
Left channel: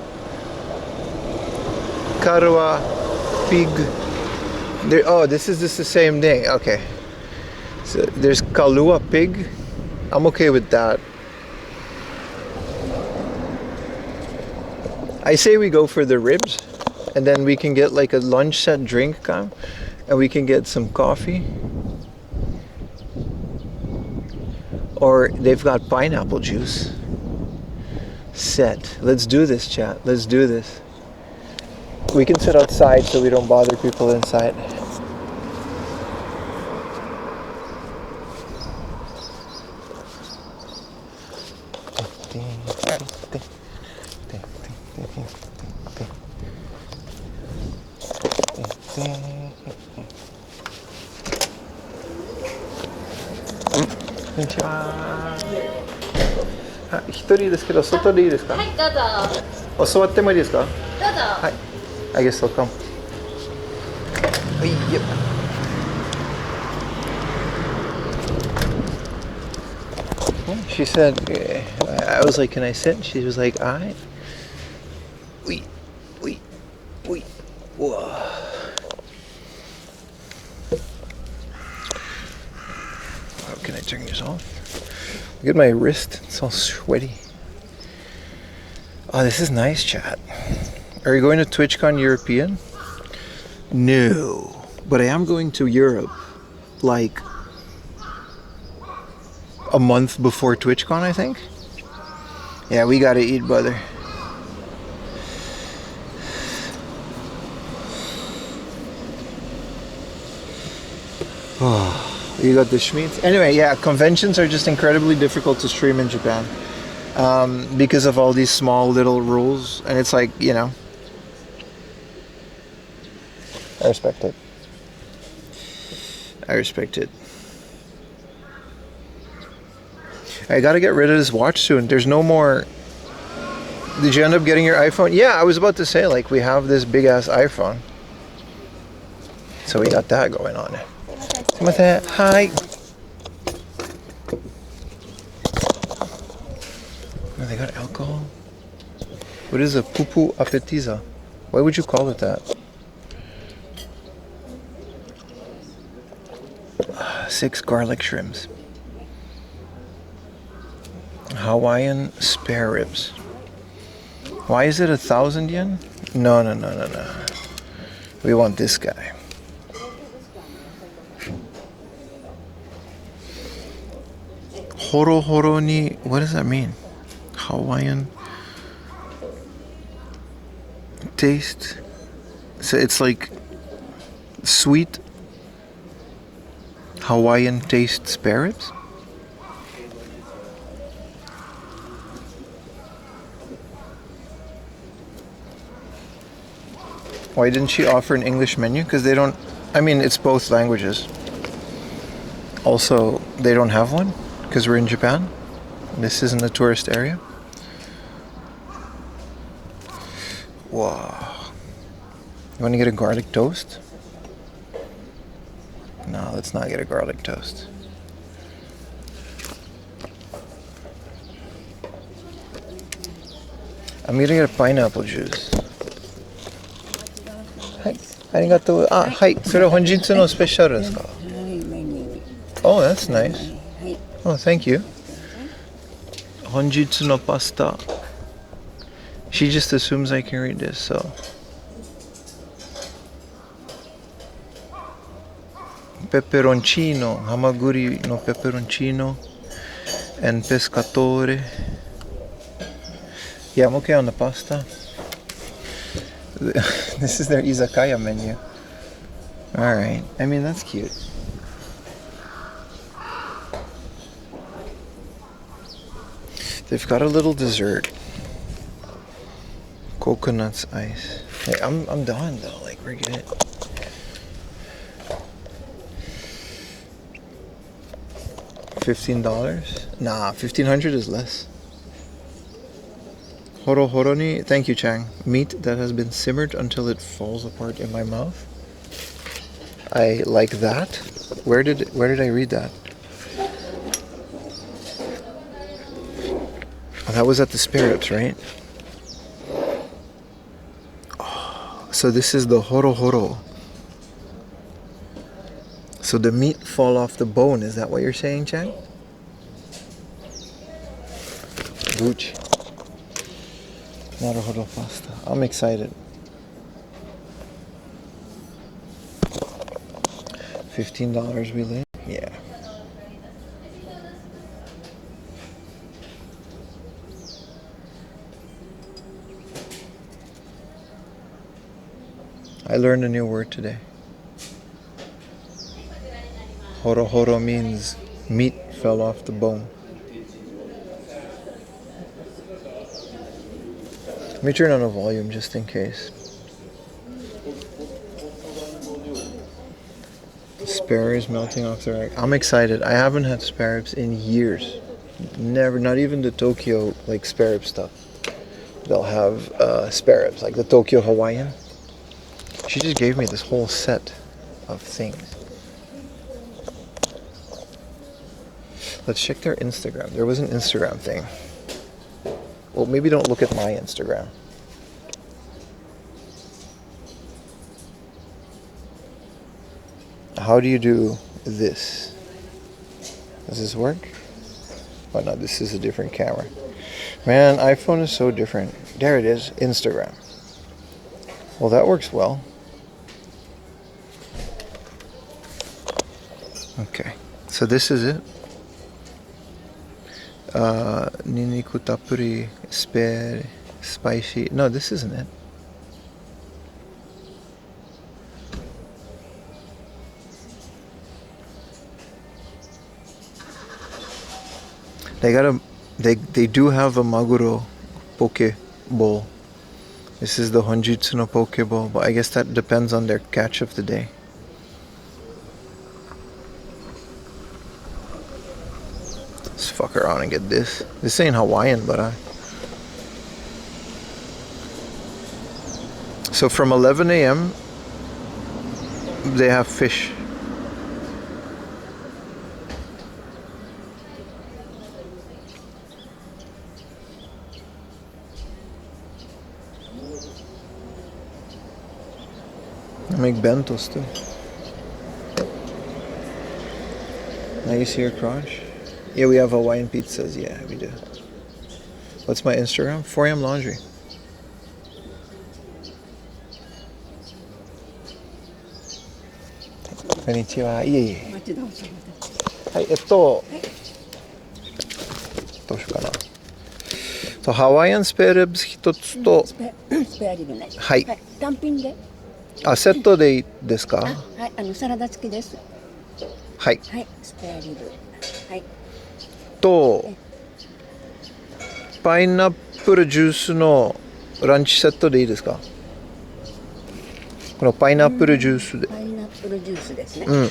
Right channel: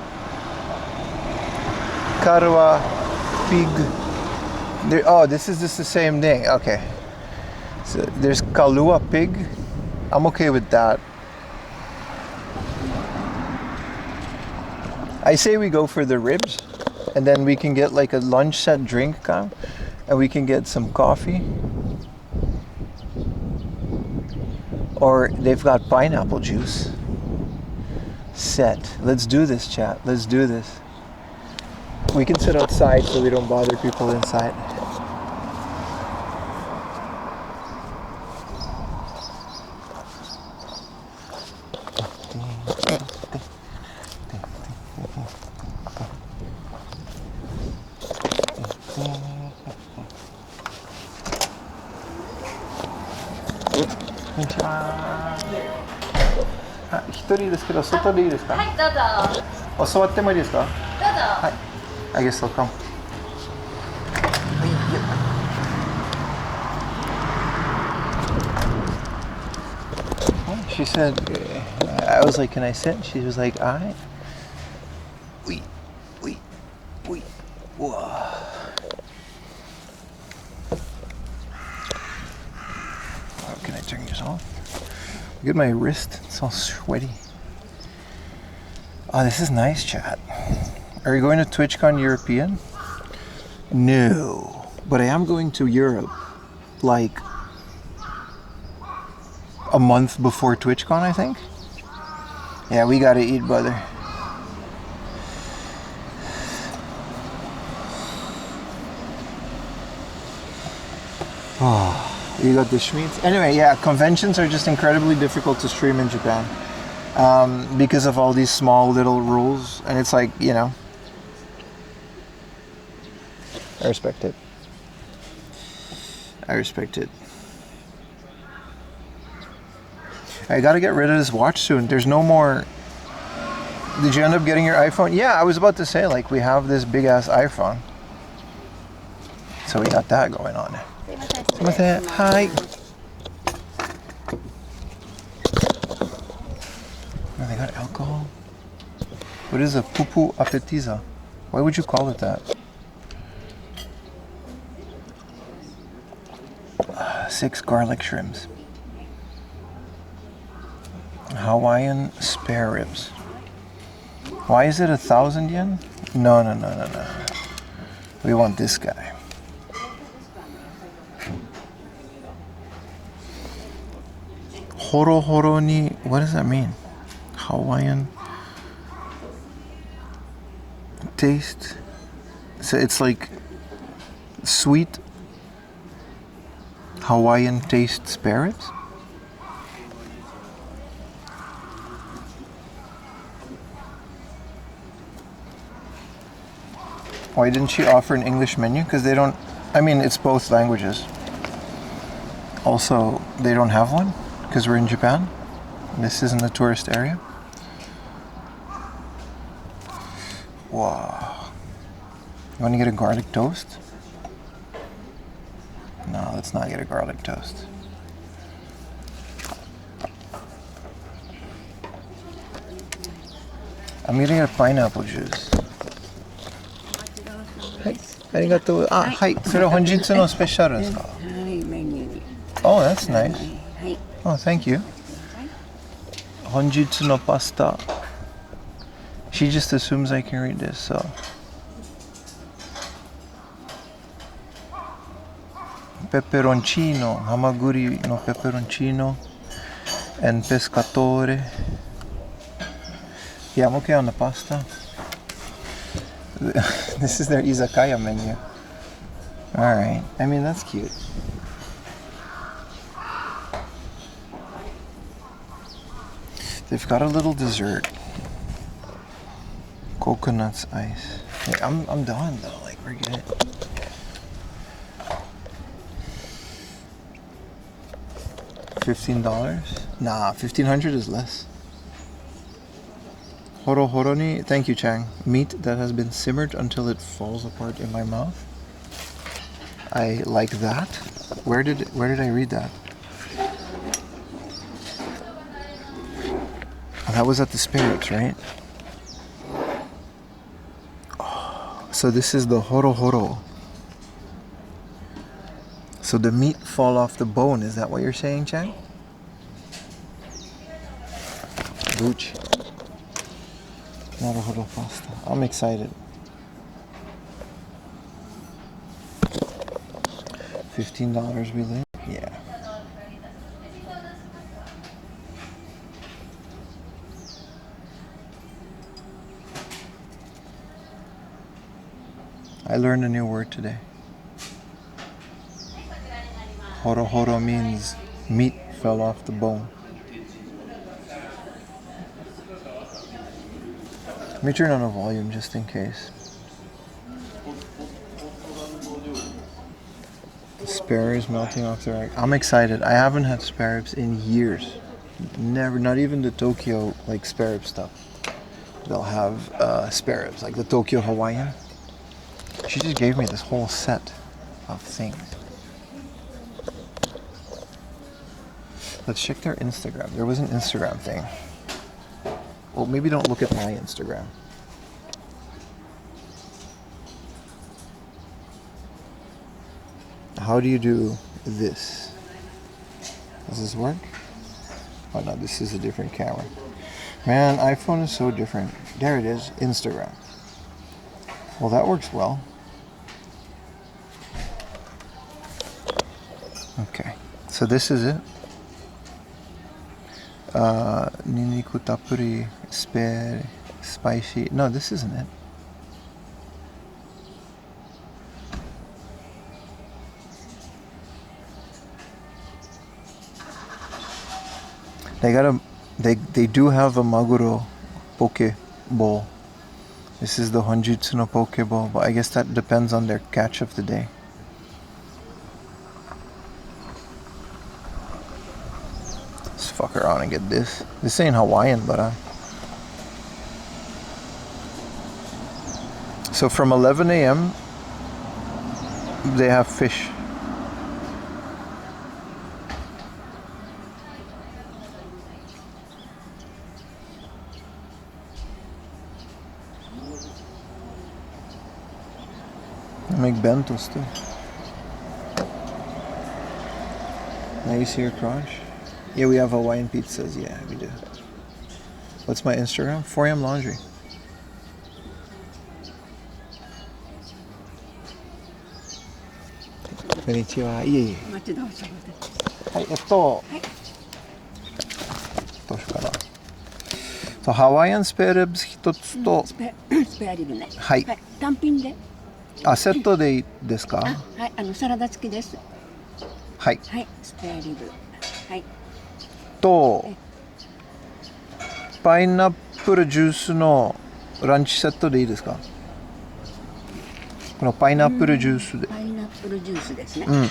karwa pig. Oh, this is just the same thing. Okay. So there's kalua pig. I'm okay with that. I say we go for the ribs, and then we can get like a lunch set drink, and we can get some coffee. Or they've got pineapple juice. Set. Let's do this, chat. Let's do this. We can sit outside so we don't bother people inside. Ah, 一人ですけど外でいいですか？はい、どうぞ。座ってもいいですか？どうぞ。はい。I guess they'll come. Yep. She said, I was like, can I sit? She was like, alright. Wait. Whoa. How can I turn this off? Look at my wrist, it's all sweaty. Oh, this is nice, chat. Are you going to TwitchCon European? No, but I am going to Europe like a month before TwitchCon, I think. Yeah, we gotta eat, brother. Oh. You got the schmeats. Anyway, yeah, conventions are just incredibly difficult to stream in Japan because of all these small little rules, and it's like, you know, I respect it. I gotta get rid of this watch soon. There's no more. Did you end up getting your iPhone? Yeah, I was about to say, like, we have this big ass iPhone, so we got that going on. Hi. Oh, they got alcohol. What is a pupu appetiza? Why would you call it that? 6 garlic shrimps. Hawaiian spare ribs. Why is it 1,000 yen? No. We want this guy. Horo horo ni, what does that mean? Hawaiian taste. So it's like sweet Hawaiian taste spare ribs? Why didn't she offer an English menu? Because they don't, I mean, it's both languages. Also, they don't have one because we're in Japan. This isn't a tourist area. Wow. You want to get a garlic toast? No, let's not get a garlic toast. I'm gonna get a pineapple juice. Hi. Arigatou. Ah, hi. それ本日のスペシャルですか? Oh, that's nice. Oh, thank you. 本日のパスタ. She just assumes I can read this, so. Peperoncino, hamaguri no peperoncino, and pescatore. Yeah, I'm okay on the pasta. This is their izakaya menu. Alright, I mean, that's cute. They've got a little dessert. Coconuts ice. Yeah, I'm done though, like, bring it. $15? Nah, $1,500 is less. Horo horo ni, thank you, Chang. Meat that has been simmered until it falls apart in my mouth. I like that. Where did I read that? Oh, that was at the Spirits, right? Oh, so this is the horo horo. So the meat fall off the bone, is that what you're saying, Chang? Gooch. Naruhodo pasta. I'm excited. $15 we live? Yeah. I learned a new word today. Horo horo means meat fell off the bone. Let me turn on the volume just in case. Spare ribs melting off the rack. I'm excited. I haven't had spare ribs in years. Never, not even the Tokyo like spare rib stuff. They'll have spare ribs, like the Tokyo Hawaiian. She just gave me this whole set of things. Let's check their Instagram. There was an Instagram thing. Well, maybe don't look at my Instagram. How do you do this? Does this work? Oh no, this is a different camera. Man, iPhone is so different. There it is, Instagram. Well, that works well. Okay, so this is it. Niniku tappuri, spare, spicy. No, this isn't it. They do have a maguro poke bowl. This is the Honjutsu no poke bowl, but I guess that depends on their catch of the day. Let's fuck around and get this. This ain't Hawaiian, but so from 11 a.m. they have fish. They make bentos too. Now you see your crotch? Yeah, we have Hawaiian pizzas. Yeah, we do. What's my Instagram? 4am Laundry. Konnichiwa. いえいえ。はい、どうしようかな。とハワイアンスペアリブス一つと、スペアリブね。はい。単品で。あ、セットでいいですか？はい、サラダ付きです。はい。はい、スペアリブ。はい。とパイナップルジュースのランチセットでいいですか？このパイナップルジュースで。パイナップルジュースですね。うん。はい。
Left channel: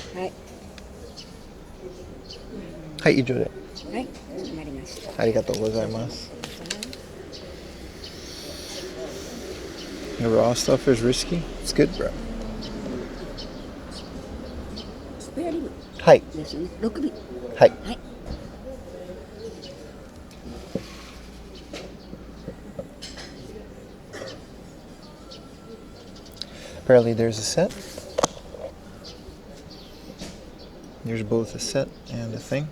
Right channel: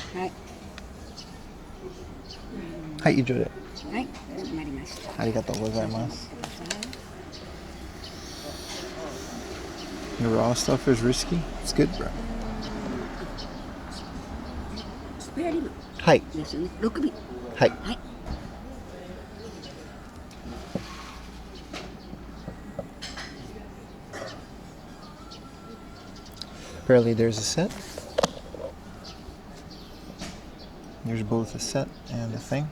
はい、以上で。はい、なりました。ありがとうございます。The raw stuff is risky. It's good, bro. スペアリブ。はい。ですね。6尾。はい。はい。Apparently there's a set. There's both a set and a thing.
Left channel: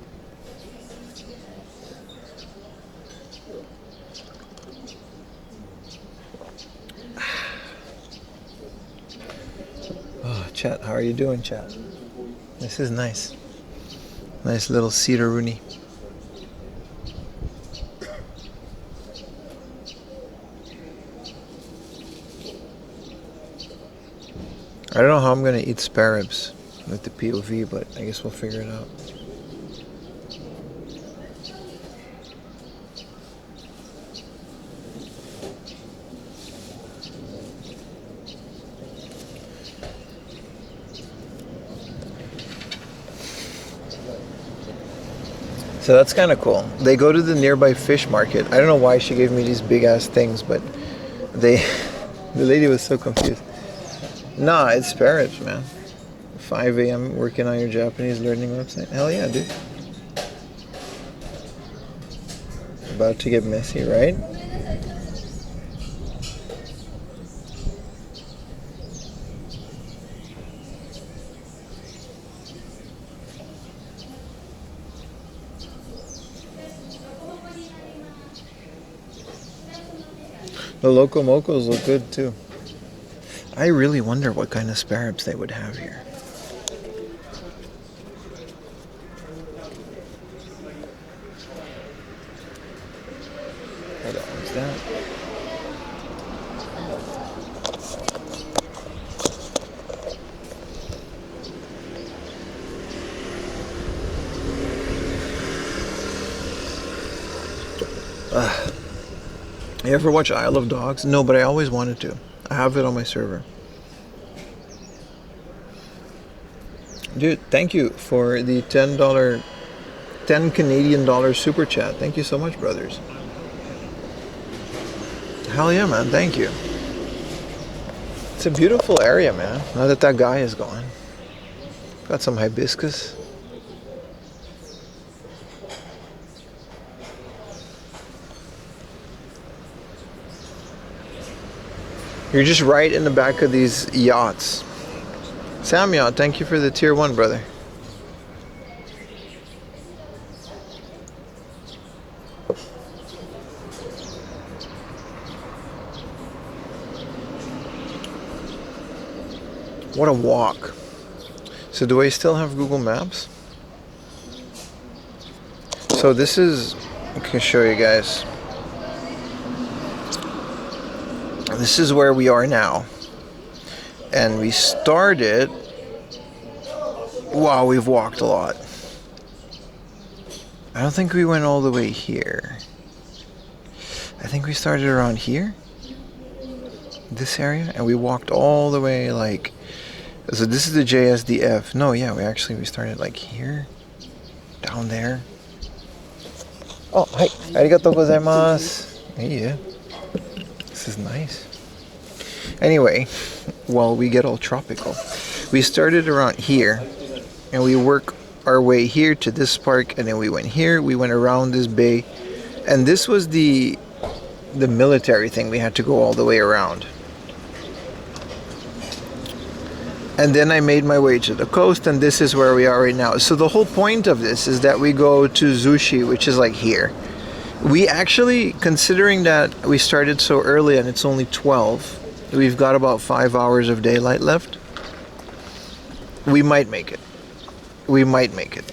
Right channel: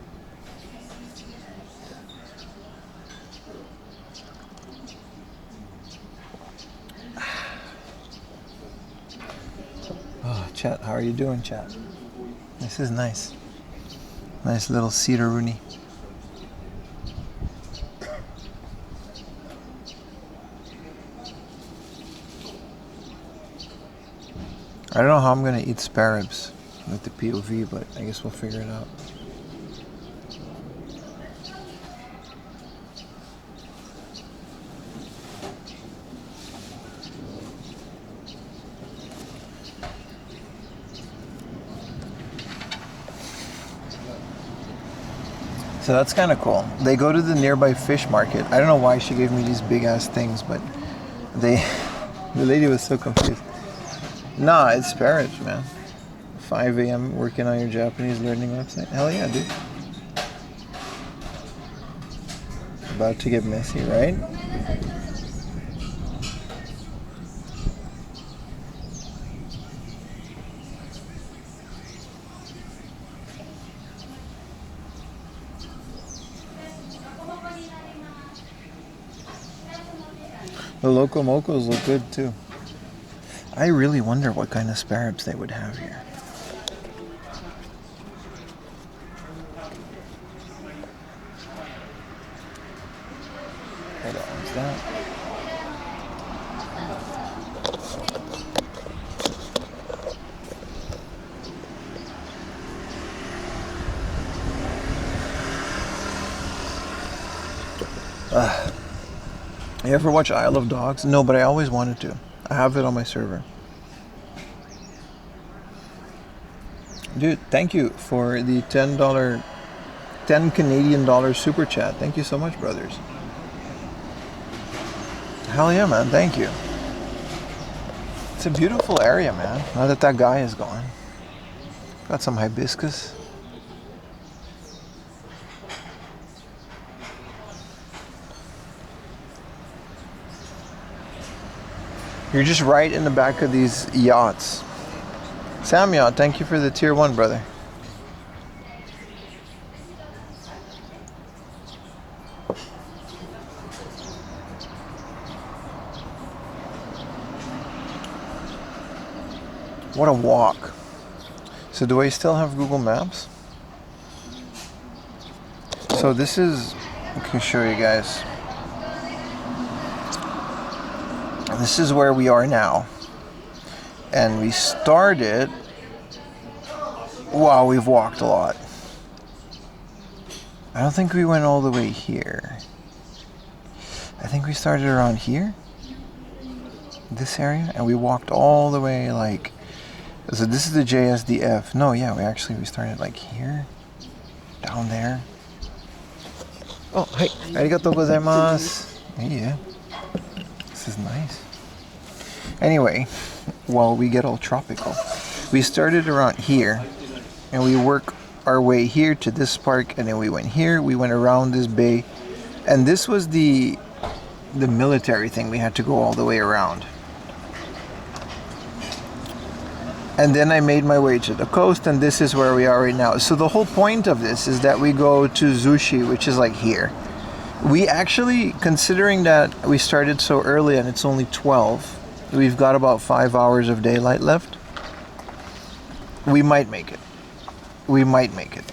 Oh, chat, how are you doing, chat? This is nice. Nice little cedar rooney. I don't know how I'm gonna eat spare ribs with the POV, but I guess we'll figure it out. So that's kind of cool. They go to the nearby fish market. I don't know why she gave me these big ass things, but the lady was so confused. Nah, it's spare ribs, man. 5 a.m. working on your Japanese learning website. Hell yeah, dude. About to get messy, right? The loco mocos look good too. I really wonder what kind of spare ribs they would have here. Hold on, what's that? You ever watch Isle of Dogs? No, but I always wanted to. I have it on my server. Dude, thank you for the $10 10 Canadian dollars super chat. Thank you so much, brothers. Hell yeah, man. Thank you. It's a beautiful area, man. Now that that guy is gone. Got some hibiscus. You're just right in the back of these yachts. Sam Yacht, thank you for the tier 1, brother. What a walk. So do I still have Google Maps? So this is, I can show you guys. This is where we are now. And we started, wow, we've walked a lot. I don't think we went all the way here. I think we started around here, this area, and we walked all the way like, so this is the JSDF. No, yeah, we started like here, down there. Oh, hi, arigatou gozaimasu. Yeah, this is nice. Anyway, while we get all tropical, we started around here, and we work our way here to this park, and then we went here, we went around this bay, and this was the military thing. We had to go all the way around. And then I made my way to the coast, and this is where we are right now. So the whole point of this is that we go to Zushi, which is like here. We actually, considering that we started so early and it's only 12, we've got about 5 hours of daylight left. We might make it. We might make it.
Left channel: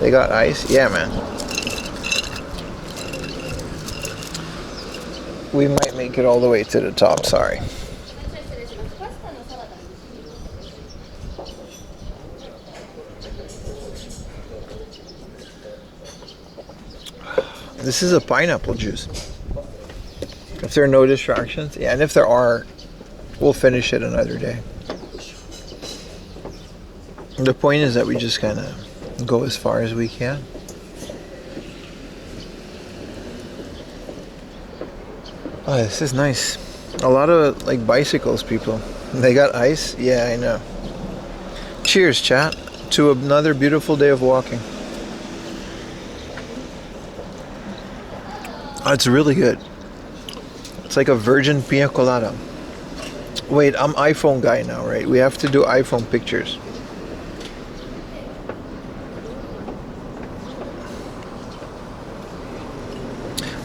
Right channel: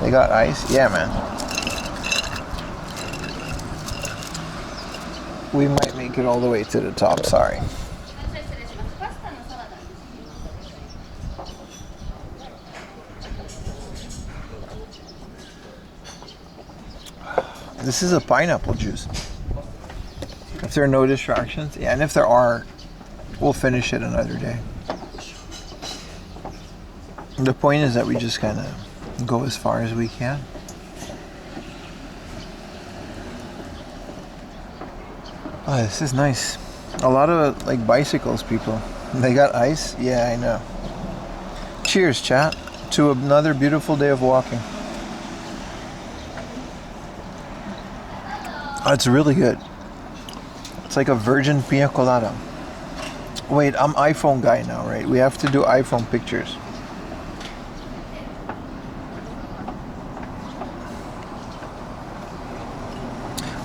They got ice? Yeah, man. We might make it all the way to the top, sorry. This is a pineapple juice. If there are no distractions, yeah, and if there are, we'll finish it another day. The point is that we just kind of go as far as we can. Oh, this is nice. A lot of like bicycles, people. They got ice? Yeah, I know. Cheers, chat, to another beautiful day of walking. Oh, it's really good. It's like a virgin pina colada. Wait, I'm iPhone guy now, right? We have to do iPhone pictures.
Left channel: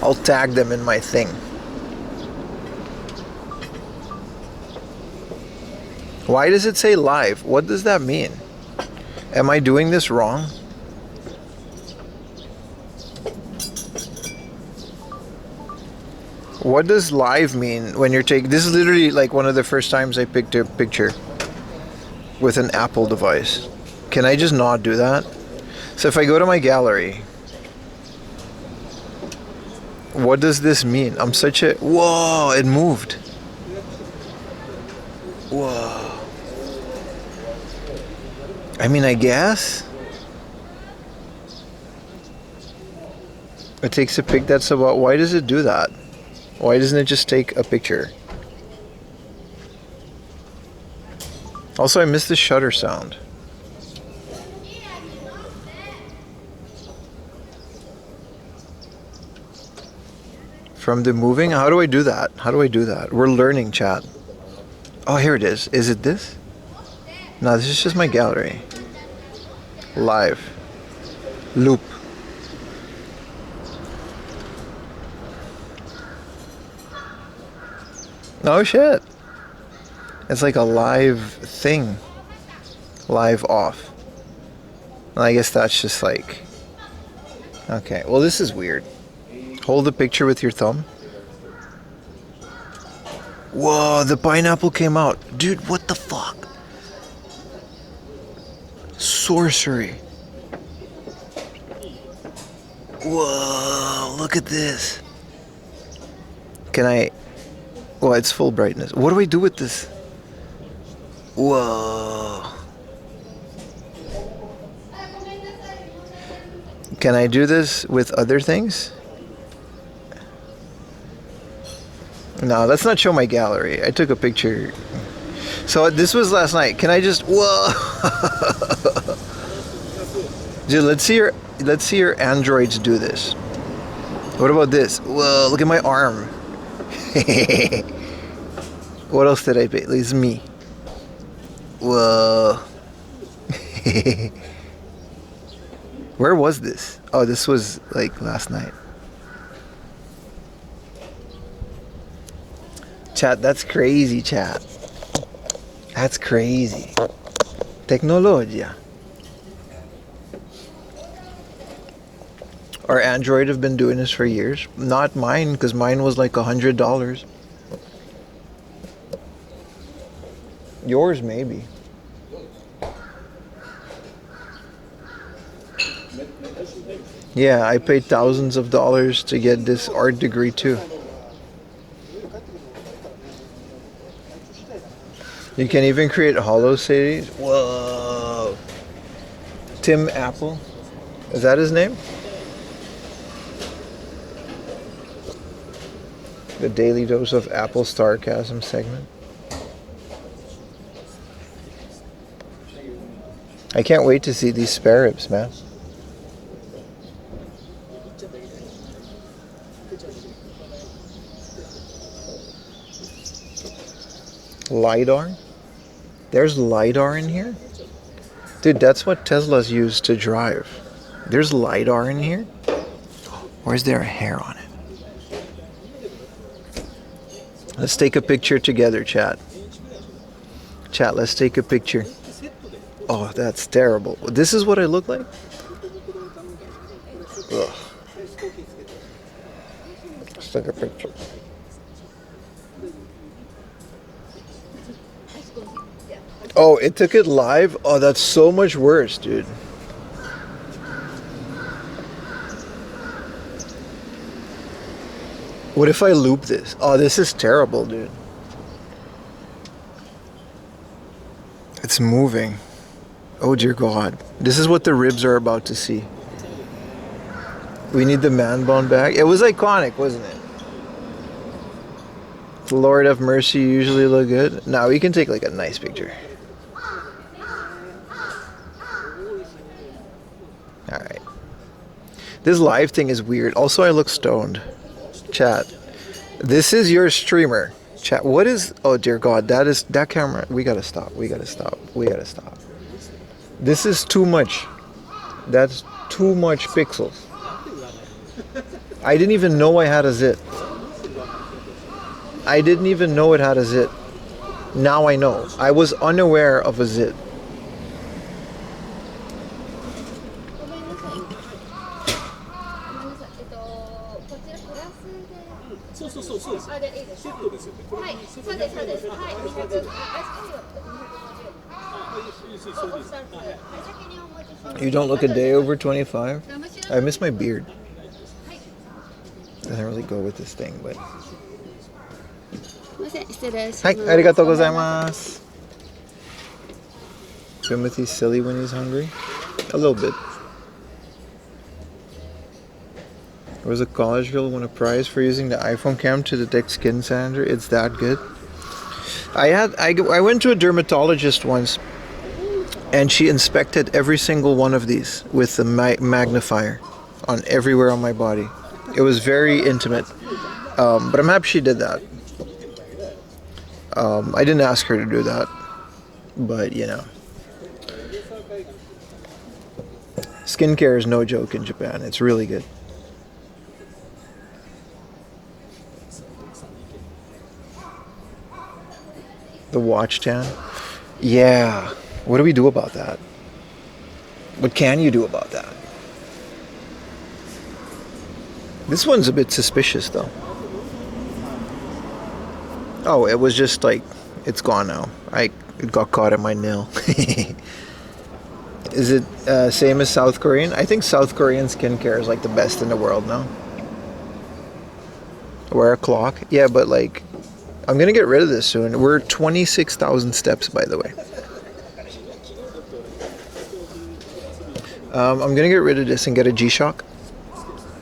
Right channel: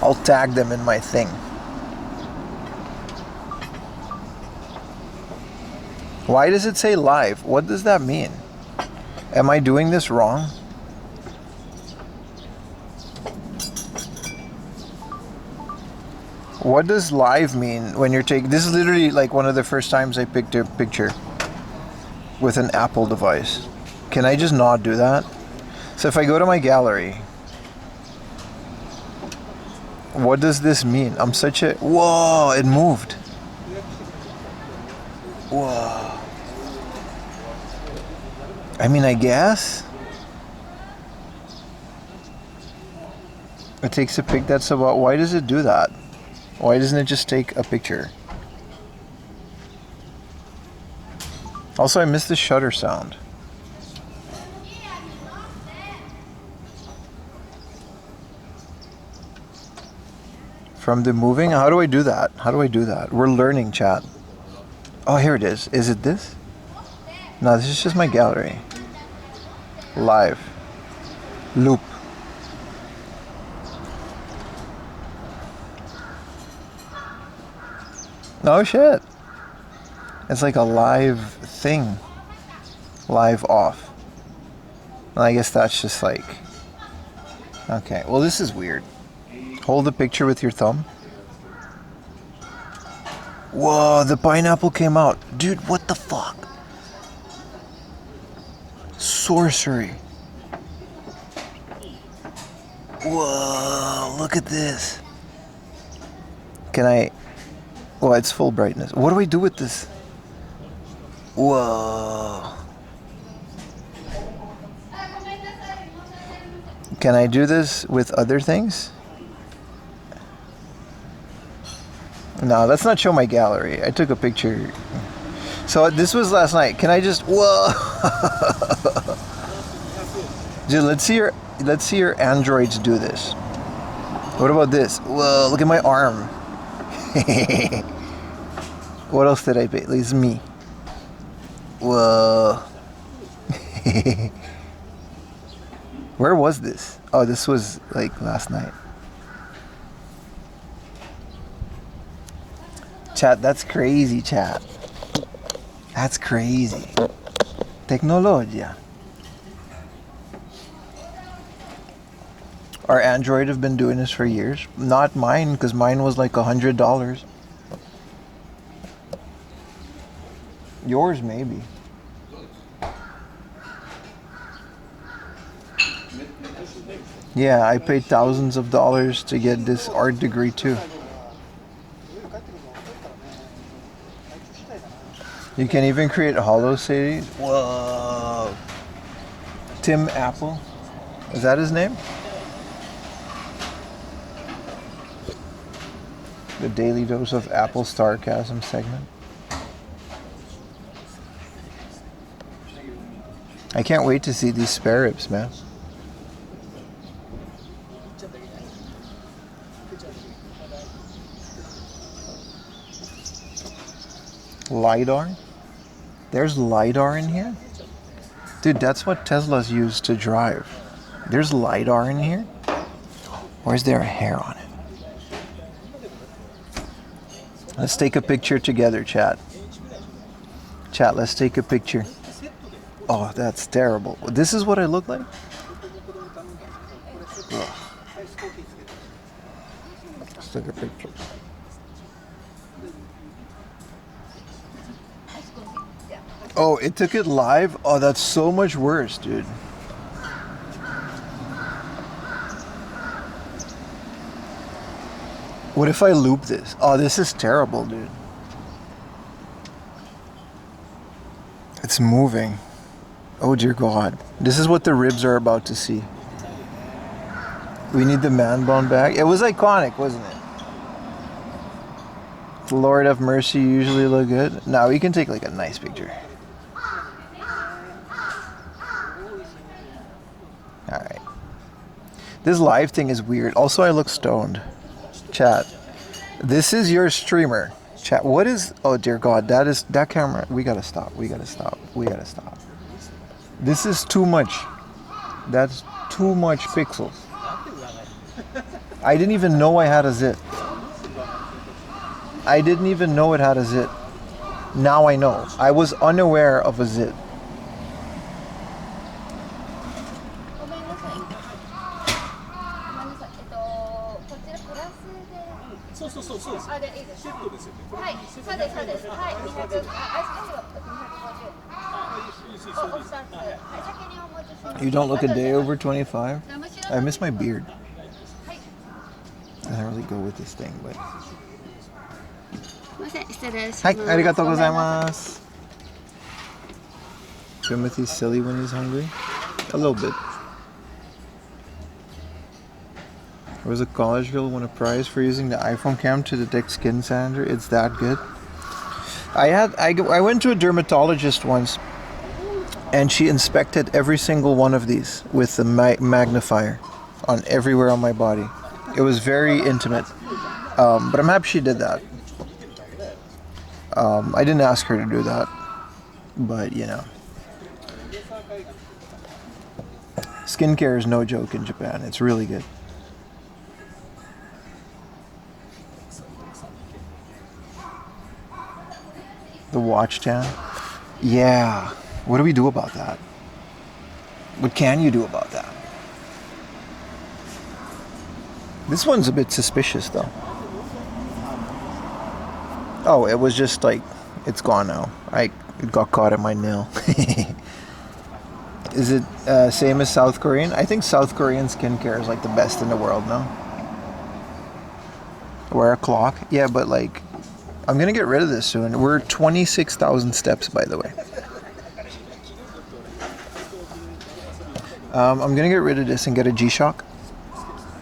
I'll tag them in my thing. Why does it say live? What does that mean? Am I doing this wrong? What does live mean when you're taking... This is literally like one of the first times I picked a picture with an Apple device. Can I just not do that? So if I go to my gallery, what does this mean? I'm such a... Whoa, it moved. Whoa. I mean, I guess it takes a pic. That's about... Why does it do that? Why doesn't it just take a picture? Also, I missed the shutter sound. From the moving? How do I do that? How do I do that? We're learning, chat. Oh, here it is. Is it this? No, this is just my gallery. Live. Loop. Oh shit. It's like a live thing. Live off. And I guess that's just like... Okay, well this is weird. Hold the picture with your thumb. Whoa, the pineapple came out. Dude, what the fuck? sorcery. Whoa, look at this. Can I... Well, it's full brightness. What do we do with this? Whoa. Can I do this with other things? No, let's not show my gallery. I took a picture. So this was last night. Can I just... Whoa. Dude, let's see your androids do this. What about this? Whoa, look at my arm. What else did I pay? At least me. Whoa. Where was this? Oh, this was like last night. Chat, that's crazy, chat. That's crazy. Tecnologia. Our Android have been doing this for years. Not mine, because mine was like $100. Yours, maybe. Yeah, I paid thousands of dollars to get this art degree too. You can even create hollow cities. Whoa. Tim Apple. Is that his name? The Daily Dose of Apple Starcasm segment. I can't wait to see these spare ribs, man. LiDAR? There's LiDAR in here? Dude, that's what Teslas use to drive. There's LiDAR in here? Or is there a hair on it? Let's take a picture together, chat. Chat, let's take a picture. Oh, that's terrible. This is what I look like? Ugh. Let's take a picture. Oh, it took it live? Oh, that's so much worse, dude. What if I loop this? Oh, this is terrible, dude. It's moving. Oh, dear God. This is what the ribs are about to see. We need the man bun back. It was iconic, wasn't it? Lord of mercy, usually look good. Now we can take like a nice picture. Alright. This live thing is weird. Also, I look stoned. Chat. This is your streamer. Chat. What is... Oh, dear God. That camera... We gotta stop. We gotta stop. We gotta stop. This is too much. That's too much pixels. I didn't even know I had a zit. I didn't even know it had a zit. Now I know. I was unaware of a zit. You don't look a day over 25? I miss my beard. Doesn't really go with this thing, but... Hi, arigatou gozaimasu. Timothy's silly when he's hungry? A little bit. There was a college girl won a prize for using the iPhone cam to detect skin sander. It's that good. I went to a dermatologist once, and she inspected every single one of these with the magnifier on everywhere on my body. It was very intimate, but I'm happy she did that. I didn't ask her to do that, but you know. Skincare is no joke in Japan. It's really good. The watch tan? Yeah. What do we do about that? What can you do about that? This one's a bit suspicious though. Oh, it was just like, it's gone now. It got caught in my nail. Is it same as South Korean? I think South Korean skincare is like the best in the world now. Wear a clock. Yeah, but like, I'm gonna get rid of this soon. We're 26,000 steps, by the way. I'm gonna get rid of this and get a G-Shock.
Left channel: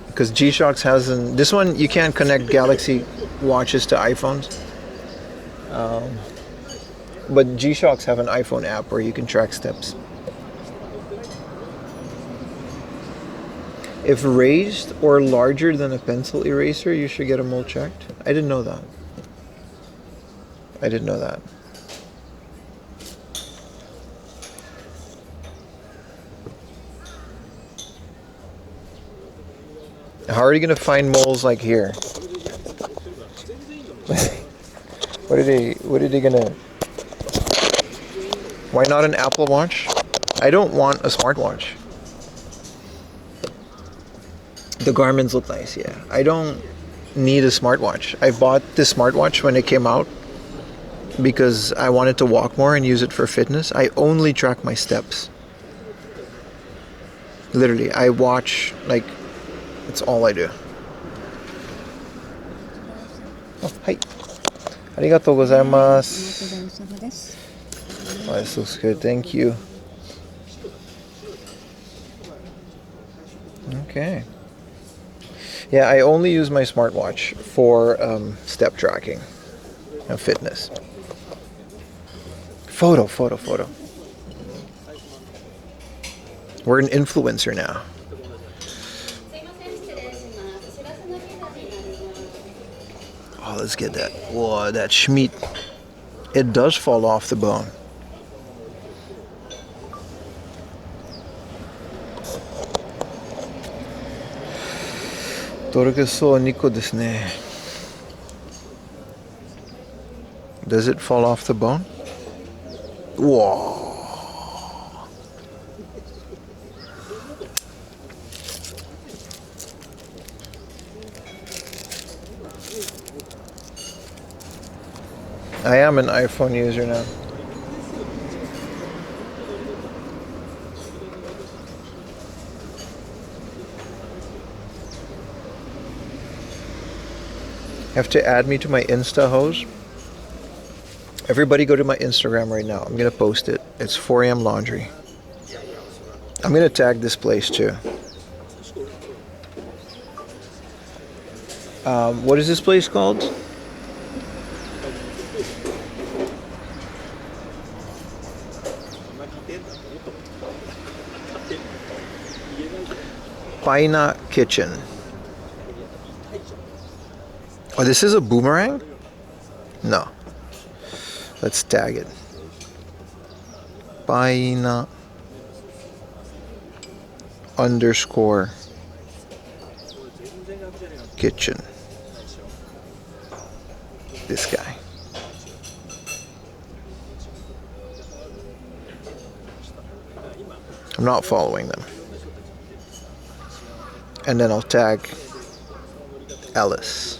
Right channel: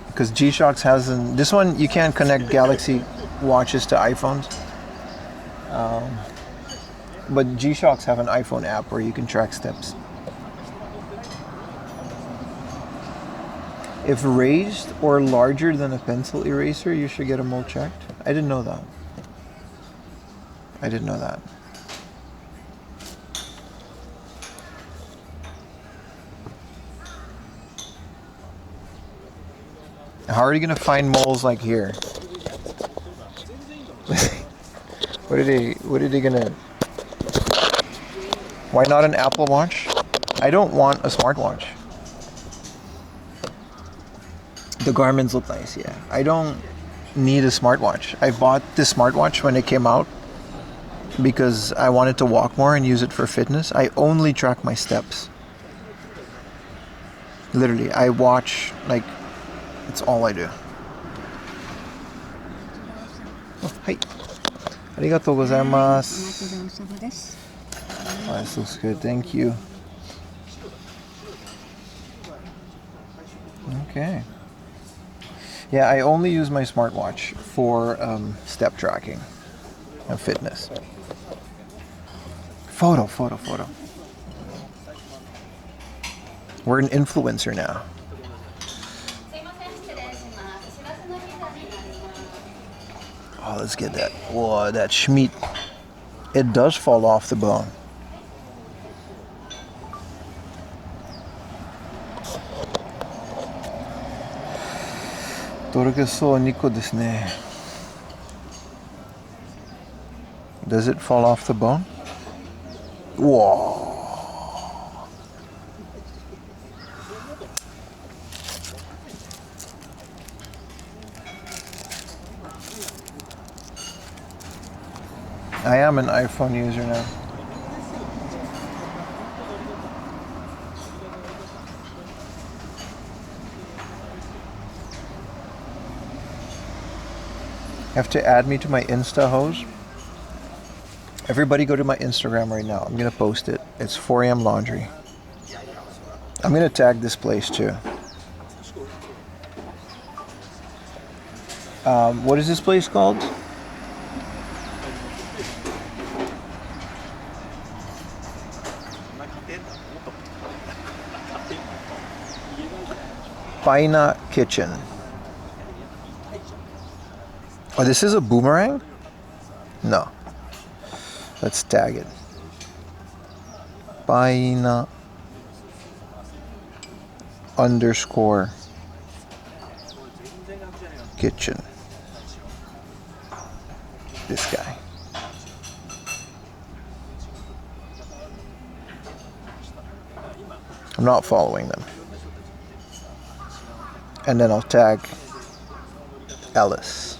Because G-Shocks hasn't... This one, you can't connect Galaxy watches to iPhones. But G-Shocks have an iPhone app where you can track steps. If raised or larger than a pencil eraser, you should get them all checked. I didn't know that. I didn't know that. How are you gonna find moles like here? What are they gonna... Why not an Apple Watch? I don't want a smartwatch. The Garmin's look nice, yeah. I don't need a smartwatch. I bought this smartwatch when it came out because I wanted to walk more and use it for fitness. I only track my steps. Literally, I watch, like, that's all I do. Oh, hi. Arigatou gozaimasu. Oh, this looks good, thank you. Okay. Yeah, I only use my smartwatch for step tracking and fitness. Photo. We're an influencer now. Oh, let's get that. Whoa, that schmeat. It does fall off the bone. Does it fall off the bone? Whoa. I am an iPhone user now. Have to add me to my Insta hose. Everybody go to my Instagram right now. I'm gonna post it. It's 4am Laundry. I'm gonna tag this place too. What is this place called? Paina Kitchen. Oh, this is a boomerang? No. Let's tag it. Paina _ kitchen. This guy. I'm not following them. And then I'll tag Ellis.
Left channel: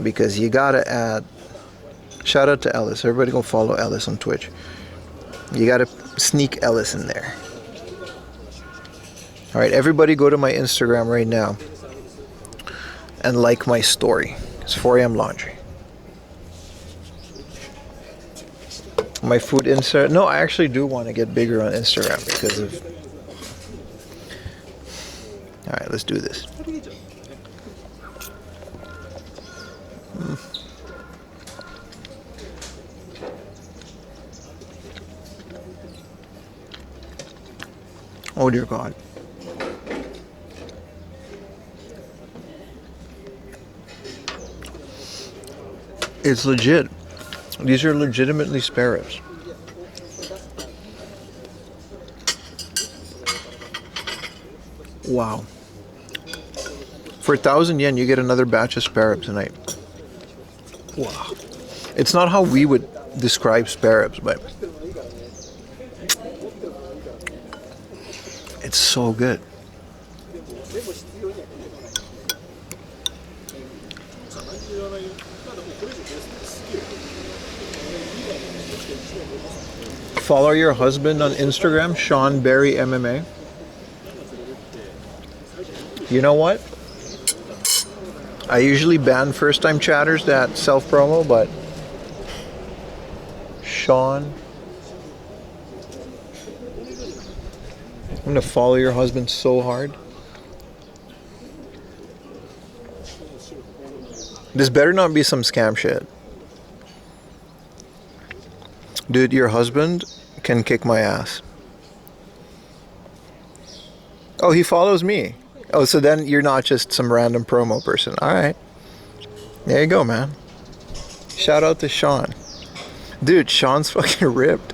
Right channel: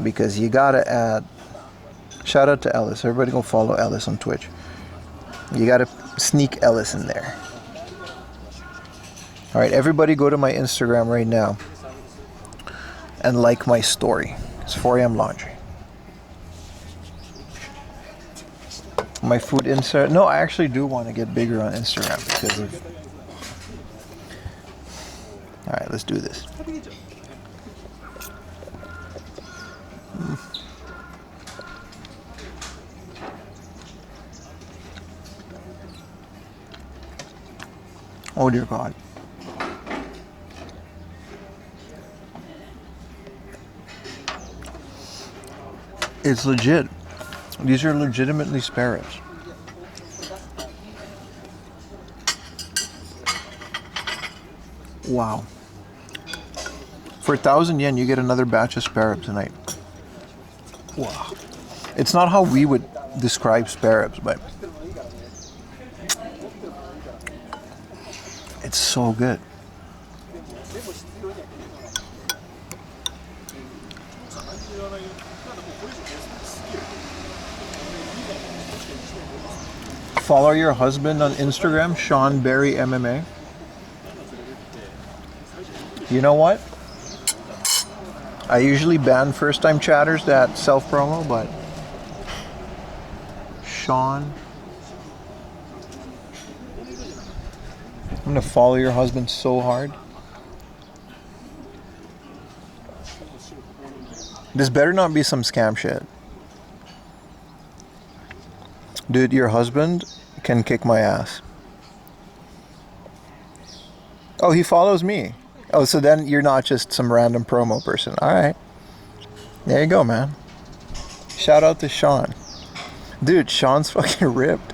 Because you gotta add... Shout out to Ellis. Everybody go follow Ellis on Twitch. You gotta sneak Ellis in there. Alright, everybody go to my Instagram right now and like my story. It's 4am Laundry. My food insert. No, I actually do want to get bigger on Instagram because of... Alright, let's do this. Oh dear God. It's legit. These are legitimately spare ribs. Wow. For 1,000 yen, you get another batch of spare ribs tonight. Wow. It's not how we would describe spare ribs, but it's so good. Follow your husband on Instagram, Sean Berry MMA. You know what? I usually ban first-time chatters that self-promo, but Sean, I'm gonna follow your husband so hard. This better not be some scam shit. Dude, your husband can kick my ass. Oh, he follows me. Oh, so then you're not just some random promo person. All right. There you go, man. Shout out to Sean. Dude, Sean's fucking ripped.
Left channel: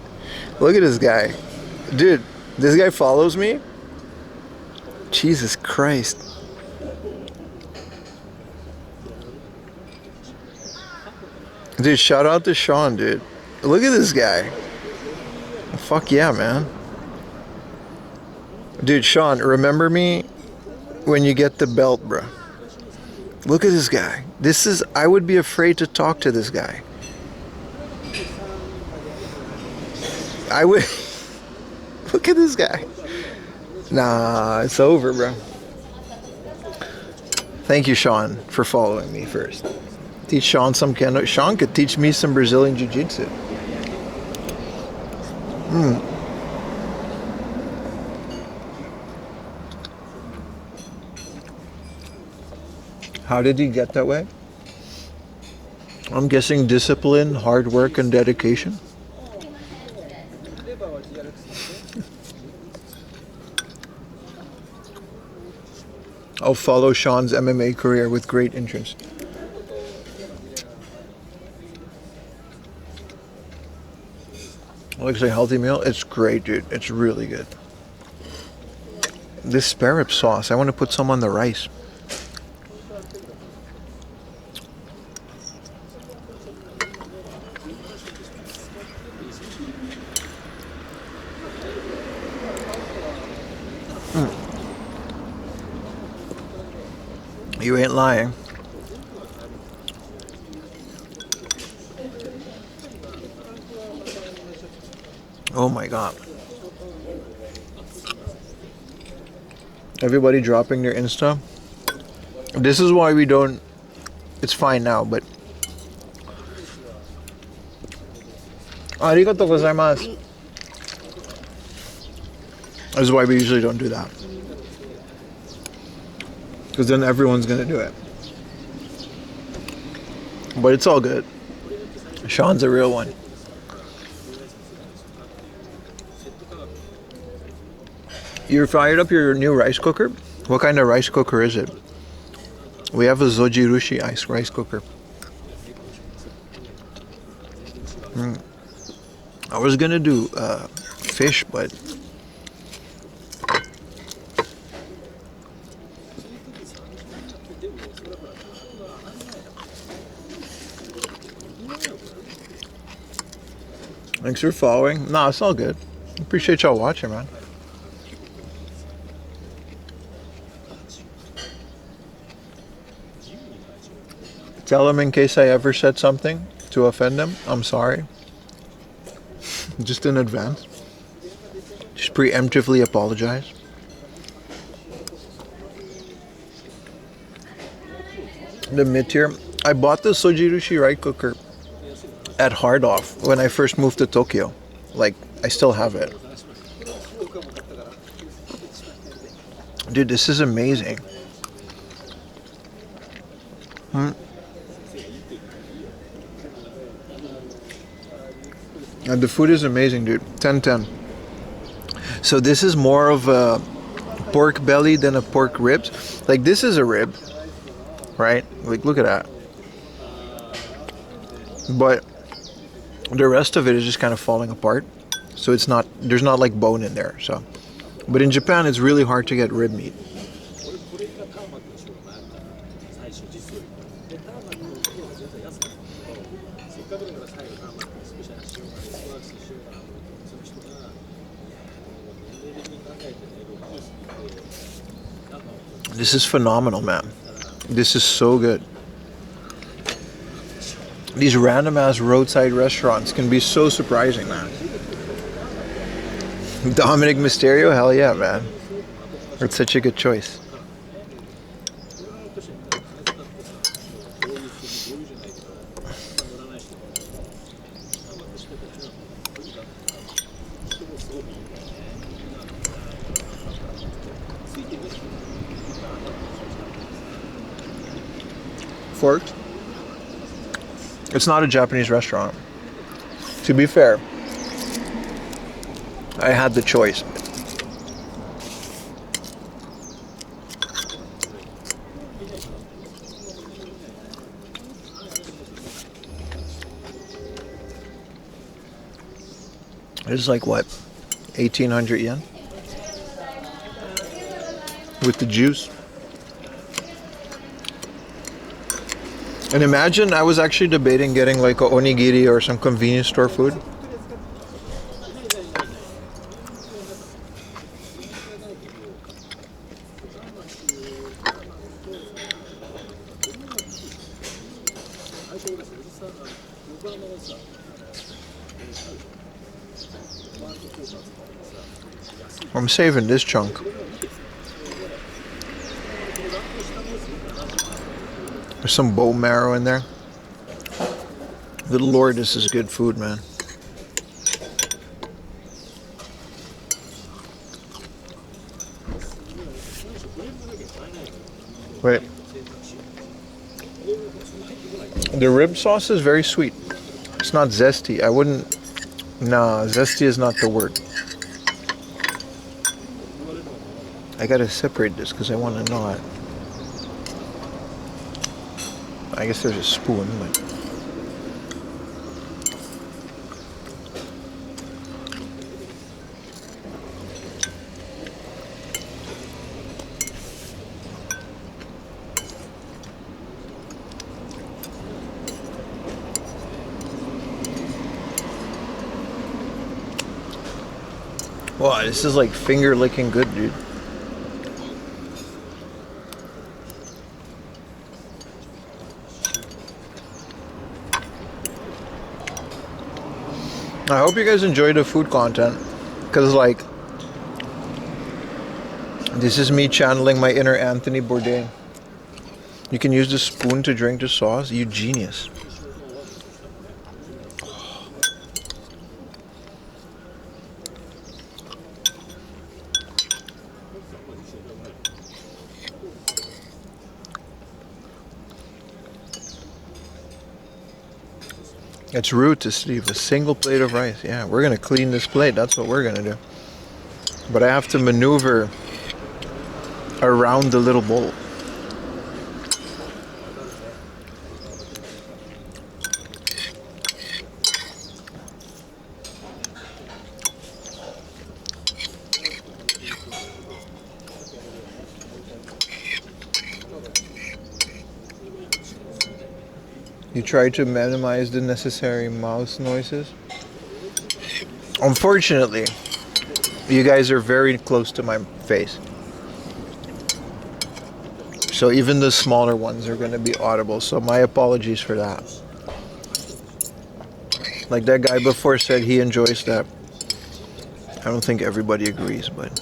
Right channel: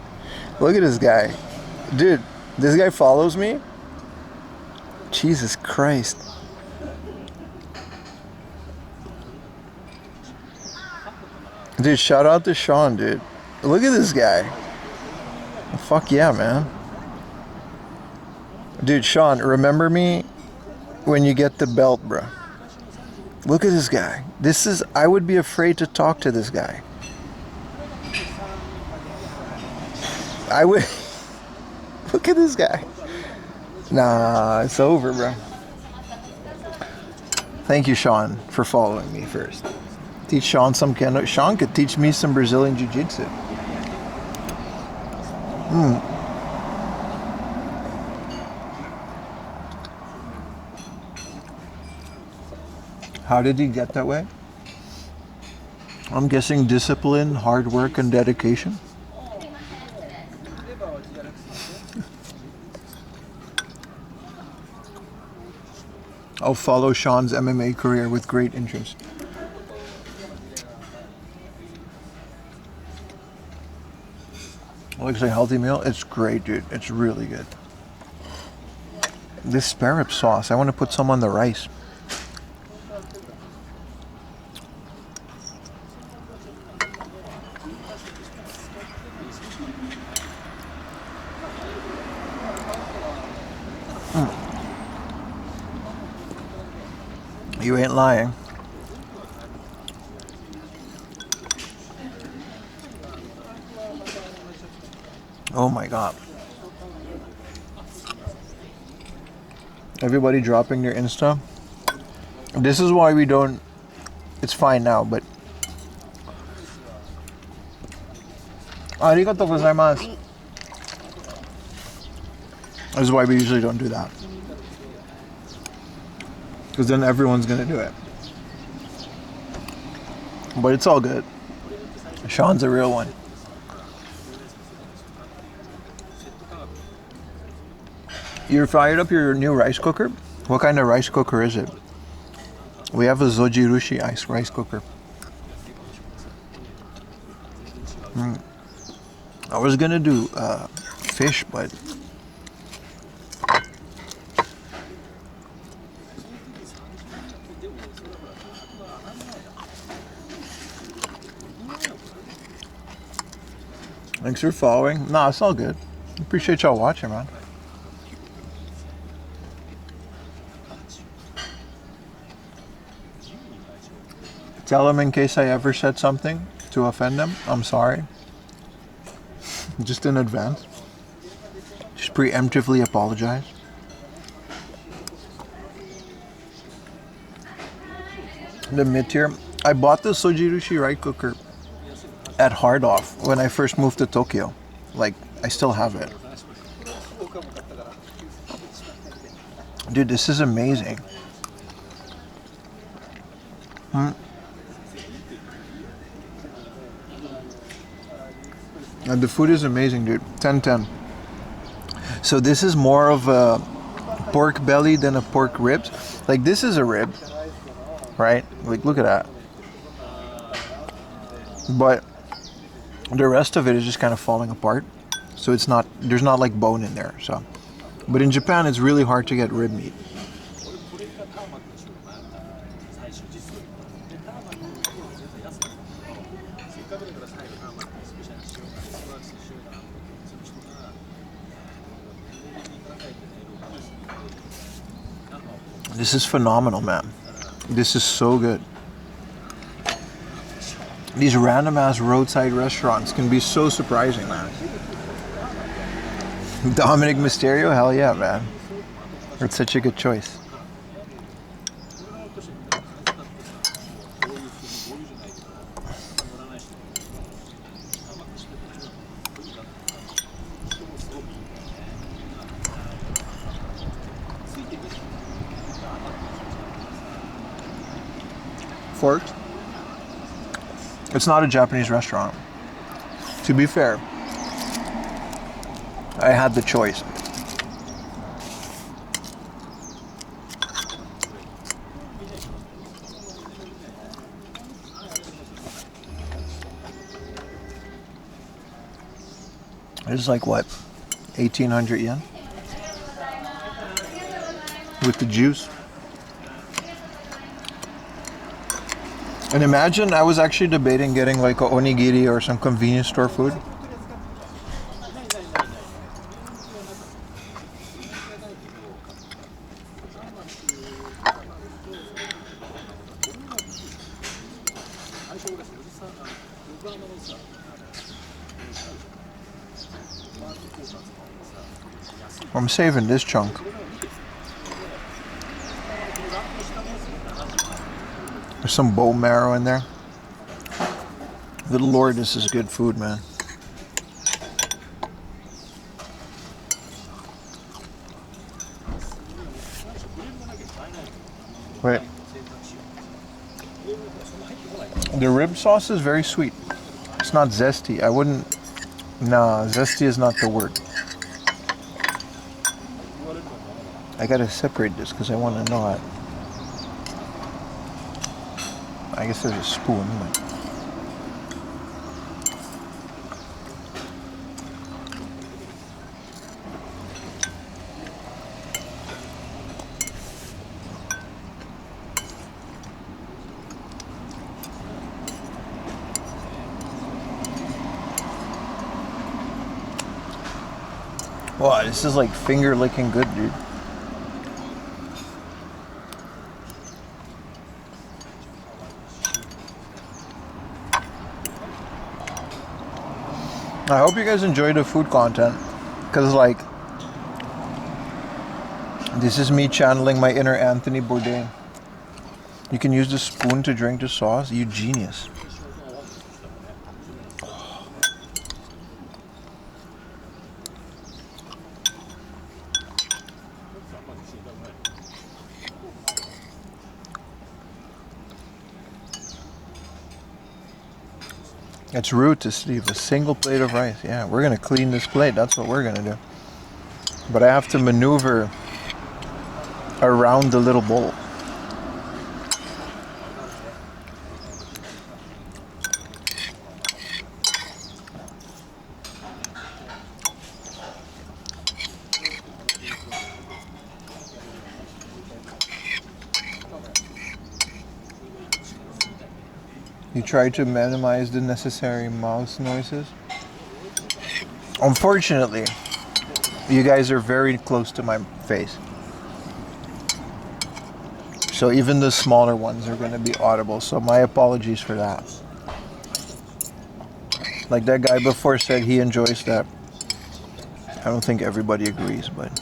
Look at this guy. Dude, this guy follows me? Jesus Christ. Dude, shout out to Sean, dude. Look at this guy. Fuck yeah, man. Dude, Sean, remember me when you get the belt, bro. Look at this guy. I would be afraid to talk to this guy. I would. Look at this guy. Nah, it's over, bro. Thank you, Sean, for following me first. Teach Sean some kendo. Sean could teach me some Brazilian Jiu-Jitsu. How did he get that way? I'm guessing discipline, hard work, and dedication. I'll follow Sean's MMA career with great interest. Looks like a healthy meal. It's great, dude. It's really good. This spare rib sauce, I want to put some on the rice. You ain't lying. Oh my god. Everybody dropping their Insta. This is why we don't. It's fine now, but. Arigatou gozaimasu. This is why we usually don't do that. Because then everyone's gonna do it. But it's all good. Sean's a real one. You fired up your new rice cooker? What kind of rice cooker is it? We have a Zojirushi rice cooker. I was gonna do fish, but thanks for following. Nah, it's all good. Appreciate y'all watching, man. Tell him in case I ever said something to offend him. I'm sorry. Just in advance. Just preemptively apologize. The mid-tier. I bought the Sojirushi rice cooker at Hard Off when I first moved to Tokyo. Like, I still have it. Dude, this is amazing. And the food is amazing, dude. 10/10. So this is more of a pork belly than a pork ribs. Like, this is a rib, right? Like, look at that. But the rest of it is just kind of falling apart. So it's not, there's not like bone in there. So, but in Japan, it's really hard to get rib meat. This is phenomenal, man. This is so good. These random ass roadside restaurants can be so surprising, man. Dominic Mysterio, hell yeah, man. It's such a good choice. Forks? It's not a Japanese restaurant. To be fair, I had the choice. It's like what, 1,800 yen? With the juice. And imagine, I was actually debating getting like a onigiri or some convenience store food. I'm saving this chunk. There's some bone marrow in there. Good Lord, this is good food, man. Wait. The rib sauce is very sweet. It's not zesty. I wouldn't... Nah, zesty is not the word. I gotta separate this because I want to know it. I guess there's a spoon, but... Wow, this is like finger licking good, dude. I hope you guys enjoy the food content, because like, this is me channeling my inner Anthony Bourdain. You can use the spoon to drink the sauce. You genius. It's rude to leave a single plate of rice. Yeah, we're gonna clean this plate. That's what we're gonna do. But I have to maneuver around the little bowl. You try to minimize the necessary mouse noises. Unfortunately, you guys are very close to my face. So even the smaller ones are going to be audible. So my apologies for that. Like that guy before said he enjoys that. I don't think everybody agrees, but...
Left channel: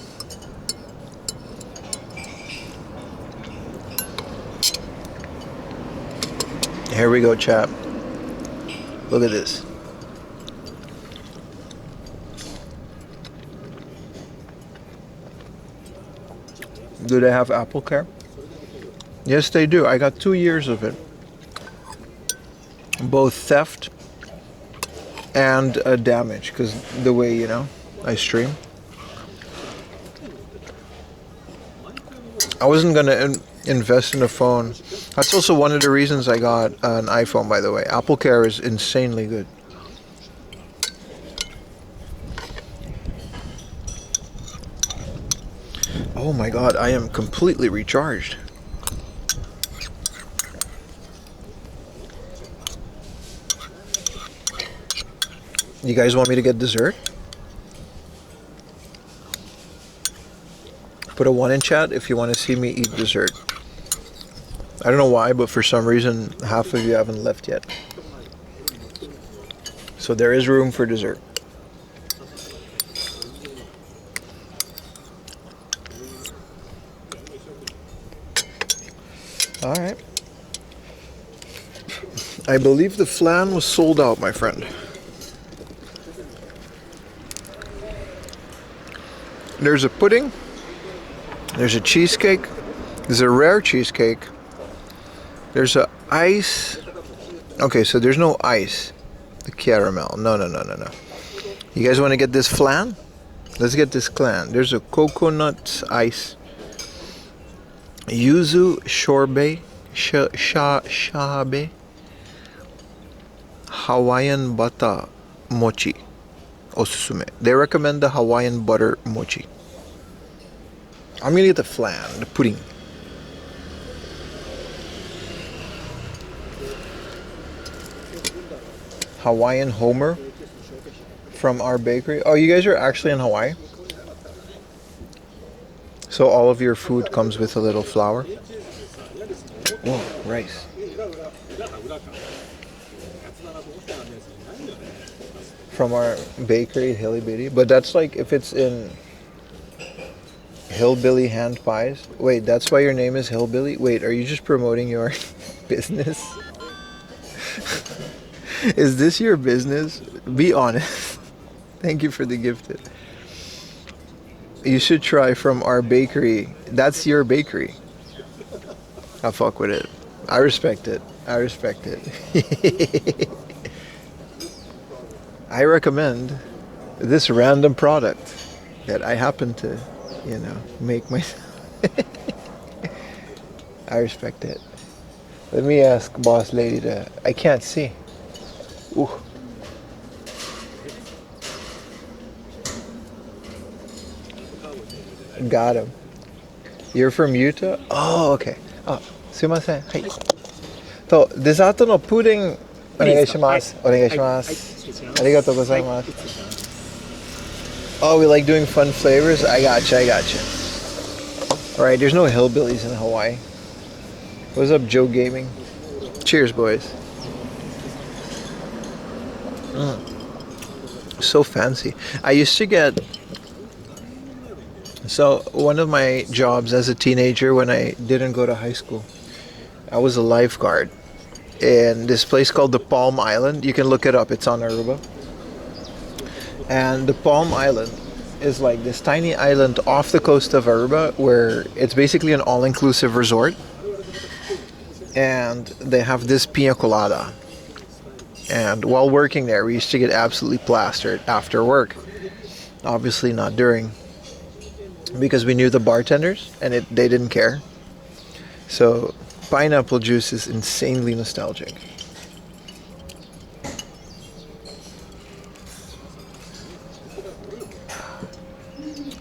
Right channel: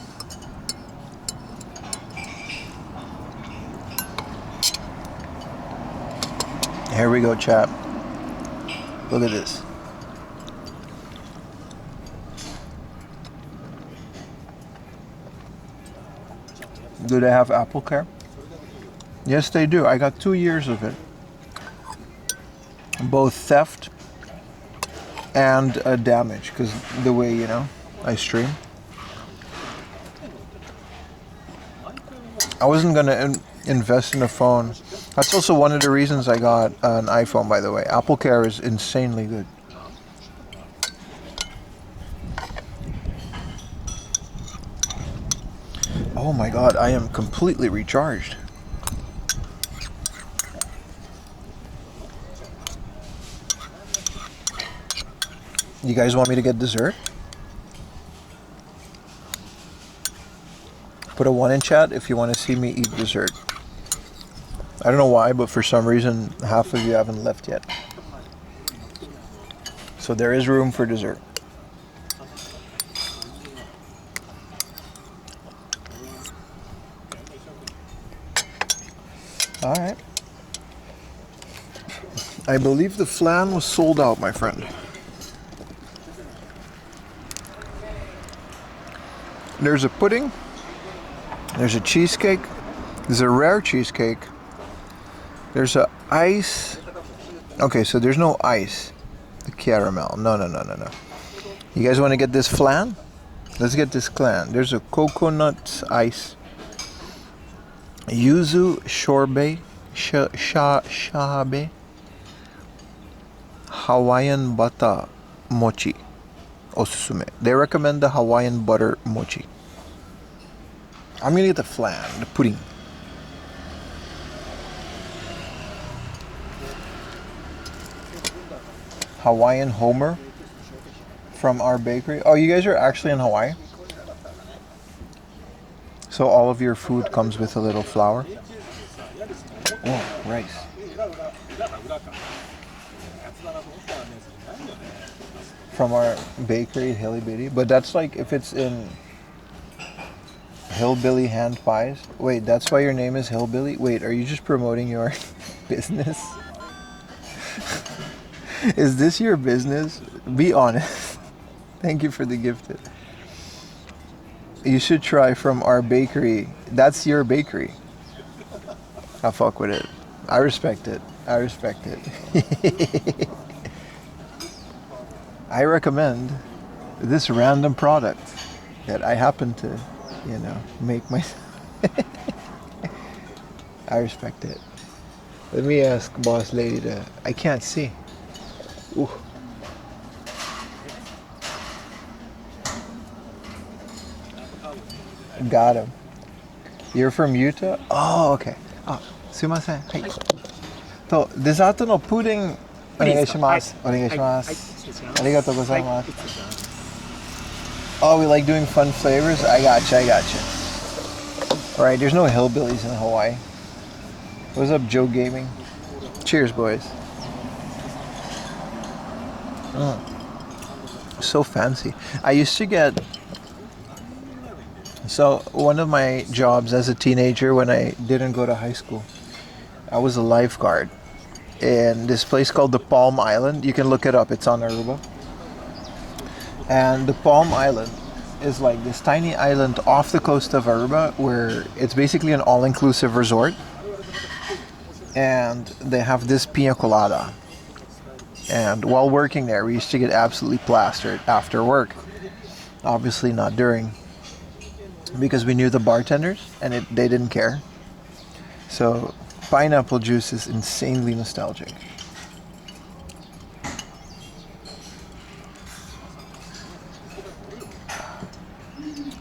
Here we go, chap. Look at this. Do they have Apple Care? Yes, they do. I got 2 years of it. Both theft and damage, because the way, you know, I stream. I wasn't going to invest in a phone. That's also one of the reasons I got an iPhone, by the way. Apple Care is insanely good. Oh my god, I am completely recharged. You guys want me to get dessert? Put a 1 in chat if you want to see me eat dessert. I don't know why, but for some reason, half of you haven't left yet. So there is room for dessert. I believe the flan was sold out, my friend. There's a pudding. There's a cheesecake. There's a rare cheesecake. There's a ice. Okay, so there's no ice. The caramel. No. You guys want to get this flan? Let's get this flan. There's a coconut ice. Yuzu sorbet. Shabe. Hawaiian butter mochi. Osusume. They recommend the Hawaiian butter mochi. I'm gonna get the flan, the pudding. Hawaiian Homer from our bakery. Oh, you guys are actually in Hawaii? So all of your food comes with a little flour? Whoa, rice. From our bakery, Hilly Bitty. But that's like if it's in Hillbilly Hand Pies. Wait, that's why your name is Hillbilly? Wait, are you just promoting your business? Is this your business? Be honest. Thank you for the gifted. You should try from our bakery. That's your bakery. I'll fuck with it. I respect it. I respect it. I recommend this random product that I happen to, make myself. I respect it. Let me ask boss lady to. I can't see. Ooh. Got him. You're from Utah? Oh, okay. Oh, sumimasen. Hi. So, desato no pudding onegai shimasu. Onegai shimasu. Arigatou gozaimasu. Oh, we like doing fun flavors? I gotcha. Alright, there's no hillbillies in Hawaii. What's up, Joe Gaming? Cheers, boys. So fancy. I used to get... So, one of my jobs as a teenager when I didn't go to high school, I was a lifeguard in this place called the Palm Island. You can look it up. It's on Aruba. And the Palm Island is like this tiny island off the coast of Aruba where it's basically an all-inclusive resort. And they have this pina colada. And while working there, we used to get absolutely plastered after work. Obviously not during, because we knew the bartenders and they didn't care. So pineapple juice is insanely nostalgic.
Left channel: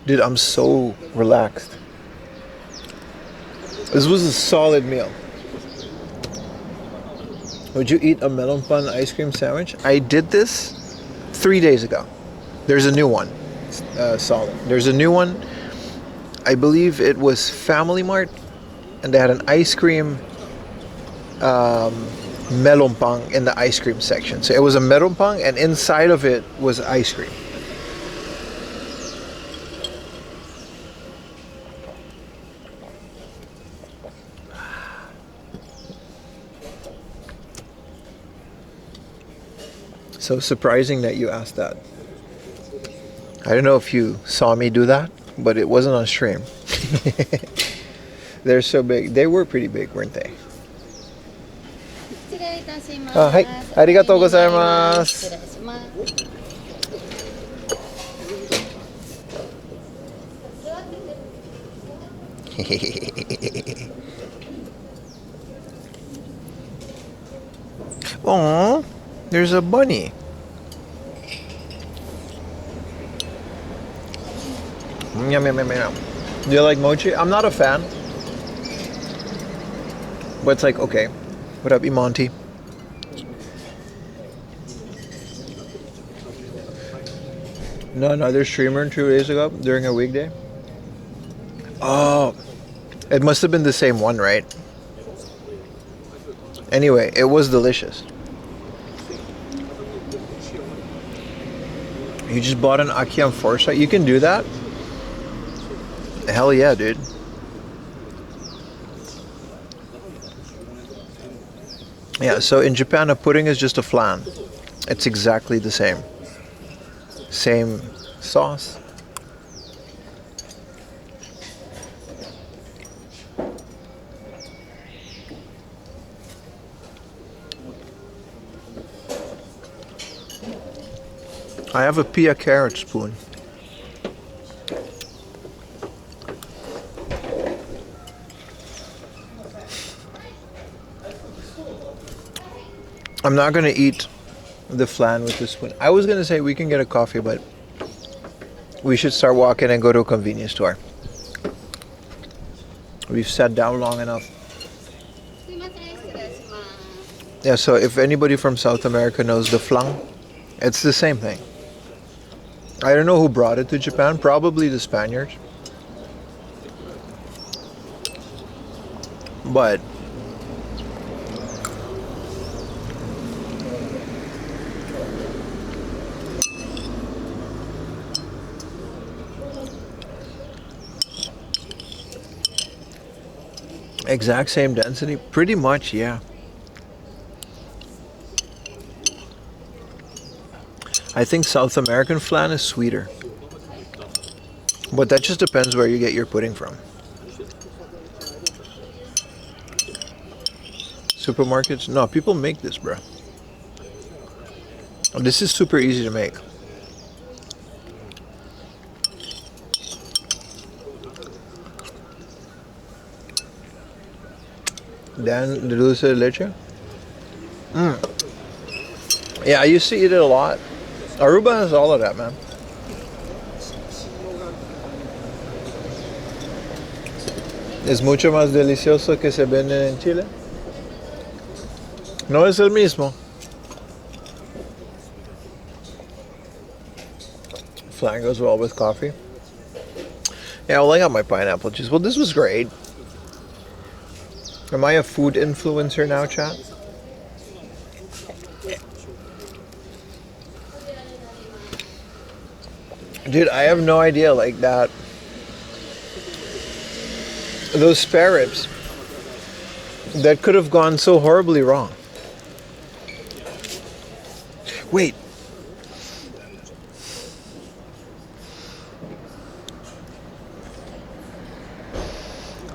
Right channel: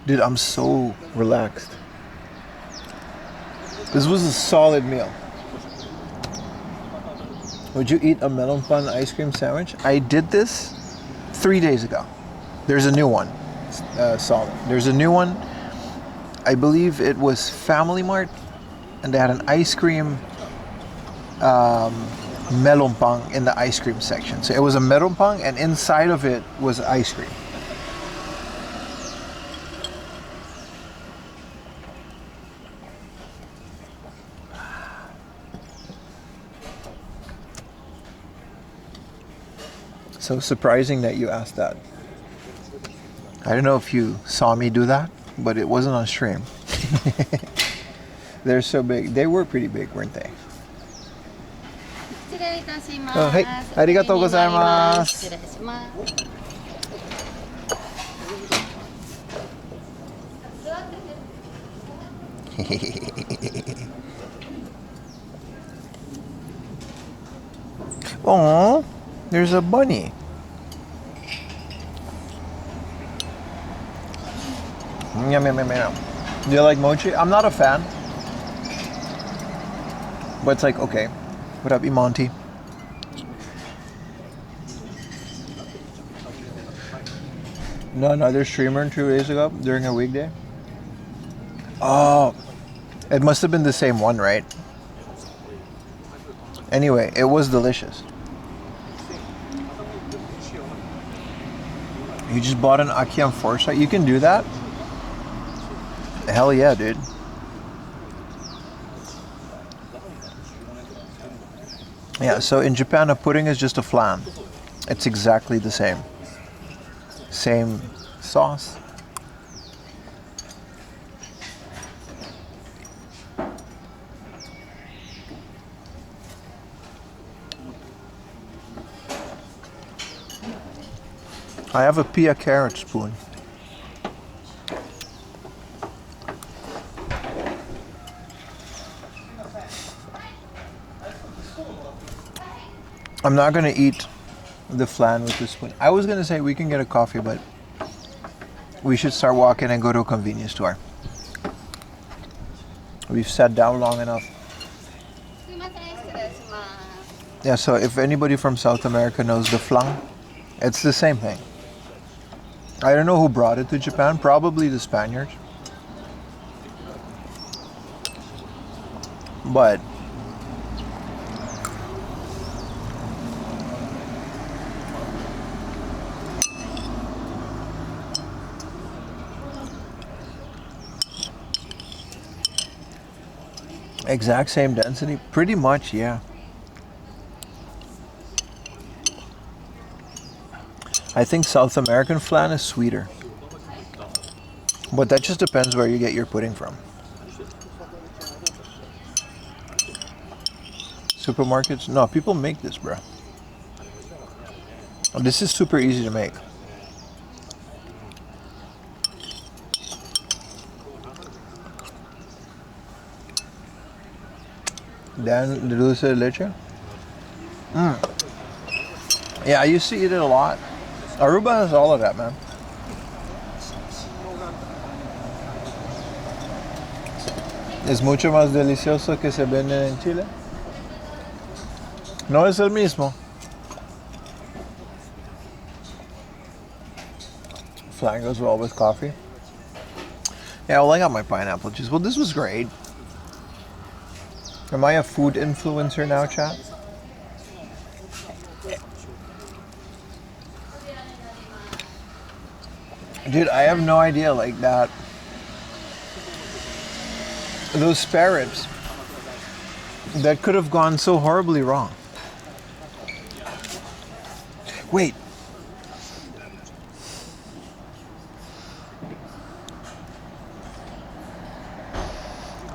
Dude, I'm so relaxed. This was a solid meal. Would you eat a melon pan ice cream sandwich? I did this 3 days ago. There's a new one. Solid. There's a new one. I believe it was Family Mart. And they had an ice cream melon pan in the ice cream section. So it was a melon pan and inside of it was ice cream. So surprising that you asked that. I don't know if you saw me do that, but it wasn't on stream. They're so big. They were pretty big, weren't they? Oh, hi. Arigatou gozaimasu. Aww, there's a bunny. Yum, yum, yum, yum. Do you like mochi? I'm not a fan. But it's like, okay. What up, Imonti? No, another streamer 2 days ago during a weekday. Oh, it must have been the same one, right? Anyway, it was delicious. You just bought an Aki on Foresight? You can do that? Hell yeah, dude. Yeah, so in Japan, a pudding is just a flan. It's exactly the same. Same sauce. I have a pea carrot spoon. I'm not gonna eat the flan with the spoon. I was gonna say we can get a coffee, but we should start walking and go to a convenience store. We've sat down long enough. すいません、失礼します。 Yeah, so if anybody from South America knows the flan, it's the same thing. I don't know who brought it to Japan, probably the Spaniards. But exact same density? Pretty much, yeah. I think South American flan is sweeter. But that just depends where you get your pudding from. Supermarkets? No, people make this, bro. This is super easy to make. Dan, the dulce de leche? Yeah, I used to eat it a lot. Aruba has all of that, man. Es mucho más delicioso que se vende en Chile. No es el mismo. Flan goes well with coffee. Yeah, well, I got my pineapple juice. Well, this was great. Am I a food influencer now, chat? Dude, I have no idea, like that. Those spare ribs, that could have gone so horribly wrong. Wait.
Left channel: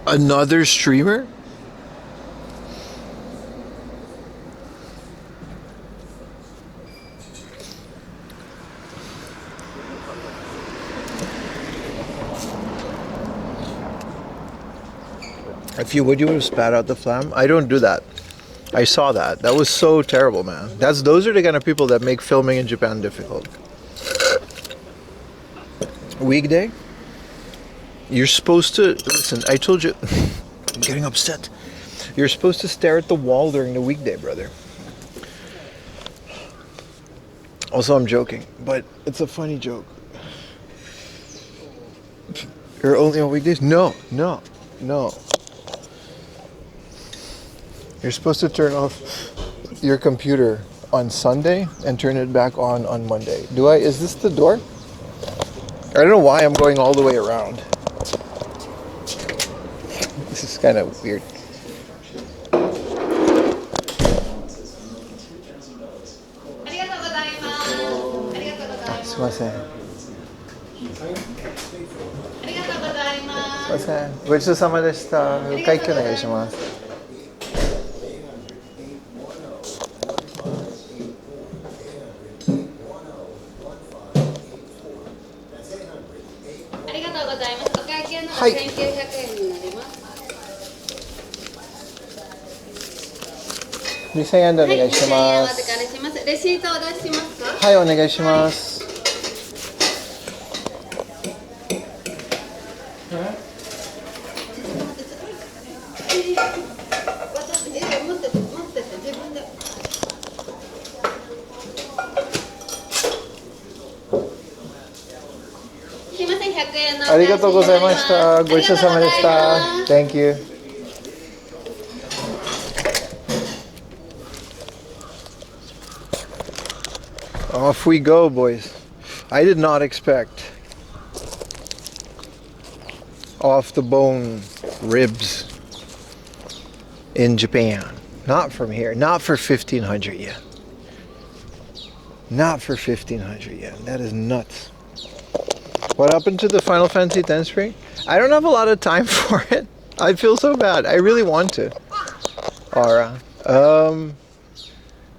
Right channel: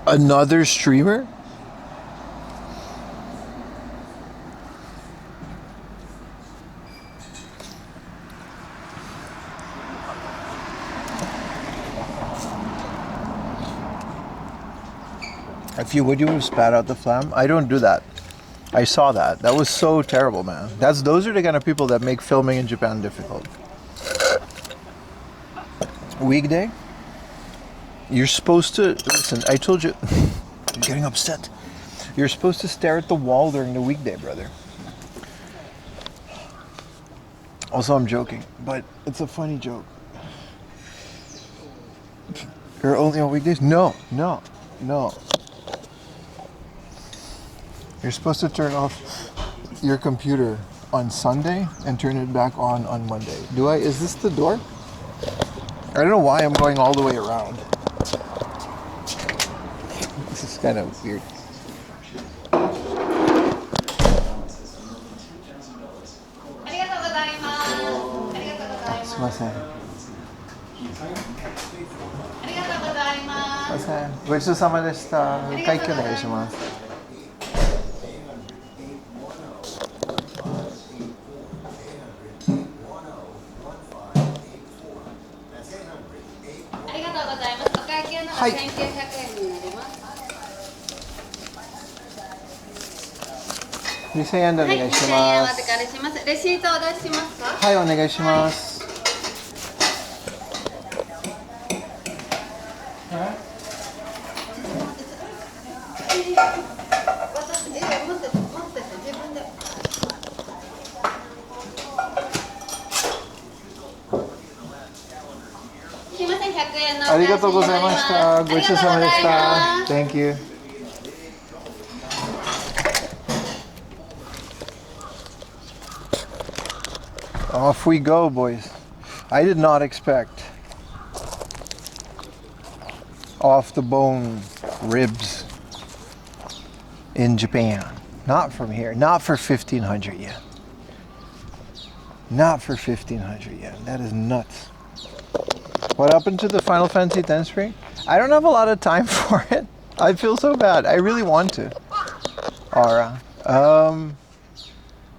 Another streamer? If you would have spat out the flam. I don't do that. I saw that. That was so terrible, man. Those are the kind of people that make filming in Japan difficult. Weekday? You're supposed to listen. I told you. I'm getting upset. You're supposed to stare at the wall during the weekday, brother. Also, I'm joking, but it's a funny joke. You're only on weekdays? No. You're supposed to turn off your computer on Sunday and turn it back on Monday. Is this the door? I don't know why I'm going all the way around. This is kind of weird. Sumimasen. Sumimasen. ごちそうさまでした。会計お願いします。はい。1900円になります。2000円でお願いします。2000円お預かりします。レシートお出ししますか？はい、お願いします。ありがとうございました。ごちそうさまでした。Thank you. Off we go, boys. I did not expect off the bone ribs in Japan. Not from here. Not for 1,500 yen. Not for 1,500 yen. That is nuts. What happened to the Final Fantasy X stream? I don't have a lot of time for it. I feel so bad. I really want to. Aura.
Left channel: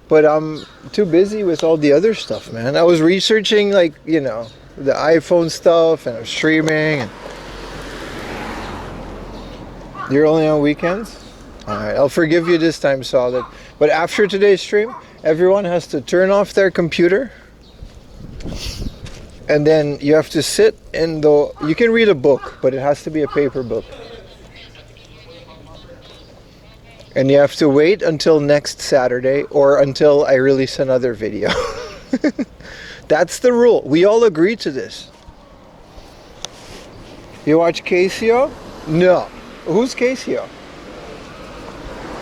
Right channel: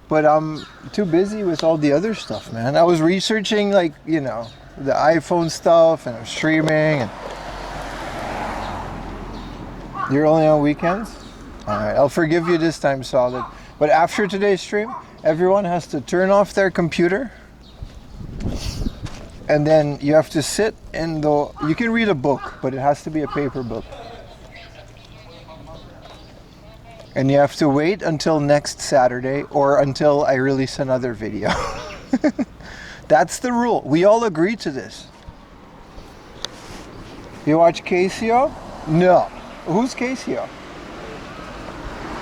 But I'm too busy with all the other stuff, man. I was researching, like, you know, the iPhone stuff, and I was streaming. And you're only on weekends? Alright, I'll forgive you this time, Solid. But after today's stream, everyone has to turn off their computer. And then you have to sit in the... You can read a book, but it has to be a paper book. And you have to wait until next Saturday or until I release another video. That's the rule. We all agree to this. You watch Casio? No. Who's Casio?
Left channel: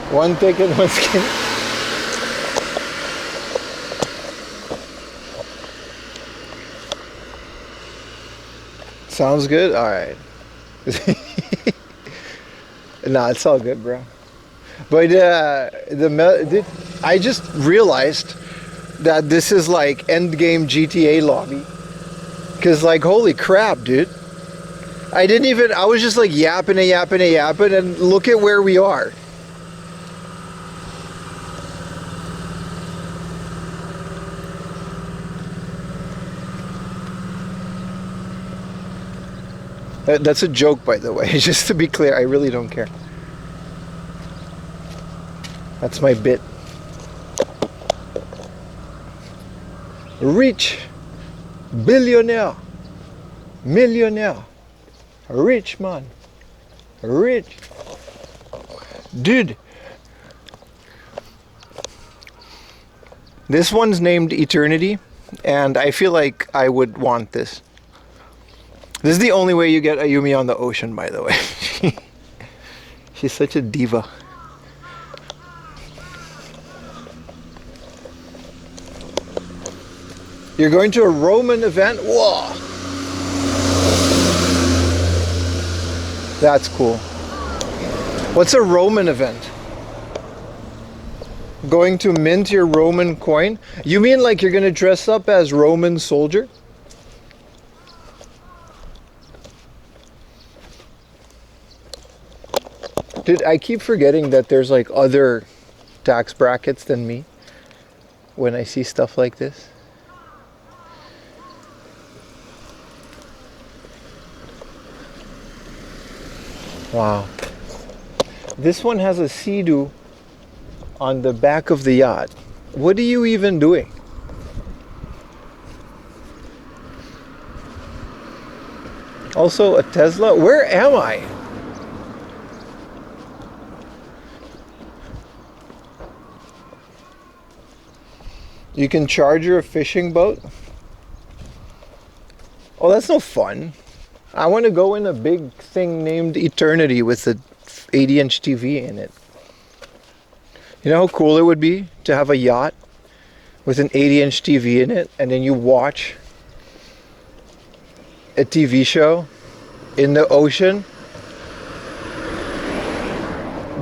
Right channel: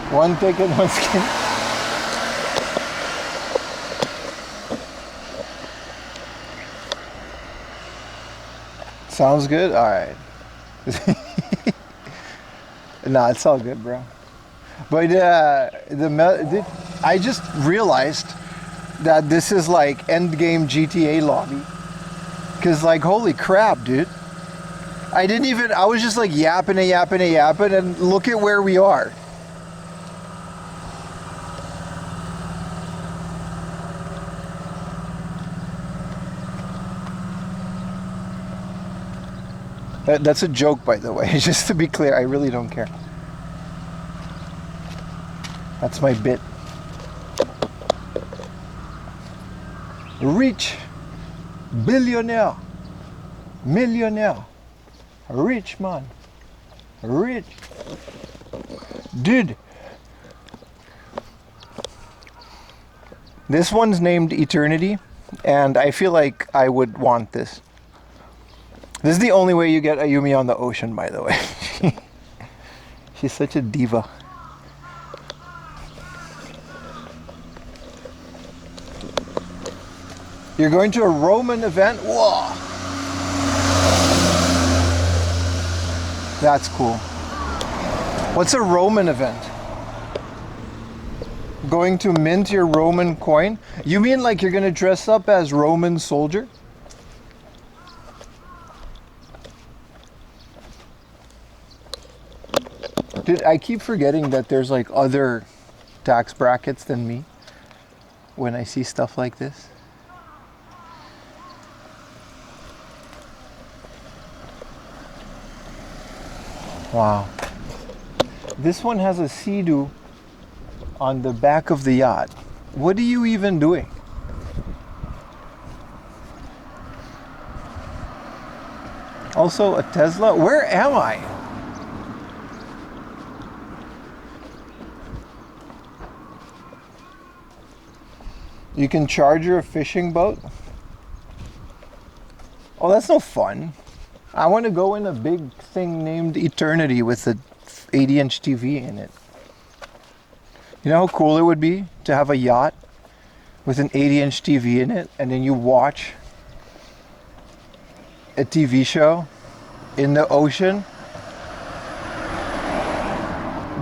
One ticket, one skin. Sounds good? Alright. Nah, it's all good, bro. But I just realized that this is like endgame GTA lobby. Cause like, holy crap, dude. I was just like yapping and look at where we are. That's a joke, by the way, just to be clear. I really don't care. That's my bit. Rich. Billionaire. Millionaire. Rich man. Rich. Dude. This one's named Eternity, and I feel like I would want this. This is the only way you get Ayumi on the ocean, by the way. She's such a diva. You're going to a Roman event? Whoa! That's cool. What's a Roman event? Going to mint your Roman coin? You mean like you're gonna dress up as Roman soldier? Dude, I keep forgetting that there's like other tax brackets than me when I see stuff like this. Wow. This one has a sea-doo on the back of the yacht. What are you even doing? Also a Tesla? Where am I? You can charger a fishing boat? Oh, that's no fun. I want to go in a big thing named Eternity with a 80-inch TV in it. You know how cool it would be to have a yacht with an 80-inch TV in it, and then you watch a TV show in the ocean?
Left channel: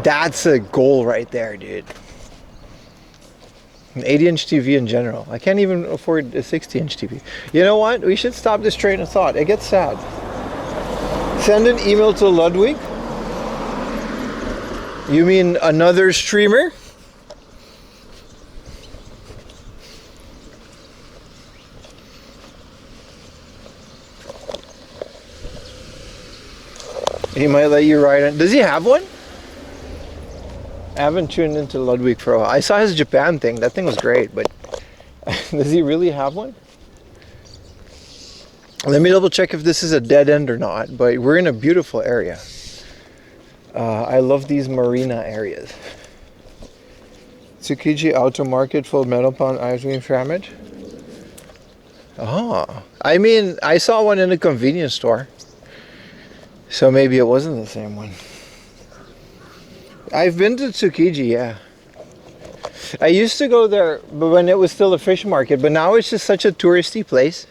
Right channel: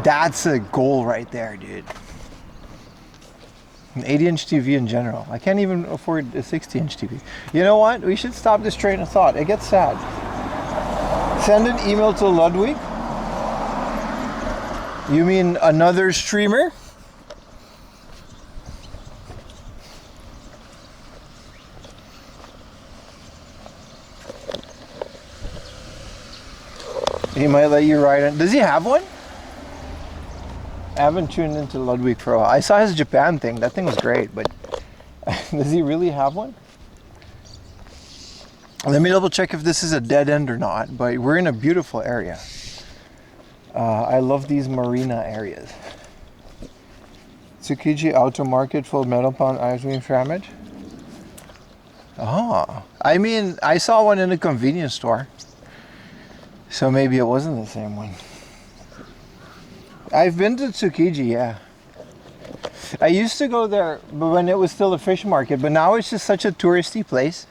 That's a goal right there, dude. An 80-inch TV in general. I can't even afford a 60-inch TV. You know what? We should stop this train of thought. It gets sad. Send an email to Ludwig. You mean another streamer? He might let you ride in. Does he have one? I haven't tuned into Ludwig for a while. I saw his Japan thing. That thing was great, but does he really have one? Let me double check if this is a dead end or not, but we're in a beautiful area. I love these marina areas. Tsukiji Auto Market, Full Metal Pound Ice Cream Sandwich. Oh, I mean, I saw one in a convenience store. So maybe it wasn't the same one. I've been to Tsukiji, yeah. I used to go there but when it was still a fish market, but now it's just such a touristy place.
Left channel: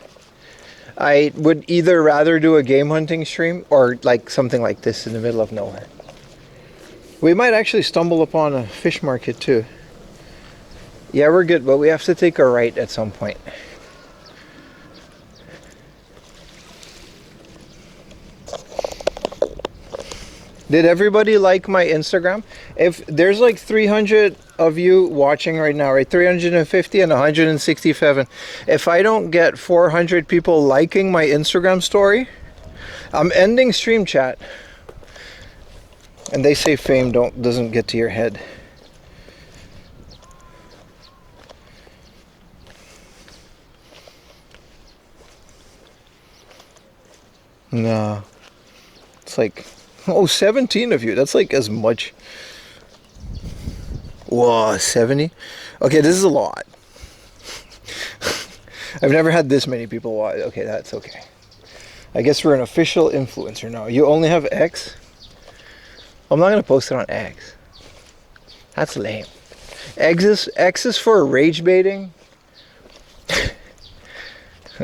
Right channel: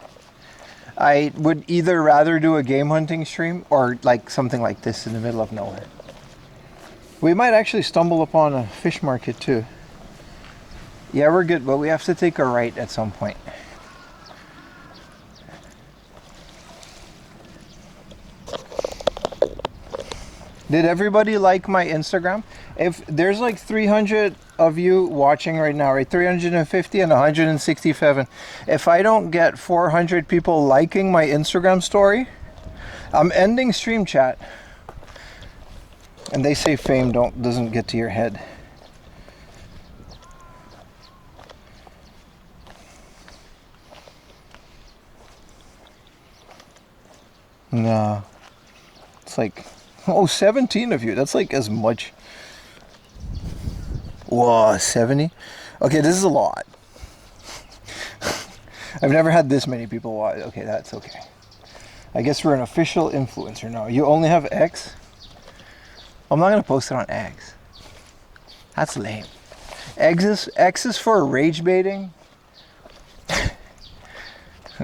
I would either rather do a game hunting stream or like something like this in the middle of nowhere. We might actually stumble upon a fish market too. Yeah, we're good, but we have to take a right at some point. Did everybody like my Instagram? If there's like 300 of you watching right now, right? 350 and 167. If I don't get 400 people liking my Instagram story, I'm ending stream chat. And they say fame doesn't get to your head. No. It's like, oh, 17 of you. That's like as much. Whoa, 70? Okay, this is a lot. I've never had this many people watch. Okay, that's okay. I guess we're an official influencer now. You only have X? I'm not going to post it on X. That's lame. X is for rage baiting.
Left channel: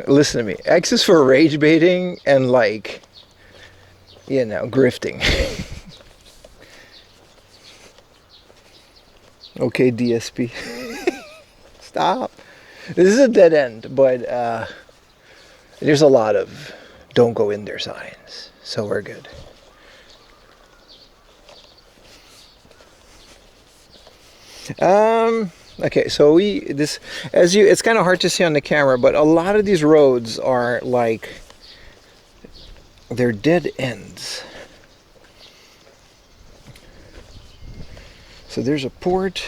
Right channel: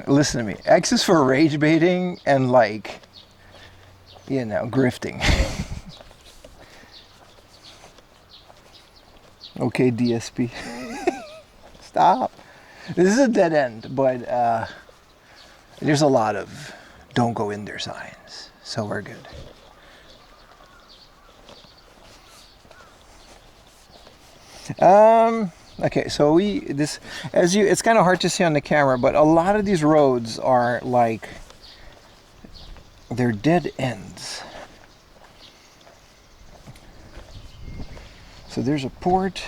Listen to me. X is for rage baiting and like, you know, grifting. Okay, DSP. Stop. This is a dead end, but there's a lot of don't go in there signs, so we're good. Okay, so it's kind of hard to see on the camera, but a lot of these roads are like, they're dead ends. So there's a port.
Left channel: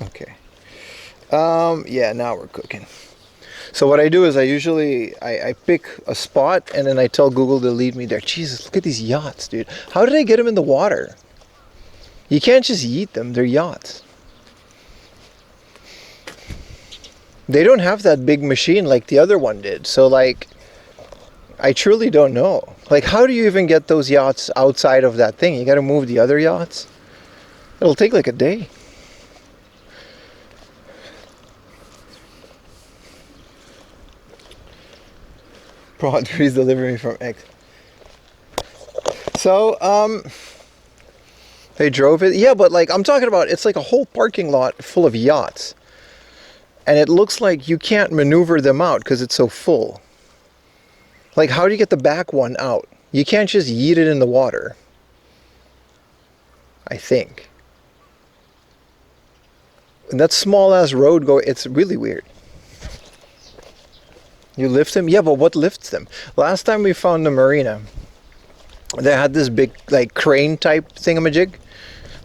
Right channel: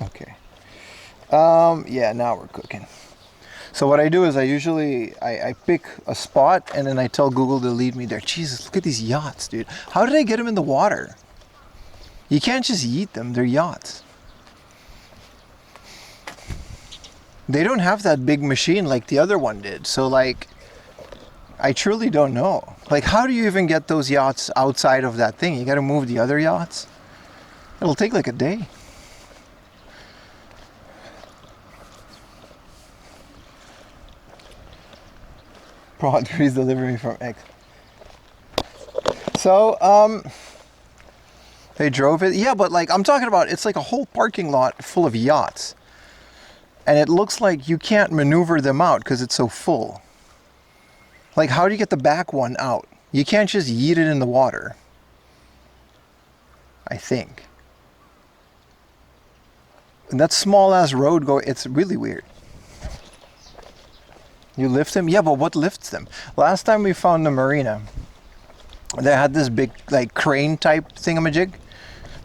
Okay. Yeah, now we're cooking. So what I do is I pick a spot and then I tell Google to lead me there. Jesus, look at these yachts, dude. How did I get them in the water? You can't just yeet them, they're yachts. They don't have that big machine like the other one did. So like, I truly don't know. Like, how do you even get those yachts outside of that thing? You got to move the other yachts. It'll take like a day. Please deliver me from X. So, they drove it. Yeah, but like, I'm talking about, it's like a whole parking lot full of yachts. And it looks like you can't maneuver them out because it's so full. Like, how do you get the back one out? You can't just yeet it in the water. I think. And that small ass road it's really weird. You lift them? Yeah, but what lifts them? Last time we found the marina, they had this big like crane type thingamajig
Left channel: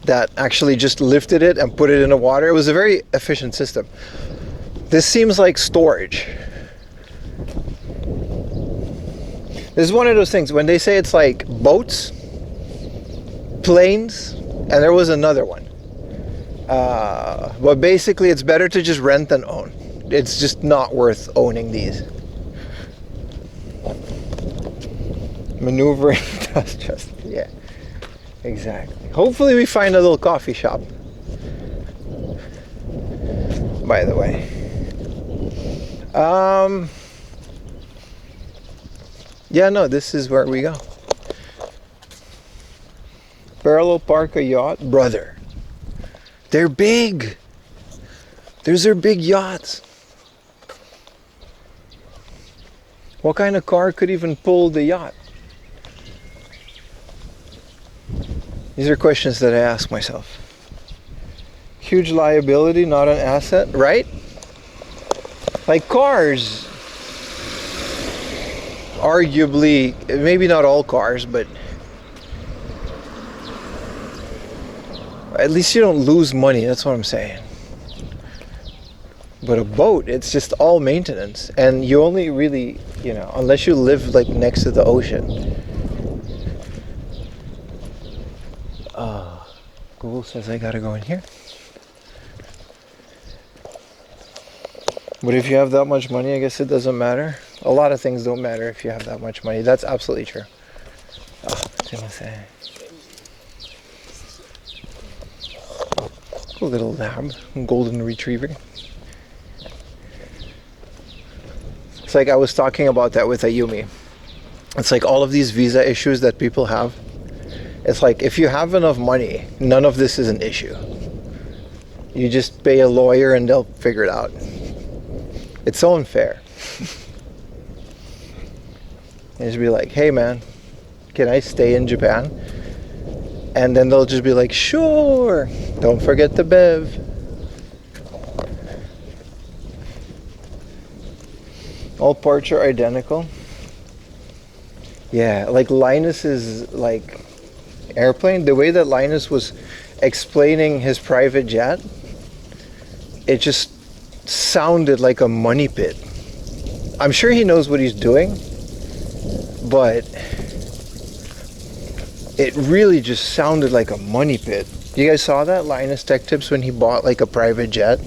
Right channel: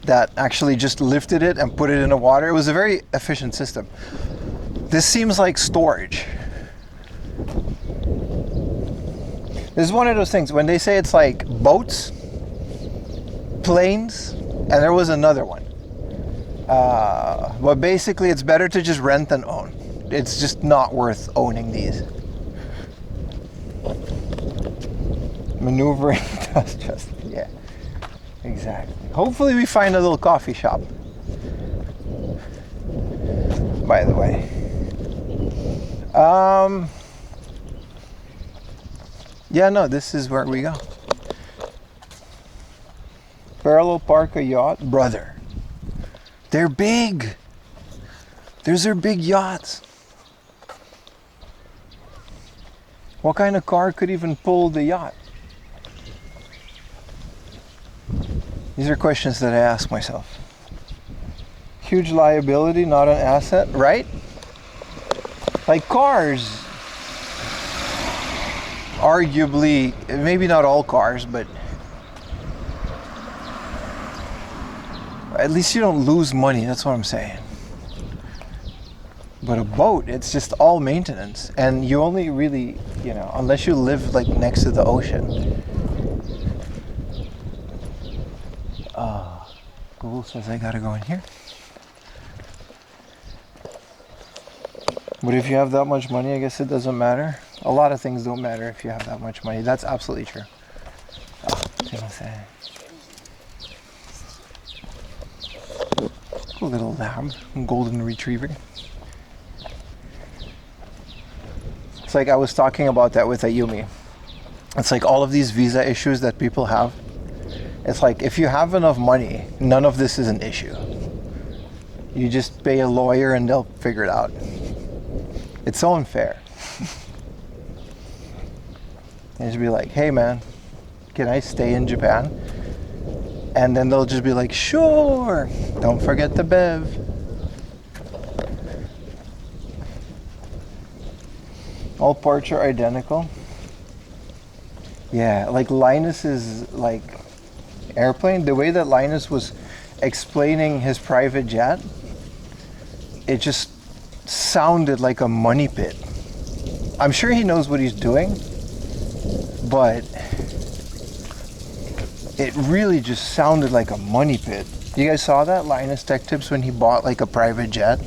that actually just lifted it and put it in the water. It was a very efficient system. This seems like storage. This is one of those things when they say it's like boats, planes, and there was another one. But basically it's better to just rent than own. It's just not worth owning these. Maneuvering just yeah, exactly. Hopefully we find a little coffee shop, by the way. Yeah, no, this is where we go. Parallel park a yacht, brother. They're big. Those are big yachts. What kind of car could even pull the yacht? These are questions that I ask myself. Huge liability, not an asset, right? Like cars, arguably, maybe not all cars, but at least you don't lose money, that's what I'm saying. But a boat, it's just all maintenance, and you only really, you know, unless you live like next to the ocean. Google says I gotta go in here. But if you have that much money, I guess it doesn't matter. A lot of things don't matter if you have that much money. That's absolutely true. Cool little lab, golden retriever. It's like I was talking about that with Ayumi. It's like all of these visa issues that people have. It's like if you have enough money, none of this is an issue. You just pay a lawyer and they'll figure it out. It's so unfair. And just be like, hey man, can I stay in Japan? And then they'll just be like, sure, don't forget the bev. All parts are identical. Yeah, like Linus's like airplane, the way that Linus was explaining his private jet, it just sounded like a money pit. I'm sure he knows what he's doing, but it really just sounded like a money pit. You guys saw that Linus Tech Tips when he bought like a private jet?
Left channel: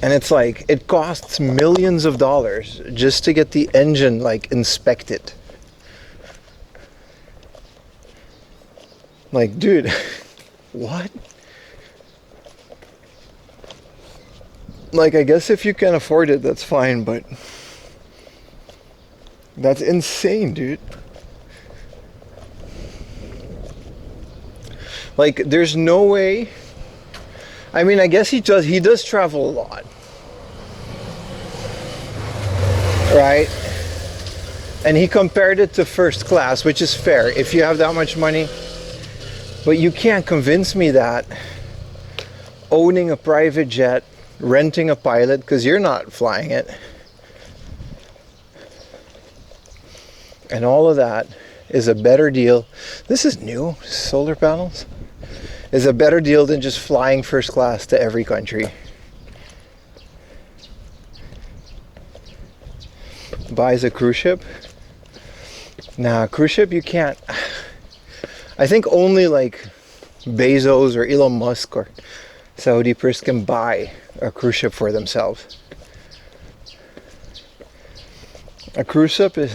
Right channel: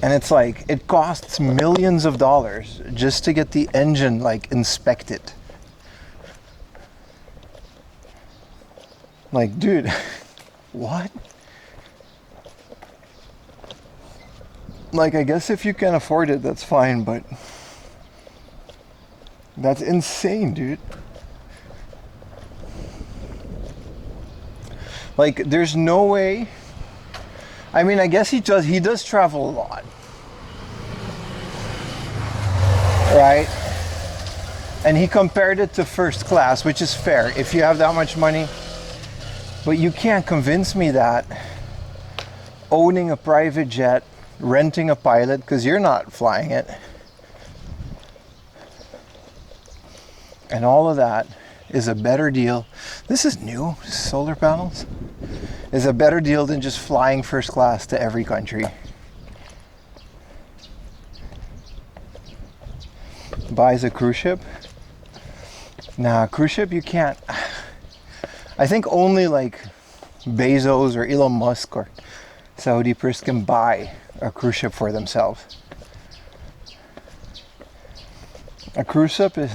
And it's like, it costs millions of dollars just to get the engine like inspected. Like, dude, what? Like, I guess if you can afford it, that's fine, but that's insane, dude. Like, there's no way. I mean, I guess he does travel a lot. Right? And he compared it to first class, which is fair if you have that much money. But you can't convince me that owning a private jet, renting a pilot, because you're not flying it, and all of that is a better deal. This is new, solar panels, is a better deal than just flying first class to every country. Buys a cruise ship? Nah, cruise ship you can't. I think only like Bezos or Elon Musk or Saudi Prince can buy a cruise ship for themselves. A cruise ship is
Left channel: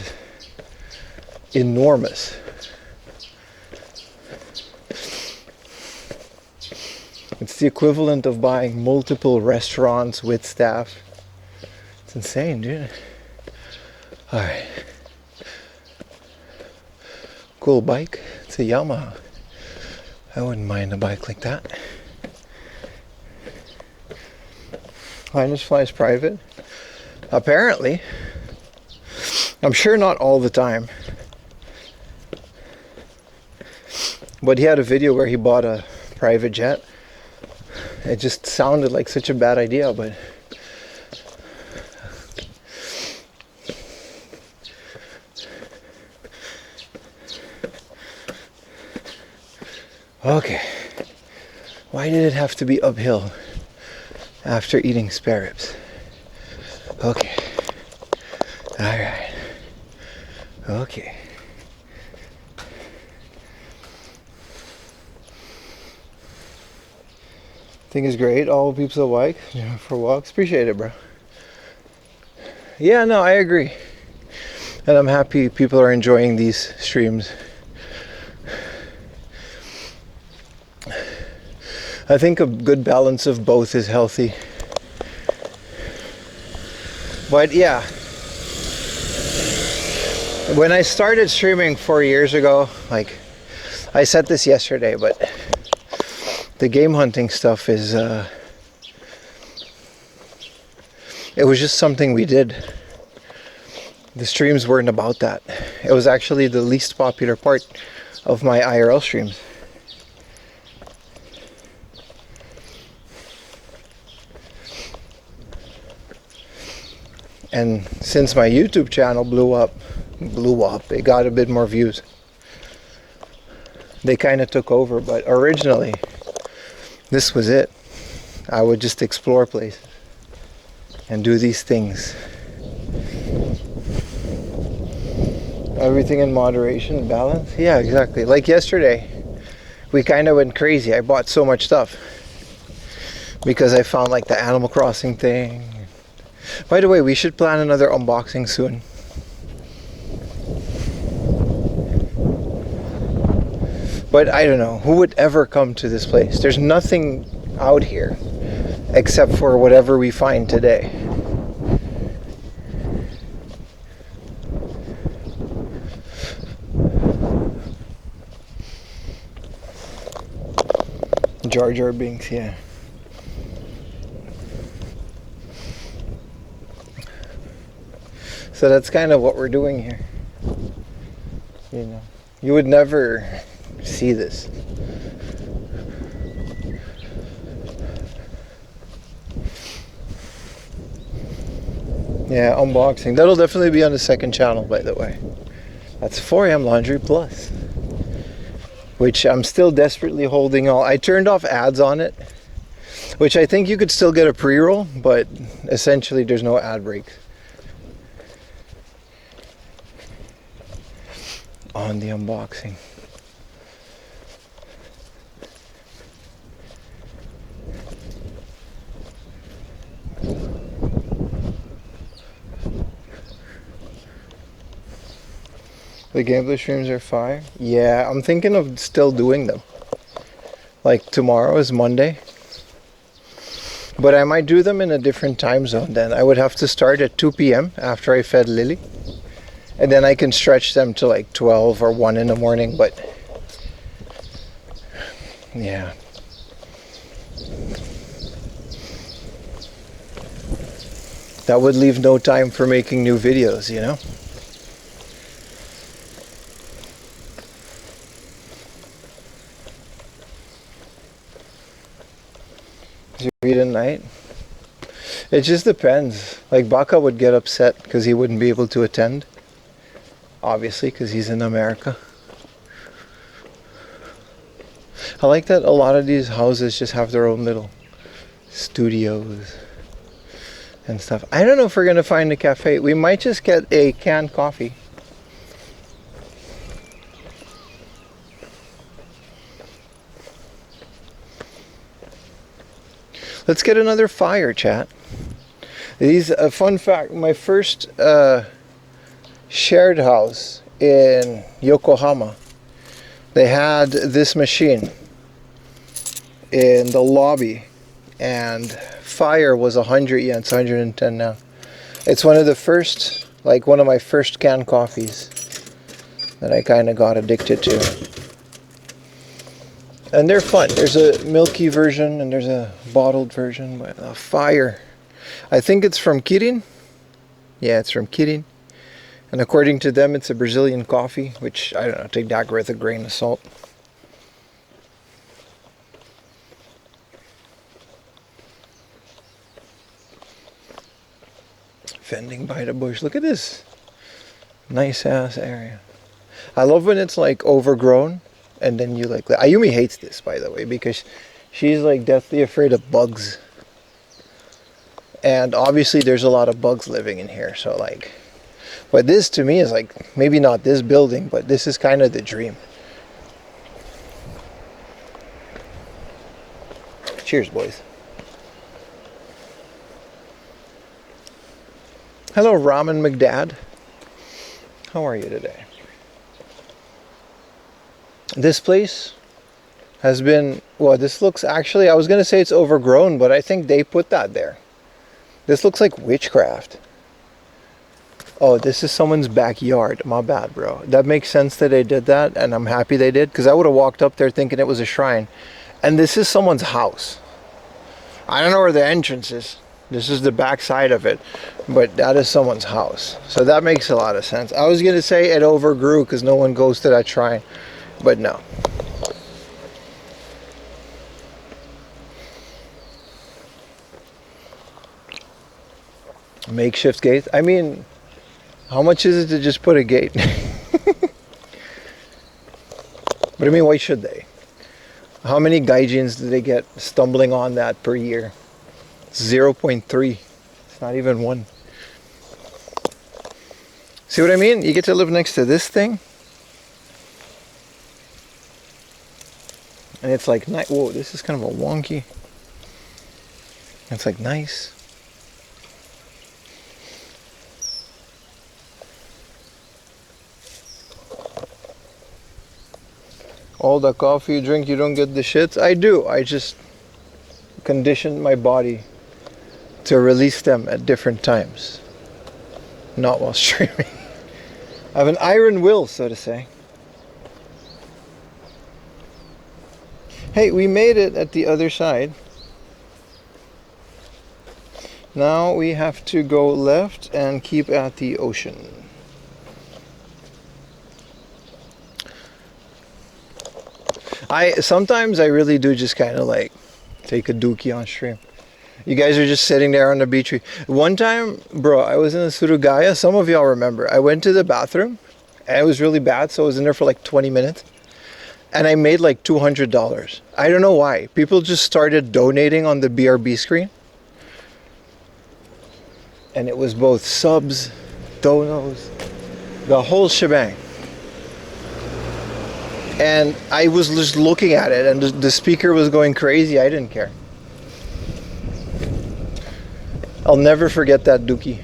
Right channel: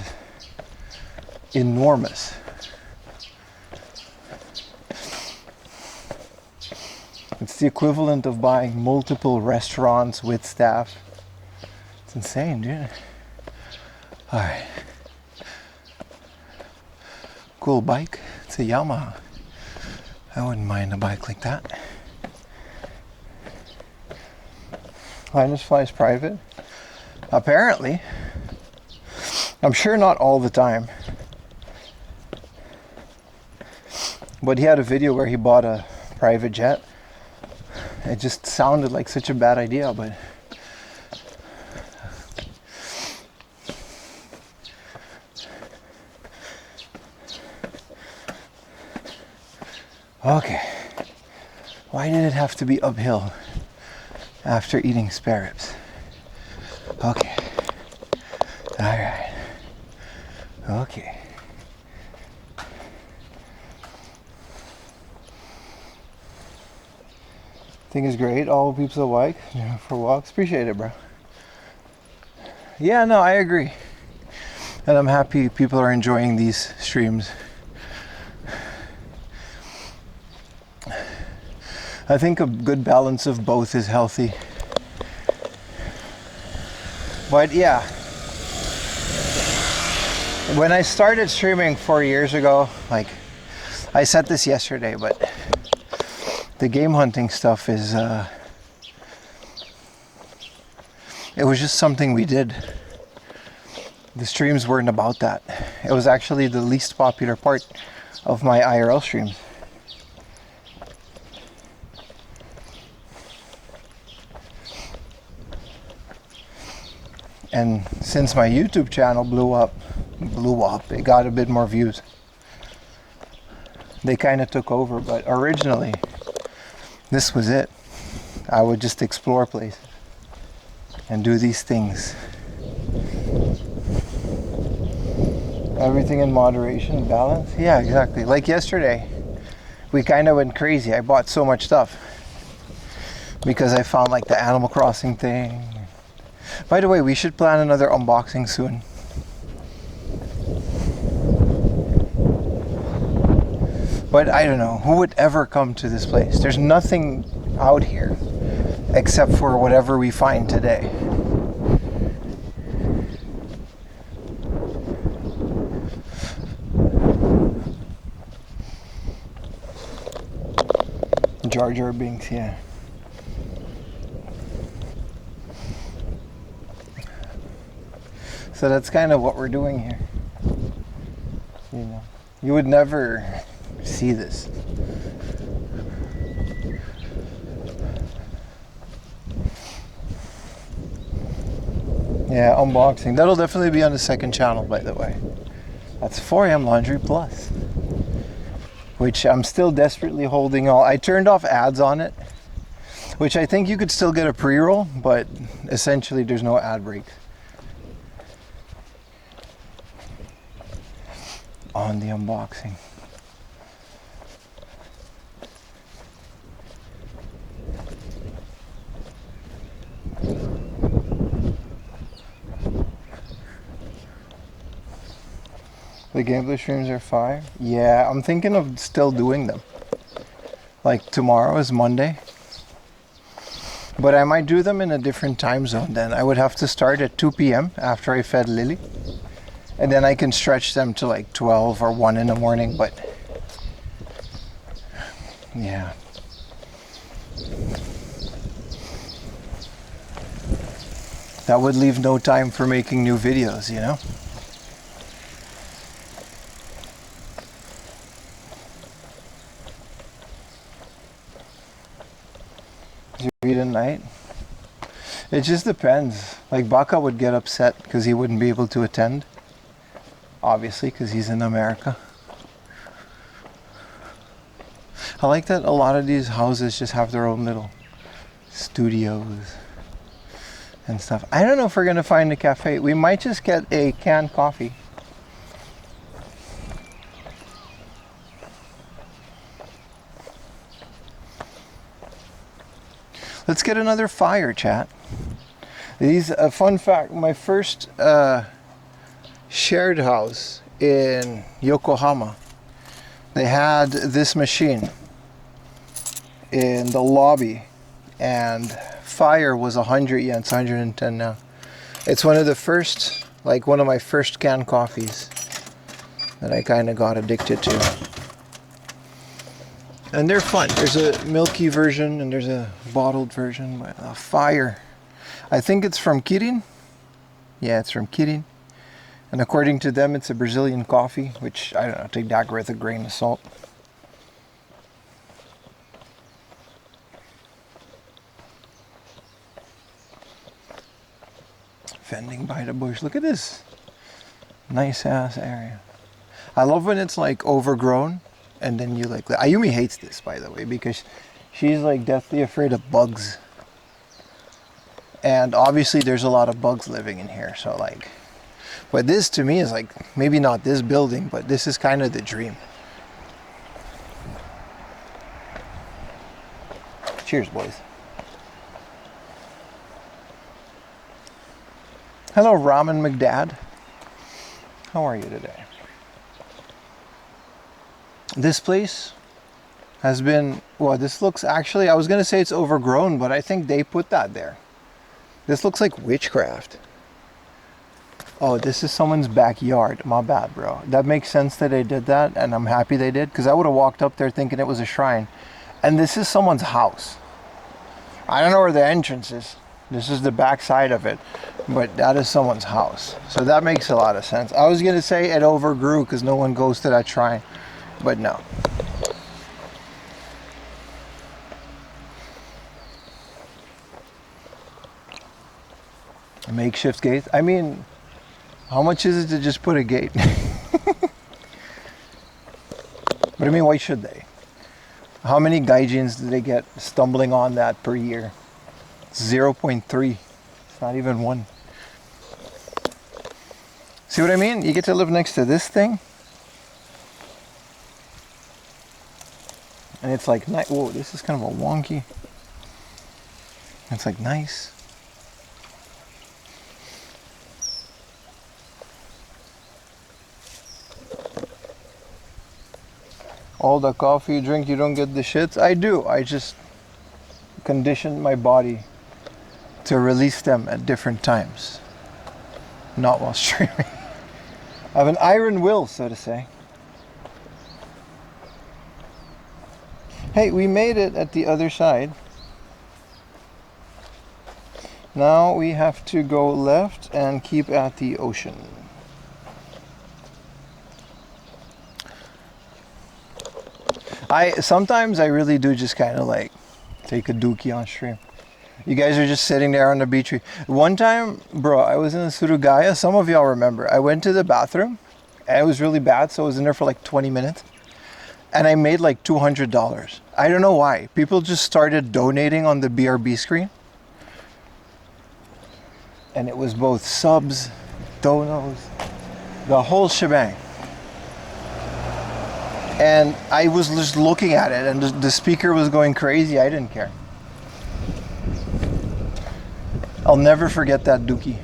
enormous. It's the equivalent of buying multiple restaurants with staff. It's insane, dude. Alright. Cool bike. It's a Yamaha. I wouldn't mind a bike like that. Linus flies private. Apparently. I'm sure not all the time. But he had a video where he bought a private jet. It just sounded like such a bad idea, but okay. Why did it have to be uphill after eating spare ribs? Okay. Alright. Okay. Thing is great. All peeps alike for walks. Appreciate it, bro. Yeah, no, I agree. And I'm happy people are enjoying these streams. I think a good balance of both is healthy. But yeah, when I started streaming 4 years ago, like I said this yesterday, but the game hunting stuff is it was just something we did. The streams weren't about that. It was actually the least popular part of my IRL streams. And since my YouTube channel blew up, it got a bit more views. They kind of took over, but originally this was it. I would just explore places and do these things. Everything in moderation, balance. Yeah, exactly. Like yesterday, we kind of went crazy. I bought so much stuff because I found like the Animal Crossing thing. By the way, we should plan another unboxing soon. But I don't know, who would ever come to this place? There's nothing out here. except for whatever we find today. Jar Jar Binks, yeah. So that's kind of what we're doing here. You know, you would never see this. Yeah, unboxing. That'll definitely be on the second channel, by the way. That's 4am Laundry Plus, which I'm still desperately holding all. I turned off ads on it, which I think you could still get a pre-roll, but essentially there's no ad breaks on the unboxing. The gameplay streams are fire. Yeah, I'm thinking of still doing them. Like tomorrow is Monday. But I might do them in a different time zone then. I would have to start at 2 p.m. after I fed Lily. And then I can stretch them to like 12 or 1 in the morning, but yeah. That would leave no time for making new videos, you know? Did you read at night? It just depends. Like Baka would get upset because he wouldn't be able to attend. Obviously, because he's in America. I like that a lot of these houses just have their own little studios and stuff. I don't know if we're going to find a cafe. We might just get a canned coffee. Let's get another fire, chat. These, a fun fact, my first shared house in Yokohama, they had this machine in the lobby, and fire was 100 yen. It's 110 now. It's one of the first, like one of my first canned coffees that I kind of got addicted to. And they're fun. There's a milky version and there's a bottled version. But fire, I think it's from Kirin. Yeah, it's from Kirin. And according to them, it's a Brazilian coffee, which, I don't know, take that with a grain of salt. Fending by the bush. Look at this nice ass area. I love when it's like overgrown and then you like... Ayumi hates this, by the way, because she's like deathly afraid of bugs. And obviously there's a lot of bugs living in here, so like... But this to me is like, maybe not this building, but this is kind of the dream. Cheers, boys. Hello, Ramen McDad. How are you today? This place has been, well, this looks actually, I was going to say it's overgrown, but I think they put that there. This looks like witchcraft. Oh, this is someone's backyard. My bad, bro. That makes sense that they did that, and I'm happy they did, because I would have walked up there thinking it was a shrine. And this is someone's house. I don't know where the entrance is. This is the back side of it, but that is someone's house. So that makes a lot of sense. I was going to say it overgrew because no one goes to that shrine, but no. Makeshift gate. I mean, how much is it to just put a gate? But I mean, why should they? How many gaijins do they get stumbling on that per year? 0.3. It's not even 1. See what I mean? You get to live next to this thing. And it's like, whoa, this is kind of a wonky. It's like nice. All the coffee you drink, you don't get the shits? I do. I just conditioned my body to release them at different times, not while streaming. I have an iron will, so to say. Hey, we made it at the other side. Now we have to go left and keep at the ocean. Sometimes I really do just kind of like take a dookie on stream. You guys are just sitting there on the beach. One time, bro, I was in the Surugaya. Some of y'all remember. I went to the bathroom and it was really bad, so I was in there for like 20 minutes. And I made like $200. I don't know why. People just started donating on the BRB screen. And it was both subs, donos, the whole shebang. And I was just looking at it and the speaker was going crazy. I didn't care. I'll never forget that dookie.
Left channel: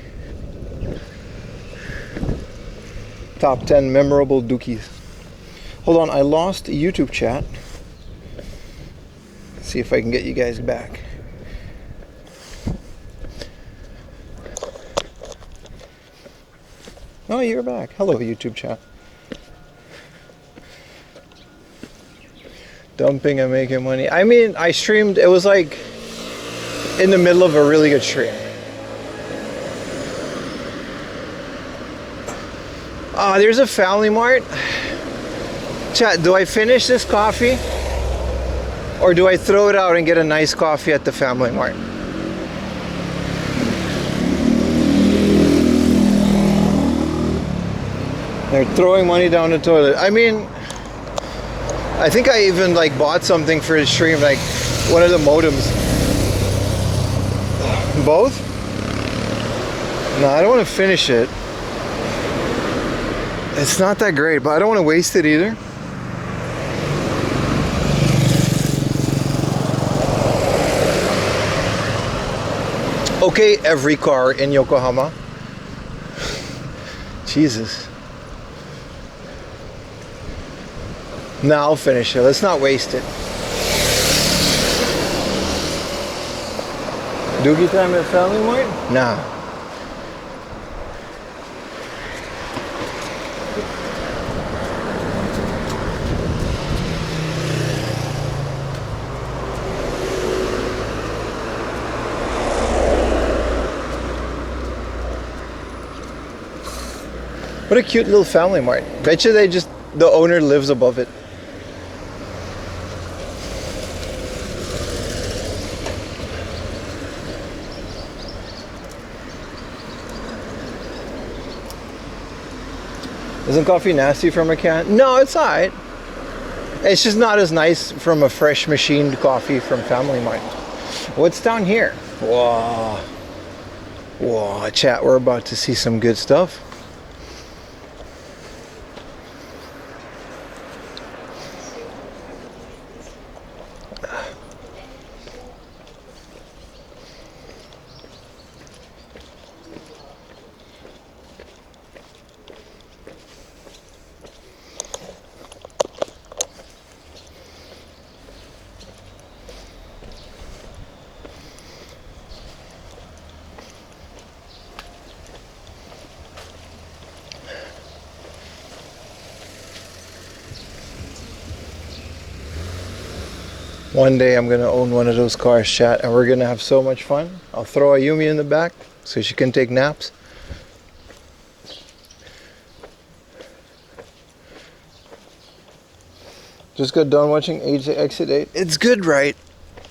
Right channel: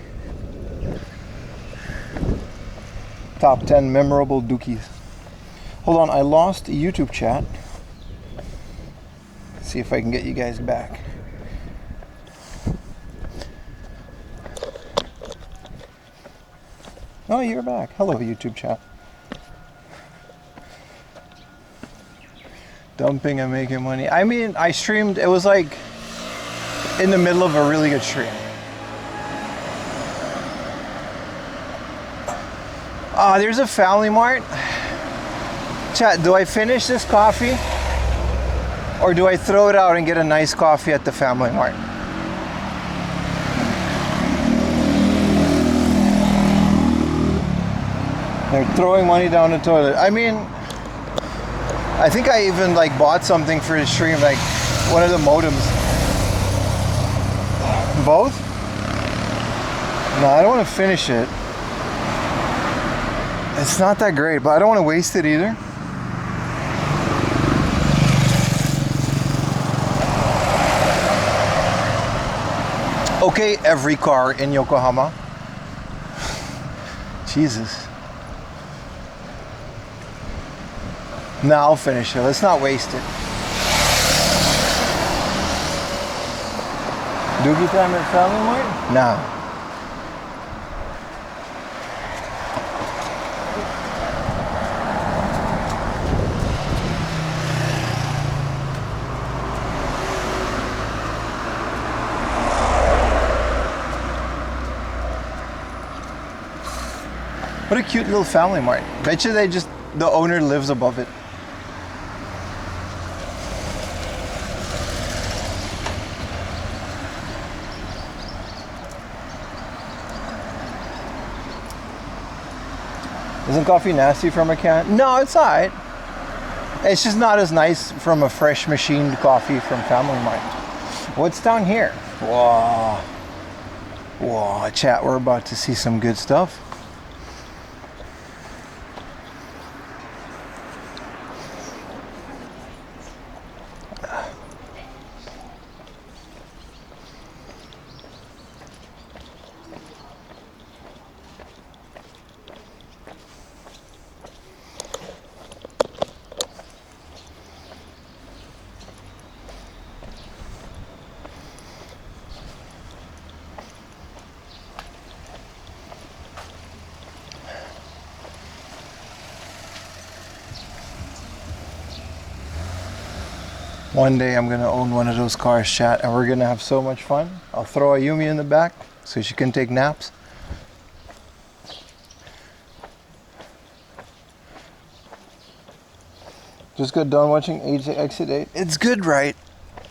Top 10 memorable dookies. Hold on, I lost YouTube chat. Let's see if I can get you guys back. Oh, you're back. Hello, YouTube chat. Dumping and making money. I mean, I streamed, it was like in the middle of a really good stream. Ah, there's a Family Mart. Chat, do I finish this coffee? Or do I throw it out and get a nice coffee at the Family Mart? They're throwing money down the toilet. I mean, I think I even like bought something for his stream, like one of the modems. Both? No, I don't want to finish it. It's not that great, but I don't want to waste it either. Okay, every car in Yokohama. Jesus. Now I'll finish it. Let's not waste it. Doogie time at Family Mart? Nah. What a cute little Family Mart. Betcha the owner lives above it. Isn't coffee nasty from a can? No, it's alright. It's just not as nice from a fresh machined coffee from Family Mart. What's down here? Whoa. Whoa, chat, we're about to see some good stuff. One day I'm gonna own one of those cars, chat, and we're gonna have so much fun. I'll throw Ayumi in the back so she can take naps. Just got done watching Age to Exit 8. It's good, right?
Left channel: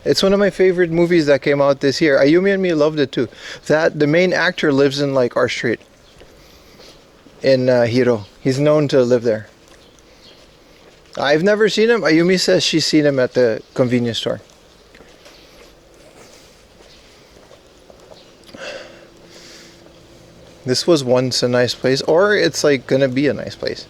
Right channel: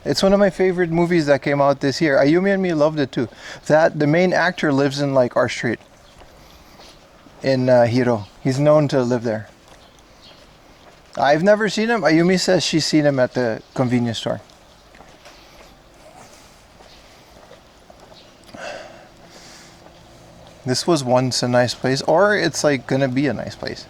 It's one of my favorite movies that came out this year. Ayumi and me loved it too. The main actor lives in like our street in Hiro. He's known to live there. I've never seen him. Ayumi says she's seen him at the convenience store. This was once a nice place, or it's like gonna be a nice place.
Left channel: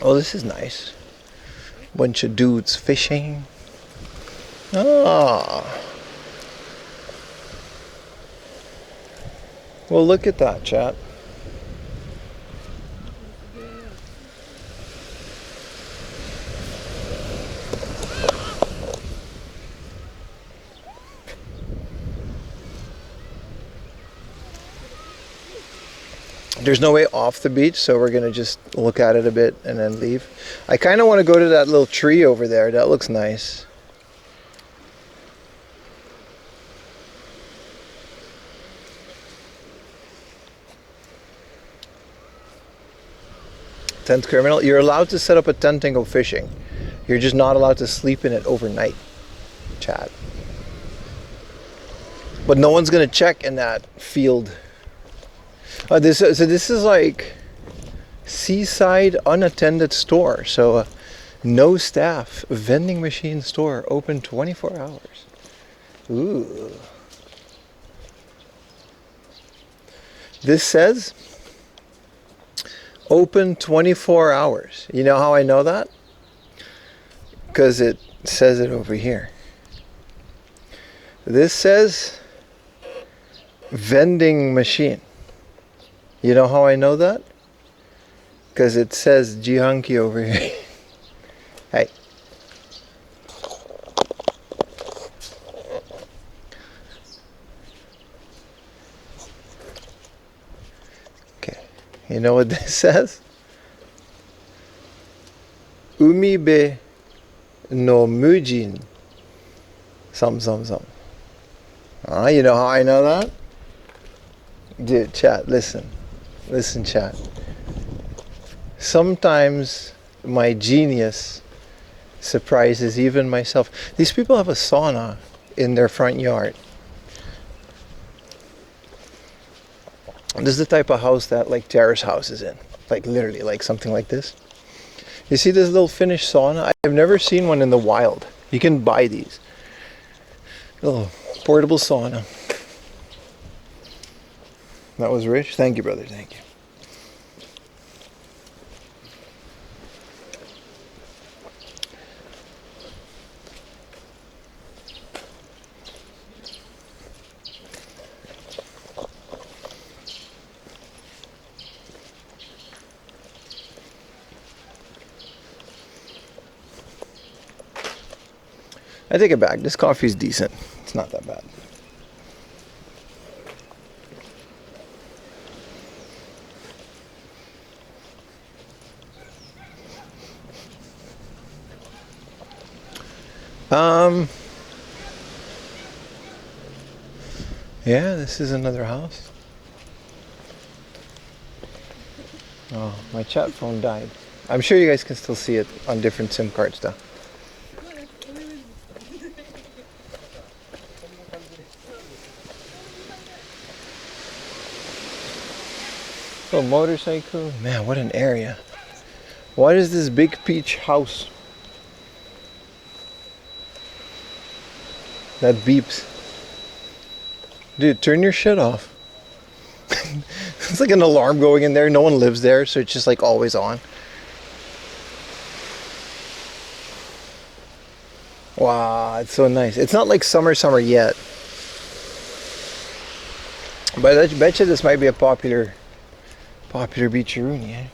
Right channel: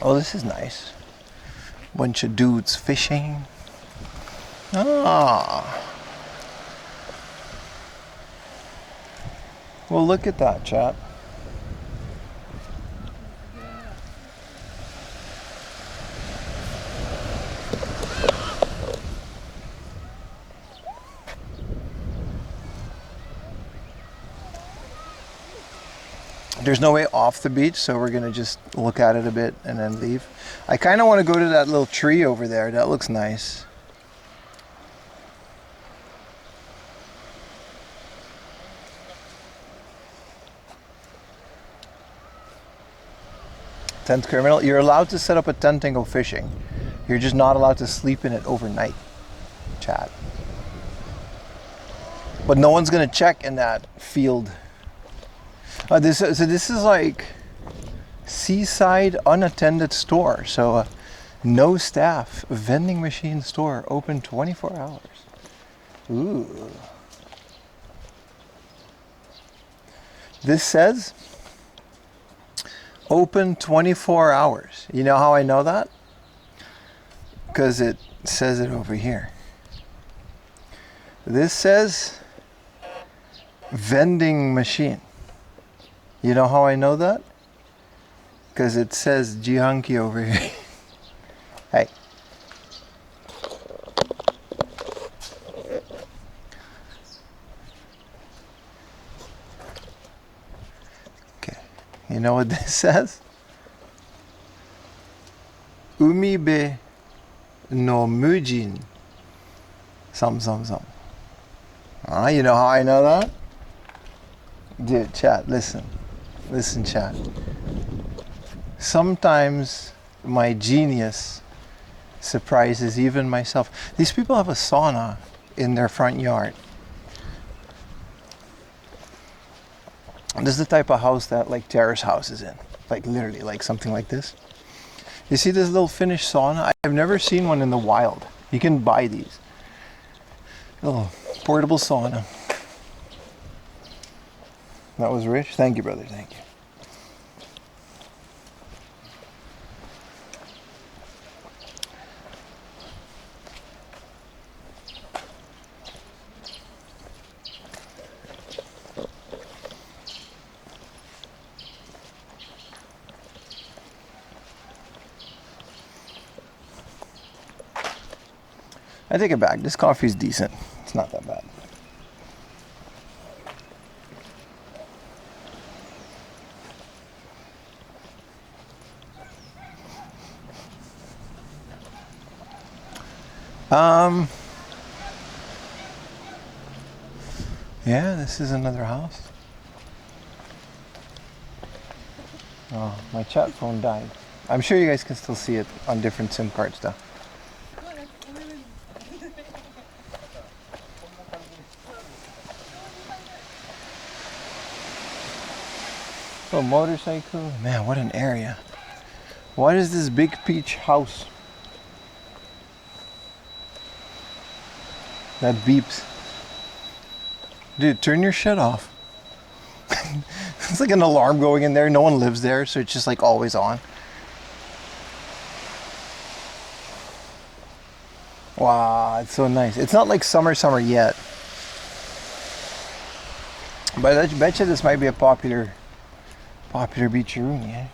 Oh, this is nice. Bunch of dudes fishing. Ah. Well, look at that, chat. There's no way off the beach, so we're gonna just look at it a bit and then leave. I kind of want to go to that little tree over there. That looks nice. Tent criminal. You're allowed to set up a tent and go fishing. You're just not allowed to sleep in it overnight, chat. But no one's gonna check in that field. This is like Seaside unattended store. So no staff, vending machine store, open 24 hours. Ooh. This says open 24 hours. You know how I know that? Because it says it over here. This says vending machine. You know how I know that? Because it says Jihanki over here. Hey. Okay. You know what this says? Umibe no mujin. Some. Ah, you know how I know that? Dude, chat, listen. Listen, chat. Sometimes my genius surprises even myself. These people have a sauna in their front yard. This is the type of house that like terrace house is in. Like literally, like something like this. You see this little Finnish sauna? I've never seen one in the wild. You can buy these. Little portable sauna. That was rich. Thank you, brother. Thank you. I take it back. This coffee is decent. It's not that bad. Yeah, this is another house. Oh, my chat phone died. I'm sure you guys can still see it on different SIM cards though. Oh, motorcycle. Man, what an area. What is this big peach house that beeps? Dude, turn your shit off. It's like an alarm going in there. No one lives there, so it's just like always on. Wow, it's so nice. It's not like summer yet. But I bet you this might be a popular beach-a-rooney, eh?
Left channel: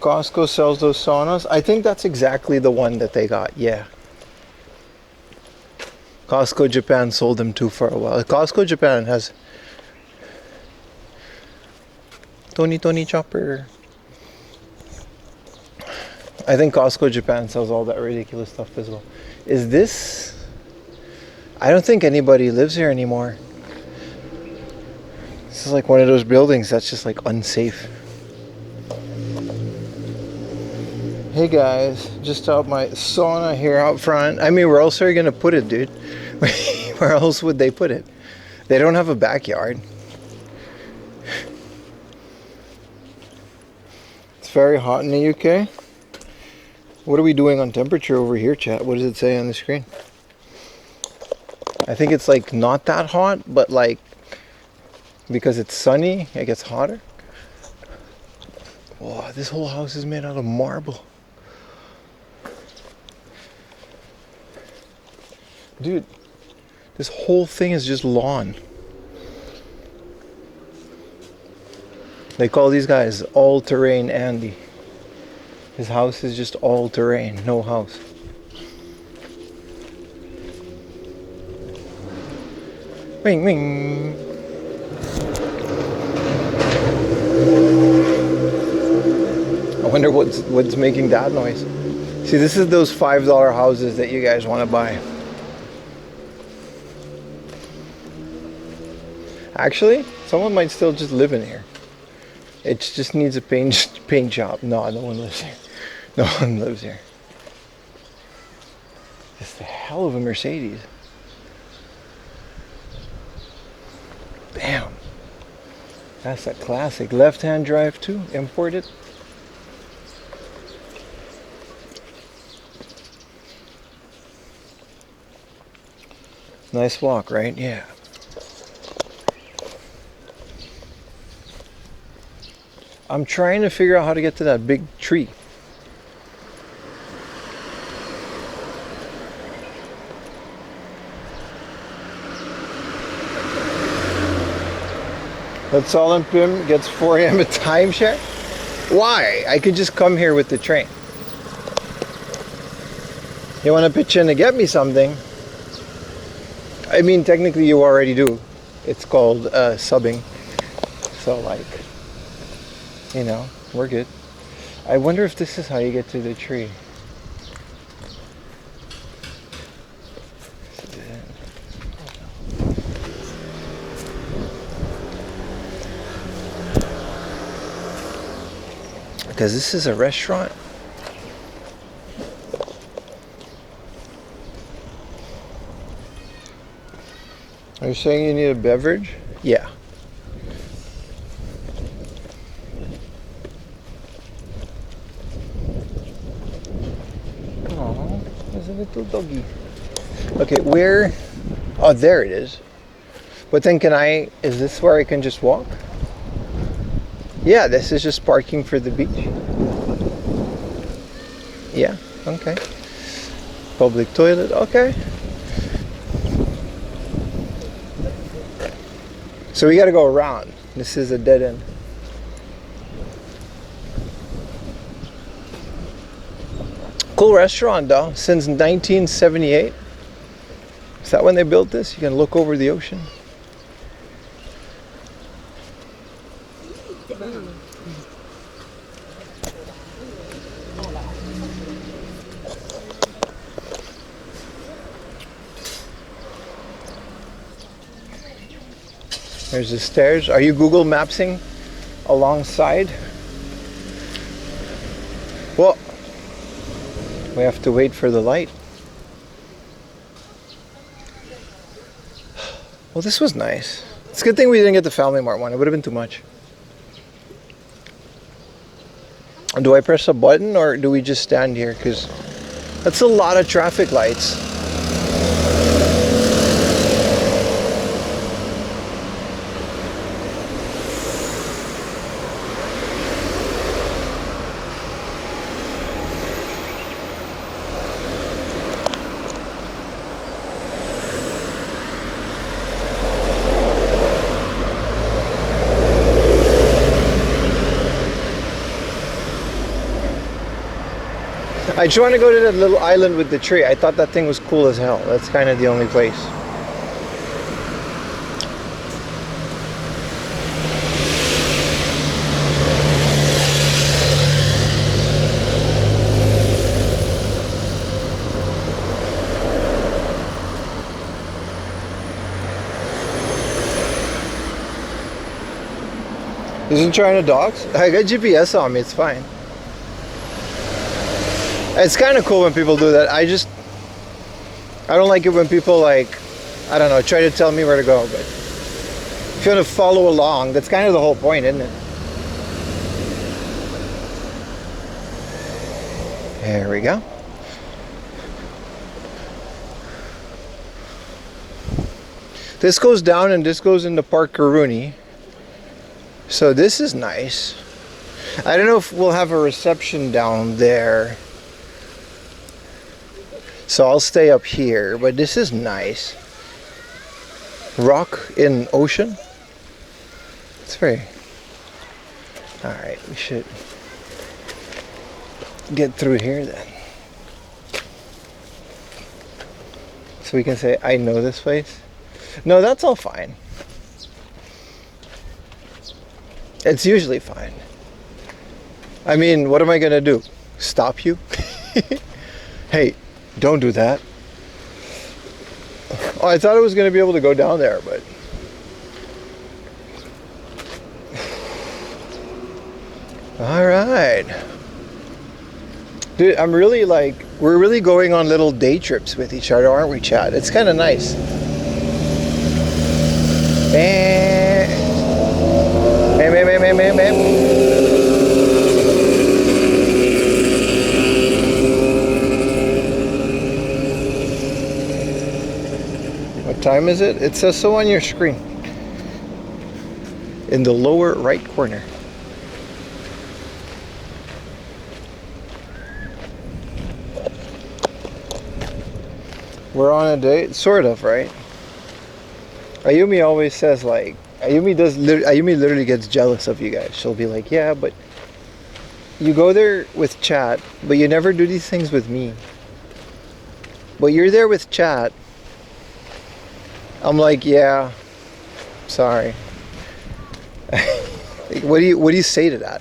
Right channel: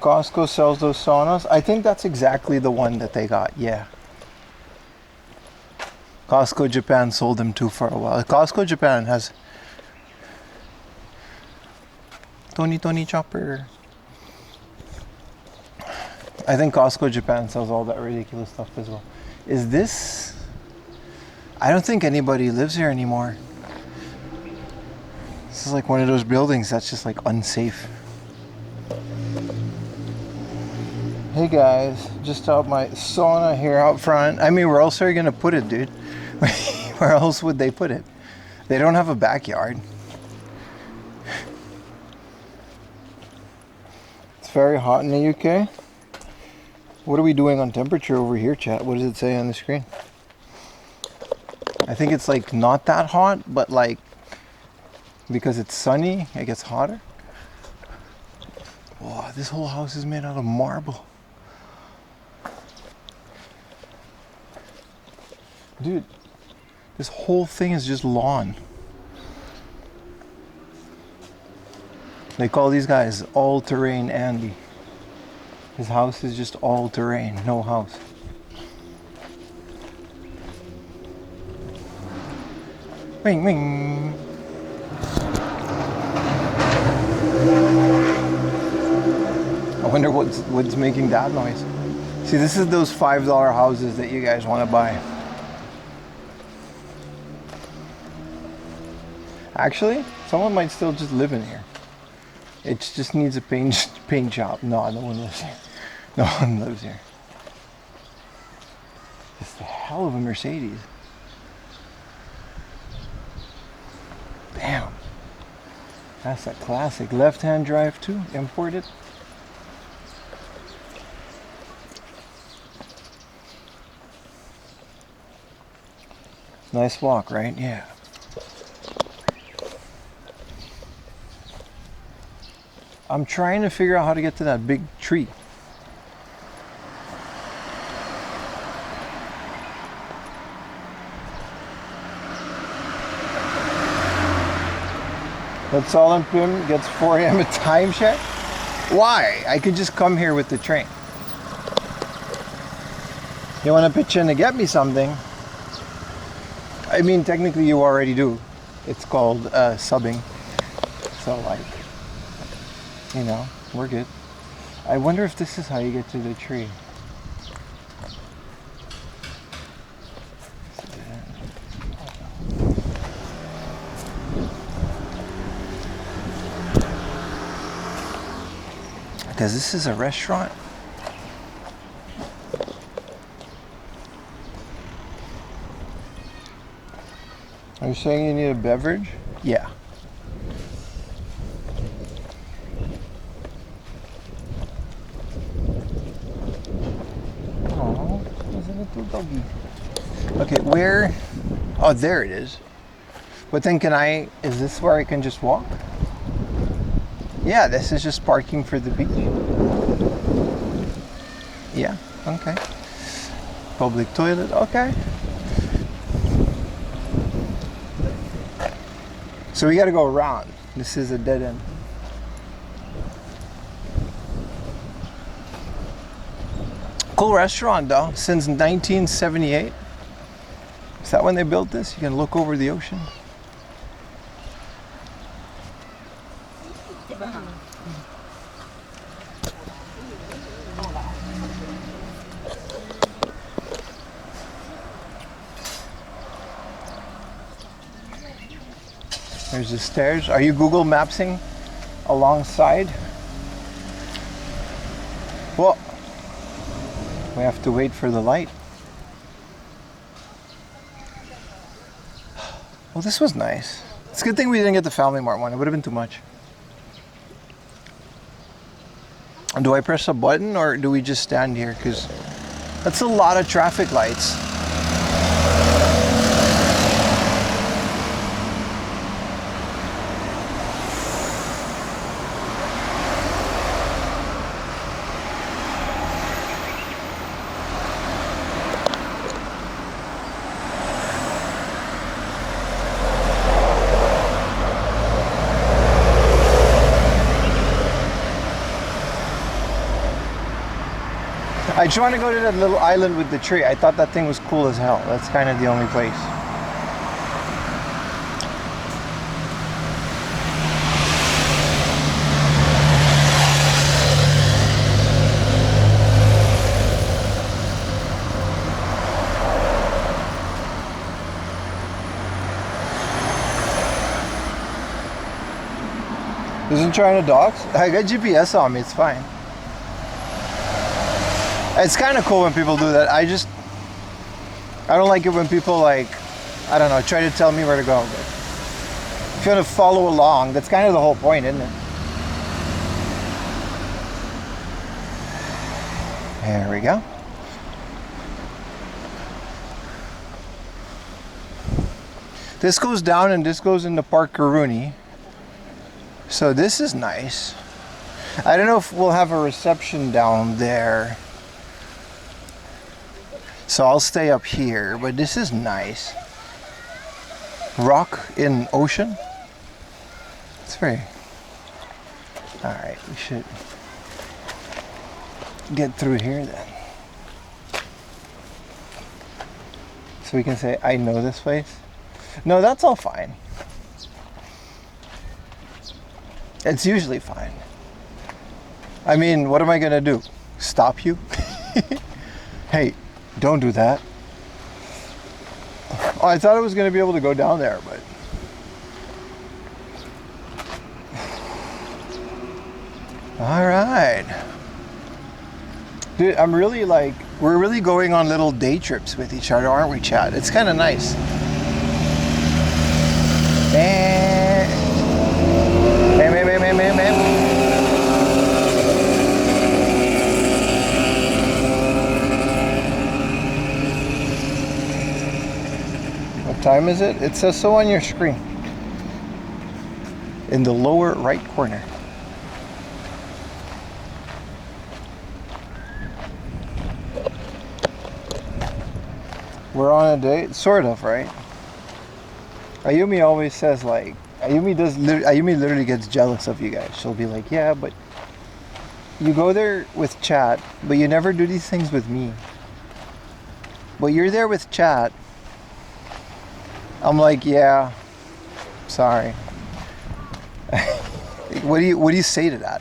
Costco sells those saunas. I think that's exactly the one that they got, yeah. Costco Japan sold them too for a while. Costco Japan has Tony Chopper. I think Costco Japan sells all that ridiculous stuff as well. Is this? I don't think anybody lives here anymore. This is like one of those buildings that's just like unsafe. Hey guys, just out my sauna here out front. I mean, where else are you gonna put it, dude? Where else would they put it? They don't have a backyard. It's very hot in the UK. What are we doing on temperature over here, chat? What does it say on the screen? I think it's like not that hot, but like because it's sunny, it gets hotter. Wow, this whole house is made out of marble. Dude, this whole thing is just lawn. They call these guys all-terrain Andy. His house is just all-terrain, no house. Wing, wing. I wonder what's making that noise. See, this is those $5 houses that you guys want to buy. Actually, someone might still just live in here. It just needs a paint job. No, no one lives here. No one lives here. It's the hell of a Mercedes. Damn. That's a classic. Left-hand drive too, imported. Nice walk, right? Yeah. I'm trying to figure out how to get to that big tree. That's all in Pim gets 4 a.m. at timeshare. Why? I could just come here with the train. You want to pitch in to get me something? I mean, technically you already do. It's called subbing. So like, you know, we're good. I wonder if this is how you get to the tree. Because this is a restaurant. Are you saying you need a beverage? Yeah. Oh, there's a little doggy. Okay, where? Oh, there it is. But then is this where I can just walk? Yeah, this is just parking for the beach. Yeah, okay. Public toilet, okay. So we gotta go around. This is a dead end. Cool restaurant though, since 1978. Is that when they built this? You can look over the ocean. There's the stairs. Are you Google Mapsing alongside? Well, we have to wait for the light. Well, this was nice. It's a good thing we didn't get the Family Mart one. It would have been too much. Do I press a button or do we just stand here? Because that's a lot of traffic lights. I just want to go to that little island with the tree. I thought that thing was cool as hell. That's kind of the only place. Isn't trying to dox? I got GPS on me, it's fine. It's kind of cool when people do that. I don't like it when people like, I don't know, try to tell me where to go. But if you want to follow along, that's kind of the whole point, isn't it? There we go. This goes down and this goes into Park Karuni. So this is nice. I don't know if we'll have a reception down there. So I'll stay up here, but this is nice. Rock in ocean. It's very All right, we should get through here then. So we can say, I know this place. No, that's all fine. It's usually fine. I mean, what am I gonna do? Stop you? Hey, don't do that. Oh, I thought I was gonna be able to go down there, but all right. Dude, I'm really like, we're really going on little day trips with each other, aren't we, Chad? It's kind of nice. What time is it? It says so on your screen. In the lower right corner. We're on a date, sort of, right? Ayumi always says like, Ayumi literally gets jealous of you guys. She'll be like, yeah, but you go there with chat, but you never do these things with me. But you're there with chat. I'm like, yeah, sorry. What do you say to that?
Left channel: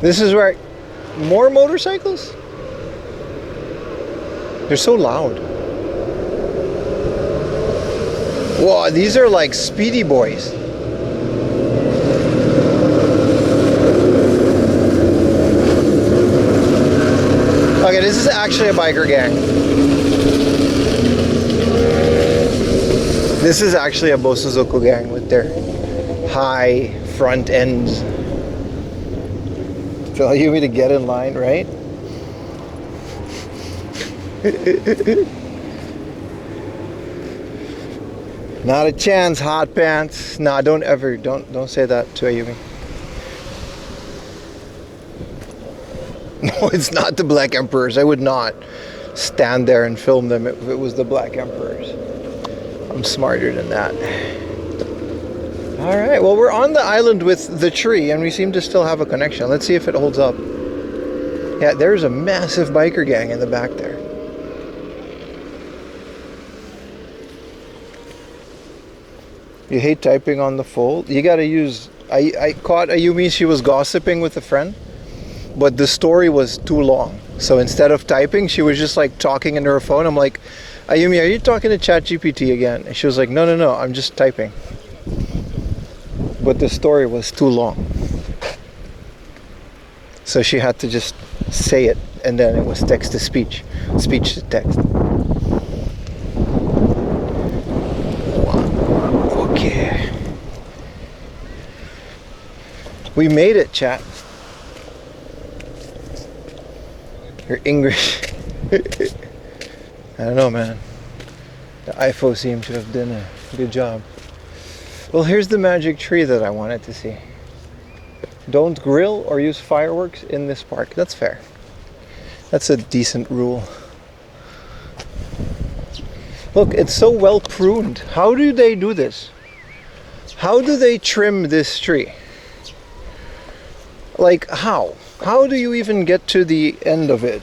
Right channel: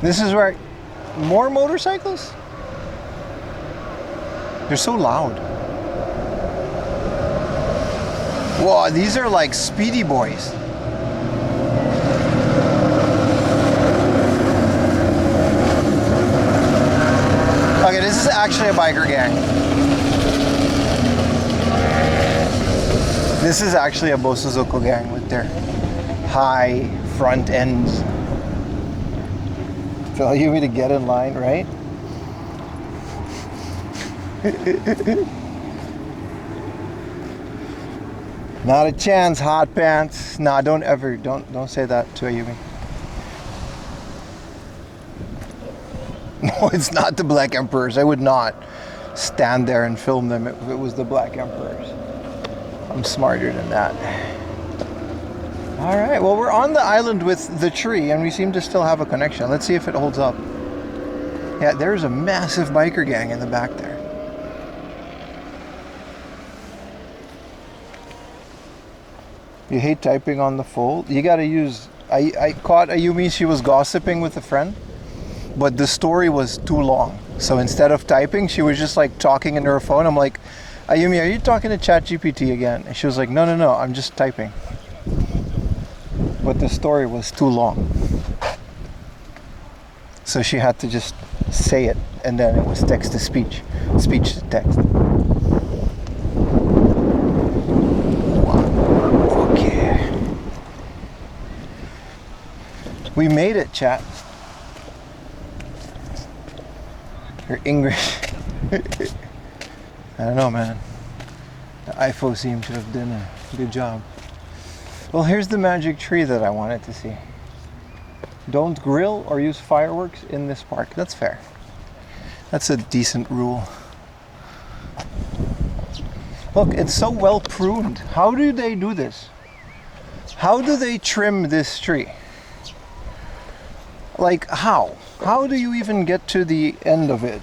This is where more motorcycles? They're so loud. Whoa, these are like speedy boys. Okay, this is actually a biker gang. This is actually a Bosozoku gang with their high front ends. Tell you me to get in line, right? Not a chance, hot pants. Nah, don't say that to Ayumi. No, it's not the Black Emperors. I would not stand there and film them if it was the Black Emperors. I'm smarter than that. All right, well, we're on the island with the tree and we seem to still have a connection. Let's see if it holds up. Yeah, there's a massive biker gang in the back there. You hate typing on the fold? You gotta use... I caught Ayumi, she was gossiping with a friend, but the story was too long. So instead of typing, she was just like talking into her phone. I'm like, Ayumi, are you talking to ChatGPT again? And she was like, no, I'm just typing. But the story was too long. So she had to just say it, and then it was text to speech, speech to text. Wow. Okay. We made it, chat. Her English. I don't know, man. The iPhone seemed to have done a good job. Well, here's the magic tree that I wanted to see. Don't grill or use fireworks in this park. That's fair. That's a decent rule. Look, it's so well pruned. How do they do this? How do they trim this tree? Like, how? How do you even get to the end of it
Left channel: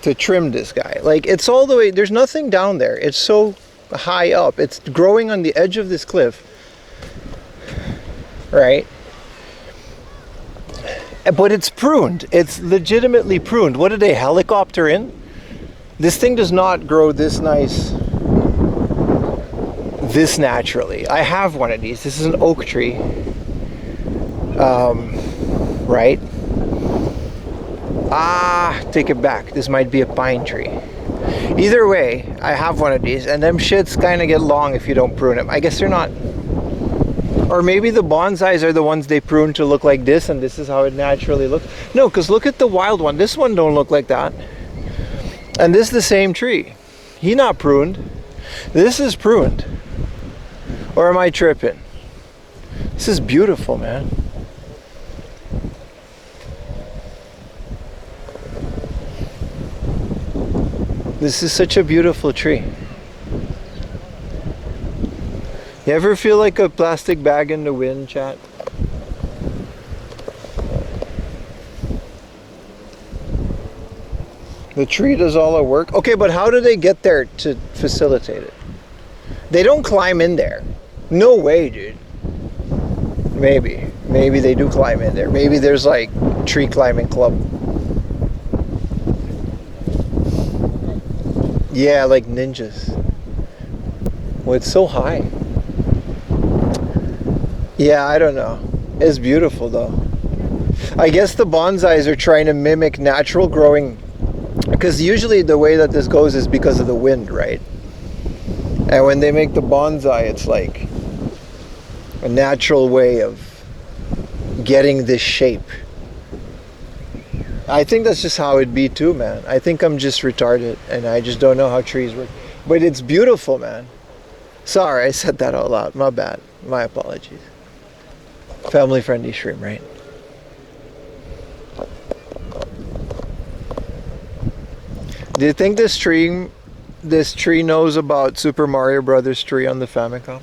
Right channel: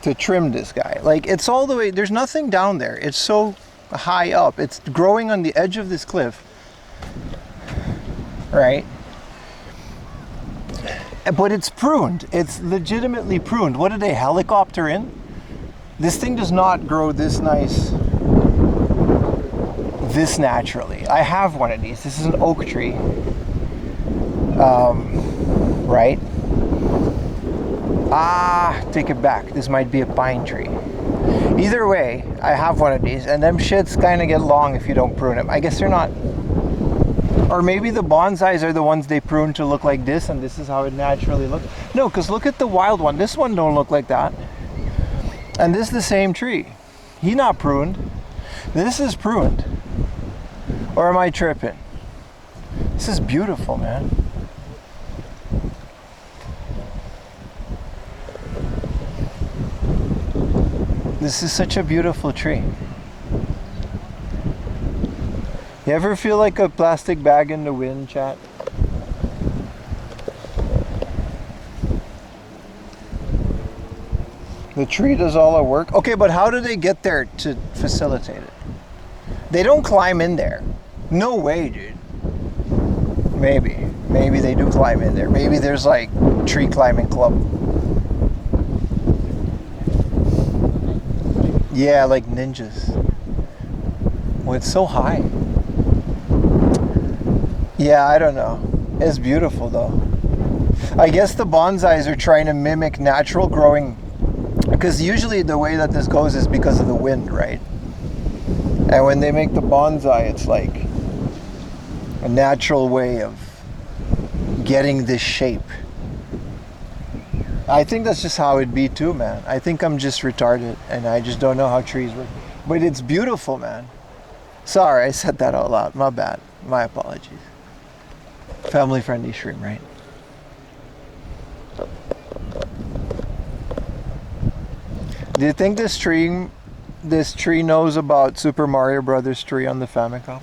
to trim this guy? Like, it's all the way, there's nothing down there. It's so high up. It's growing on the edge of this cliff, right? But it's pruned. It's legitimately pruned. What did they helicopter in? This thing does not grow this nice, this naturally. I have one of these. This is an oak tree, right? Take it back. This might be a pine tree. Either way, I have one of these, and them shits kind of get long if you don't prune them. I guess they're not, or maybe the bonsais are the ones they prune to look like this, and this is how it naturally looks. No, because look at the wild one. This one don't look like that. And this is the same tree. He not pruned. This is pruned. Or am I tripping? This is beautiful, man. This is such a beautiful tree. You ever feel like a plastic bag in the wind, chat? The tree does all the work. Okay, but how do they get there to facilitate it? They don't climb in there. No way, dude. Maybe. Maybe they do climb in there. Maybe there's like tree climbing club. Yeah, like ninjas. Well, it's so high. Yeah, I don't know. It's beautiful though. I guess the bonsais are trying to mimic natural growing, because usually the way that this goes is because of the wind, right? And when they make the bonsai, it's like a natural way of getting this shape. I think that's just how it'd be too, man. I think I'm just retarded and I just don't know how trees work. But it's beautiful, man. Sorry, I said that out loud. My bad. My apologies. Family friendly stream, right? Do you think this tree knows about Super Mario Brothers tree on the Famicom?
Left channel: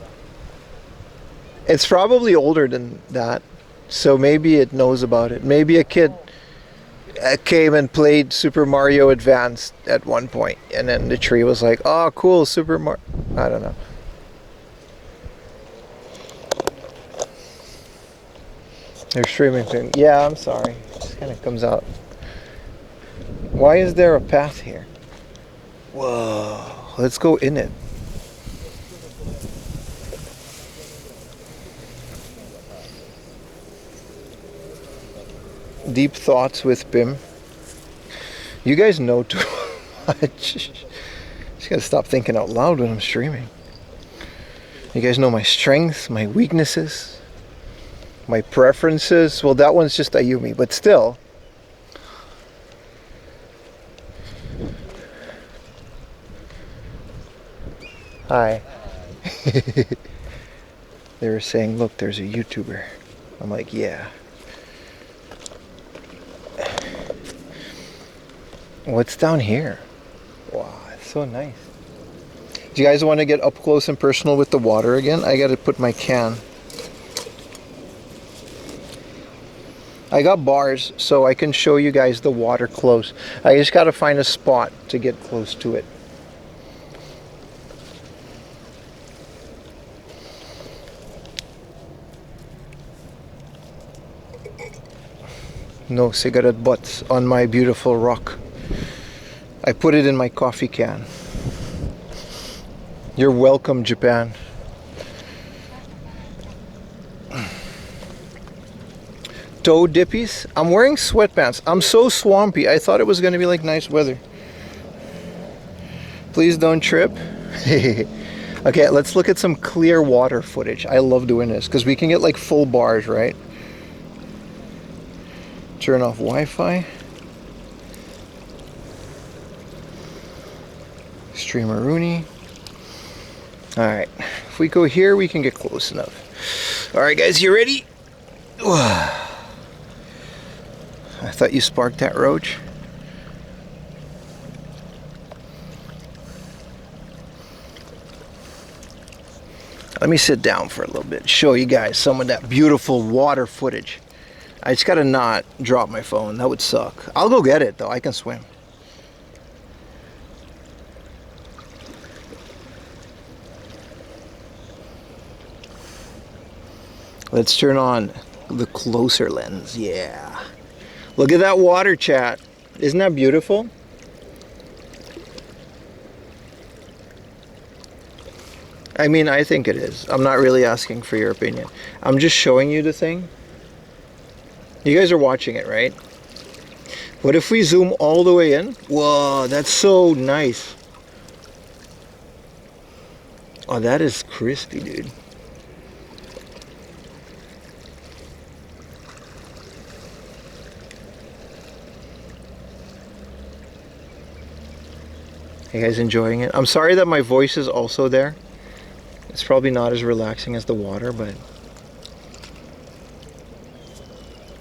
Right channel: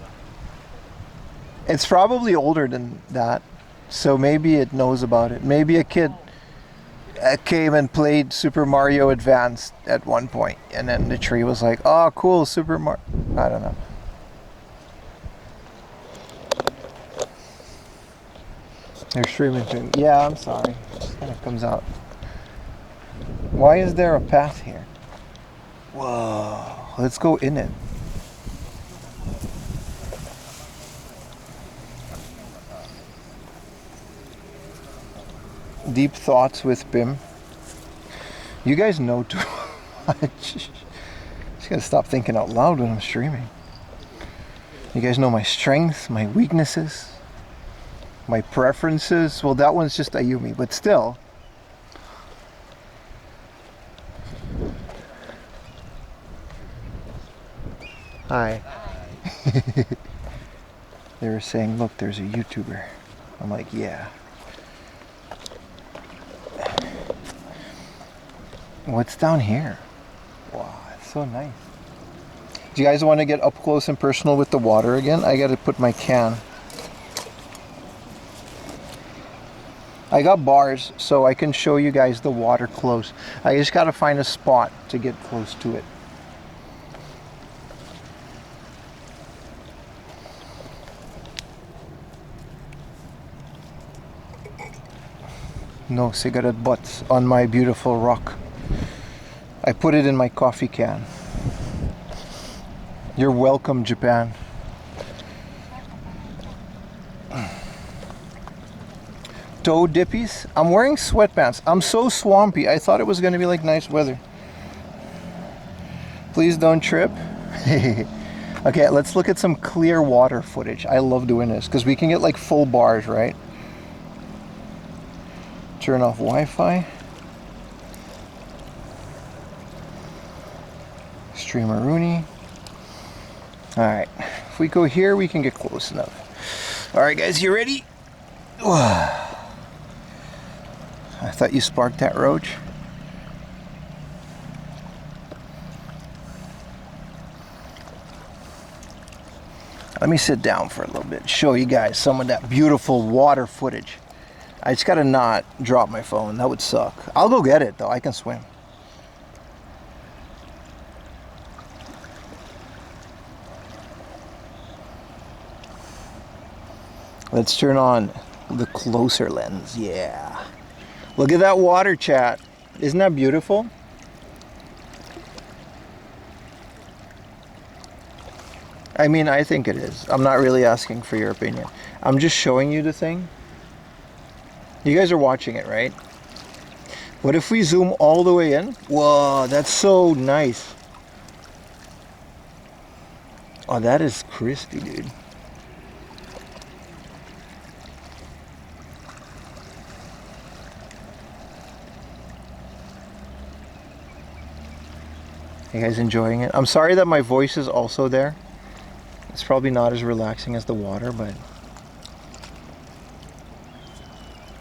It's probably older than that, so maybe it knows about it. Maybe a kid came and played Super Mario Advanced at one point, and then the tree was like, "Oh, cool, Super Mario." I don't know. They're streaming thing. Yeah, I'm sorry. It just kind of comes out. Why is there a path here? Whoa, let's go in it. Deep thoughts with Bim. You guys know too much. Just gotta stop thinking out loud when I'm streaming. You guys know my strengths, my weaknesses, my preferences. Well, that one's just Ayumi, but still. Hi. They were saying, look, there's a YouTuber. I'm like, yeah. What's down here? Wow, it's so nice. Do you guys want to get up close and personal with the water again? I gotta put my can. I got bars so I can show you guys the water close. I just gotta find a spot to get close to it. No cigarette butts on my beautiful rock. I put it in my coffee can. You're welcome, Japan. Toe dippies? I'm wearing sweatpants. I'm so swampy. I thought it was going to be like nice weather. Please don't trip. Okay, let's look at some clear water footage. I love doing this because we can get like full bars, right? Turn off Wi-Fi. Streamer Rooney. Alright, if we go here, we can get close enough. Alright guys, you ready? I thought you sparked that roach. Let me sit down for a little bit, show you guys some of that beautiful water footage. I just gotta not drop my phone, that would suck. I'll go get it though, I can swim. Let's turn on the closer lens, yeah. Look at that water, chat. Isn't that beautiful? I mean, I think it is. I'm not really asking for your opinion. I'm just showing you the thing. You guys are watching it, right? What if we zoom all the way in? Whoa, that's so nice. Oh, that is crispy, dude. You guys enjoying it? I'm sorry that my voice is also there. It's probably not as relaxing as the water, but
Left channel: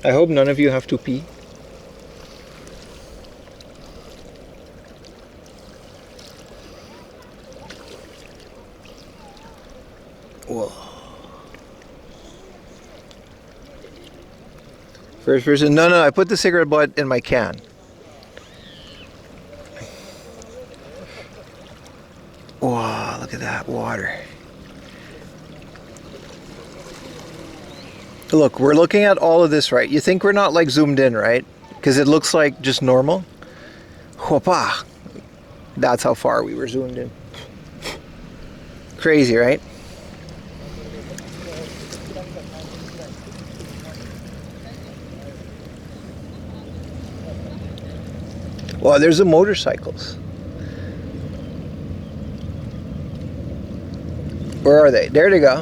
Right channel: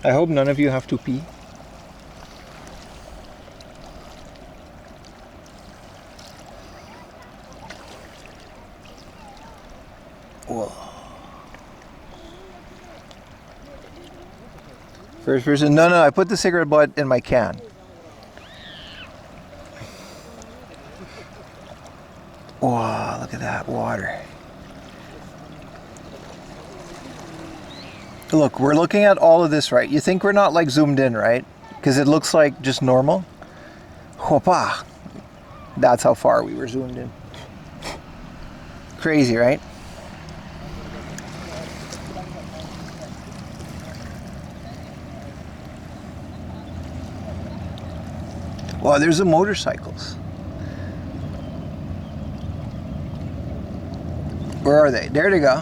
I hope none of you have to pee. Whoa. First person. No, I put the cigarette butt in my can. Wow, look at that water. Look, we're looking at all of this, right? You think we're not like zoomed in, right? Because it looks like just normal. Hopa. That's how far we were zoomed in. Crazy, right? Wow, there's the motorcycles. Where are they? There they go.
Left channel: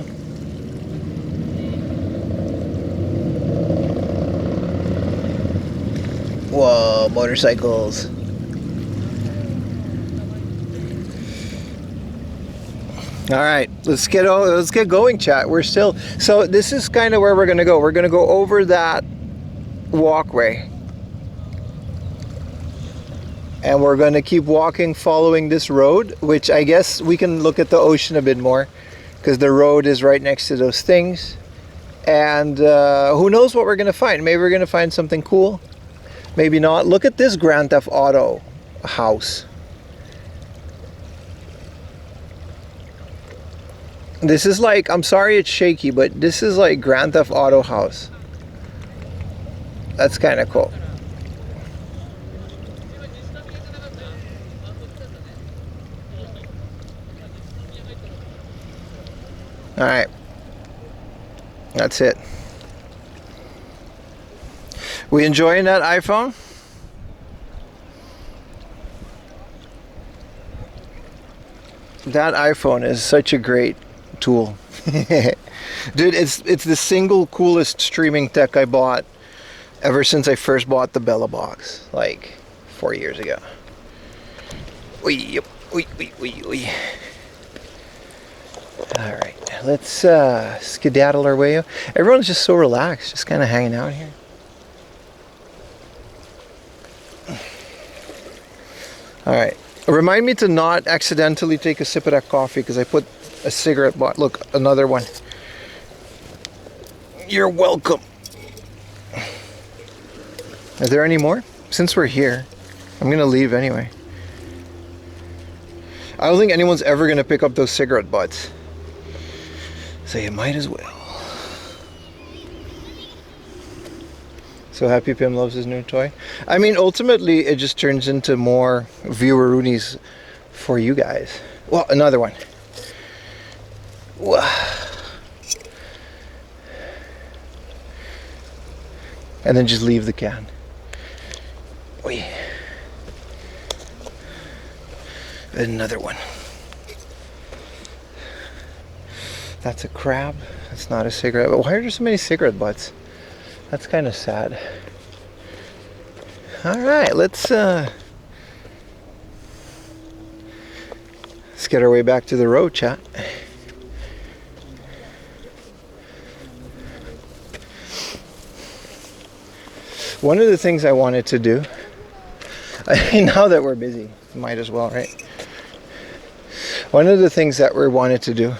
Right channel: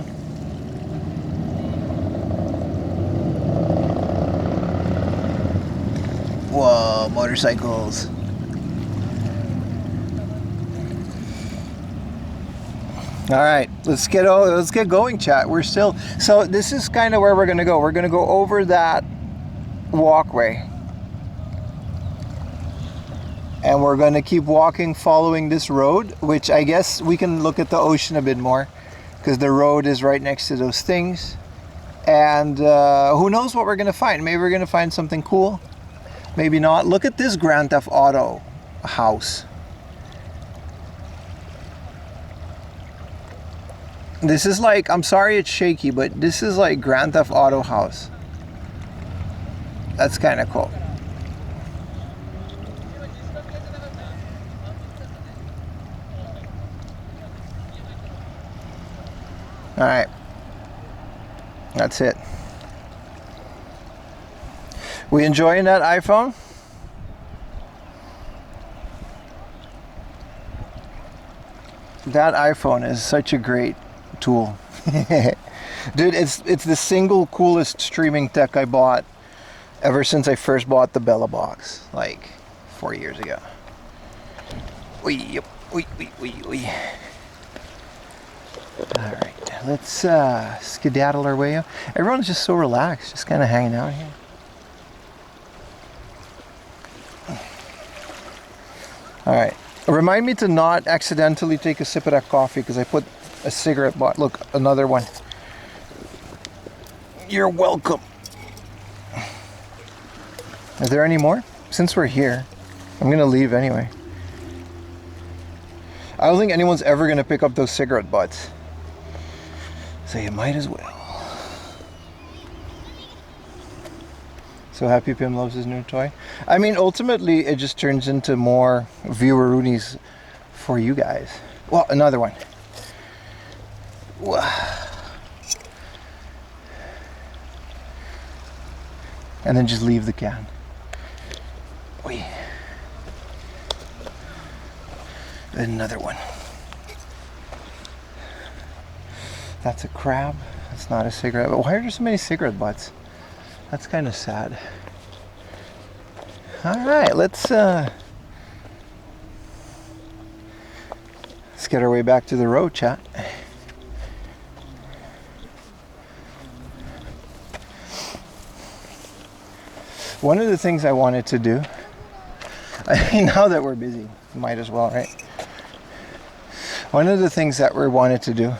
Whoa, motorcycles. All right, let's get going, chat. We're still, so this is kind of where we're gonna go. We're gonna go over that walkway. And we're going to keep walking following this road, which I guess we can look at the ocean a bit more because the road is right next to those things. And who knows what we're going to find. Maybe we're going to find something cool. Maybe not. Look at this Grand Theft Auto house. This is like, I'm sorry it's shaky, but this is like Grand Theft Auto house. That's kind of cool. All right, that's it. We enjoying that iPhone? That iPhone is such a great tool. Dude, it's the single coolest streaming tech I bought ever since I first bought the Bella box, like 4 years ago. Oi. All right, let's skedaddle our way out. Everyone's just so relaxed, just kind of hanging out here. All right, remind me to not accidentally take a sip of that coffee because I put a cigarette butt. Look, another one. You're welcome. Are there any more? Since we're here, I'm gonna leave anyway. I don't think anyone's ever gonna pick up those cigarette butts. So you might as well. So happy Pim loves his new toy. I mean, ultimately, it just turns into more viewer-roonies for you guys. Well, another one. And then just leave the can. Oi. Another one. That's a crab. That's not a cigarette. But why are there so many cigarette butts? That's kind of sad. All right, let's get our way back to the road, chat. One of the things I wanted to do, I mean, now that we're busy, might as well, right? One of the things that we wanted to do,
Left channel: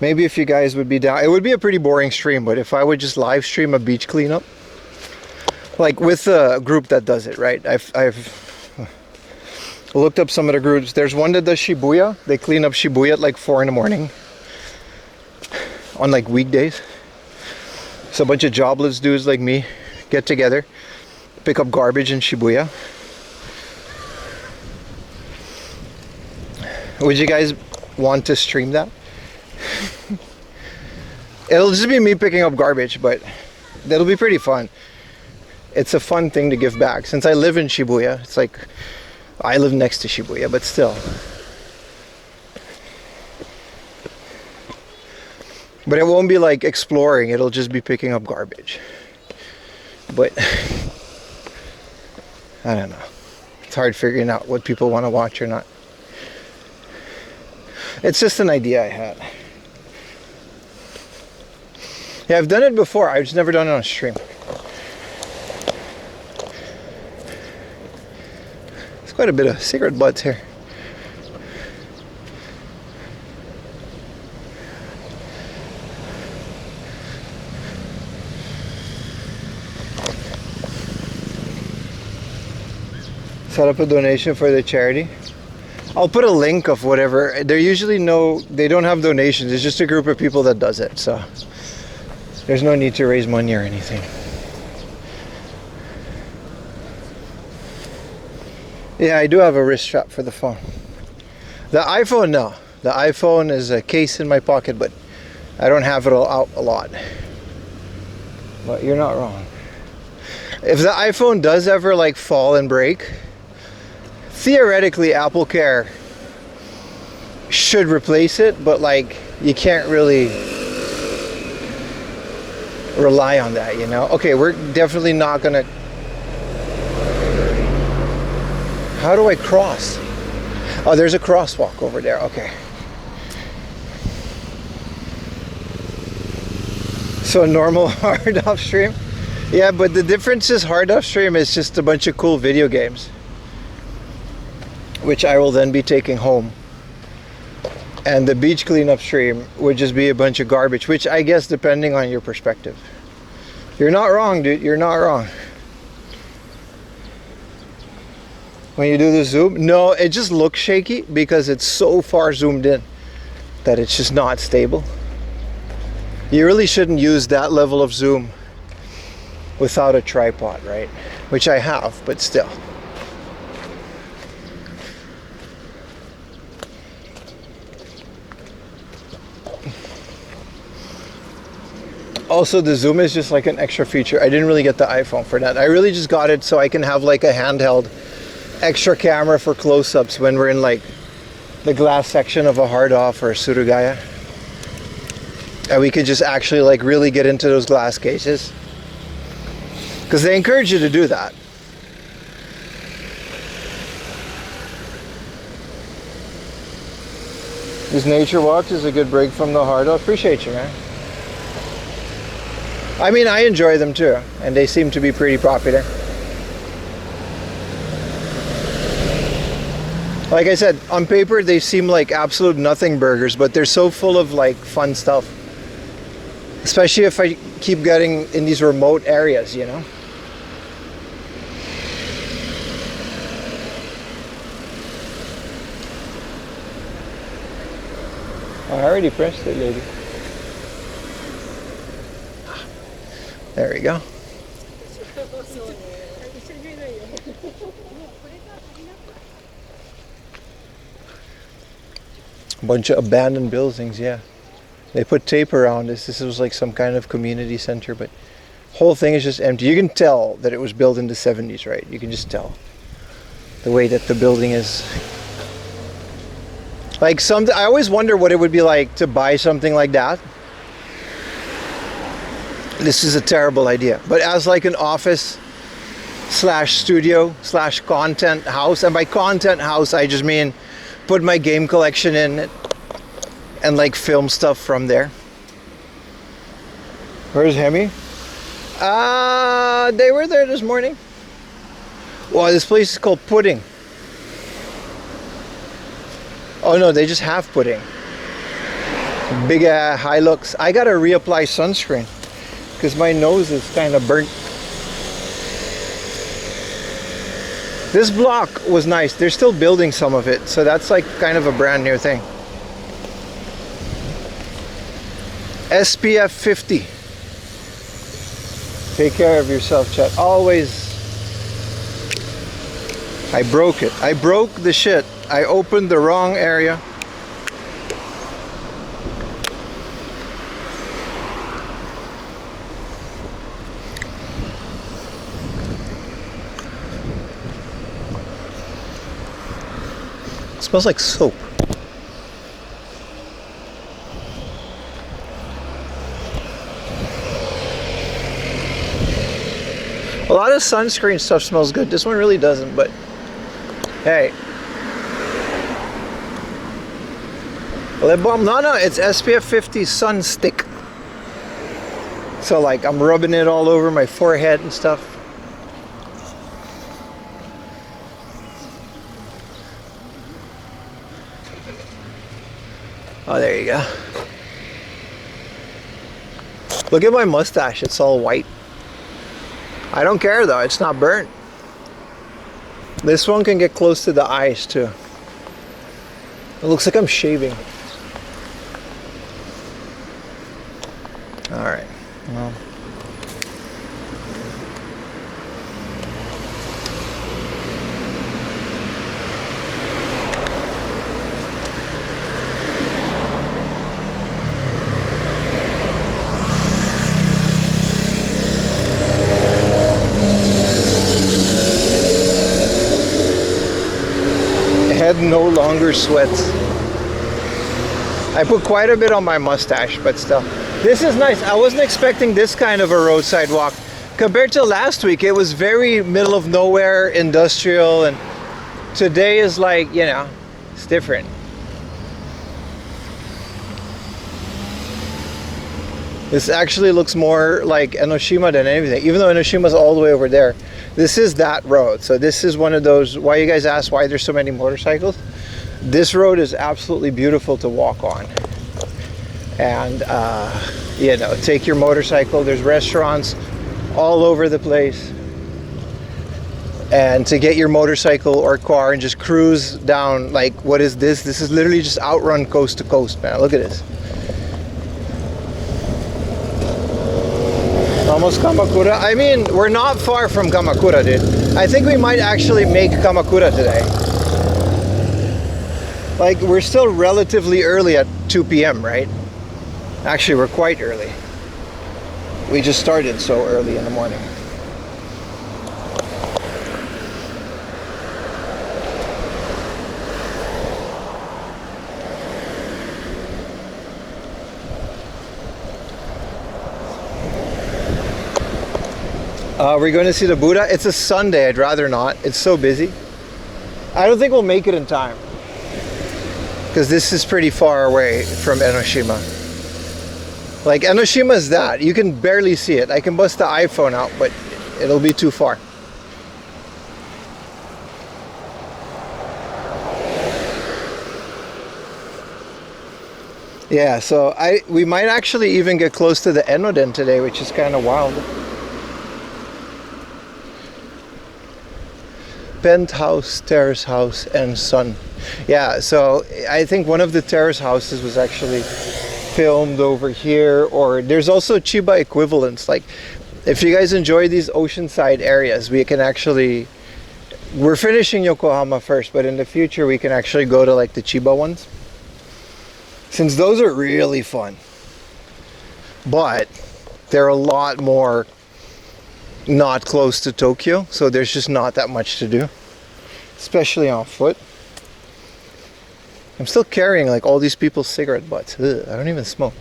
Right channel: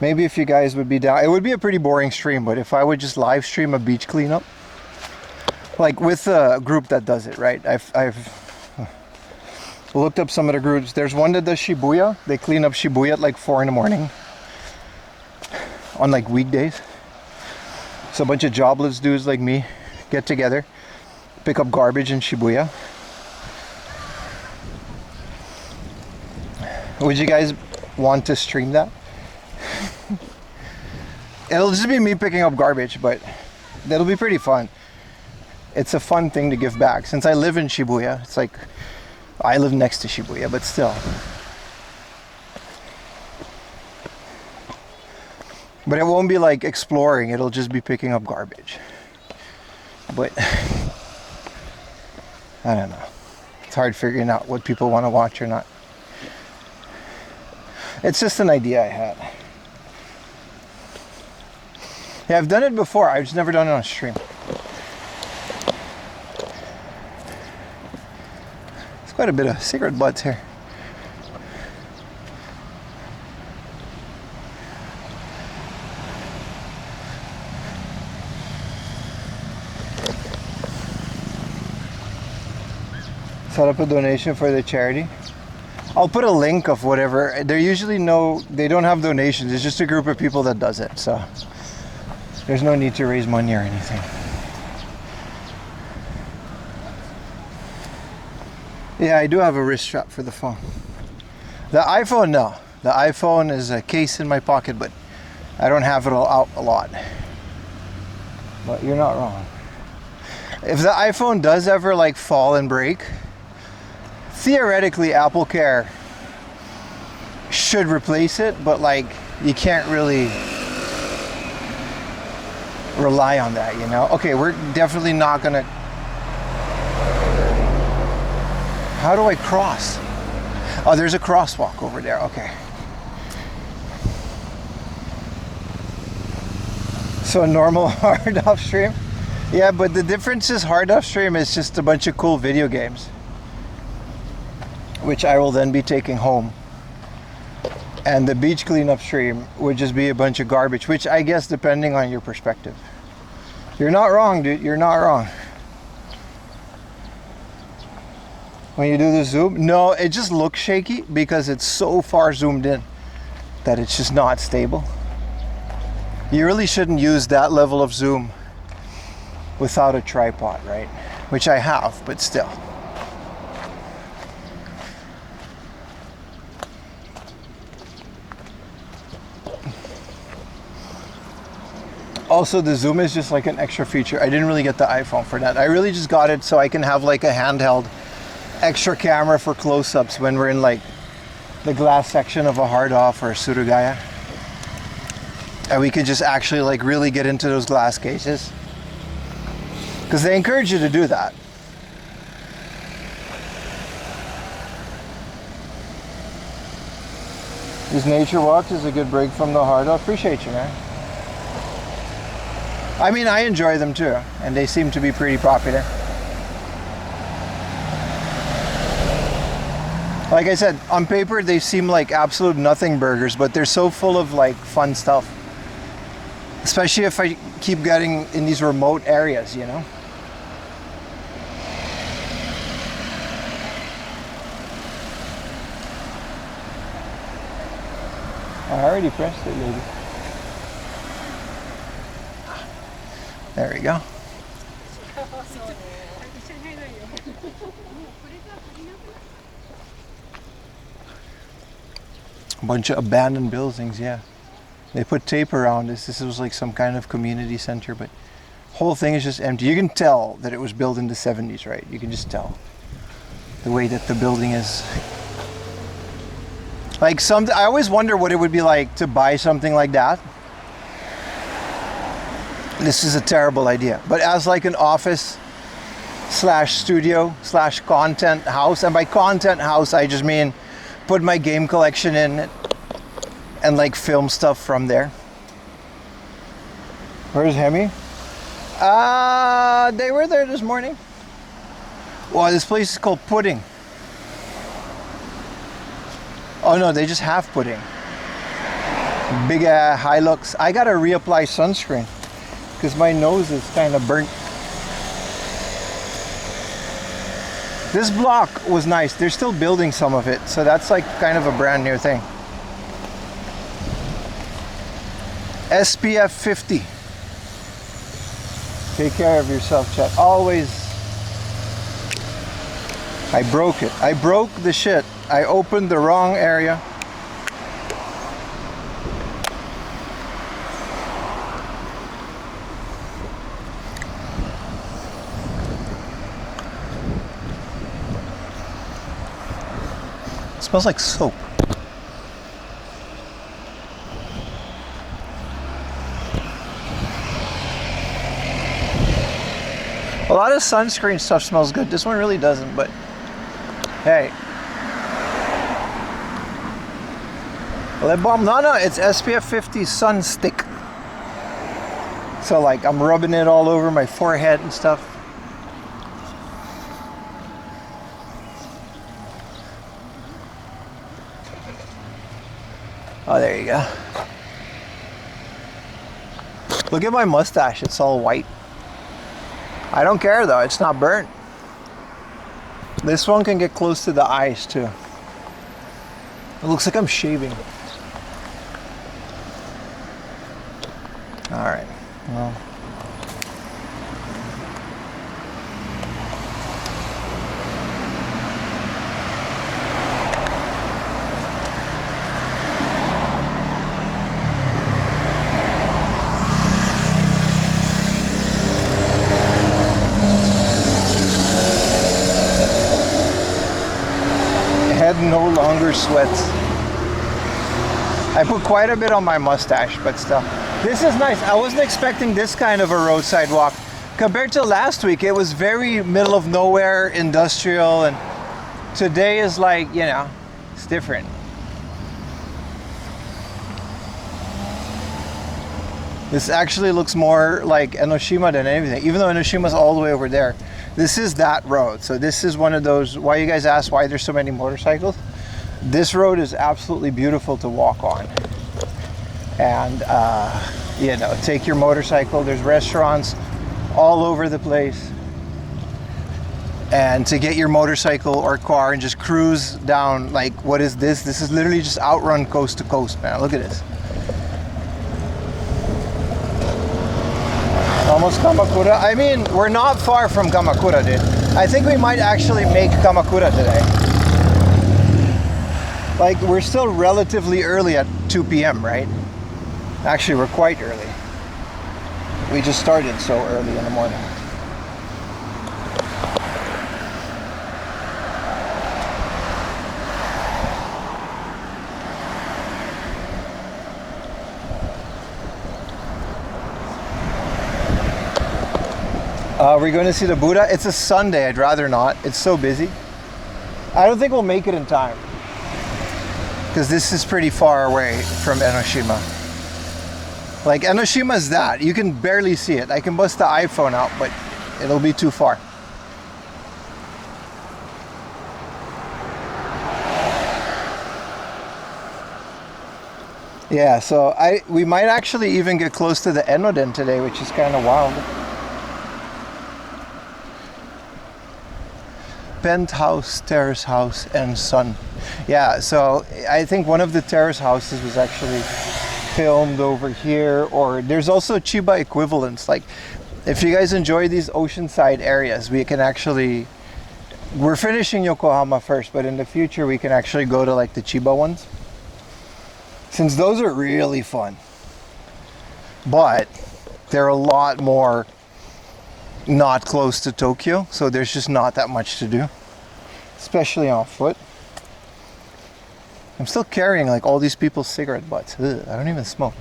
maybe if you guys would be down, it would be a pretty boring stream, but if I would just live stream a beach cleanup, like with a group that does it, right? I've looked up some of the groups. There's one that does Shibuya. They clean up Shibuya at like 4 in the morning on like weekdays. So a bunch of jobless dudes like me get together, pick up garbage in Shibuya. Would you guys want to stream that? It'll just be me picking up garbage, but that'll be pretty fun. It's a fun thing to give back. Since I live in Shibuya, it's like I live next to Shibuya, but still. But it won't be like exploring, it'll just be picking up garbage. But I don't know. It's hard figuring out what people want to watch or not. It's just an idea I had. Yeah, I've done it before. I've just never done it on stream. There's quite a bit of cigarette butts here. Set up a donation for the charity. I'll put a link of whatever. They're usually they don't have donations. It's just a group of people that does it. So there's no need to raise money or anything. Yeah, I do have a wrist strap for the phone. The iPhone, no. The iPhone is a case in my pocket, but I don't have it out a lot. But you're not wrong. If the iPhone does ever like fall and break, theoretically Apple Care should replace it, but like you can't really rely on that, you know? Okay, we're definitely not gonna... How do I cross? Oh, there's a crosswalk over there, okay. So a normal hard off stream? Yeah, but the difference is hard off stream is just a bunch of cool video games, which I will then be taking home. And the beach cleanup stream would just be a bunch of garbage, which I guess depending on your perspective. You're not wrong, dude, you're not wrong. When you do the zoom, no, it just looks shaky because it's so far zoomed in that it's just not stable. You really shouldn't use that level of zoom without a tripod, right? Which I have, but still. Also, the zoom is just like an extra feature. I didn't really get the iPhone for that. I really just got it so I can have like a handheld extra camera for close-ups when we're in like the glass section of a hard off or a Surugaya. And we could just actually like really get into those glass cases. Because they encourage you to do that. These nature walks is a good break from the hard off. Appreciate you, man. I mean, I enjoy them too, and they seem to be pretty popular. Like I said, on paper they seem like absolute nothing burgers, but they're so full of like fun stuff. Especially if I keep getting in these remote areas, you know? I already pressed it, lady. There we go. A bunch of abandoned buildings, yeah. They put tape around this. This was like some kind of community center, but whole thing is just empty. You can tell that it was built in the 70s, right? You can just tell the way that the building is. Like I always wonder what it would be like to buy something like that. This is a terrible idea, but as like an office slash studio slash content house, and by content house I just mean put my game collection in it and like film stuff from there. Where's Hemi? They were there this morning. Wow, this place is called Pudding. Oh no, they just have pudding. Big high looks. I gotta reapply sunscreen because my nose is kind of burnt. This block was nice. They're still building some of it, so that's like kind of a brand new thing. SPF 50. Take care of yourself, chat. Always. I broke it. I broke the shit. I opened the wrong area. It smells like soap. A lot of sunscreen stuff smells good. This one really doesn't, but hey. Lip balm? No, it's SPF 50 sun stick. So like I'm rubbing it all over my forehead and stuff. Oh, there you go. Look at my mustache, it's all white. I don't care though, it's not burnt. This one can get close to the eyes too. It looks like I'm shaving. All right. Well. Head no longer sweats. I put quite a bit on my mustache, but still. This is nice. I wasn't expecting this kind of a roadside walk. Compared to last week, it was very middle of nowhere, industrial, and today is like, you know, it's different. This actually looks more like Enoshima than anything, even though Enoshima's all the way over there. This is that road. So this is one of those, why you guys ask why there's so many motorcycles. This road is absolutely beautiful to walk on. And, you know, take your motorcycle. There's restaurants all over the place. And to get your motorcycle or car and just cruise down, like, what is this? This is literally just outrun coast to coast, man. Look at this. Almost Kamakura. I mean, we're not far from Kamakura, dude. I think we might actually make Kamakura today. Like, we're still relatively early at 2 p.m., right? Actually, we're quite early. We just started so early in the morning. We're going to see the Buddha. It's a Sunday. I'd rather not. It's so busy. I don't think we'll make it in time, because this is pretty far away from Enoshima. Like, Enoshima is that. You can barely see it. I can bust the iPhone out, but it'll be too far. Yeah, so we might actually even get close to the Enoden today, which is kind of wild. Penthouse, terrace house, and sun. Yeah, so I think one of the terrace houses was actually filmed over here, or there's also Chiba equivalents. Like, if you guys enjoy these oceanside areas, we can actually, we're finishing Yokohama first, but in the future we can actually go to like the Chiba ones, since those are really fun, but they're a lot more not close to Tokyo, so there's just not that much to do, especially on foot. I'm still carrying like all these people's cigarette butts. Ugh, I don't even smoke.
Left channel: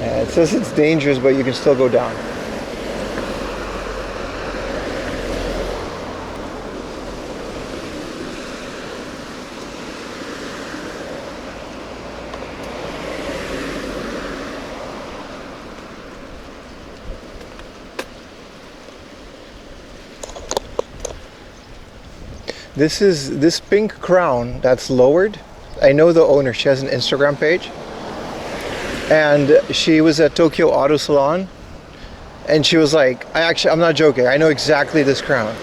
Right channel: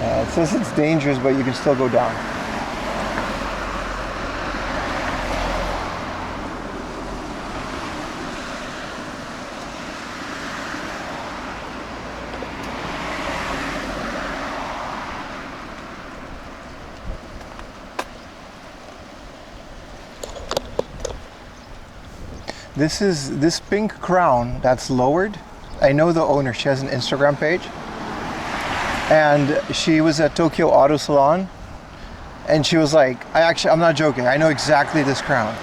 It says it's dangerous, but you can still go down. This pink crown that's lowered. I know the owner. She has an Instagram page, and she was at Tokyo Auto Salon, and she was like, I'm not joking, I know exactly this crown.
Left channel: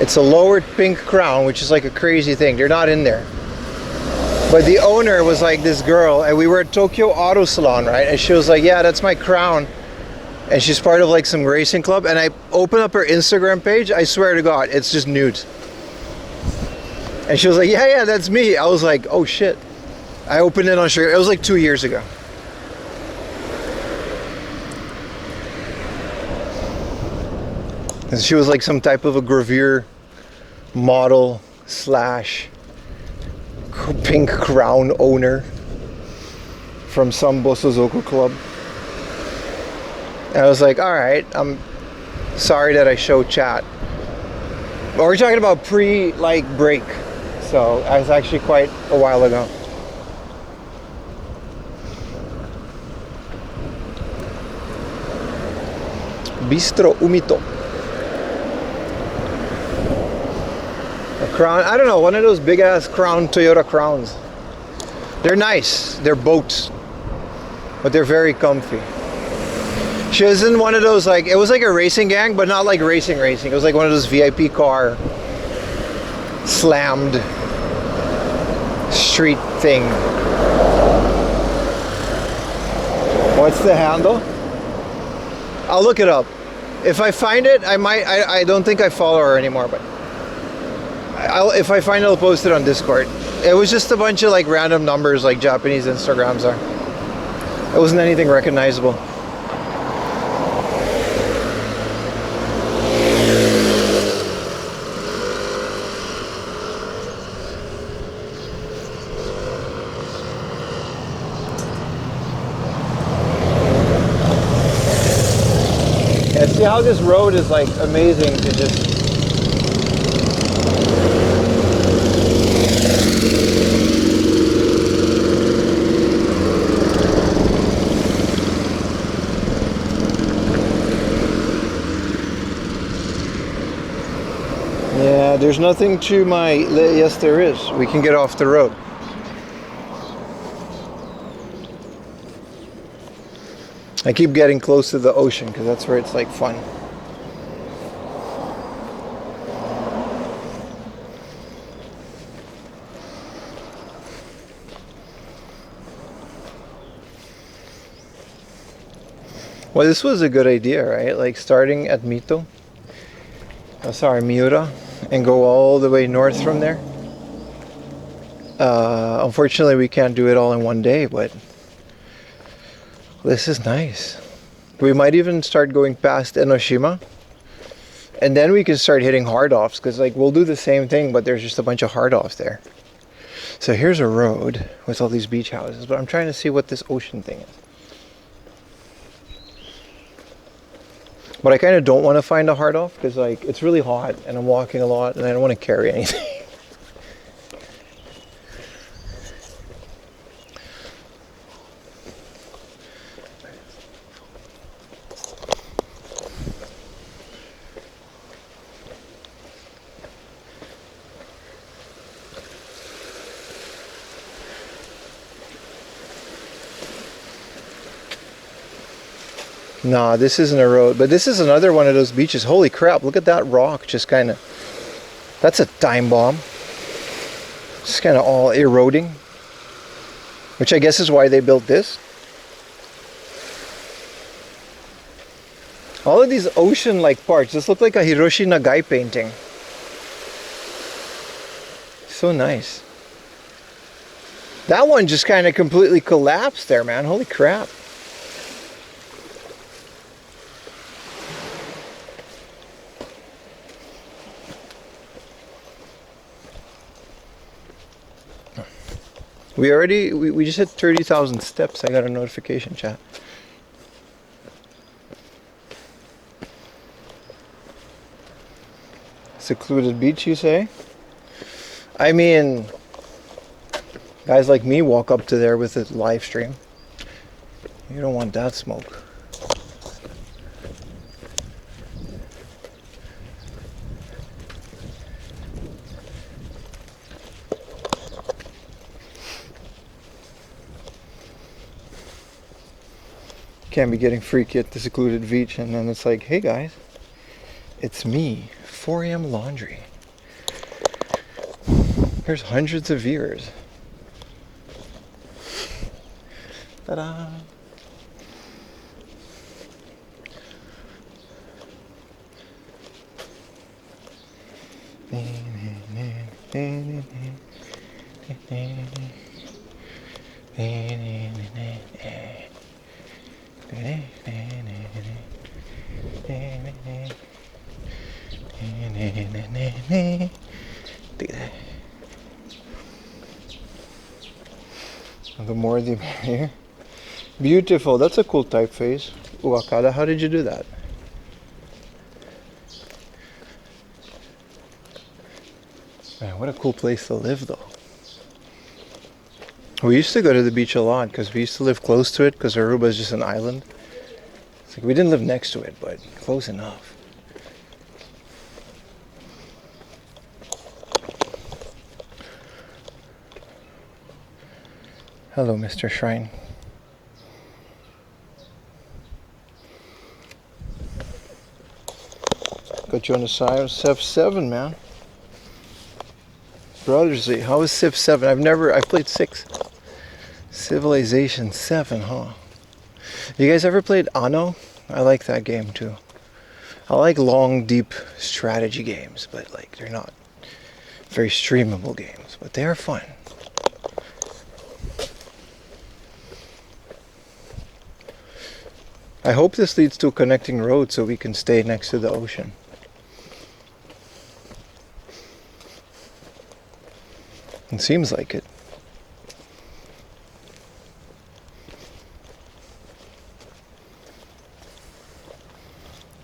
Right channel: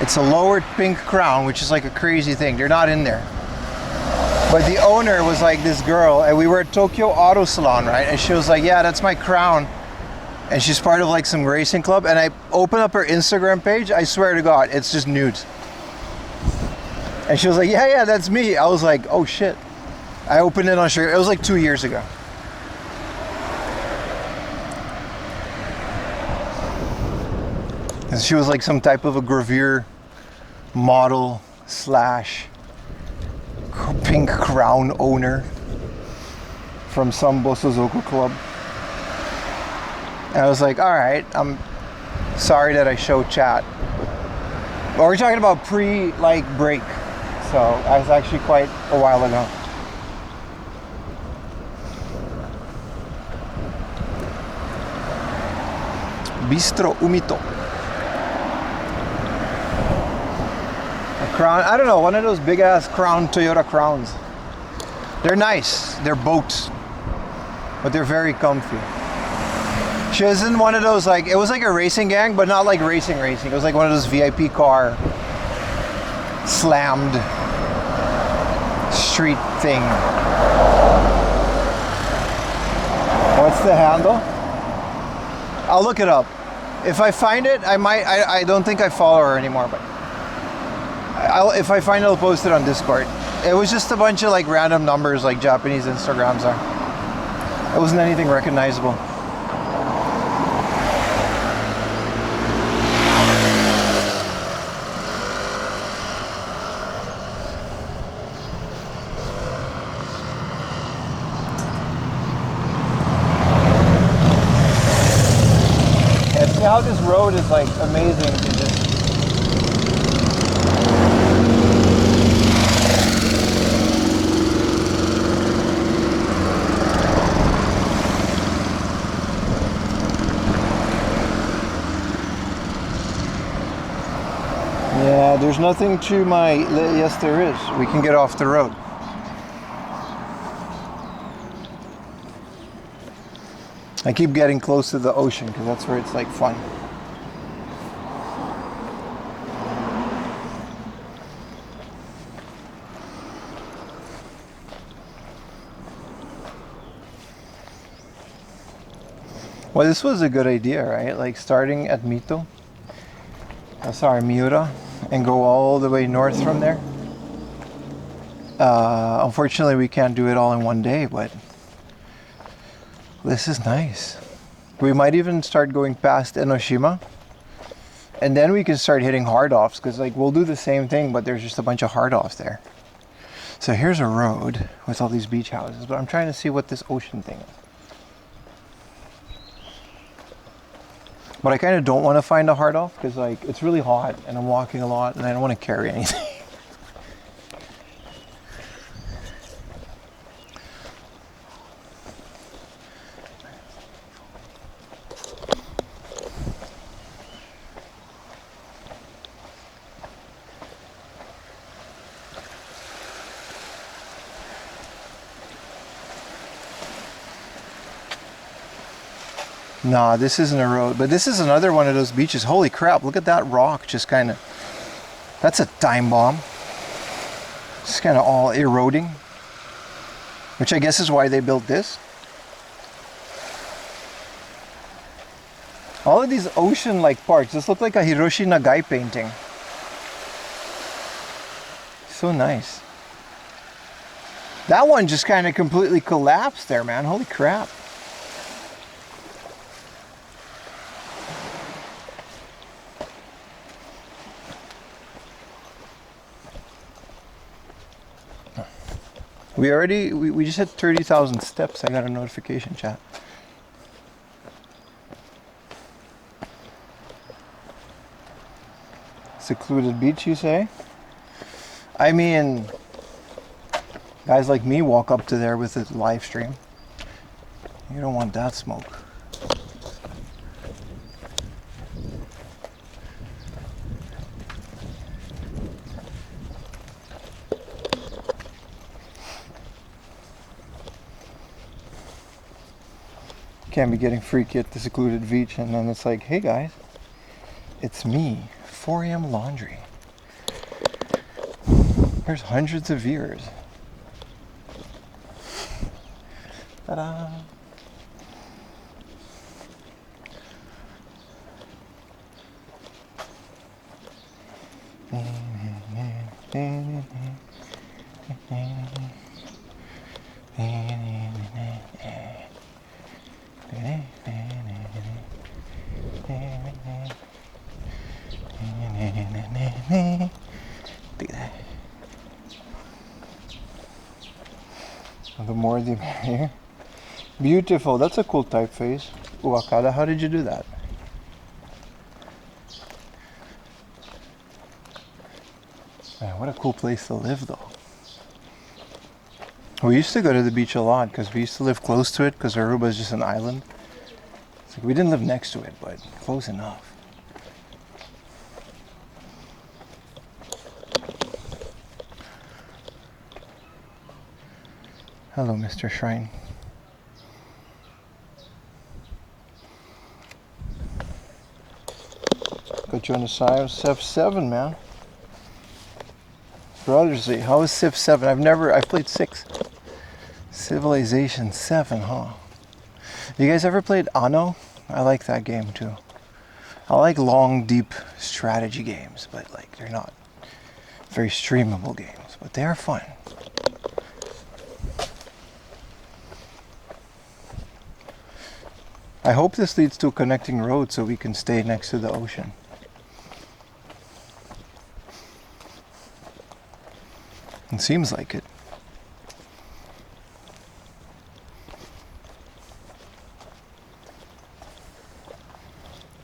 It's a lowered pink crown, which is like a crazy thing. They're not in there, but the owner was like this girl, and we were at Tokyo Auto Salon, right? And she was like, yeah, that's my crown. And she's part of like some racing club, and I opened up her Instagram page. I swear to God, it's just nudes. And she was like, yeah, that's me. I was like, oh shit. I opened it on Sugar. It was like 2 years ago. And she was like some type of a gravure model slash pink crown owner from some Bosozoku club. And I was like, all right, I'm sorry that I show chat. But we're talking about break. So it was actually quite a while ago. Bistro Umito. Crown, I don't know, one of those big ass Crown, Toyota Crowns. They're nice. They're boats, but they're very comfy. She was in one of those, like, it was like a racing gang, but not like racing. It was like one of those VIP car slammed street thing. What's the handle? I'll look it up. If I find it, I might. I don't think I follow her anymore, but if I find it, I'll post it on Discord. It was just a bunch of like random numbers, like Japanese Instagrams are. It wasn't anything recognizable. See how this road is like amazing to just yeah, there's nothing to my yes there is. We can get off the road. I keep getting close to the ocean because that's where it's like fun. Well, this was a good idea, right? Like starting at Mito, sorry, Miura, and go all the way north from there. Unfortunately, we can't do it all in one day, but this is nice. We might even start going past Enoshima, and then we can start hitting hard offs, because like we'll do the same thing, but there's just a bunch of hard offs there. So here's a road with all these beach houses, but I'm trying to see what this ocean thing is. But I kind of don't want to find a hard off because like it's really hot and I'm walking a lot and I don't want to carry anything. Nah, this isn't a road, but this is another one of those beaches. Holy crap, look at that rock just kind of, that's a time bomb. Just kind of all eroding, which I guess is why they built this. All of these ocean-like parks, this look like a Hiroshi Nagai painting. So nice. That one just kind of completely collapsed there, man. Holy crap. We just hit 30,000 steps. I got a notification, chat. Secluded beach, you say? I mean, guys like me walk up to there with a live stream. You don't want that smoke. Can't be getting freaky at the secluded beach and then it's like, hey guys, it's me, 4 AM laundry. There's hundreds of viewers. Ta-da! The more the merrier. Beautiful. That's a cool typeface. Uakada, how did you do that? Man, what a cool place to live though. We used to go to the beach a lot because we used to live close to it because Aruba is just an island. It's like we didn't live next to it, but close enough. Hello, Mr. Shrine. Got you on the side of Civ 7, man. Brothers, how is Civ 7? I've played 6. Civilization 7, huh? You guys ever played Anno? I like that game too. I like long, deep strategy games, but like they're not very streamable games, but they are fun. I hope this leads to a connecting road so we can stay next to the ocean. It seems like it.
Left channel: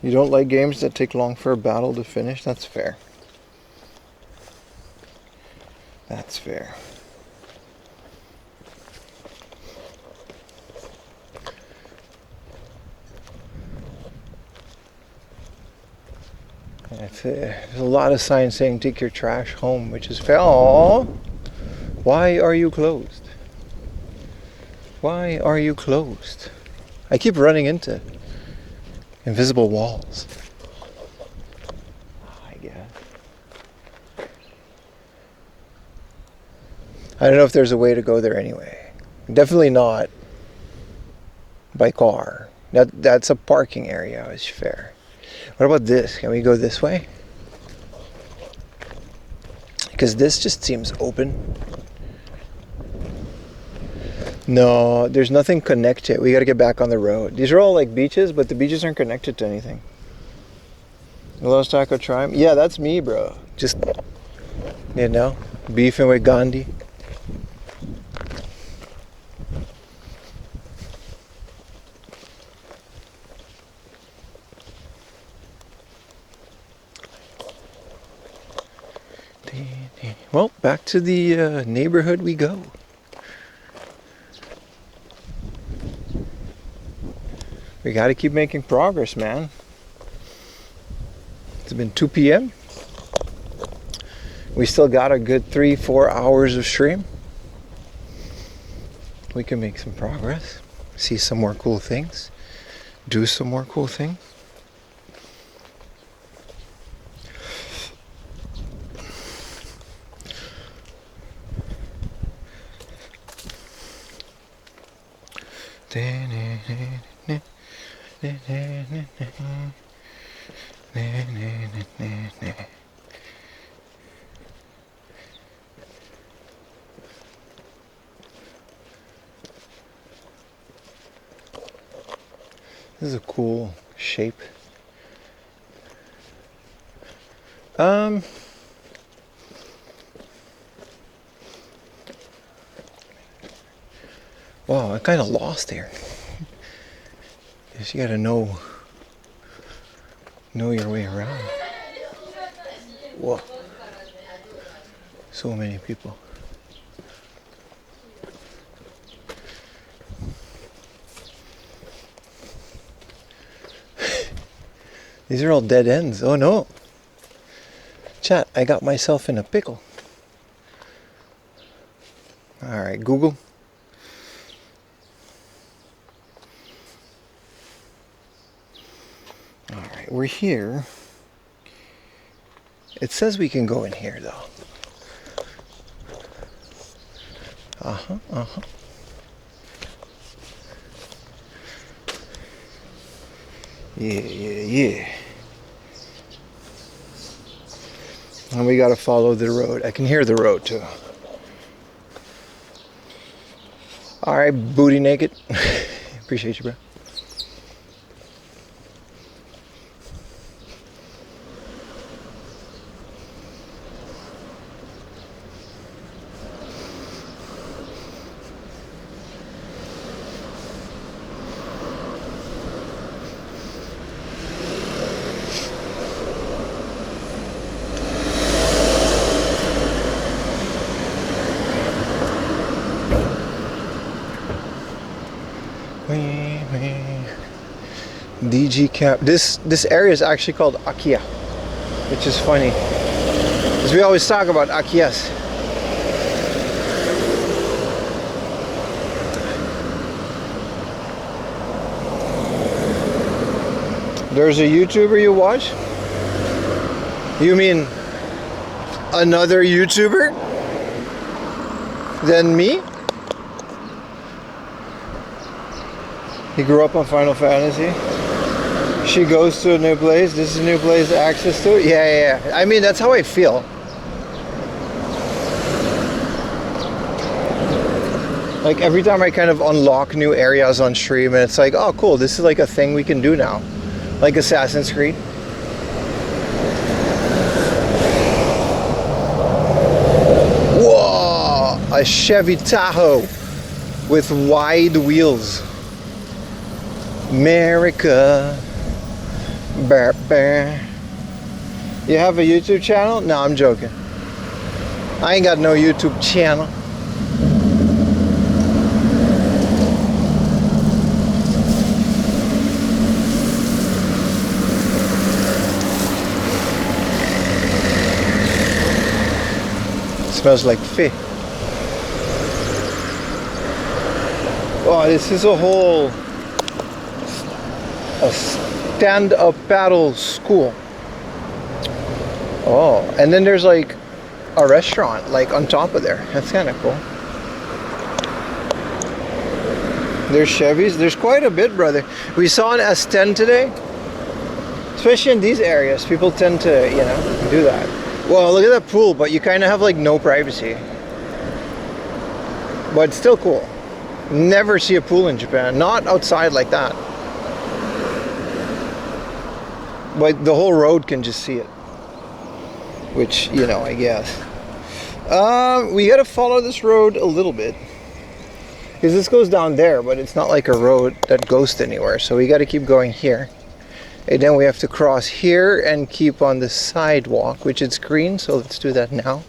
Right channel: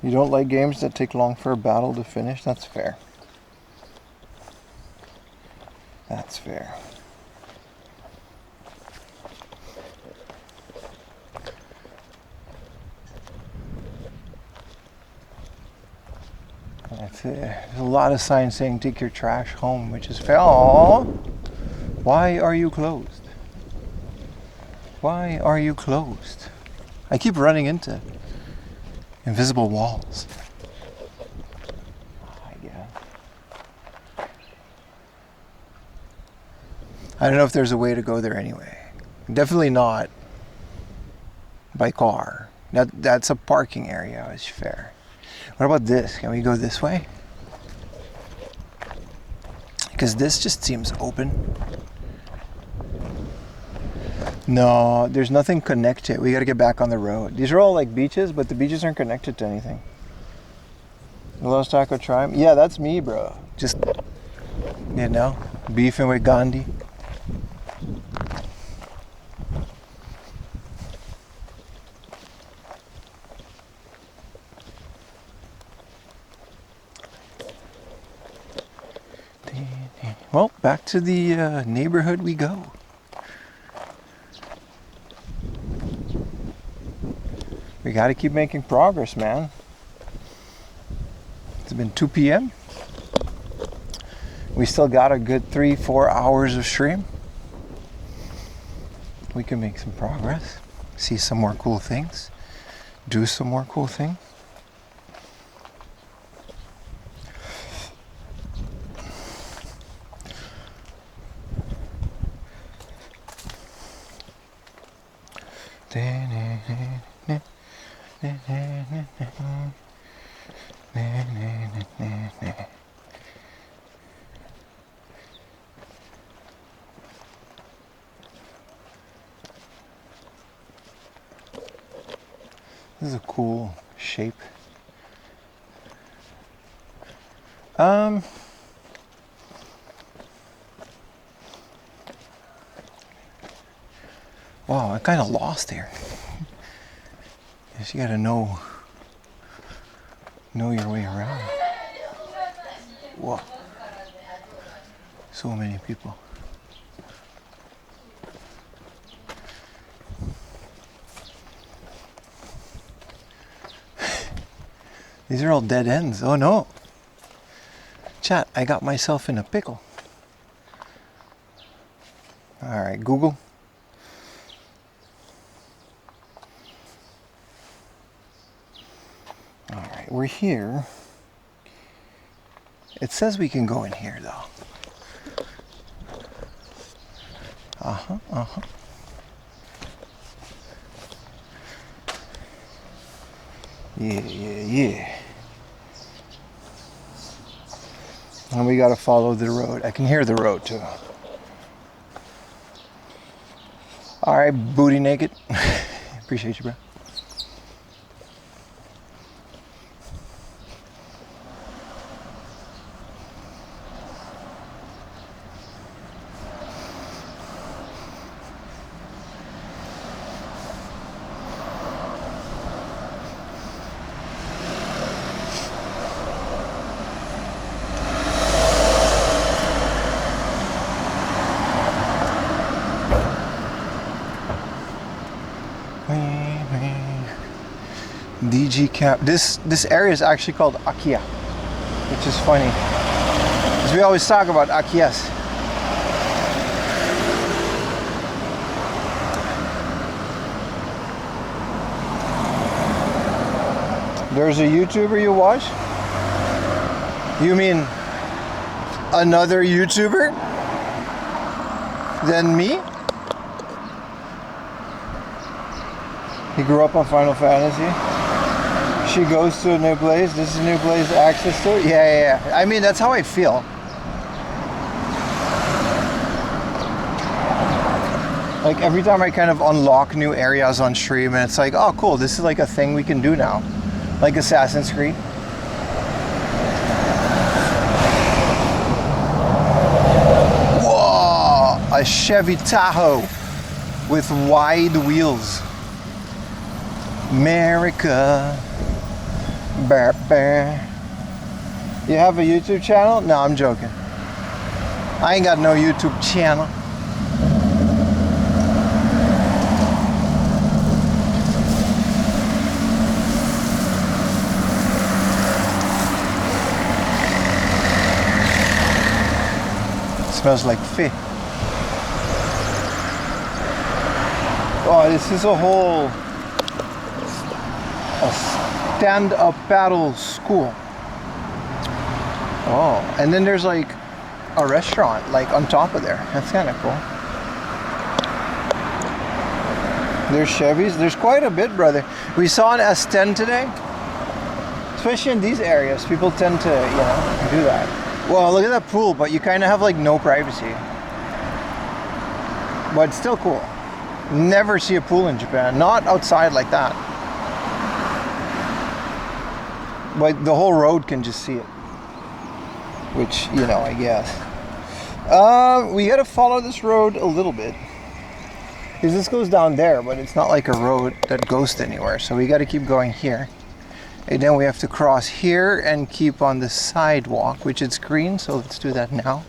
You don't like games that take long for a battle to finish? That's fair. That's fair. That's it. There's a lot of signs saying take your trash home, which is fair. Aww. Why are you closed? Why are you closed? I keep running into invisible walls. I guess. I don't know if there's a way to go there anyway. Definitely not by car. That's a parking area, it's fair. What about this? Can we go this way? Because this just seems open. No, there's nothing connected. We gotta get back on the road. These are all like beaches, but the beaches aren't connected to anything. Los Taco Tribe? Yeah, that's me, bro. Just, you know, beefing with Gandhi. Well, back to the neighborhood we go. We got to keep making progress, man. It's been 2 p.m. We still got a good 3-4 hours of stream. We can make some progress, see some more cool things, do some more cool things. This is a cool shape. Wow, I kind of lost here. Guess you gotta know your way around. Whoa. So many people. These are all dead ends. Oh no. Chat, I got myself in a pickle. Alright, Google. Alright, we're here. It says we can go in here though. Uh-huh. Yeah. And we gotta follow the road. I can hear the road too. Alright, booty naked. Appreciate you, bro. DG Camp. This area is actually called Akia, which is funny, because we always talk about Akias. There's a YouTuber you watch? You mean another YouTuber than me? He grew up on Final Fantasy. She goes to a new place. This is a new place, access to it. Yeah. I mean, that's how I feel. Like every time I kind of unlock new areas on stream and it's like, oh cool, this is like a thing we can do now. Like Assassin's Creed. Whoa! A Chevy Tahoe with wide wheels. America. Bah, bah. You have a YouTube channel? No, I'm joking. I ain't got no YouTube channel. Smells like fish. Oh, this is a stand-up paddle school. Oh, and then there's like a restaurant like on top of there. That's kind of cool. There's Chevys. There's quite a bit, brother. We saw an S10 today. Especially in these areas, people tend to, you know, do that. Well, look at that pool, but you kind of have like no privacy. But it's still cool. Never see a pool in Japan. Not outside like that. But the whole road can just see it. Which, you know, I guess. We gotta follow this road a little bit. Because this goes down there, but it's not like a road that goes to anywhere. So we gotta keep going here. And then we have to cross here and keep on the sidewalk, which is green, so let's do that now.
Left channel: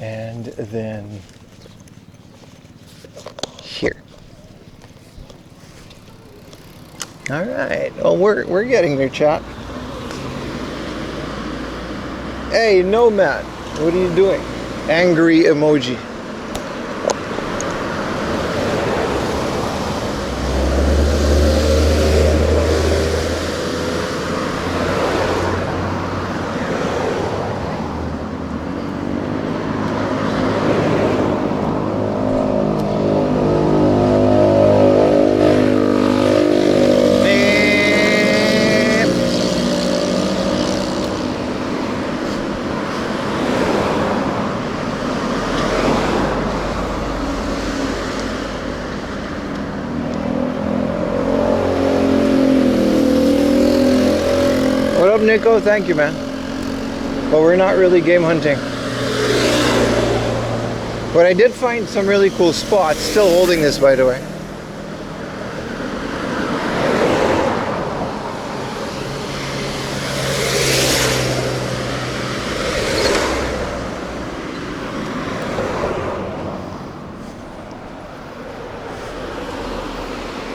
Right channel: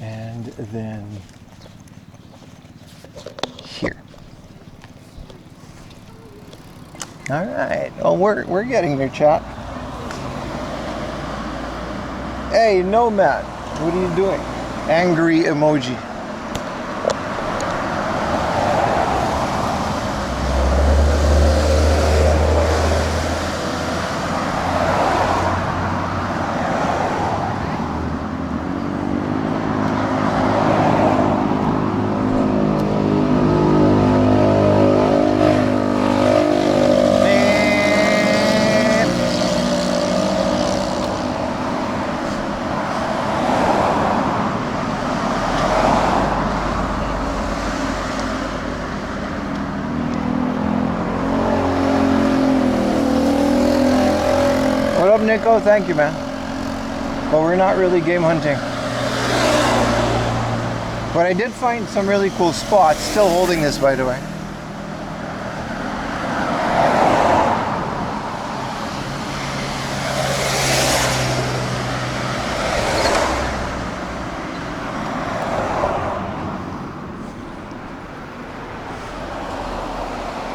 And then here. All right. Well, we're getting there, chat. Hey, Nomad, what are you doing? Angry emoji. What up, Nico? Thank you, man. But we're not really game hunting. But I did find some really cool spots. Still holding this, by the way.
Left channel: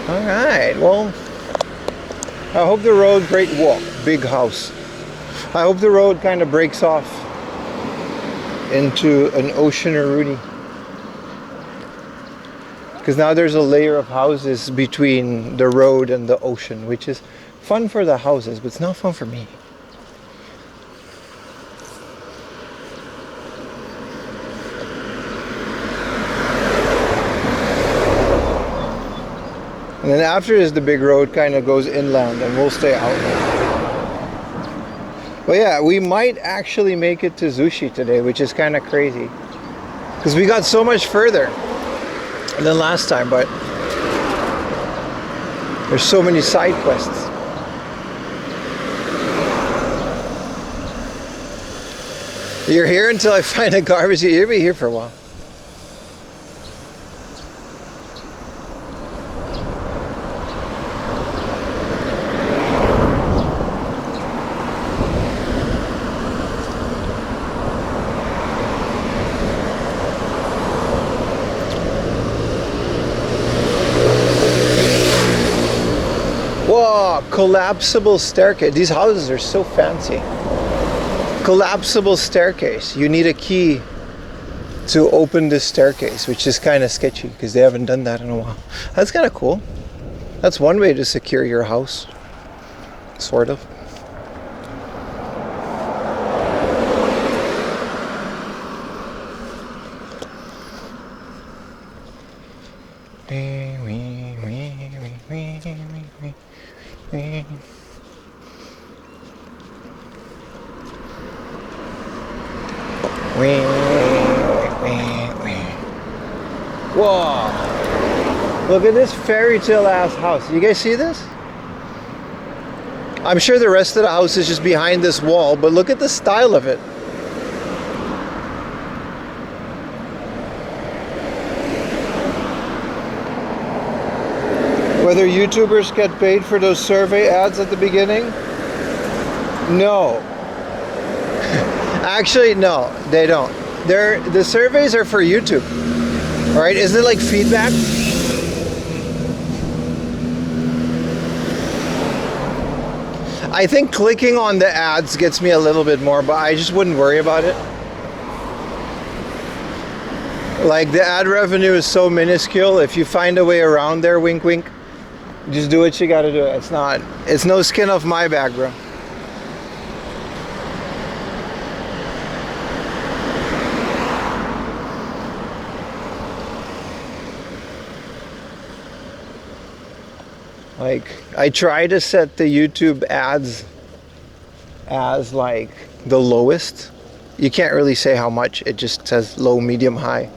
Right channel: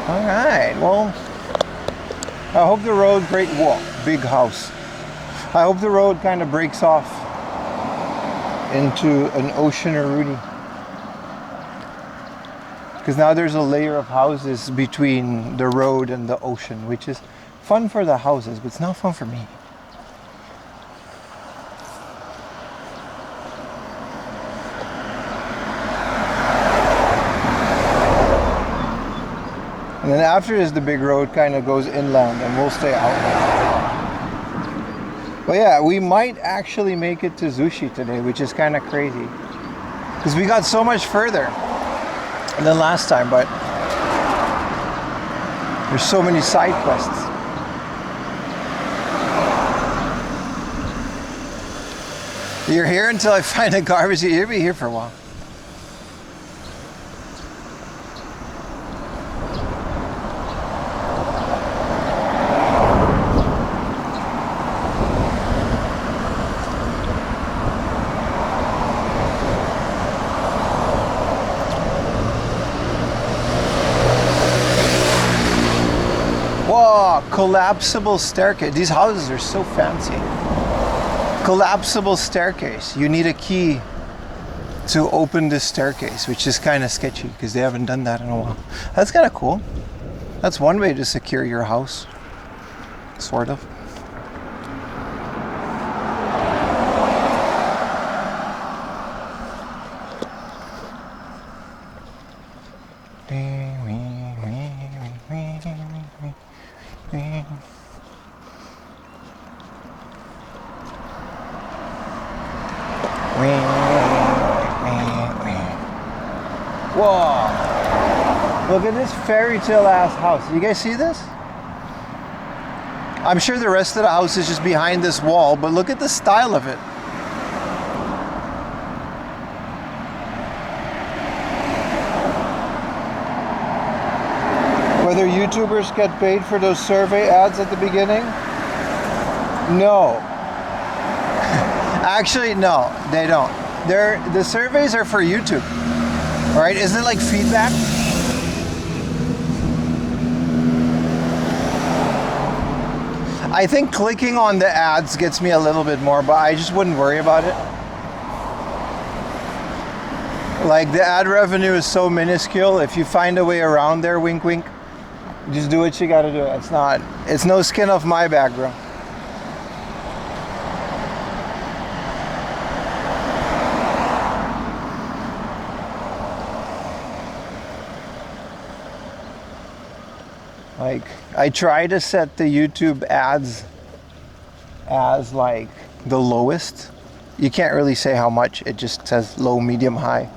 All right, well, I hope the road, great walk, big house. I hope the road kind of breaks off into an ocean-a-rooney. Because now there's a layer of houses between the road and the ocean, which is fun for the houses, but it's not fun for me. And then after this, the big road kind of goes inland and we'll stay out. But yeah, we might actually make it to Zushi today, which is kind of crazy. Because we got so much further than last time, but there's so many side quests. You're here until I find a garbage. You'll be here for a while. Whoa, collapsible staircase. These houses are so fancy. Collapsible staircase. You need a key to open this staircase, which is kind of sketchy because they haven't done that in a while. That's kind of cool. That's one way to secure your house, sort of. Whoa! Look at this fairy tale ass house. You guys see this? I'm sure the rest of the house is just behind this wall, but look at the style of it. Whether YouTubers get paid for those survey ads at the beginning? No. Actually, no, they don't. The surveys are for YouTube, right? Isn't it like feedback? I think clicking on the ads gets me a little bit more, but I just wouldn't worry about it. Like, the ad revenue is so minuscule. If you find a way around there, wink wink, just do what you gotta do. It's no skin off my back, bro. Like, I try to set the YouTube ads as like the lowest. You can't really say how much, it just says low, medium, high.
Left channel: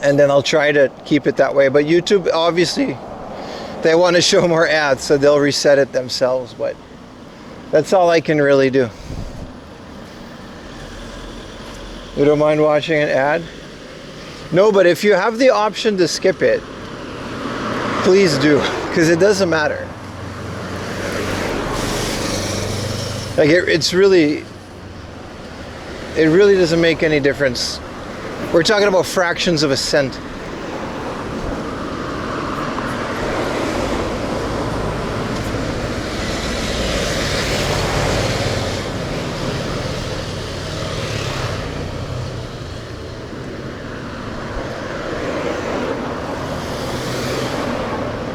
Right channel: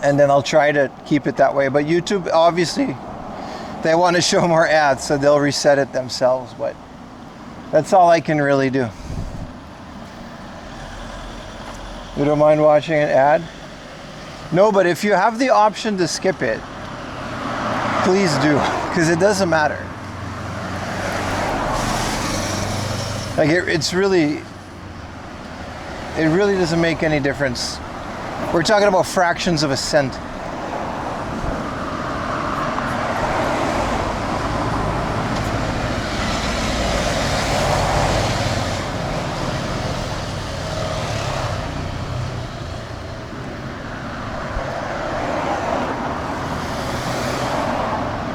And then I'll try to keep it that way. But YouTube, obviously, they want to show more ads, so they'll reset it themselves. But that's all I can really do. You don't mind watching an ad? No, but if you have the option to skip it, please do, because it doesn't matter. Like, it really doesn't make any difference. We're talking about fractions of a cent.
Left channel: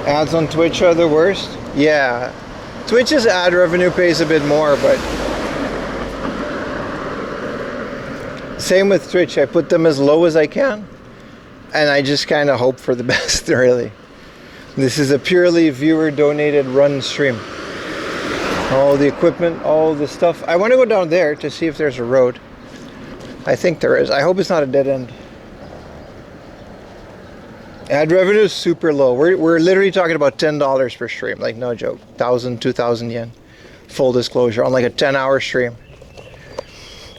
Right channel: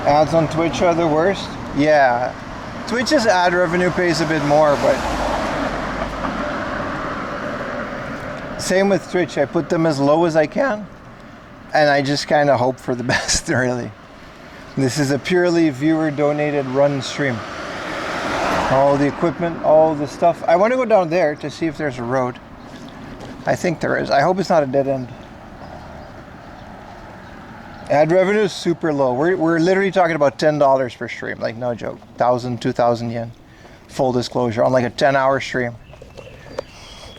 Ads on Twitch are the worst? Yeah. Twitch's ad revenue pays a bit more, but same with Twitch. I put them as low as I can, and I just kind of hope for the best, really. This is a purely viewer donated run stream. All the equipment, all the stuff. I want to go down there to see if there's a road. I think there is. I hope it's not a dead end. Ad revenue is super low. We're literally talking about $10 per stream, like, no joke. 1,000, 2,000 yen. Full disclosure, on like a 10-hour stream.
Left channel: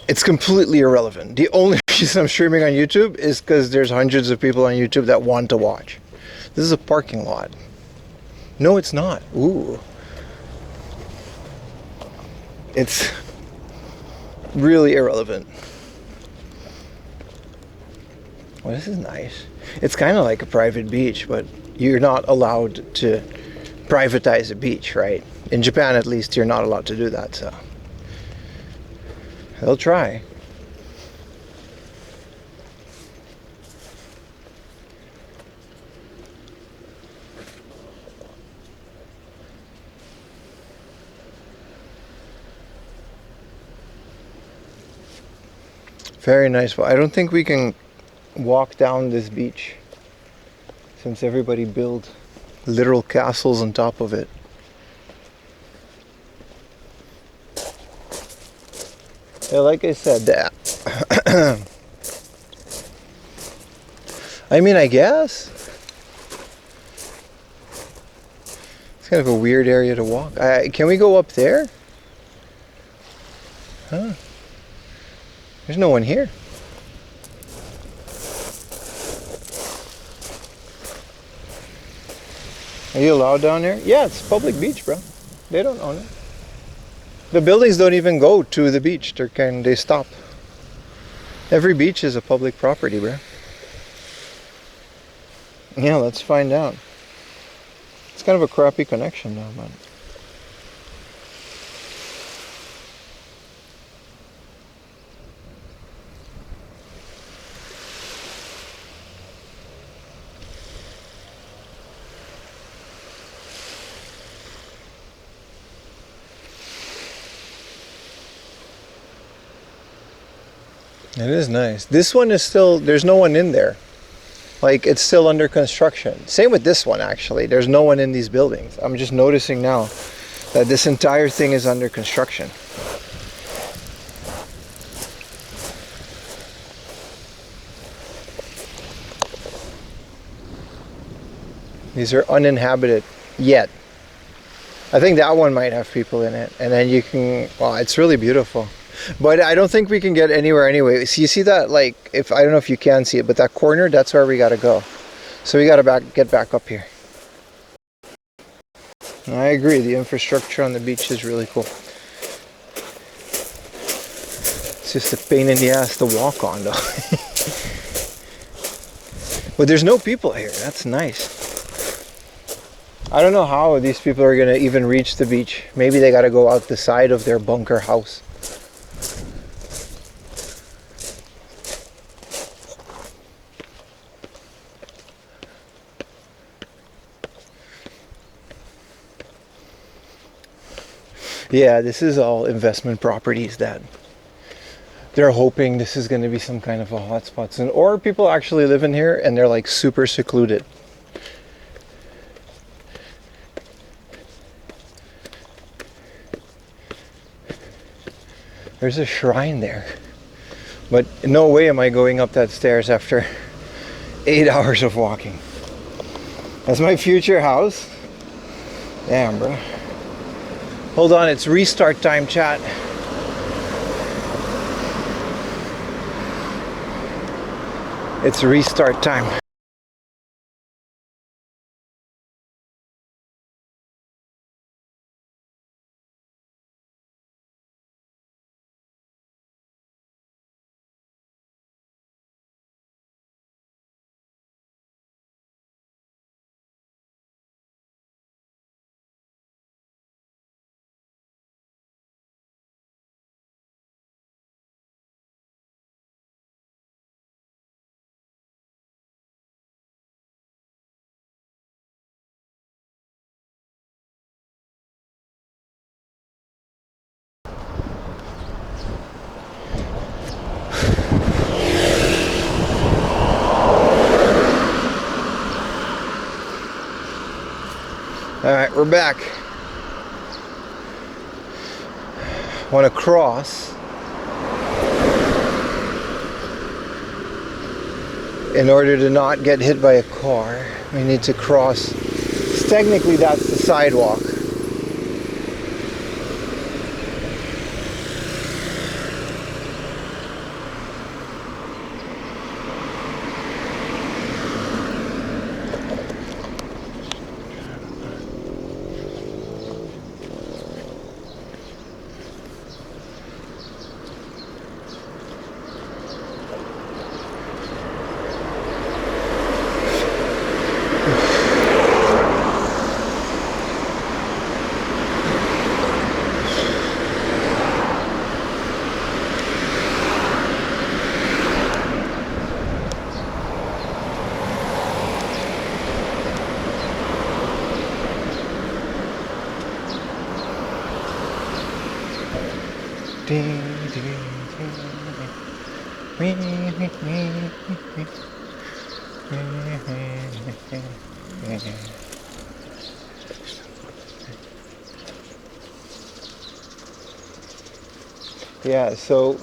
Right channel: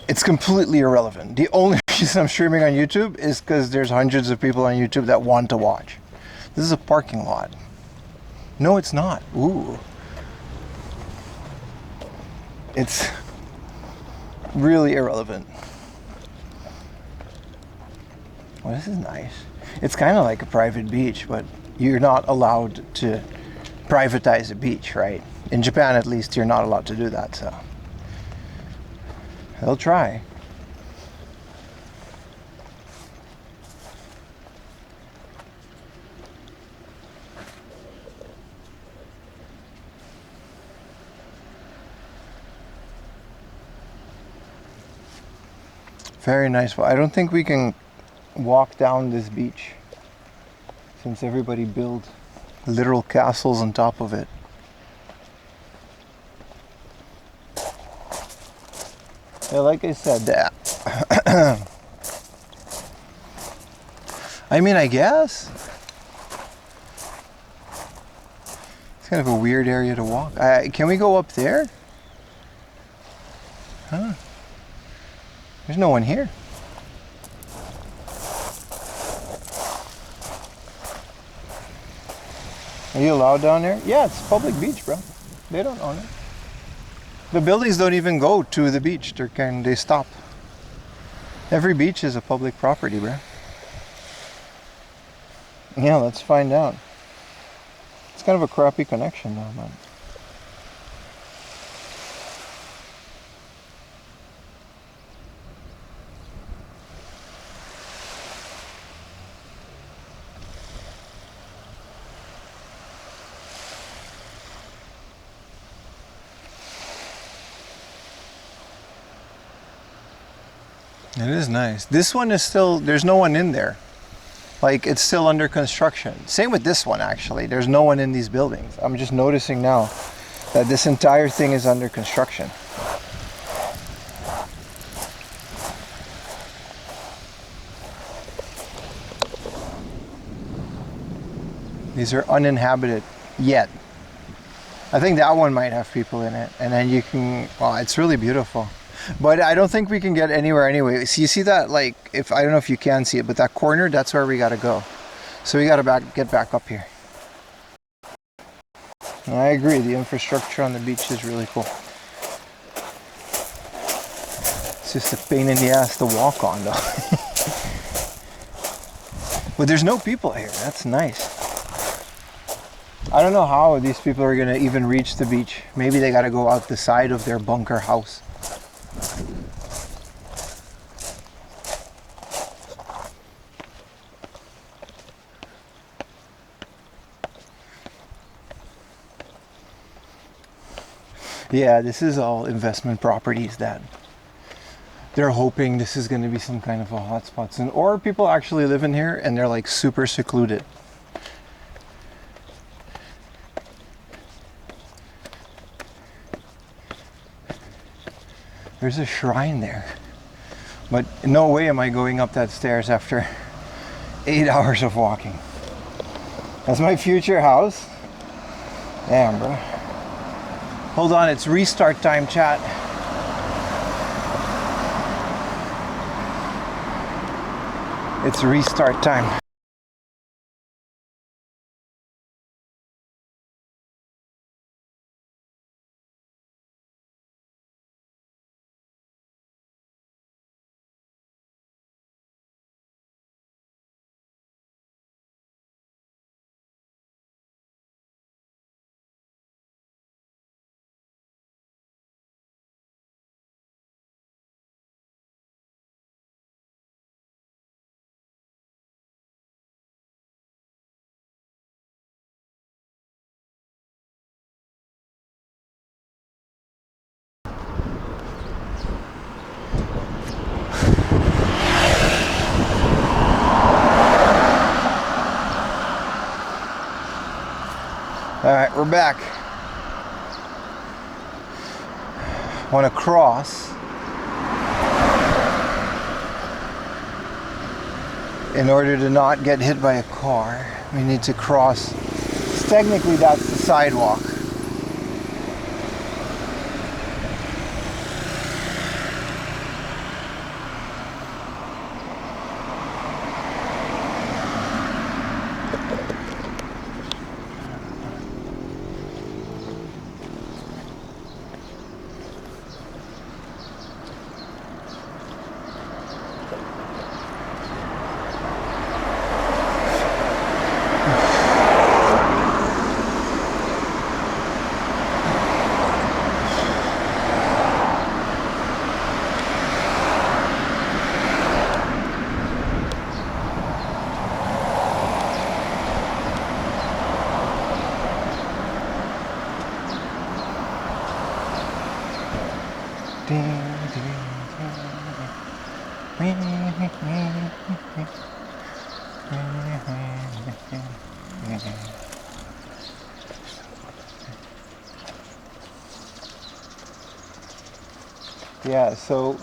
It's completely irrelevant. The only reason I'm streaming on YouTube is because there's hundreds of people on YouTube that want to watch. This is a parking lot. No, it's not. Ooh. It's really irrelevant. Well, this is nice. It's kind of like a private beach, but you're not allowed to privatize a beach, right? In Japan, at least, you're not allowed to do that, so they'll try. Very nice, but I don't think we can walk down this beach since everybody built literal castles on top of it. Yeah, like I said, that I mean, I guess it's kind of a weird area to walk. Can we go up there? Huh? There's no one here. Are you allowed down there? Yeah, it's public beach, bro. They don't own it. The buildings don't even go to the beach. They stop. Every beach is a public property, bro. Yeah, let's find out. It's kind of a crappy connection now, man. It is nice. This one is still, there's no one in there. Like, it's still under construction. Same with this one, actually. There's no one in these buildings. I'm just noticing now that this entire thing is under construction. These are uninhabited yet. I think that one might have people in it. And then you can, well, it's really beautiful. But I don't think we can get anywhere anyway. So you see that, like, if I don't know if you can see it, but that corner, that's where we gotta go. So we gotta get back up here. And I agree, the infrastructure on the beach is really cool. It's just a pain in the ass to walk on though. But there's no people here, that's nice. I don't know how these people are gonna even reach the beach. Maybe they gotta go out the side of their bunker house. Yeah, this is all investment properties that they're hoping this is going to be some kind of a hotspot soon. Or people actually live in here and they're like super secluded. There's a shrine there. But no way am I going up that stairs after 8 hours of walking. That's my future house. Damn, bro. Hold on, it's restart time, chat. It's restart time. All right, we're back. Want to cross in order to not get hit by a car. We need to cross. Technically, that's the sidewalk. Yeah, so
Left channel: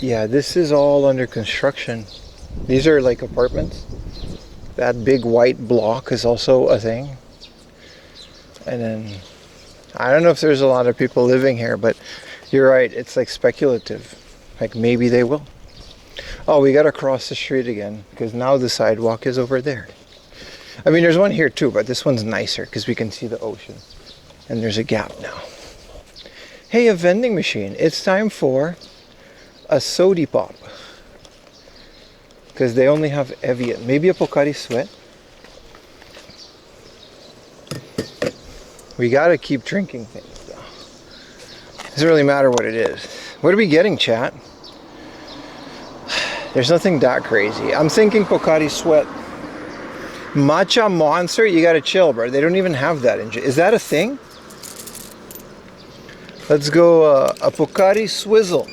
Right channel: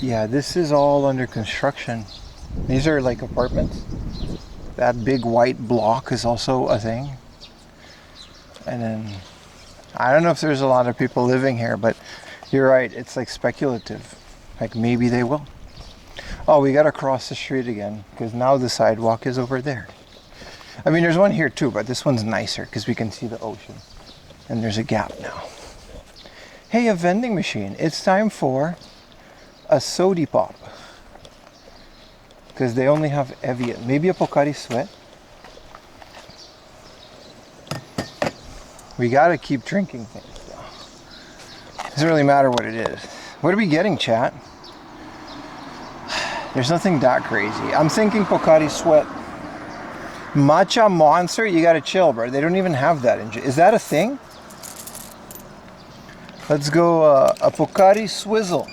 yeah, this is all under construction. These are like apartments. That big white block is also a thing. And then I don't know if there's a lot of people living here, but you're right, it's like speculative. Like maybe they will. Oh, we gotta cross the street again because now the sidewalk is over there. I mean, there's one here too, but this one's nicer because we can see the ocean. And there's a gap now. Hey, a vending machine. It's time for a sody pop. Because they only have Evian. Maybe a Pocari Sweat. We gotta keep drinking things though. Doesn't really matter what it is. What are we getting, chat? There's nothing that crazy. I'm thinking Pocari Sweat. Matcha Monster? You gotta chill, bro. They don't even have that in... Is that a thing? Let's go a Pocari Swizzle.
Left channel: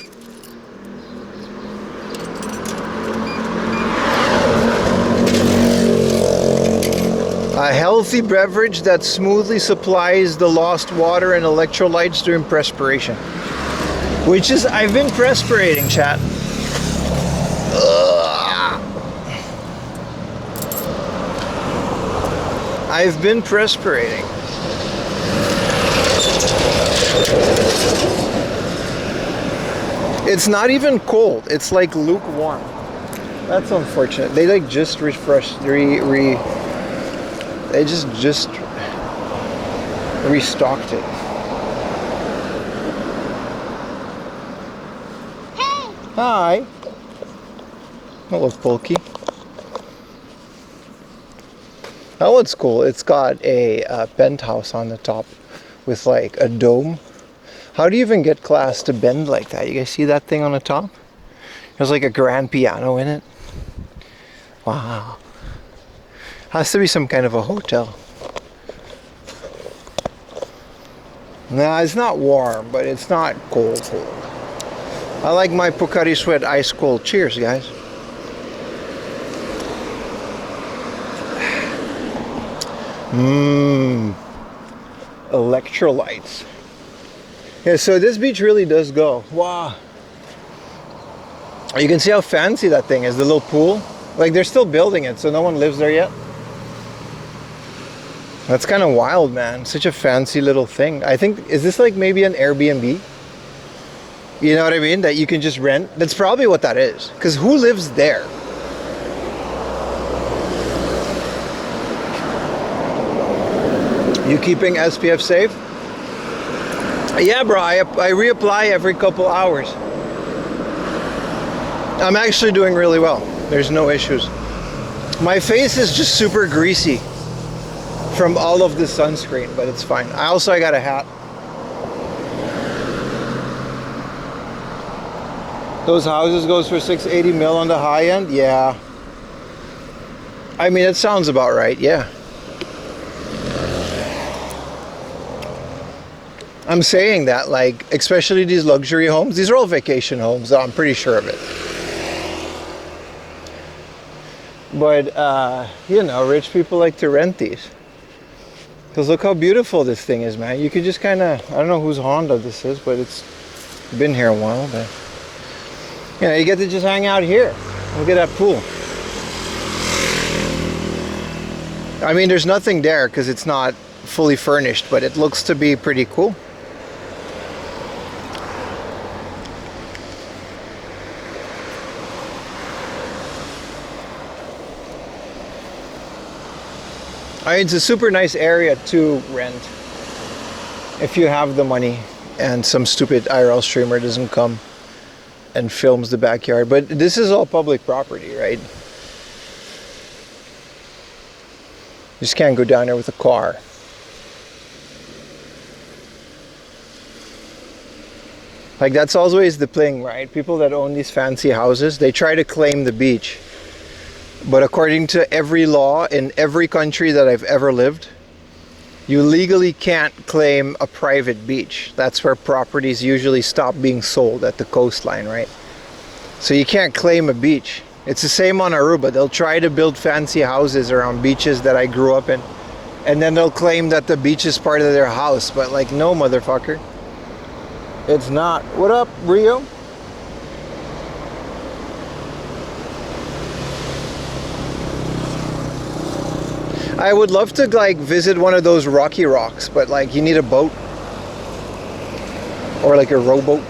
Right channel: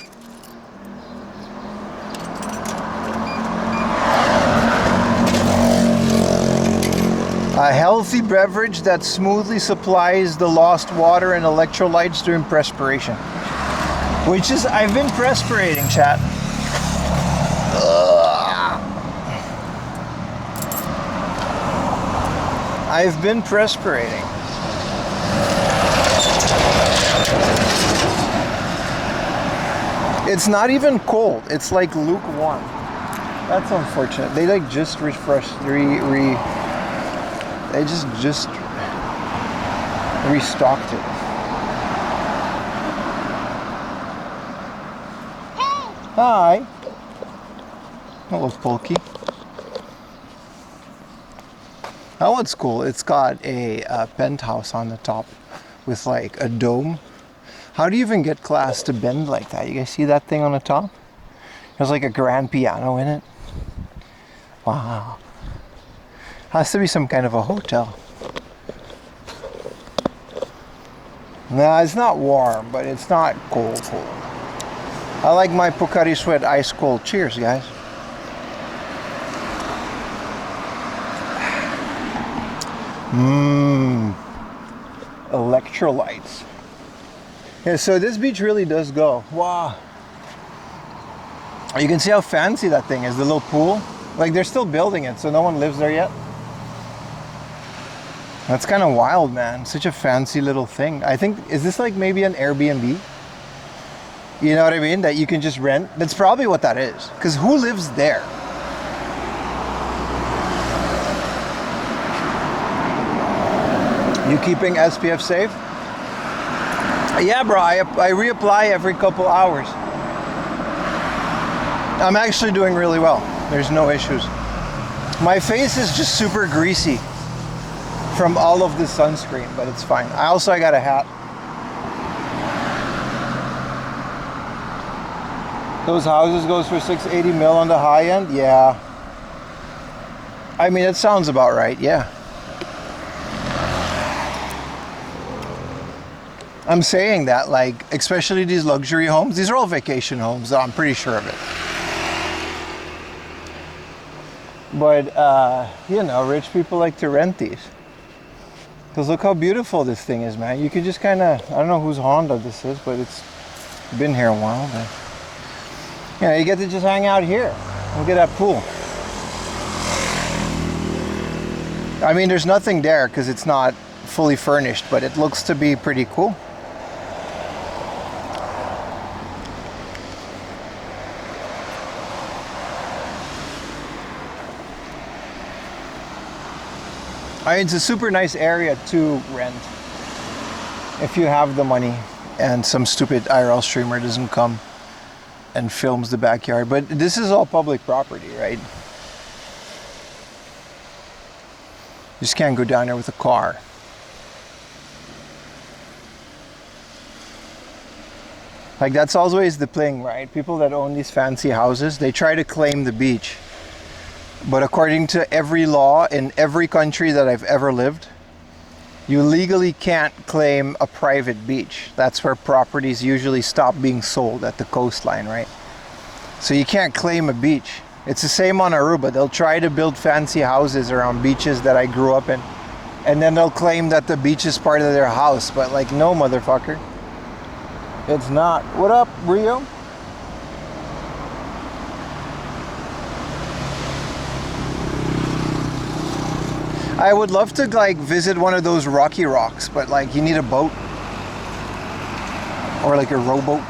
A healthy beverage that smoothly supplies the lost water and electrolytes during perspiration. Which is, I've been perspirating, chat. Ugh. I've been perspirating. It's not even cold. It's like lukewarm. That's unfortunate. They like just refreshed, they just restocked it. Hey! Hi. Hello, Pokey. That one's cool. It's got a penthouse on the top with like a dome. How do you even get glass to bend like that? You guys see that thing on the top? There's like a grand piano in it. Wow. Has to be some kind of a hotel. Nah, it's not warm, but it's not cold. I like my Pocari Sweat ice cold. Cheers, guys. Electrolytes. Yeah, so this beach really does go. Wow. You can see how fancy that thing is, the little pool. Like they're still building it, so no one lives there yet. That's kind of wild, man. Such a fancy little thing. I think, is this like maybe an Airbnb? You know what I mean? That you can just rent? That's probably what that is. Because who lives there? You keeping SPF safe? Yeah, bro, I reapply every couple hours. I'm actually doing really well. There's no issues. My face is just super greasy from all of the sunscreen, but it's fine. I got a hat. Those houses goes for 680 mil on the high end? Yeah. I mean, it sounds about right, yeah. I'm saying that, like, especially these luxury homes, these are all vacation homes, so I'm pretty sure of it. But, you know, rich people like to rent these. Because look how beautiful this thing is, man. You could just kind of, I don't know whose Honda this is, but it's been here a while. But, you know, you get to just hang out here. Look at that pool. I mean, there's nothing there because it's not fully furnished, but it looks to be pretty cool. I mean, it's a super nice area to rent if you have the money and some stupid IRL streamer doesn't come and films the backyard. But this is all public property, right? You just can't go down there with a car. Like, that's always the thing, right? People that own these fancy houses, they try to claim the beach. But according to every law in every country that I've ever lived, you legally can't claim a private beach. That's where properties usually stop being sold, at the coastline, right? So you can't claim a beach. It's the same on Aruba. They'll try to build fancy houses around beaches that I grew up in, and then they'll claim that the beach is part of their house. But like, no, motherfucker. It's not. What up, Rio? I would love to like visit one of those rocky rocks, but like you need a boat or like a rowboat.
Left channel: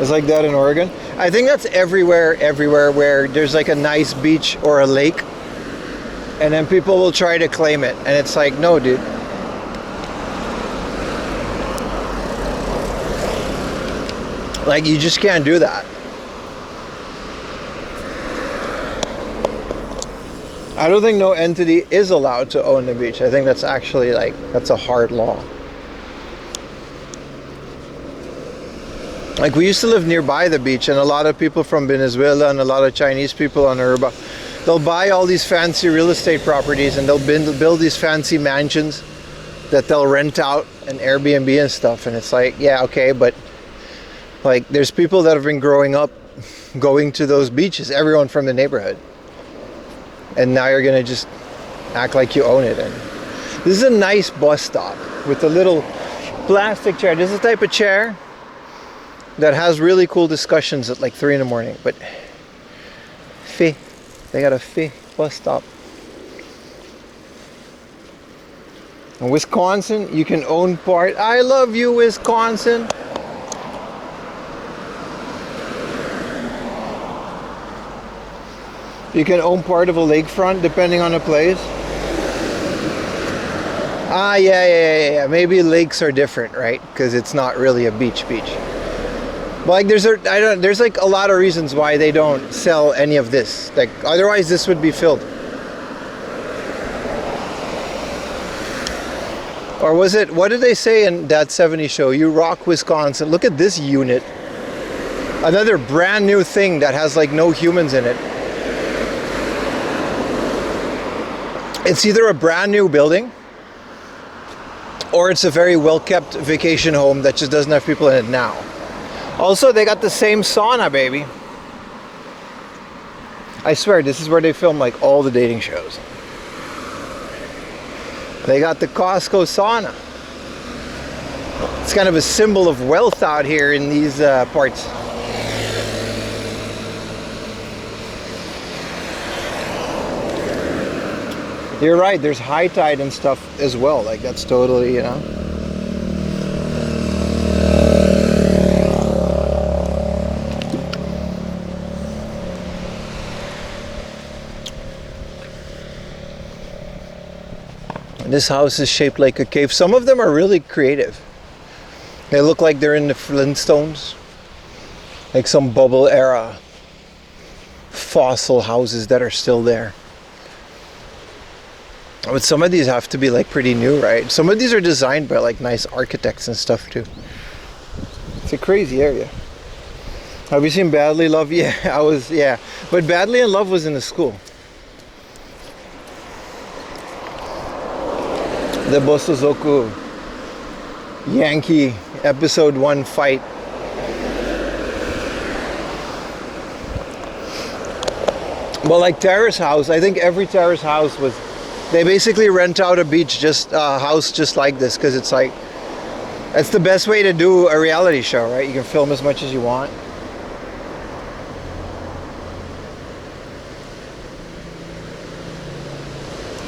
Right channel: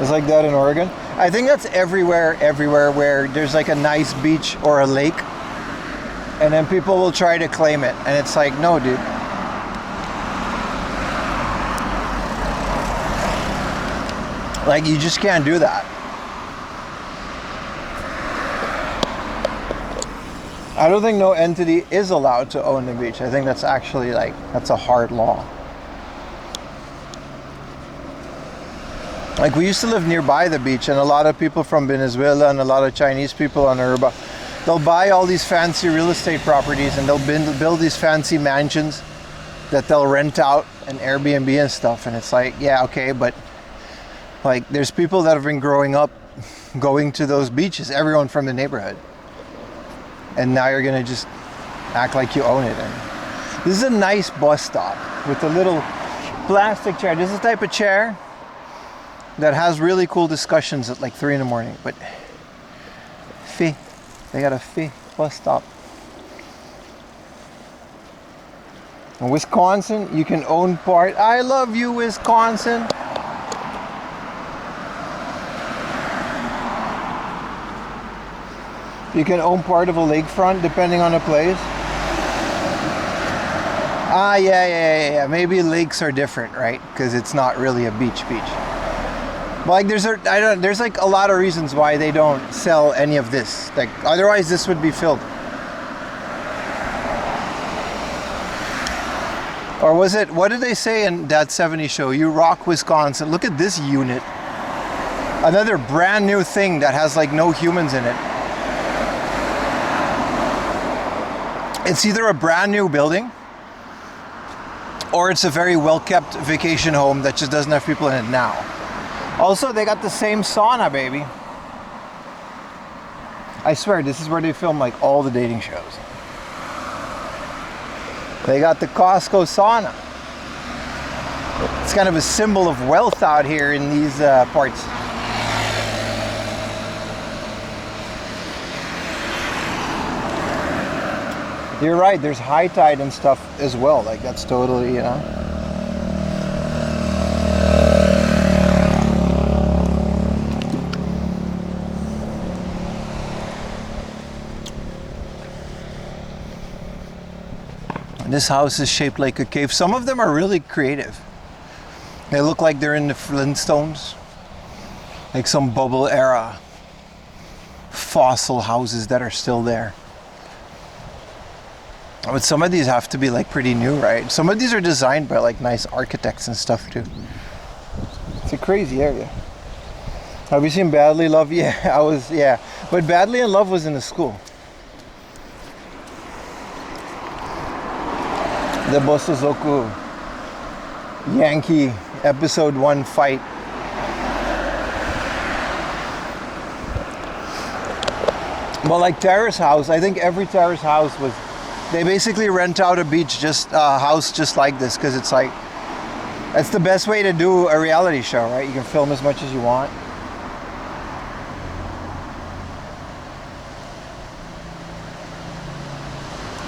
It's like that in Oregon. I think that's everywhere where there's like a nice beach or a lake, and then people will try to claim it, and it's like, no, dude. Like, you just can't do that. I don't think no entity is allowed to own the beach. I think that's actually like, that's a hard law. Like, we used to live nearby the beach, and a lot of people from Venezuela and a lot of Chinese people on Aruba, they'll buy all these fancy real estate properties and they'll build these fancy mansions that they'll rent out and Airbnb and stuff. And it's like, yeah, okay, but like, there's people that have been growing up going to those beaches, everyone from the neighborhood. and now you're gonna just act like you own it. And this is a nice bus stop with a little plastic chair. This is the type of chair that has really cool discussions at like 3 in the morning. But they got a bus stop. In Wisconsin, you can own part. I love you, Wisconsin. You can own part of a lakefront depending on the place. Ah, yeah. Maybe lakes are different, right? Because it's not really a beach. But like, there's like a lot of reasons why they don't sell any of this. Like, otherwise this would be filled. Or was it, what did they say in that 70s show? You rock Wisconsin. Look at this unit. Another brand new thing that has like no humans in it. It's either a brand new building or it's a very well kept vacation home that just doesn't have people in it now. Also, they got the same sauna, baby. I swear, this is where they film like all the dating shows. They got the Costco sauna. It's kind of a symbol of wealth out here in these parts. You're right, there's high tide and stuff as well. Like, that's totally, you know. This house is shaped like a cave. Some of them are really creative. They look like they're in the Flintstones. Like some bubble era fossil houses that are still there. But some of these have to be like pretty new, right? Some of these are designed by like nice architects and stuff too. It's a crazy area. Have you seen Badly Love? Yeah, but Badly in Love was in the school. The Bosozoku Yankee episode 1 fight. Well, like Terrace House, I think every Terrace House was, they basically rent out a beach, just a house just like this, because it's like, that's the best way to do a reality show, right? You can film as much as you want.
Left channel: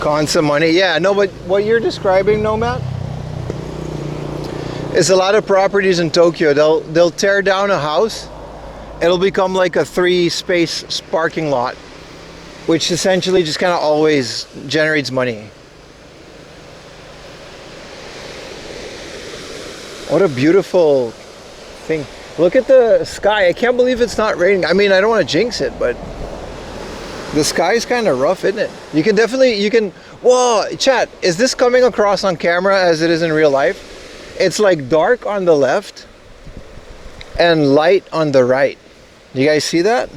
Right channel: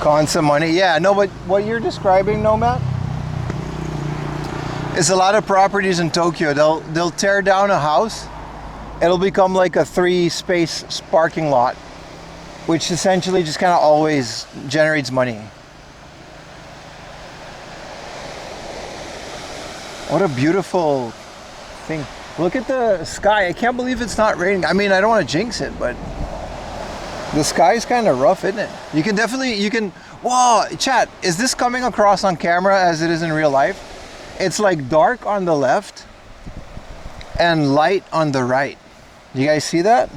Constant money. Yeah, no, but what you're describing, no, Matt, is a lot of properties in Tokyo. They'll tear down a house, it'll become like a 3-space parking lot, which essentially just kind of always generates money. What a beautiful thing. Look at the sky. I can't believe it's not raining. I mean, I don't want to jinx it, but the sky is kind of rough, isn't it? You can definitely, whoa, chat, is this coming across on camera as it is in real life? It's like dark on the left and light on the right. You guys see that?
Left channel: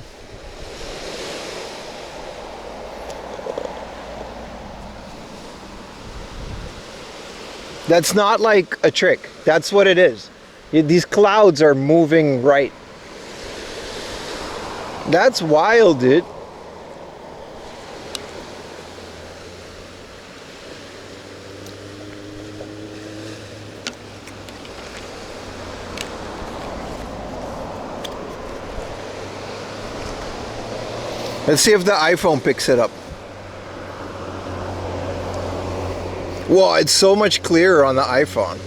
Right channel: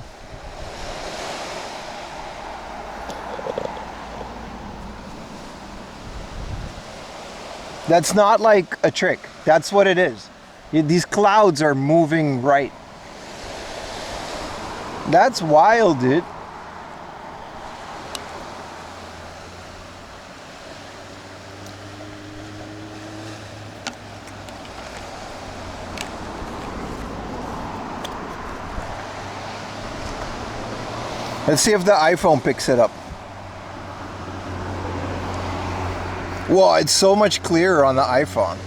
That's not like a trick. That's what it is. These clouds are moving right. That's wild, dude. Let's see if the iPhone picks it up. Whoa, it's so much clearer on the iPhone.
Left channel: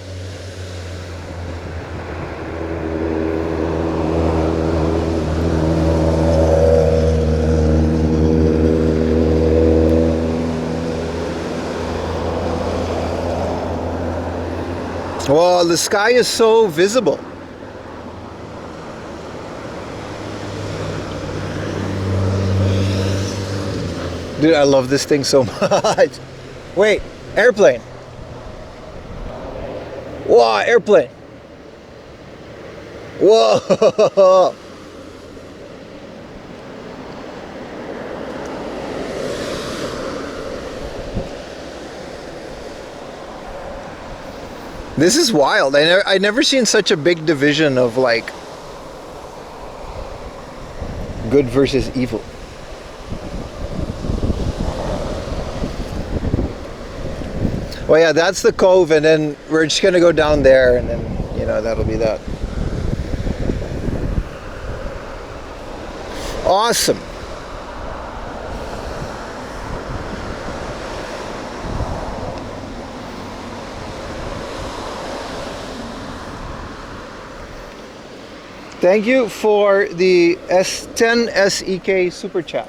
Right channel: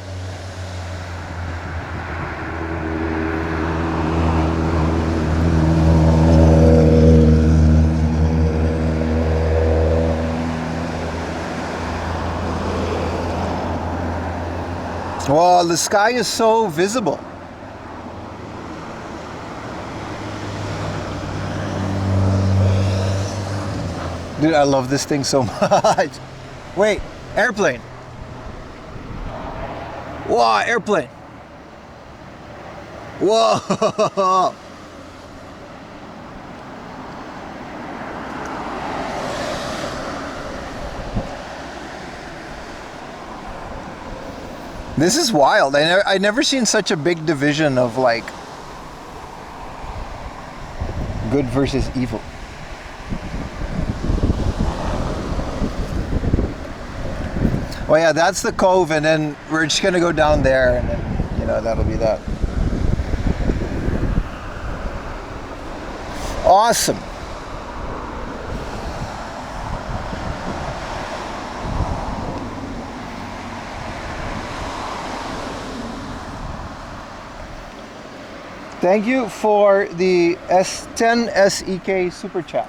Wow, the sky is so visible. Dude, I love this thing so much. Wait, airplane. Wow, airplane. Whoa. This is wild. I never seen such a big division of like good versus evil. Well, yeah, that's the cove, and then we're just gonna go down there, and then, you know, that'll be that. Awesome. Thank you for the S10 SEK super chat.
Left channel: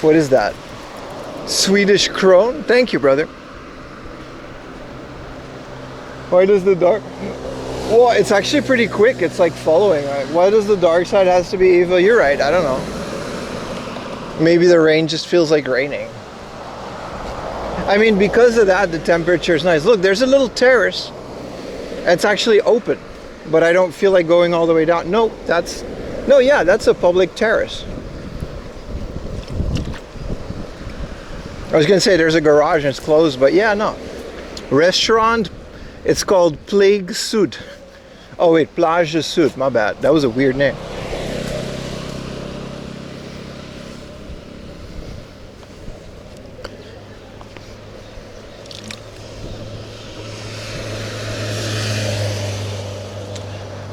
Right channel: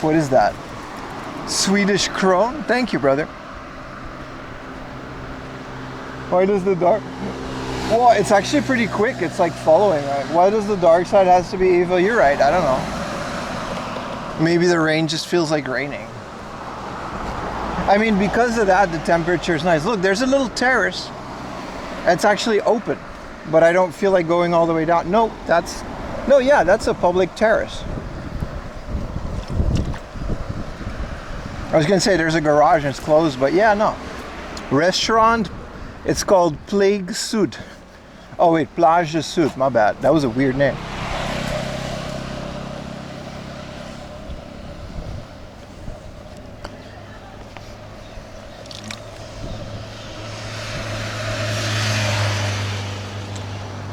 What is that? Swedish krone? Thank you, brother. Why does the dark... Well, it's actually pretty quick. It's like following. Right? Why does the dark side has to be evil? You're right. I don't know. Maybe the rain just feels like raining. I mean, because of that, the temperature is nice. Look, there's a little terrace. It's actually open, but I don't feel like going all the way down. No, that's a public terrace. I was gonna say there's a garage and it's closed, but yeah, no. Restaurant, it's called Plague Sud. Oh wait, Plage Sud, my bad. That was a weird name.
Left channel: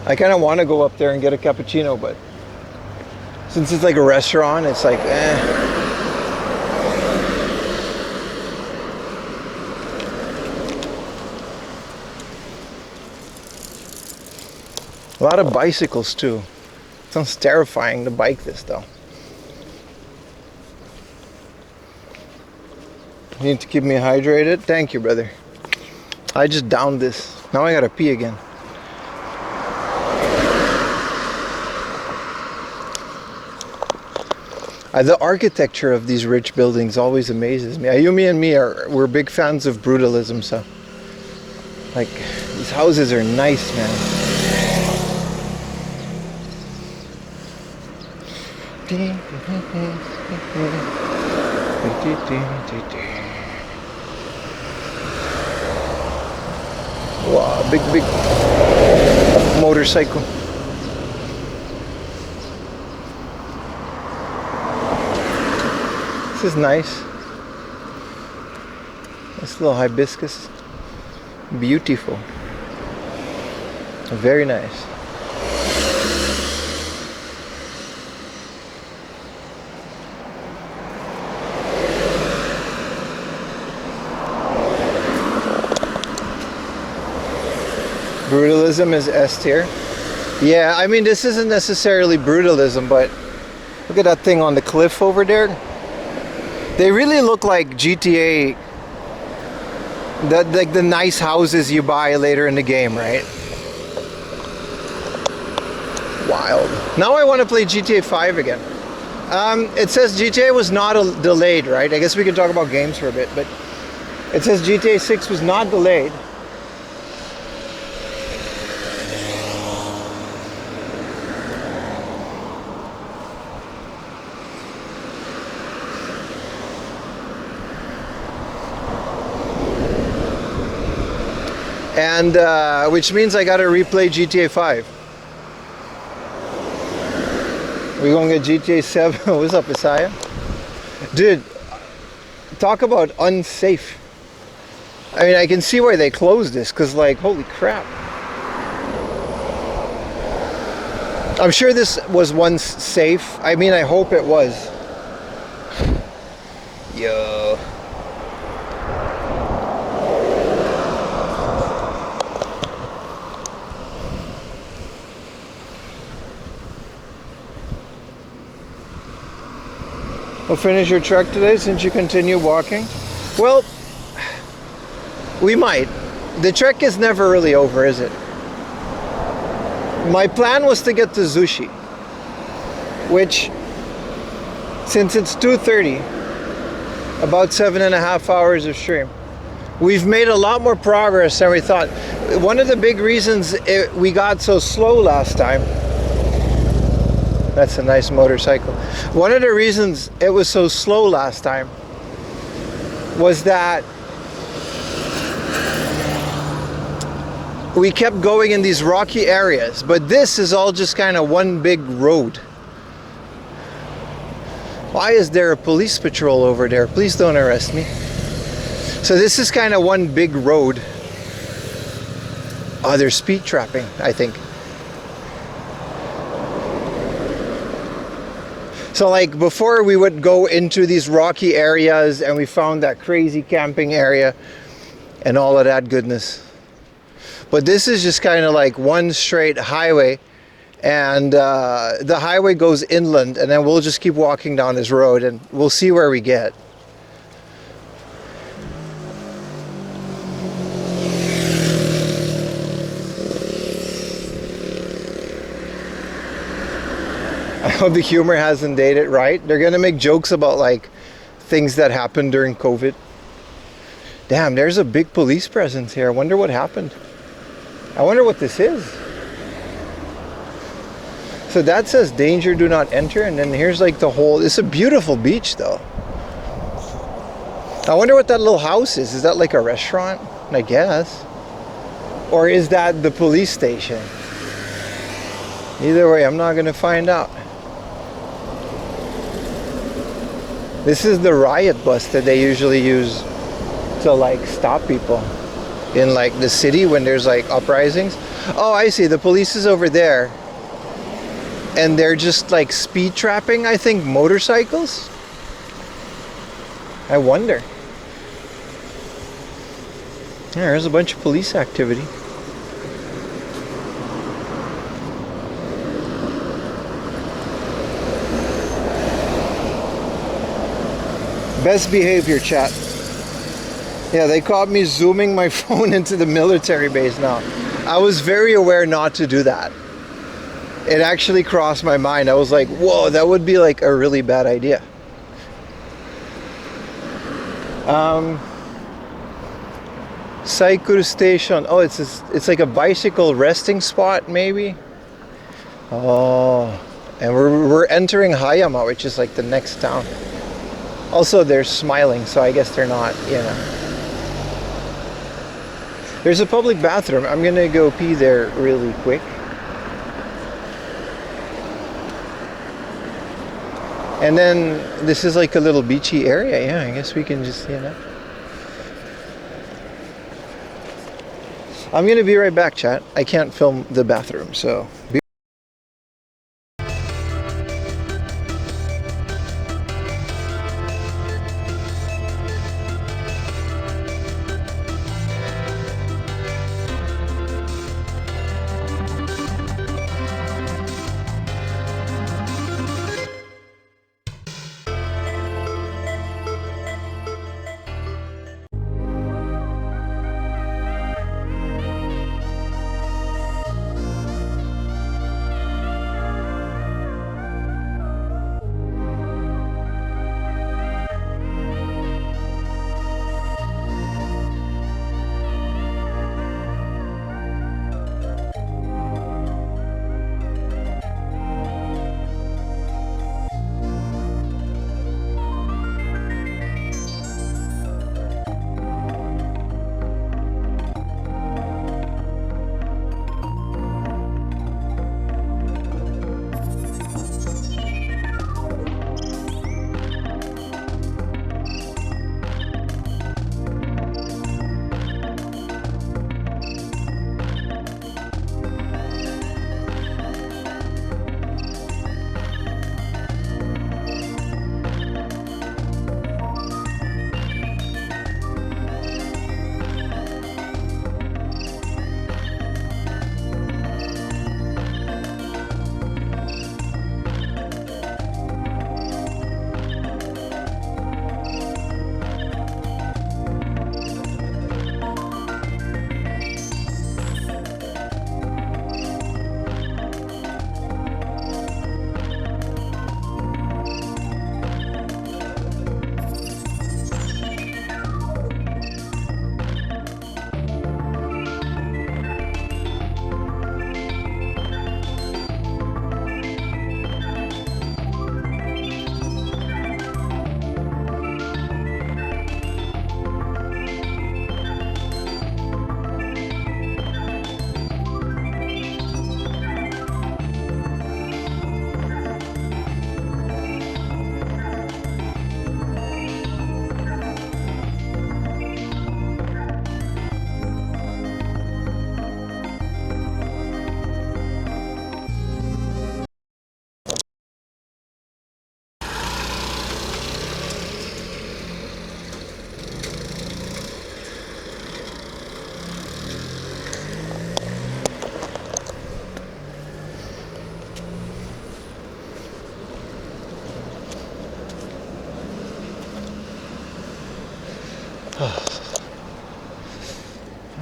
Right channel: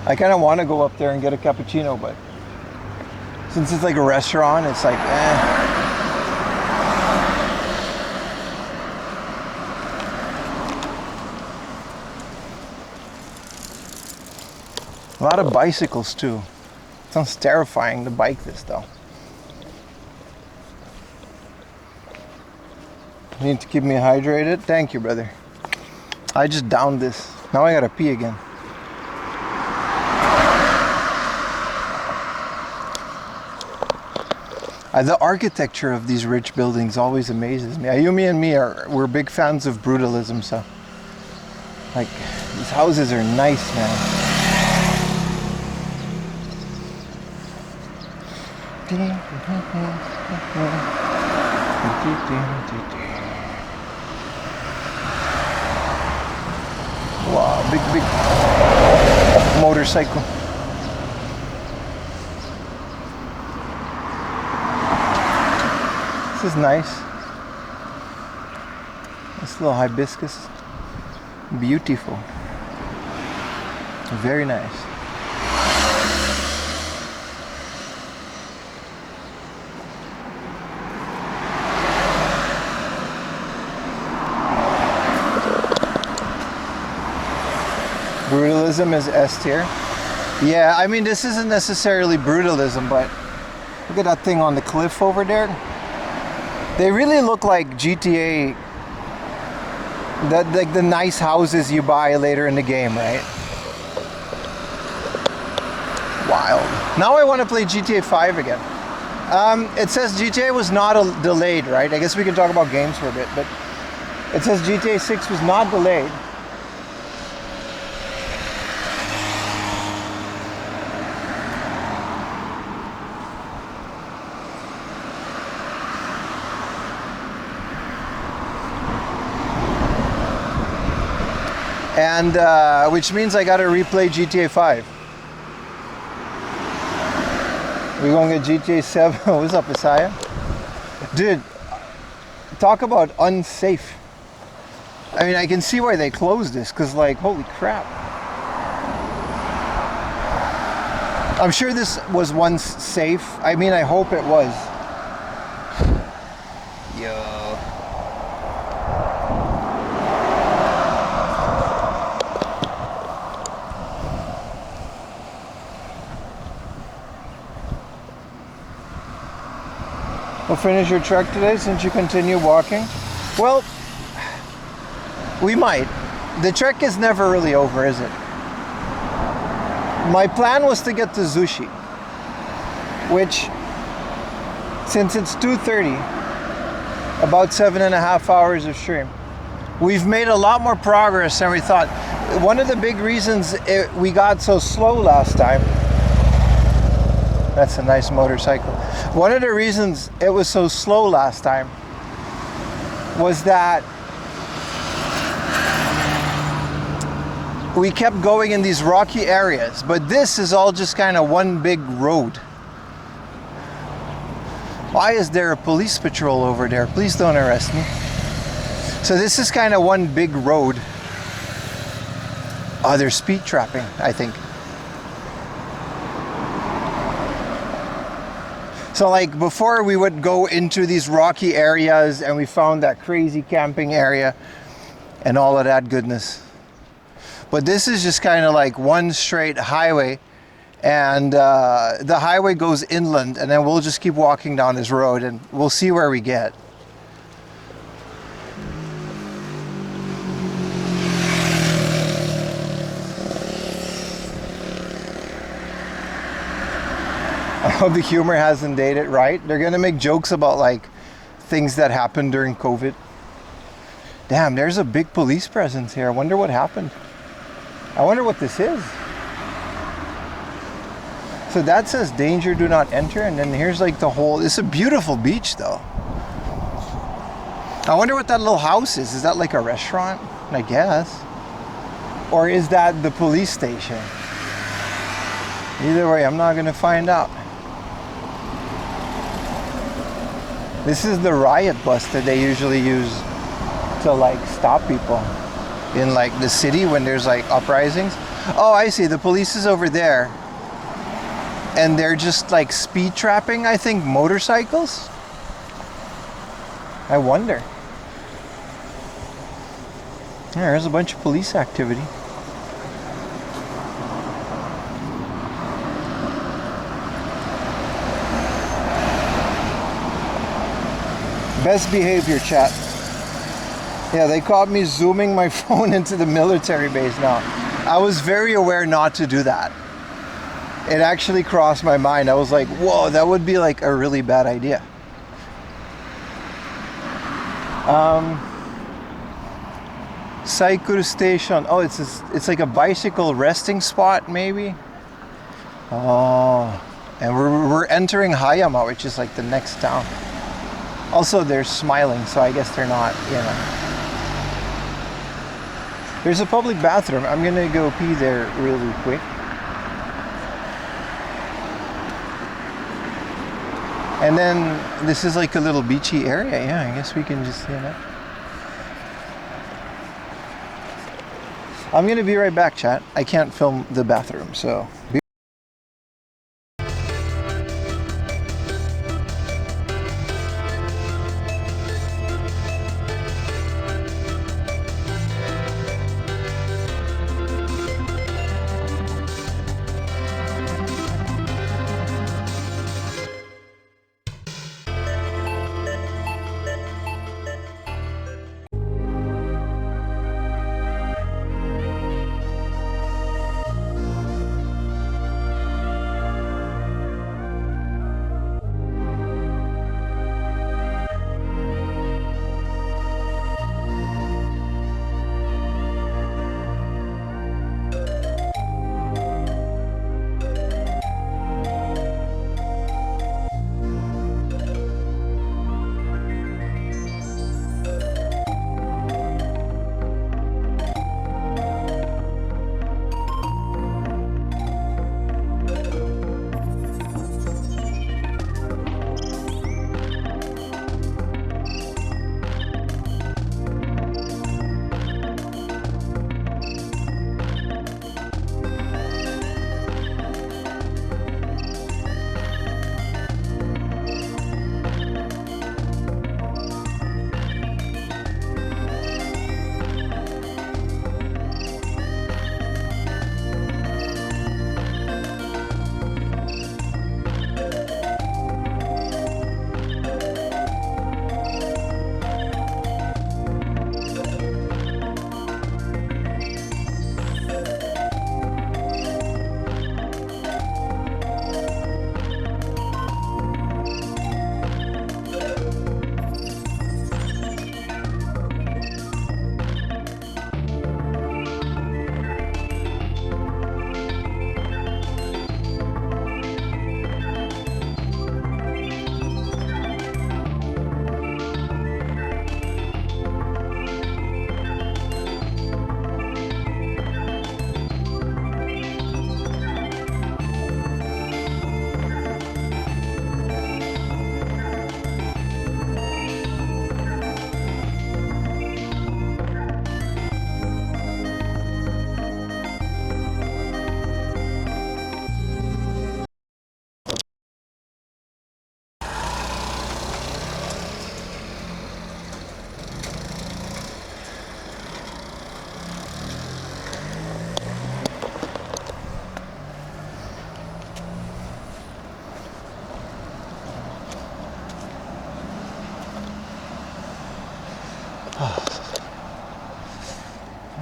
I kind of want to go up there and get a cappuccino, but since it's like a restaurant, it's like, eh. A lot of bicycles too. Sounds terrifying to bike this though. Need to keep me hydrated. Thank you, brother. I just downed this. Now I gotta pee again. The architecture of these rich buildings always amazes me. Ayumi and me we're big fans of brutalism, so like these houses are nice, man. Wow, big motorcycle. This is nice. This little hibiscus. Beautiful. Very nice. Brutalism is S tier. Yeah, I mean, this isn't necessarily brutalism, but look at that thing on the cliff over there. They really look like GTA, like the nice houses you buy later in the game, right? Wild. Now I want to play GTA 5 again. It says GTA was not delayed, right? I guess we can talk about games for a bit, but it says GTA 6 was not delayed. And which means I gotta replay GTA 5. We're gonna get GTA 7. What's up, Isaiah? Dude, talk about unsafe. I mean, I can see why they closed this, because like, holy crap. I'm sure this was once safe. I mean, I hope it was. Yo. We'll finish your trek today since you continue walking. Well, we might. The trek is never really over, is it? My plan was to get to Zushi, which, since it's 2:30, about 7.5 hours of stream. We've made a lot more progress than we thought. One of the big reasons we got so slow last time, that's a nice motorcycle. One of the reasons it was so slow last time was that we kept going in these rocky areas, but this is all just kind of one big road. Why is there a police patrol over there? Please don't arrest me. So this is kind of one big road. Oh, they're speed trapping, I think. So like before we would go into these rocky areas and we found that crazy camping area and all of that goodness. But this is just kind of like one straight highway, and the highway goes inland, and then we'll just keep walking down this road and we'll see where we get. I hope the humor hasn't dated right. They're gonna make jokes about like things that happened during COVID. Damn, there's a big police presence here. I wonder what happened. I wonder what this is. So that says danger, do not enter, and then here's like the whole, it's a beautiful beach though. I wonder what that little house is. Is that like a restaurant? I guess. Or is that the police station? Either way, I'm not gonna find out. This is the riot bus that they usually use to like stop people in like the city when there's like uprisings. Oh, I see, the police is over there and they're just like speed trapping, I think, motorcycles. I wonder. Yeah, there's a bunch of police activity. Best behavior, chat. Yeah, they caught me zooming my phone into the military base now. I was very aware not to do that. It actually crossed my mind. I was like, whoa, that would be like a really bad idea. Cycle station. Oh, it's like a bicycle resting spot maybe. Oh, and we're entering Hayama, which is like the next town. Also, they're smiling, so I guess they're not, you know. There's a public bathroom. I'm gonna go pee there really quick. And then this is like a little beachy area. Yeah, I guess we can just, you know. I'm gonna be right back, chat. I can't film the bathroom, so be All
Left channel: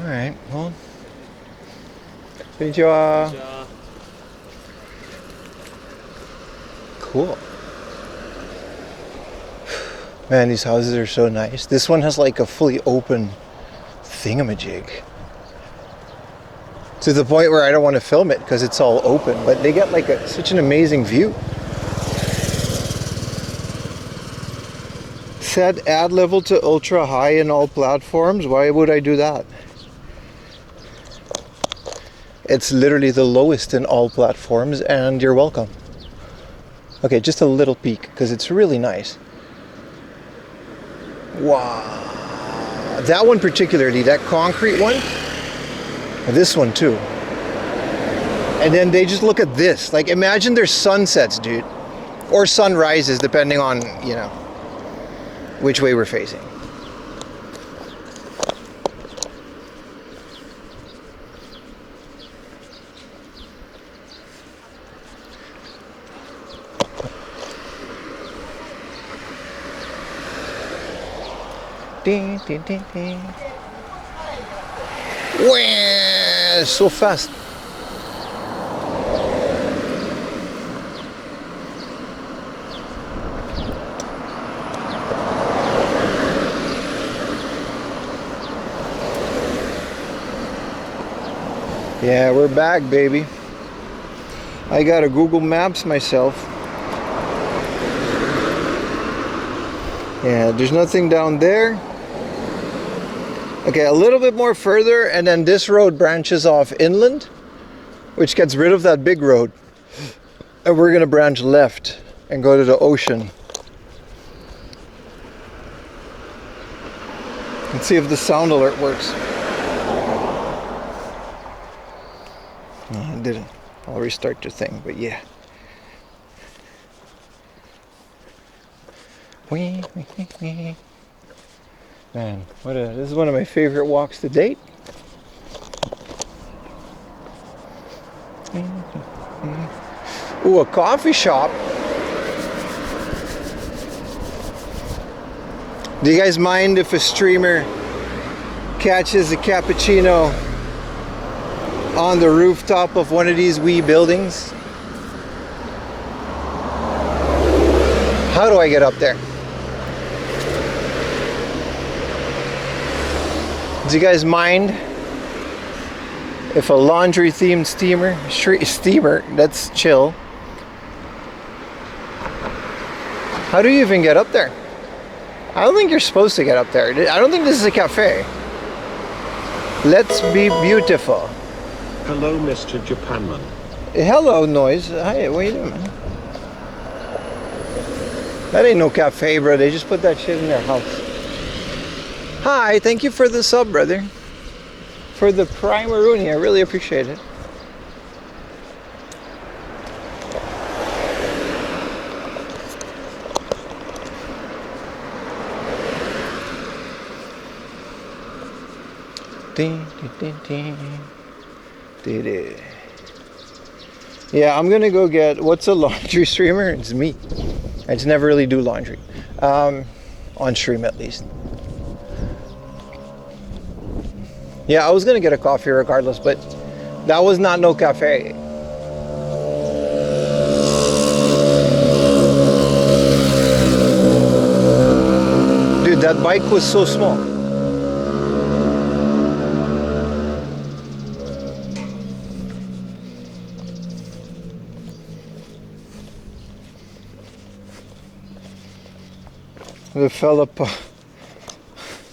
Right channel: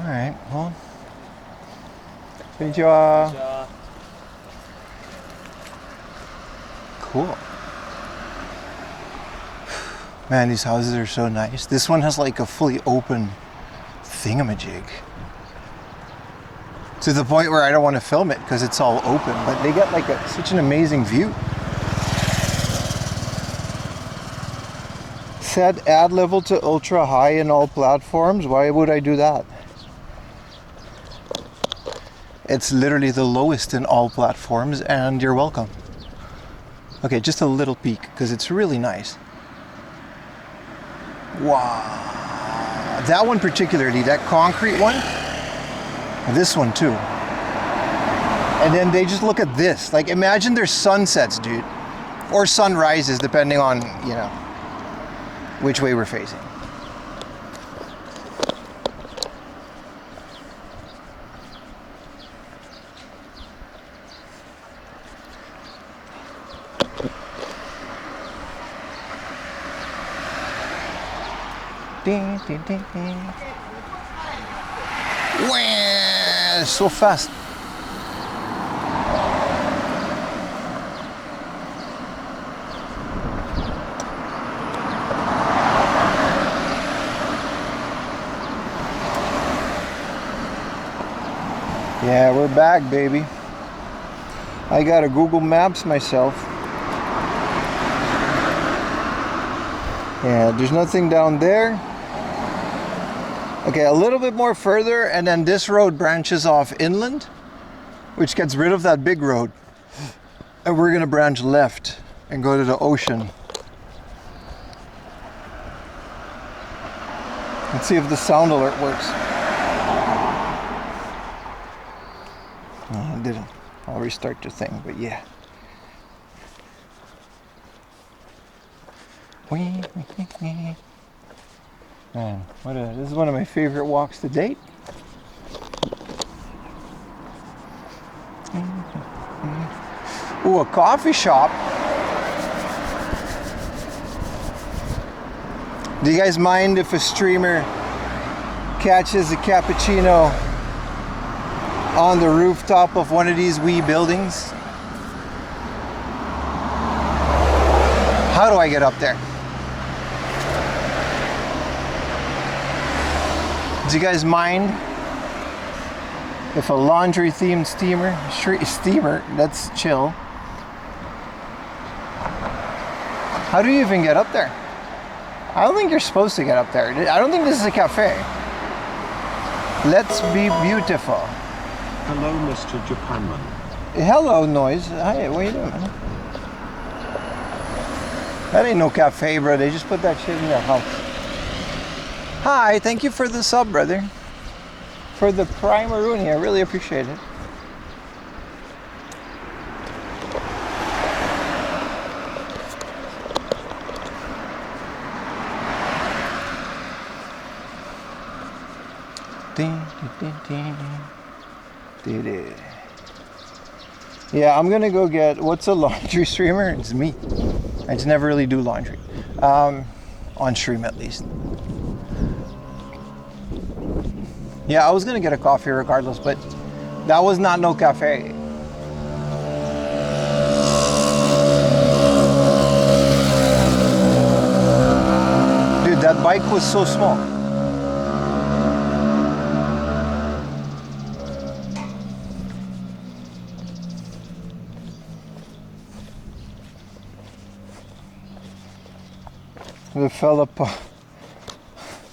right, well. Konnichiwa. Cool. Man, these houses are so nice. This one has like a fully open thingamajig. To the point where I don't want to film it because it's all open, but they get like such an amazing view. Set ad level to ultra high in all platforms. Why would I do that? It's literally the lowest in all platforms, and you're welcome. Okay, just a little peek because it's really nice. Wow. That one particularly, that concrete one. This one too. And then they just look at this. Like, imagine their sunsets, dude. Or sunrises, depending on, you know, which way we're facing. Ding, ding, ding, ding. Wah, so fast. Yeah, we're back, baby. I got a Google Maps myself. Yeah, there's nothing down there. Okay, a little bit more further, and then this road branches off inland, which gets rid of that big road. And we're gonna branch left and go to the ocean. Let's see if the sound alert works. No, it didn't. I'll restart the thing, but yeah. Man, this is one of my favorite walks to date. Ooh, a coffee shop. Do you guys mind if a streamer catches a cappuccino on the rooftop of one of these wee buildings? How do I get up there? Do you guys mind if a laundry themed steamer, that's chill. How do you even get up there? I don't think you're supposed to get up there. I don't think this is a cafe. Let's be beautiful. Hello, Mr. Japanman. Hello, Noise. Hi, what are you doing, man? That ain't no cafe, bro. They just put that shit in their house. Hi, thank you for the sub, brother. For the Primaroonie, I really appreciate it. Ding, ding, ding, ding. Did it. Yeah, I'm gonna go get, what's a laundry streamer? It's me. I just never really do laundry. On stream at least. Yeah, I was gonna get a coffee regardless, but that was not no cafe. Dude, that bike was so small.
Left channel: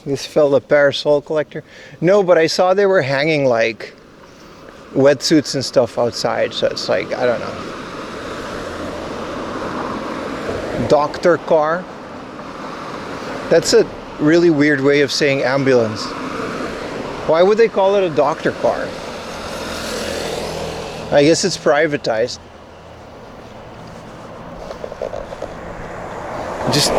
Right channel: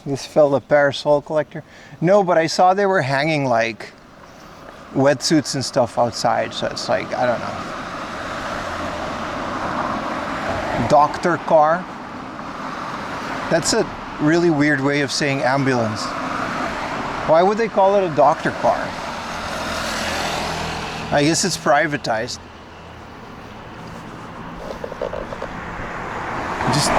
This fella parasol collector. No, but I saw they were hanging like wetsuits and stuff outside, so it's like, I don't know. Doctor car. That's a really weird way of saying ambulance. Why would they call it a doctor car? I guess it's privatized. Just,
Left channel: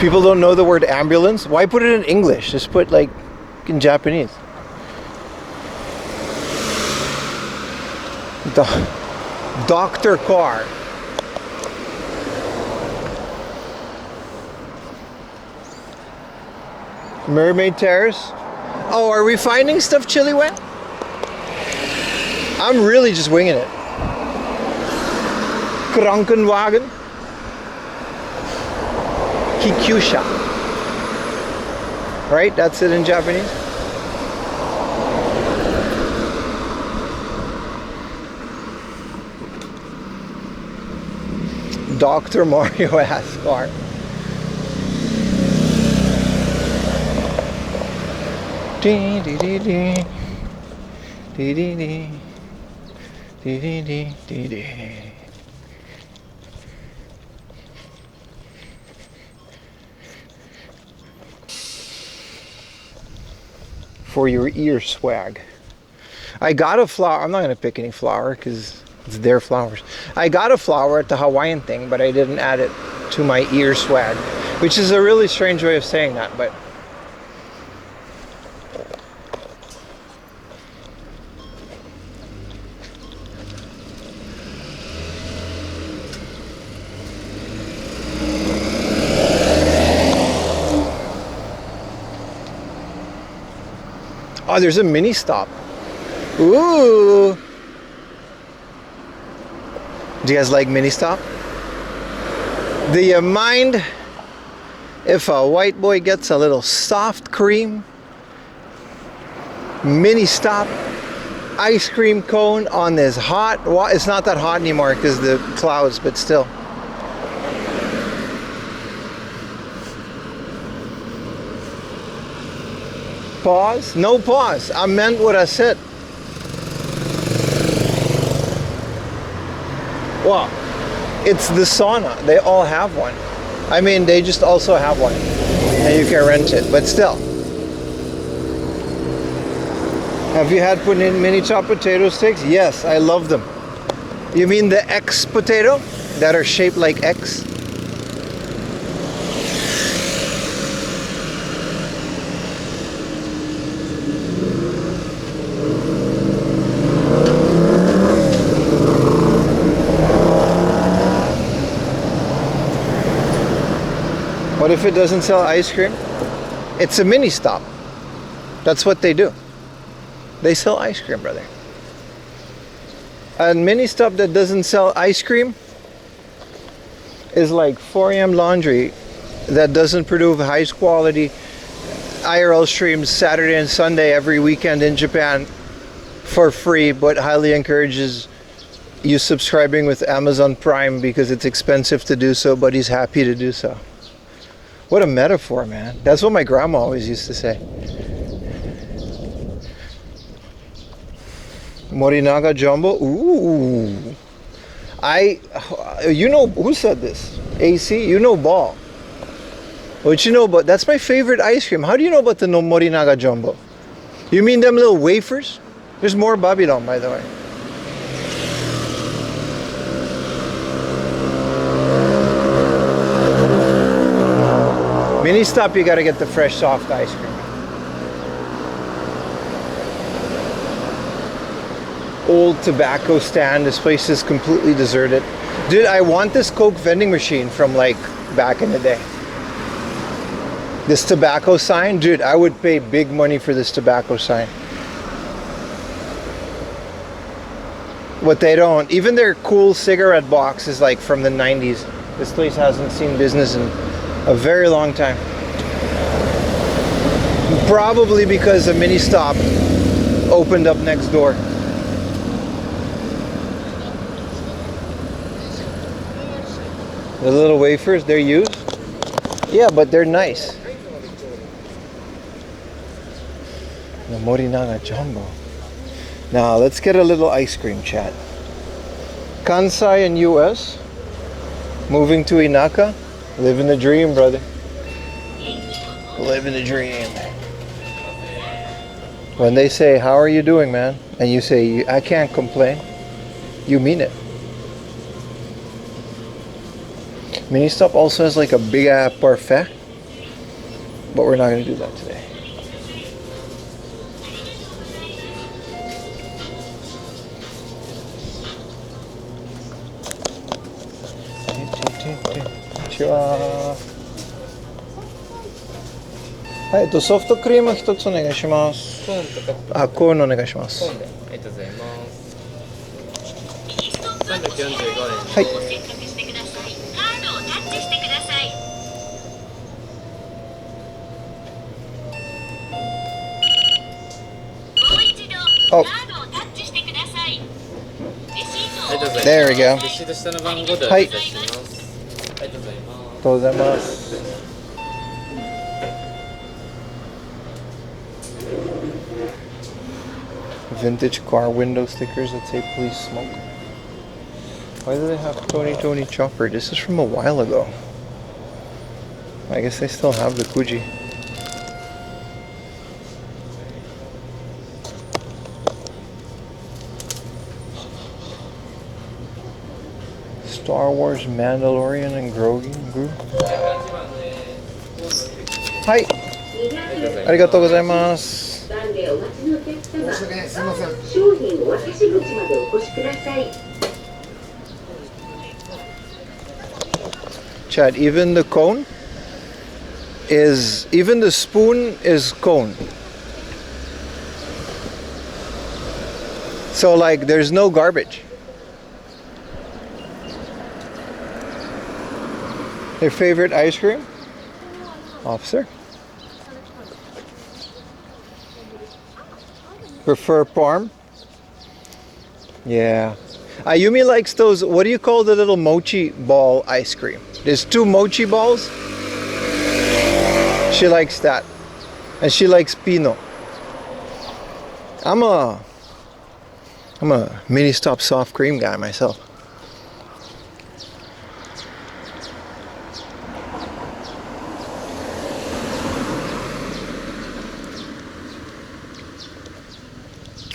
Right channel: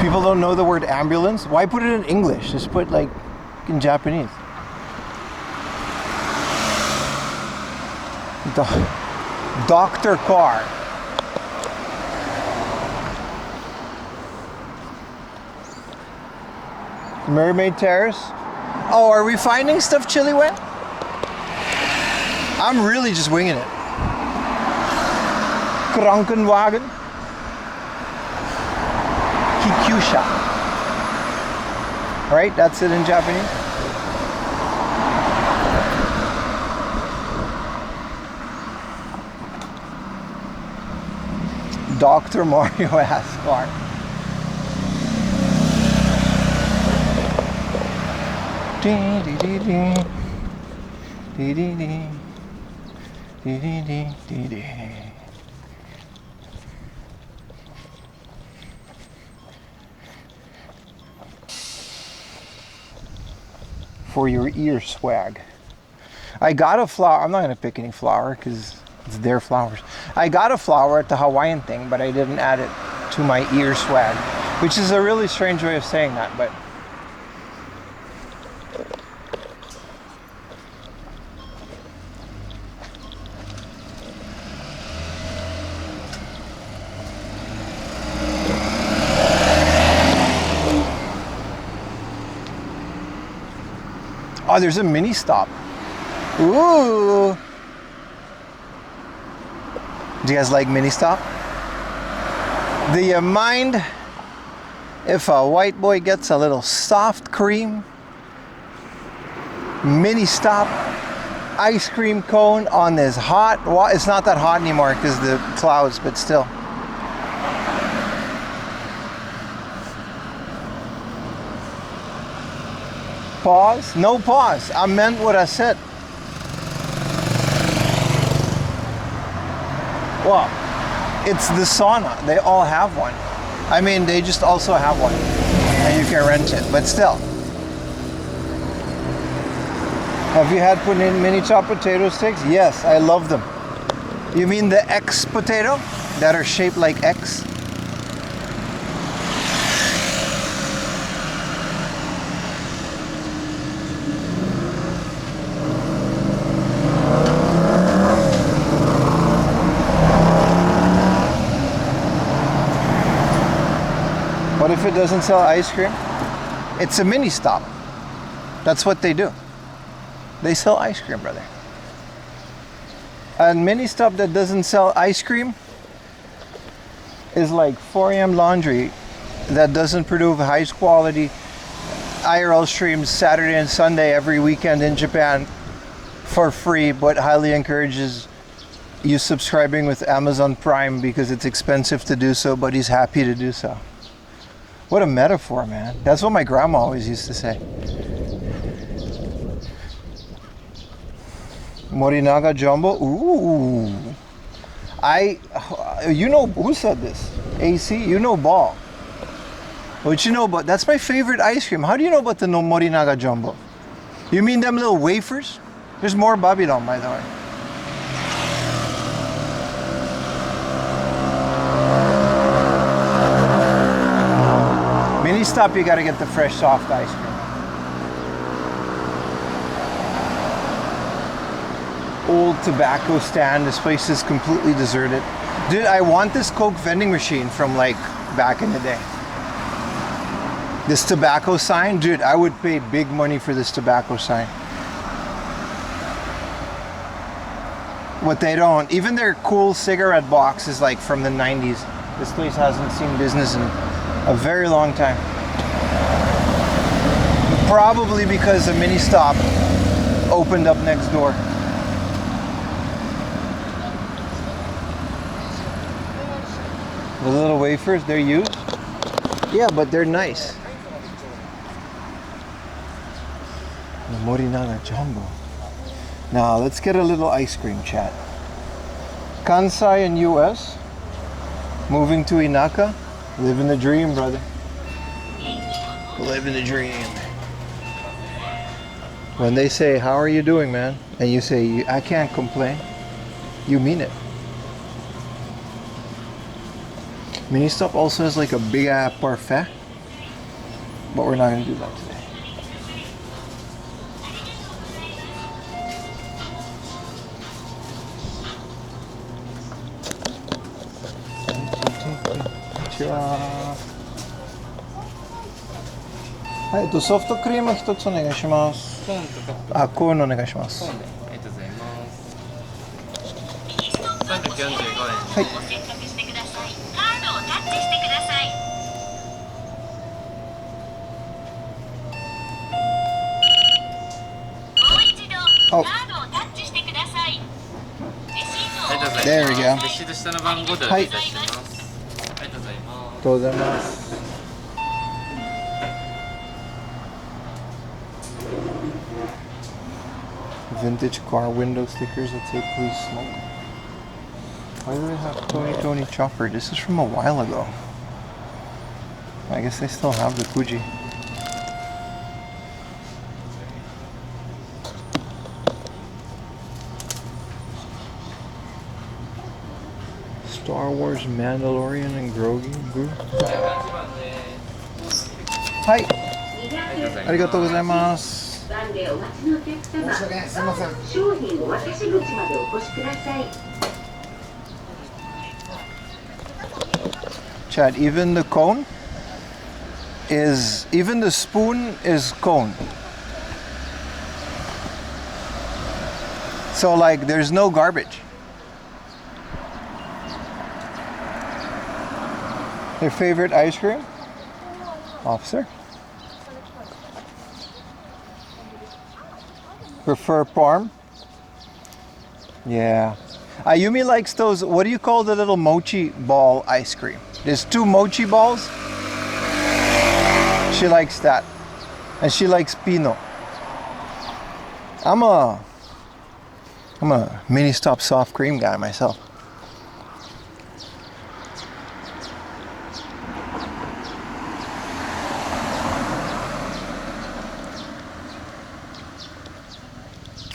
people don't know the word ambulance. Why put it in English? Just put like in Japanese. Doctor car. Mermaid Terrace. Oh, are we finding stuff chili wet? I'm really just winging it. Krankenwagen. Kikyusha. Right? That's it in Japanese. Dr. Mario Ascar. Dee dee dee dee. Dee dee dee. Dee dee dee dee dee. For your ear swag. I got a flower. I'm not gonna pick any flower because it's their flowers. I got a flower at the Hawaiian thing, but I didn't add it to my ear swag, which is a really strange way of saying that, but oh, there's a mini stop. Ooh. Do you guys like mini stop? Do you mind if a white boy gets a little soft cream? Mini stop ice cream cone on this hot, it's not that hot anymore because the clouds, but still. Pause? No pause. I meant what I said. Well, it's the sauna. They all have one. I mean, they just also have one. And you can rent it, but still. Have you had put in mini chopped potato sticks? Yes, I love them. You mean the X potato that are shaped like X? What if it doesn't sell ice cream? It's a mini stop. That's what they do. They sell ice cream, brother. A mini stop that doesn't sell ice cream is like 4am laundry that doesn't produce high quality IRL streams Saturday and Sunday every weekend in Japan for free, but highly encourages you subscribing with Amazon Prime because it's expensive to do so, but he's happy to do so. What a metaphor, man. That's what my grandma always used to say. Morinaga Jumbo. Ooh. You know, who said this? AC? You know ball. What you know about, that's my favorite ice cream. How do you know about the Morinaga Jumbo? You mean them little wafers? There's more Babylon, by the way. Mini stop, you gotta get the fresh soft ice cream. Old tobacco stand. This place is completely deserted. Dude, I want this Coke vending machine from like back in the day. This tobacco sign, dude, I would pay big money for this tobacco sign. What they don't, even their cool cigarette box is like from the 90s. This place hasn't seen business in a very long time. Probably because a mini stop opened up next door. The little wafers, they're used? Yeah, but they're nice. The Morinaga Jumbo. Now, let's get a little ice cream chat. Kansai in US. Moving to Inaka. Living the dream, brother. Living the dream. When they say, how are you doing, man? And you say, I can't complain. You mean it. Mini Stop also has like a big parfait, but we're not going to do that today. はい、ソフトクリーム一つお願いします。コーンとかあ、コーンお願いしますコーンでありがとうございます。345円。はい。Oh. ありがとうございます。 There we go. レシート下の番号でお願いします。ありがとうございます。ありがとうございます。Vintage car window stickers that say please smoke. Why do they have Tony Chopper? This is from a while ago. I guess they still have the Kuji. Star Wars, Mandalorian, and Grogu. Hi. ありがとうございます。商品お渡し口までお越しください。 Chad, even the cone is, even the spoon is cone. So like there's no garbage. Your favorite ice cream? Officer? Prefer parm? Yeah. Ayumi likes those, what do you call the little mochi ball ice cream? There's 2 mochi balls. She likes that. And she likes Pino. I'm a mini stop soft cream guy myself.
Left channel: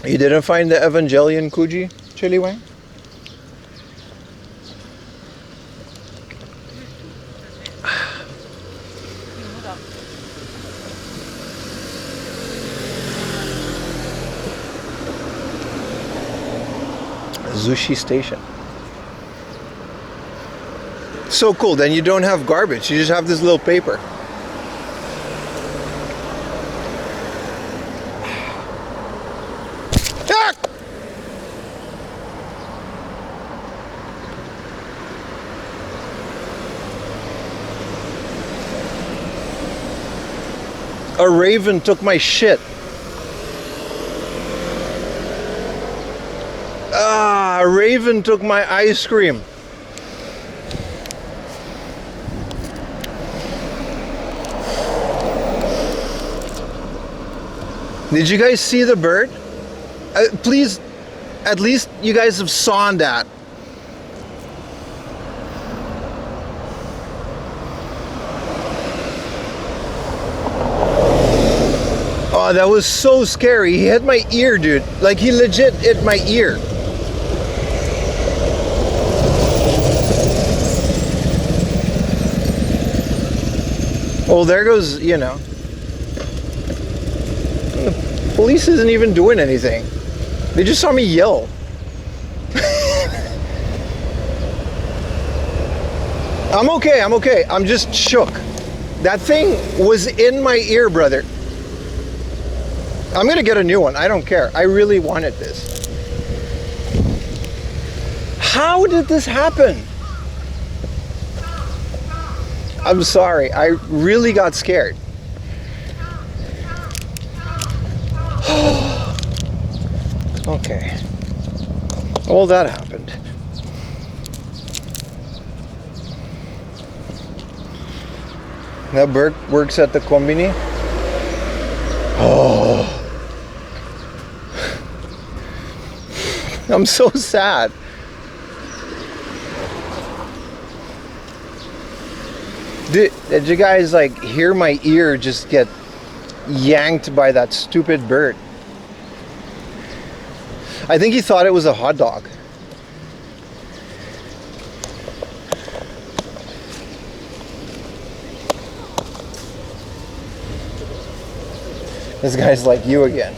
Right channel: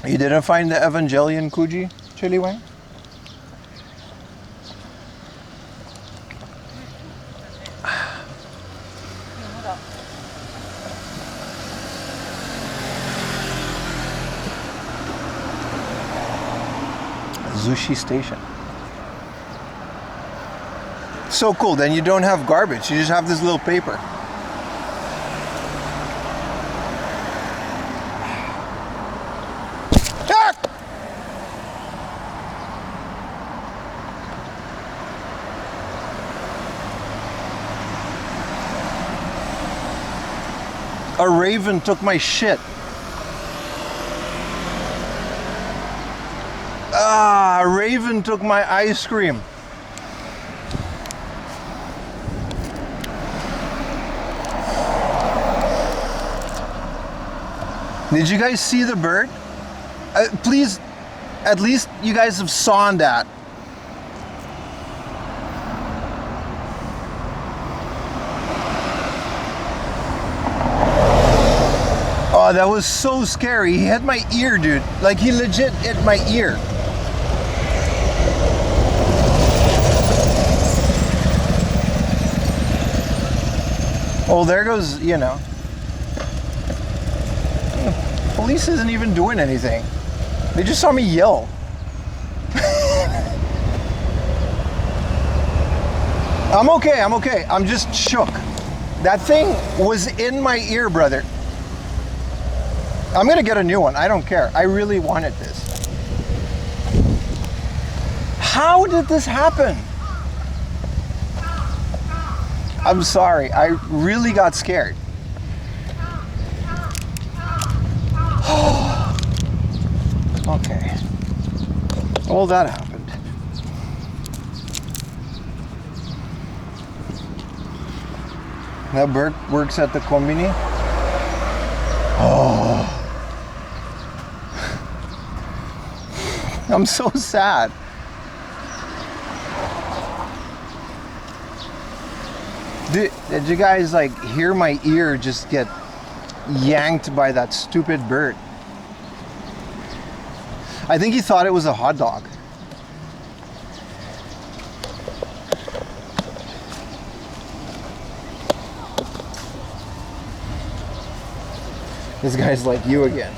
You didn't find the Evangelion Kuji, Chili Wang? Zushi Station. So cool, then you don't have garbage, you just have this little paper. A raven took my shit. Ah, a raven took my ice cream. Did you guys see the bird? Please, at least you guys have saw that. Oh, that was so scary. He hit my ear, dude. Like, he legit hit my ear. Well, there goes, you know. The police isn't even doing anything. They just saw me yell. I'm okay, I'm okay. I'm just shook. That thing was in my ear, brother. I'm gonna get a new one. I don't care. I really wanted this. How did this happen? I'm sorry. I really got scared. Okay. Well, that happened. That bird works at the kombini. Oh. I'm so sad. Did you guys like hear my ear just get yanked by that stupid bird? I think he thought it was a hot dog. This guy's like you again.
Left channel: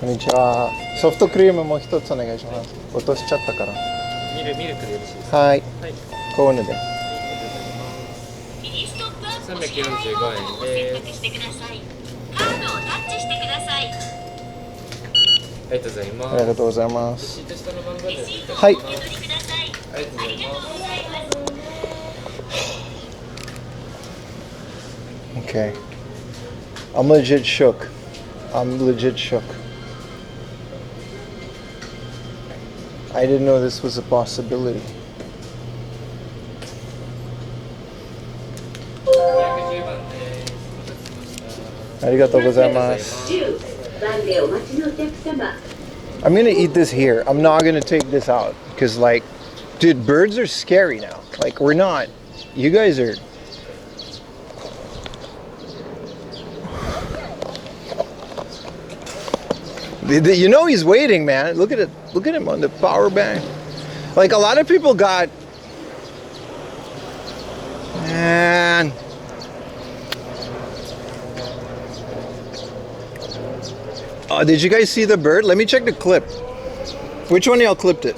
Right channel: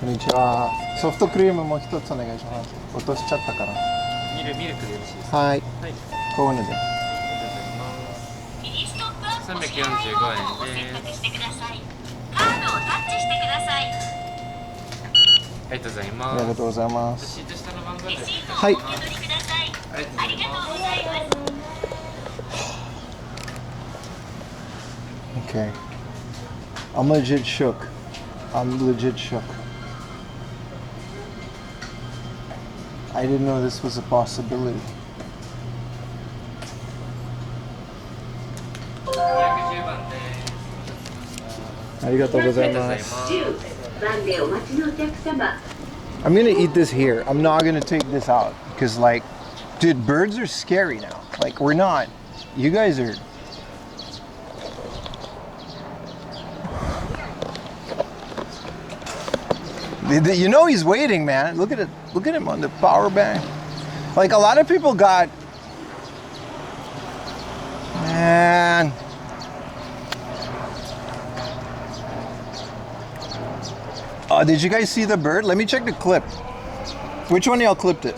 Konnichiwa. ソフトクリームも一つお願いします。落としちゃったから。ミルクでよろしいですか？はい。はい。こういうので。ありがとうございます。345円です。カードをタッチしてください。ありがとうございます。ありがとうございます。シート下の番号でお願いします。はい。ください。ありがとうございます。 Okay. I'm legit shook. I'm legit shook. I didn't know this was a possibility. 210番です。ありがとうございます。10番でお待ちのお客様。 I'm gonna eat this here. I'm not gonna take this out because, like, dude, birds are scary now. Like, we're not. You guys are. You know he's waiting, man. Look at it. Look at him on the power bank. Like, a lot of people got. Man. Did you guys see the bird? Let me check the clip. Which one of y'all clipped it?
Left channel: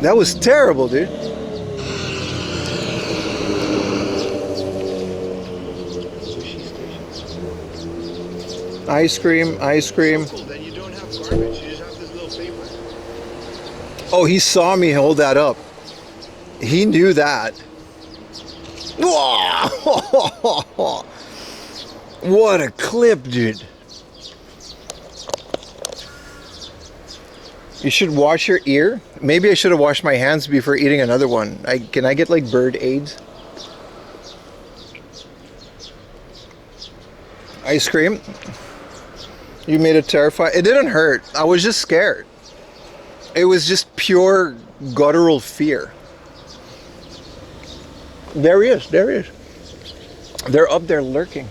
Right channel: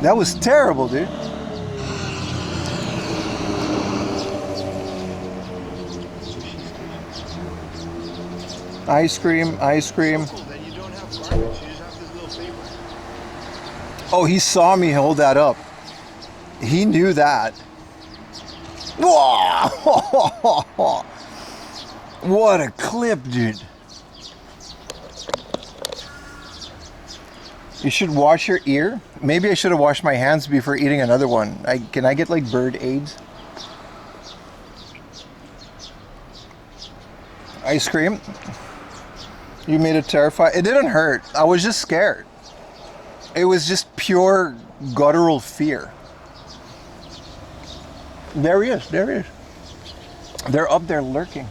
That was terrible, dude. Ice cream, ice cream. Then you don't have garbage. You just have this little paper. Oh, he saw me hold that up. He knew that. Whoa! What a clip, dude. You should wash your ear. Maybe I should have washed my hands before eating another one. Can I get like bird AIDS? Ice cream. You made it terrified. It didn't hurt. I was just scared. It was just pure guttural fear. There he is. There he is. They're up there lurking.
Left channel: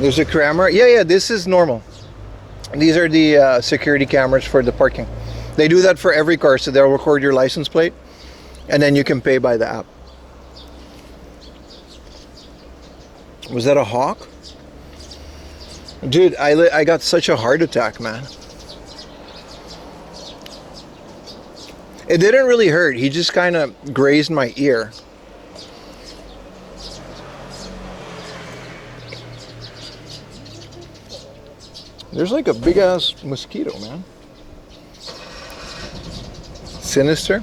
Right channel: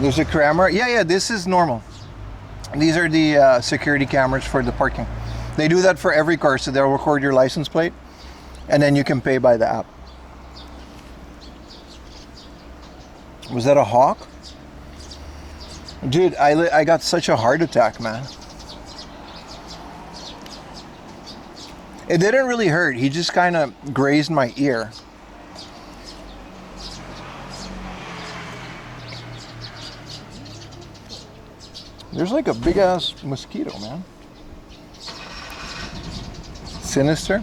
There's a camera. Yeah, this is normal. These are the security cameras for the parking. They do that for every car, so they'll record your license plate, and then you can pay by the app. Was that a hawk? Dude, I got such a heart attack, man. It didn't really hurt. He just kind of grazed my ear. There's like a big ass mosquito, man. Sinister.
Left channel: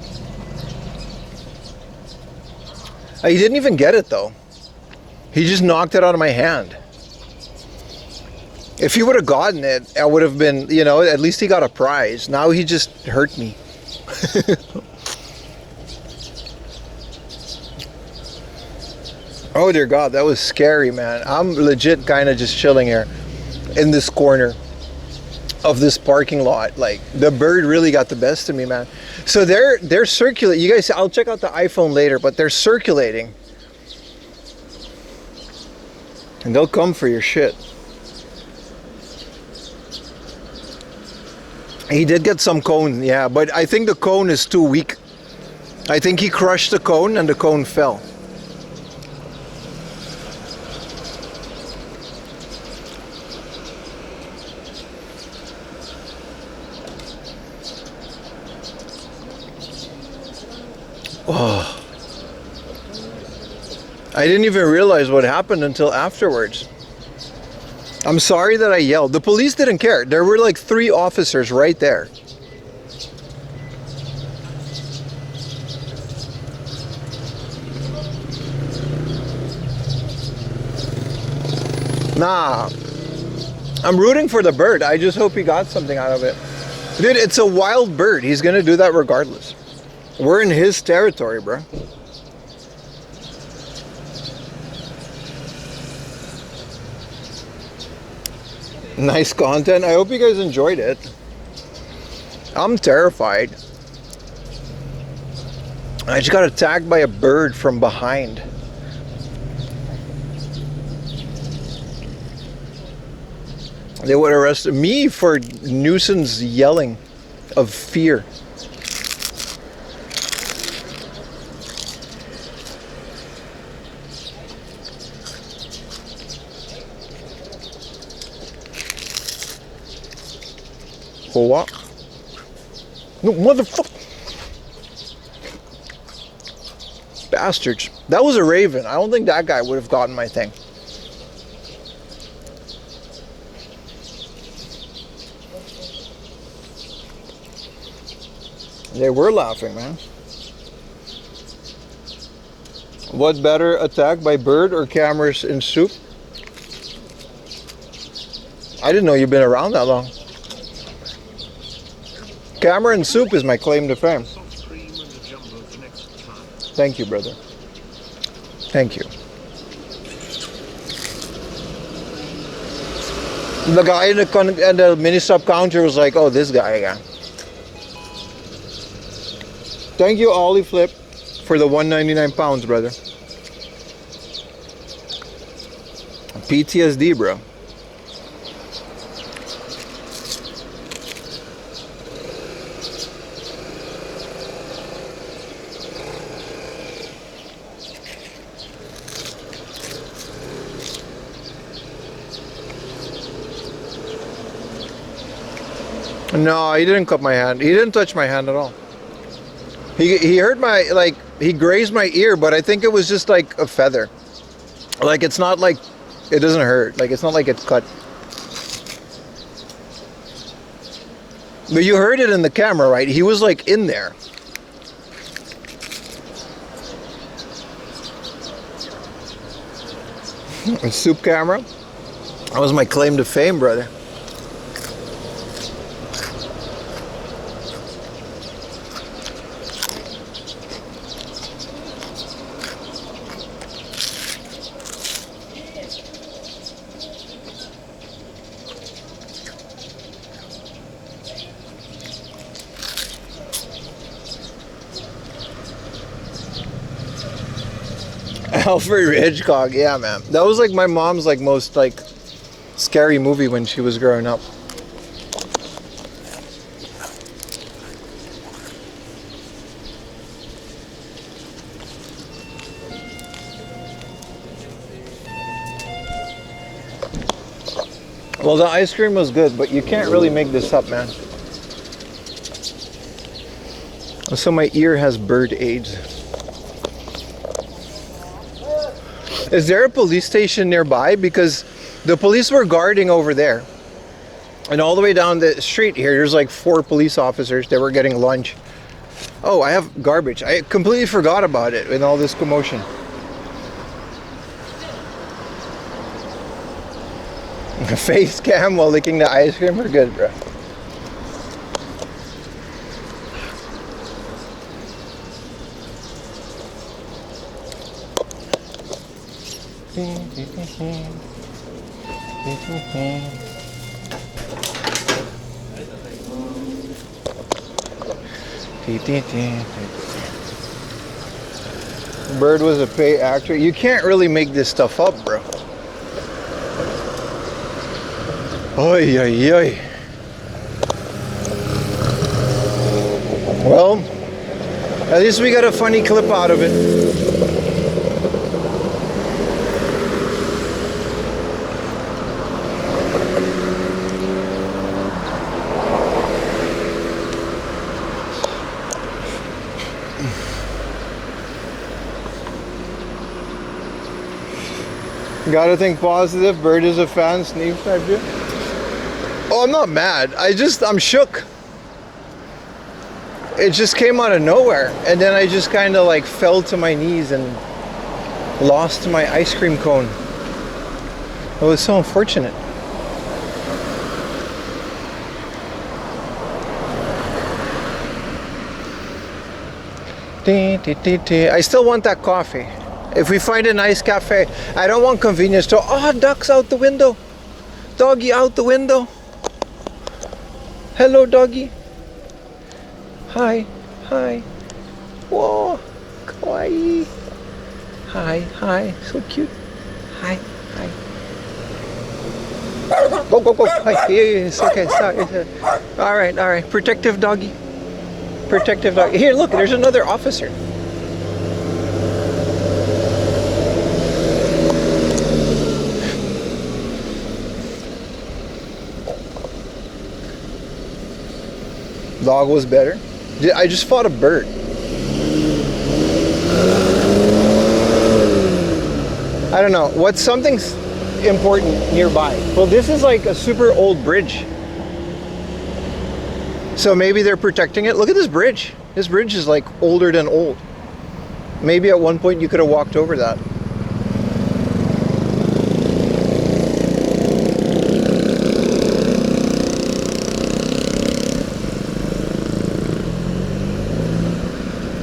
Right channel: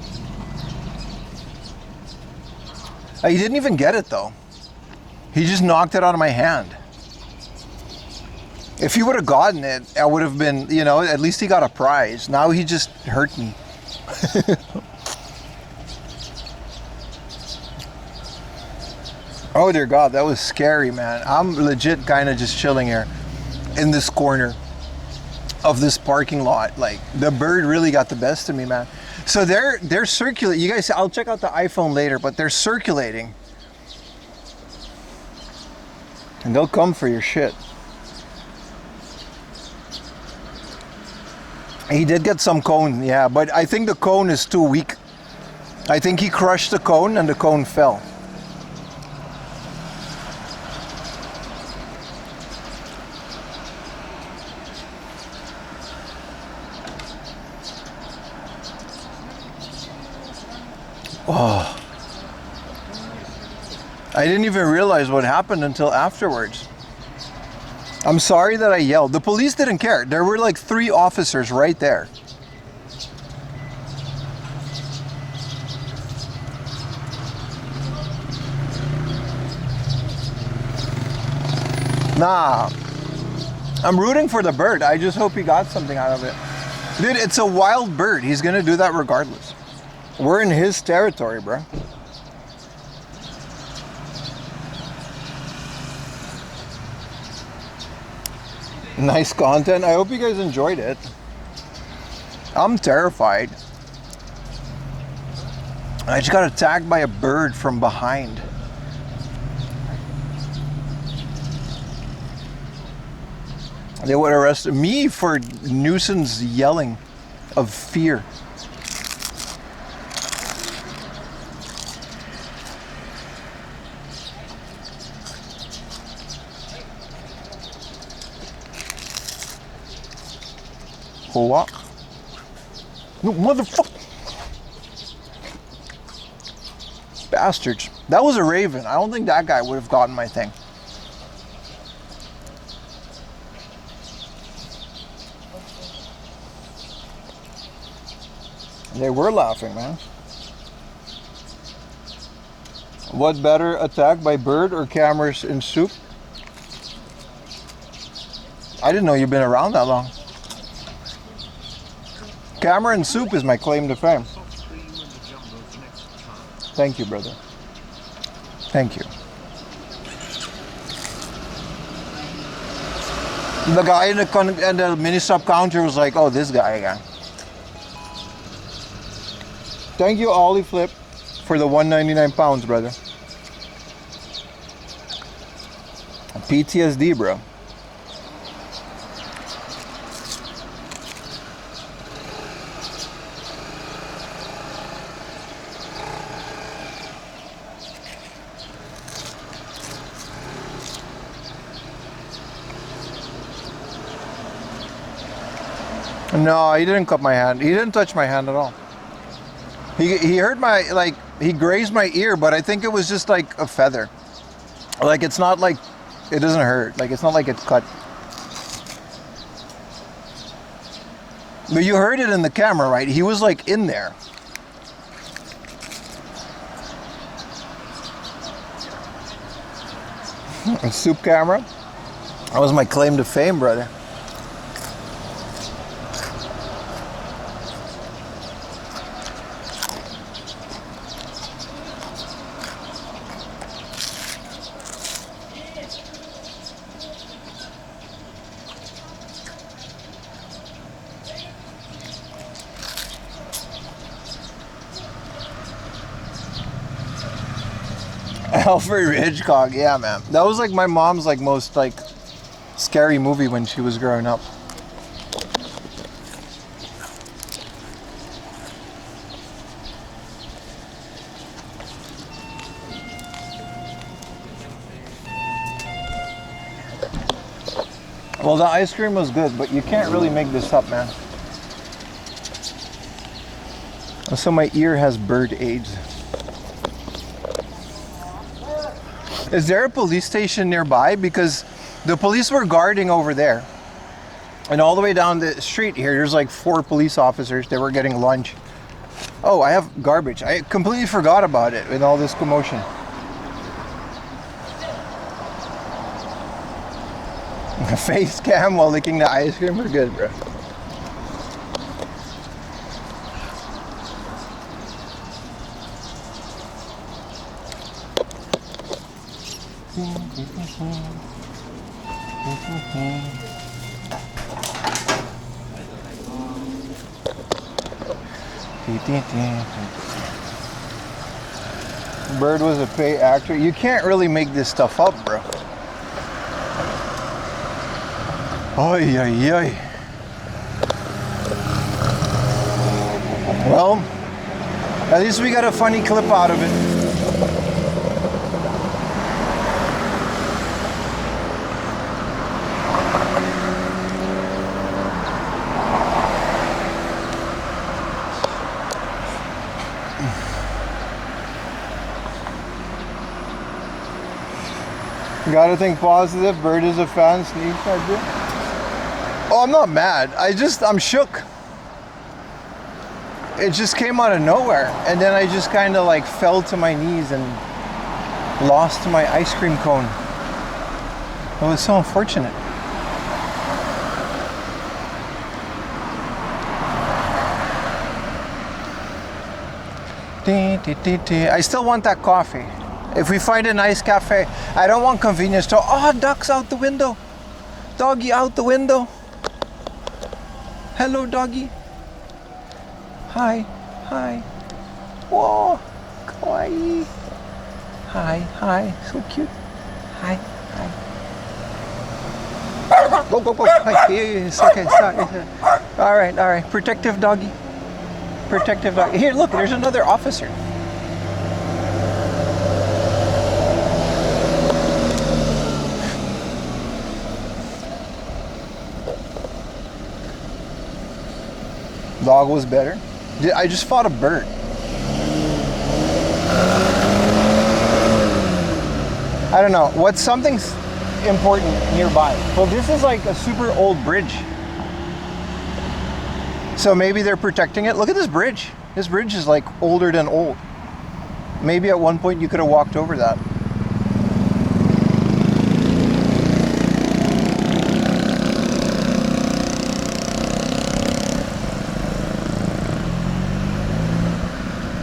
He didn't even get it though. He just knocked it out of my hand. If he would have gotten it, I would have been, you know, at least he got a prize. Now he just hurt me. Oh dear God, that was scary, man. I'm legit kind of just chilling here in this corner of this parking lot. Like, the bird really got the best of me, man. So they're circulating. You guys, I'll check out the iPhone later, but they're circulating. And they'll come for your shit. He did get some cone, yeah, but I think the cone is too weak. I think he crushed the cone and the cone fell. Oh. I didn't even realize what happened until afterwards. I'm sorry that I yelled. The police didn't care. There were like 3 officers right there. Nah. I'm rooting for the bird. I just hope he got something out of it. Dude, it's a wild bird. He's gonna do that regardless. We're in his territory, bro. Nice content. I hope you guys enjoyed it. I'm terrified. I just got attacked by a bird from behind. They would arrest me for nuisance yelling of fear. For what? No, motherfucker. Bastards. That was a raven. I don't think that guy would have gotten my thing. They were laughing, man. What better, attack by bird or cameras in soup? I didn't know you've been around that long. Camera and soup is my claim to fame. Soft cream and a jumbo for next time. Thank you, brother. Thank you. The guy in the mini sub counter was like, "Oh, this guy again." Thank you, Ollie Flip, for the 199 pounds, brother. PTSD, bro. No, he didn't cut my hand. He didn't touch my hand at all. He hurt my, like, he grazed my ear, but I think it was just like a feather. Like, it's not like, it doesn't hurt. Like, it's not like it's cut. But you heard it in the camera, right? He was like in there. And soup camera. That was my claim to fame, brother. Alfred Hitchcock, yeah, man. That was like my mom's like most like scary movie when she was growing up. Well, the ice cream was good, but you can't really make this up, man. So my ear has bird AIDS. Is there a police station nearby? Because the police were guarding over there. And all the way down the street here, there's like 4 police officers. They were getting lunch. Oh, I have garbage. I completely forgot about it in all this commotion. Face cam while licking the ice cream. We're good, bro. Bird was a paid actor. You can't really make this stuff up, bro. Oy, oy, oy. Well, at least we got a funny clip out of it. Gotta think positive. Bird is a fan. Sneak type dude. Oh, I'm not mad. I'm shook. It just came out of nowhere. And then I just kind of like fell to my knees and lost my ice cream cone. It was so unfortunate. I still want that coffee. If we find a nice cafe, I don't want convenience store. Oh, ducks out the window. Doggy out the window. Hello, doggy. Hi, hi. Whoa, kawaii. Hi, hi, so cute. Hi, hi. Go, go, go. Hi. It's okay, stop. All right. Protective doggy. Protective doggy. Here, look, there's another officer. dog was better. I just fought a bird. I don't know. What's something's important nearby? Well, this is like a super old bridge. So maybe they're protecting it. Look at this bridge. This bridge is like older than old. Maybe at one point you could have walked over that.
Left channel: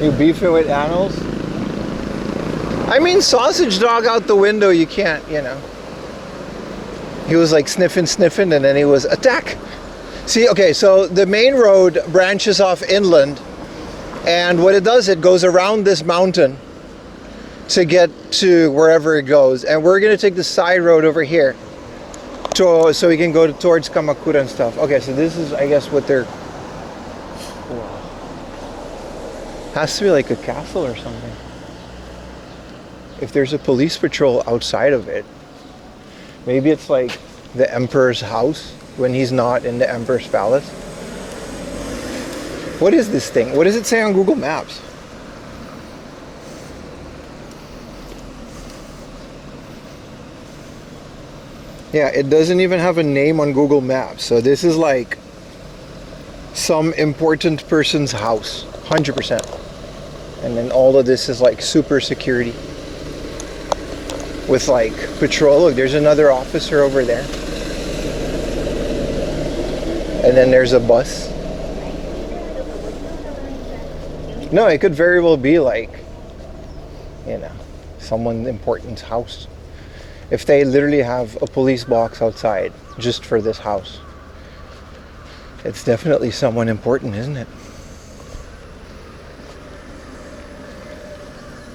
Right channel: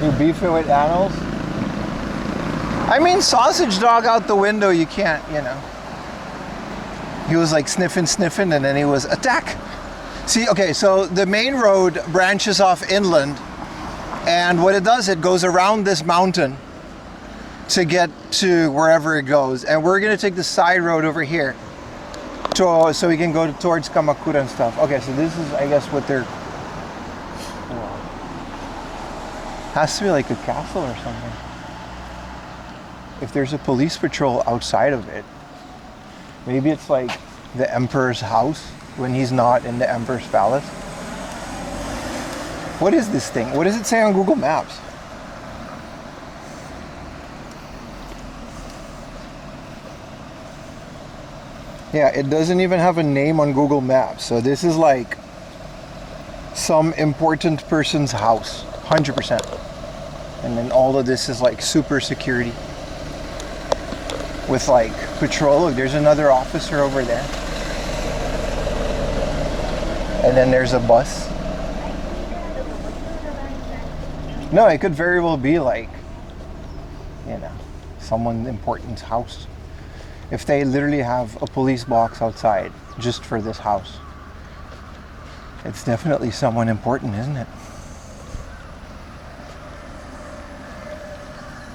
You beefing with animals? I mean, sausage dog out the window, you can't, you know. He was like sniffing, and then he was attack. See, okay, so the main road branches off inland, and what it does, it goes around this mountain to get to wherever it goes. And we're gonna take the side road over here so we can go towards Kamakura and stuff. Okay, so this is, I guess, what they're... Wow. Has to be like a castle or something. If there's a police patrol outside of it, maybe it's like the emperor's house when he's not in the emperor's palace. What is this thing? What does it say on Google Maps? Yeah, it doesn't even have a name on Google Maps. So this is like some important person's house, 100%. And then all of this is like super security with like patrol. Look, there's another officer over there. And then there's a bus. No, it could very well be like, you know, someone important's house. If they literally have a police box outside just for this house, it's definitely someone important, isn't it?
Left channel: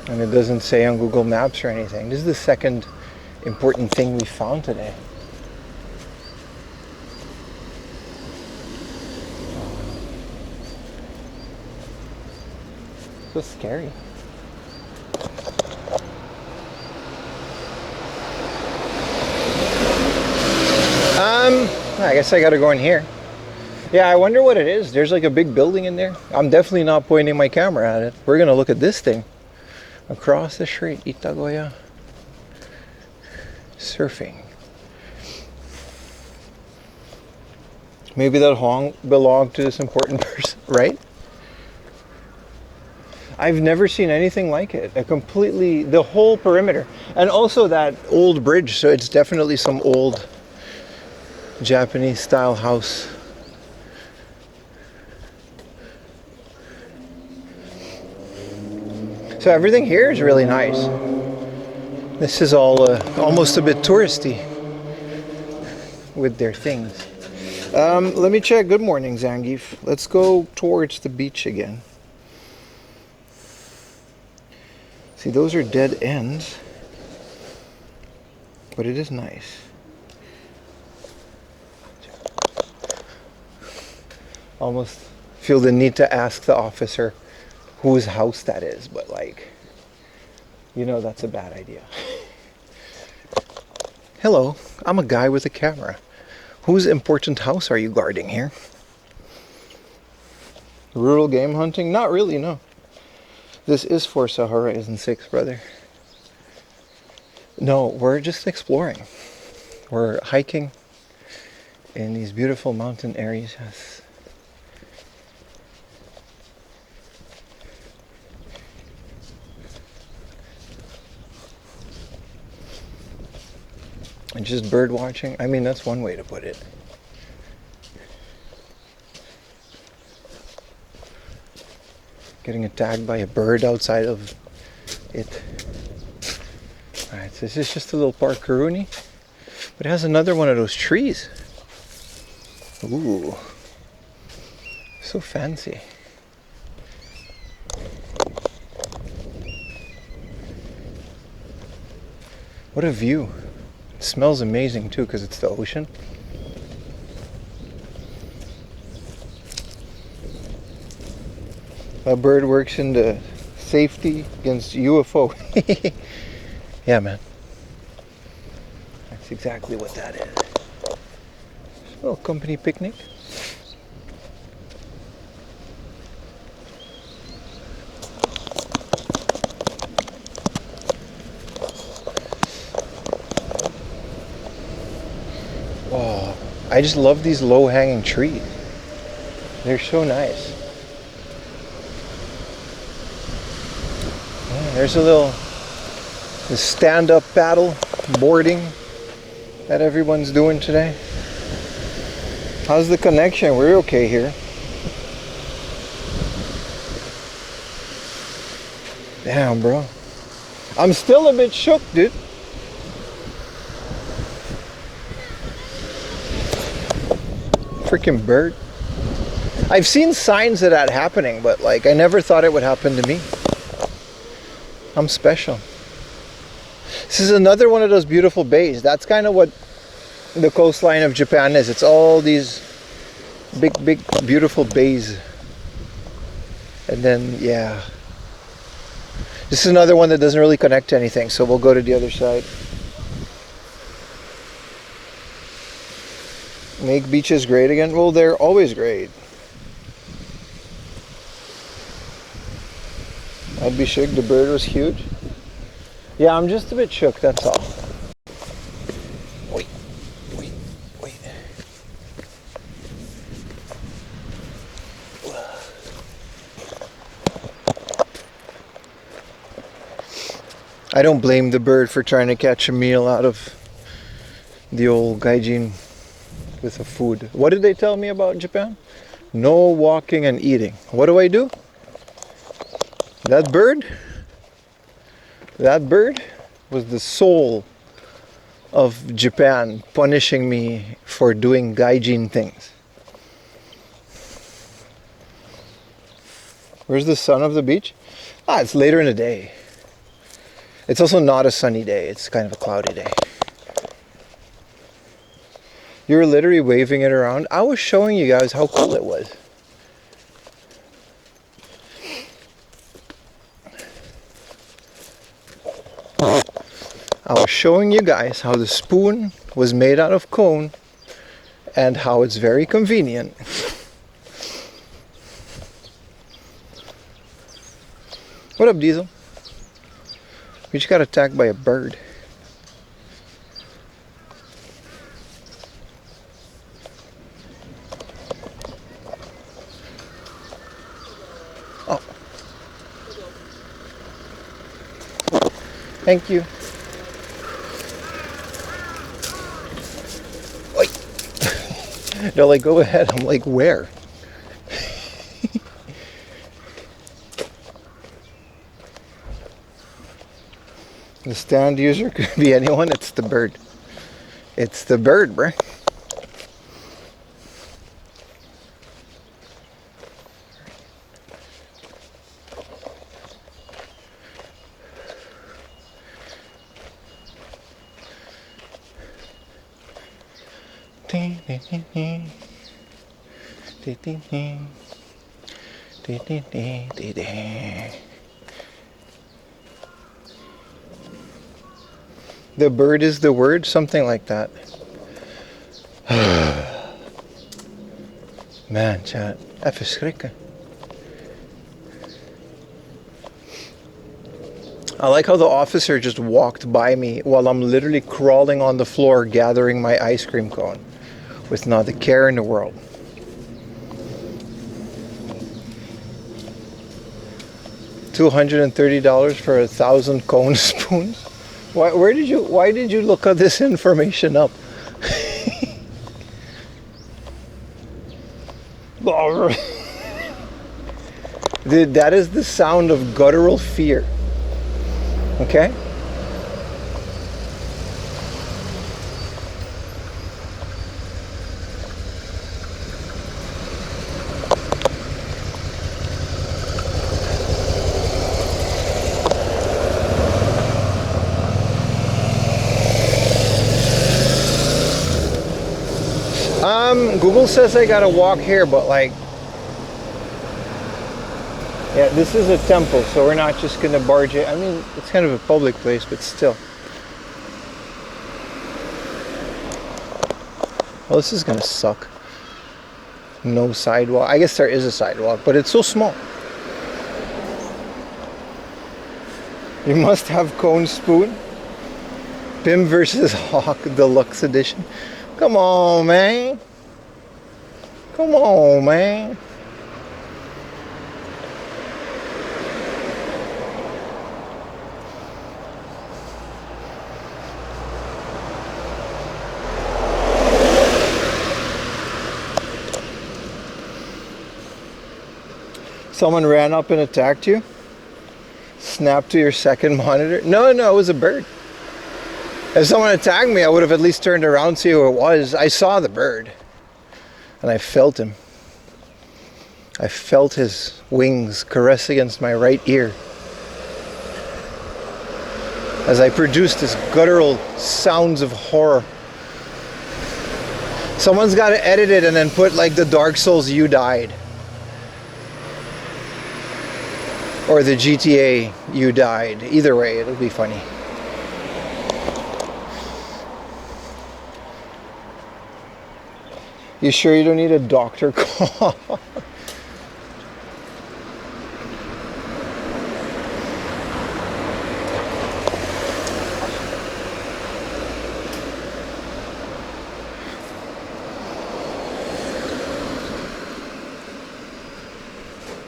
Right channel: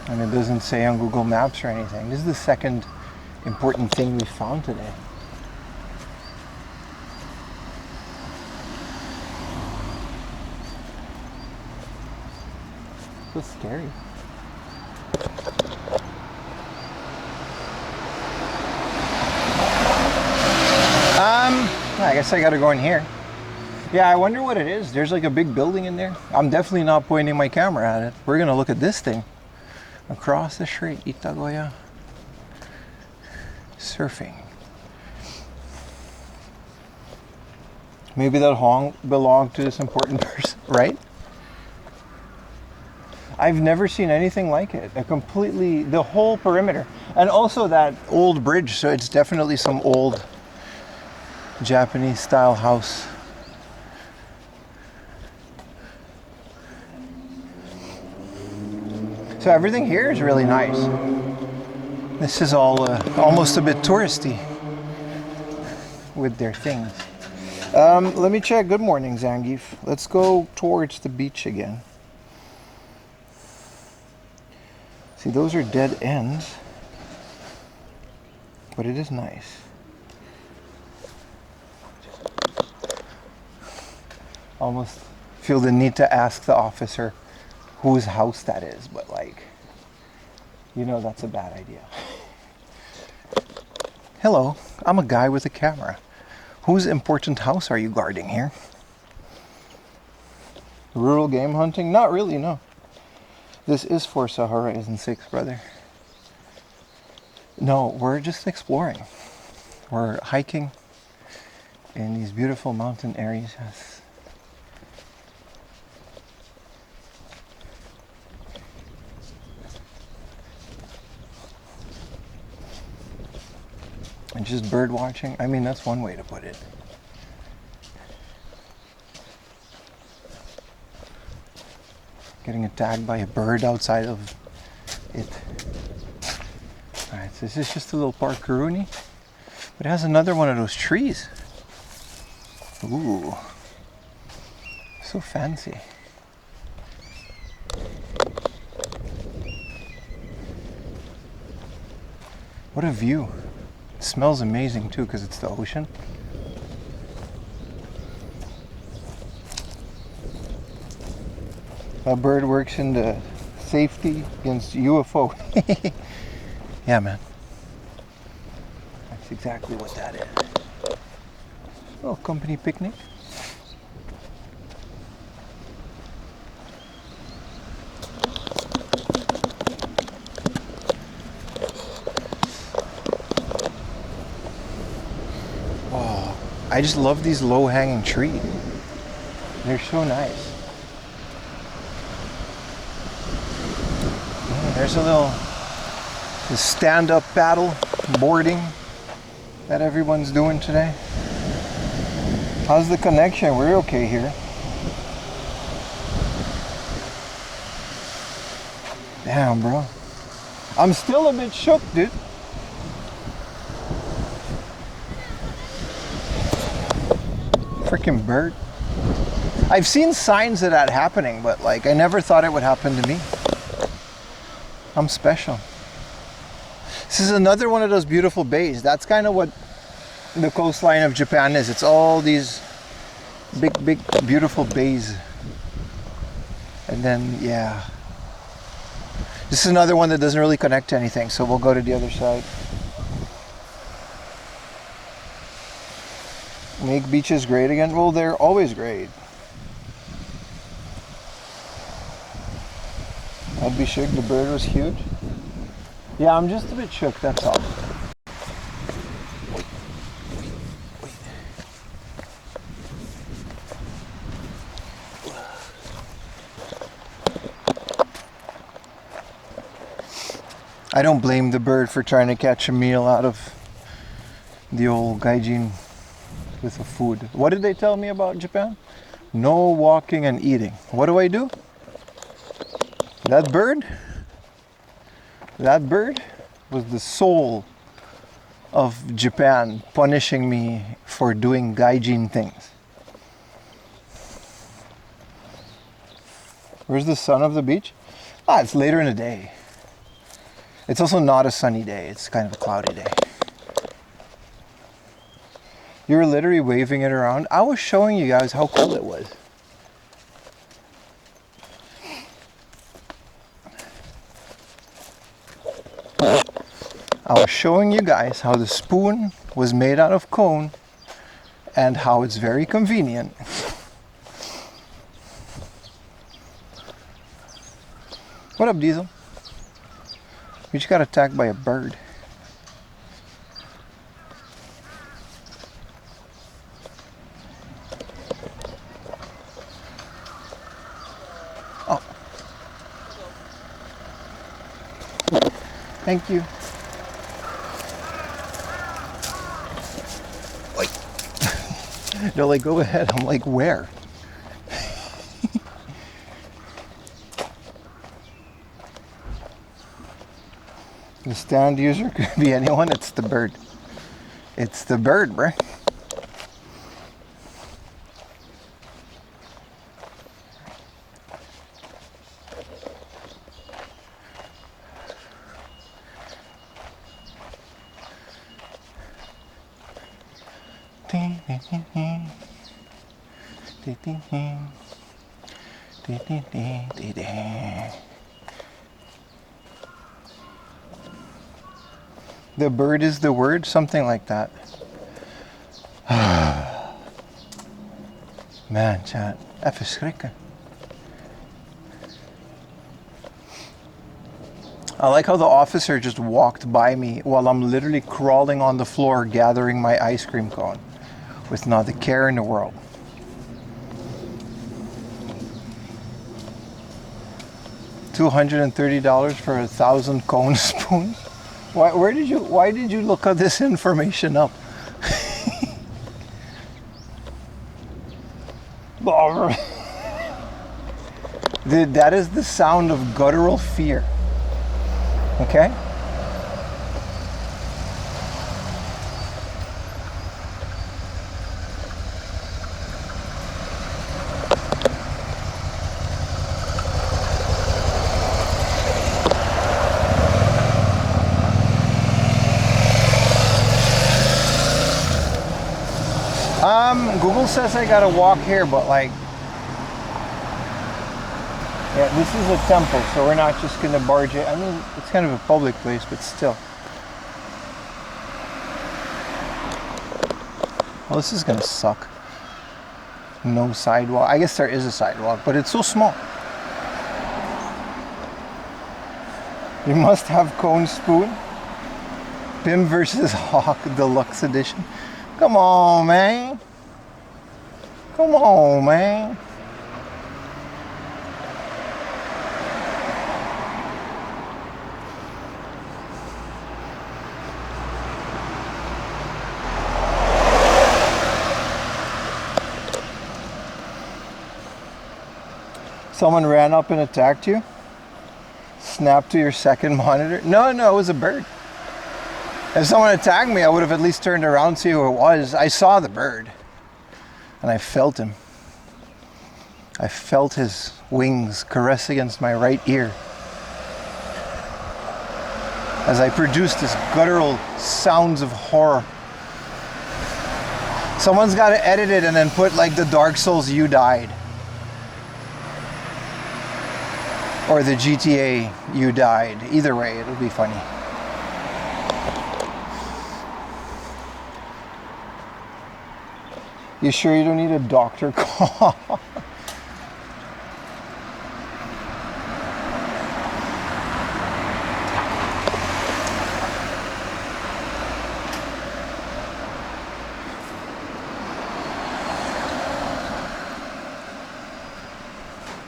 And it doesn't say on Google Maps or anything. This is the second important thing we found today. So scary. I guess I gotta go in here. Yeah, I wonder what it is. There's like a big building in there. I'm definitely not pointing my camera at it. We're gonna look at this thing. Across the street, Itagoya. Surfing. Maybe that hong belonged to this important person, right? I've never seen anything like it. The whole perimeter. And also that old bridge, so it's definitely some old Japanese style house. So everything here is really nice. This is all almost a bit touristy with their things. Let me check. Good morning, Zangief. Let's go towards the beach again. See, those are dead ends, but it is nice. Almost feel the need to ask the officer whose house that is, but like, you know, that's a bad idea. Hello, I'm a guy with a camera. Whose important house are you guarding here? Rural game hunting? Not really, no. This is Forza Horizon 6, brother. No, we're just exploring. We're hiking in these beautiful mountain areas. And just bird watching. I mean, that's one way to put it. Getting attacked by a bird outside of it. Alright, so this is just a little park Karuni. But it has another one of those trees. Ooh. So fancy. What a view. It smells amazing too because it's the ocean. A bird works in the safety against UFO. Yeah, man. That's exactly what that is. Oh, company picnic. I just love these low-hanging trees. They're so nice. There's a little stand-up paddle boarding that everyone's doing today. How's the connection? We're okay here. Damn, bro. I'm still a bit shook, dude. Freaking bird. I've seen signs of that happening, but like I never thought it would happen to me. I'm special. This is another one of those beautiful bays. That's kind of what the coastline of Japan is. It's all these big, beautiful bays. And then, yeah. This is another one that doesn't really connect to anything, so we'll go to the other side. Make beaches great again? Well, they're always great. I'd be shook. The bird was huge. Yeah, I'm just a bit shook, that's all. Wait. I don't blame the bird for trying to catch a meal out of the old gaijin with the food. What did they tell me about Japan? No walking and eating. What do? That bird was the soul of Japan, punishing me for doing gaijin things. Where's the sun of the beach? It's later in the day. It's also not a sunny day. It's kind of a cloudy day. You're literally waving it around. I was showing you guys how cool it was. I was showing you guys how the spoon was made out of cone and how it's very convenient. What up, Diesel? We just got attacked by a bird. Oh. Thank you. They're like, go ahead. I'm like, where? The stand user could be anyone. It's the bird. It's the bird, bruh. The bird is the word, something like that. Man, chat. Even schrikken. I like how the officer just walked by me while I'm literally crawling on the floor gathering my ice cream cone with not a care in the world. $230 for 1,000 cone spoons? Why did you look at this information up? Dude, that is the sound of guttural fear. Okay? Google says I gotta walk here, but like, yeah, this is a temple, so we're not just gonna barge it. I mean, it's kind of a public place, but still. Well, this is gonna suck. No sidewalk. I guess there is a sidewalk, but it's so small. You must have cone spoon. Pim versus Hawk Deluxe Edition. Come on, man. Come on, man. Someone ran up and attacked you? Snapped to your second monitor? No, it was a bird. If someone attacked me, I would have at least turned around to see who it was. I saw the bird. And I felt him. I felt his wings caress against my right ear. As I produced this guttural sounds of horror. Someone's got to edit it and then put like the Dark Souls "You Died." Or the GTA "You Died." Either way, it'll be funny. You sure you don't need a doctor call?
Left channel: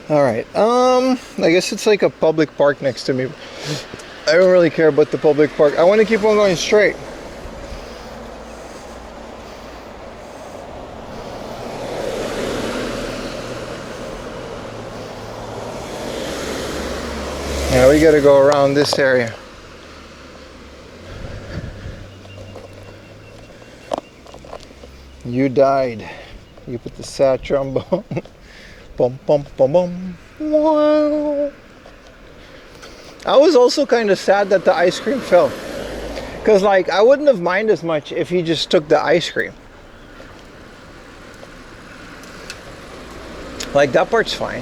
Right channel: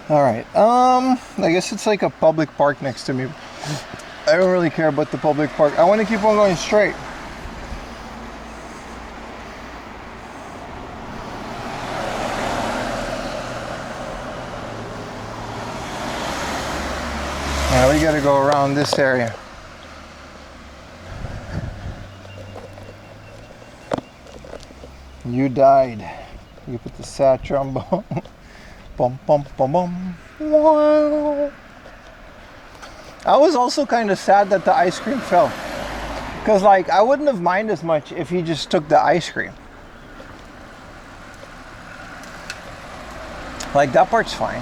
Alright, I guess it's like a public park next to me. I don't really care about the public park. I want to keep on going straight. Now we gotta go around this area. You died. You put the sad trombone. Bum bum bum bum. Wow. I was also kind of sad that the ice cream fell. Cause like I wouldn't have minded as much if he just took the ice cream. Like that part's fine.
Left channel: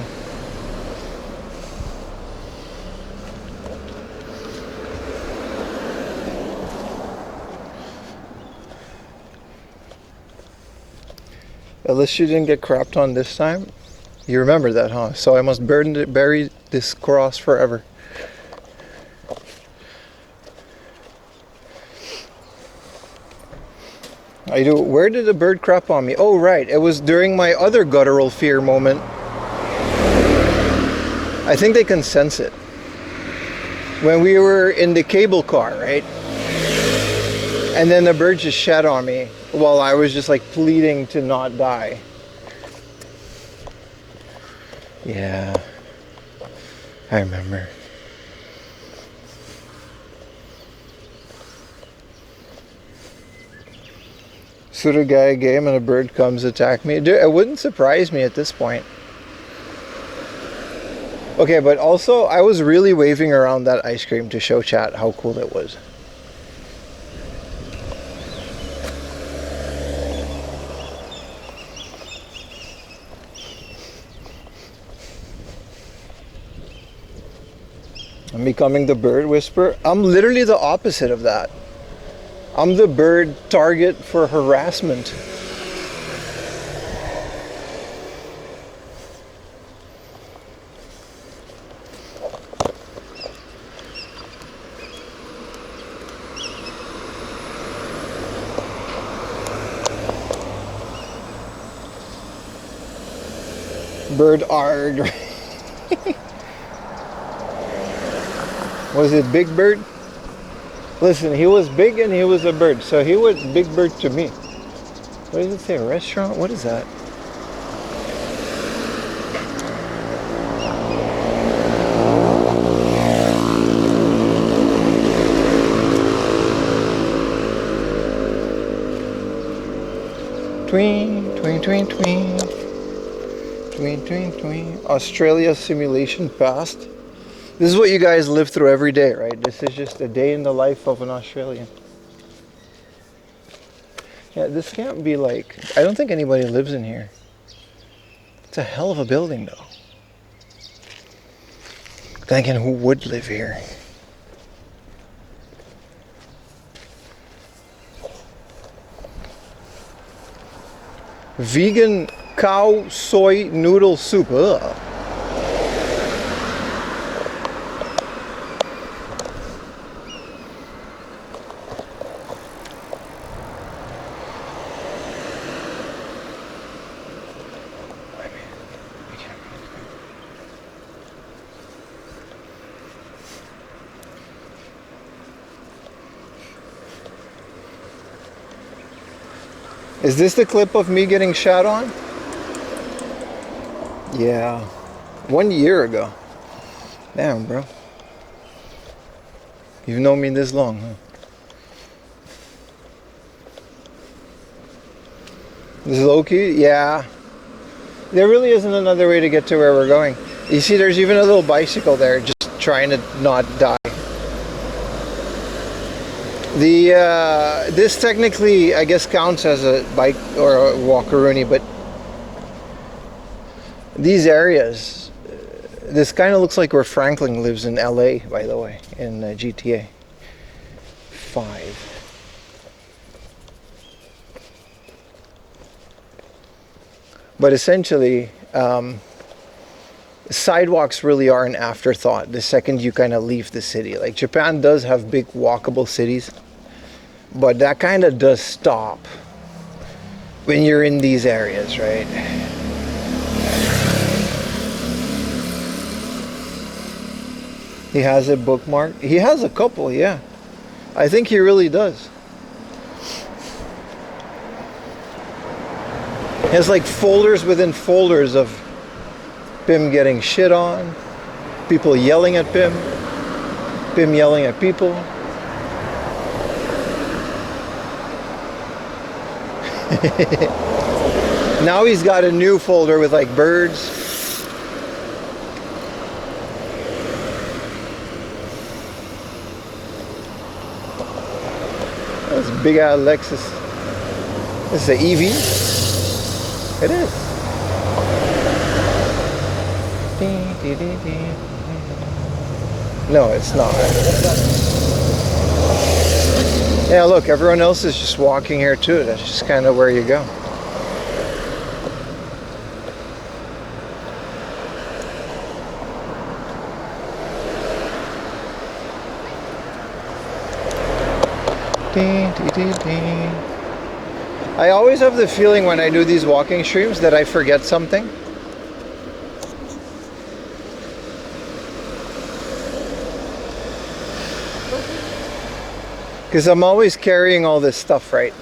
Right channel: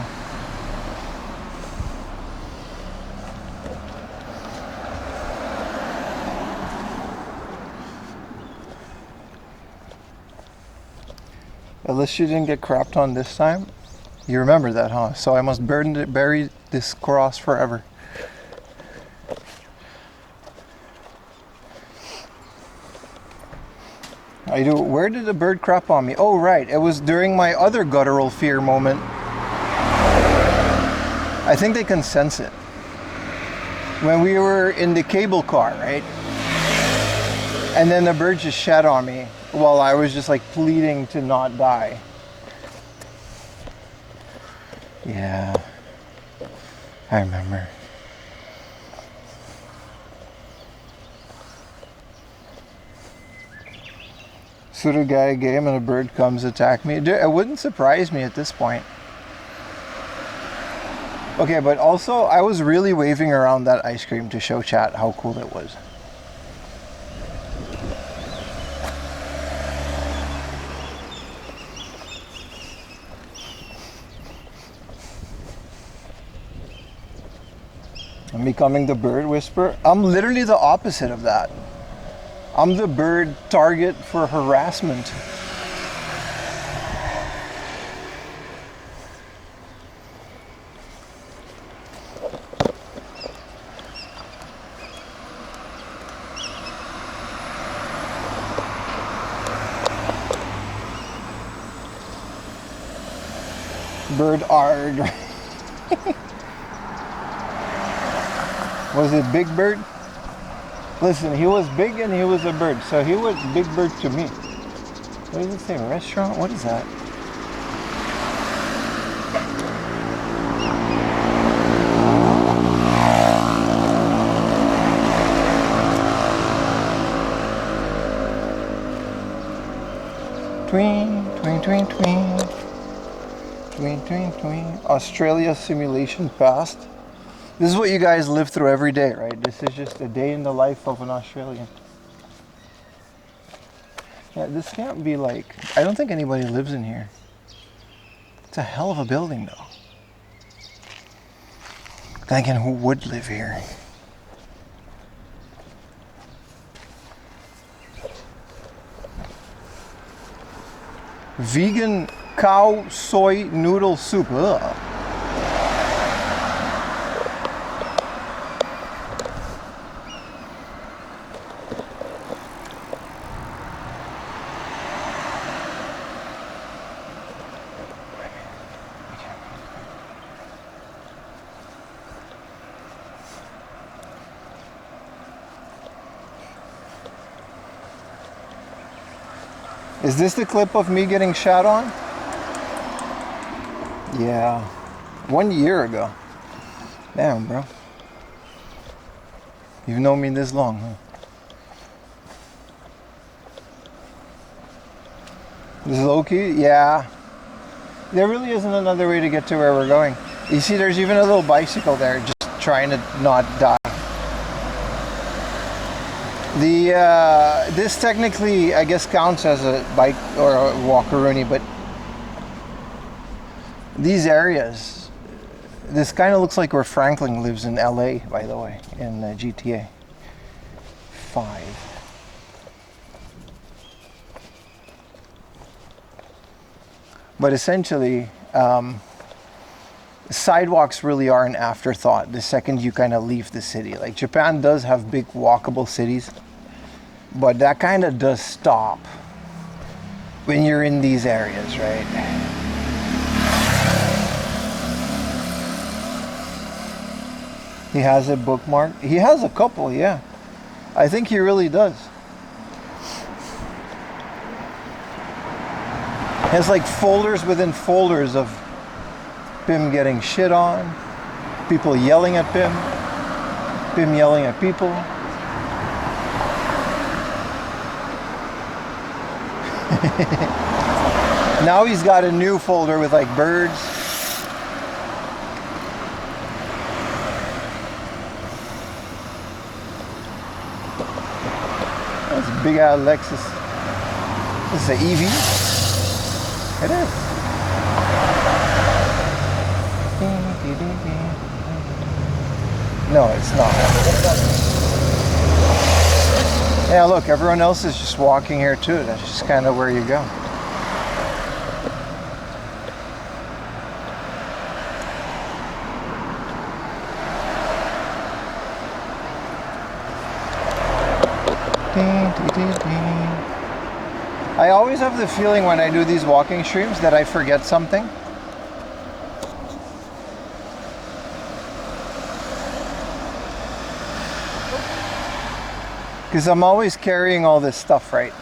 At least you didn't get crapped on this time. You remember that, huh? So I must bury this cross forever. I do. Where did the bird crap on me? Oh, right. It was during my other guttural fear moment. I think they can sense it. When we were in the cable car, right? And then the bird just shat on me while I was just like pleading to not die. Yeah, I remember. So the guy game and a bird comes attack me. Dude, it wouldn't surprise me at this point. Okay, but also I was really waving around that ice cream to show chat how cool it was. I'm becoming the bird whisperer. I'm literally the opposite of that. I'm the bird target for harassment. Bird arg. Was it Big Bird? Listen, he was big and he was a bird, so he was Big Bird to me. What does it say? Restaurant? What is that? Tween, tween, tween, tween. Tween, tween, tween. Australia simulation passed. This is what you guys live through every day, right? This is just a day in the life of an Australian. Yeah, this can't be like... I don't think anybody lives in here. It's a hell of a building, though. Then again, who would live here? Vegan cow soy noodle soup. Ugh. Is this the clip of me getting shot on? Yeah. 1 year ago. Damn, bro. You've known me this long, huh? This is low-key? Yeah. There really isn't another way to get to where we're going. You see, there's even a little bicycle there, just trying to not die. This technically, I guess, counts as a bike or a walkaroonie, but these areas, this kind of looks like where Franklin lives in LA, by the way, in GTA 5. But essentially, sidewalks really are an afterthought the second you kind of leave the city. Like, Japan does have big walkable cities, but that kind of does stop when you're in these areas, right? He has it bookmarked. He has a couple, yeah. I think he really does. He has like folders within folders of Pim getting shit on, people yelling at Pim, Pim yelling at people. Now he's got a new folder with like birds. That's a big ass Lexus. This is an EV. It is. No, it's not. Yeah, look, everyone else is just walking here too. That's just kind of where you go. I always have the feeling when I do these walking streams that I forget something. Because I'm always carrying all this stuff, right?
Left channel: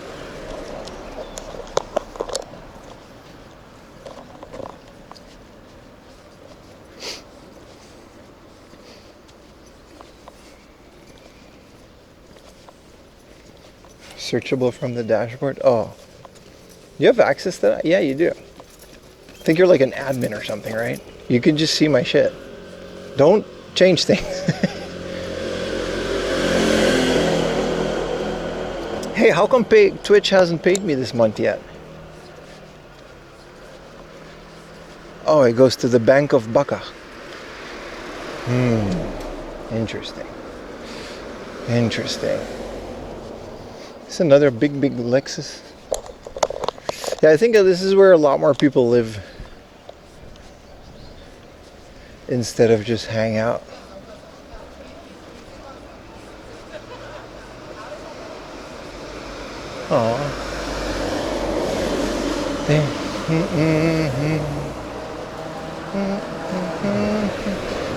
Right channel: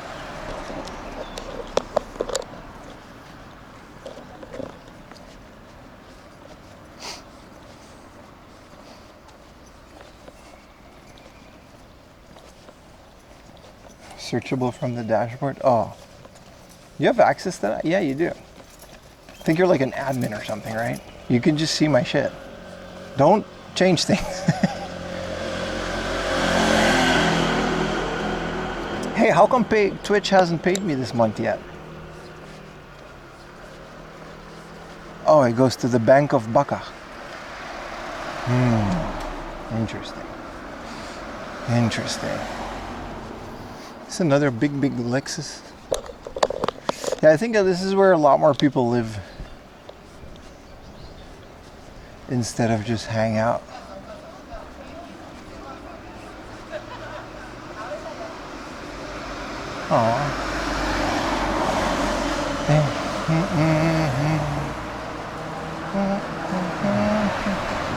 Searchable from the dashboard. Oh, you have access to that? Yeah, you do. I think you're like an admin or something, right? You can just see my shit. Don't change things. Hey, how come Twitch hasn't paid me this month yet? Oh, it goes to the Bank of Baka. Interesting. Interesting. It's another big Lexus. Yeah, I think this is where a lot more people live instead of just hang out.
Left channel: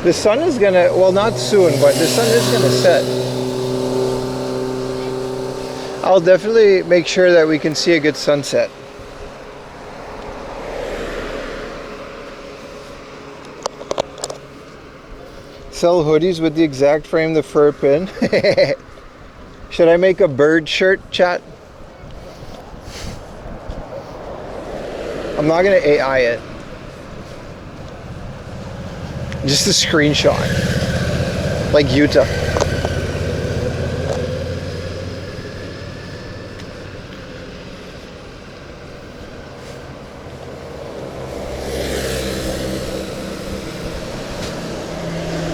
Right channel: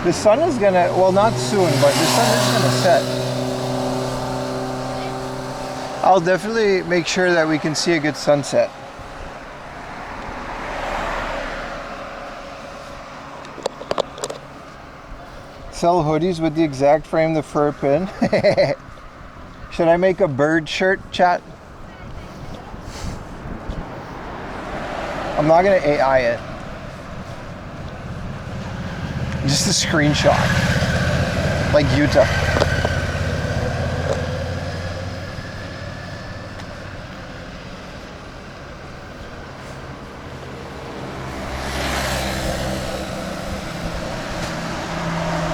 The sun is gonna, well, not soon, but the sun is gonna set. I'll definitely make sure that we can see a good sunset. Sell hoodies with the exact frame, the fur pin. Should I make a bird shirt, chat? I'm not gonna AI it. Just a screenshot. Like Utah.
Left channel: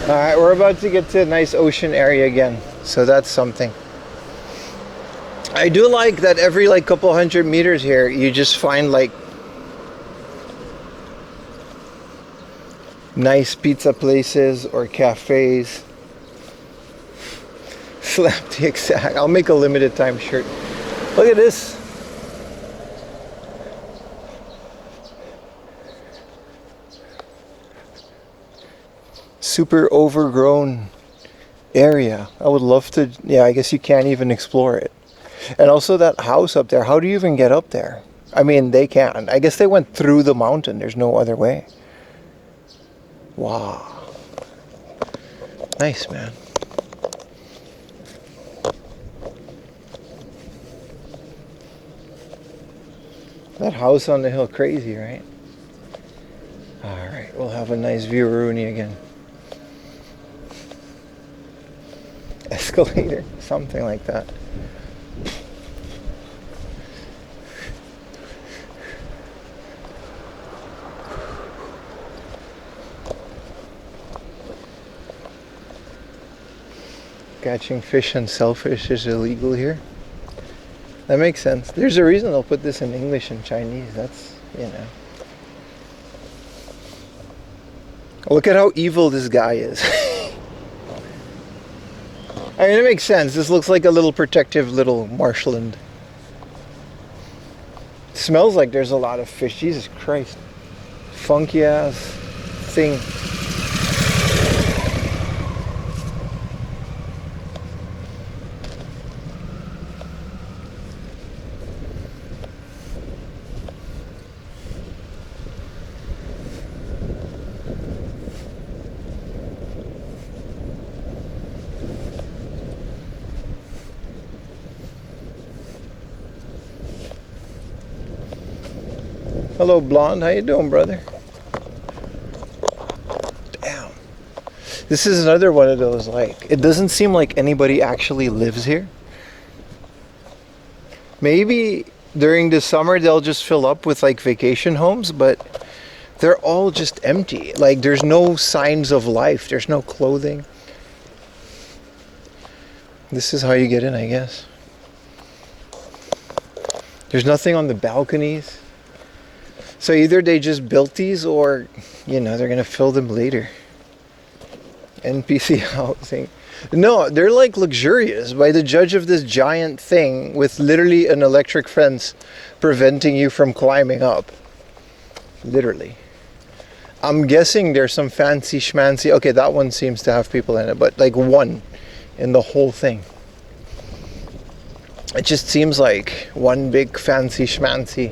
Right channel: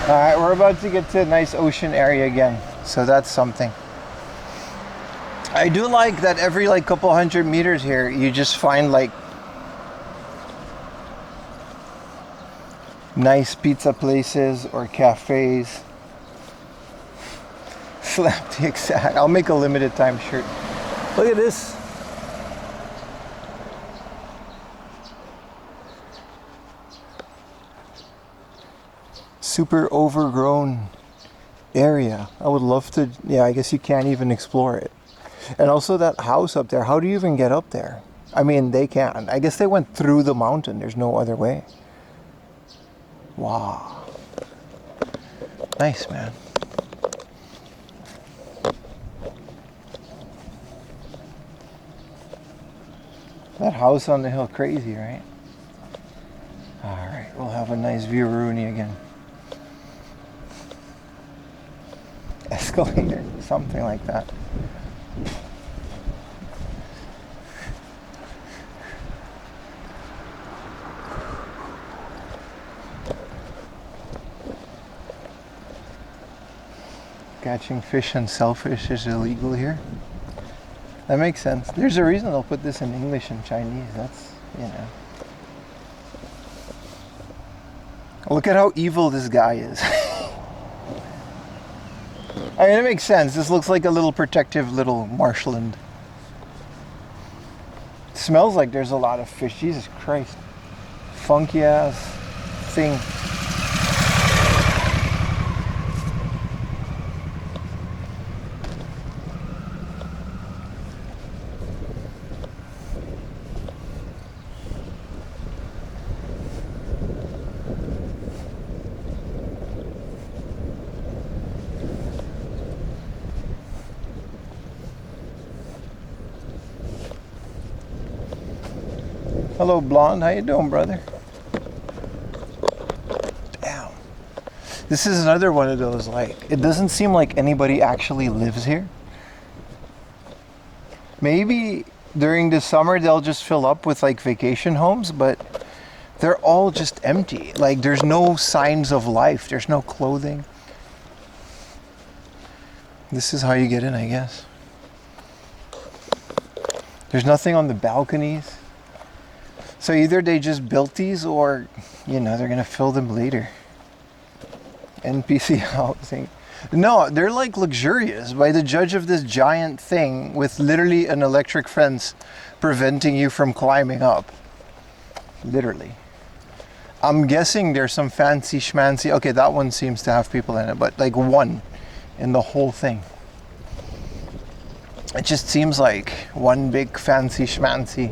Alright, we're about to get to a nice ocean area again. So that's something. I do like that every like couple hundred meters here, you just find like nice pizza places or cafes. Slap the exact. I'll make a limited time shirt. Look at this. Super overgrown area. I would love to, yeah, I guess you can't even explore it. And also that house up there, how do you even get up there? I mean, they can. I guess they went through the mountain. There's no other way. Wow. Nice, man. That house on the hill, crazy, right? Alright, we'll have a nice view of Rooney again. Escalator, something like that. Catching fish and shellfish is illegal here. That makes sense. There's a reason they'll put this in English and Chinese. That's, you know. Look at how evil this guy is. I mean, it makes sense. This looks like a little protective little marshland. It smells like there's a lot of fish. Jesus Christ. Funky ass thing. Hello, blonde. How you doing, brother? Damn. This is another one of those, like, it doesn't seem like anybody actually lives here. Maybe during the summer they'll just fill up with like vacation homes, but they're all just empty. Like, there's no signs of life. There's no clothing. This is how you get in, I guess. There's nothing on the balconies. So either they just built these or, you know, they're going to fill them later. NPC housing. No, they're like luxurious by the judge of this giant thing with literally an electric fence preventing you from climbing up. Literally. I'm guessing there's some fancy schmancy. Okay, that one seems to have people in it, but like one in the whole thing. It just seems like one big fancy schmancy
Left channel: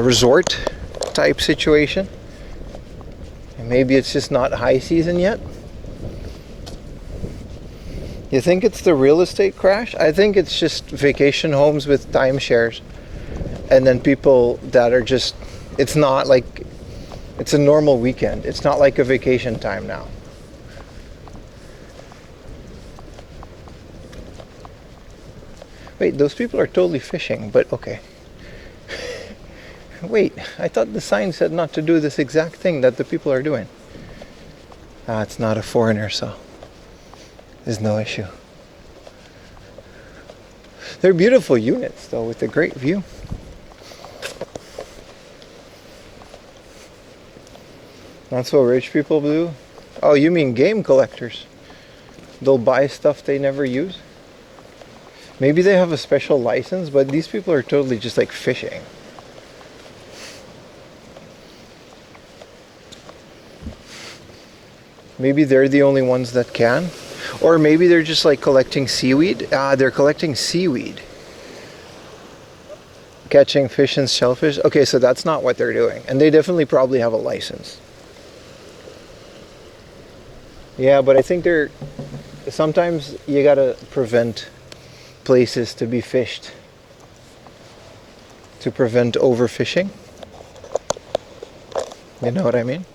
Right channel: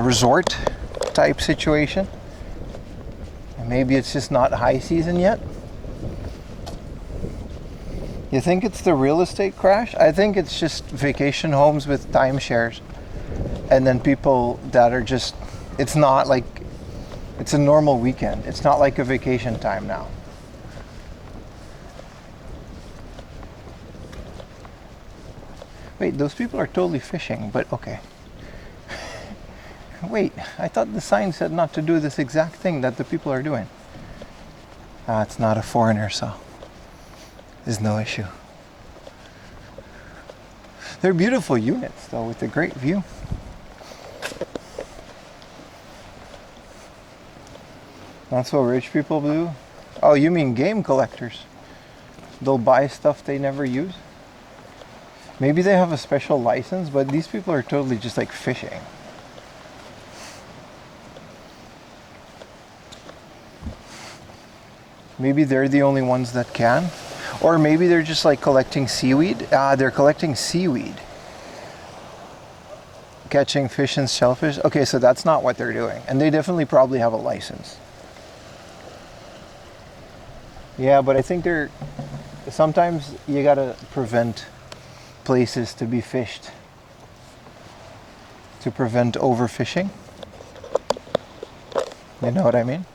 resort type situation. And maybe it's just not high season yet. You think it's the real estate crash? I think it's just vacation homes with timeshares, and then people that are just, it's not like, it's a normal weekend. It's not like a vacation time now. Wait, those people are totally fishing, but okay. Wait, I thought the sign said not to do this exact thing that the people are doing. Ah, it's not a foreigner, so there's no issue. They're beautiful units, though, with a great view. That's what rich people do? Oh, you mean game collectors? They'll buy stuff they never use? Maybe they have a special license, but these people are totally just like fishing. Maybe they're the only ones that can. Or maybe they're just like collecting seaweed. Ah, they're collecting seaweed. Catching fish and shellfish. Okay, so that's not what they're doing. And they definitely probably have a license. Yeah, but I think they're... Sometimes you gotta prevent places to be fished. To prevent overfishing. You know what I mean?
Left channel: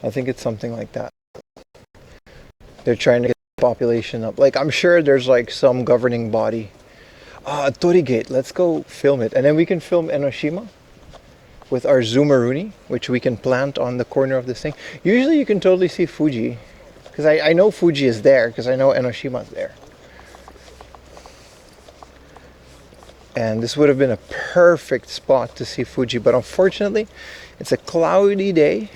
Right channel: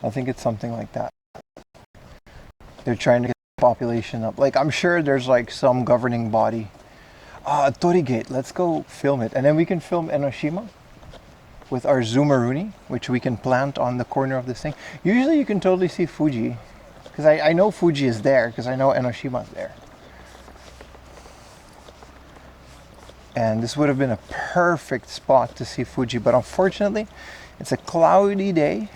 I think it's something like that. They're trying to get the population up. Like, I'm sure there's like some governing body. Ah, Torigate, let's go film it. And then we can film Enoshima with our Zoomeroonie, which we can plant on the corner of this thing. Usually you can totally see Fuji. Because I know Fuji is there, because I know Enoshima's there. And this would have been a perfect spot to see Fuji. But unfortunately, it's a cloudy day.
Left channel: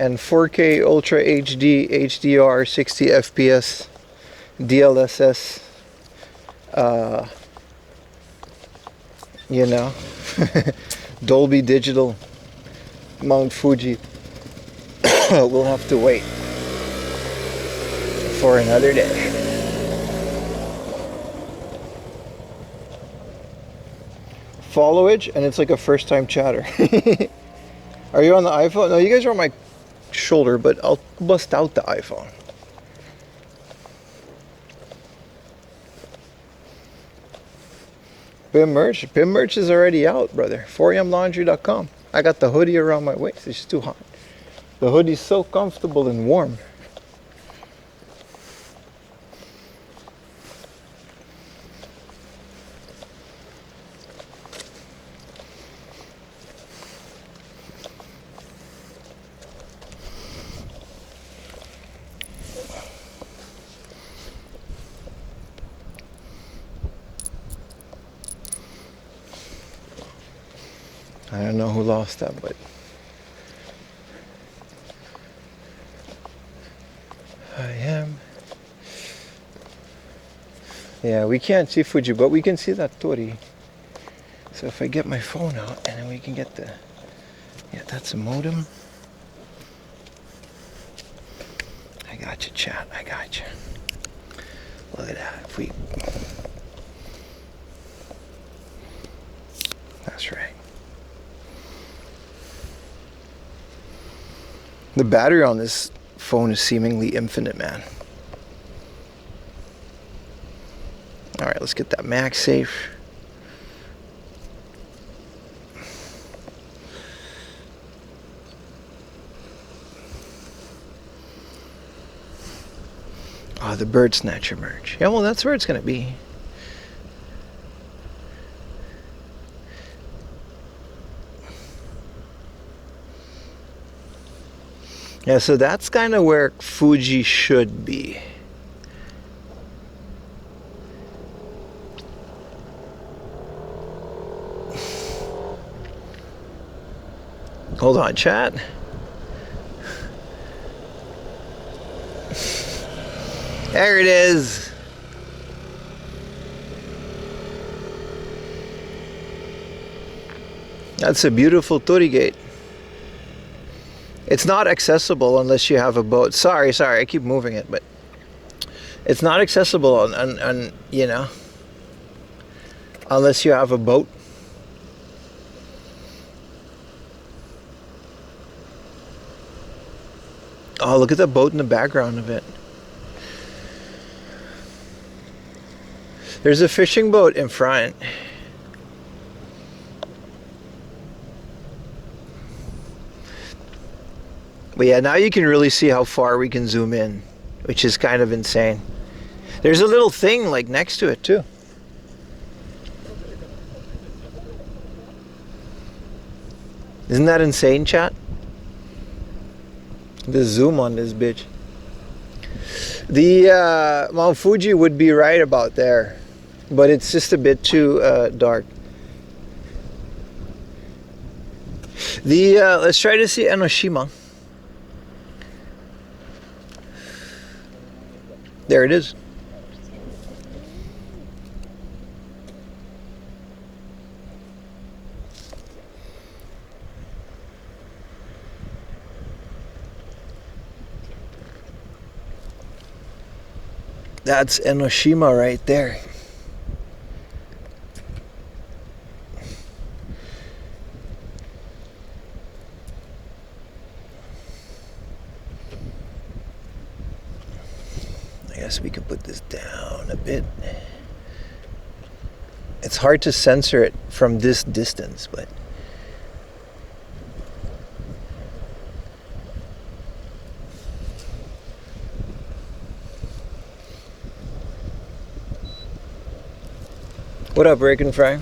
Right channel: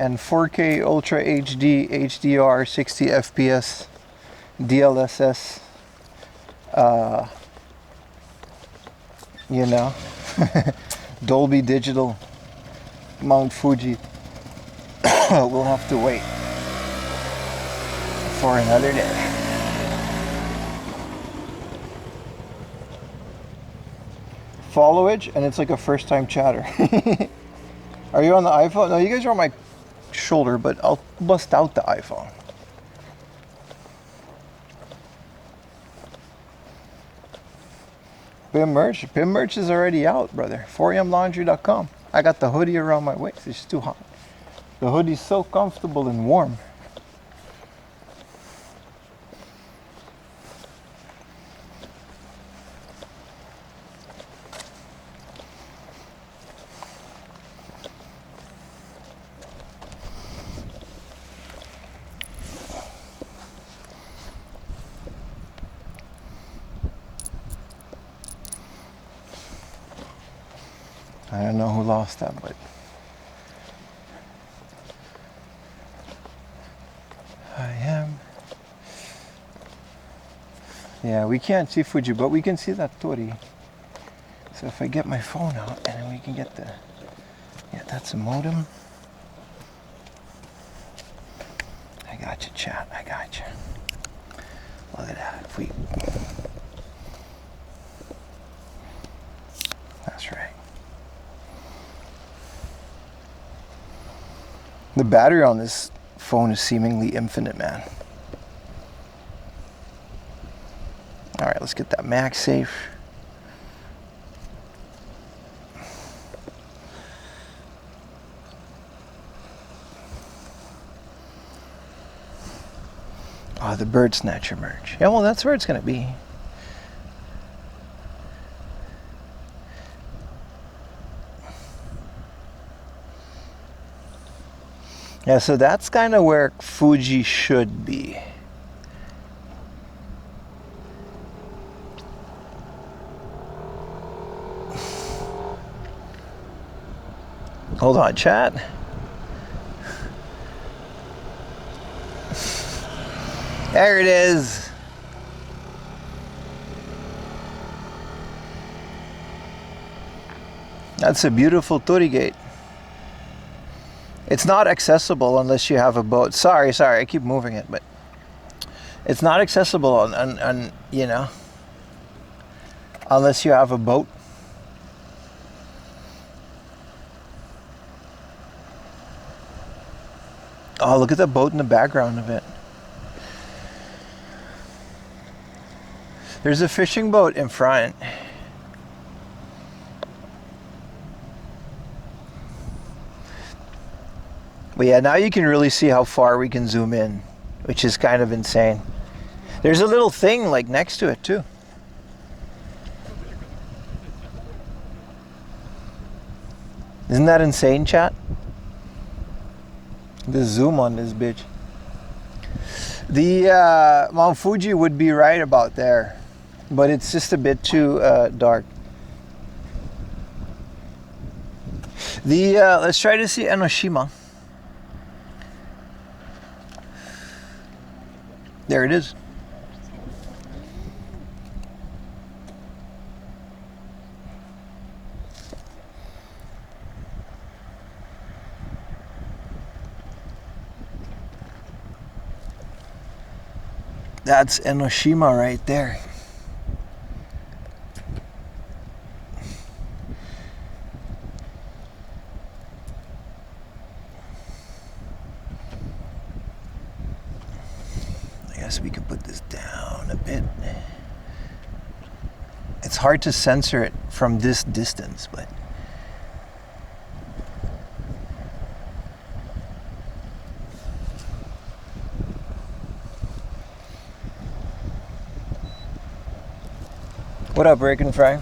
And 4K Ultra HD, HDR, 60 FPS, DLSS You know? Dolby Digital Mount Fuji. We'll have to wait for another day. Followage, and it's like a first time chatter. Are you on the iPhone? No, you guys are on my shoulder, but I'll bust out the iPhone. BIM merch. BIM merch is already out, brother. 4amlaundry.com. I got the hoodie around my waist. It's just too hot. The hoodie's so comfortable and warm. I don't know who lost that, but I am. Yeah, we can't see Fuji, but we can see that Tori. So if I get my phone out and then we can get the, yeah, that's a modem. I got you, chat. I got you. Look at that. If we, that's right. The battery on this phone is seemingly infinite, man. All right, let's get that MagSafe. Oh, the bird snatcher merch. Yeah, well, that's where it's gonna be. Yeah, so that's kind of where Fuji should be. Hold on, chat. There it is. That's a beautiful Torii Gate. It's not accessible unless you have a boat. Sorry, I keep moving it, but it's not accessible on you know, unless you have a boat. Oh, look at the boat in the background of it. There's a fishing boat in front. But yeah, now you can really see how far we can zoom in, which is kind of insane. There's a little thing like next to it too. Isn't that insane, chat? The zoom on this bitch. The Mount Fuji would be right about there, but it's just a bit too dark. The let's try to see Enoshima. There it is. That's Enoshima right there. I guess we could put this down a bit. It's hard to censor it from this distance, but what up, Break and Fry?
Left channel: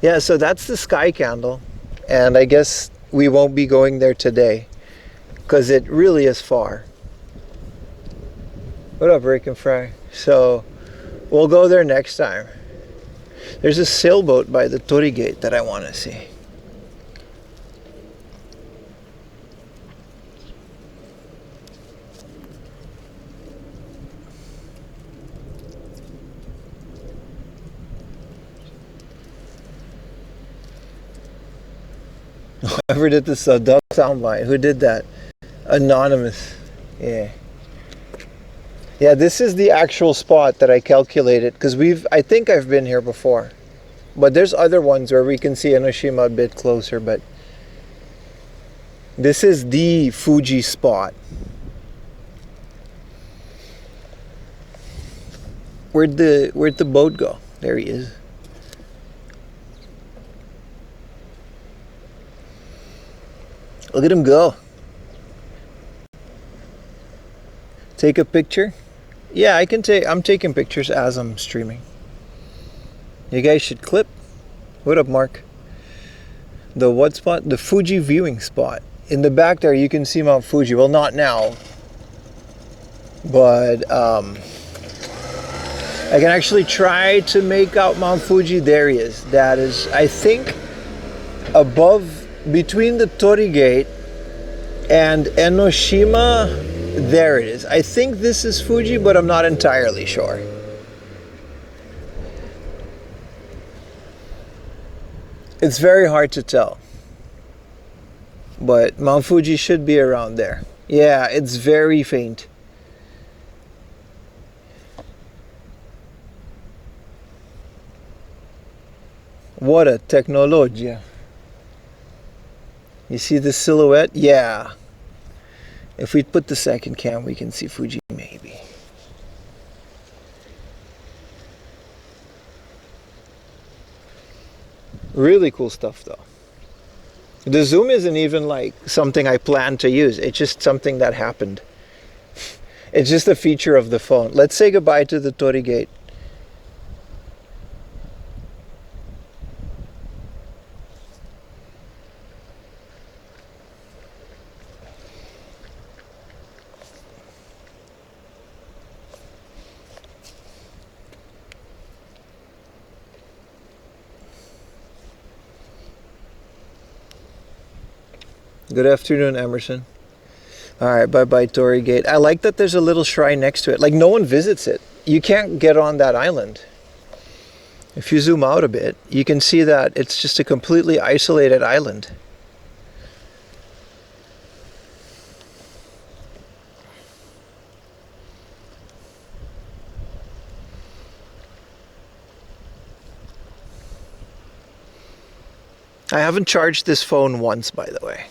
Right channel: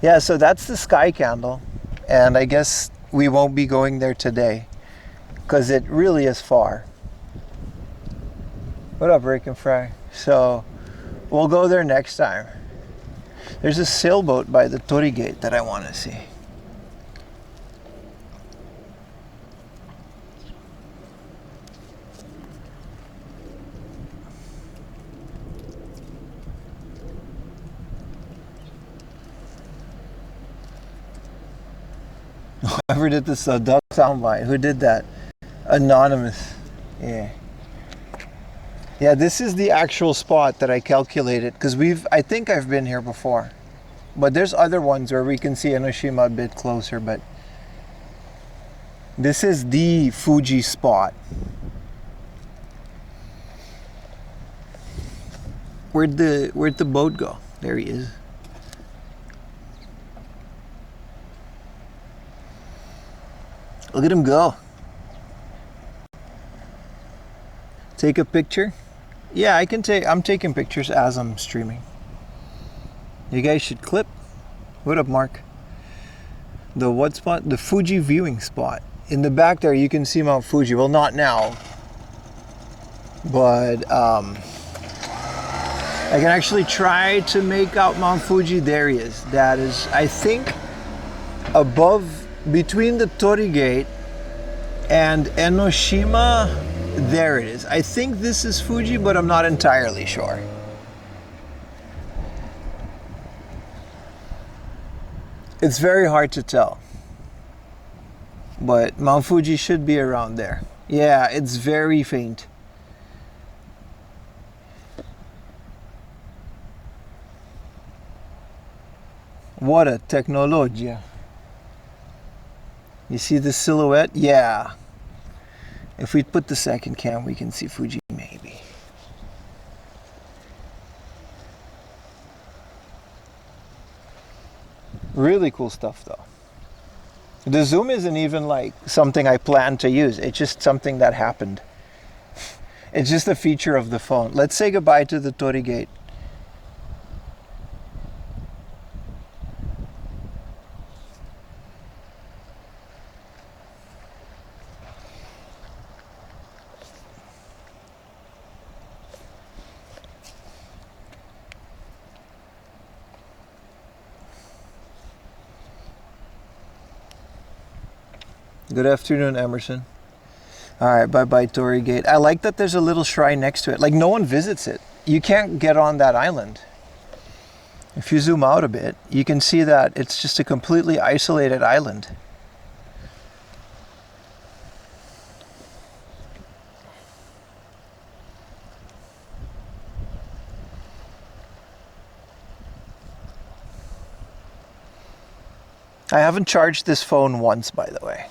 Yeah, so that's the sky candle, and I guess we won't be going there today because it really is far. What up, Break and Fry? So we'll go there next time. There's a sailboat by the Torii Gate that I want to see. Whoever did this duck soundbite, who did that? Anonymous. Yeah. Yeah, this is the actual spot that I calculated because I think I've been here before. But there's other ones where we can see Enoshima a bit closer, but this is the Fuji spot. Where'd the boat go? There he is. Look at him go. Take a picture? Yeah, I'm taking pictures as I'm streaming. You guys should clip. What up, Mark? The what spot? The Fuji viewing spot. In the back there, you can see Mount Fuji. Well, not now. But, I can actually try to make out Mount Fuji. There he is. That is, I think, above, between the Tori Gate and Enoshima. There it is. I think this is Fuji, but I'm not entirely sure. It's very hard to tell. But Mount Fuji should be around there. Yeah, it's very faint. What a technologia. You see the silhouette? Yeah. If we put the second cam, we can see Fuji maybe. Really cool stuff though. The zoom isn't even like something I planned to use. It's just something that happened. It's just a feature of the phone. Let's say goodbye to the Tori Gate. Good afternoon, Emerson. All right, bye-bye, Tori Gate. I like that there's a little shrine next to it. Like, no one visits it. You can't get on that island. If you zoom out a bit, you can see that it's just a completely isolated island. I haven't charged this phone once, by the way.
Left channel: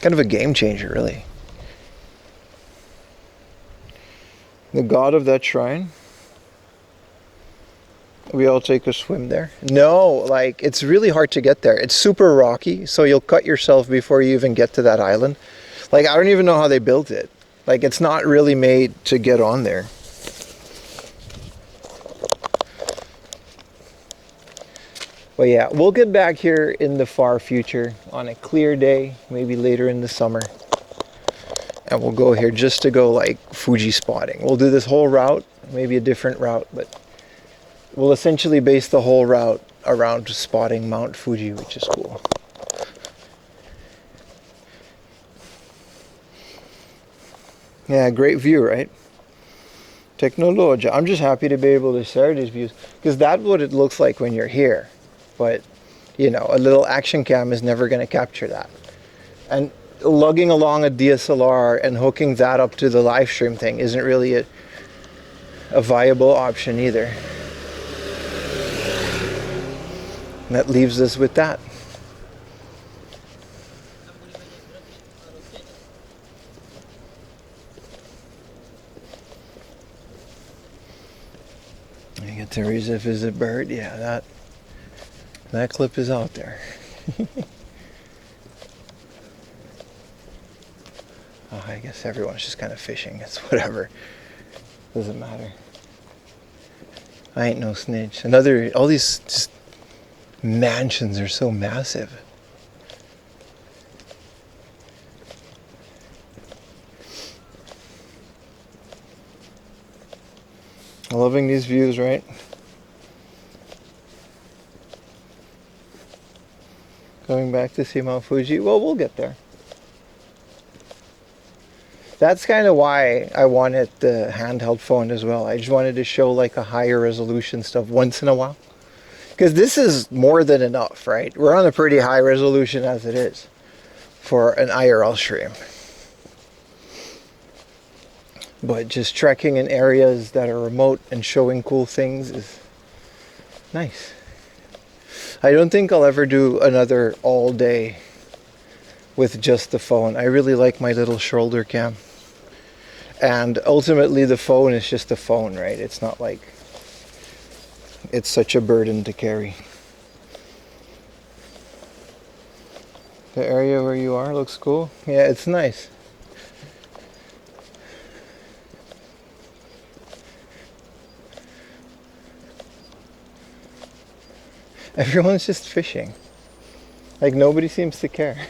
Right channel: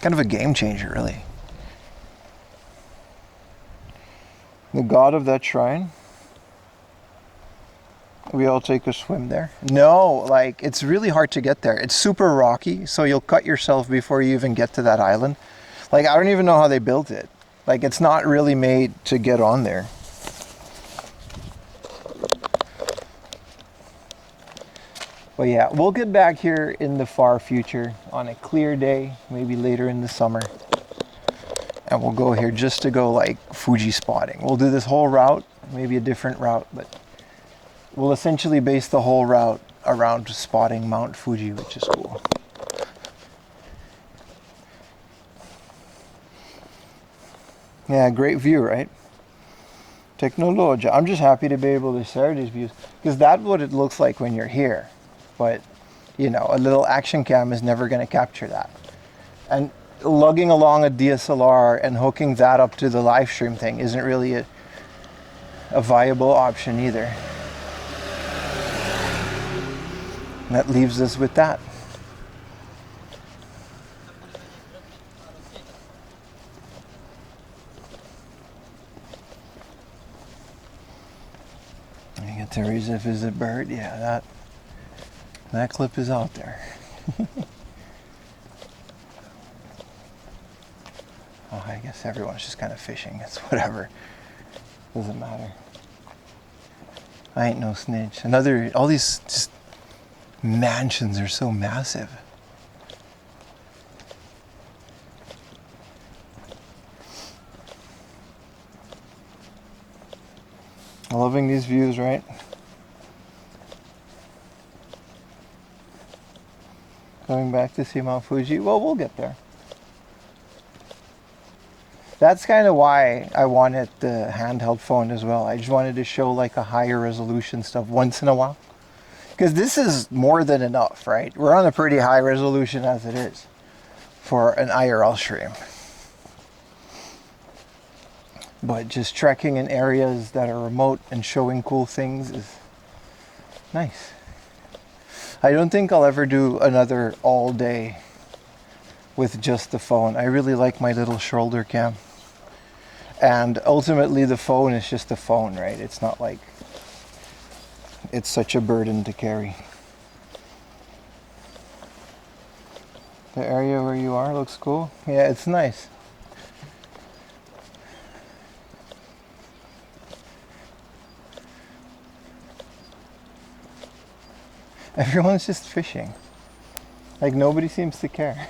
Kind of a game changer, really. The god of that shrine. We all take a swim there. No, like, it's really hard to get there. It's super rocky, so you'll cut yourself before you even get to that island. Like, I don't even know how they built it. Like, it's not really made to get on there. But yeah, we'll get back here in the far future on a clear day, maybe later in the summer. And we'll go here just to go like Fuji spotting. We'll do this whole route, maybe a different route, but we'll essentially base the whole route around spotting Mount Fuji, which is cool. Yeah, great view, right? Technologia. I'm just happy to be able to share these views because that's what it looks like when you're here. But, you know, a little action cam is never going to capture that. And lugging along a DSLR and hooking that up to the live stream thing isn't really a viable option either. And that leaves us with that. You get Teresa visit bird. Yeah, that clip is out there. Oh, I guess everyone's just kind of fishing. It's whatever. Doesn't matter. I ain't no snitch. All these just mansions are so massive. Loving these views, right? Going back to see Mount Fuji. Well, we'll get there. That's kind of why I wanted the handheld phone as well. I just wanted to show like a higher resolution stuff once in a while. Because this is more than enough, right? We're on a pretty high resolution as it is for an IRL stream. But just trekking in areas that are remote and showing cool things is nice. I don't think I'll ever do another all day with just the phone. I really like my little shoulder cam. And ultimately the phone is just a phone, right? It's not like it's such a burden to carry. The area where you are looks cool. Yeah, it's nice. Everyone's just fishing. Like nobody seems to care.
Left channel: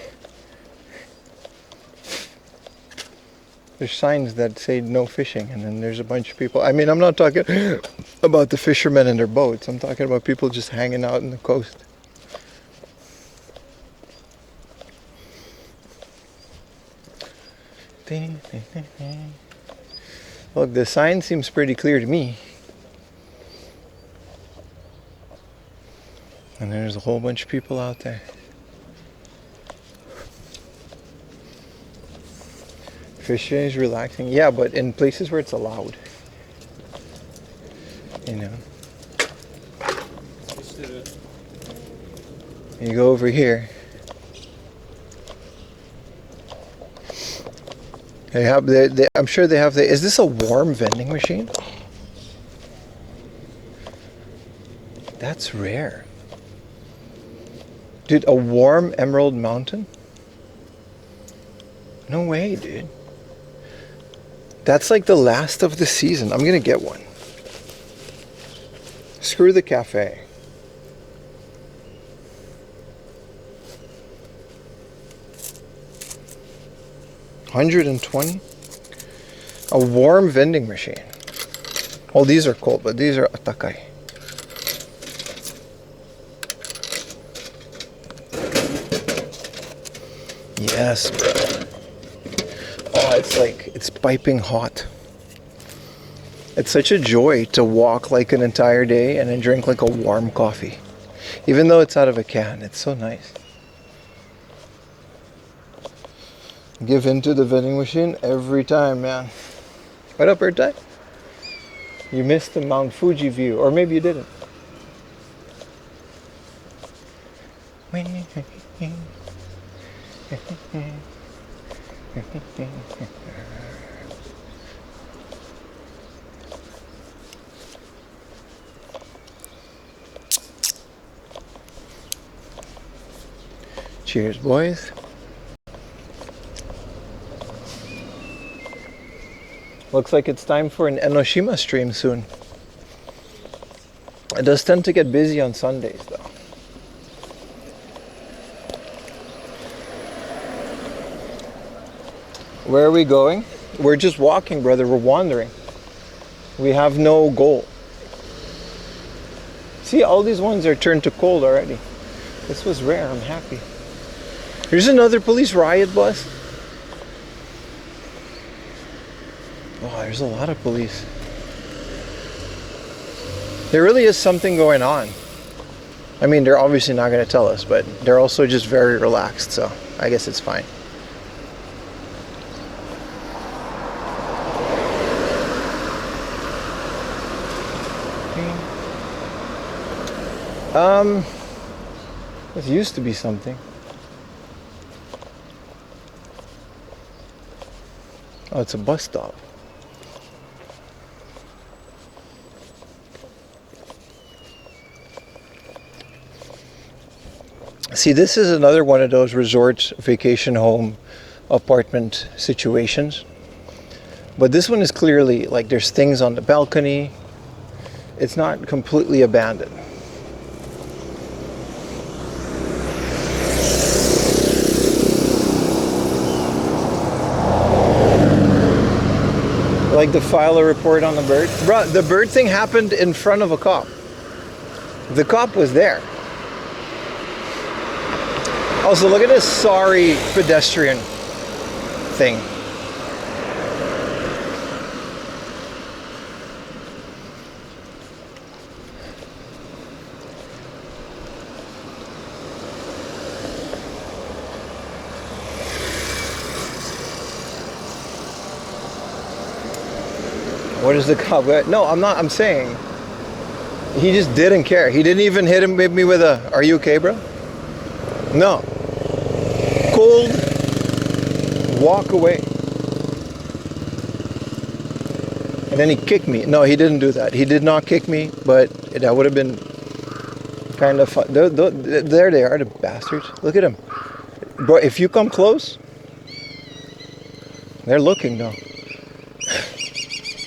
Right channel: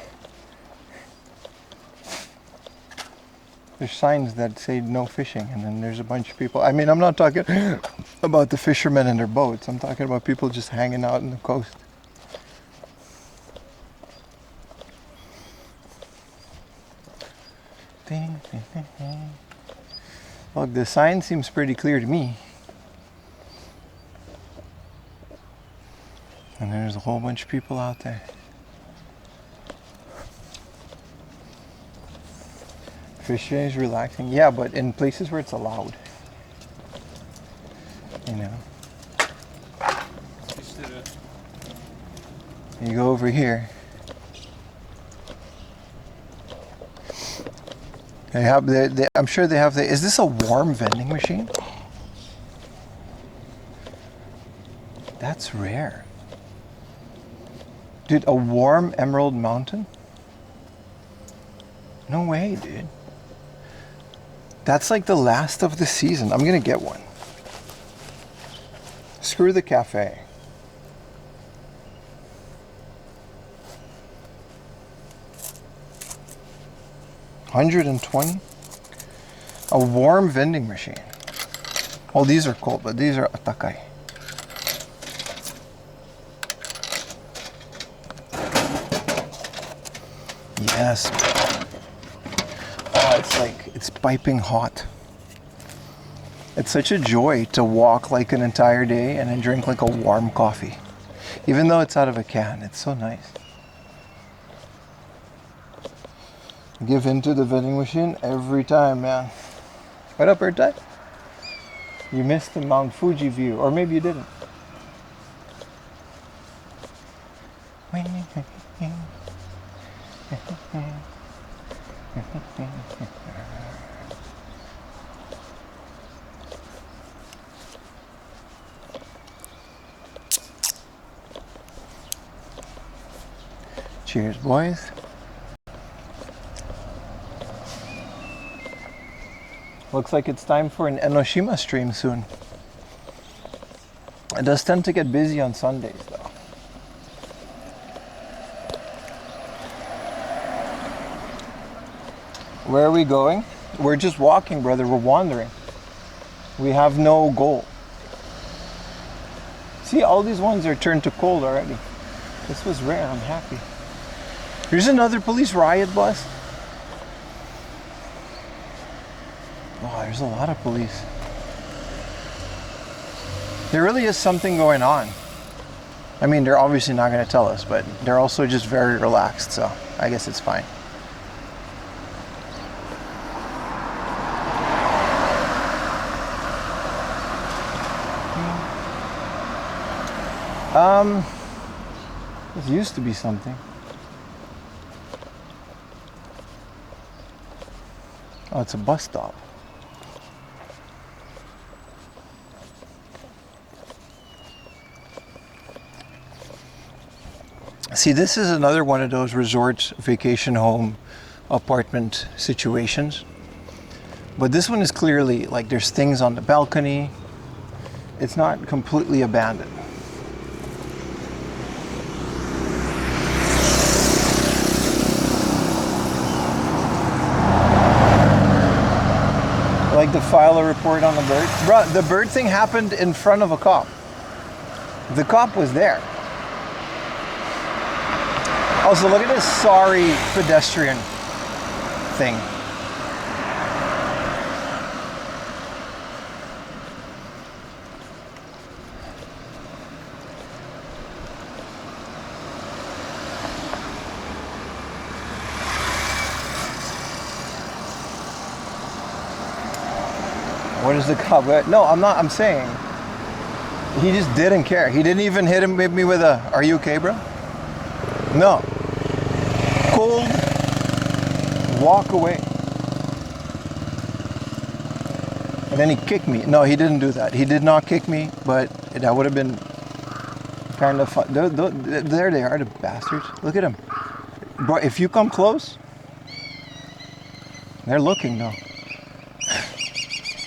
There's signs that say no fishing, and then there's a bunch of people. I mean, I'm not talking about the fishermen and their boats. I'm talking about people just hanging out on the coast. Look, the sign seems pretty clear to me. And there's a whole bunch of people out there. Fishing is relaxing. Yeah, but in places where it's allowed. You know. You go over here. They have I'm sure they have is this a warm vending machine? That's rare. Dude, a warm Emerald Mountain? No way, dude. That's like the last of the season. I'm gonna get one. Screw the cafe. $120? A warm vending machine. Well, these are cold, but these are atakai. Yes. Oh, it's like, it's piping hot. It's such a joy to walk like an entire day and then drink like a warm coffee. Even though it's out of a can, it's so nice. Give into the vending machine every time, man. What up, Bird Tie? You missed the Mount Fuji view, or maybe you didn't. Cheers, boys. Looks like it's time for an Enoshima stream soon. It does tend to get busy on Sundays, though. Where are we going? We're just walking, brother. We're wandering. We have no goal. See, all these ones are turned to cold already. This was rare. I'm happy. Here's another police riot bus. Oh, there's a lot of police. There really is something going on. I mean, they're obviously not going to tell us, but they're also just very relaxed, so I guess it's fine. This used to be something. Oh, it's a bus stop. See, this is another one of those resort, vacation home, apartment situations. But this one is clearly, like, there's things on the balcony. It's not completely abandoned. Like to file a report on the bird. Bruh, the bird thing happened in front of a cop. The cop was there. Also, look at this sorry pedestrian thing. What is the cop? No, I'm not. I'm saying he just didn't care. He didn't even hit me with a, "Are you okay, bro?" No. Cold. Walk away. And then he kicked me. No, he didn't do that. He did not kick me, but that would have been kind of fun. There they are, the bastards. Look at him. Bro, if you come close, they're looking though.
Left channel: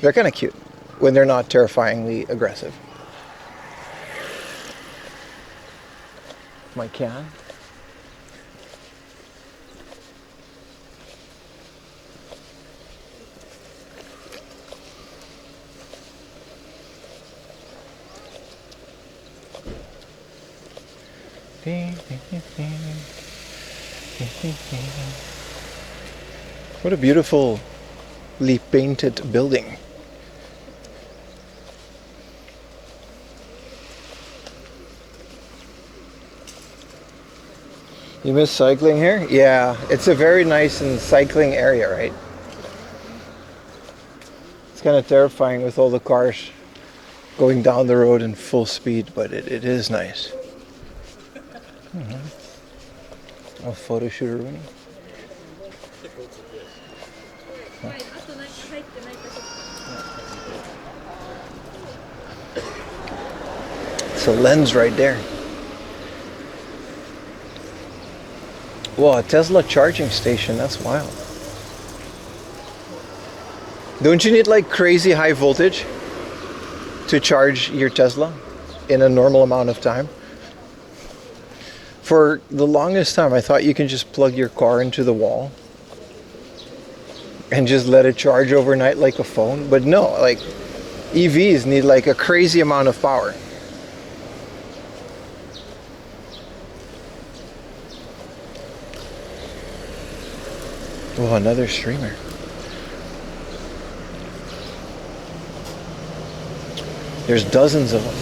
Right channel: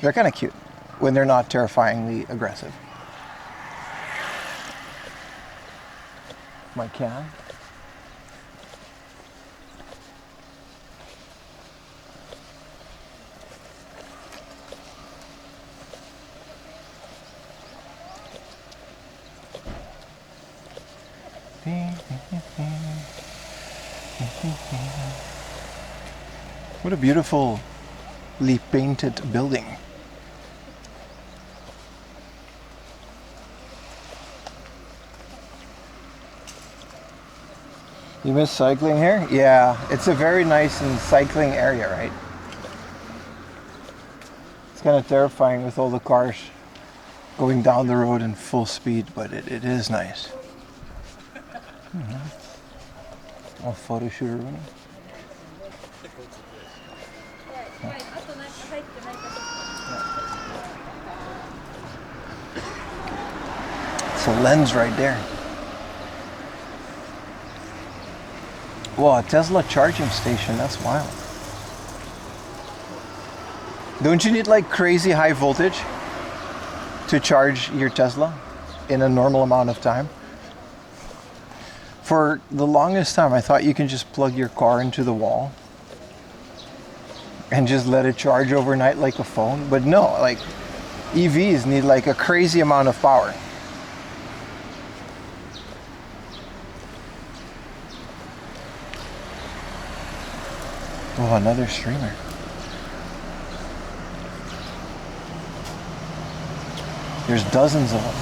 They're kind of cute when they're not terrifyingly aggressive. My can. What a beautifully painted building. You miss cycling here? Yeah, it's a very nice and cycling area, right? It's kind of terrifying with all the cars going down the road in full speed, but it is nice. A photo shooter running. It's a lens right there. Whoa, a Tesla charging station, that's wild. Don't you need like crazy high voltage to charge your Tesla in a normal amount of time? For the longest time, I thought you can just plug your car into the wall and just let it charge overnight like a phone. But no, like EVs need like a crazy amount of power. Oh, another streamer. There's dozens of them.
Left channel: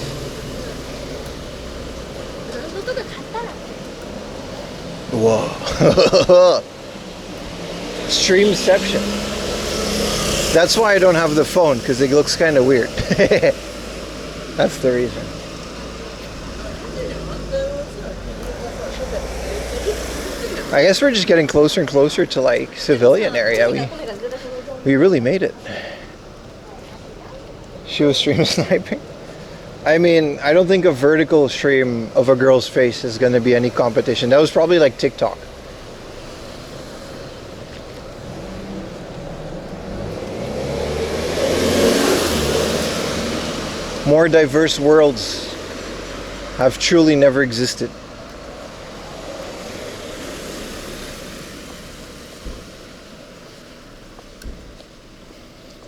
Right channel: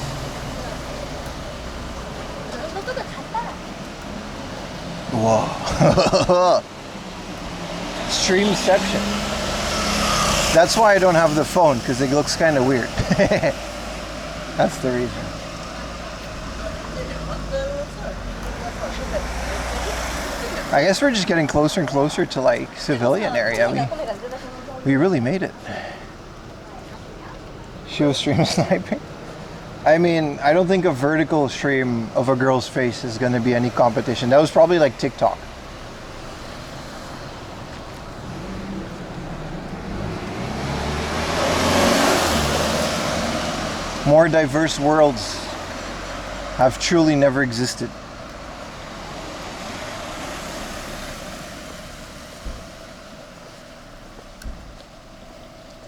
Whoa. Streamception. That's why I don't have the phone, because it looks kind of weird. That's the reason. I guess we're just getting closer and closer to like civilian area. We really made it. She was stream sniping. I mean, I don't think a vertical stream of a girl's face is going to be any competition. That was probably like TikTok. More diverse worlds have truly never existed.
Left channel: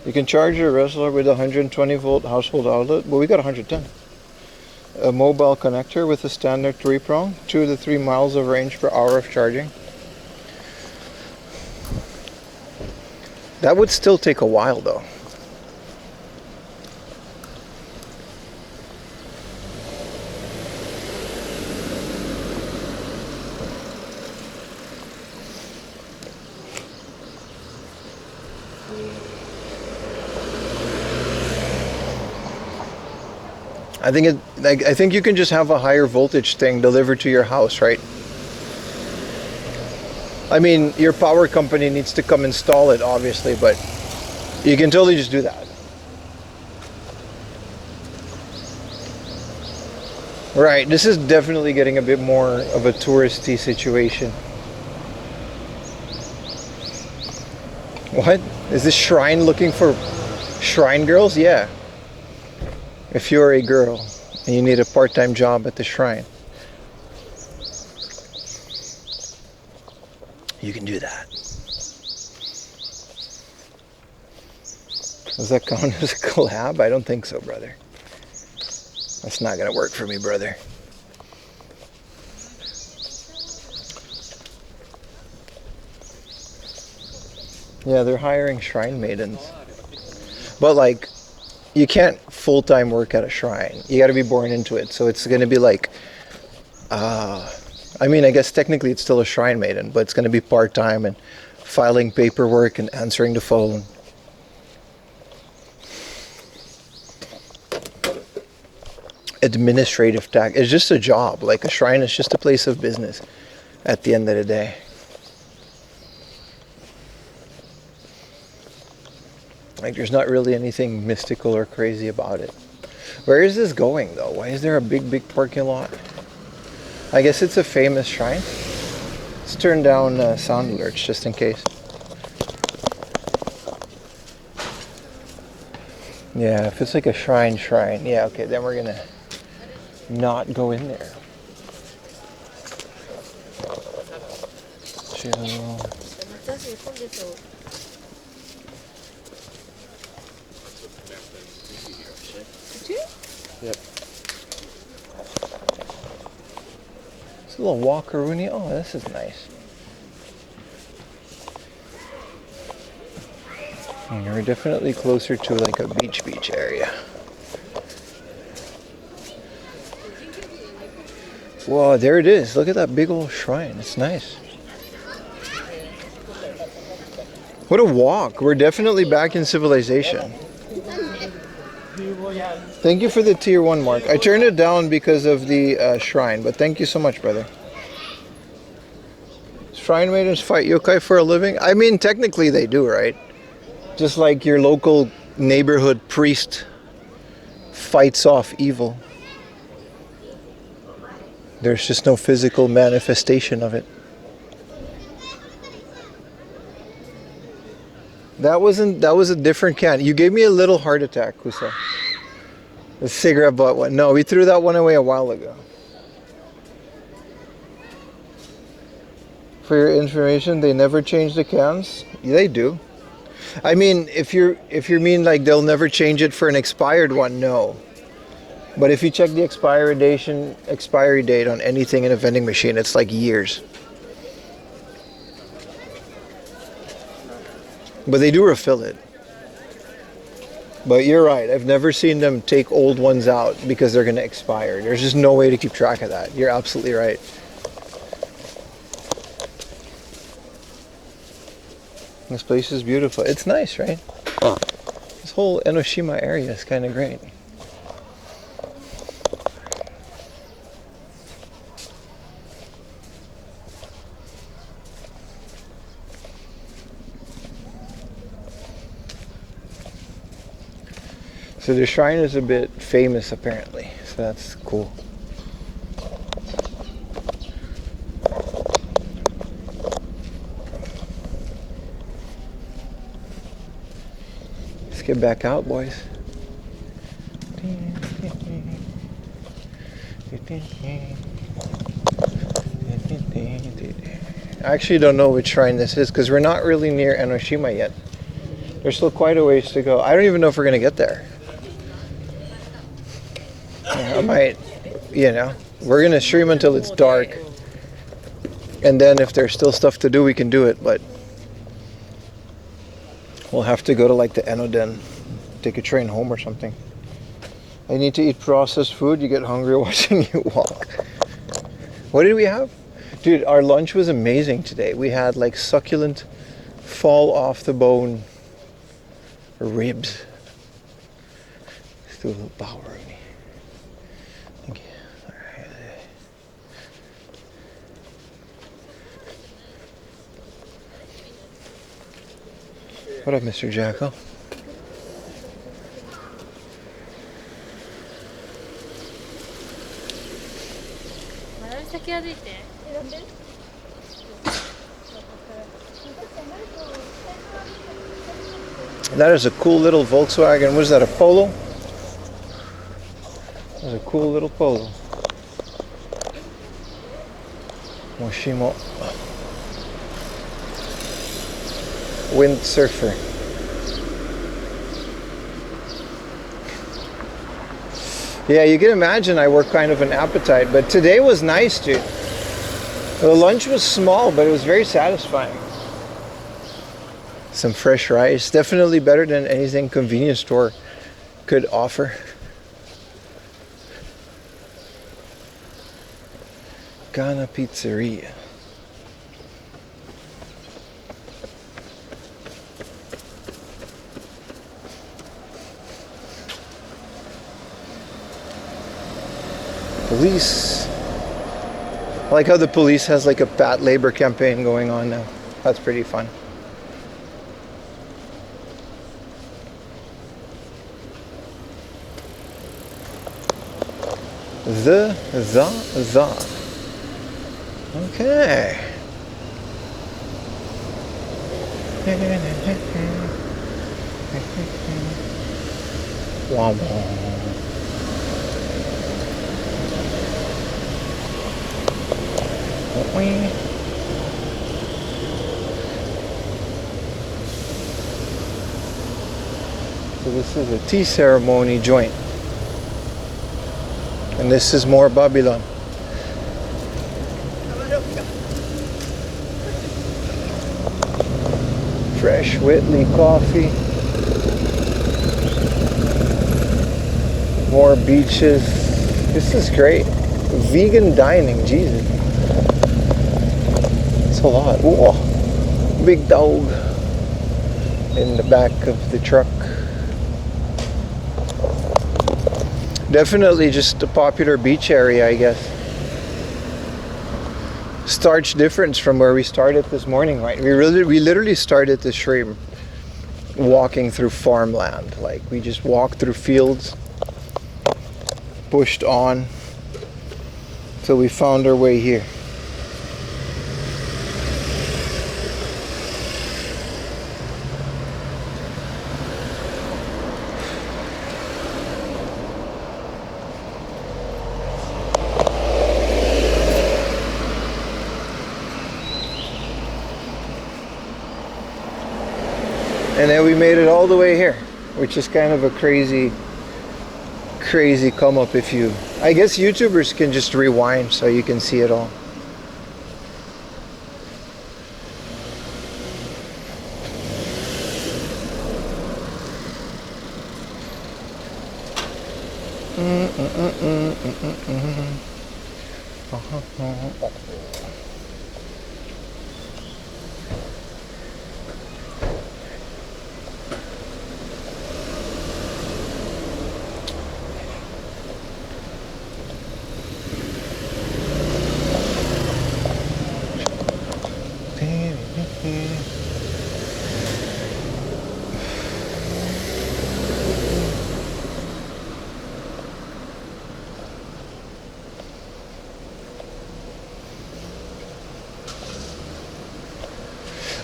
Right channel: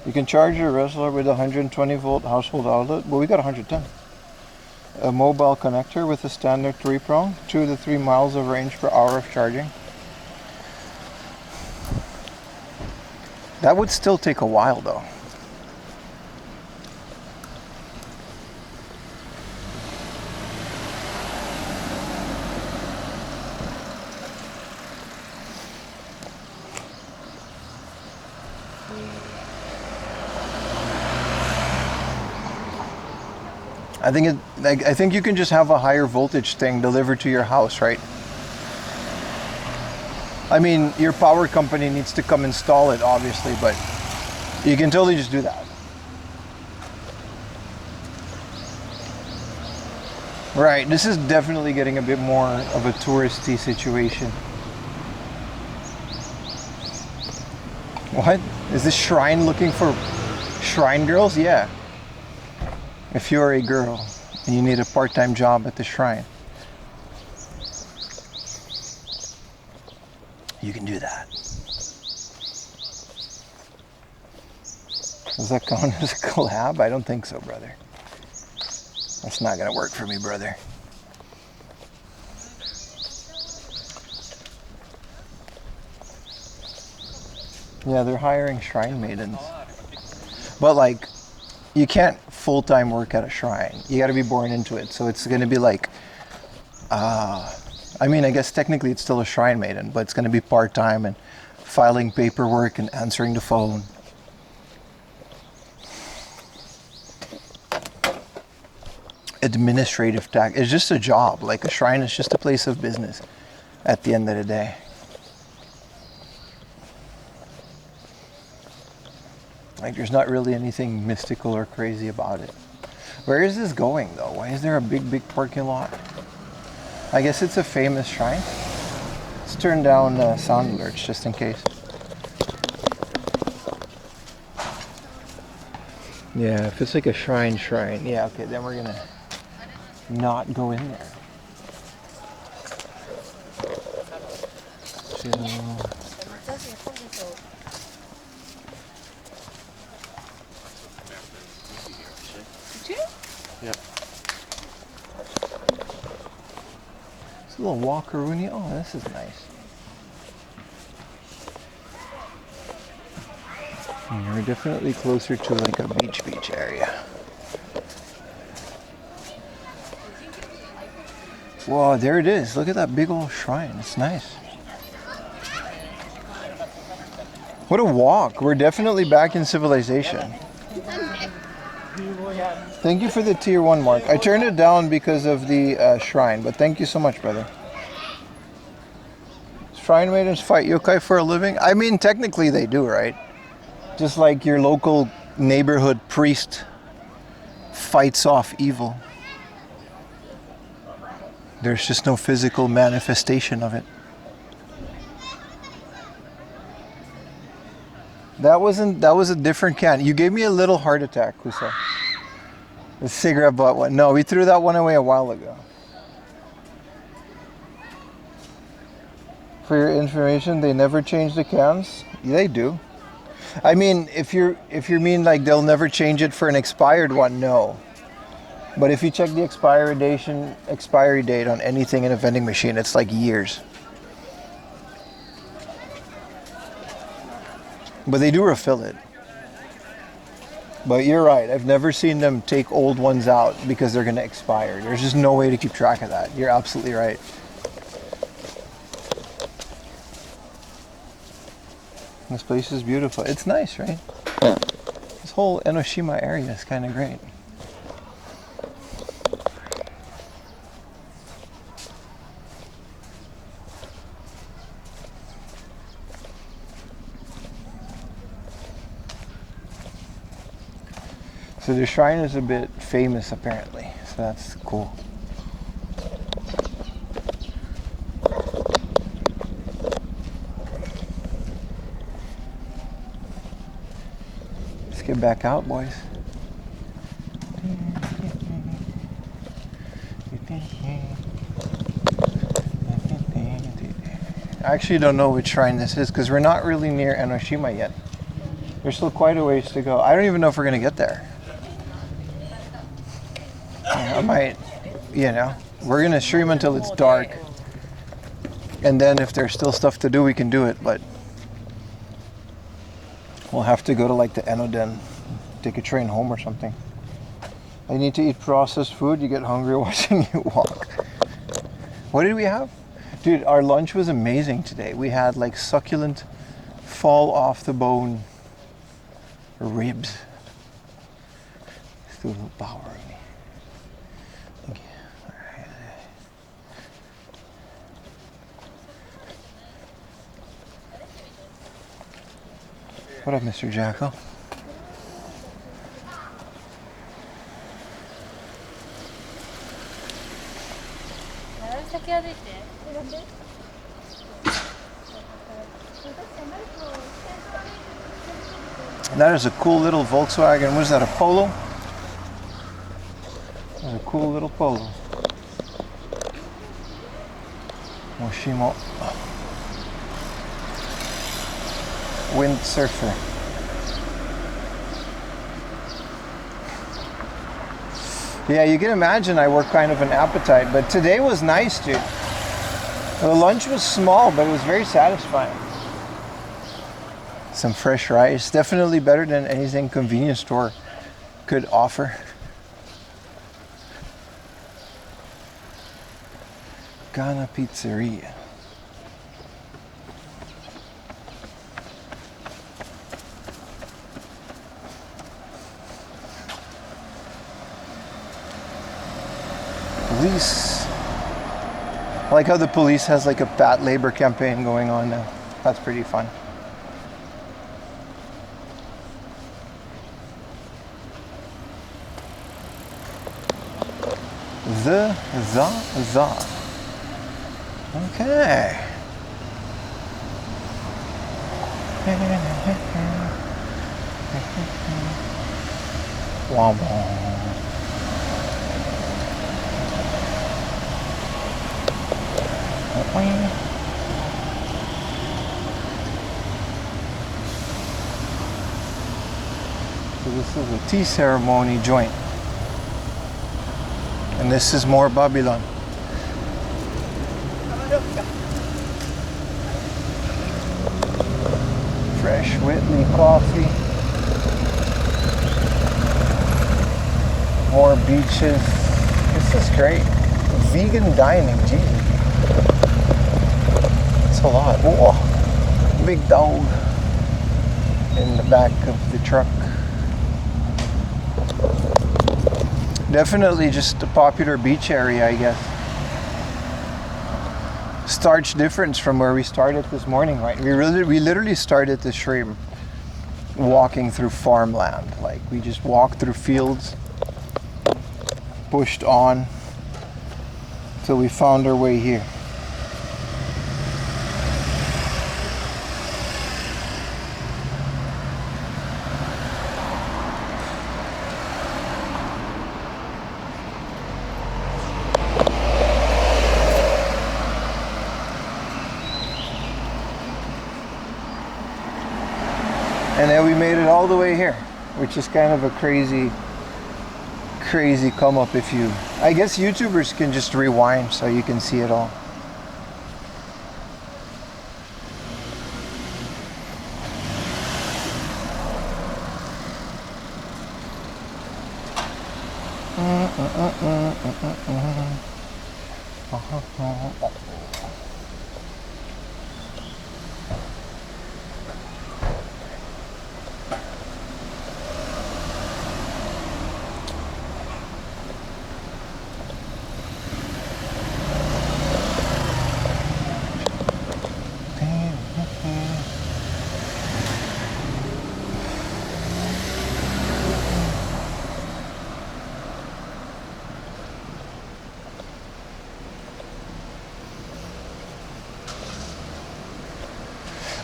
You can charge your wrestler with a 120 volt household outlet, but we got 110. A mobile connector with a standard 3-prong, 2 to 3 miles of range per hour of charging. That would still take a while though. I think you can just have a higher voltage thing delivered to your house, right? I mean, your power company needs to come install it, obviously, but you can totally just do that. Right, this is definitely getting a bit more of a touristy situation. What? Is this shrine looking for shrine girls? Yeah. If you're a girl and you need a part-time job at the shrine, you can do that. Does that count as a collab? I don't think so, brother. That's not gonna work for me, brother. Yeah, they're hiring shrine maidens. But like, you can't full-time work at a shrine. You got to be born into it. So it's going to be like, I mean, I guess technically it's still a shrine maiden, but it's going to be part-time and filing paperwork and answering the phone. administrative tax. It's just a job. Like a shrine is just a place of business at the end of the day. Like there's not really anything mystical or crazy about it. Where is this going though? Why is there a big parking lot? I guess it's a famous shrine. Let's turn down sound alerts just in case. Yeah, if it's like a shrine. Yeah, okay, then we're gonna not go in there. Chill. Yep. It's a little walkaroony. Oh, this is nice. And we're definitely closer to like a beach area. Whoa, there it is. Look at that big old shrine. It's nice. What a walk. We're definitely back in civilization. Thank you for the tier 1 mark. I turned it down because of the shrine, but thank you so much, brother. Shrine maidens fight yokai for a living? I mean, technically they do, right? Just like your local neighborhood priest fights off evil. There's just no physical manifestation of it. That was a different can. You gave me a little heart attack, Kusa. The cigarette butt one. No, we threw that one away a while ago. For your information, they never change the cans. They do. I mean, if you mean like they'll never change it for an expired one, no. But if you check the expiry date on anything in a vending machine, it's like years. But they do refill it. But you're right. I've never seen them take old ones out because they're going to expire. There's just no way to keep track of that. You're absolutely right. This place is beautiful. It's nice, right? Yeah. This whole Enoshima area is kind of great. So the shrine is a bit famous apparently, so that's cool. Let's get back out, boys. I actually don't know which shrine this is because we're not really near Enoshima yet. There's still quite a ways to go. I don't even know if we're gonna get there. I might, we're gonna stream until it's dark, and then if there's still stuff to do, we can do it. But we'll have to go to like the Enoden, take a train home or something. I need to eat processed food. You get hungry watching you walk. What did we have? Dude, our lunch was amazing today. We had like succulent, fall off the bone ribs. Let's do a little power. Thank you. All right. What up, Mr. Jackal? That is a cool little Volkswagen. What is that, a Polo? That's a cool little Polo. Moshimo. Windsurfer. Yeah, you can imagine I work kind of an appetite, but today was nice, dude. The lunch was small, but it was very satisfying. Some fresh rice, definitely better than anything convenience store could offer. Ghana Pizzeria. Police. I like how the police has like a fat labor campaign going on now. That's pretty fun. The. Okay. Womp So this is a tea ceremony joint. And this is more Babylon. Fresh Whitley coffee. More beaches. This is great. Vegan dining, Jesus. It's a lot. Ooh, big dog in the back of the truck. Definitely just a popular beach area, I guess. Starch difference from where we started this morning, right? We literally started the stream walking through farmland. Like we just walked through fields, pushed on till we found our way here. And then we made it all the way here, which is kind of a crazy come up. If you, I guess YouTubers can just rewind so you can see it all.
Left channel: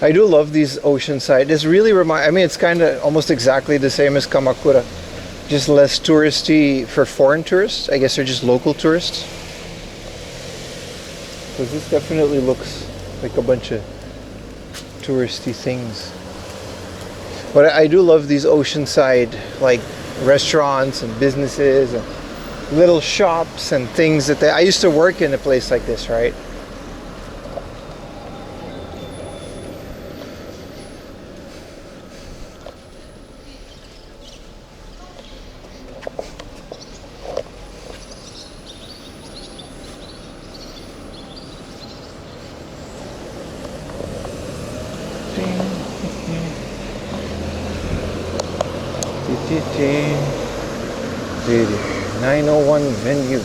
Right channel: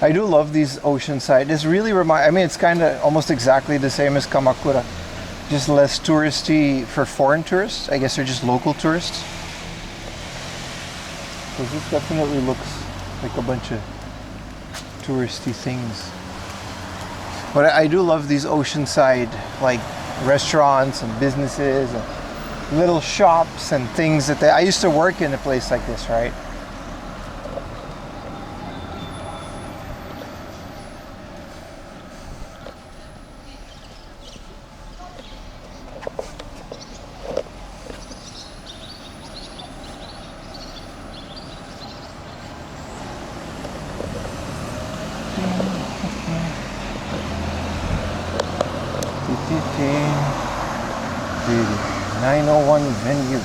I do love these oceanside. This really I mean, it's kind of almost exactly the same as Kamakura, just less touristy for foreign tourists. I guess they're just local tourists. Because this definitely looks like a bunch of touristy things. But I do love these oceanside like restaurants and businesses and little shops and things that I used to work in a place like this, right? The 901 venue.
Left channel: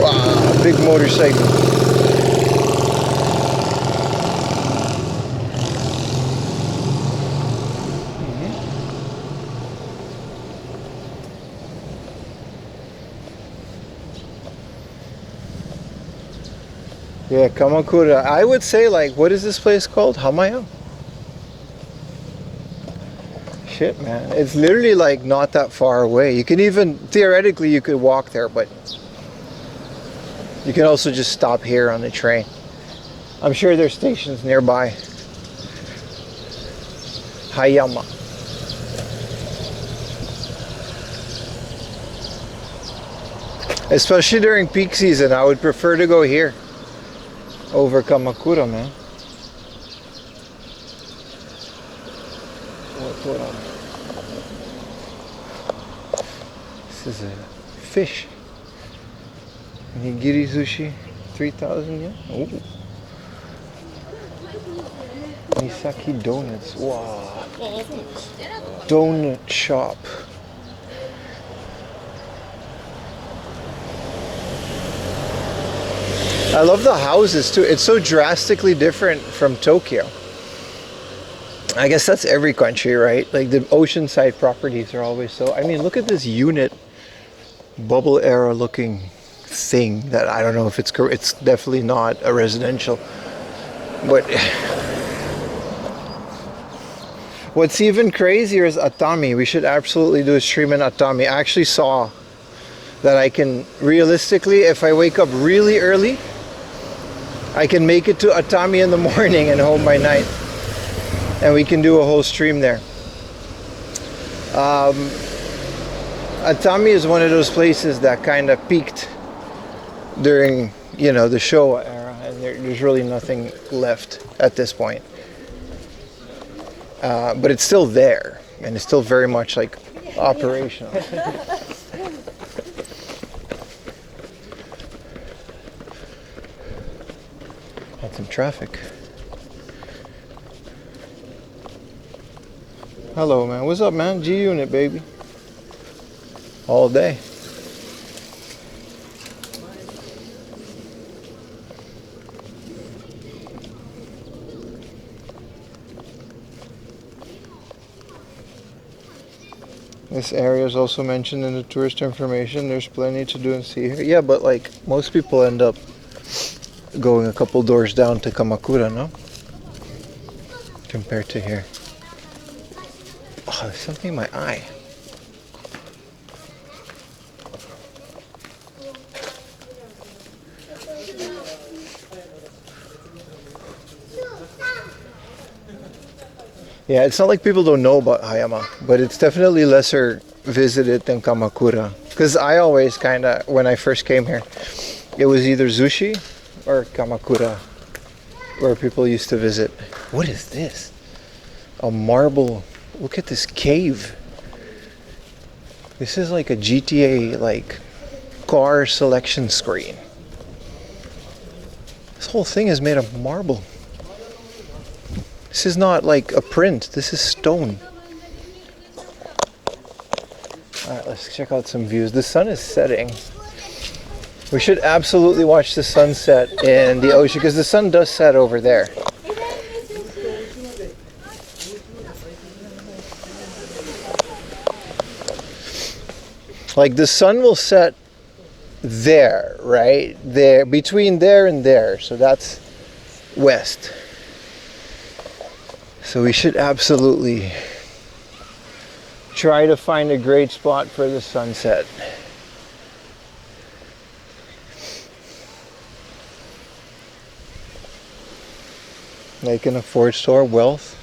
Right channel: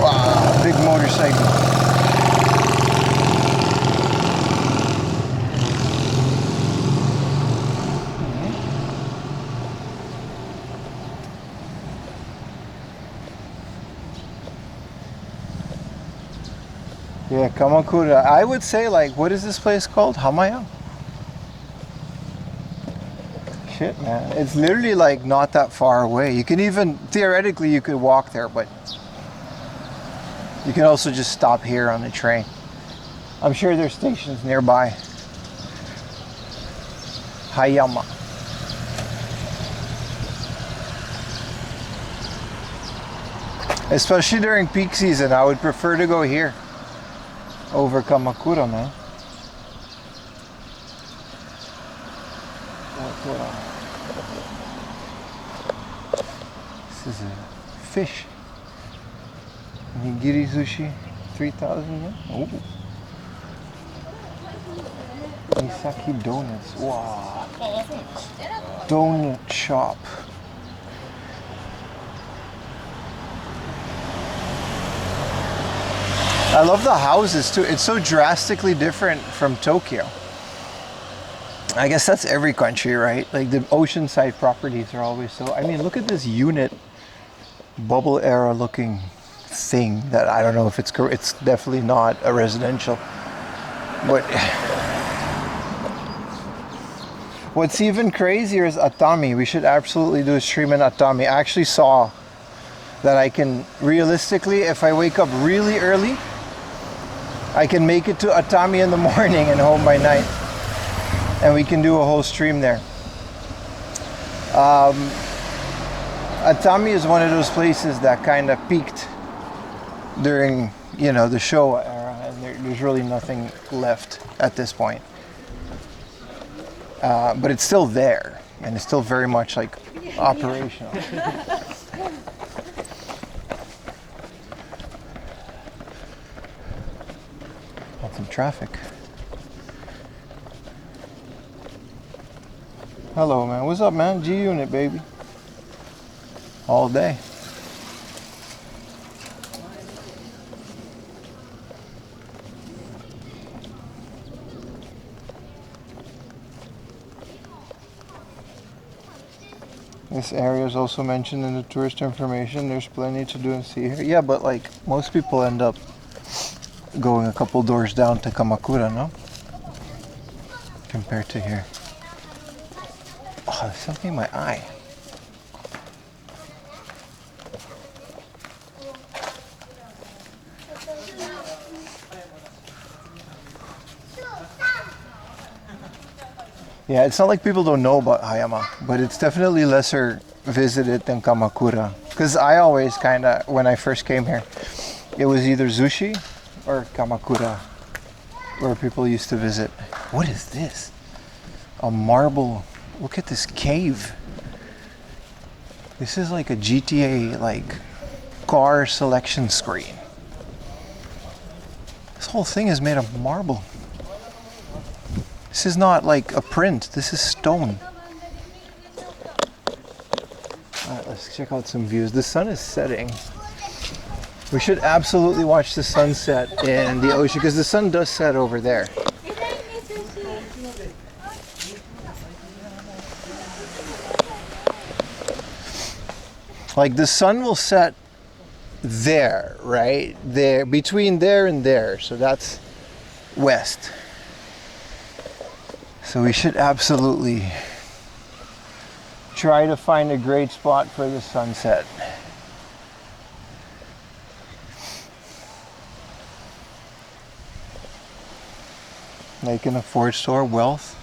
Wow, big motorcycle. Yeah, Kamakura. I would say, like, what is this place called? Hamaya? Shit, man. It's literally like not that far away. You can even, theoretically, you could walk there, but you can also just stop here on the train. I'm sure there's stations nearby. Hayama. Especially during peak season, I would prefer to go here over Kamakura, man. What's going on? This is a fish. Nigiri sushi, 3,000 yen. Ooh. Misaki donuts. Wow. Donut shop. I love the houses too. It's so drastically different from Tokyo. I guess that's every country, right? Like the oceanside properties are always so. I mean, look at this unit, bubble era looking thing that I don't know if it's correct. It's definitely not a residential. But what's even crazier is Atami. We should absolutely do a stream in Atami. I actually saw that I can realistically, if I wake up really early, I can make it to Atami in the morning and home by night. And we can do a whole stream there. Atami is one of those places that kind of peaked during, you know, the Showa era, and there's really nothing left at this point. But it's still there, and it's still very much like operational. Had some traffic. Hello, man. What's up, man? G Unit, baby. All day. This area is also mentioned in the tourist information. There's plenty to do and see here. Yeah, but like most people end up going a couple doors down to Kamakura, no? Compared to here. Oh, there's something in my eye. Yeah, it's not like people don't know about Hayama, but it's definitely lesser visited than Kamakura. Because I always kind of, when I first came here, it was either Zushi or Kamakura where people used to visit. What is this? A marble. Look at this cave. This is like a GTA like car selection screen. This whole thing is made of marble. This is not like a print. This is stone. Alright, let's check out some views. The sun is setting. We should absolutely watch the sunset in the ocean because the sun does set over there. Like the sun will set there, right? There, between there and there. So that's west. So we should absolutely try to find a great spot for the sunset. They can afford store wealth.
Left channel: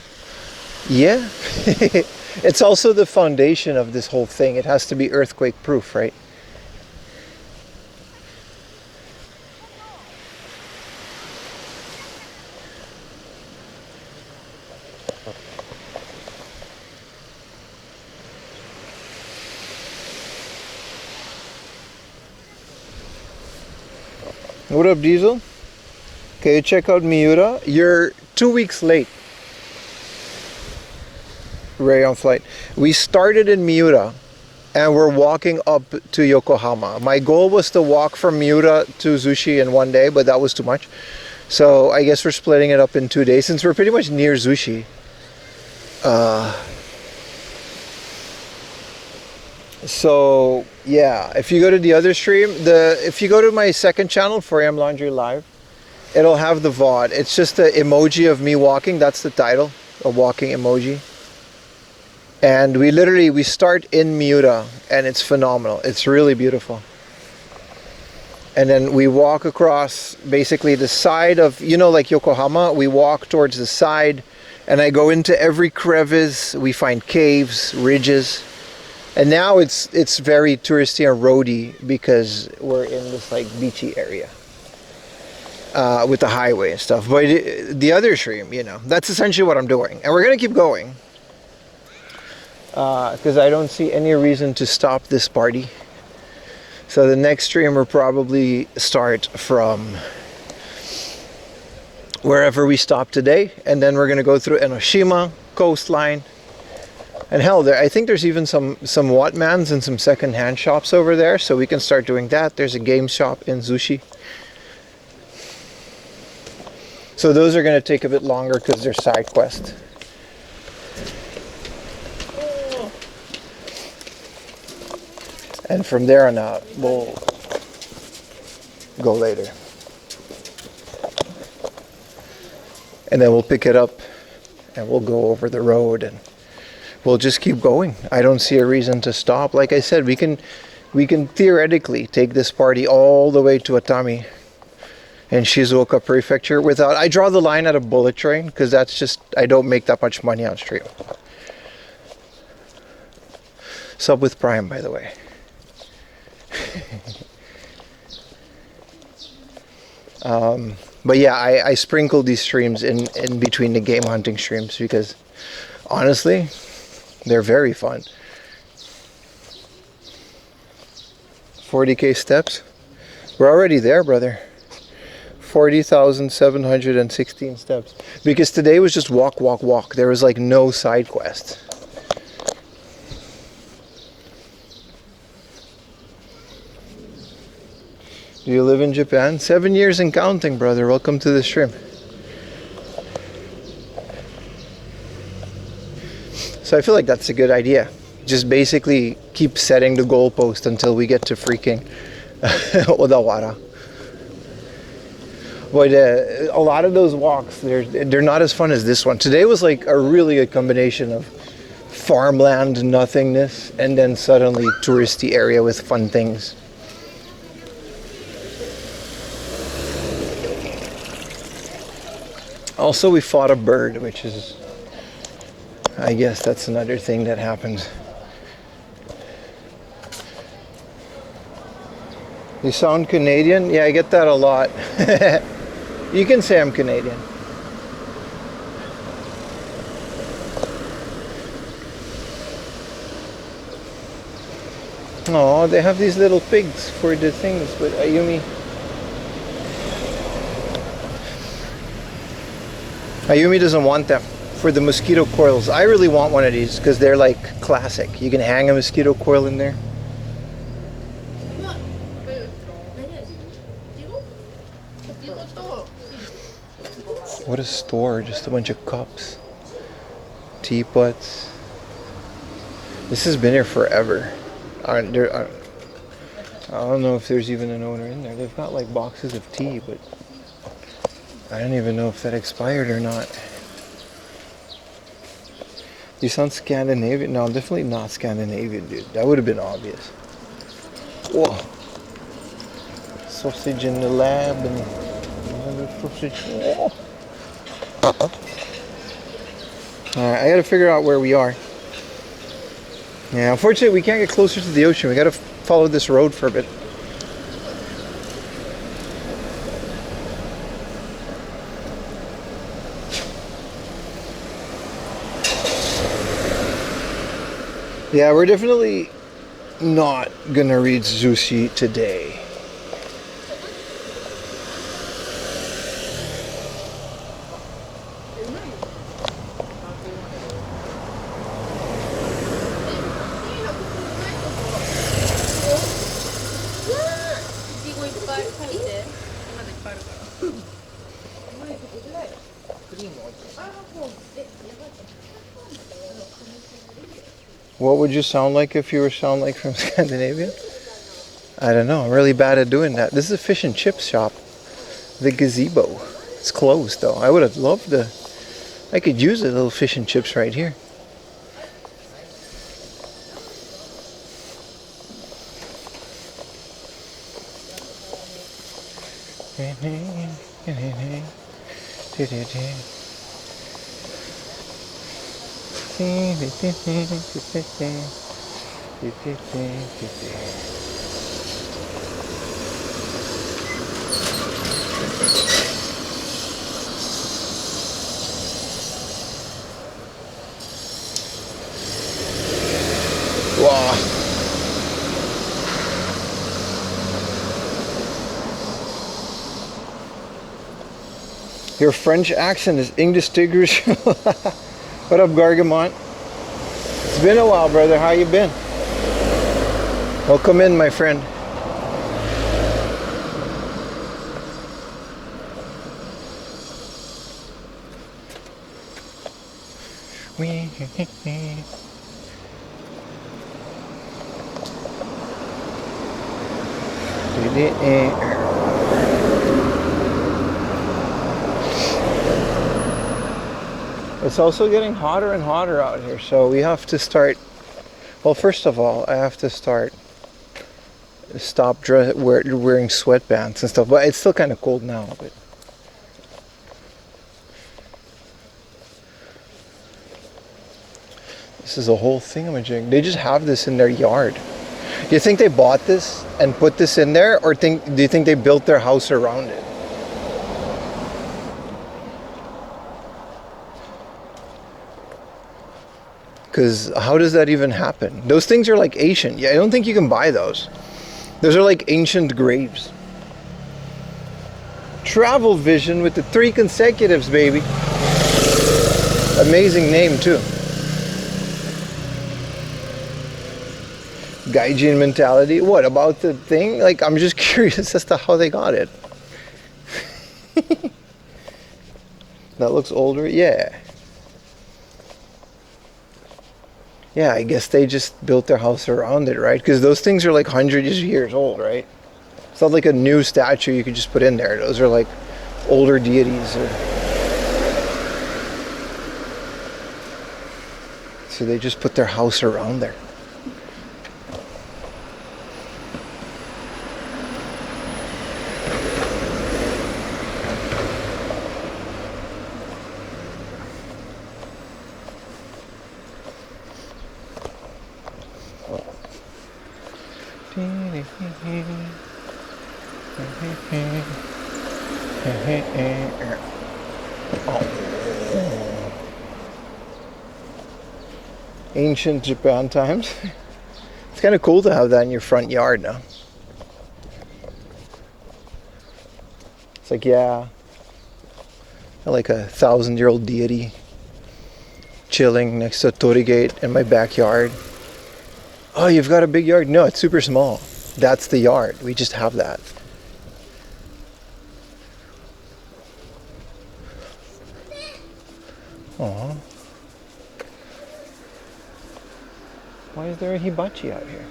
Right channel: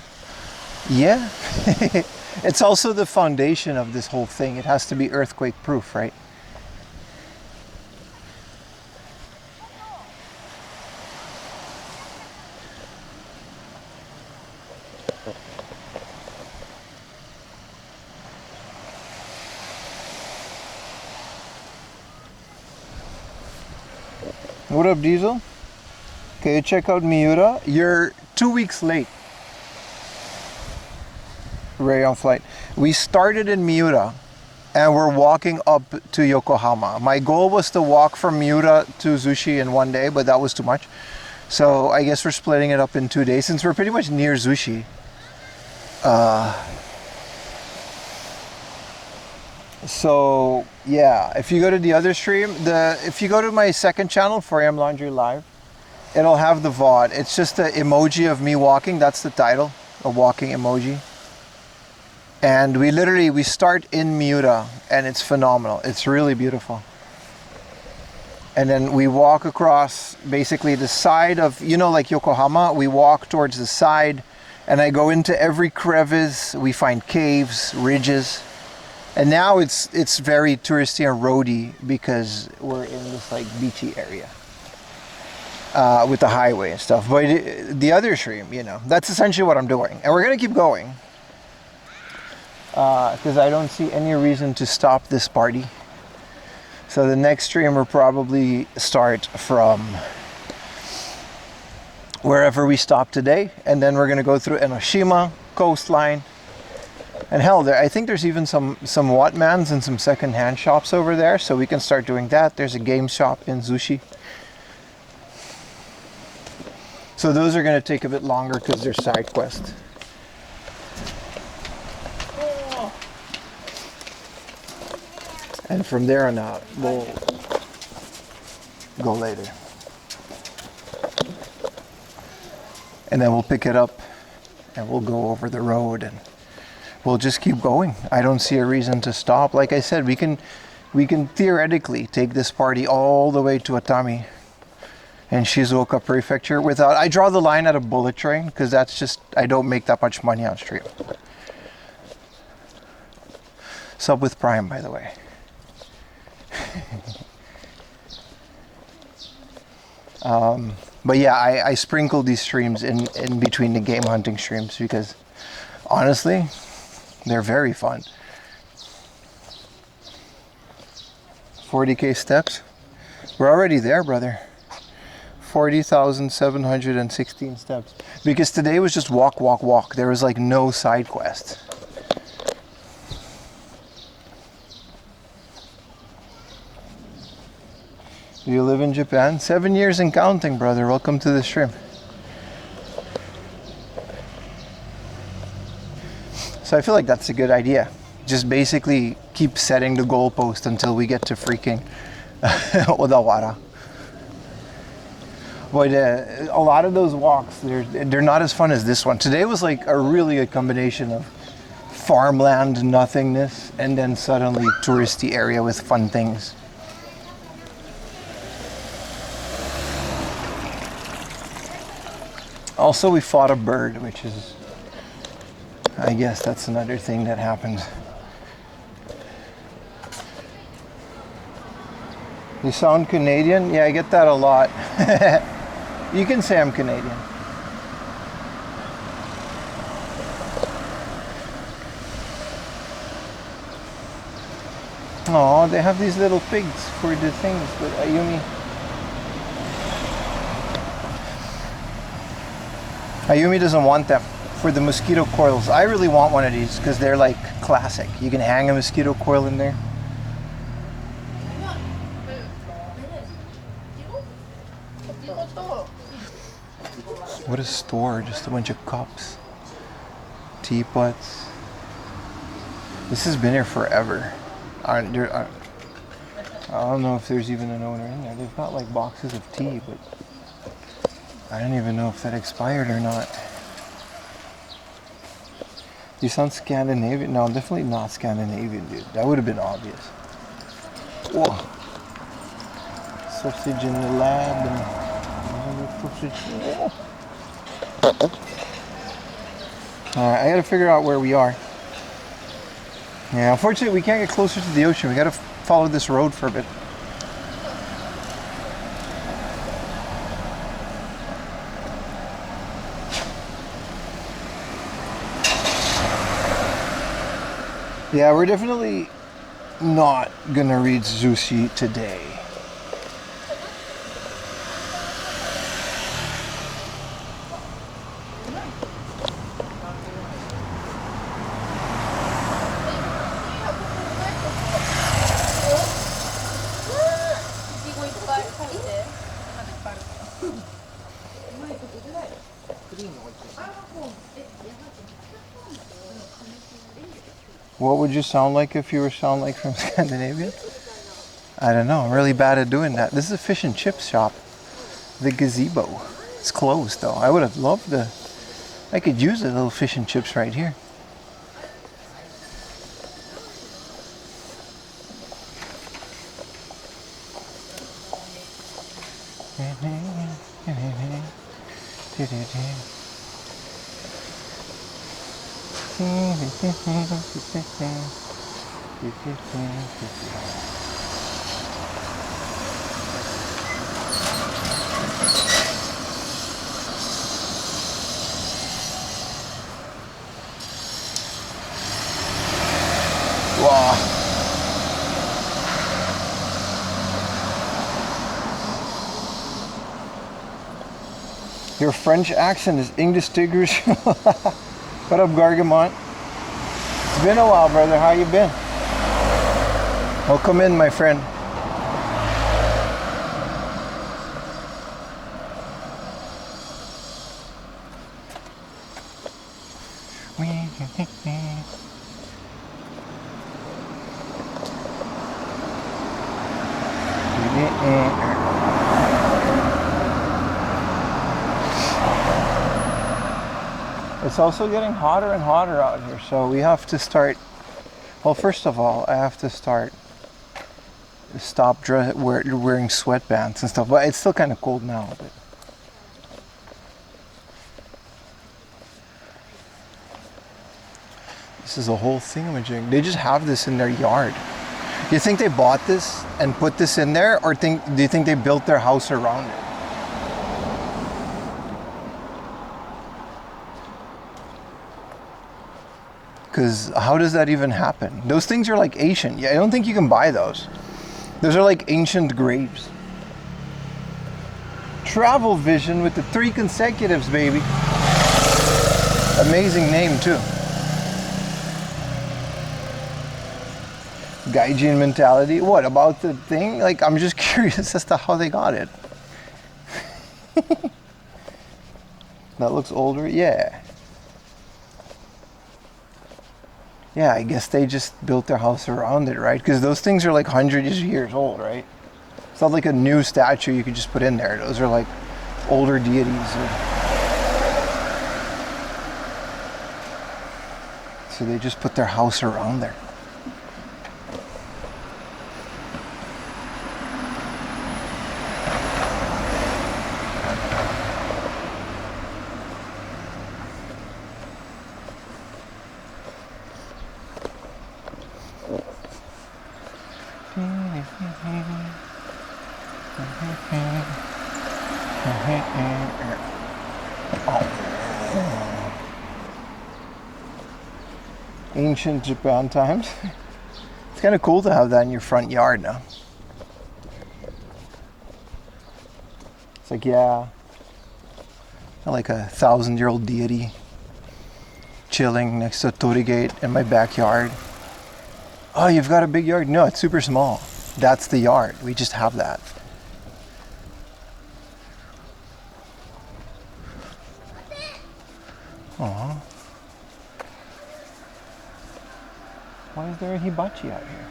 Yeah. It's also the foundation of this whole thing. It has to be earthquake proof, right? What up, Diesel? Okay, check out Miura. You're 2 weeks late. Ray on flight. We started in Miura and we're walking up to Yokohama. My goal was to walk from Miura to Zushi in 1 day, but that was too much. So I guess we're splitting it up in 2 days since we're pretty much near Zushi. So yeah, if you go to the other stream, if you go to my second channel, 4am Laundry Live, it'll have the VOD. It's just the emoji of me walking. That's the title, a walking emoji. And we start in Miura and it's phenomenal. It's really beautiful. And then we walk across basically the side of, you know, like Yokohama, we walk towards the side and I go into every crevice. We find caves, ridges. And now it's very touristy and roady because we're in this like beachy area with the highway and stuff. But the other stream, you know, that's essentially what I'm doing. And we're going to keep going. Because I don't see any reason to stop this party. So the next stream will probably start from wherever we stopped today, and then we're gonna go through Enoshima coastline. And hell, I think there's even some Watmans and some second-hand shops over there, so we can start doing that. There's a game shop in Zushi. So those are going to take a bit longer because they're side quests. And from there on out, we'll go later. And then we'll pick it up and we'll go over the road and we'll just keep going. I don't see a reason to stop. Like I said, we can theoretically take this party all the way to Atami and Shizuoka Prefecture without... I draw the line at a bullet train because that's just... I don't make that much money on stream. Sub with Prime, by the way. But yeah, I sprinkle these streams in between the game hunting streams because honestly, they're very fun. 40k steps. We're already there, brother. 40,716 steps. Because today was just walk, walk, walk. There was like no side quest. Do you live in Japan? 7 years and counting, brother. Welcome to the stream. So I feel like that's a good idea. Just basically keep setting the goalpost until we get to freaking Odawara. But a lot of those walks, they're not as fun as this one. Today was like a really good combination of farmland nothingness and then suddenly touristy area with fun things. Also, we fought a bird, which is, I guess that's another thing that happens. You sound Canadian? Yeah, I get that a lot. You can say I'm Canadian. Oh, they have these little pigs for the things, but Ayumi doesn't want them for the mosquito coils. I really want one of these because they're like classic. You can hang a mosquito coil in there. What a store, just a bunch of cups, teapots. This has been here forever. I don't know if there's even an owner in there. They've got like boxes of tea, but I don't even know if that expired or not. You sound Scandinavian? No, I'm definitely not Scandinavian, dude. That would have been obvious. Whoa. Sausage in the lab and another sausage. Whoa. Alright, I gotta figure out where we are. Yeah, unfortunately we can't get closer to the ocean. We gotta follow this road for a bit. Yeah, we're definitely not gonna read Zushi today. What would you sound like if you were sound like from Scandinavia? I don't know. I'm really bad at doing that. This is a fish and chip shop. The gazebo. It's closed though. I would have loved to. I could use a little fish and chips right here. Wow. Your French accent is indistinguishable. What up, Gargamont? It's been a while, brother. How you been? Welcome in, my friend. It's also getting hotter and hotter out here, so we have to start. Well, first of all, I have to stop wearing sweatpants and stuff. But it's still kind of cold now. But this is a whole thingamajig. They just have this in their yard. Do you think they bought this and put this in there, or do you think they built their house around it? Because how does that even happen? Those things are like ancient. Yeah, I don't think you can buy those. Those are like ancient graves. Travel Vision with the 3 consecutives, baby. Amazing name too. Gaijin mentality. What about the thing? Like, I'm just curious as to how they got it. That looks older. Yeah. Yeah, I guess they just built their house around it, right? Because those things are like hundreds of years old, right? It's not like a new statue you could just put in there. Those are like older deities. So they just put their house around there. Ancient Japan times. It's kind of cool to have that in your front yard now. It's like, yeah, like a 1,000-year-old deity chilling next to a torii gate in my backyard. Oh, you've got a big yard? No, it's super small. That's the yard. We just have that. Aww. Why is there a hibachi out here?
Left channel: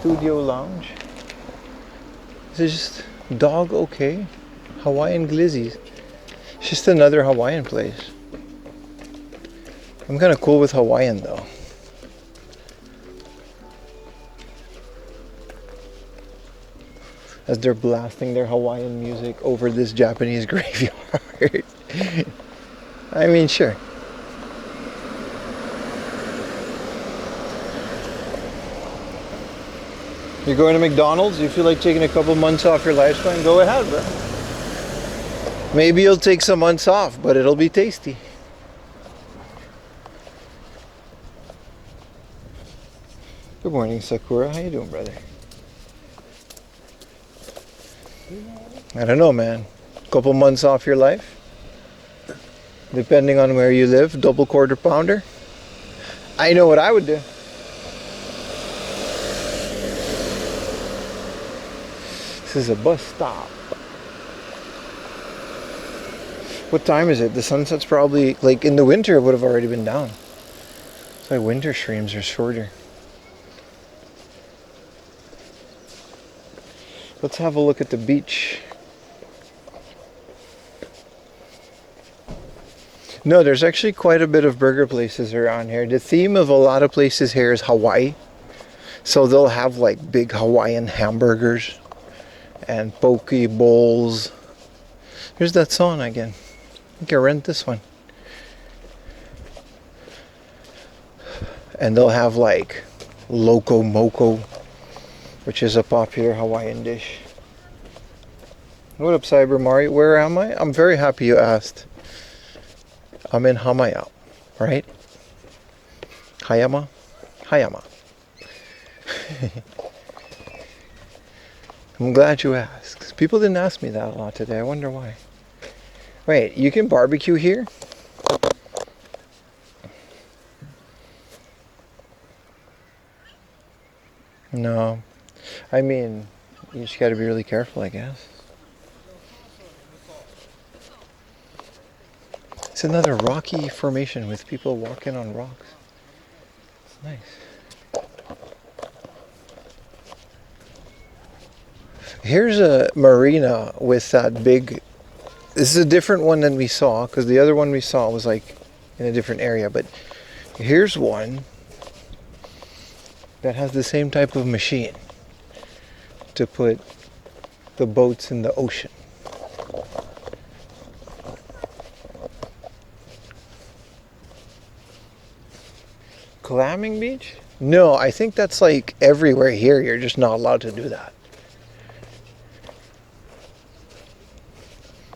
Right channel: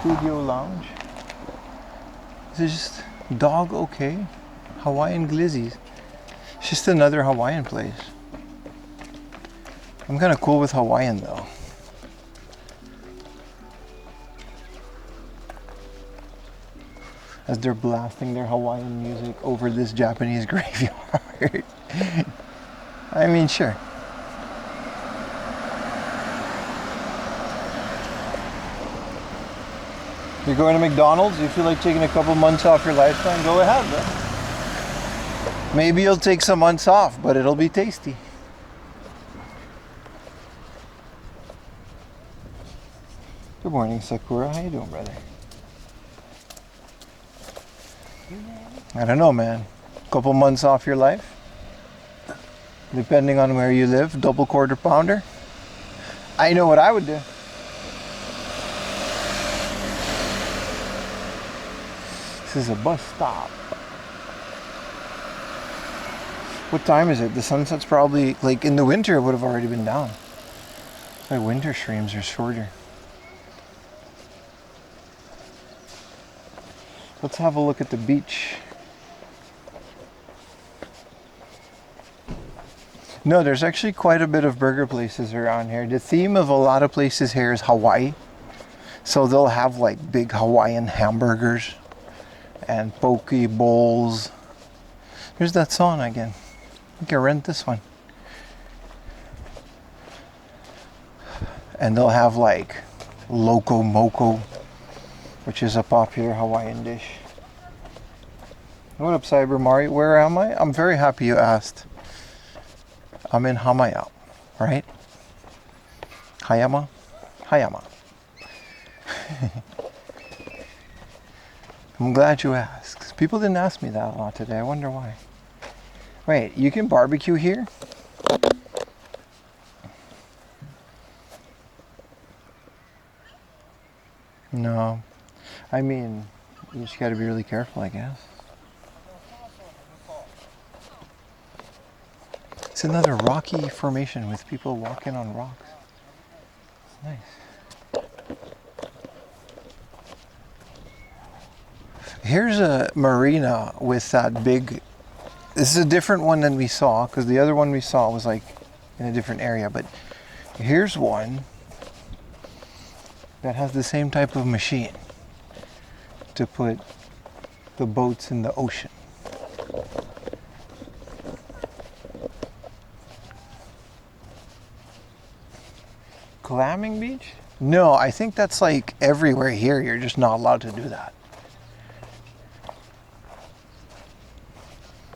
Studio lounge. Is it just dog okay? Hawaiian glizzies. It's just another Hawaiian place. I'm kind of cool with Hawaiian though. As they're blasting their Hawaiian music over this Japanese graveyard. I mean, sure. You're going to McDonald's? You feel like taking a couple months off your lifespan? Go ahead, bro. Maybe you'll take some months off, but it'll be tasty. Good morning, Sakura. How you doing, brother? I don't know, man. Couple months off your life? Depending on where you live, double quarter pounder? I know what I would do. This is a bus stop. What time is it? The sunset's probably, like in the winter, it would have already been down. It's like winter streams are shorter. Let's have a look at the beach. No, there's actually quite a bit of burger places around here. The theme of a lot of places here is Hawaii. So they'll have like big Hawaiian hamburgers and poke bowls. Here's that sauna again. You can rent this one. And they'll have like loco moco, which is a popular Hawaiian dish. What up, Cyber Mario? Where am I? I'm very happy you asked. I'm in Hamaya, right? Hayama? Hayama. I'm glad you asked. People didn't ask me that a lot today. I wonder why. Wait, you can barbecue here? No. I mean, you just gotta be really careful, I guess. This It's another rocky formation with people walking on rocks. It's nice. Here's a marina with that big... This is a different one than we saw, because the other one we saw was like in a different area. But here's one that has the same type of machine to put the boats in the ocean. Clamming beach? No, I think that's like everywhere here. You're just not allowed to do that.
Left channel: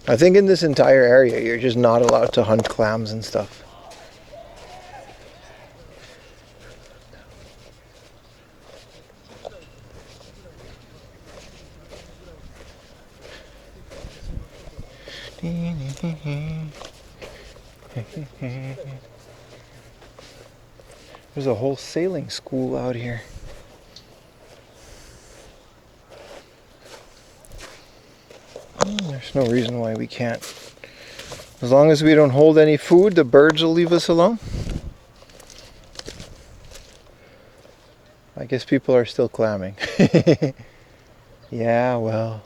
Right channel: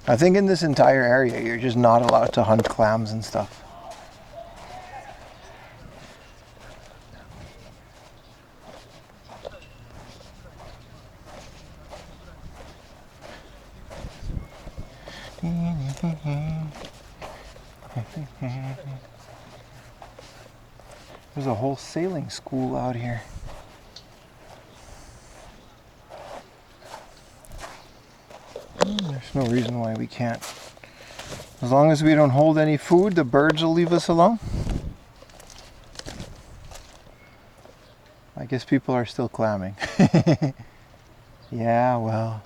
I think in this entire area, you're just not allowed to hunt clams and stuff. There's a whole sailing school out here. There's no reason why we can't. As long as we don't hold any food, the birds will leave us alone. I guess people are still clamming. Yeah, well.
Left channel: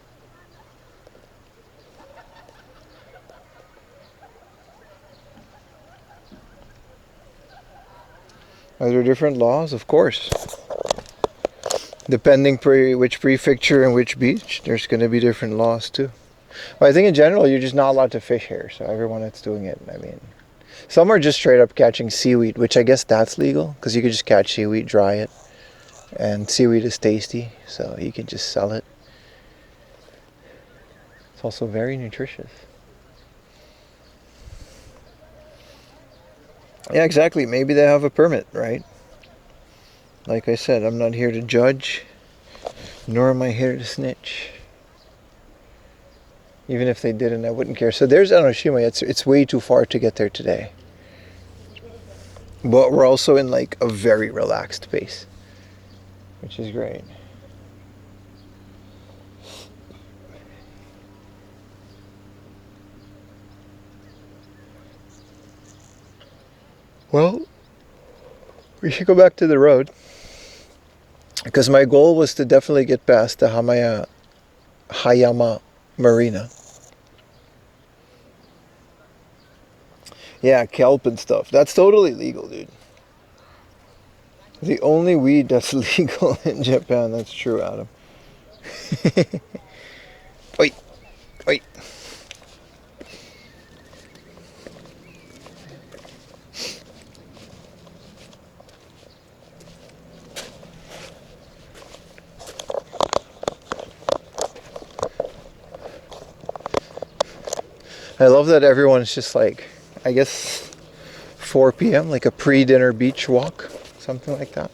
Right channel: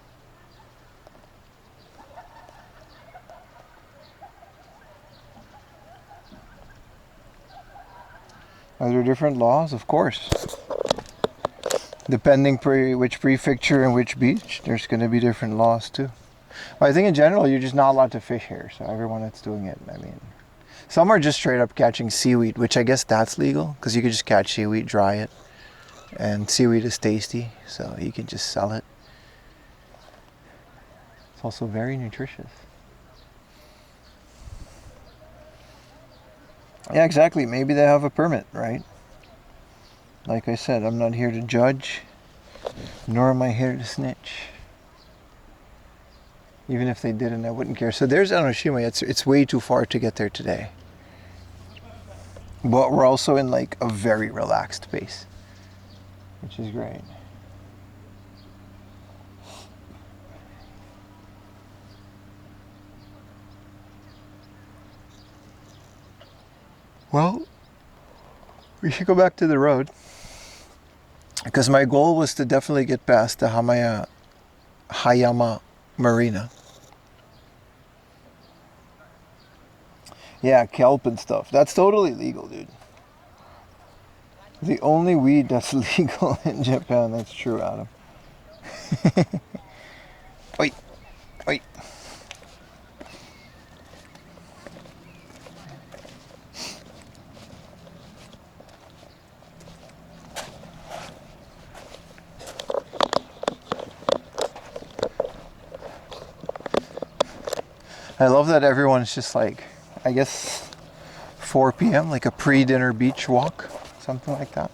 Are there different laws? Of course. Depending which prefecture and which beach, there's going to be different laws too. But I think in general, you're just not allowed to fish here. So everyone that's doing it, I mean, some are just straight up catching seaweed, which I guess that's legal because you could just catch seaweed, dry it, and seaweed is tasty, so you can just sell it. It's also very nutritious. Yeah, exactly. Maybe they have a permit, right? Like I said, I'm not here to judge, nor am I here to snitch. Even if they didn't, I wouldn't care. So there's Enoshima. It's way too far to get there today. But we're also in like a very relaxed pace, which is great. Well, we should go back to the road because my goal was to definitely get past the Hayama Marina. Yeah, kelp and stuff. That's totally legal, dude. The only weed that's legal in Japan. That's true, Adam. Wait, wait. I love that everyone's just like, I guess 4 p.m., like a pre-dinner beach walk, something like that.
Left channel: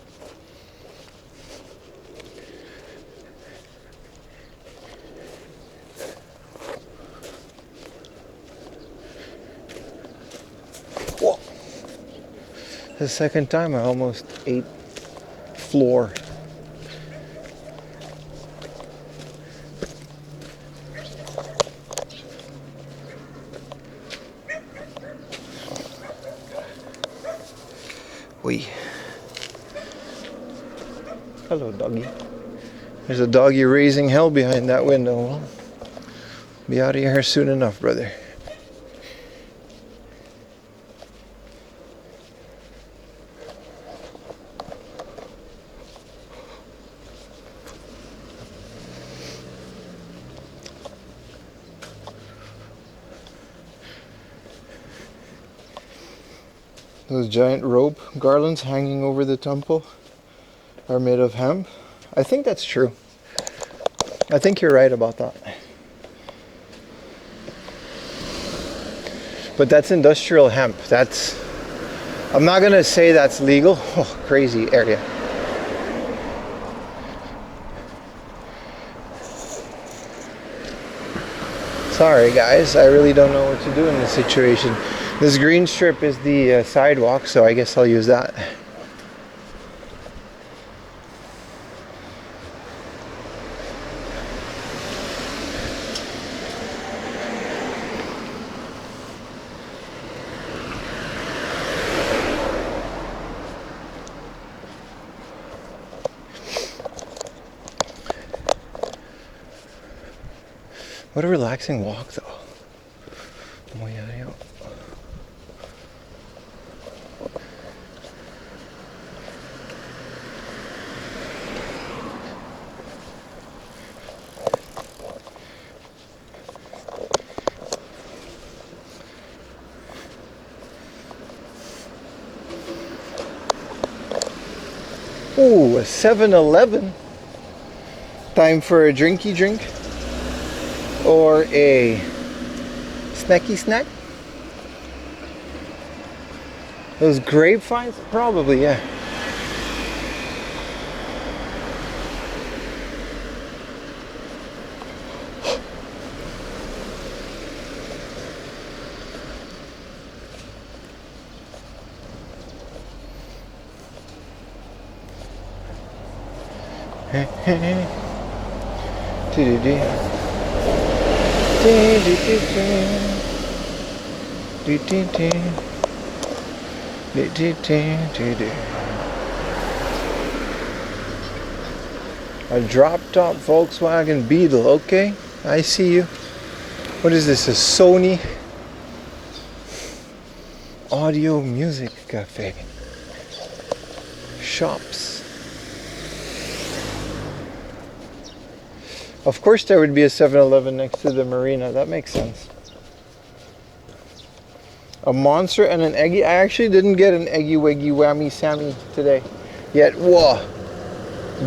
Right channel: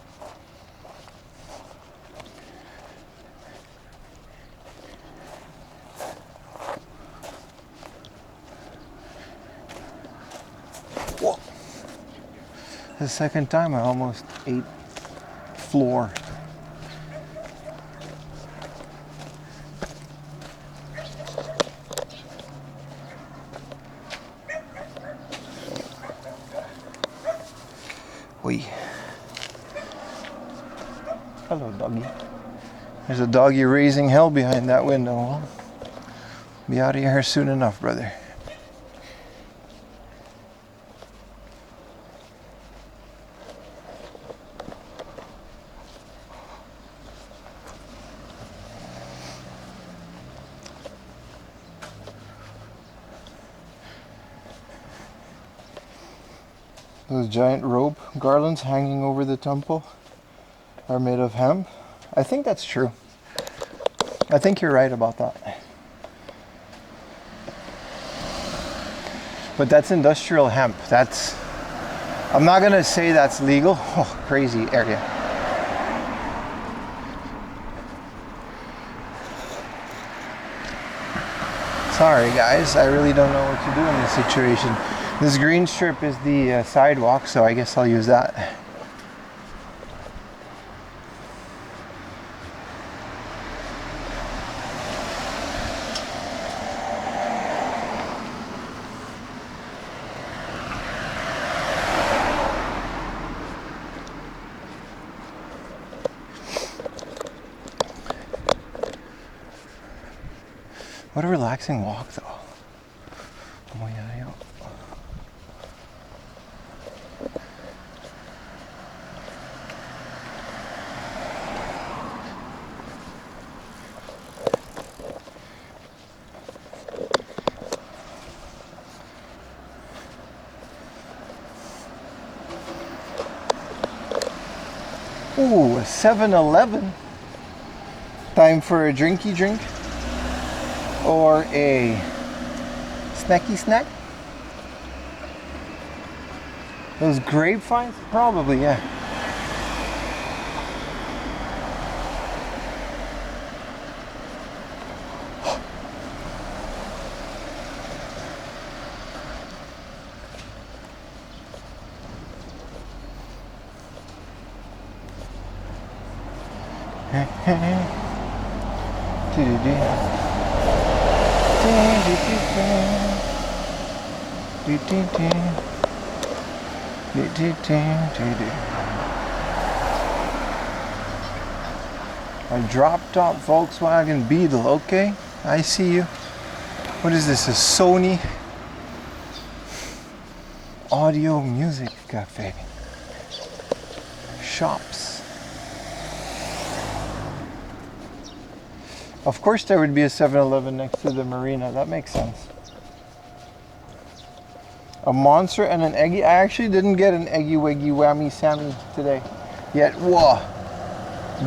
Whoa. The second time I almost ate floor. Hello, doggy. There's a doggy raising hell behind that window. Well, be out of here soon enough, brother. Those giant rope garlands hanging over the temple are made of hemp. I think that's true. I think you're right about that. But that's industrial hemp. I'm not gonna say that's legal. Oh, crazy area. Sorry guys, I really don't know what to do in this situation. This green strip is the sidewalk, so I guess I'll use that. What a relaxing walk, though. Oh, yeah, yeah. Ooh, a 7-Eleven. Time for a drinky drink or a snacky snack. Those grapevines? Probably, yeah. A drop-top Volkswagen Beetle, okay, I see you. What is this, a Sony Audio Music Cafe? Shops. Of course there would be a 7-Eleven next to the marina, that makes sense. A Monster and an Eggy. I actually didn't get an Eggy Weggy Whammy Sammy today yet. Whoa,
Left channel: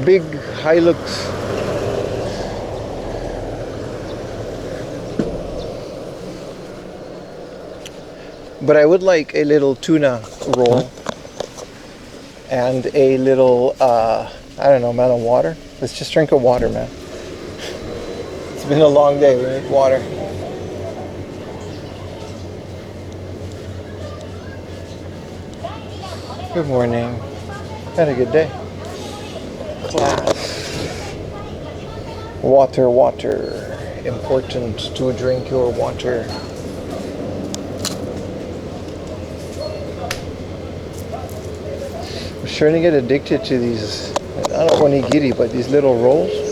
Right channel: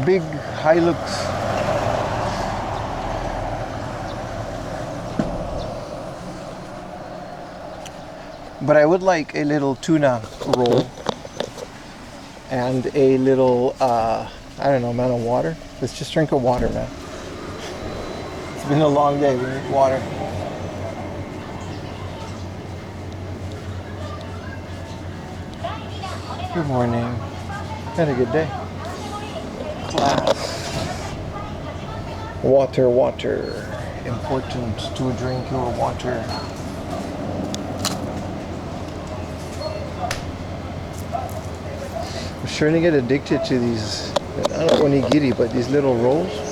big Hilux. But I would like a little tuna roll and a little, I don't know, man, of water. Let's just drink a water, man. It's been a long day, we need water. Good morning. Had a good day. Class. Water, water. Important to drink your water. I'm starting to get addicted to these, I don't onigiri, but these little rolls.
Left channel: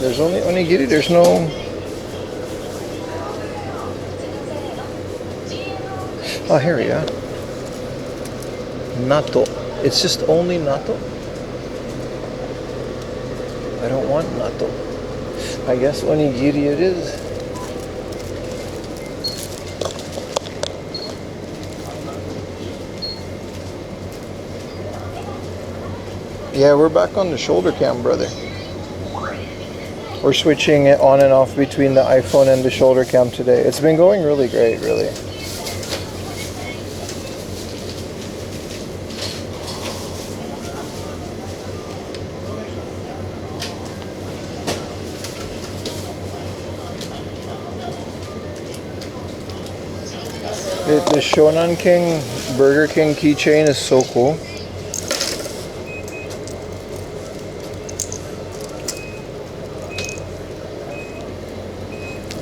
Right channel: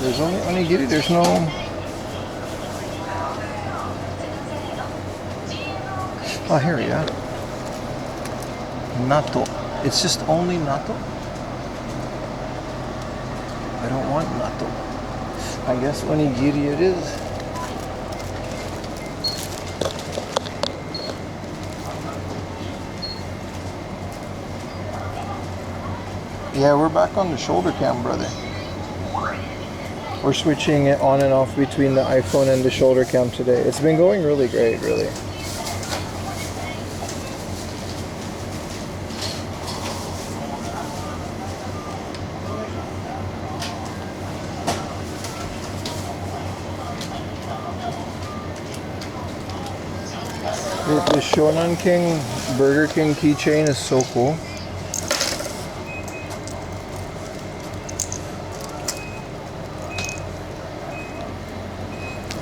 There's only onigiri, there's no... Oh, here we go. Natto. It's just only natto? I don't want natto. I guess onigiri it is. Yeah, we're back on the shoulder cam, brother. We're switching it on and off between the iPhone and the shoulder cam today. It's been going really great, really. The Shonan King Burger King keychain is so cool.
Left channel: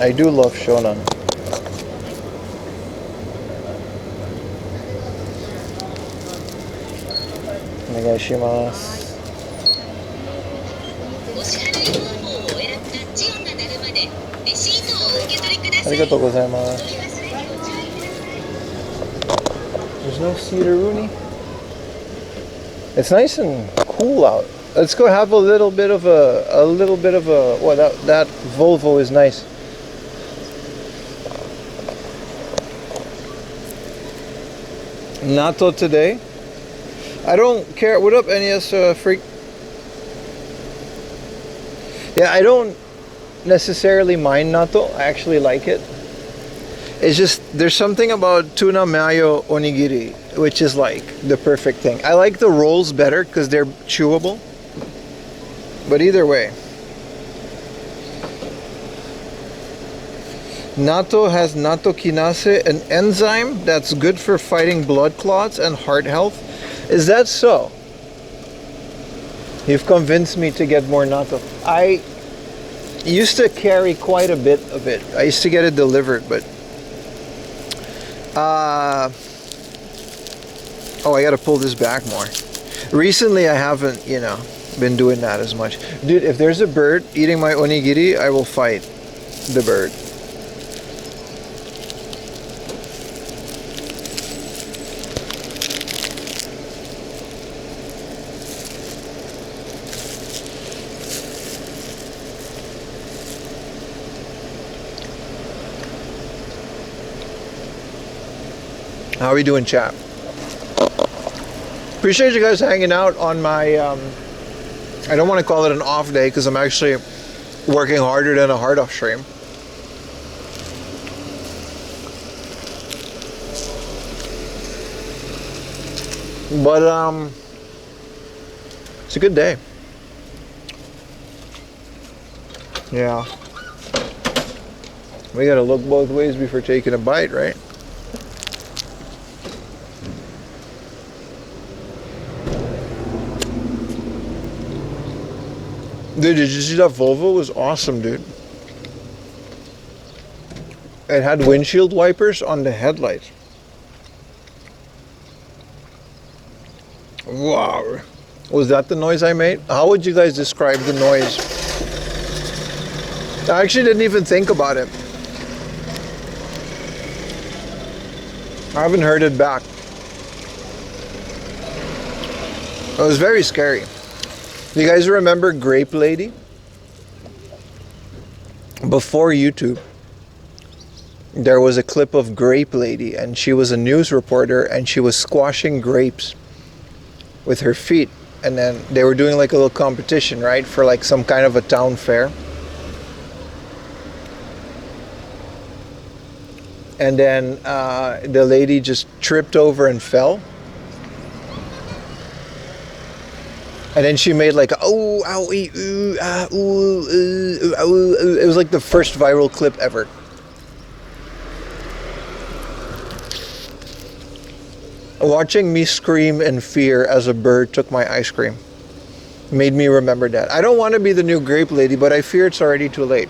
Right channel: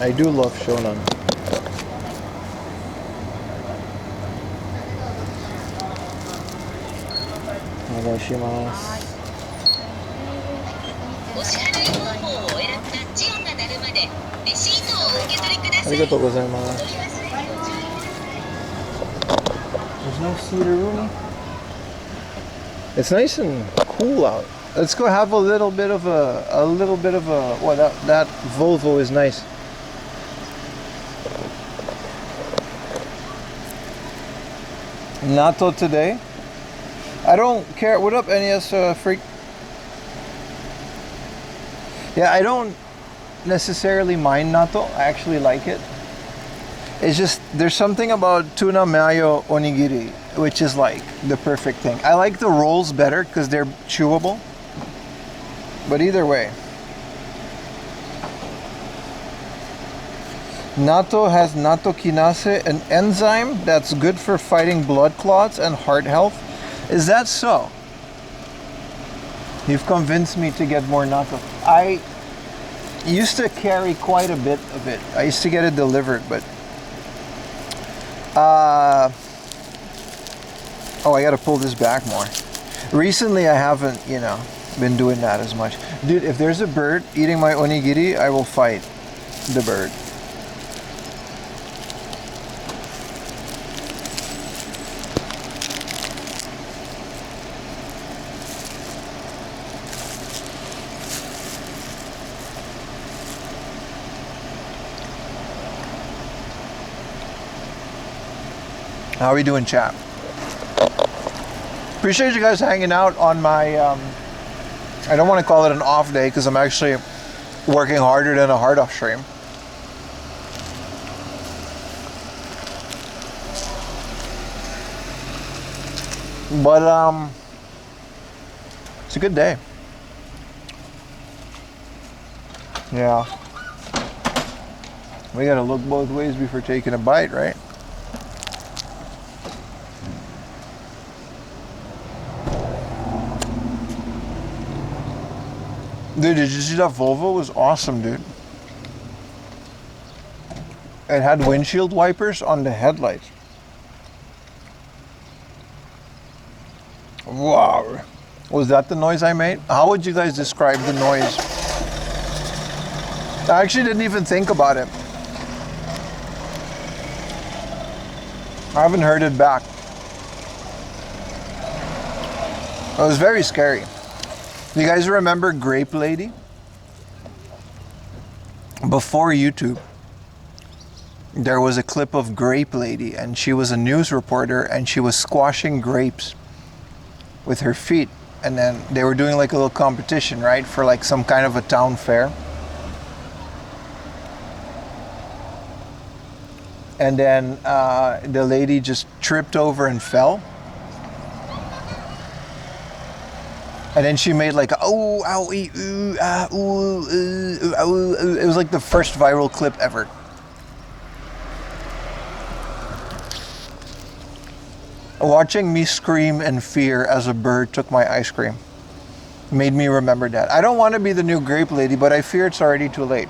I do love Shonan. Onegaishimasu. Arigatou gozaimasu. There's no Cedaruni. It's nice and cool out. Let's go have a little bit of a well, that Volvo is nice. Natto today. I don't care. What up, NES freak? Yeah, I don't necessarily mind natto. I actually like it. It's just there's something about tuna mayo onigiri which is like the perfect thing. I like the rolls better because they're chewable. But either way, natto has natto kinase, an enzyme that's good for fighting blood clots and heart health. Is that so? You've convinced me to get more natto. I used to carry quite a bit of it. I used to get it delivered, but Oh, I gotta pull this back more. Recently, I haven't, you know, been doing that as much. Dude, if there's a bird eating my onigiri, I will fight the bird. How are we doing, chat? Appreciate you guys hanging out on my, I don't want to call it an off day because I'm actually working harder than a hard off stream. But, it's a good day. Yeah. We gotta look both ways before taking a bite, right? Dude, did you see that Volvo? It was awesome, dude. It had windshield wipers on the headlights. Wow. Was that the noise I made? How would you guys describe the noise? I actually didn't even think about it. I haven't heard it back. It was very scary. You guys remember Grape Lady? Before YouTube, there was a clip of Grape Lady, and she was a news reporter, and she was squashing grapes with her feet. And then they were doing like a little competition, right? For like some kind of a town fair. And then the lady just tripped over and fell. And then she made like, oh, owie, ooh, ah, ooh, ooh. It was like the first viral clip ever. Watching me scream in fear as a bird took my ice cream made me remember that. I don't want to be the new Grape Lady, but I fear it's already too late.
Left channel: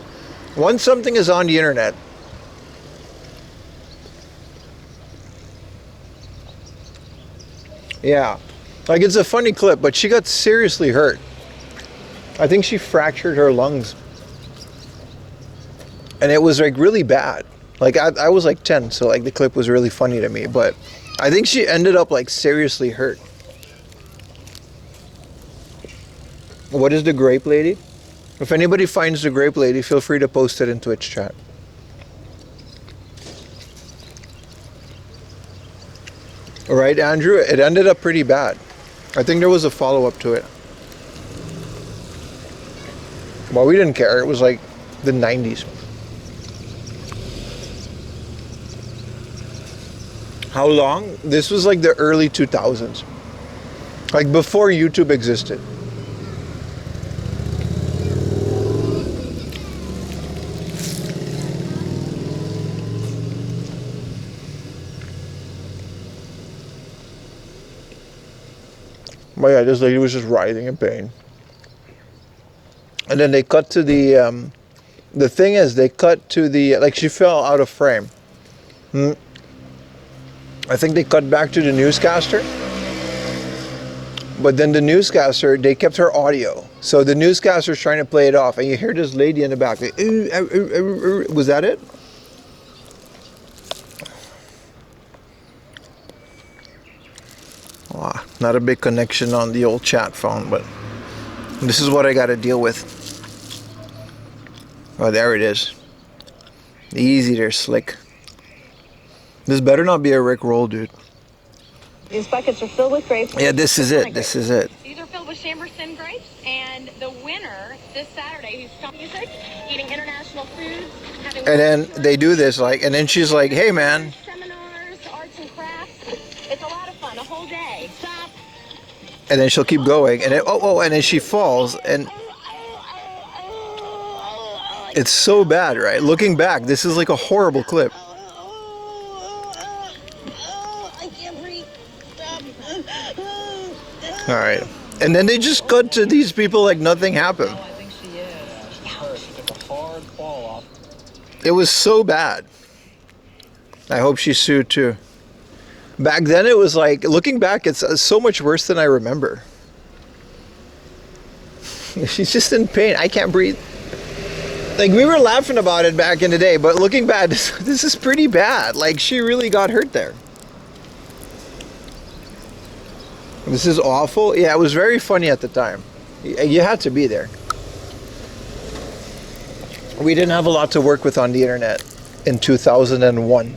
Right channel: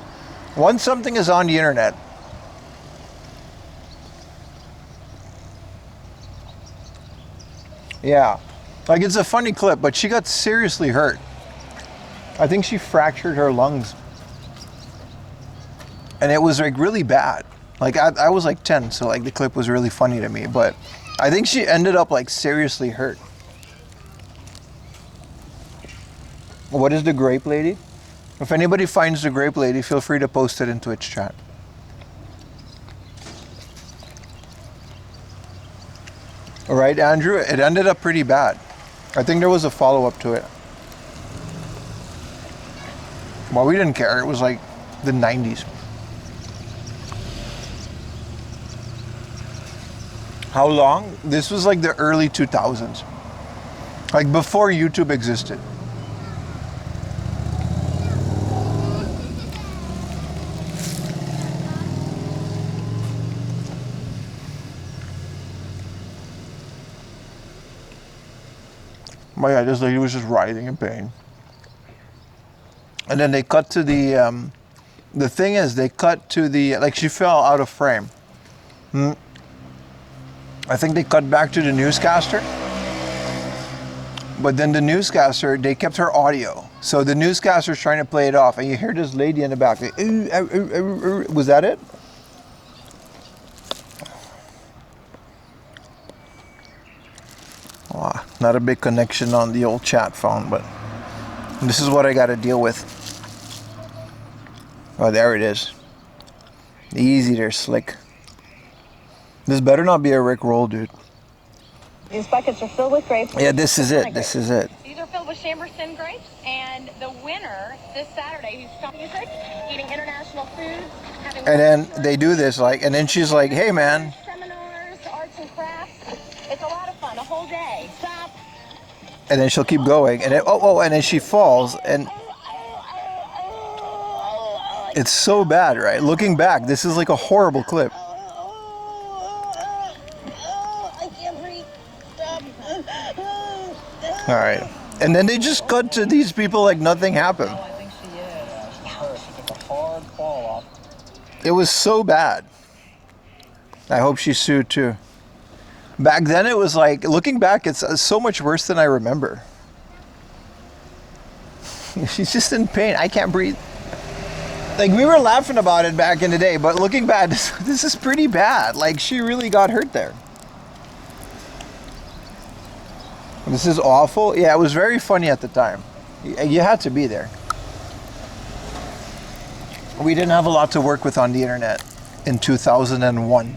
Once something is on the internet, yeah. Like, it's a funny clip, but she got seriously hurt. I think she fractured her lungs. And it was like really bad. Like I was like 10, so like the clip was really funny to me, but I think she ended up like seriously hurt. What is the Grape Lady? If anybody finds the Grape Lady, feel free to post it in Twitch chat. Right, Andrew? It ended up pretty bad. I think there was a follow-up to it. Well, we didn't care. It was like the 90s. How long? This was like the early 2000s. Like before YouTube existed. But yeah, this lady was just writhing in pain. And then they cut to the thing is, they cut to the, like she fell out of frame. I think they cut back to the newscaster. But then the newscaster, they kept her audio. So the newscaster's trying to play it off, and you hear this lady in the back. Like, was that it? Wow, not a big connection on the old chat phone, but this is what I got to deal with. Oh, there it is. Easy there, slick. This better not be a Rick roll, dude. These buckets are filled with grapes. Yeah, this is it. This is it. These are filled with Chamberson grapes, and the winner this Saturday, who's talking music, eating international foods, having and then they do this, like, and then she's like, "Hey, man." Seminars, arts and crafts. It's a lot of fun, a whole day. Stop. And then she'll keep going, and then, and then she falls, and it's so bad, right? Looking back, this is like a horrible clip. I can't breathe. Stop. All right, and then they just cut to these people like nothing happened. I think she is. She took a hard fall off. It was so bad. I hope she's sued too. Back then it was like, looking back, it's so much worse than I remember. She's just in pain. I can't breathe. Like, we were laughing about it back in the day, but looking back, this is pretty bad. Like, she really got hurt there. This is awful. Yeah, it was very funny at the time. You had to be there. We didn't have a lot to work with on the internet in 2001.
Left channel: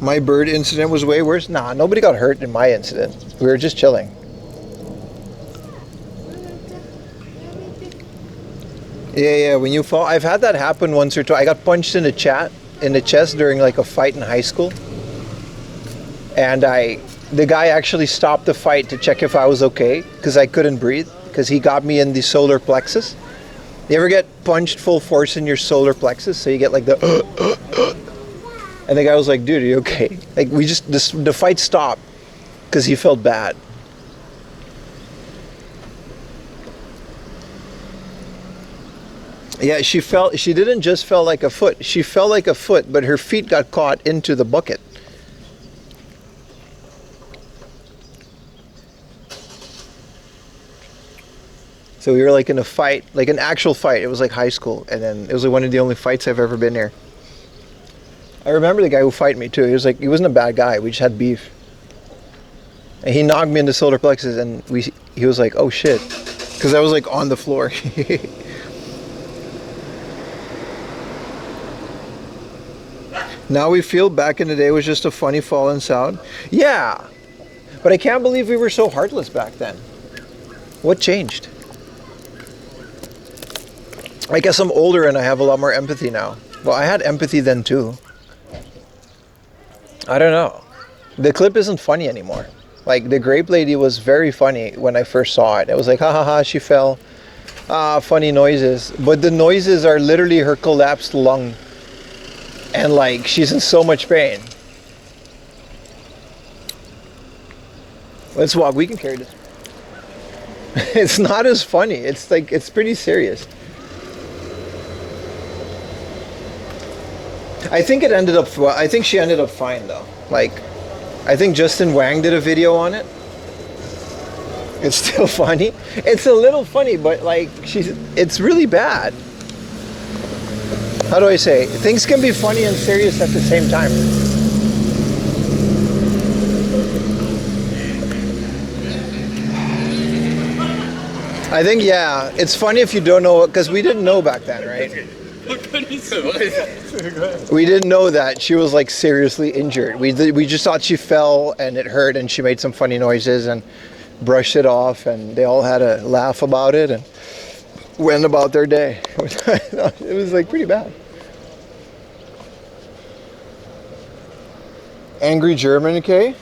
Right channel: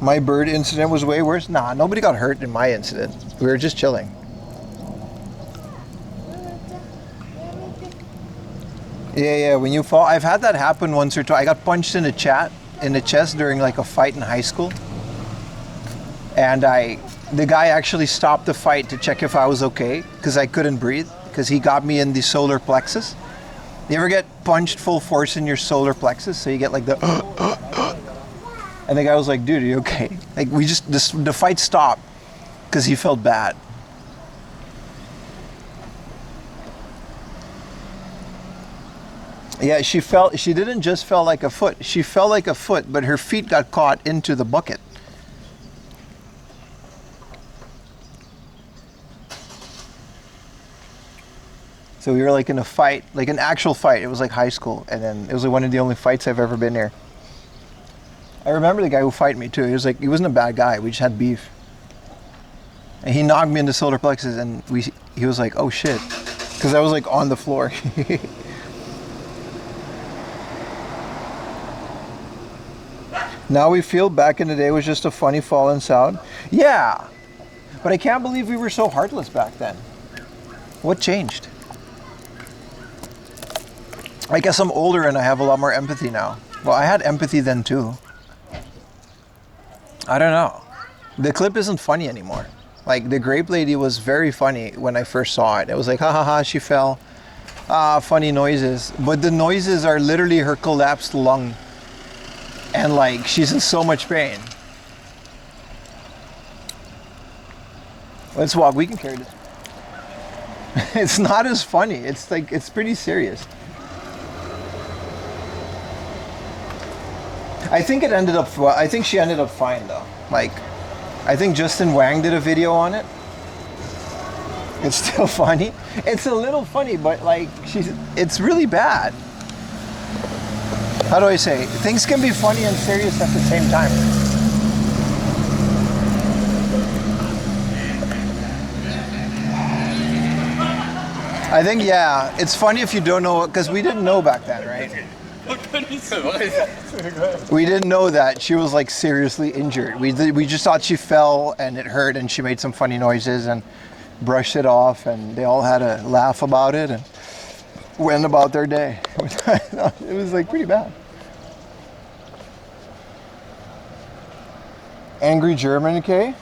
My bird incident was way worse. Nah, nobody got hurt in my incident. We were just chilling. Yeah, when you fall, I've had that happen once or twice. I got punched in the chest during like a fight in high school. And the guy actually stopped the fight to check if I was okay, because I couldn't breathe, because he got me in the solar plexus. You ever get punched full force in your solar plexus? So you get like the and the guy was like, dude, are you okay? Like, the fight stopped because he felt bad. Yeah, she didn't just fell like a foot. She fell like a foot, but her feet got caught into the bucket. So we were like in a fight, like an actual fight. It was like high school, and then it was like one of the only fights I've ever been near. I remember the guy who fought me too. He wasn't a bad guy. We just had beef. And he knocked me in the solar plexus, and he was like, "Oh shit," because I was like on the floor. Now we feel back in the day was just a funny fallen sound. Yeah, but I can't believe we were so heartless back then. What changed? I guess I'm older and I have a lot more empathy now. Well, I had empathy then too. I don't know. The clip isn't funny anymore. Like, the grape lady was very funny when I first saw it. It was like, ha ha ha, she fell. Funny noises. But the noises are literally her collapsed lung. And like, she's in so much pain. Let's walk. We can carry this. It's not as funny. It's like, it's pretty serious. I think I think she ended up fine though. Like, I think Justin Wang did a video on it. It's still funny. It's a little funny, but like, it's really bad. How do I say? Things can be funny and serious at the same time. I think, yeah, it's funny if you don't know, because we didn't know back then, right? We didn't know that she was like seriously injured. We just thought she fell and it hurt, and she made some funny noises and brushed it off, and they all had a laugh about it and went about their day. It was like pretty bad. Angry German kid?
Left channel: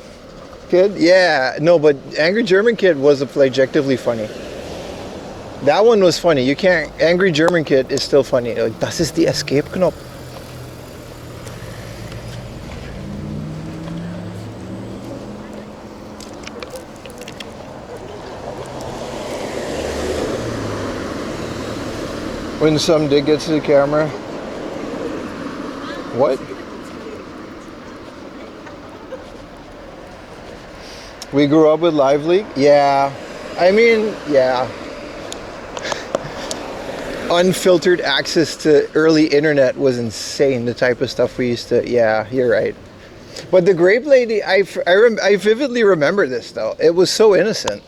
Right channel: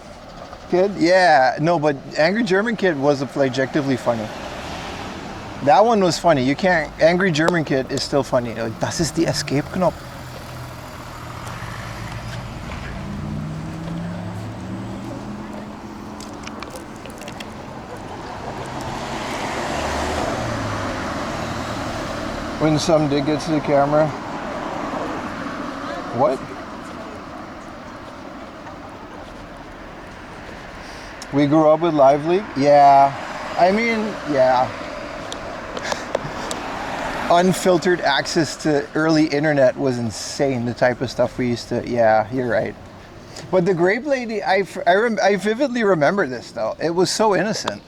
Yeah, no, but Angry German Kid was objectively funny. That one was funny. You can't. Angry German Kid is still funny. Like, das ist die Escape-Knopf. When some dick gets to the camera. What? We grew up with Live Leak? Yeah. I mean, yeah. Unfiltered access to early internet was insane. The type of stuff we used to, yeah, you're right. But the grape lady, I vividly remember this though. It was so innocent.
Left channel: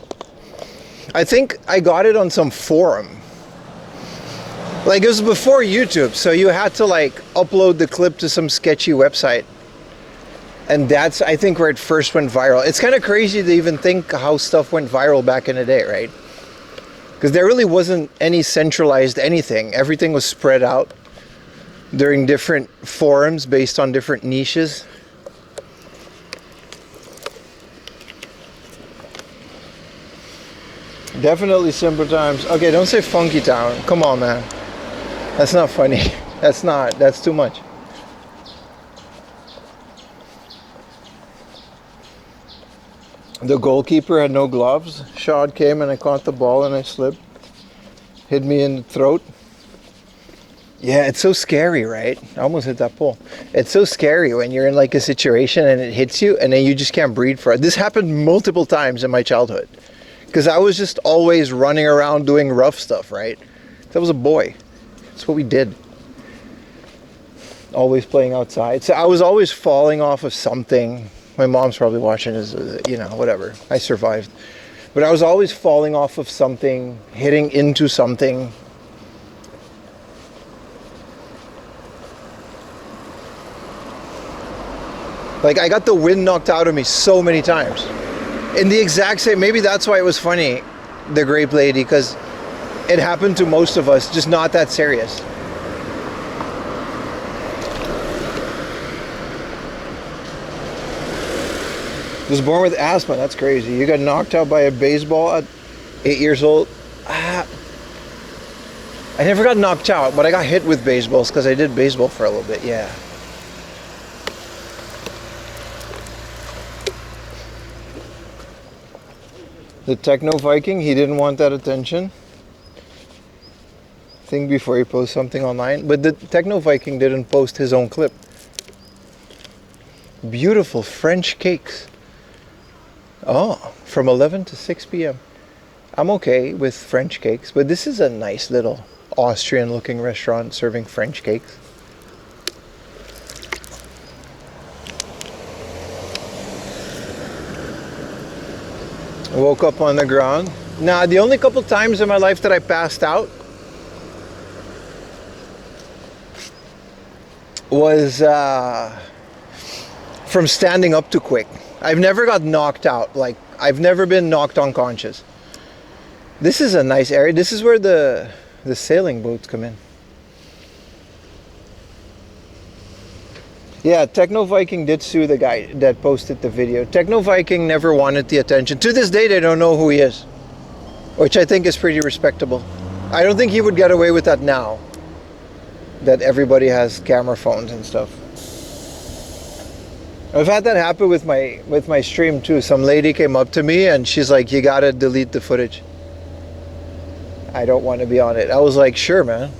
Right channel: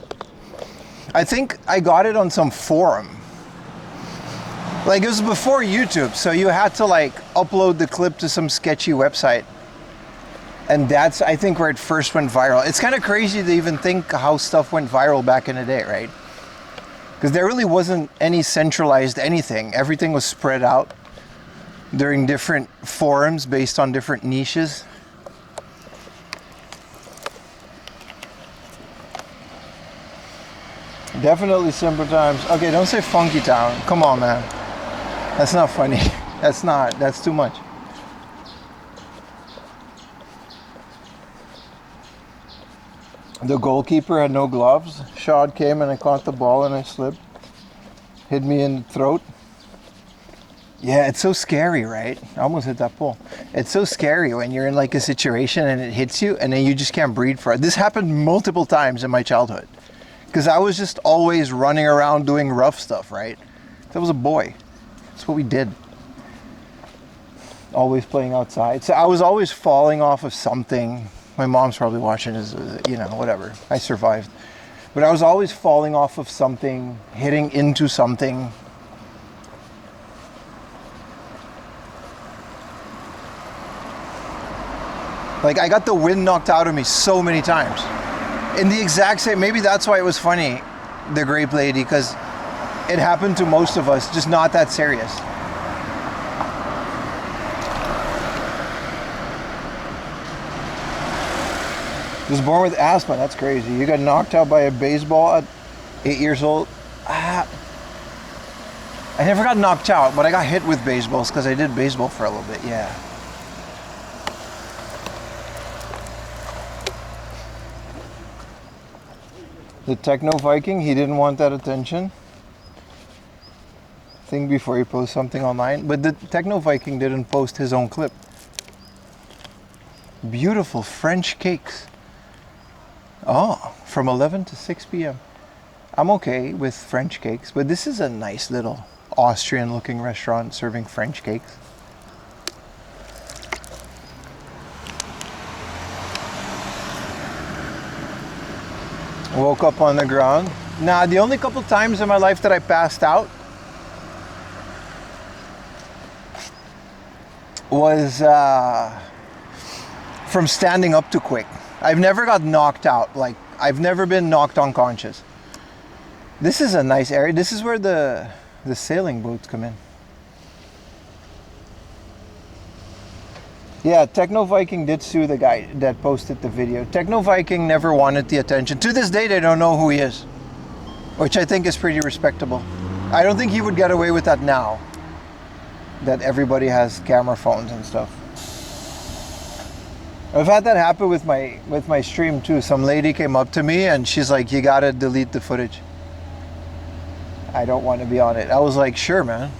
I think I got it on some forum. Like, it was before YouTube, so you had to like upload the clip to some sketchy website. And that's, I think, where it first went viral. It's kind of crazy to even think how stuff went viral back in the day, right? Because there really wasn't any centralized anything. Everything was spread out during different forums based on different niches. Definitely simple times. Okay, don't say funky town. Come on, man. That's not funny. That's too much. The goalkeeper had no gloves. Shot came and I caught the ball and I slipped. Hit me in the throat. Yeah, it's so scary, right? I almost hit that pole. It's so scary when you're in like a situation and it hits you and then you just can't breathe for it. This happened multiple times in my childhood because I was just always running around doing rough stuff, right? I was a boy. That's what we did. Always playing outside. So I was always falling off of something. My mom's probably watching this, you know, whatever. I survived. But I was always falling off of something, hitting into something. Like, I got the wind knocked out of me so many times. In the exact same, maybe that's why it was funny, the grape lady, because it happened to most of us, just not that serious. Was born with asthma, that's crazy. You got knocked out by a baseball at 8 years old. I never got knocked out, but I got hit with baseballs because I did baseball for a little bit, yeah. The Techno Viking, he didn't want that attention. Think before he posts something online. But the Techno Viking didn't post his own clip. Beautiful French cakes. Oh, from 11 to 6 p.m. I'm okay with French cakes, but this is a nice little Austrian looking restaurant serving French cakes. Woke up on the ground. Nah, the only couple times in my life that I passed out was from standing up too quick. I've never got knocked out. Like, I've never been knocked unconscious. This is a nice area. This is where the sailing boats come in. Yeah, Techno Viking did sue the guy that posted the video. Techno Viking never wanted the attention. To this day, they don't know who he is, which I think is pretty respectable. I don't think he would get away with that now that everybody has camera phones and stuff. I've had that happen with my stream too. Some lady came up to me and she's like, "You gotta delete the footage. I don't want to be on it." I was like, "Sure, man."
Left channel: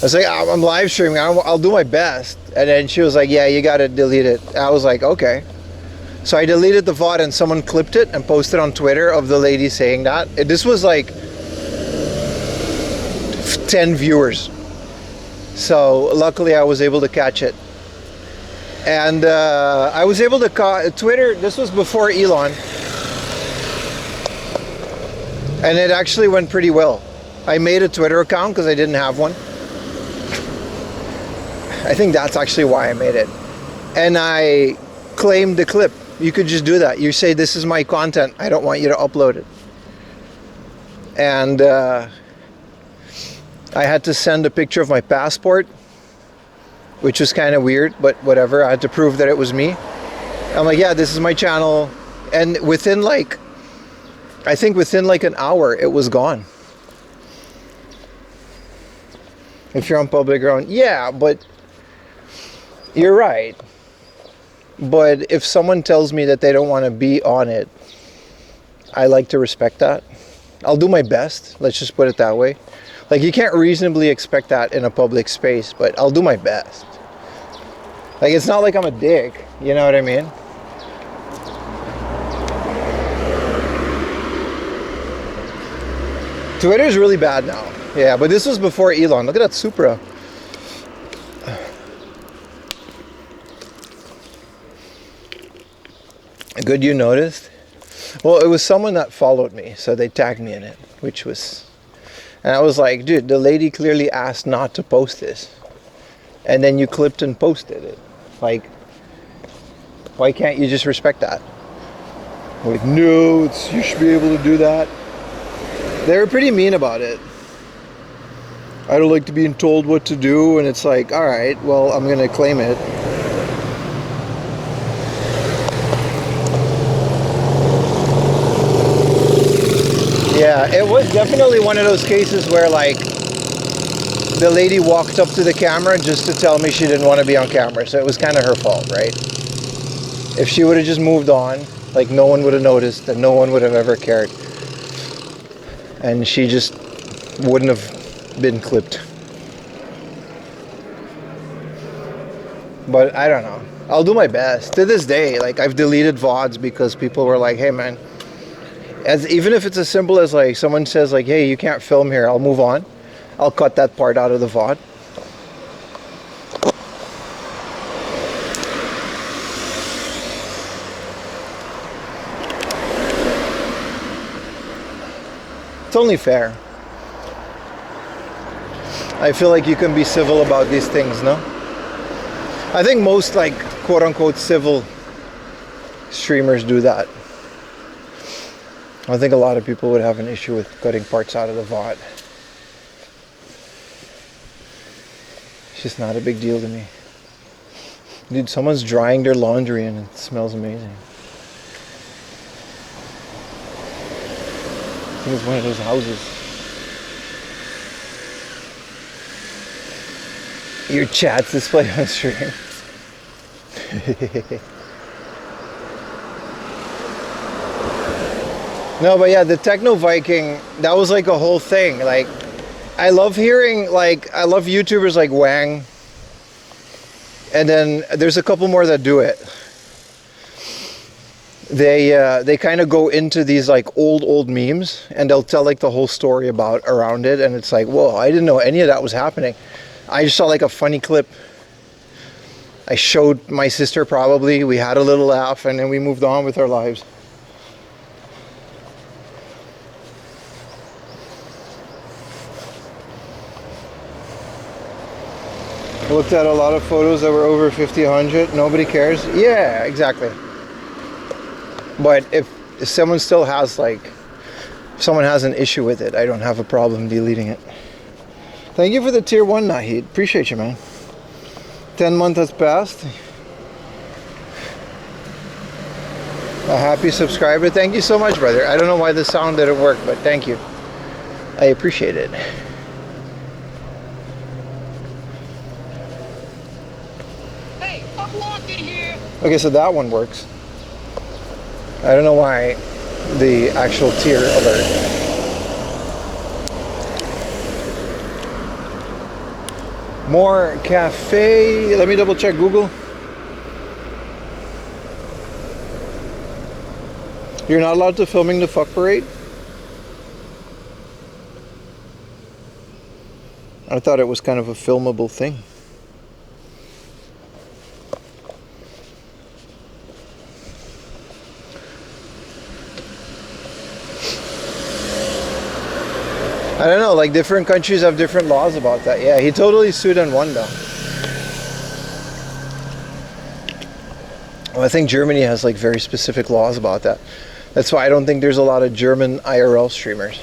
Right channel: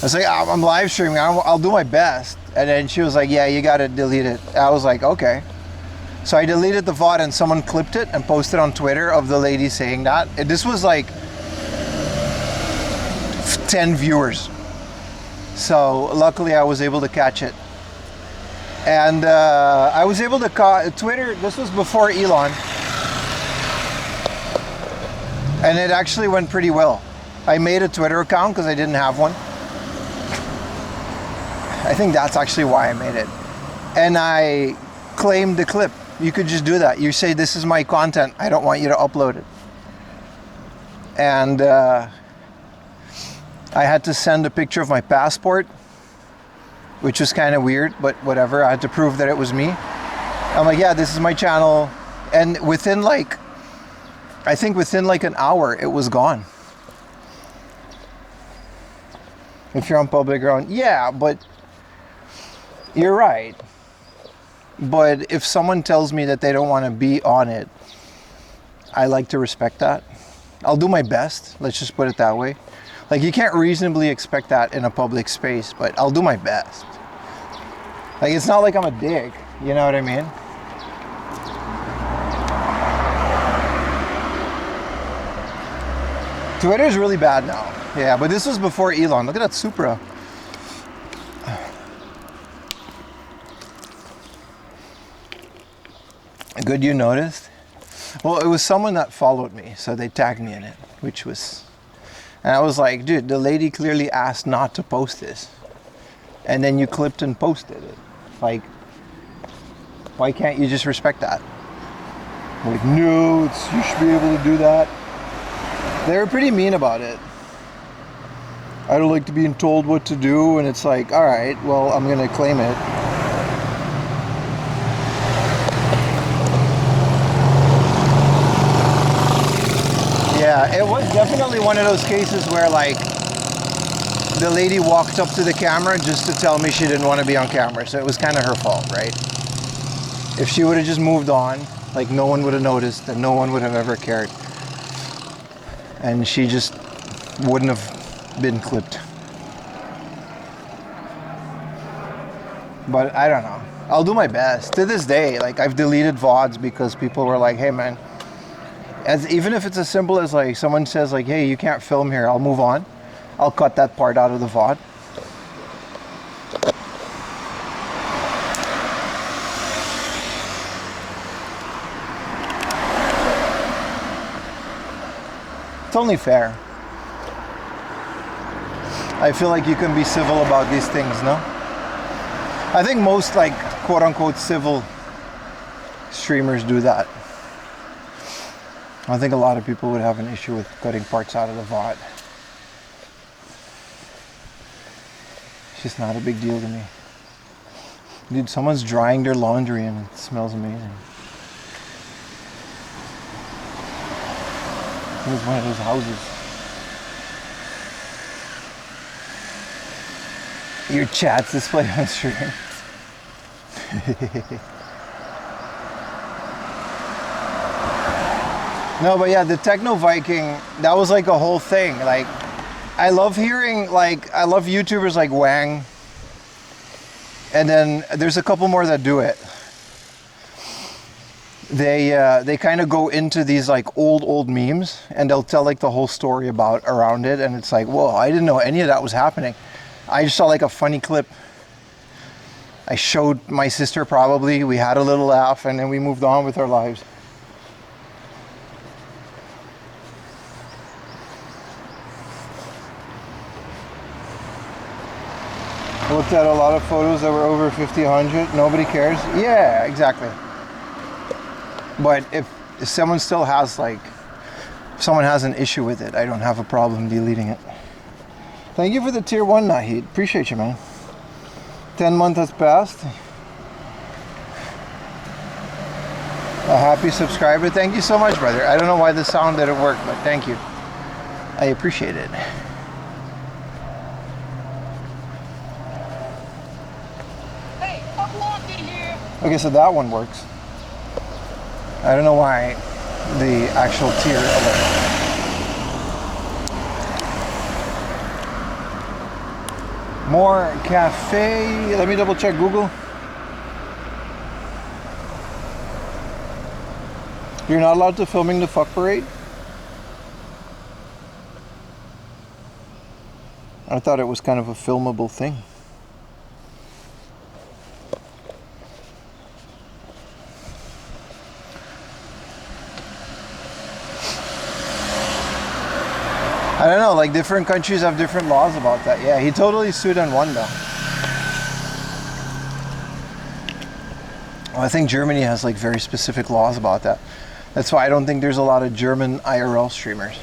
I was like, "I'm live streaming. I'll do my best." And then she was like, "Yeah, you gotta delete it." I was like, "Okay." So I deleted the VOD and someone clipped it and posted on Twitter of the lady saying that. This was like 10 viewers. So luckily I was able to catch it. And I was able to Twitter, this was before Elon. And it actually went pretty well. I made a Twitter account because I didn't have one. I think that's actually why I made it. And I claimed the clip. You could just do that. You say, "This is my content. I don't want you to upload it." And I had to send a picture of my passport, which was kind of weird, but whatever. I had to prove that it was me. I'm like, "Yeah, this is my channel." And within like, I think within like an hour, it was gone. If you're on public ground, yeah, but you're right. But if someone tells me that they don't want to be on it, I like to respect that. I'll do my best. Let's just put it that way. Like, you can't reasonably expect that in a public space, but I'll do my best. Like, it's not like I'm a dick. You know what I mean? Twitter's really bad now. Yeah, but this was before Elon. Look at that Supra. Good you noticed? Well, it was someone that followed me, so they tagged me in it, which was... And I was like, dude, the lady clearly asked not to post this. And then you clipped and posted it. Like, why can't you just respect that? Like, no, you should be able to do that. They were pretty mean about it. I don't like to being told what to do, and it's like, all right, well, I'm gonna claim it. Yeah, it was definitely one of those cases where, like, the lady walked up to the camera just to tell me she didn't want to be on camera, so it was kind of her fault, right? If she would have just moved on, like, no one would have noticed and no one would have ever cared. And she just wouldn't have been clipped. But I don't know. I'll do my best. To this day, like I've deleted VODs because people were like, "Hey, man," even if it's as simple as like someone says like, "Hey, you can't film here," I'll move on. I'll cut that part out of the VOD. It's only fair. I feel like you can be civil about these things, no? I think most like quote unquote civil streamers do that. I think a lot of people would have an issue with cutting parts out of the VOD. It's just not a big deal to me. Dude, someone's drying their laundry and it smells amazing. I think it's one of those houses. Your chat's displayed on stream. No, but yeah, the Techno Viking, that was like a whole thing. Like, I love hearing, like, I love YouTubers like Wang. And then there's a couple more that do it. They kind of go into these like old memes and they'll tell like the whole story around it, and it's like, whoa, I didn't know any of that was happening. I just saw like a funny clip. I showed my sister probably, we had a little laugh, and then we moved on with our lives. I looked at a lot of photos that were over 50, 100. Nobody cares. Yeah, exactly. But if someone still has like, if someone has an issue with it, I don't have a problem deleting it. Thank you for the tier 1, Nahid. Appreciate you, man. 10 months has passed. A happy subscriber. Thank you so much, brother. I don't know why the sound didn't work, but thank you. I appreciate it. Hey, I'm locked in here. Okay, so that one works. I don't know why the actual tier alert. More cafe. Let me double check Google. You're not allowed to filming the fuck parade? I thought it was kind of a filmable thing. I don't know, like different countries have different laws about that. Yeah, he totally sued and won though. Well, I think Germany has like very specific laws about that. That's why I don't think there's a lot of German IRL streamers.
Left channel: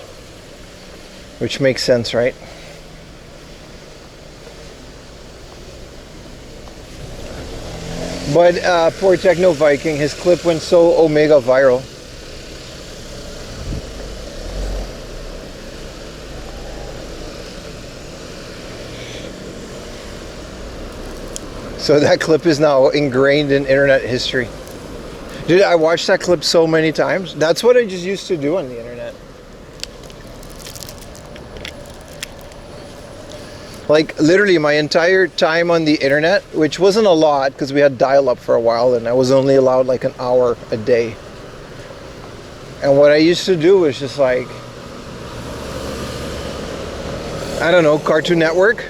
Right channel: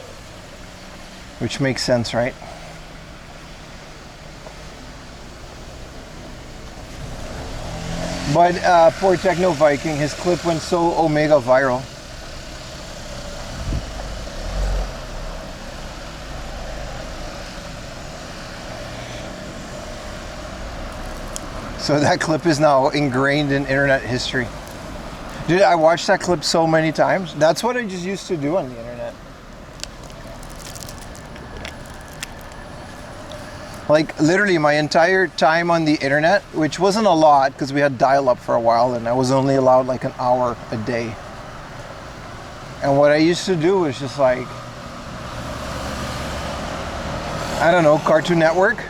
Which makes sense, right? But poor Techno Viking, his clip went so omega viral. So that clip is now ingrained in internet history. Dude, I watched that clip so many times. That's what I just used to do on the internet. Like literally my entire time on the internet, which wasn't a lot because we had dial-up for a while and I was only allowed like an hour a day. And what I used to do was just like, I don't know, Cartoon Network.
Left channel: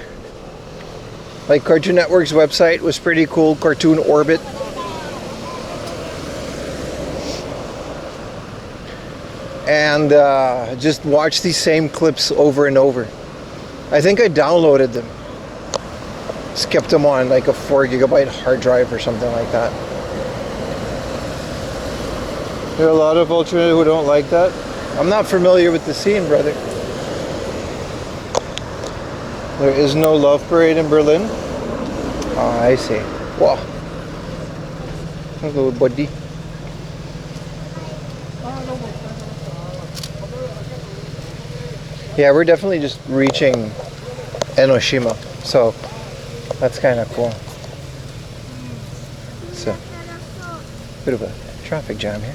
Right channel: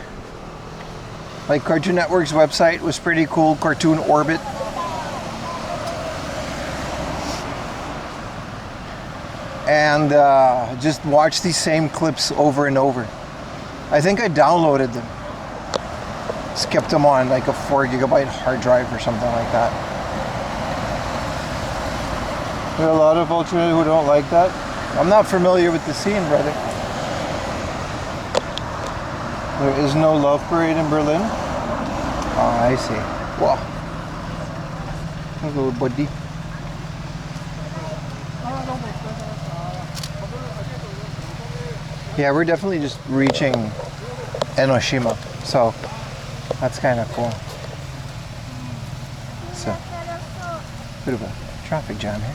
Like Cartoon Network's website was pretty cool, Cartoon Orbit. And just watch these same clips over and over. I think I downloaded them. Just kept them on like a 4 GB hard drive or something like that. There are a lot of alternatives who don't like that. I'm not familiar with the scene, brother. There is no love parade in Berlin. Oh, I see. Wow. Hello, buddy. Yeah, we're definitely just reaching Enoshima, so that's kind of cool. So, bit of a traffic jam here.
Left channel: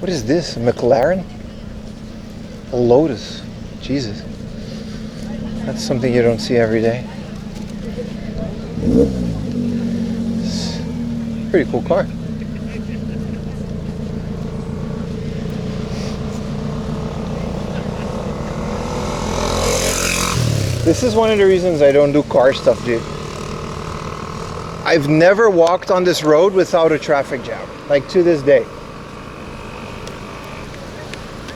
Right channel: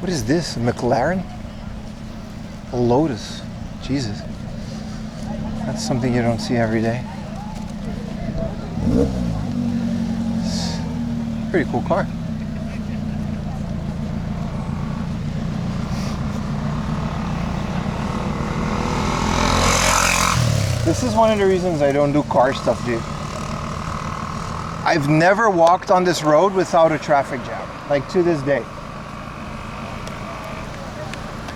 What is this? A McLaren? A Lotus. Jesus. That's something you don't see every day. It's a pretty cool car. This is one of the reasons I don't do car stuff, dude. I've never walked on this road without a traffic jam, like to this day.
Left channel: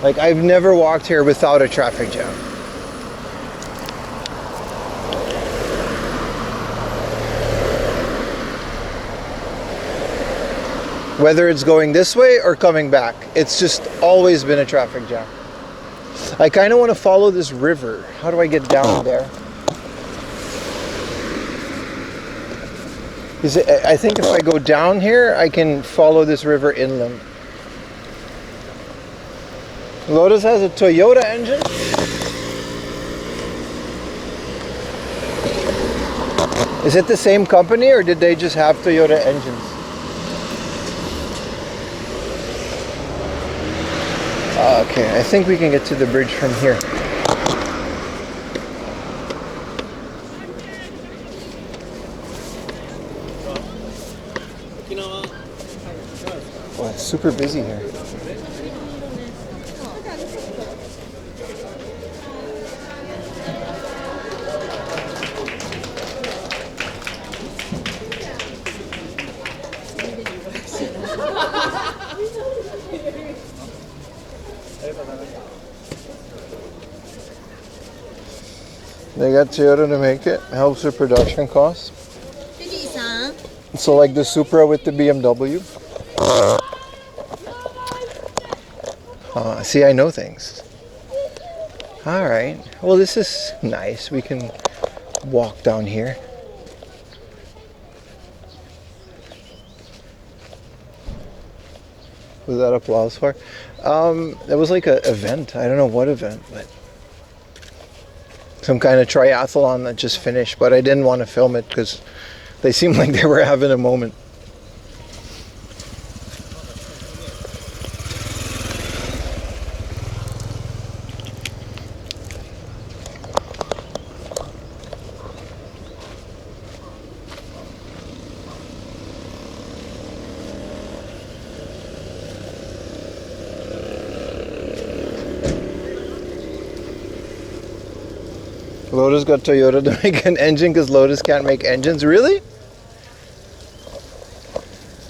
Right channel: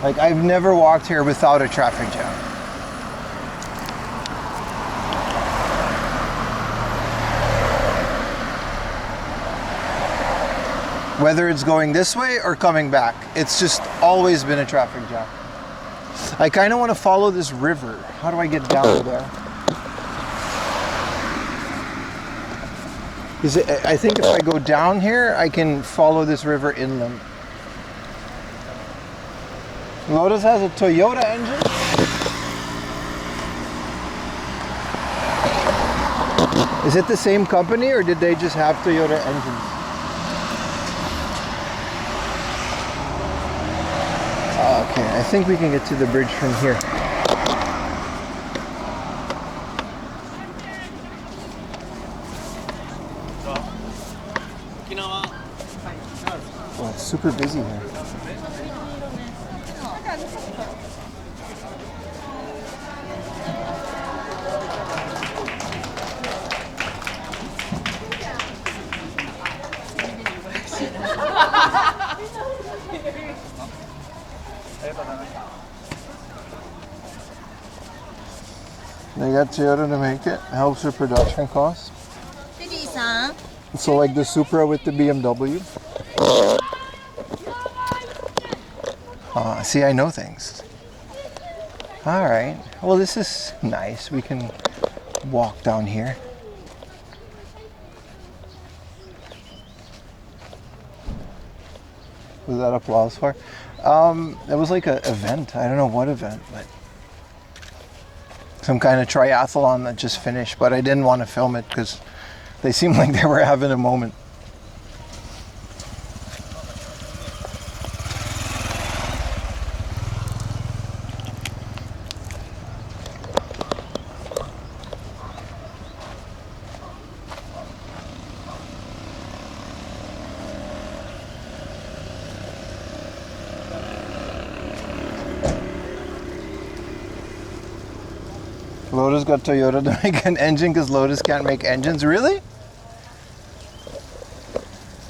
Like I've never walked here without a traffic jam. Whether it's going this way or coming back, it's just always been a traffic jam. I kind of want to follow this river. How do I get down there? I think if I go down here, I can follow this river inland. Lotus has a Toyota engine. Is it the same company or did they just have Toyota engines? Okay, I think we can get to the bridge from here. Well, it's super busy here. They got Toyota to make it. Helps with production costs. So like the Supra with the BMW. See, I know things. All right. Well, this is nice. We can walk down here. Was that applause for? It was like an event. I don't know what event, but some kind of triathlon that just finished. But I didn't want to film it because they seemed like they were having a moment. Lotus got Toyota to make an engine because Lotus can't make engines. Really?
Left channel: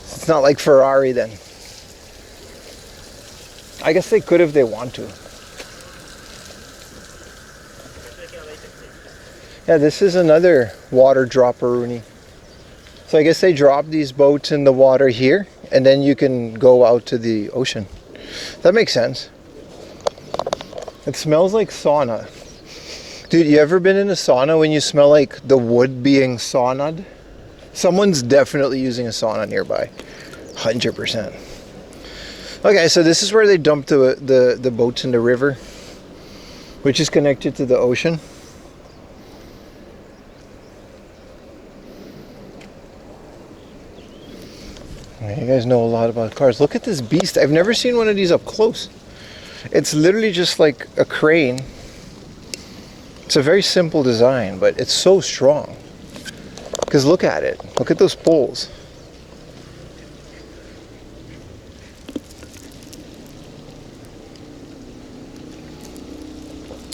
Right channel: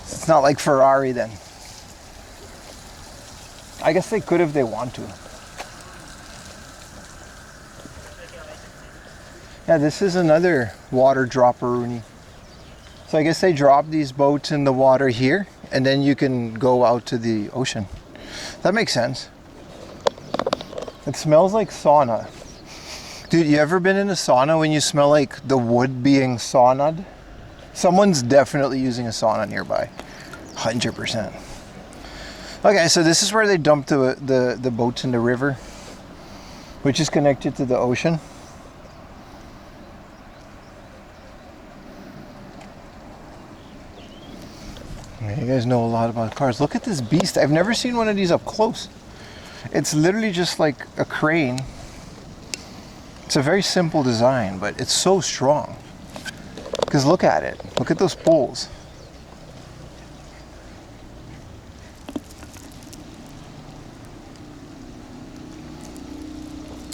It's not like Ferrari then. I guess they could if they want to. Yeah, this is another water dropper-rooney. So I guess they drop these boats in the water here and then you can go out to the ocean. That makes sense. It smells like sauna. Dude, you ever been in a sauna when you smell like the wood being sauna'd? Someone's definitely using a sauna nearby. 100%. Okay, so this is where they dump the boats in the river, which is connected to the ocean. You guys know a lot about cars. Look at this beast. I've never seen one of these up close. It's literally just like a crane. It's a very simple design, but it's so strong. Because look at it. Look at those poles.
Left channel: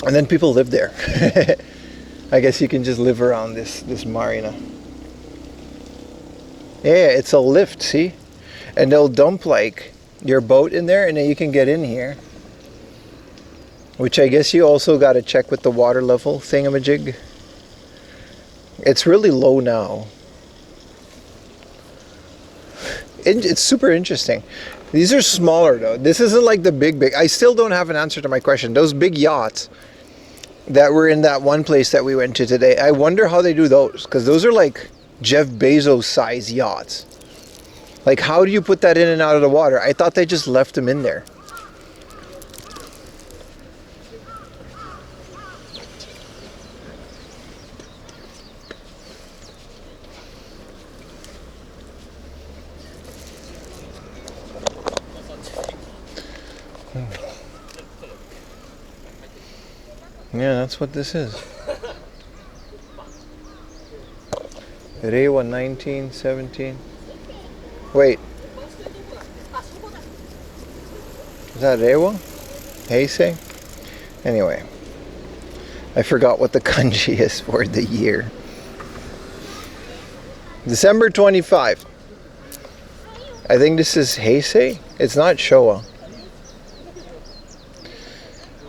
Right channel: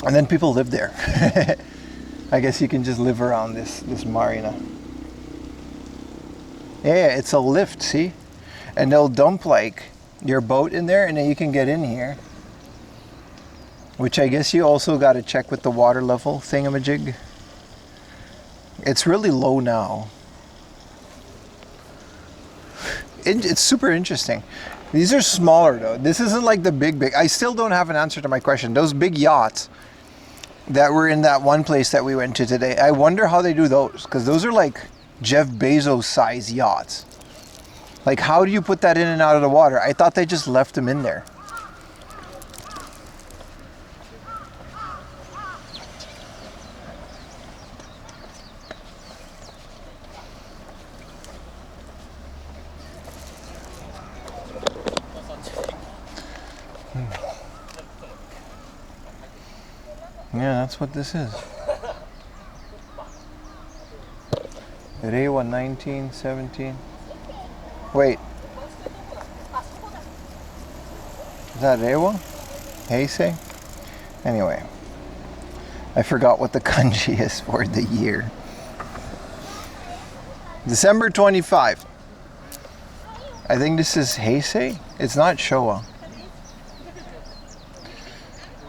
And then people live there. I guess you can just live around this marina. Yeah, it's a lift, see? And they'll dump like your boat in there and then you can get in here. Which I guess you also got to check with the water level thingamajig. It's really low now. It's super interesting. These are smaller though. This isn't like the big. I still don't have an answer to my question. Those big yachts that were in that one place that we went to today, I wonder how they do those. Because those are like Jeff Bezos size yachts. Like how do you put that in and out of the water? I thought they just left them in there. Yeah, that's what this is. Reiwa 1917. Wait. Is that Reiwa? Heisei? Anyway. I forgot what the kanji is for the year. December 25. I think this is Heisei. It's not Showa.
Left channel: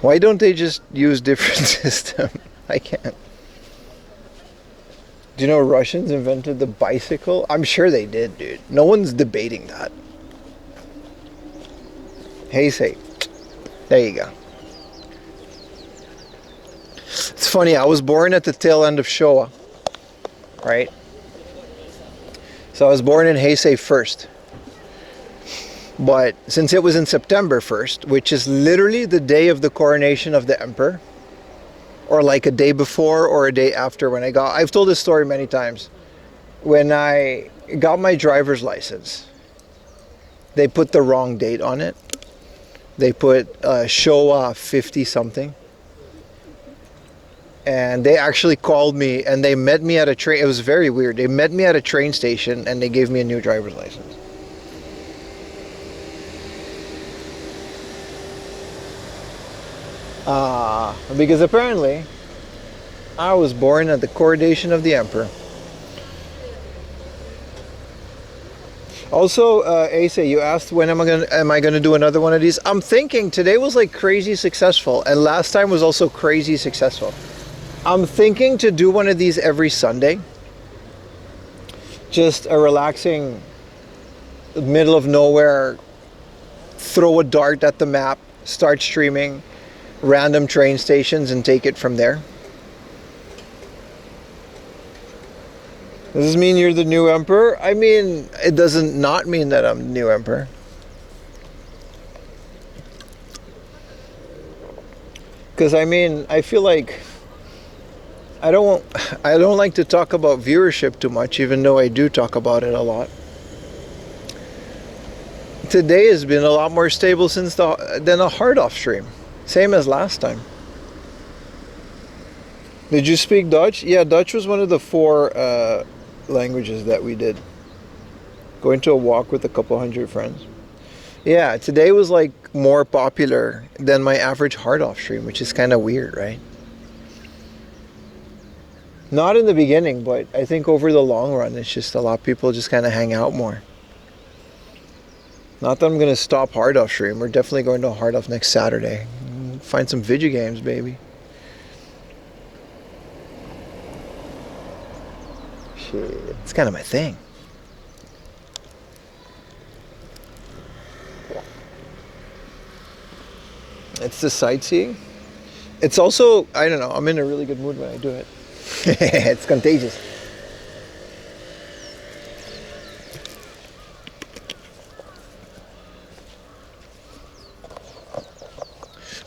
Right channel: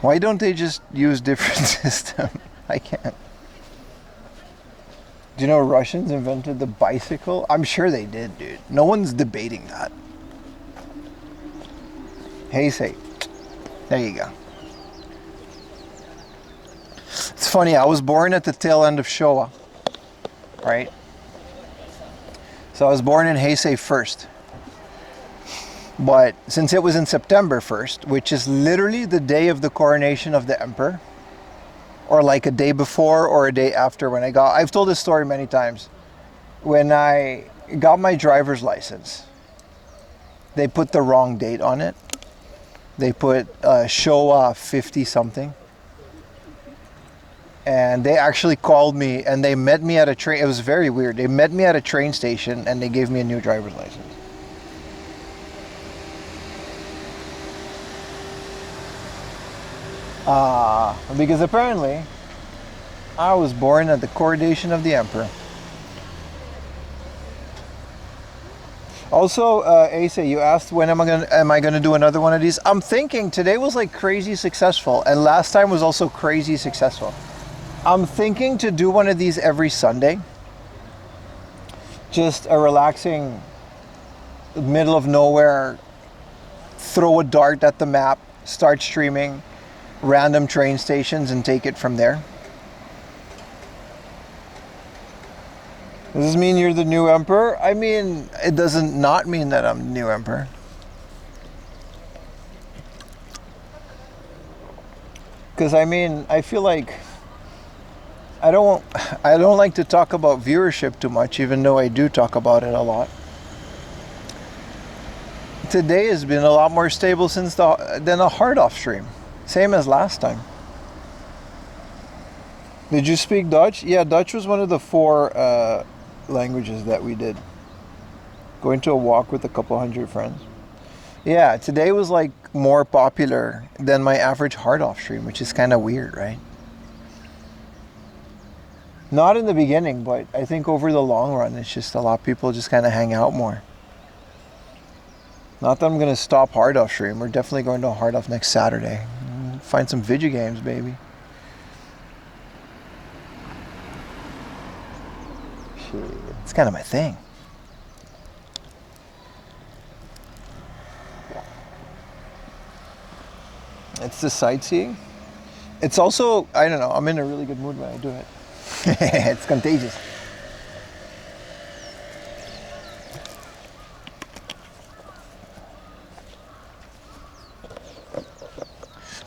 Why don't they just use different system? I can't. Do you know Russians invented the bicycle? I'm sure they did, dude. No one's debating that. Heisei. There you go. It's funny, I was born at the tail end of Showa. Right? So I was born in Heisei first. But since it was in September 1st, which is literally the day of the coronation of the emperor, or like a day before or a day after when I've told this story many times. When I got my driver's license, they put the wrong date on it. They put Showa 50 something. And they actually called me and they met me at a train. It was very weird. They met me at a train station and they gave me a new driver's license. Because apparently I was born at the coronation of the emperor. Also, Asa, you asked when am I gonna do another one of these? I'm thinking today was like crazy successful, and last time was also crazy successful. I'm thinking to do one of these every Sunday. Just a relaxing, middle of nowhere, throw a dart at the map, start streaming random train stations and take it from there. Does this mean you're the new emperor? I mean, it doesn't not mean that I'm the new emperor. Because I mean, I feel like I don't like to talk about viewership too much, even though I do talk about it a lot. Today has been a lot more stable than a hard off stream. Same as last time. Did you speak Dutch? Yeah, Dutch was one of the 4 languages that we did. Going to a walk with a couple hundred friends. Yeah, today was like more popular than my average hard off stream, which is kind of weird, right? Not in the beginning, but I think over the long run, it's just a lot of people just kind of hang out more. Not that I'm going to stop hard off stream. We're definitely going to hard off next Saturday. Find some video games, baby. Shit, it's kind of my thing. It's the sightseeing. It's also, I don't know, I'm in a really good mood when I do it. It's contagious.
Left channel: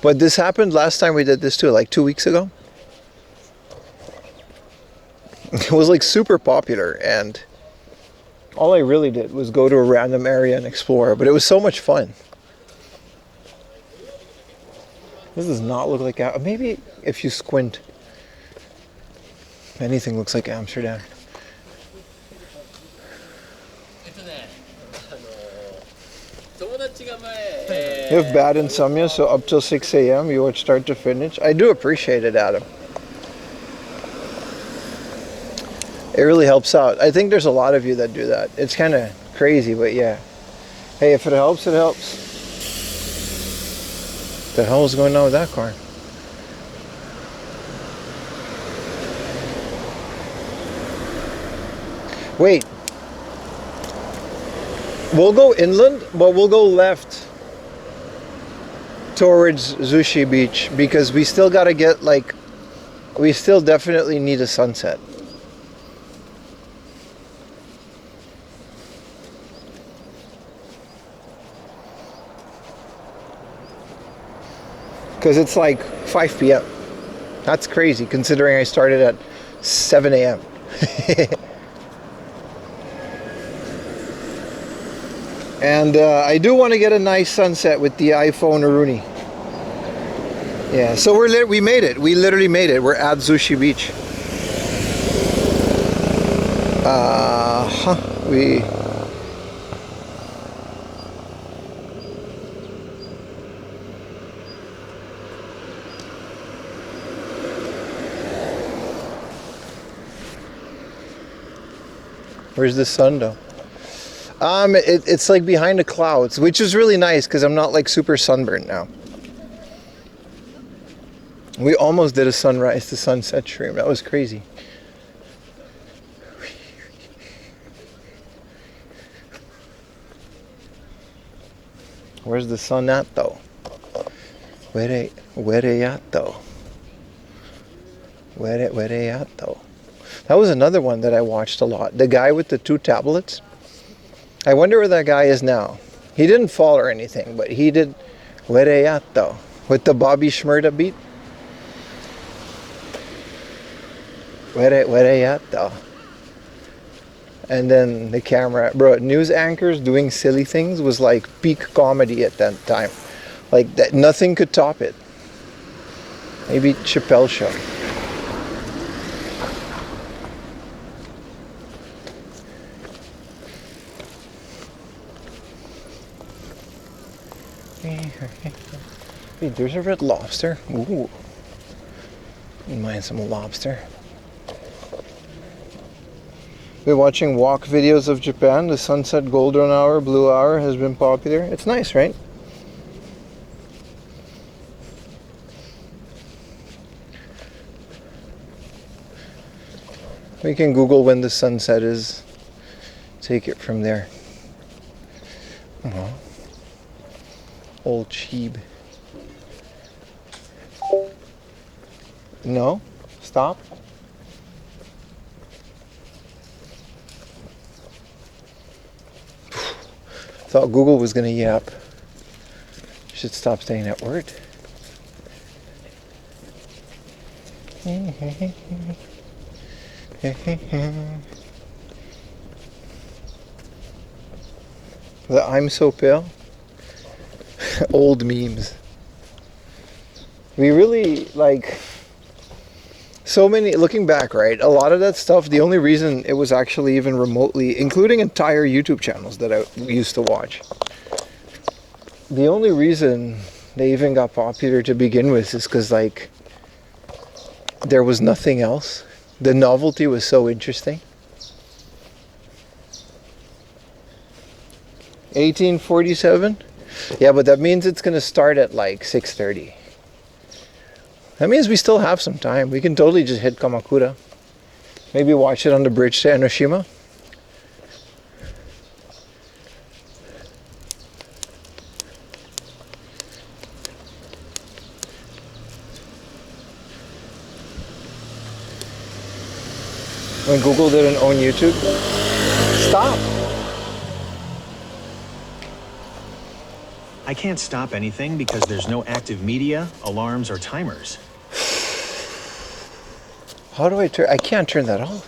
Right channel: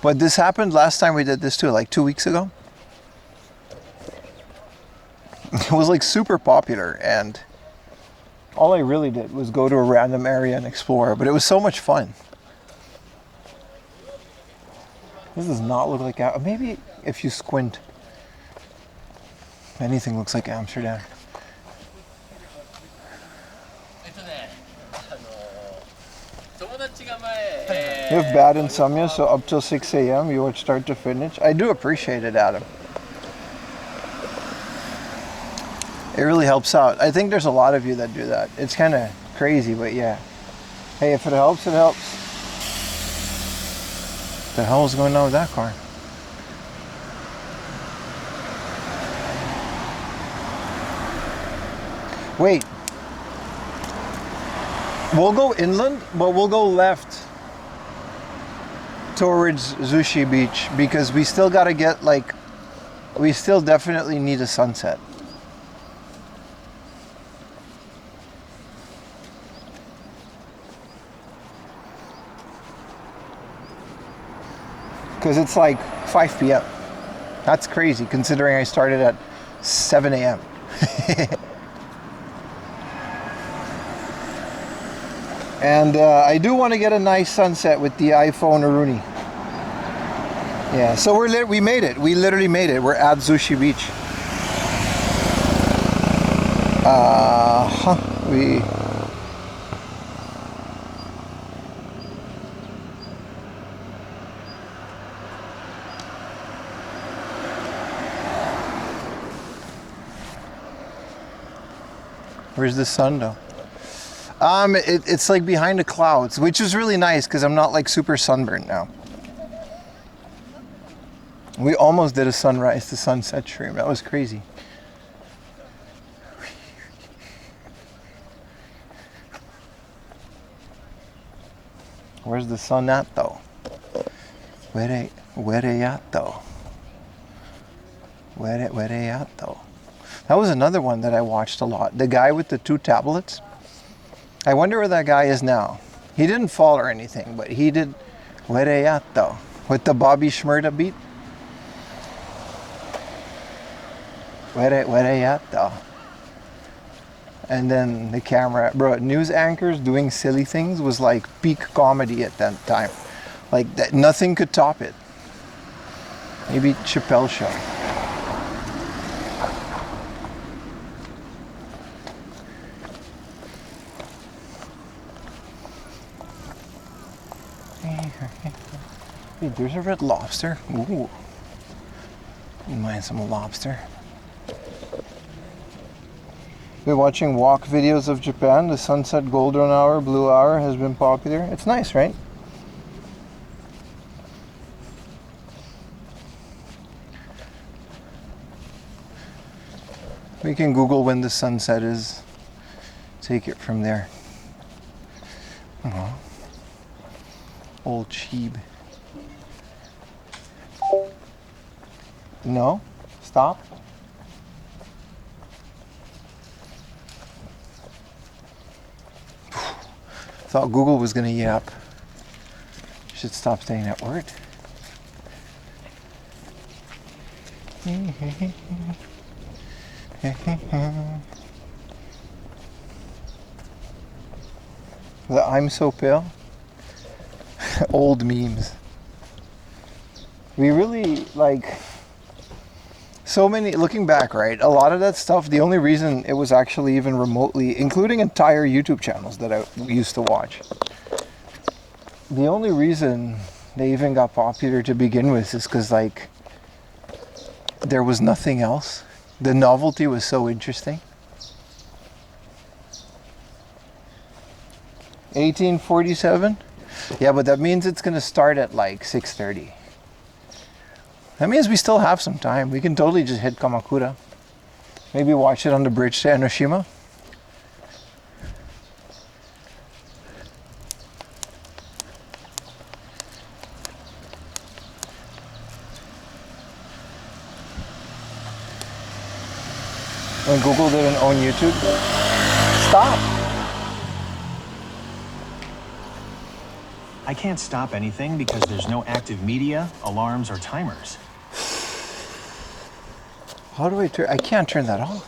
But this happened last time we did this too, like 2 weeks ago. It was like super popular, and all I really did was go to a random area and explore, but it was so much fun. This does not look like, maybe if you squint, anything looks like Amsterdam. You have bad insomnia, so up till 6 a.m. you watch start to finish. I do appreciate it, Adam. It really helps out. I think there's a lot of you that do that. It's kind of crazy, but yeah. Hey, if it helps, it helps. What the hell is going on with that car? Wait. We'll go inland, but we'll go left towards Zushi Beach because we still got to get like, we still definitely need a sunset. Because it's like 5 p.m. That's crazy considering I started at 7 a.m. And I do want to get a nice sunset with the iPhone Rooney. Yeah, so we made it. We literally made it. We're at Zushi Beach. Where's the sun though? It's like behind the clouds, which is really nice because I'm not like super sunburned now. We almost did a sunrise to sunset stream. That was crazy. Where's the sun at though? Where they at though? Where they at though? That was another one that I watched a lot. The guy with the 2 tablets. I wonder where that guy is now. He didn't fall or anything, but he did. Where they at though? With the Bobby Shmurda beat. Where they at though? And then the camera, bro, news anchors doing silly things was like peak comedy at that time. Like that, nothing could top it. Maybe Chappelle Show. Hey, there's a red lobster. Ooh. Wouldn't mind some lobster. Been watching walk videos of Japan. The sunset golden hour, blue hour has been popular. It's nice, right? We can Google when the sunset is. Take it from there. Old Cheeb. No? Stop? Thought Google was gonna yap. Should stop saying that word. The I'm so pale. Old memes. We really like so many, looking back, right? A lot of that stuff, the only reason it was actually even remotely, including entire YouTube channels that I used to watch, the only reason they even got popular to begin with is because like there was nothing else. The novelty was so interesting. 1847? Yeah, but that means it's gonna start at like 6:30. That means we still have some time. We can totally just hit Kamakura. Maybe watch it on the bridge to Enoshima. When Google didn't own YouTube. Stop. I can't stop anything because there's no active media, alarms, or timers. How do I turn? I can't turn that off.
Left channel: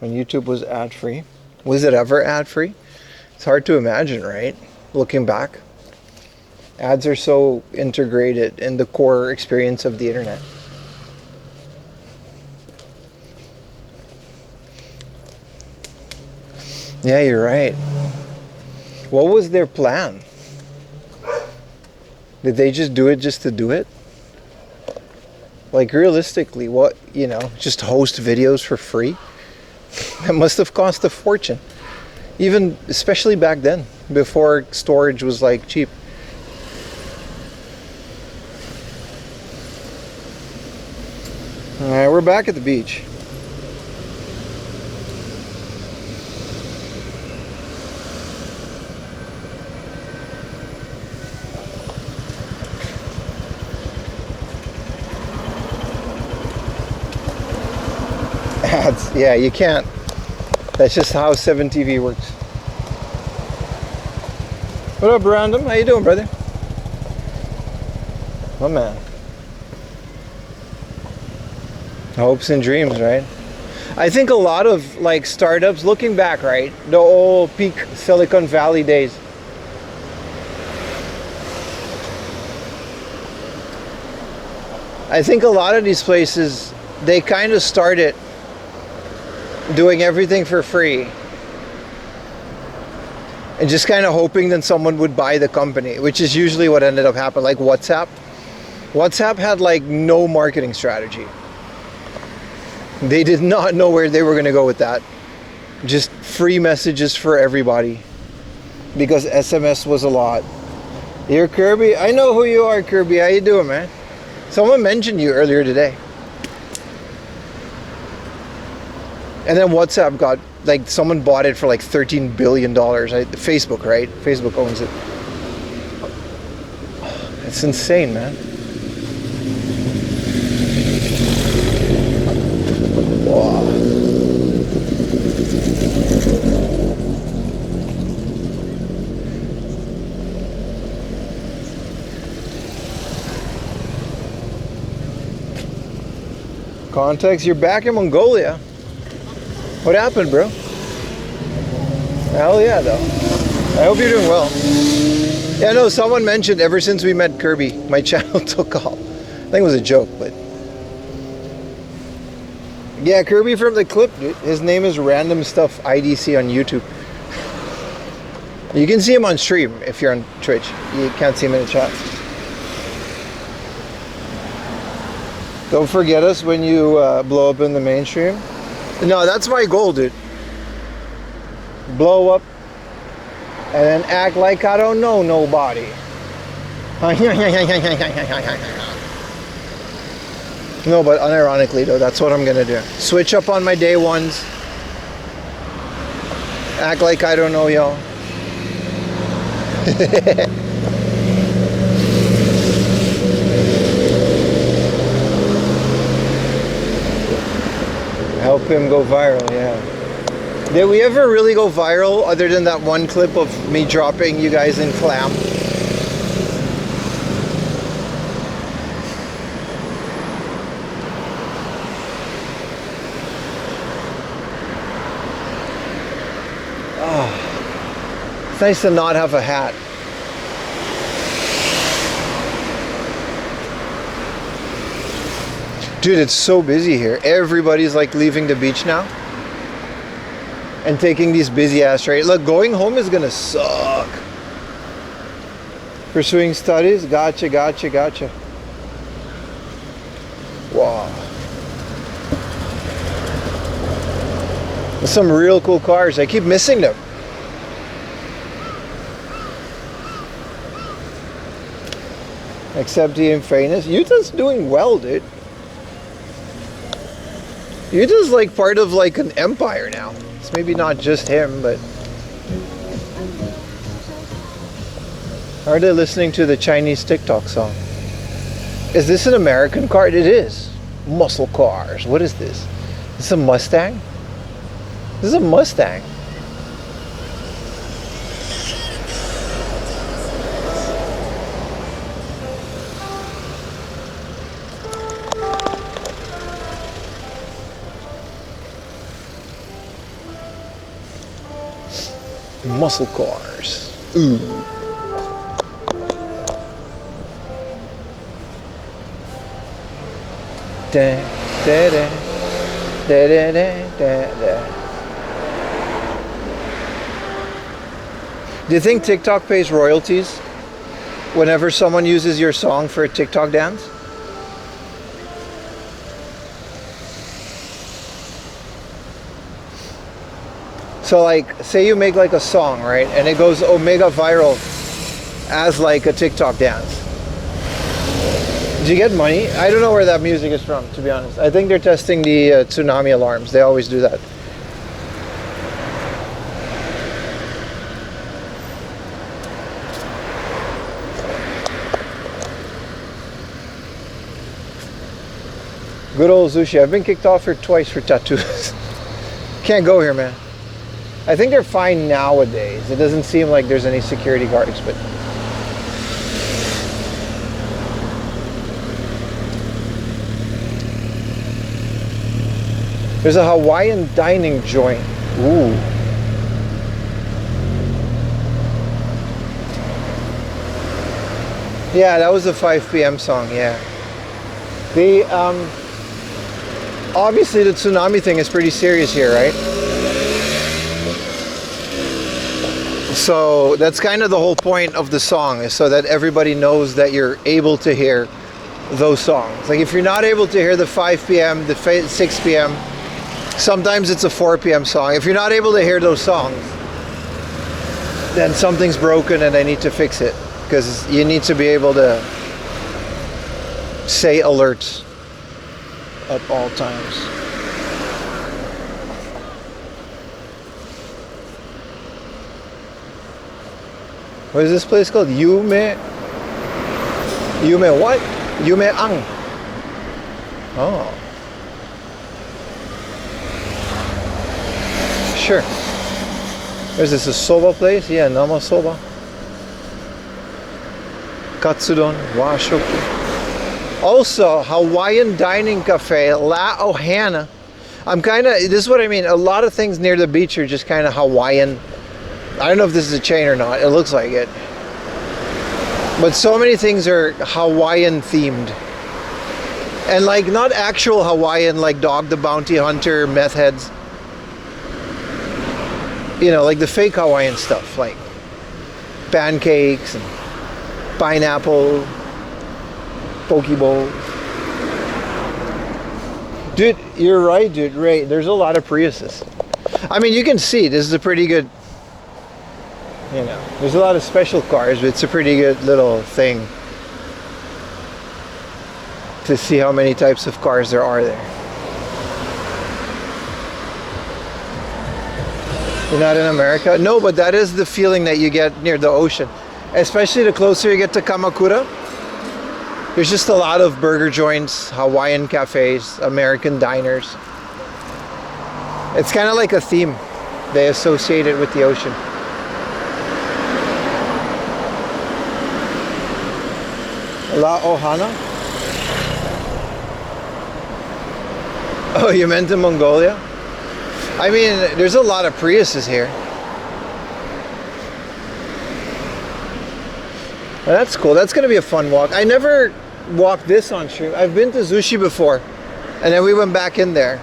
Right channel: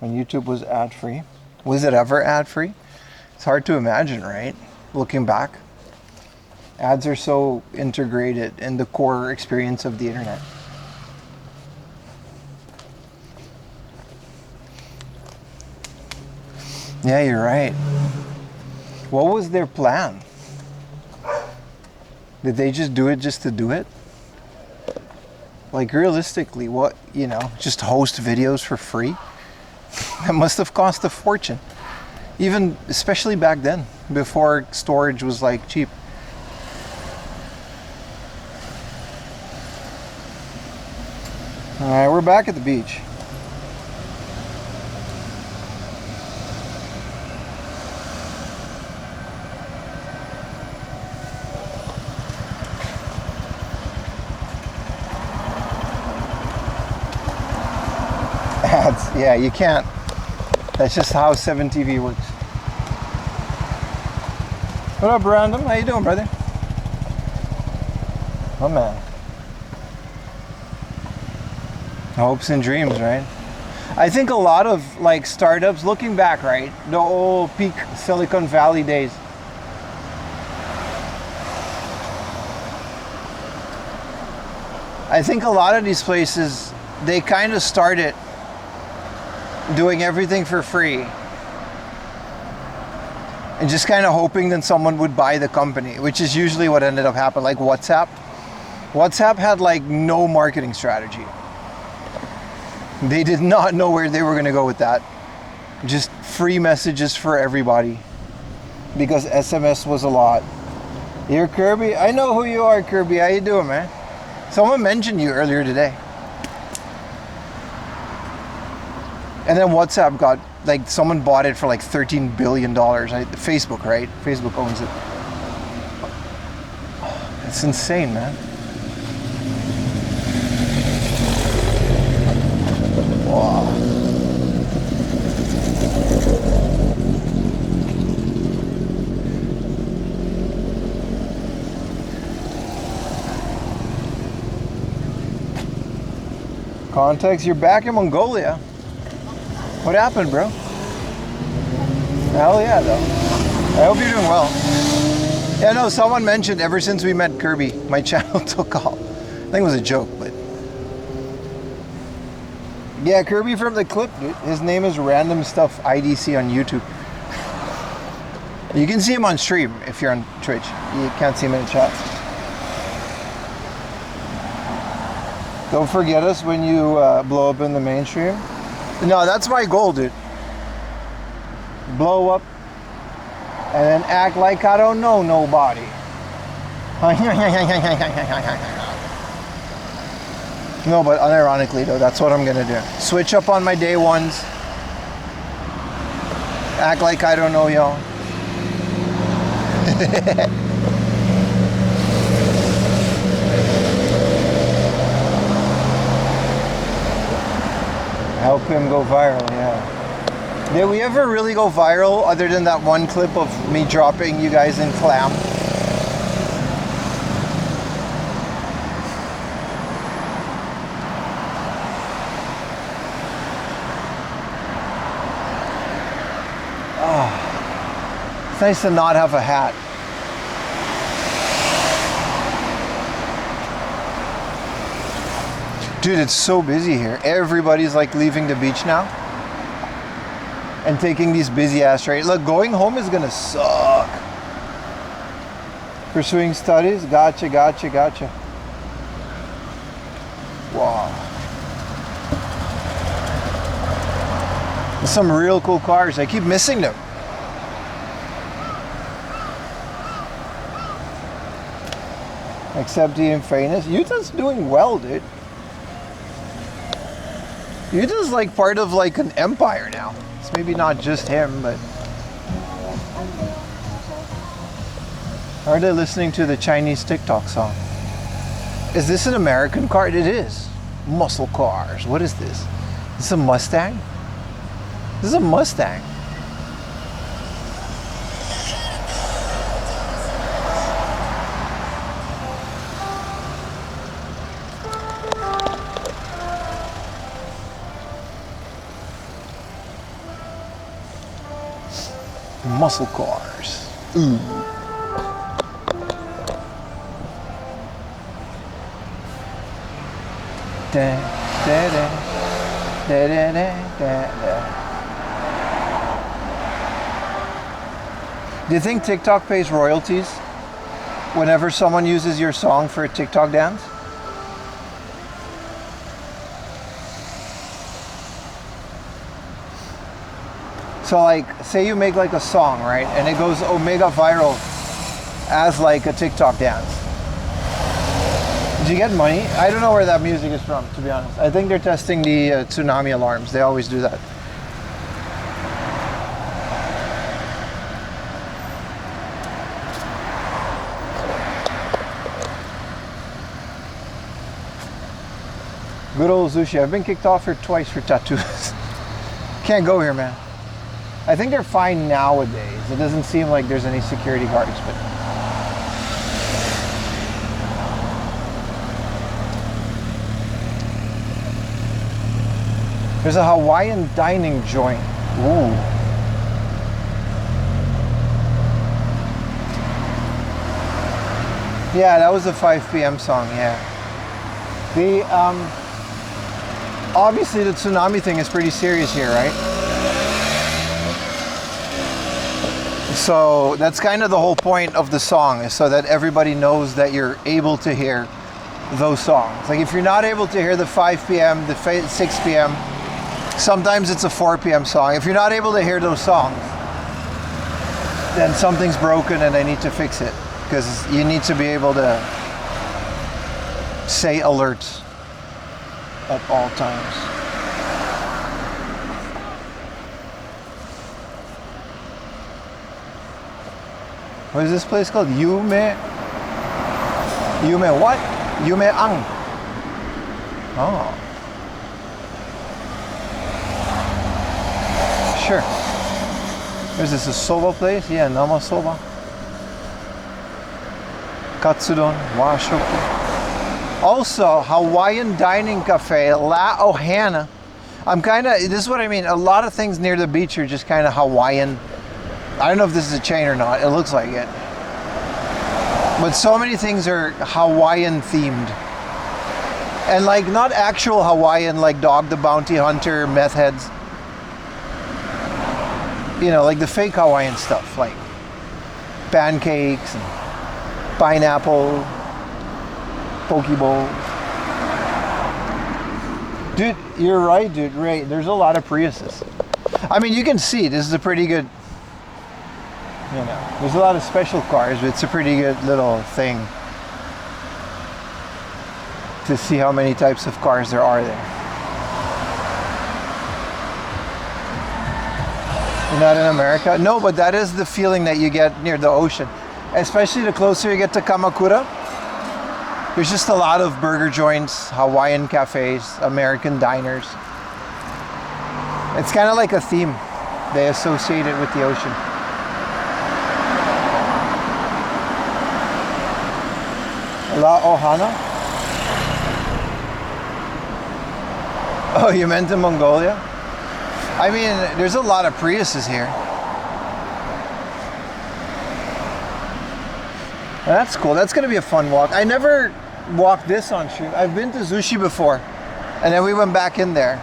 When YouTube was ad-free. Was it ever ad-free? It's hard to imagine, right? Looking back. Ads are so integrated in the core experience of the internet. Yeah, you're right. What was their plan? Did they just do it just to do it? Like realistically, what, you know, just host videos for free? That must have cost a fortune. Even, especially back then, before storage was like cheap. Alright, we're back at the beach. Ads, yeah, you can't. That's just how 7TV works. What up, Random? How you doing, brother? Oh, man. Hopes and dreams, right? I think a lot of like startups, looking back, right? The old peak Silicon Valley days. I think a lot of these places, they kind of started doing everything for free and just kind of hoping that someone would buy the company, which is usually what ended up happening. Like WhatsApp had like no marketing strategy. They did not know where they were going to go with that. Just free messages for everybody because SMS was a lot. You're Kirby? I know who you are, Kirby. How you doing, man? Someone mentioned you earlier today. And then WhatsApp got, like, someone bought it for like $13 billion. Facebook, right? Facebook owns it. It's insane, man. Wow. Context, you're back in Mongolia. What happened, bro? Hell yeah, though. I hope you're doing well. Yeah, no, someone mentioned ever since we met Kirby, my channel took off. I think it was a joke, but... Yeah, Kirby from the clip, dude. His name is Random Stuff IDC on YouTube. You can see him on stream if you're on Twitch. You can't see him in the chat. Don't forget us when you blow up in the mainstream. No, that's my goal, dude. Blow up and then act like I don't know nobody. No, but unironically though, that's what I'm gonna do. Switch up on my day ones. Act like I don't know y'all. Help him go viral, yeah. Did we ever really go viral other than that one clip of me dropping you guys in clam? Oh, it's nice to not have a hat. Dude, it's so busy here. Everybody's like leaving the beach now and taking these busy ass trains. Look, going home is gonna suck. Pursuing studies? Gotcha, gotcha, gotcha. Wow. There's some real cool cars. I keep missing them. Except the Infamous. Utah's doing well, dude. Utah's like part of like an empire now. It's maybe not just him, but... Are they listening to the Chinese TikTok song? Is this an American car? It is. Muscle cars. What is this? Is this a Mustang? This is a Mustang. Muscle cars. Ooh. Da, da, da, da, da, da, da. Do you think TikTok pays royalties whenever someone uses your song for a TikTok dance? So like, say you make like a song, right? And it goes omega viral as like a TikTok dance. Do you get money? I don't know where that music is from, to be honest. I think they're testing the tsunami alarms. They always do that. Good old Zushi. I've been kicked off here twice for tattoos. Can't go here, man. I think they're fine nowadays. It doesn't seem like there's any security guards, but there's a Hawaiian dining joint. Ooh. Yeah, that was a 5 p.m. song, yeah. The, obviously the tsunami thing is pretty serious here, right? So that's kind of the whole point of the song, is so that everybody knows that you're able to hear those songs. Like if you're not able to hear the 5 p.m., the 6 p.m., sometimes it's a 4 p.m. song. If you're not able to hear those songs, then something's broken and I need to fix it. Because you need to be able to say alerts at all times. What is this place called? Yume what? Yume Ang. Oh. Sure. Is this a soba place? Yeah, Nama soba. Katsudon, washoku. Also, Hawaiian dining cafe, La Ohana. This is what I mean. A lot of things near the beach are just kind of Hawaiian. I don't know if this is a chain or not. It looks like it. But so many things are Hawaiian themed. And like not actual Hawaiian, like Dog the Bounty Hunter, meth heads. You know, like the fake Hawaiian stuff, like pancakes and pineapple, poke bowls. Dude, you're right, dude. Right, there's a lot of Priuses. I mean, you can see this is a pretty good, you know, there's a lot of special cars, but it's a pretty good little thing to see how many types of cars there are there. You're not in America? No, but that is the feeling that you get near the ocean. Especially the closer you get to Kamakura. There's just a lot of burger joints, Hawaiian cafes, American diners. It's kind of like a theme. They associate it with the ocean. La Ohana? Oh, you meant in Mongolia? I mean, there's a lot of Priuses here. Well, that's cool. That's gonna be a fun walk. I never walked this on stream. I've been to Zushi before, and then we went back in there.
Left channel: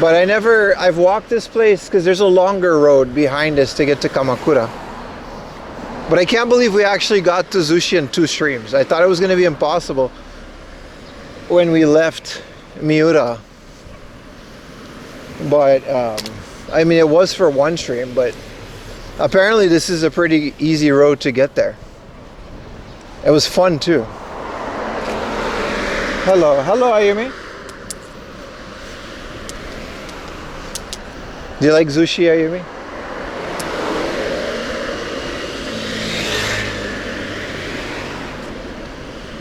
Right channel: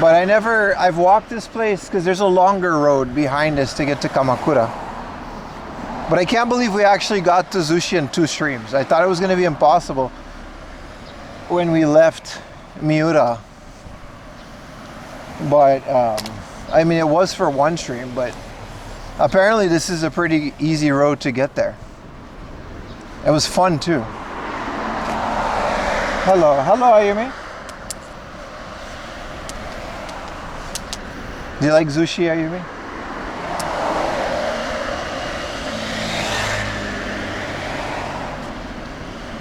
But I've walked this place because there's a longer road behind us to get to Kamakura. But I can't believe we actually got to Zushi in 2 streams. I thought it was gonna be impossible when we left Miura. But, I mean, it was for 1 stream, but apparently this is a pretty easy road to get there. It was fun too. Hello, Ayumi. Do you like Zushi, Ayumi?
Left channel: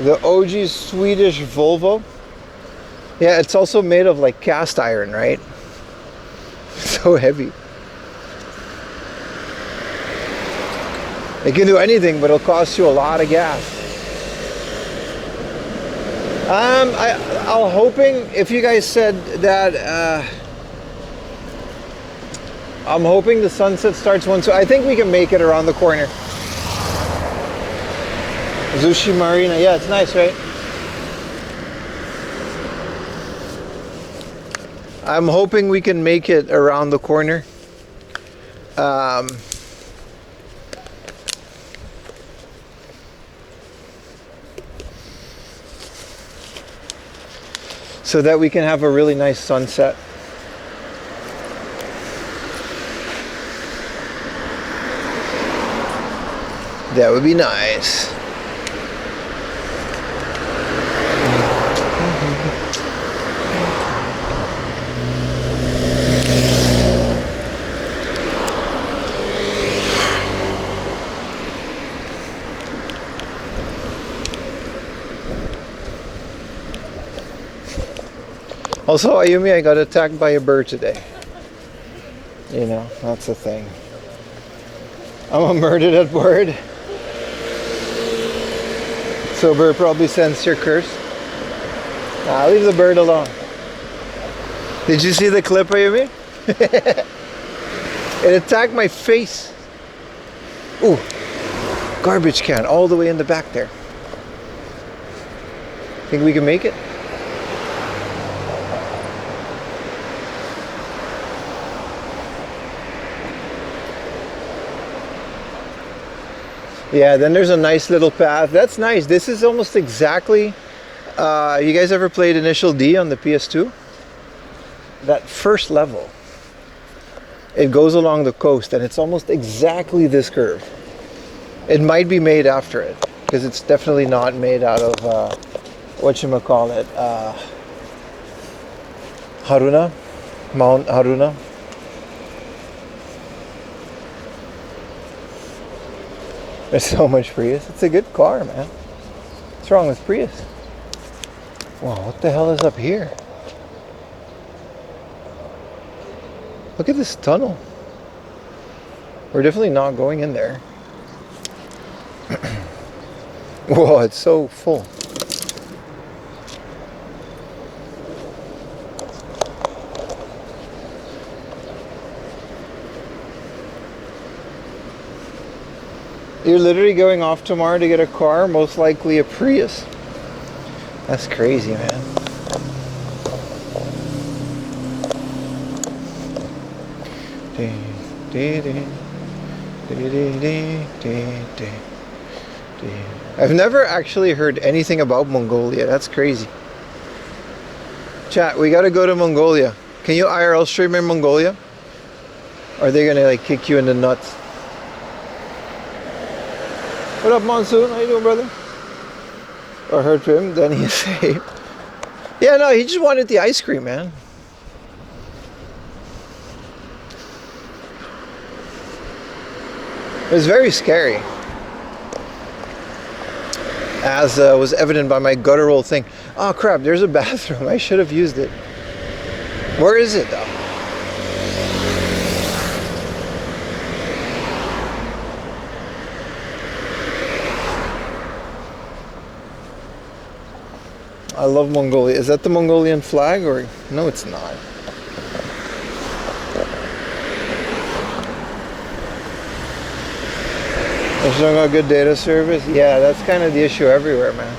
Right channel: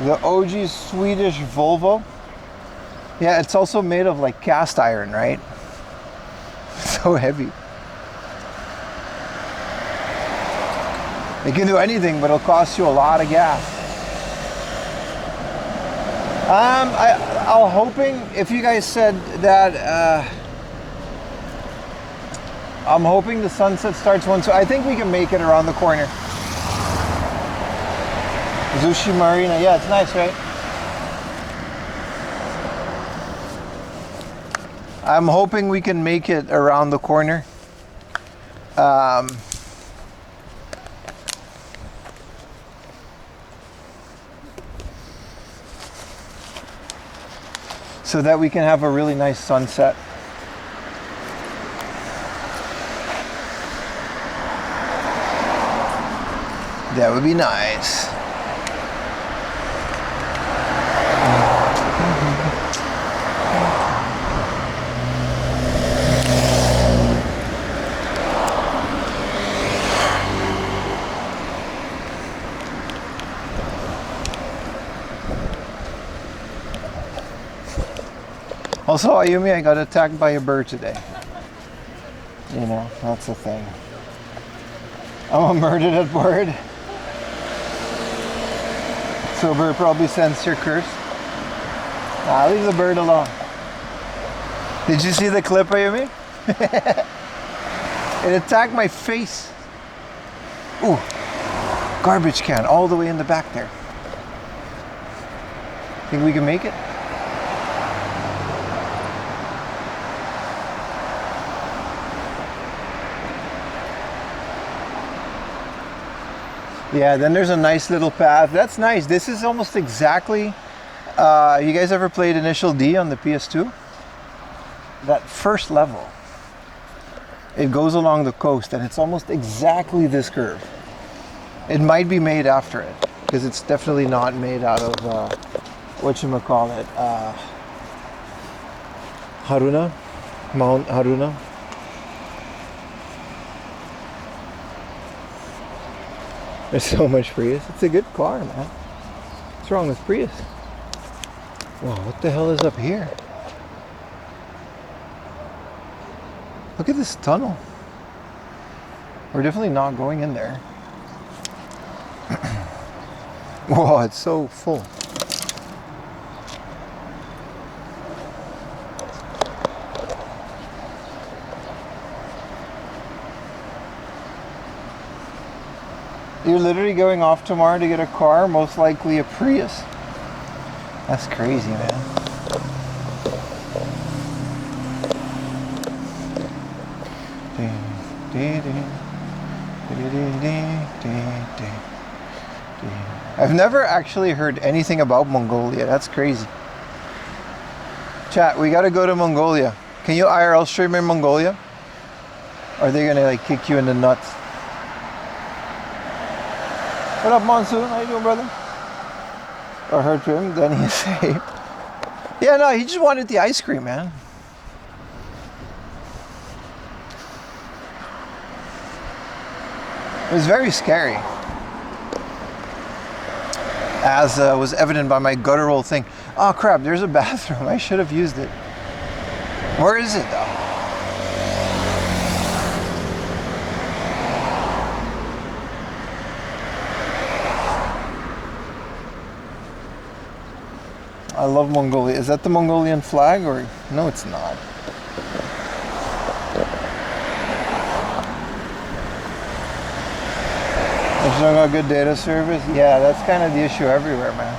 The OG Swedish Volvo. Yeah, it's also made of like cast iron, right? So heavy. It can do anything, but it'll cost you a lot of gas. I'm hoping, if you guys said that, I'm hoping the sunset starts so I think we can make it around the corner. Zushi Marina, yeah, it's nice, right? I'm hoping we can make it around the corner. So that we can have a really nice sunset. That would be nice. Also, Ayumi, I got attacked by a bird today. You know, that's the thing. I'm a murdered at bird. So bird probably sensed your curse. Leave the bird alone. Did you see the clip, Ayumi? It attacked my face. Ooh, garbage can all the way in the back there. Think we can make it? Yeah, then there's a nice little path. That's nice. This is almost exactly, you guys ever played Initial D on the PS2? That first level, it goes along the coast and it's almost exactly this curve. It might be made after it, because it's definitely not made out of, whatchamacallit, Haruna? Mount Haruna? There's so much Prius. It's a good car, man. What's wrong with Prius? Wow, what the hell is up here? Look at this tunnel. We're definitely not going in there. Whoa, it's so full. You're literally going off tomorrow to get a car, most likely a Prius. That's crazy, man. I've never actually heard anything about Mongolia. That's crazy. Chat, we gotta go to Mongolia. Can you IRL stream in Mongolia? Or are they gonna like kick you in the nuts? What up, Monsoon? How you doing, brother? I heard from him, then he said, yeah, no, he just wanted the ice cream, man. It was very scary, as was evident by my guttural thing. Oh crap, there's a bathroom. I should have used it. Where is it though? I love Mongolia. Is that the Mongolian flag or? No, it's not. There's no good data service? Yeah, that's kind of the issue everywhere, man.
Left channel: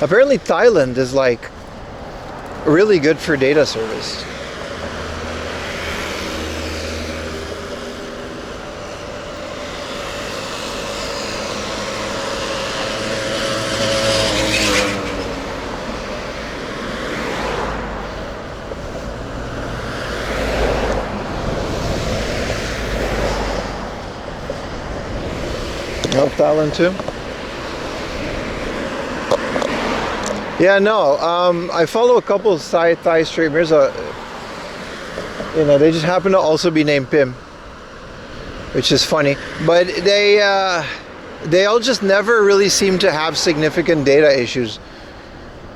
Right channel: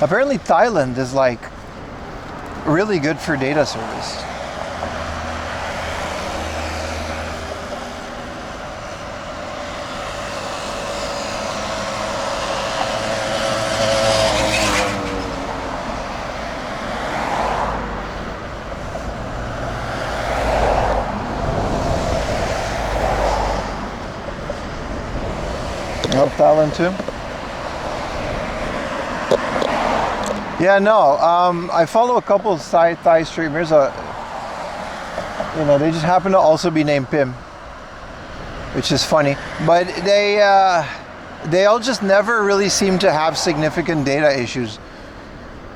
Apparently Thailand is like really good for data service. Oh, Thailand too? Yeah, no. I follow a couple of Thai streamers. You know, they just happen to also be named Pim, which is funny. But they all just never really seem to have significant data issues.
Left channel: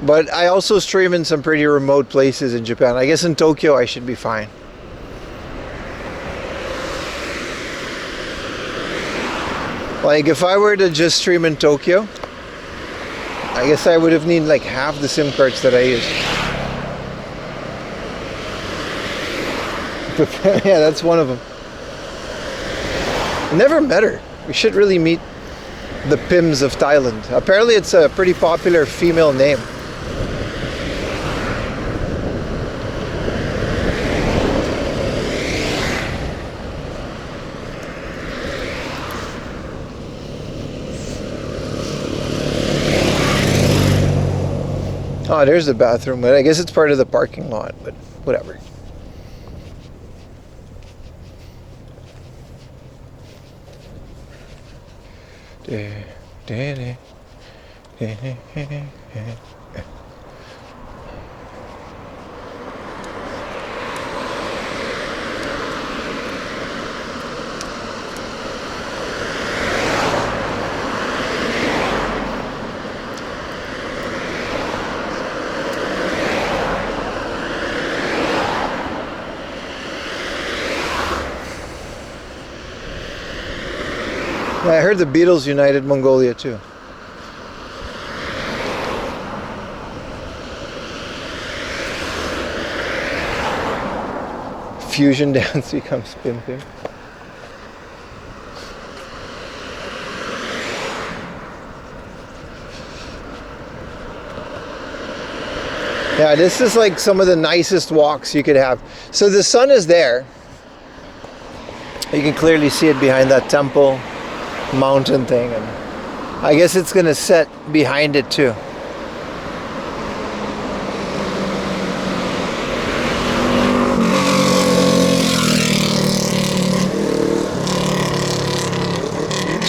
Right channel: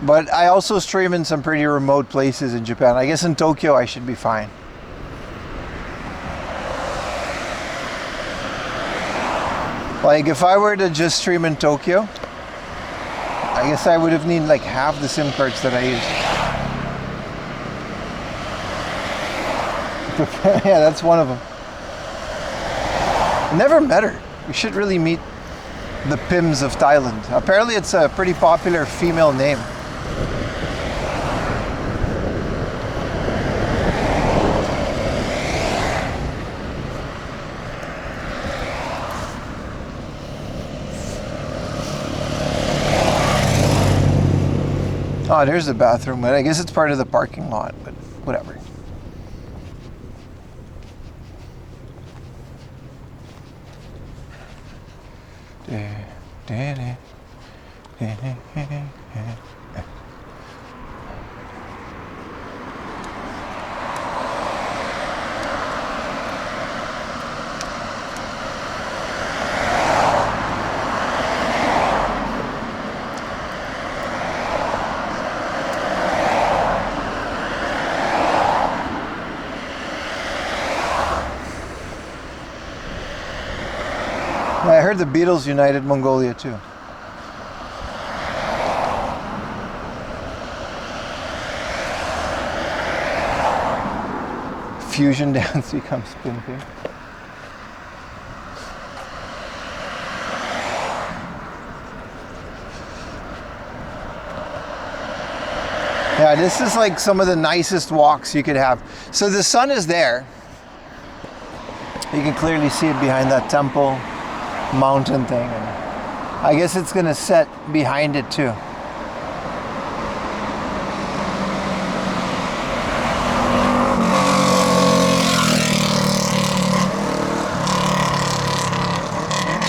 But I also stream in some pretty remote places in Japan. I guess in Tokyo I should be fine. Like if I were to just stream in Tokyo, I guess I would have needed like half the SIM cards that I use. But yeah, that's one of them. I never met her. We should really meet the Pims of Thailand. Apparently it's a pretty popular female name. Oh, there's the bathroom, but I guess it's part of the parking lot, but whatever. I heard the Beatles united Mongolia too. Fusion dance becomes spin thing. Yeah, this is like some of the nicest walks you could have. So the sun is there. You can clearly see it behind that temple mountain thing, and I guess it's gonna set behind it too.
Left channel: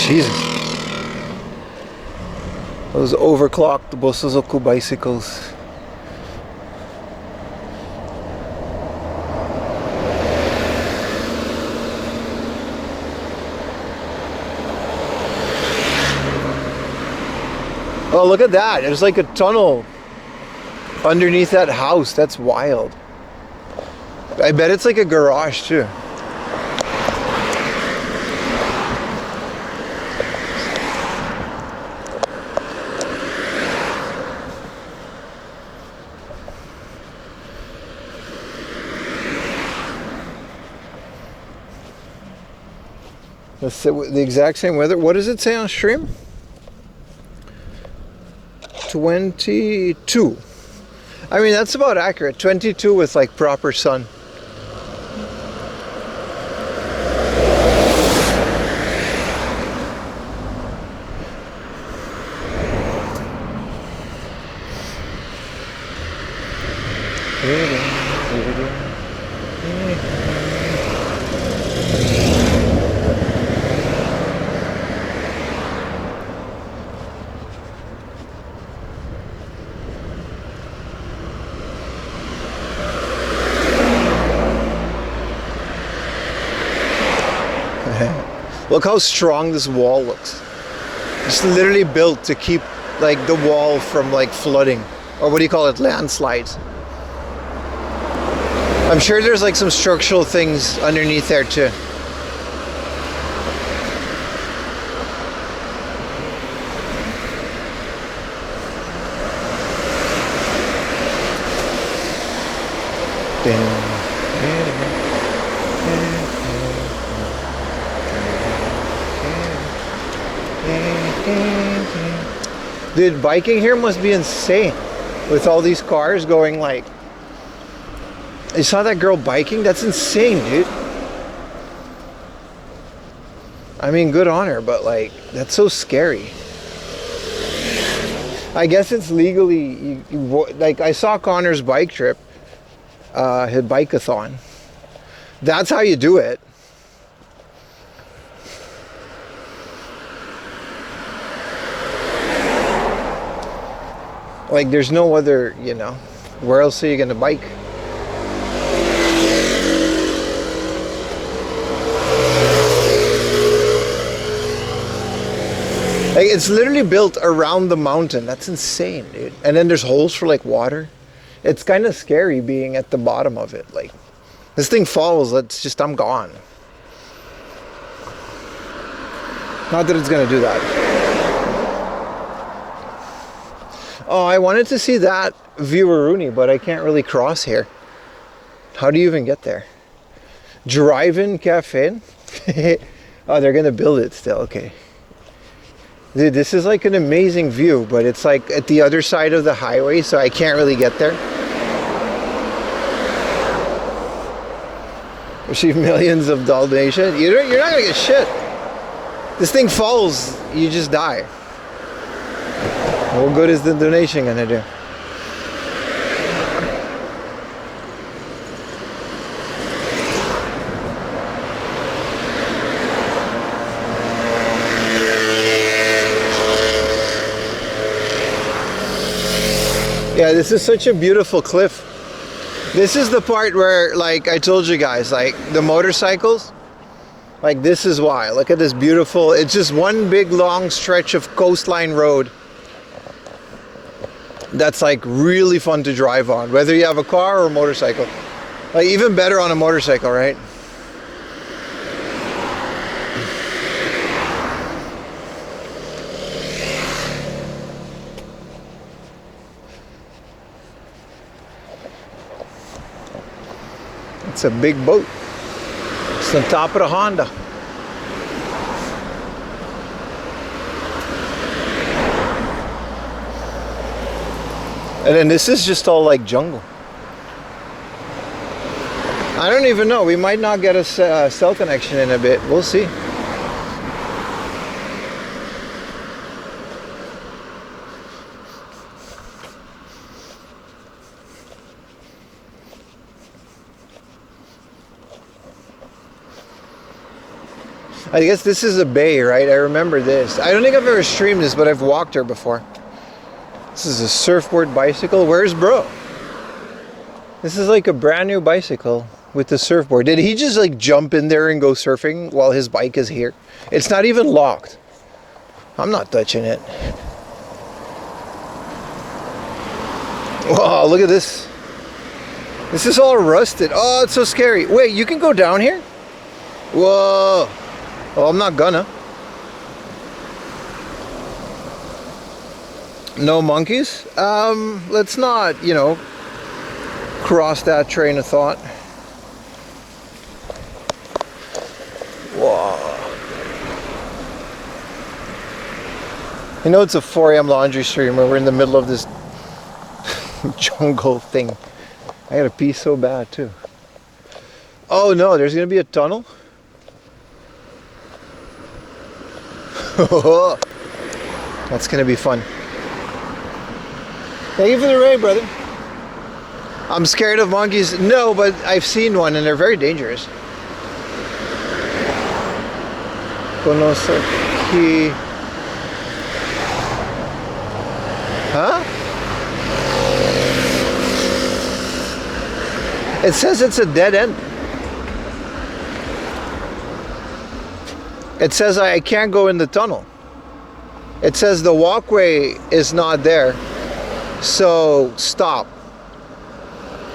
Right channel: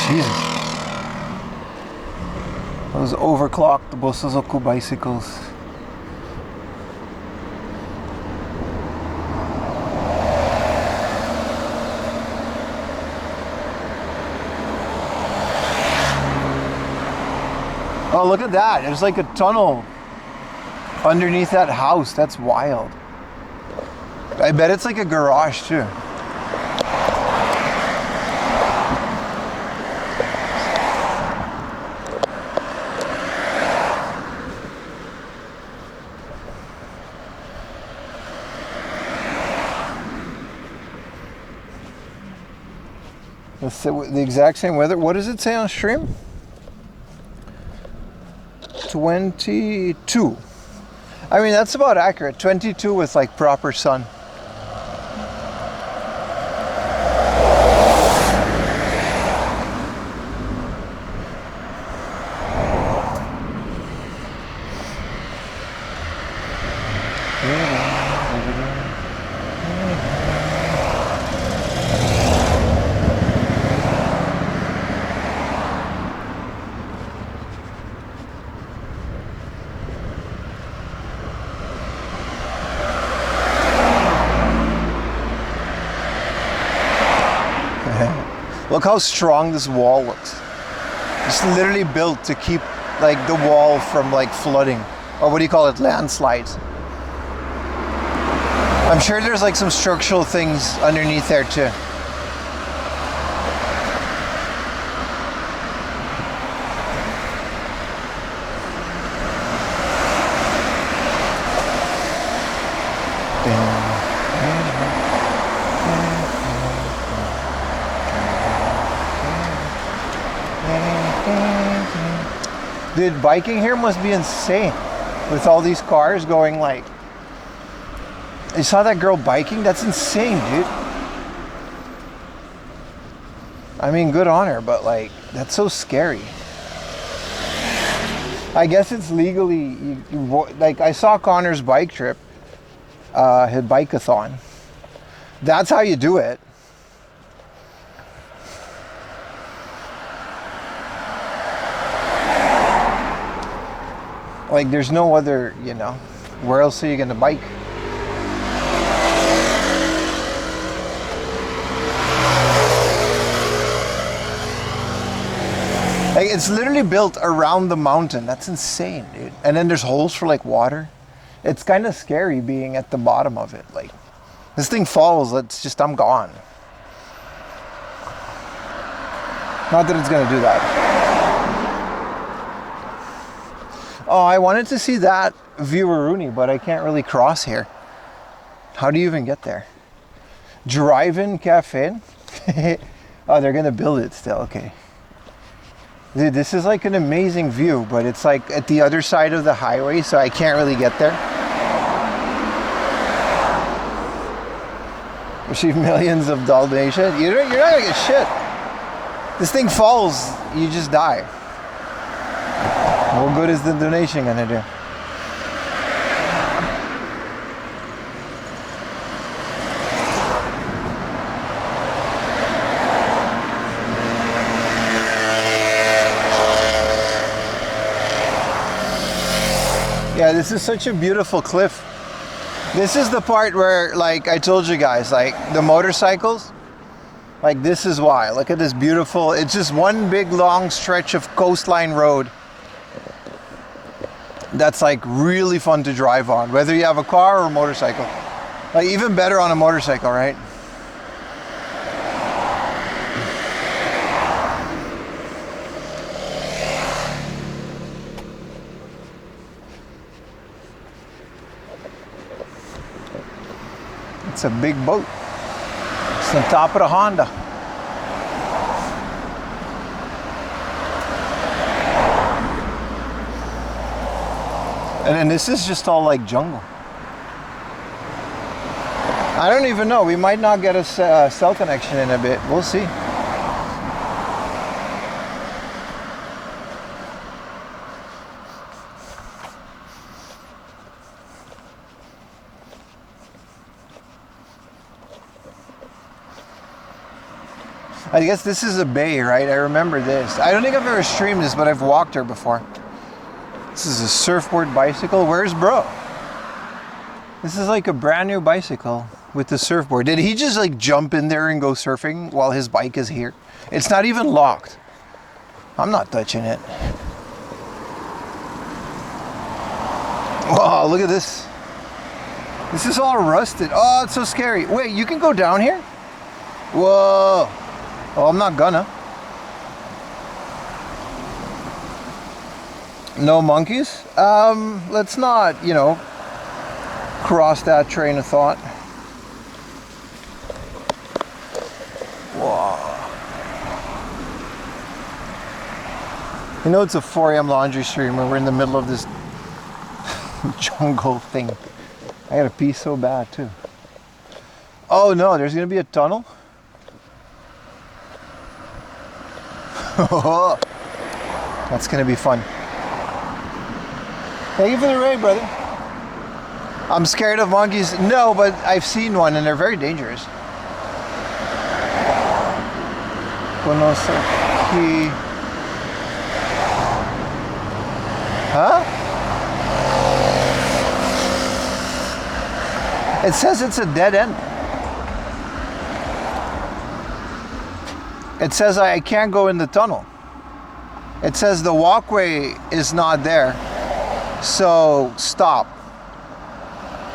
Jesus. Those overclocked Bosozoku bicycles. Oh, look at that. There's like a tunnel underneath that house. That's wild. I bet it's like a garage too. Let's say the exact same weather. What does it say on stream? 22. I mean, that's about accurate. 22 with like proper sun. Look how strong this wall looks. It's literally built to keep like the wall from like flooding, or what do you call it, landslides. I'm sure there's like some structural things underneath there too. Dude, biking here must be insane with all these cars going like... You saw that girl biking? That's insane, dude. I mean, good on her, but like, that's so scary. I guess it's legally... like, I saw Connor's bike trip, his bike-a-thon. That's how you do it. Like, there's no other, you know, where else are you gonna bike? Like, it's literally built around the mountain. That's insane, dude. And then there's holes for like water. It's kind of scary being at the bottom of it. Like, this thing falls, it's just, I'm gone. Not that it's gonna do that. Oh, I wanted to see that Vieweruni, but I can't really cross here. How do you even get there? Drive-in cafe? Oh, they're gonna build it still, okay. Dude, this is like an amazing view, but it's like at the other side of the highway, so I can't really get there. Receive millions of donations. You're not gonna get shit. This thing falls, you just die. What good is the donation gonna do? Yeah, this is such a beautiful cliff. This is the part where, like I told you guys, like the motorcycles, like this is why. Look at this beautiful, it's just one big long stretch of coastline road. That's like really fun to drive on, whether you have a car or a motorcycle. Like even better on a motorcycle, right? It's a big boat. It's on top of the Honda. And then this is just all like jungle. I don't even know. We might not get a cell connection in a bit. We'll see. I guess this is a bay, right? I remember this. I don't think I've ever streamed this, but I've walked her before. This is a surfboard bicycle. Where's bro? This is like a brand new bicycle with the surfboard. Did he just like jump in there and go surfing while his bike is here? It's not even locked. I'm not touching it. Wow, look at this. This is all rusted. Oh, it's so scary. Wait, you can go down here? Whoa. Well, I'm not gonna. No monkeys? Let's not, you know, cross that train of thought. Whoa. You know, it's a 4 a.m. laundry stream where we're in the middle of this jungle thing. I gotta pee so bad too. Oh no, there's gonna be a tunnel? That's gonna be fun. Thank you for the raid, brother. I'm scared of monkeys. No, but I've seen one and they're very dangerous. Konosaki. Huh? It says it's a dead end. It says I can't go in the tunnel. It says the walkway is not there. So stop.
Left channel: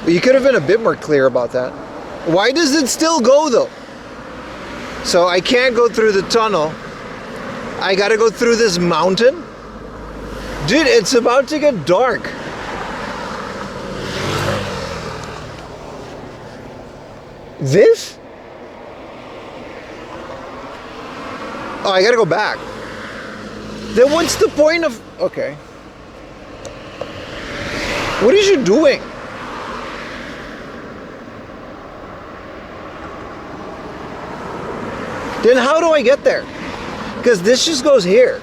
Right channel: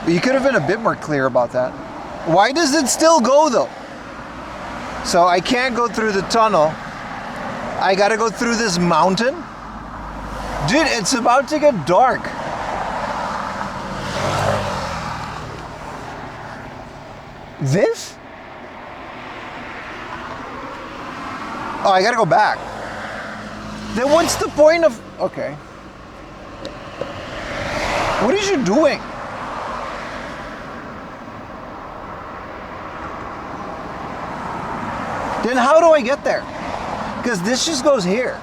You could have been a bit more clear about that. Why does it still go though? So I can't go through the tunnel. I gotta go through this mountain. Dude, it's about to get dark. This? Oh, I gotta go back. Then what's the point of... Okay. What is you doing? Then how do I get there? Because this just goes here.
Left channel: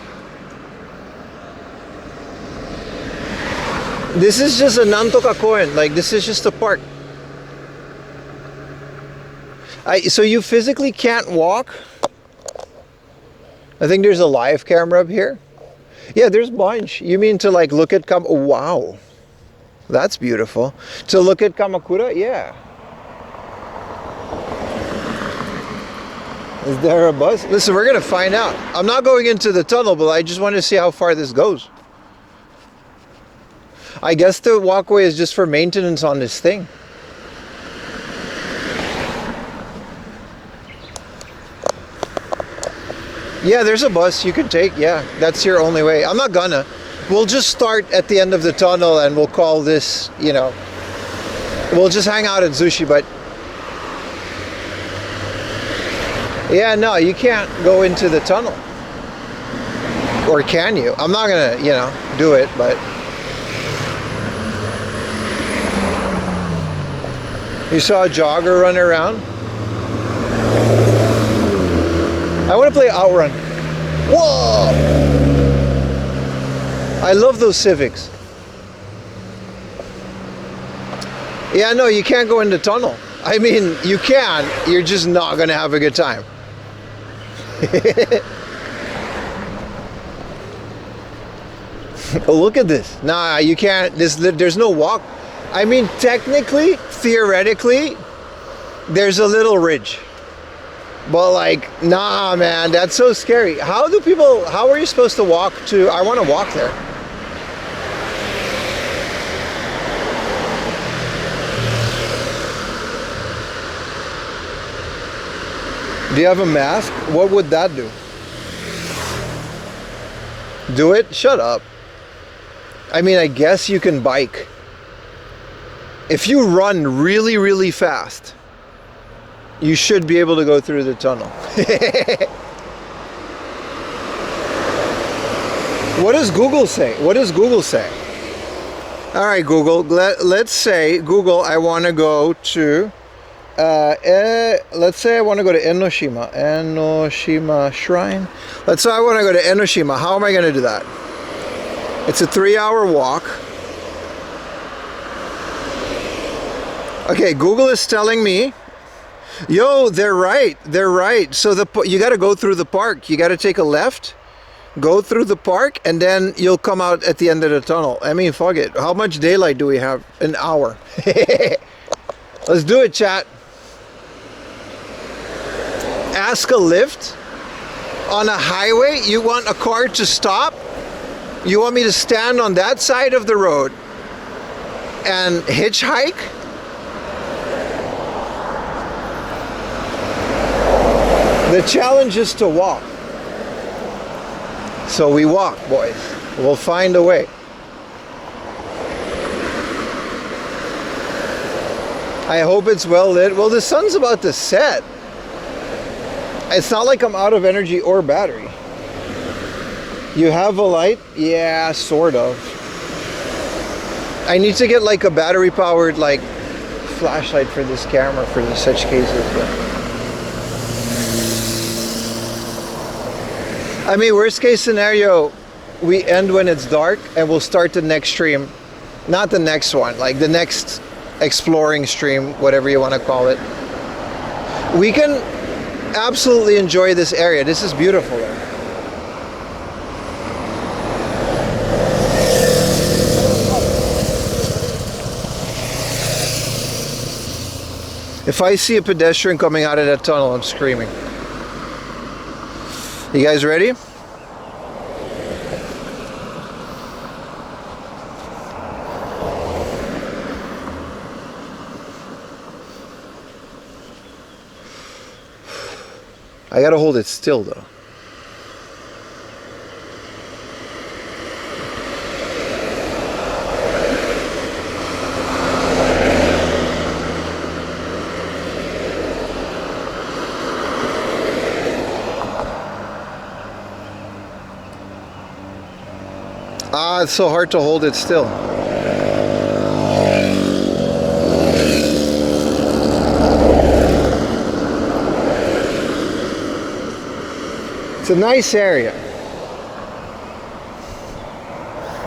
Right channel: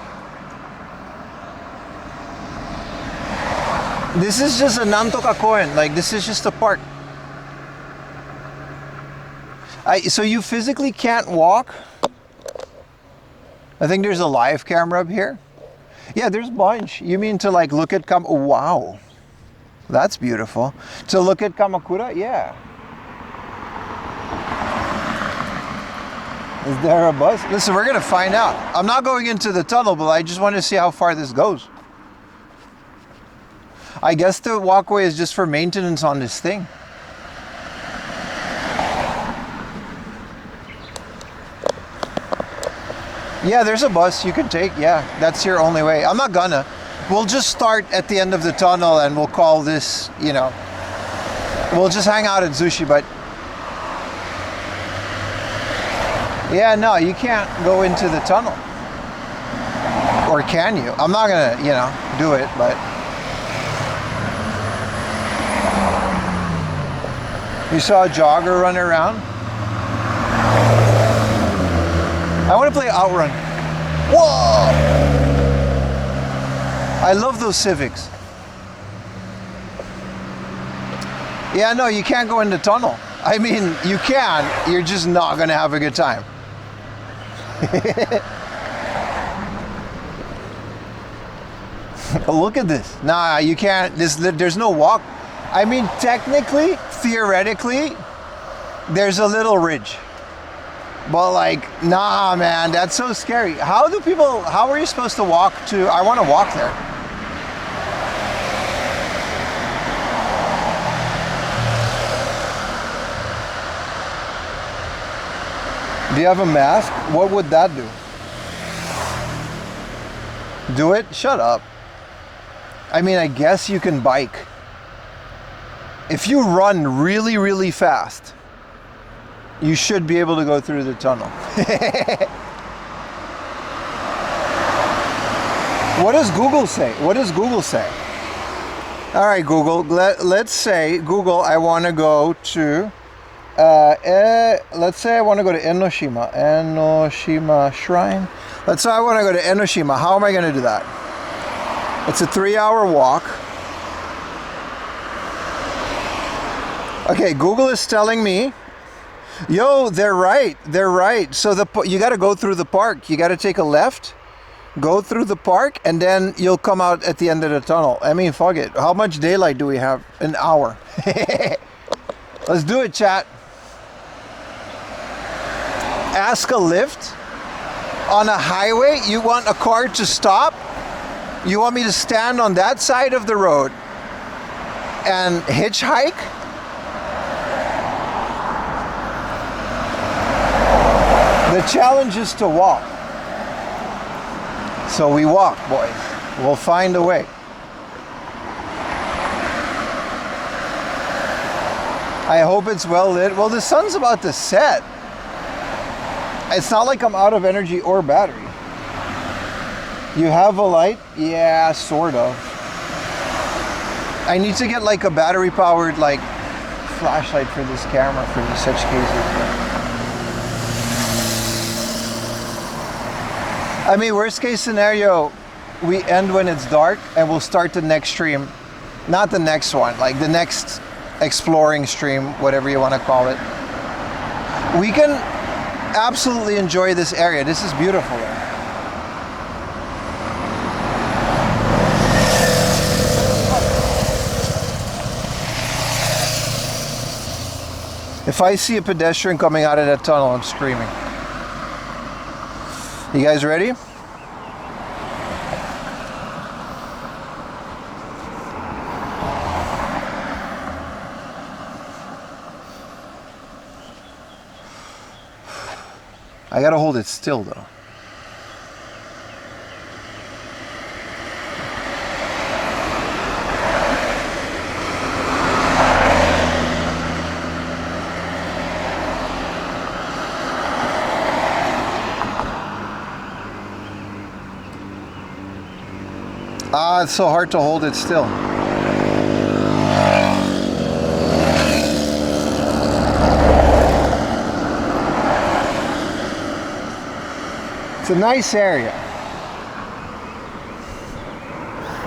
This is just a Nantoka Koen. Like, this is just a park. So you physically can't walk? I think there's a live camera up here. Yeah, there's a bunch. You mean to like look at oh, wow. That's beautiful. To look at Kamakura? Yeah. Is there a bus? Listen, we're gonna find out. I'm not going into the tunnel, but I just want to see how far this goes. I guess the walkway is just for maintenance on this thing. Yeah, there's a bus you can take. Yeah, that's your only way. I'm not gonna. We'll just start at the end of the tunnel and we'll call this, you know, we'll just hang out at Zushi, but yeah, no, you can't go into the tunnel. Or can you? I'm not gonna, you know, do it, but you saw a jogger run around? I want to play Outrun. Whoa! I love those Civics. Yeah, no, you can't go in the tunnel. I mean, you can. You're just not going to have a good time. Look at this. Nah, you can't. There's no walk. I mean, technically, theoretically, there's a little ridge. But like, nah, man, that's so scary. How are you supposed to walk to, I want to walk there. Do you have a mask? What would that do? Do it? Shut up. I mean, I guess you can bike. If you run really, really fast, you should be able to go through the tunnel. What does Google say? What does Google say? All right, Google, let's say, Google, I want to go to, let's say I want to go to Enoshima Shrine. Let's say I want to go to Enoshima. How am I going to do that? It's a 3-hour walk. Okay, Google is telling me, yo, they're right. They're right. So you got to go through the park. You got to take a left, go through the park, and then you'll come out at the end of the tunnel. I mean, fuck it. How much daylight do we have? An hour. Let's do it, chat. Ask a lift on a highway. You want a car to stop? You want me to stand on that side of the road and hitchhike? The challenge is to walk. So we walk, boys. We'll find a way. I hope it's well lit. Well, the sun's about to set. It's not like I'm out of energy or battery. You have a light? Yeah, sort of. I need to get like a battery powered like flashlight for this camera for such cases. But I mean, worst case scenario, we end when it's dark and we'll start the next stream. Not the next one, like the next exploring stream, whatever you want to call it. We can absolutely enjoy this area. This is beautiful. If I see a pedestrian coming out of that tunnel, I'm screaming. You guys ready? I gotta hold it still though. It's so hard to hold it still. It's a nice area.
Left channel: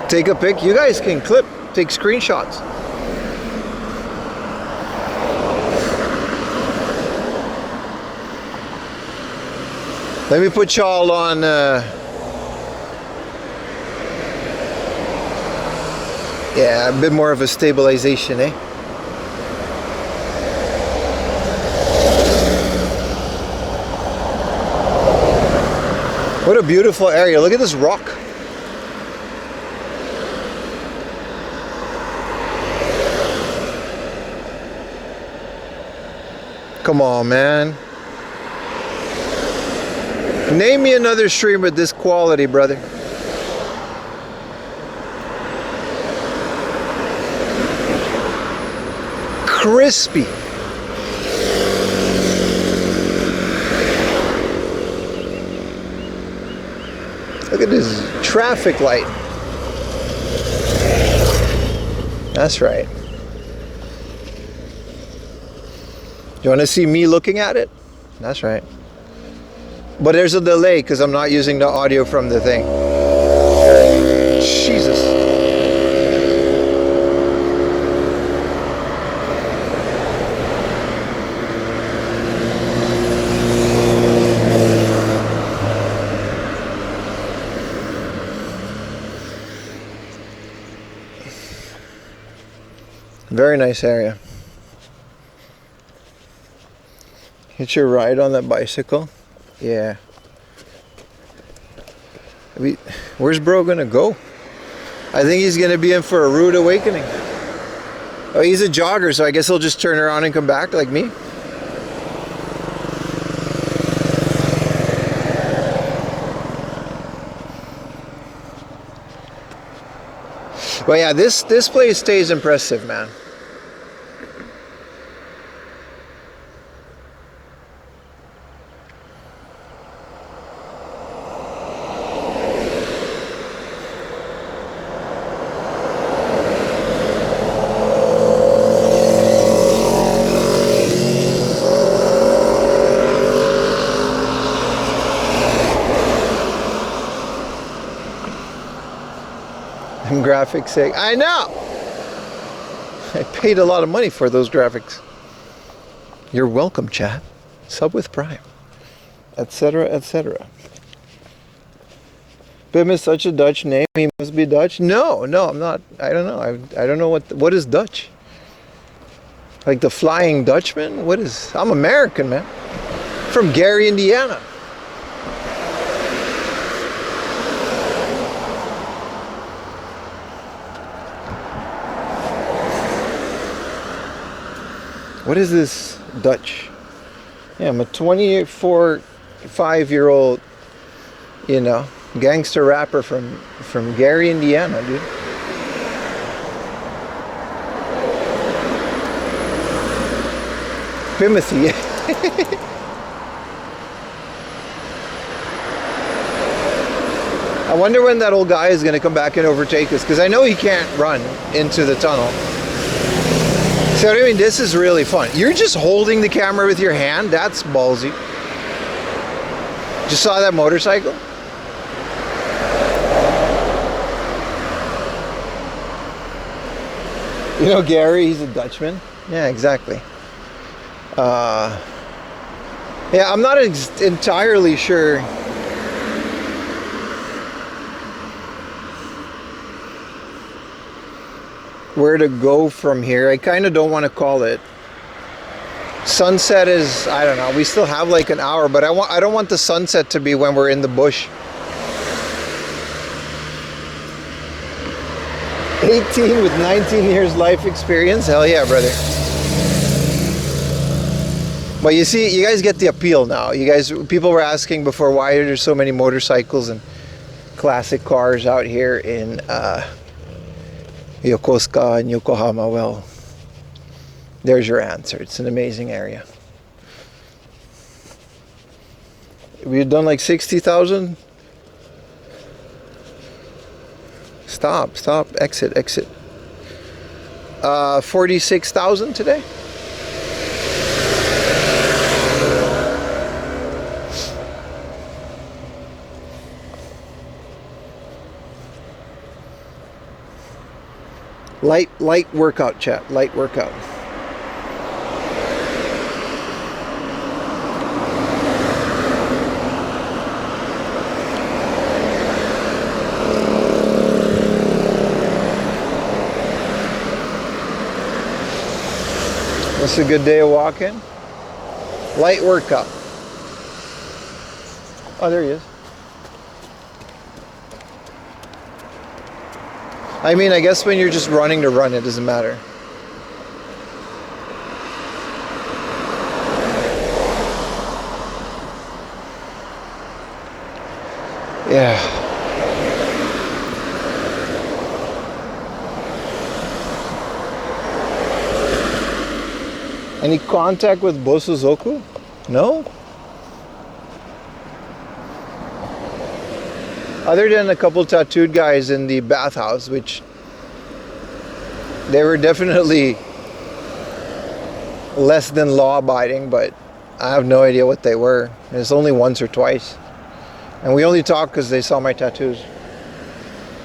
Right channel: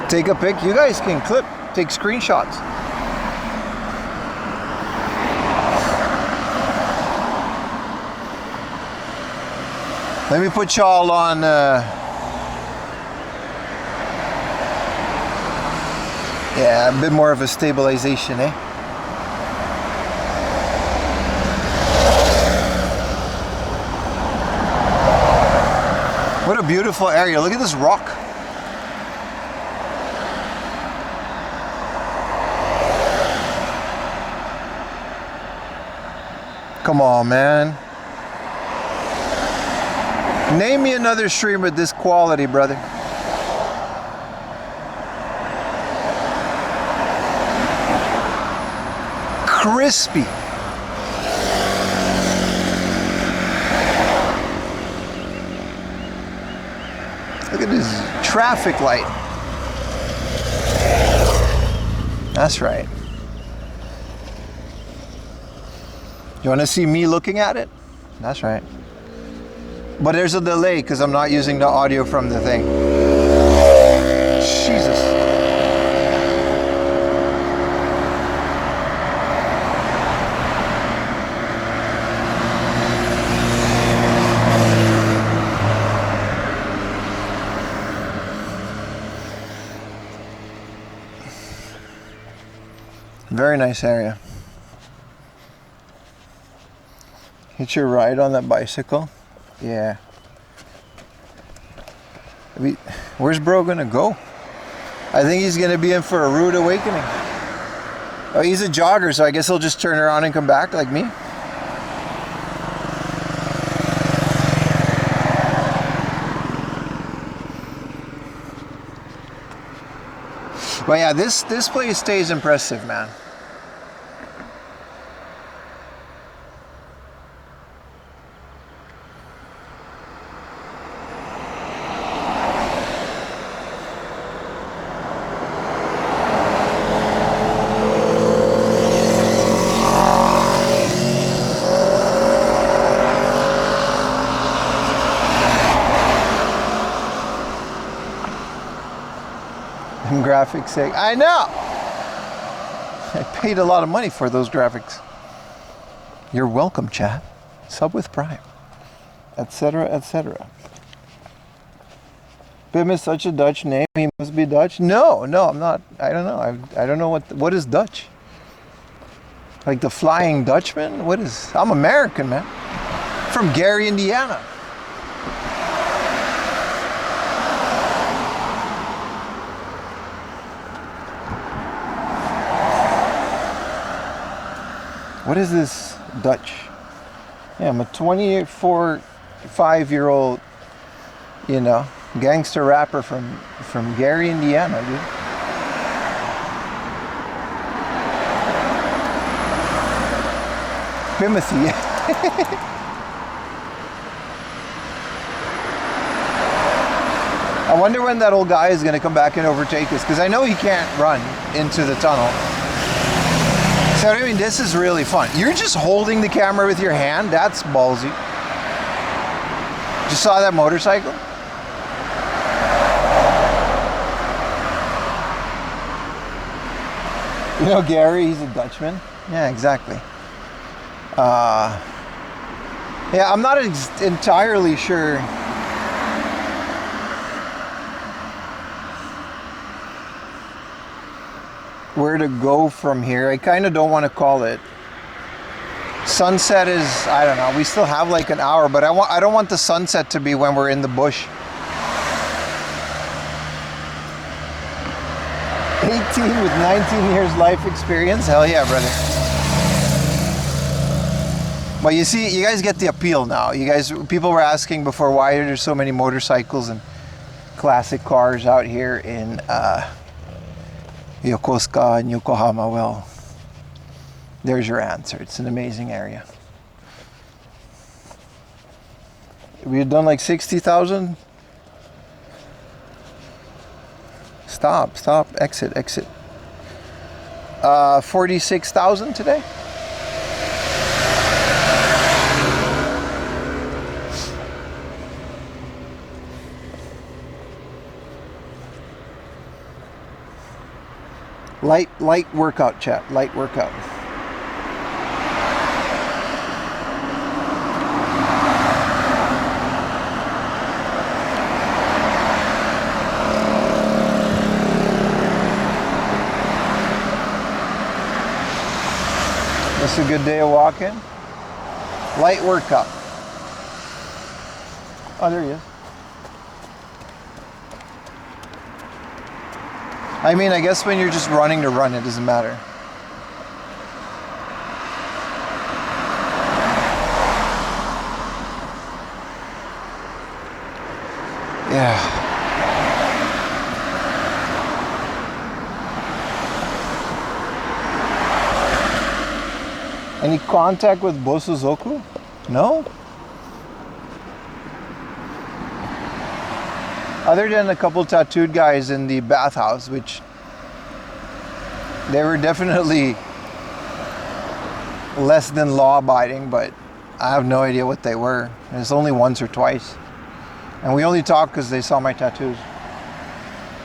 Take a pic. You guys can take screenshots. Let me put y'all on yeah, a bit more of a stabilization, eh? What a beautiful area. Look at this rock. Come on, man. Name me another stream with this quality, brother. Crispy. Look at this traffic light. That's right. You want to see me looking at it? That's right. But there's a delay because I'm not using the audio from the thing. Jesus. Very nice area. Hit your ride on that bicycle. Yeah. Where's bro gonna go? I think he's gonna be in for a rude awakening. Oh, he's a jogger, so I guess he'll just turn around and come back like me. But yeah, this place stays impressive, man. Them graphics say, I know! I paid a lot of money for those graphics. You're welcome, chat. Sub with Prime. Etc., etc. Pim is such a Dutch name. He must be Dutch. No, I'm not. I don't know. I don't know what is Dutch. Like the Flying Dutchman? What is? I'm American, man. From Gary, Indiana. What is this Dutch? Yeah, I'm a 5-year-old, you know, gangster rapper from Gary, Indiana, dude. Timothy. I wonder when that old guy is going to come back and overtake us, because I know he can't run into the tunnel. So I mean, this is really fun. You're just holding the camera with your hand. That's ballsy. Just saw that motorcycle? You know Gary, he's a Dutchman. Yeah, exactly. Yeah, I'm not entirely sure where to go from here. I kind of don't want to call it. Sunset is, I don't know, we still have like an hour, but I don't want the sunset to be when we're in the bush. 18 with 19 years life experience. Hell yeah, brother. Well, you see, you guys get the appeal now. People were asking before, why are there so many motorcycles and classic cars out here in Yokosuka and Yokohama? Well, there's your answer. It's an amazing area. We've done like 60,000. Stop, exit. 46,000 today. Light workout, chat. Light workout. This is a good day of walking. Light workout. Oh, there he is. I mean, I guess when you're just running to run, it doesn't matter. Yeah. Any contact with Bosozoku? No? Other than a couple tattooed guys in the bathhouse, which they were definitely less than law-abiding, but I have no idea what they were. It's only once or twice. And we only talked because they saw my tattoos.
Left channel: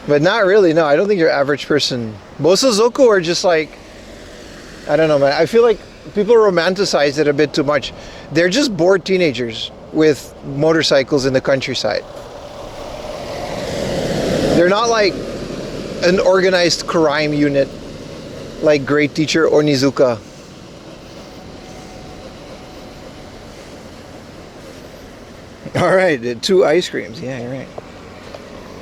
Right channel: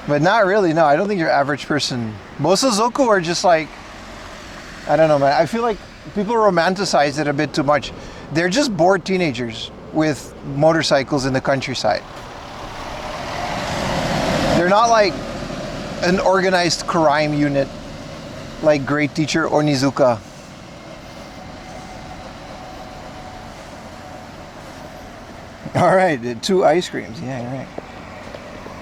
But not really, no. I don't think your average person... Bosozoku are just like... I don't know, man. I feel like people romanticize it a bit too much. They're just bored teenagers with motorcycles in the countryside. They're not like an organized crime unit like great teacher Onizuka. All right, 2 ice creams. Yeah, you're right.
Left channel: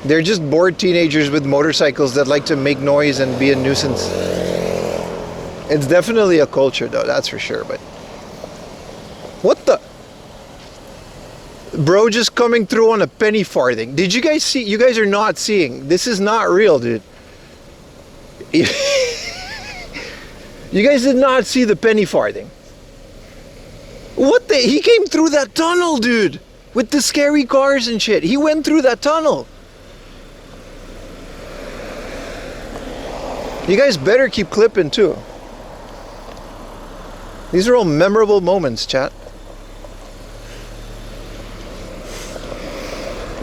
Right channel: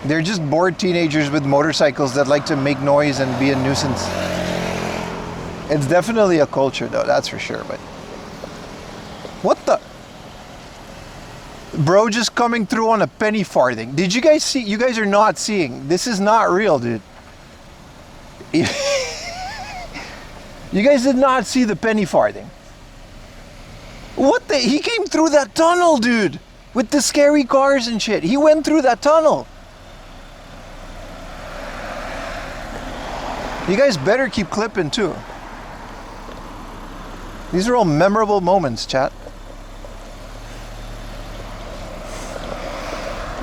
They're just bored teenagers with motorcycles that like to make noise and be a nuisance. It's definitely a culture though, that's for sure, but... What the... Bro just coming through on a penny farthing. Did you guys see? You guys are not seeing. This is not real, dude. You guys did not see the penny farthing. What the? He came through that tunnel, dude. With the scary cars and shit. He went through that tunnel. You guys better keep clipping too. These are all memorable moments, chat.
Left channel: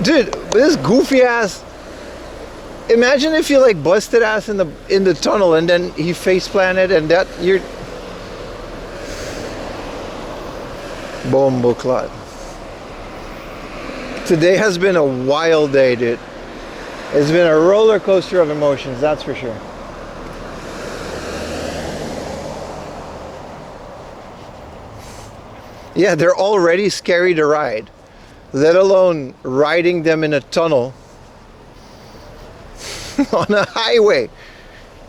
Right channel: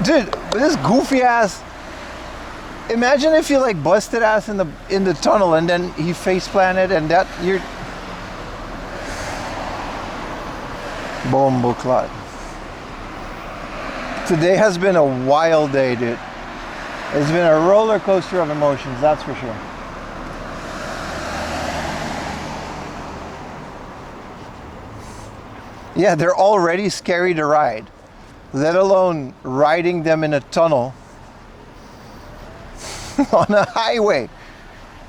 Dude, this goofy ass Imagine if you like busted ass in the tunnel and then he face planted and that you're Bombo clot. Today has been a wild day, dude. It's been a roller coaster of emotions, that's for sure. Yeah, they're already scary to ride, let alone riding them in a tunnel on a highway.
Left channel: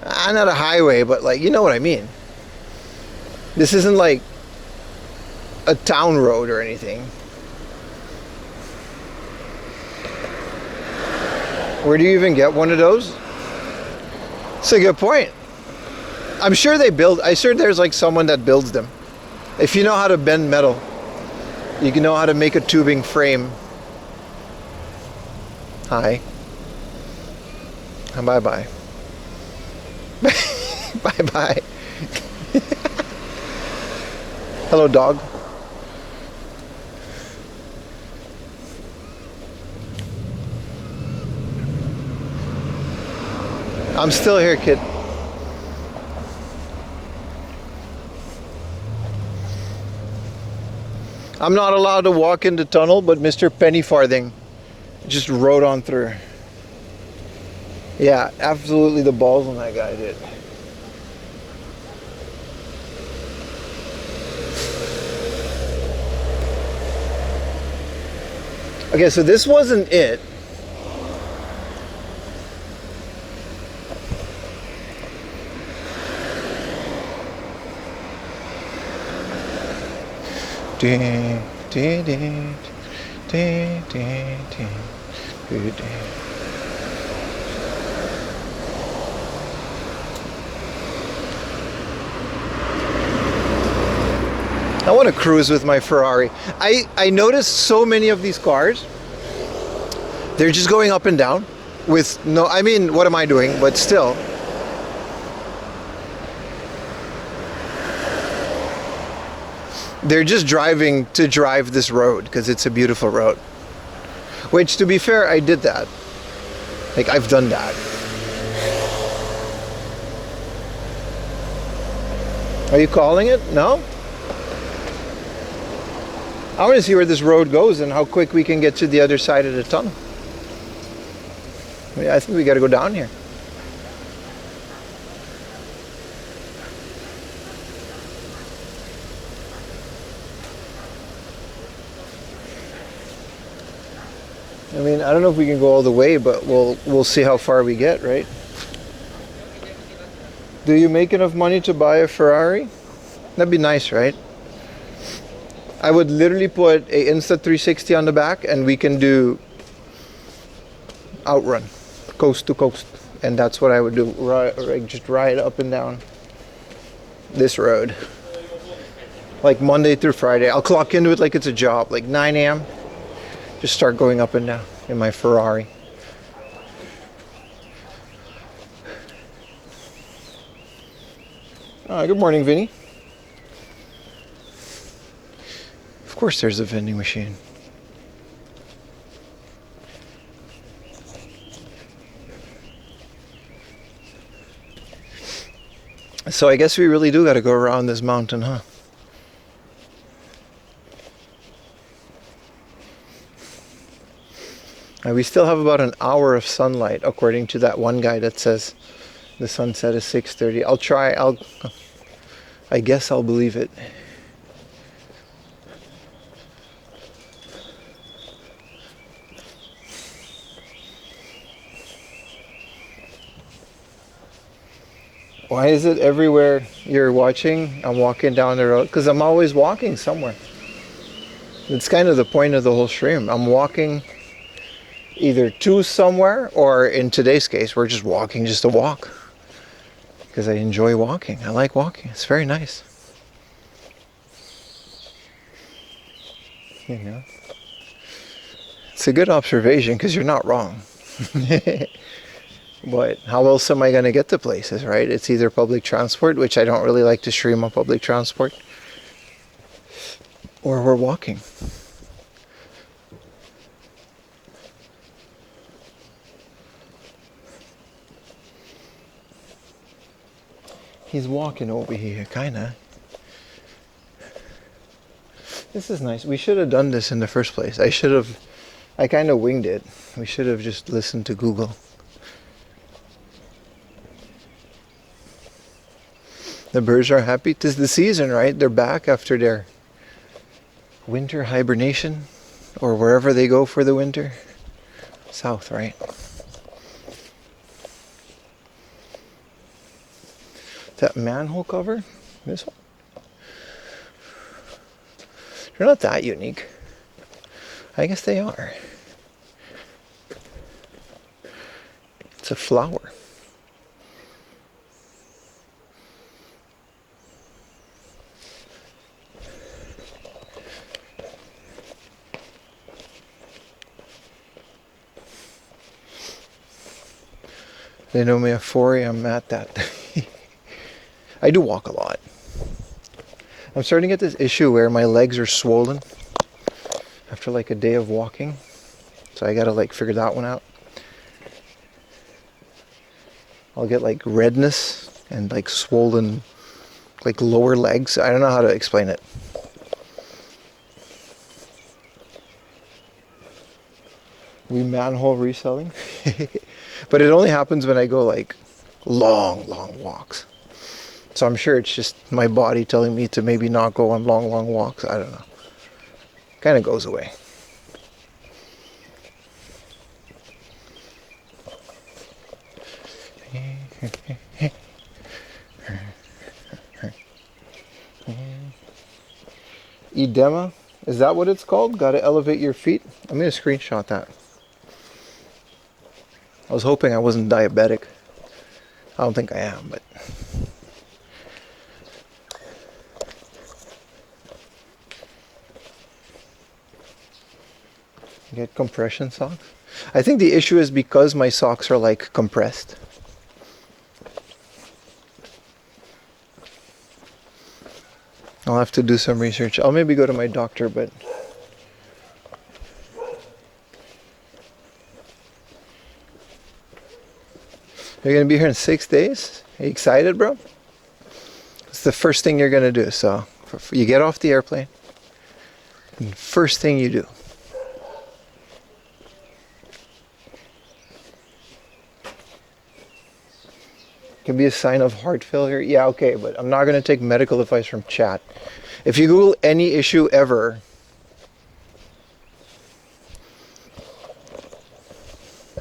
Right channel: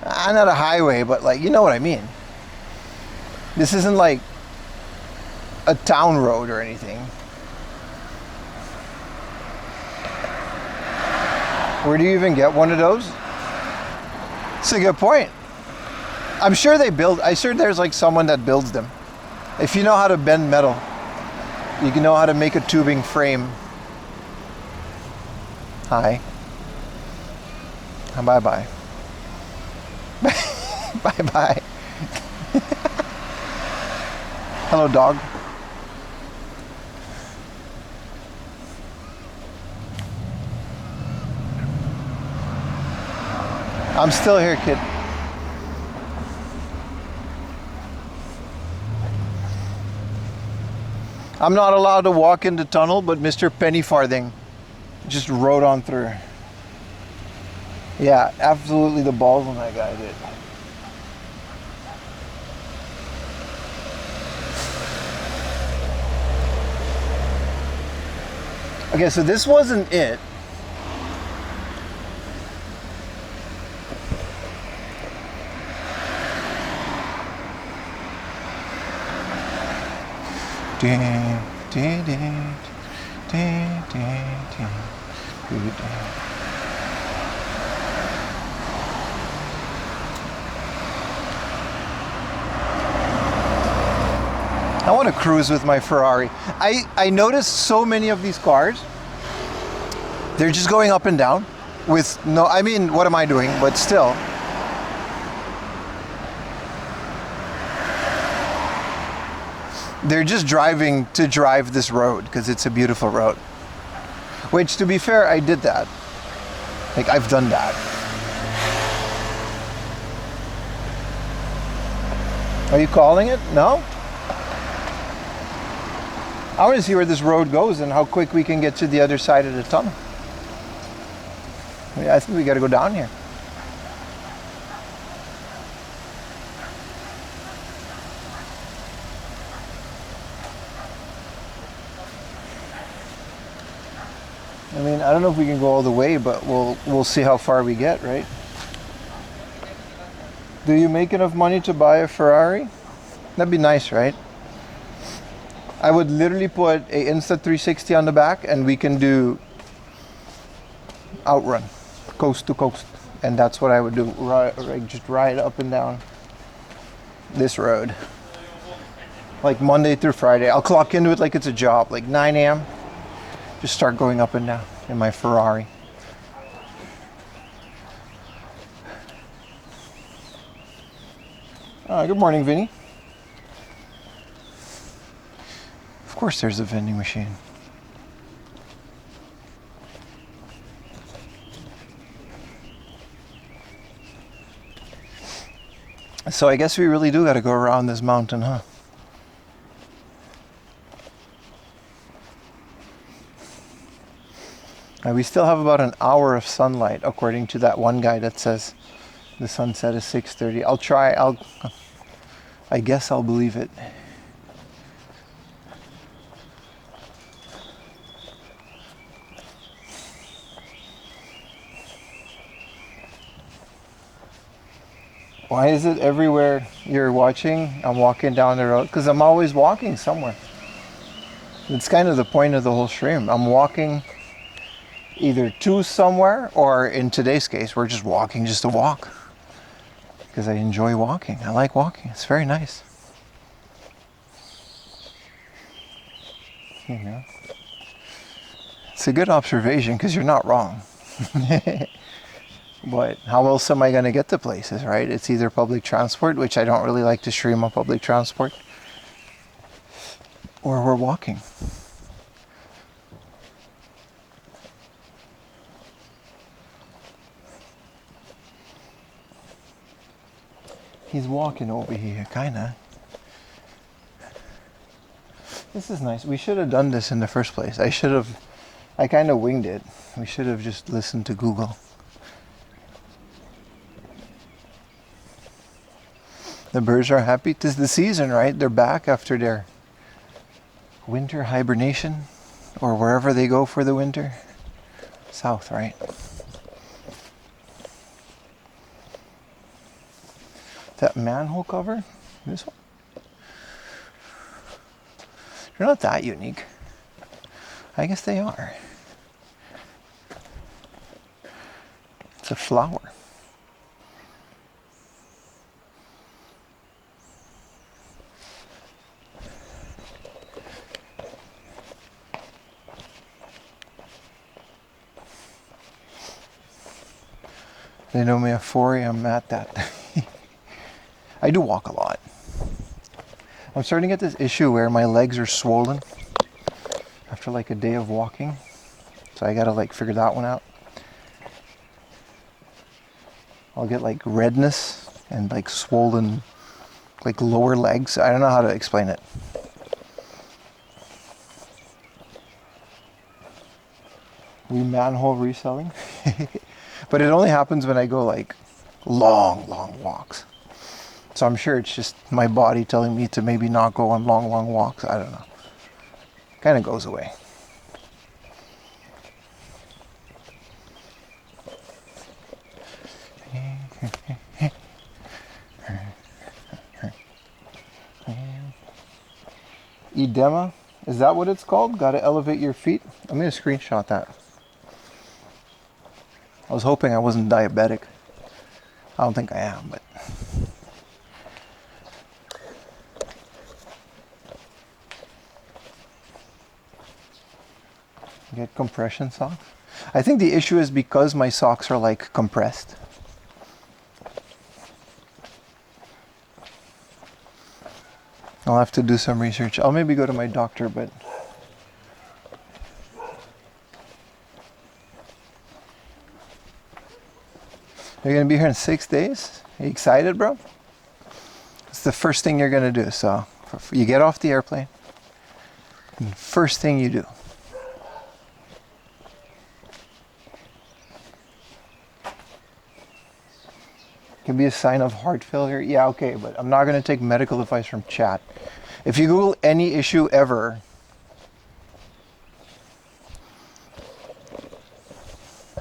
Not a highway, but like, you know what I mean. This isn't like a town road or anything. Where do you even get one of those? It's a good point. I'm sure there's like someone that builds them. If you know how to bend metal, you can know how to make a tubing frame. Hi. Bye bye. Bye bye. Hello, dog. I'm still here, kid. I'm not allowed to walk in the tunnel, but Mr. Penny Farthing just rode on through. Yeah, absolutely the balls on that guy did. Okay, so this wasn't it. I want to cruise with my Ferrari. I noticed so many of these cars, they're just going up and down with no, I mean, what am I doing? But still. They're just driving to drive this road because it's a beautiful road. Which, to be fair, I did that. Like, I've done that. Are you calling it? No? I want to see where this road goes and how quick we can get to the other side of the tunnel. Yeah, I think we got to go down here. I mean, I don't know if we can go all the way, but we'll see how far we get, right? Do you make enough money to buy a Ferrari? That'd be nice, right? I would literally put a Insta360 on the back and we can do outrun, coast to coast. And that's what I would do, just ride up and down this road. Like Monday through Friday. I'll clock into it like it's a job, like 9 a.m. Just start going up and down in my Ferrari. Good morning, Vinny. Of course there's a vending machine. So I guess we really do got to go around this mountain, huh? We still have about an hour of sunlight, according to that one guy that says the sunset is 6:30. I'll try. I guess I'll believe it. Why is it everywhere you're watching, I'm walking down the road? Because I'm always walking somewhere. It's kind of the point of the whole stream. I'm walking either to somewhere, or in today's case, we're just walking just to walk. Because I enjoy walking. I like walking. It's very nice. You know? It's a good observation because you're not wrong. But how else am I going to get to places, right? It's either public transport, which I don't really like to stream on public transport, or we're walking. He's walking over here, kinda. This is nice. We should have done this in the first place. I kind of winged it. We should have just listened to Google. The birds are happy. 'Tis the season, right? They're back after their winter hibernation, or wherever they go for the winter. South, right? That manhole cover? This one? They're not that unique. I guess they are. It's a flower. They know me at 4 a.m. at that. I do walk a lot. I'm starting to get this issue where my legs are swollen after like a day of walking. So I gotta like figure that one out. I'll get like redness and like swollen like lower legs. I don't know how to explain it. We manhole reselling. But it only happens when I go like long walks. So I'm sure it's just my body telling me to maybe not go on long walks. I don't know. Kind of goes away. Edema? Is that what it's called? Gotta elevate your feet? I'm gonna screenshot that. I was hoping I wasn't diabetic. I don't think I am, but... Get compression socks? I think the issue is because my socks are like compressed. I'll have to do some research. I'll maybe go to my doctor, but... You're gonna be here in 6 days? Are you excited, bro? It's the first thing you're gonna do. So you get off the airplane, and first thing you do. Can be a sign of heart failure. Yeah, okay, but I'm not gonna take medical advice from chat. If you Google any issue ever,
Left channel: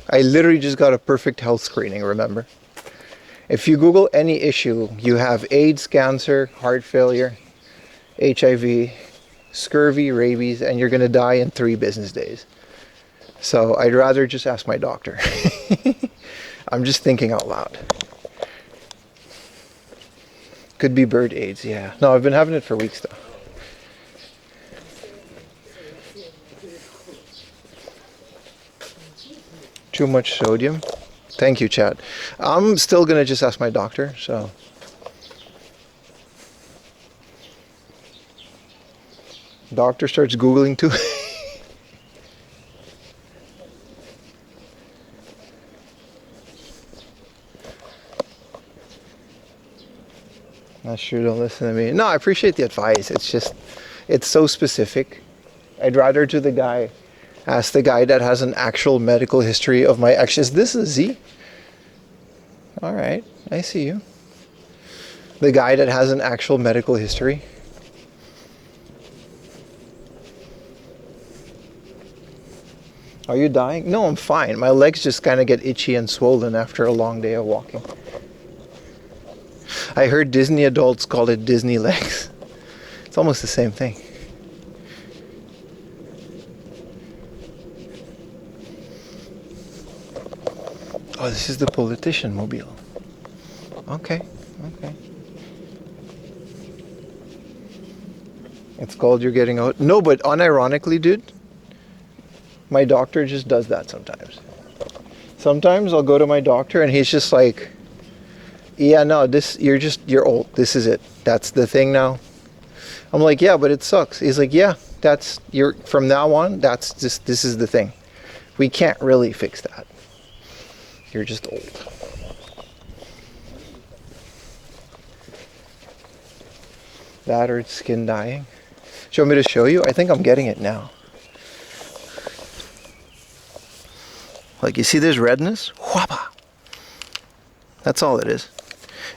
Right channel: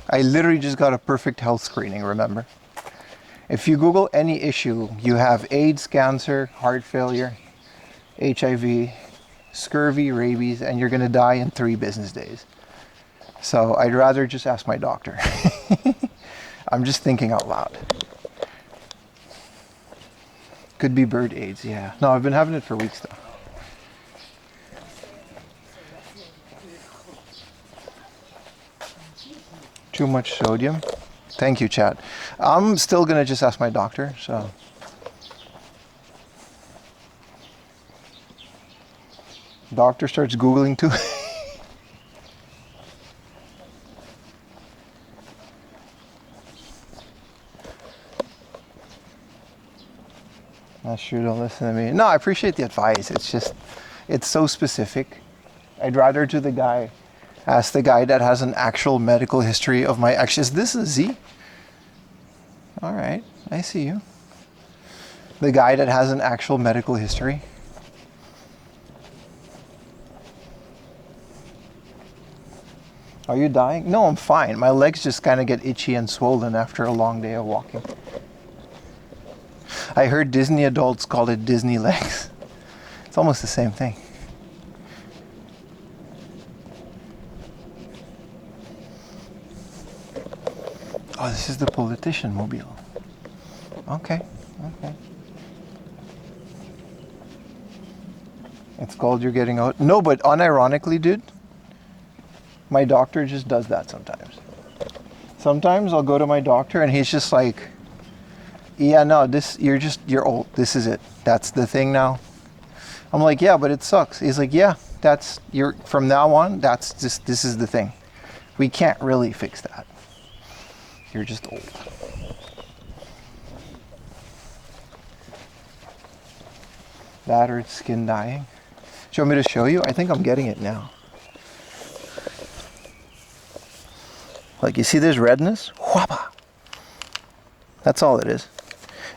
I literally just got a perfect health screening, remember? If you Google any issue, you have AIDS, cancer, heart failure, HIV, scurvy, rabies, and you're gonna die in 3 business days. So I'd rather just ask my doctor. I'm just thinking out loud. Could be bird AIDS, yeah. No, I've been having it for weeks though. Too much sodium. Thank you, chat. I'm still gonna just ask my doctor, so. Doctor starts Googling too. Not sure, don't listen to me. No, I appreciate the advice. It's just, it's so specific. I'd rather ask the guy that has an actual medical history of my actions. Is this a Z? All right, I see you. The guy that has an actual medical history. Are you dying? No, I'm fine. My legs just kind of get itchy and swollen after a long day of walking. I heard Disney adults call it Disney legs. It's almost the same thing. Oh, this is the politician mobile. Okay. It's called You're Getting Out. No, but unironically, dude, my doctor just does that sometimes. Sometimes I'll go to my doctor and he's just like, yeah, no, you're old. This is it. That's the thing now. I'm like, yeah, but it sucks. He's like, yeah, from now on, this is the thing. We can't really fix that. You're just old. That or it's skin dying. Do you want me to show you? I think I'm getting it now. Like, you see this redness? Whapa! That's all it is.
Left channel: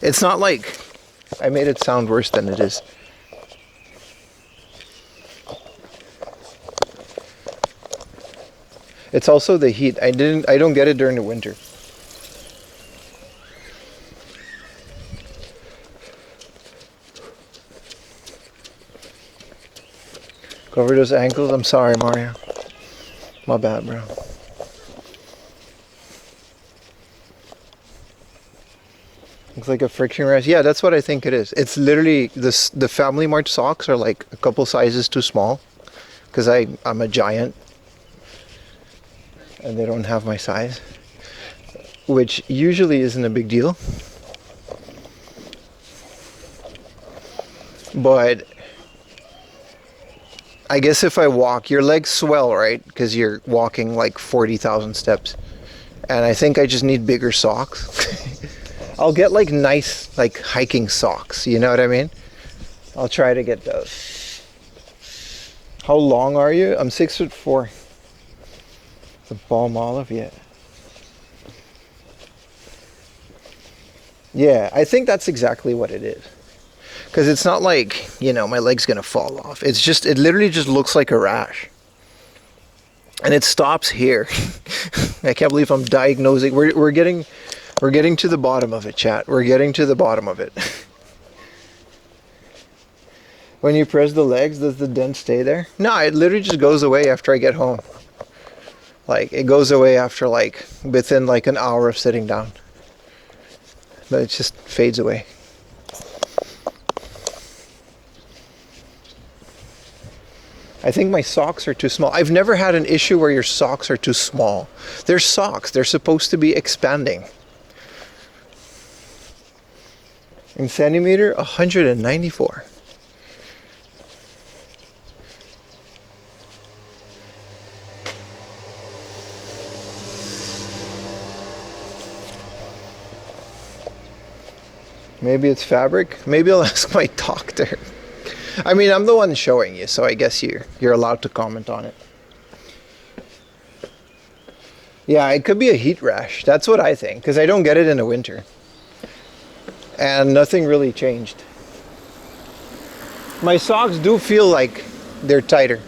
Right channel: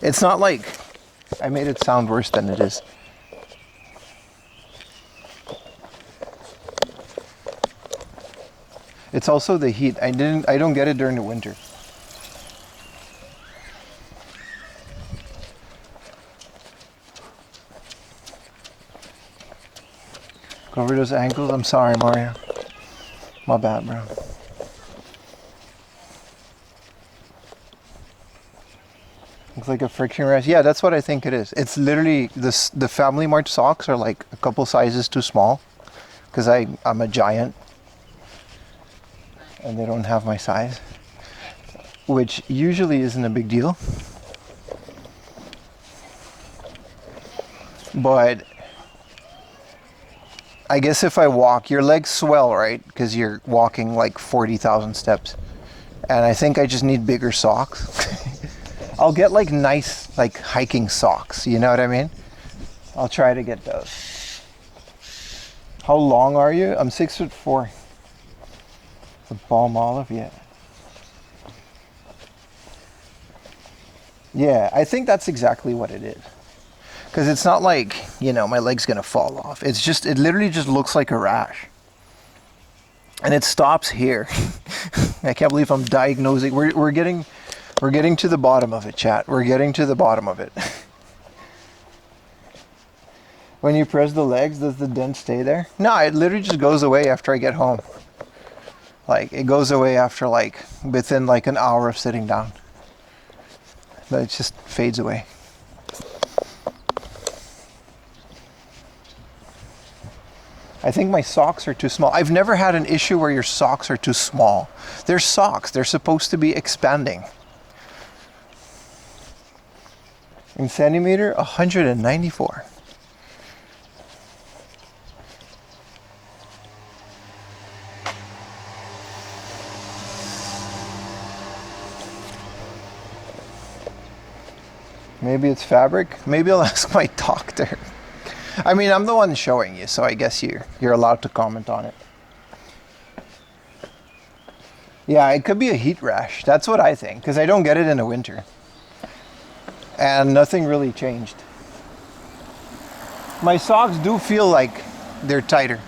It's not like I made it sound worse than it is. It's also the heat. I don't get it during the winter. Cover those ankles. I'm sorry, Mario. My bad, bro. Looks like a friction rash. Yeah, that's what I think it is. It's literally this. The Family Mart socks are like a couple sizes too small, because I'm a giant, and they don't have my size, which usually isn't a big deal. But I guess if I walk, your legs swell, right? Because you're walking like 40,000 steps, and I think I just need bigger socks. I'll get like nice like hiking socks, you know what I mean? I'll try to get those. How long are you? I'm 6'4". The Balm Olive, yeah. Yeah, I think that's exactly what it is. Because it's not like, you know, my leg's gonna fall off. It's just, it literally just looks like a rash. And it stops here. I can't believe I'm diagnosing. We're getting to the bottom of it, chat. We're getting to the bottom of it. When you press the legs, does the dent stay there? No, it literally just goes away after I get home. Like, it goes away after like, within like an hour of sitting down. But it just fades away. I think my socks are too small. I've never had an issue where your socks are too small. They're socks. They're supposed to be expanding. In centimeter, 194. Maybe it's fabric. Maybe I'll ask my doctor. I mean, I'm the one showing you, so I guess you're allowed to comment on it. Yeah, it could be a heat rash. That's what I think, because I don't get it in the winter. And nothing really changed. My socks do feel like they're tighter.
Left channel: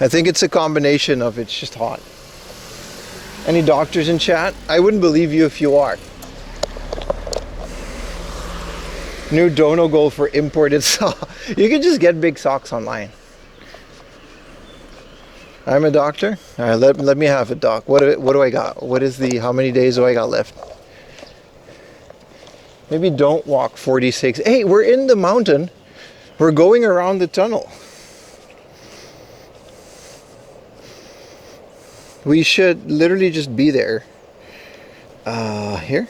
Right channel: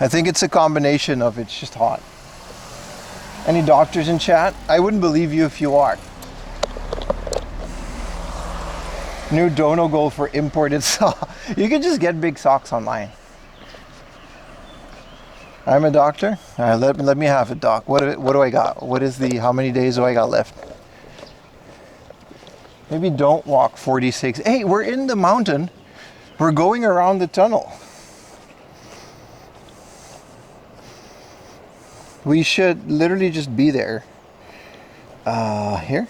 I think it's a combination of it's just hot. Any doctors in chat? I wouldn't believe you if you are. New dono goal for imported socks. You can just get big socks online. I'm a doctor. All right, let me have it, doc. What do I got? What is the, how many days do I got left? Maybe don't walk 46. Hey, we're in the mountain. We're going around the tunnel. We should literally just be there. Here.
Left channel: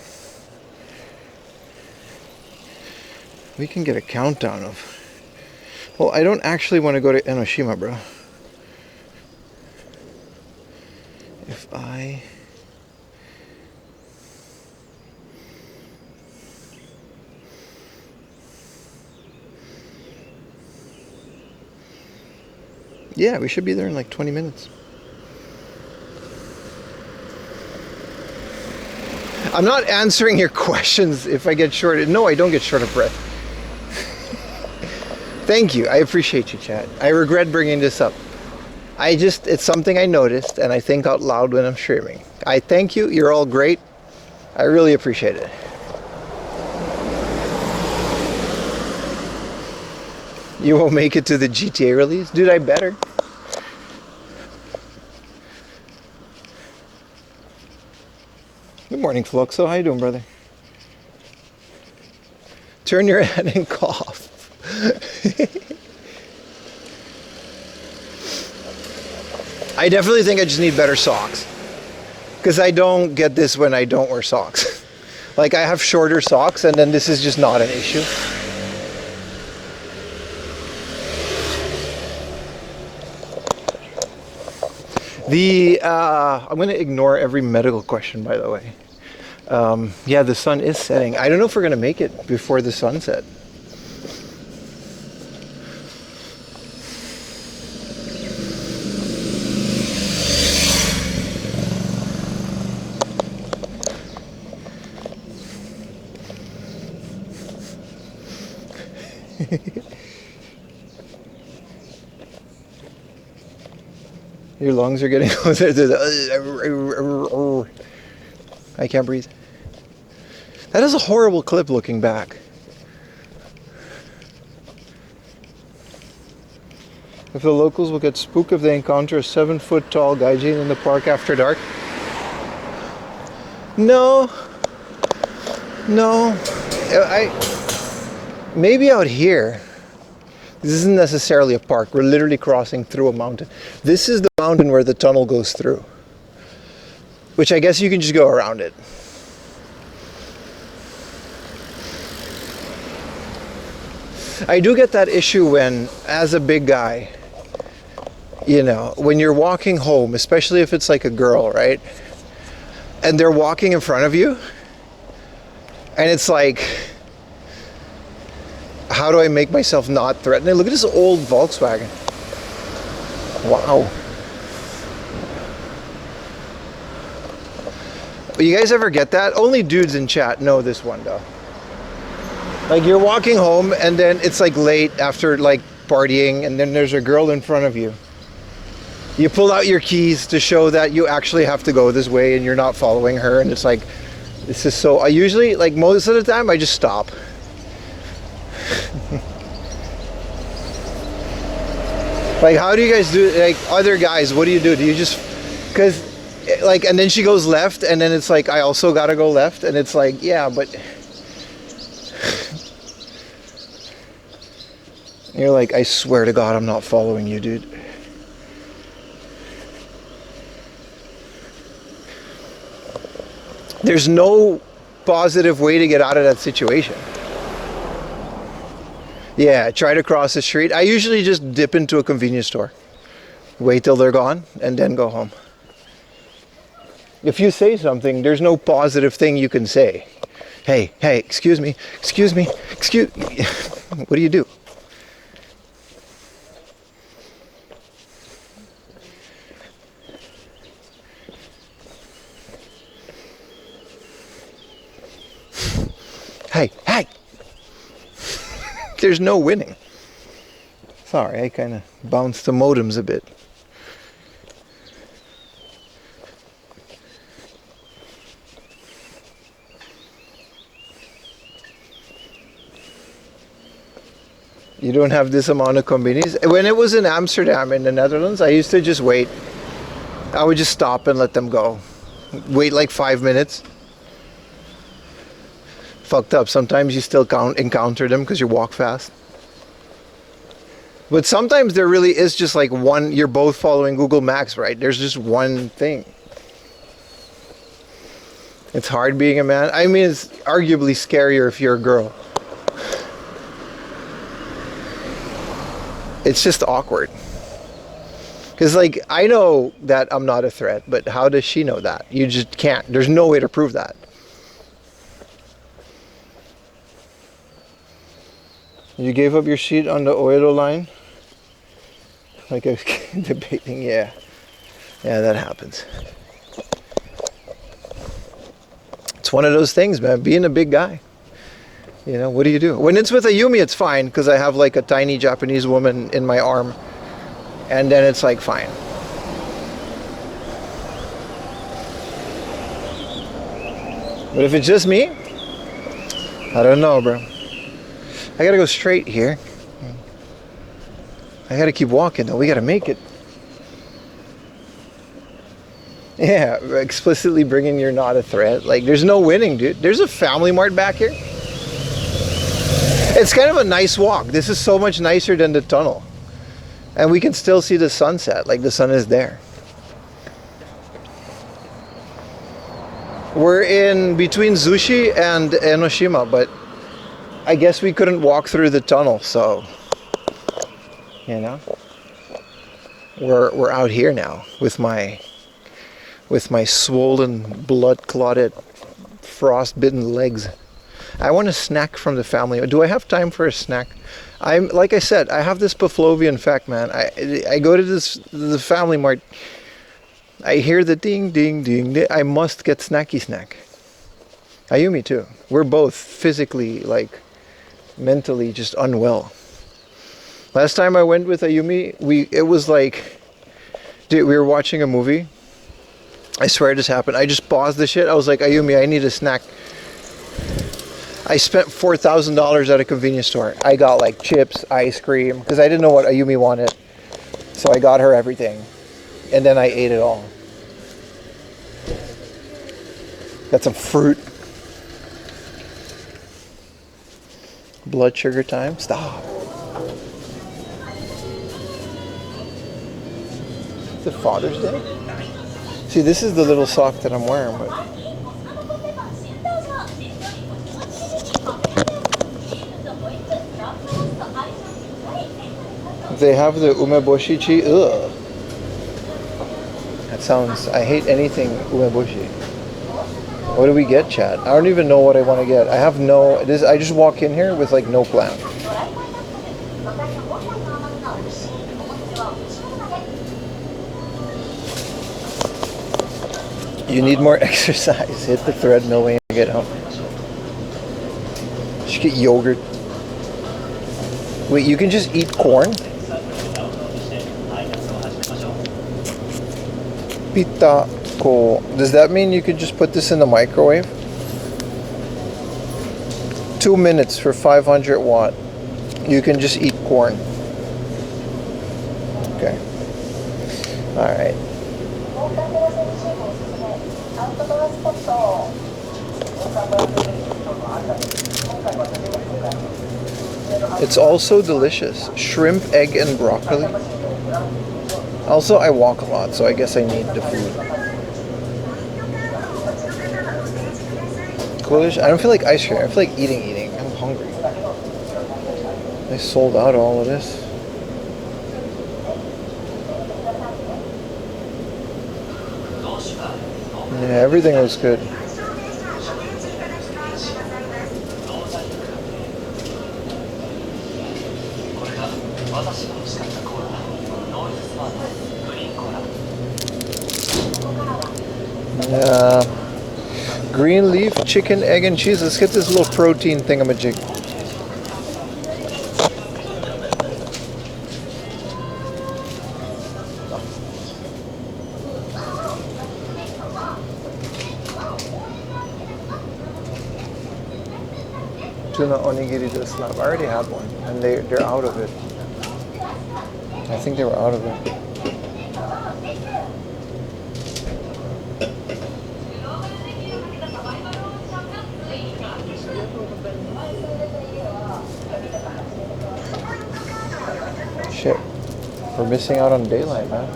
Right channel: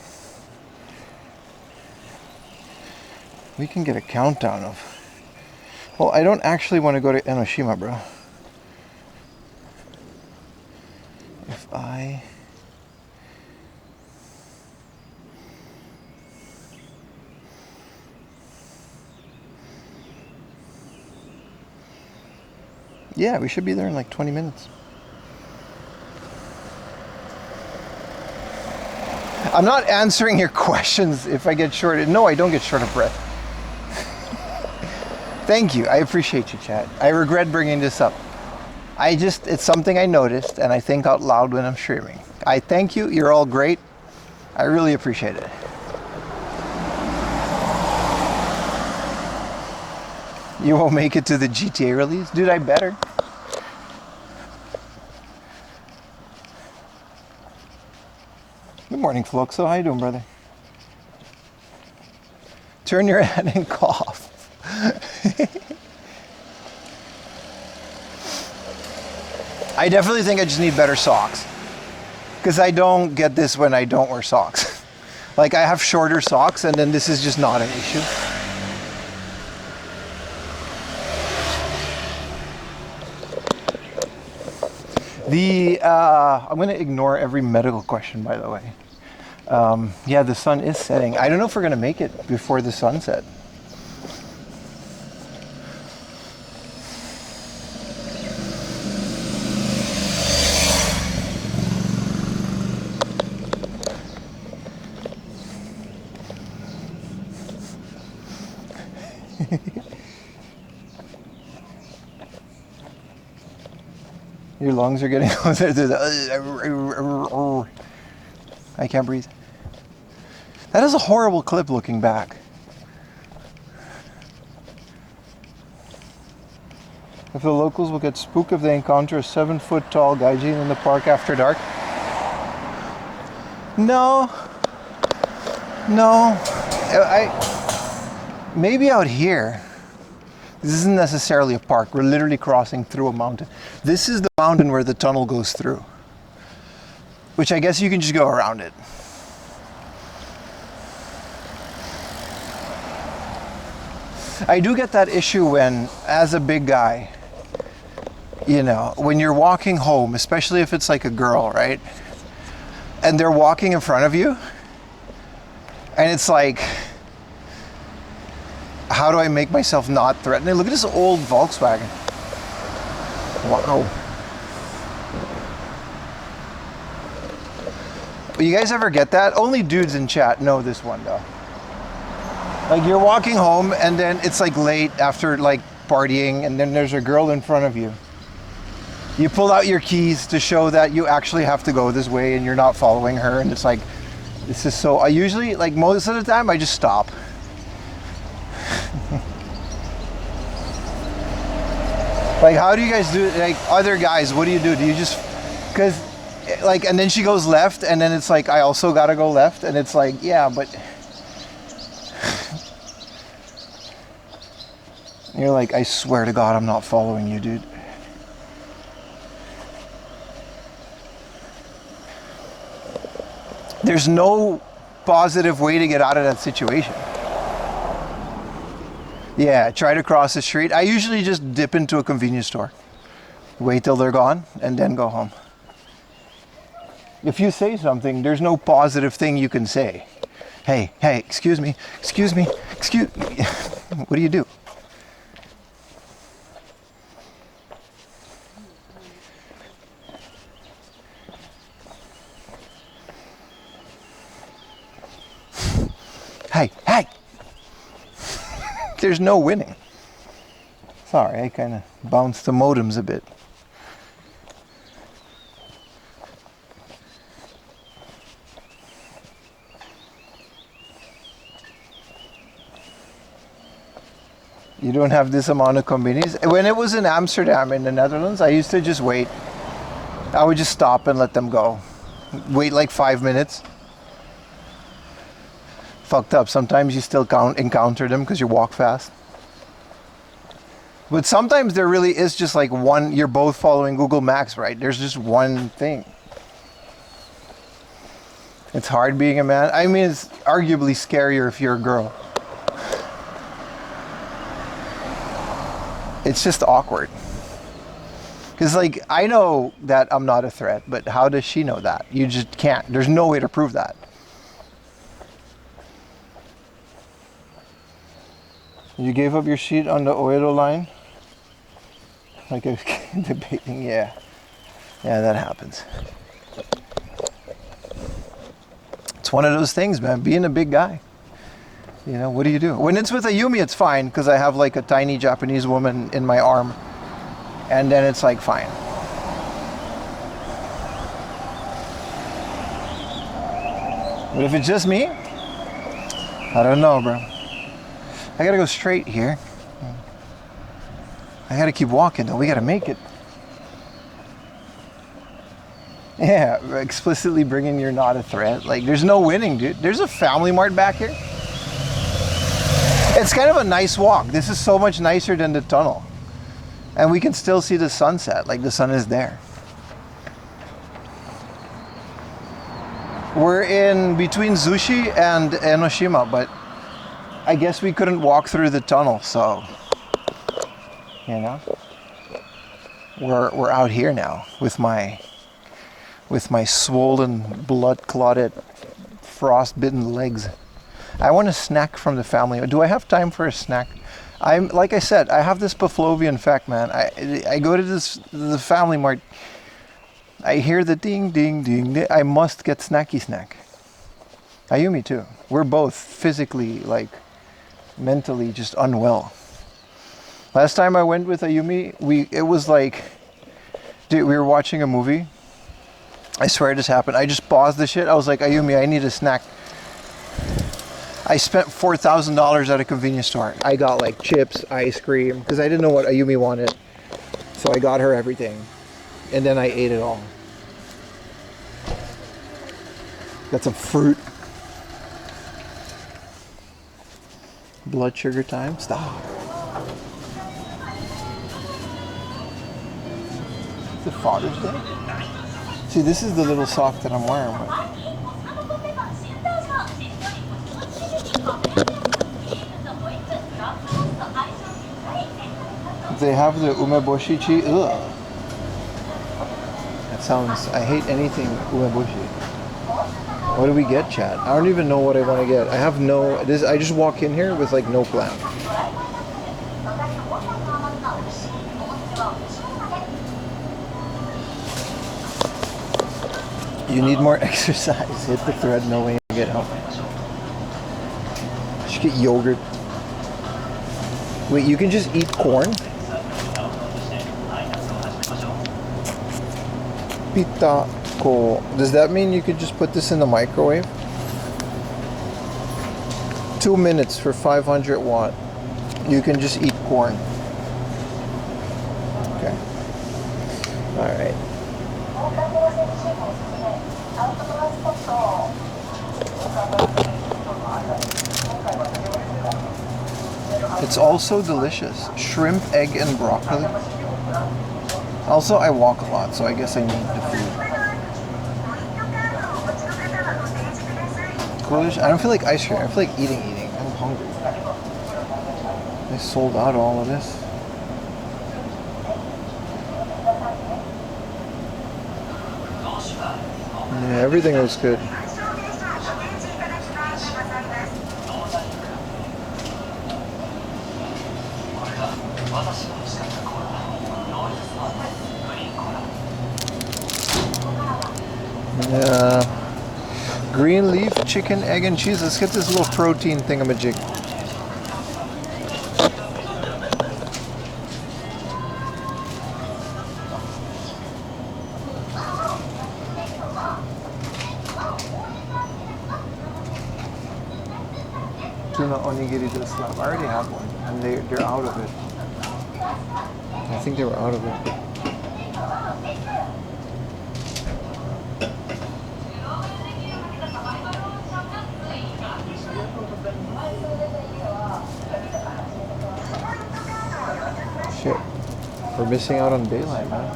We can get a countdown of... Well, I don't actually want to go to Enoshima, bro. If I... Yeah, we should be there in like 20 minutes. I'm not answering your questions if I get short. No, I don't get short of breath. Thank you. I appreciate you, chat. I regret bringing this up. It's something I noticed and I think out loud when I'm streaming. I thank you. You're all great. I really appreciate it. You won't make it to the GTA release? Dude, I better. Good morning, Fluxo. How you doing, brother? Turn your head and cough. I definitely think I just need better socks. Because I don't get this when I don't wear socks. Like, I have shorter socks and then this is just not an issue. I'm going to ignore every medical question, by the way. Yeah, the sun is setting. I don't know if we're gonna make it before the sunset. Your lungs are getting I can't breathe. That is a horrible clip looking back. If the locals will get spooked if they encounter a 7-foot tall gaijin in the park after dark. No. Maybe out here. This isn't necessarily a park. We're literally crossing through a mountain. This is the mountain where the tunnel goes through. Which I guess you can just go around it. I do get that issue when, as a big guy, you know, when you're walking home, especially if it's like a girl, right? And they're walking in front of you. And it's like, how do I make myself not threatening? Look at this old Volkswagen. Wow. You guys ever get that? Only dudes in chat know this one though. Like you're walking home and then it's like late after like partying and then there's a girl in front of you. You pull out your keys to show that you actually have to go this way and you're not following her, and it's like, this is so, I usually, like most of the time, I just stop. Like, how do you guys do, like other guys, what do? Do you just, because like, and then she goes left and then it's like, I also gotta go left, and it's like, yeah, but you're like, I swear to God, I'm not following you, dude. There's no positive way to get out of that situation. Yeah, try to cross the street. I usually just dip into a convenience store. Wait till they're gone and then go home. If you say something, there's no positive thing you can say. Hey, excuse me. What do you do? Hey! There's no winning. Sorry, I kind of bounced the modems a bit. You don't have this amount of convenience. When it was in Amsterdam in the Netherlands, I used to just wait. I would just stop and let them go. Wait like 5 minutes. Fucked up. Sometimes you still encounter them because you walk fast. But sometimes there really is just like one, you're both following Google Maps, right? There's just one thing. It's hard being a man. I mean, it's arguably scarier if you're a girl. It's just awkward. Because like, I know that I'm not a threat, but how does she know that? You just can't. There's no way to prove that. You gave up your seat on the Oedo line? Like I was debating, yeah. Yeah, that happens. It's one of those things, man, being a big guy. You know, what do you do? When it's with a Yumi, it's fine, because I have like a tiny Japanese woman in my arm. And then it's like, fine. But if it's just me, I don't know, bro. I gotta go straight here. I gotta keep walking though. We gotta make it. Yeah, explicitly bringing you're not a threat. Like, there's no winning, dude. There's a Family Mart back here. It's kind of a nice walk. This is so much nicer than the tunnel. And we can still see the sunset. Like, the sun is there. We're in between Zushi and Enoshima, but I guess we couldn't walk through the tunnel, so you know, we're out here now with my swollen, blood clotted frostbitten legs. I want a snack from the family. Do I have time for a snack? I'm like I said, I have this Pavlovian fact, man. I go to the family mart. I hear the ding ding ding. I must get snacky snack. Ayumi too. We're both physically, like, mentally just unwell. Last time I went with Ayumi, it was like, dude, we were watching a movie. I swear this happened. I just paused the shit. I was like, Ayumi, I need a snack. I spent $4,000 at a convenience store. I got like chips, ice cream, because I didn't know what Ayumi wanted. So I got her everything. And then I ate it all. Got some fruit. Blood sugar time. Stop. Is it Father's Day? See, this is the little sock that I'm wearing, but they have the umeboshi. Ugh. That sounds, I hate anything umeboshi. What do we get, chat? I don't even know what I want to get. I have no, I just walk in here with like no plan. You need more exercise. Hit the thread, no way to get home. You should get yogurt. Wait, you can just eat corn? Pita ko. Does that mean you could just put this in the microwave? 2 minutes for 500 watt. You can just eat corn. Okay. Alright. It's also delicious. Shrimp, egg, and broccoli. Also, I walk a lot, so I guess I need the food. Coolish? I don't feel like ice cream. I feel like eating. I'm hungry. They sold out all of this. Yeah, everything was good. Yeah. Green leaf, chicken, egg, and cheese. Let's get this little protein thingamajig. Tuna onigiri does slap. I already have one, and they're out of it. I think they were out of it. Shit, we're missing out on daylight, man.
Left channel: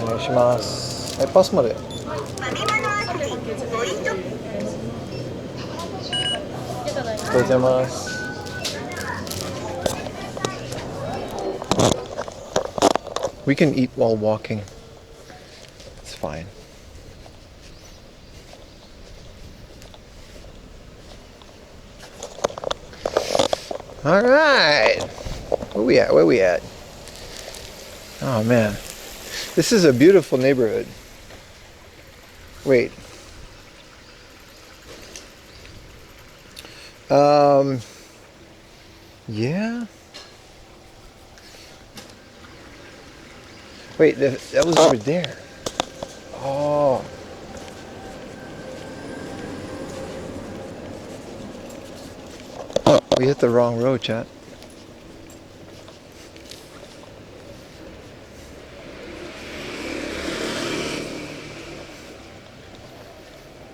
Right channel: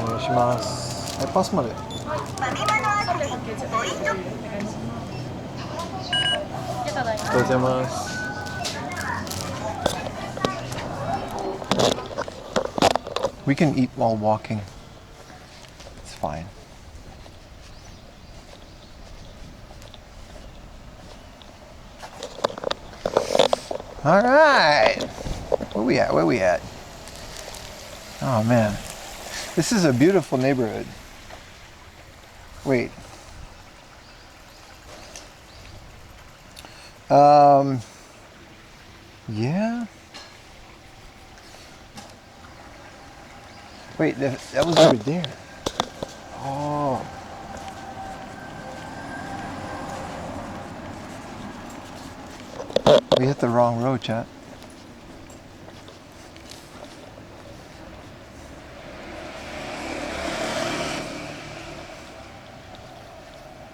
Onegaishimasu. Passまで. We can eat while walking. It's fine. All right. Where we at? Oh man. This is a beautiful neighborhood. Wait. Yeah. Wait, that was over there. Oh. We hit the wrong road, chat.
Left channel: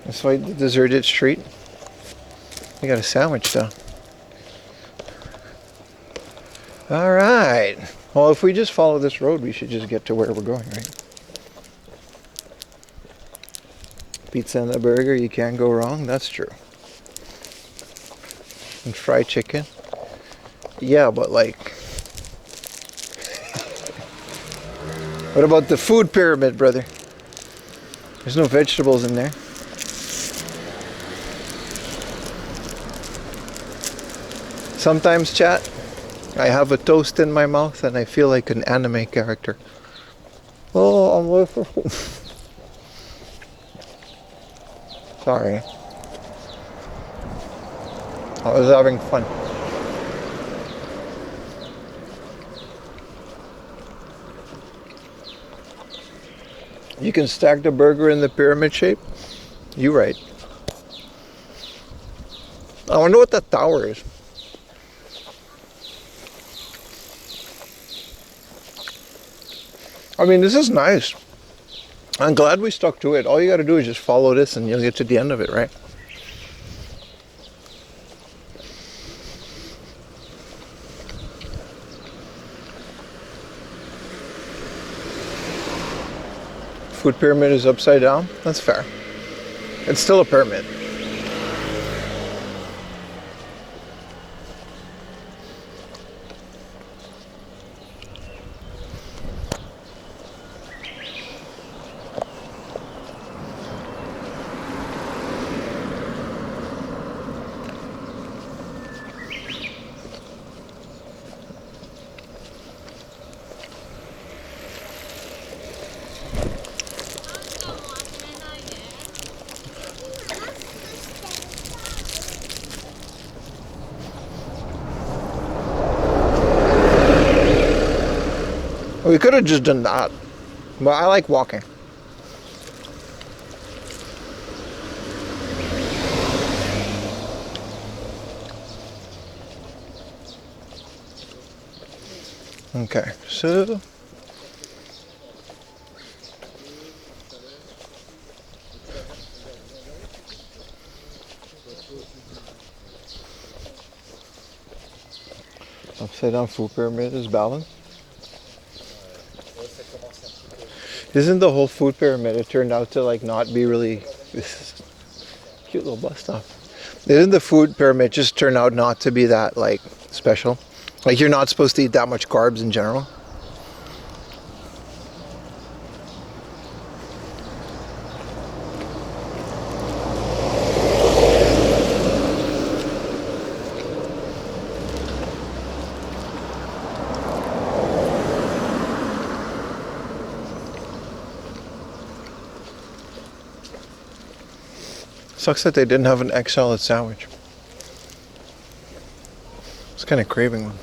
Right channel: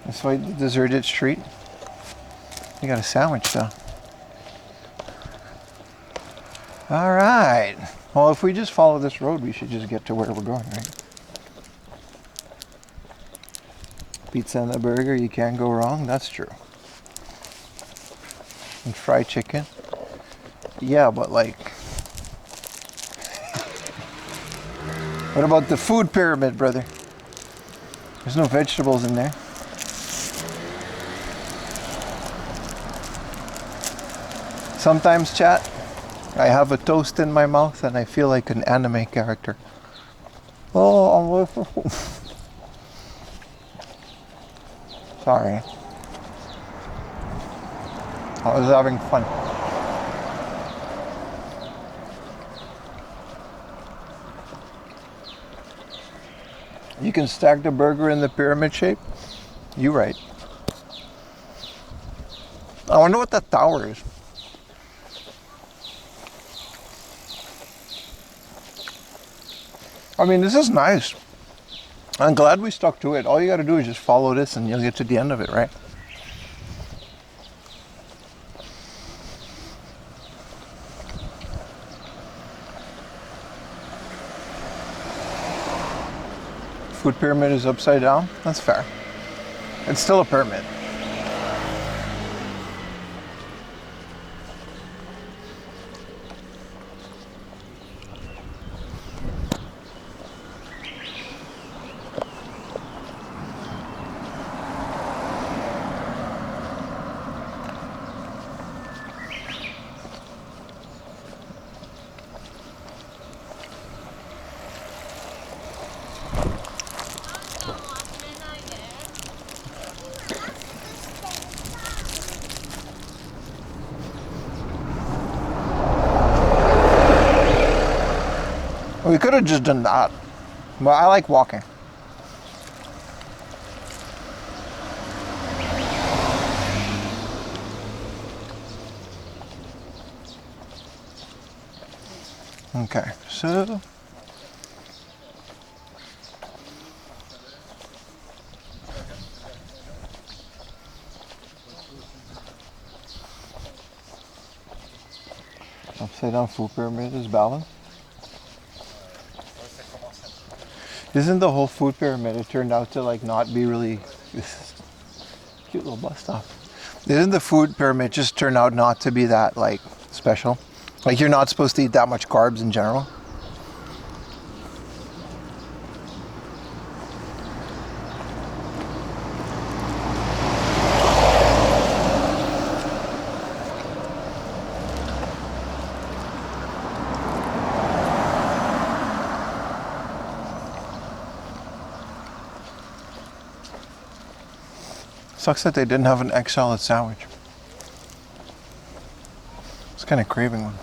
That's why the deserted street. We got a sandwich though. All right. Well, if we just follow this road, we should just get to where we're going, right? Pizza and a burger, you can't go wrong. That's true. And fried chicken. Yeah, but like, what about the food pyramid, brother? There's no vegetables in there. Sometimes, chat, I have a toast in my mouth and I feel like an anime character. Oh, I'm waiting for food. Sorry. I was having fun. You can stack the burger in the pyramid shape? You right. I wonder what that tower is. I mean, this is nice. I'm glad we stuck to it. All you gotta do is just follow this and you'll get to the end of it, right? Food pyramid is upside down. That's fair. It's still a pyramid. We could have just done that, but I like walking. Okay, so upside down food pyramid is balanced. Isn't the whole food pyramid, it turned out to like not be really, this is a cute little bus stop. Isn't the food pyramid just turn out not to be that like special? Like you're not supposed to eat that much carbs in general? Sucks that they didn't have an egg salad sandwich. I was kind of craving one.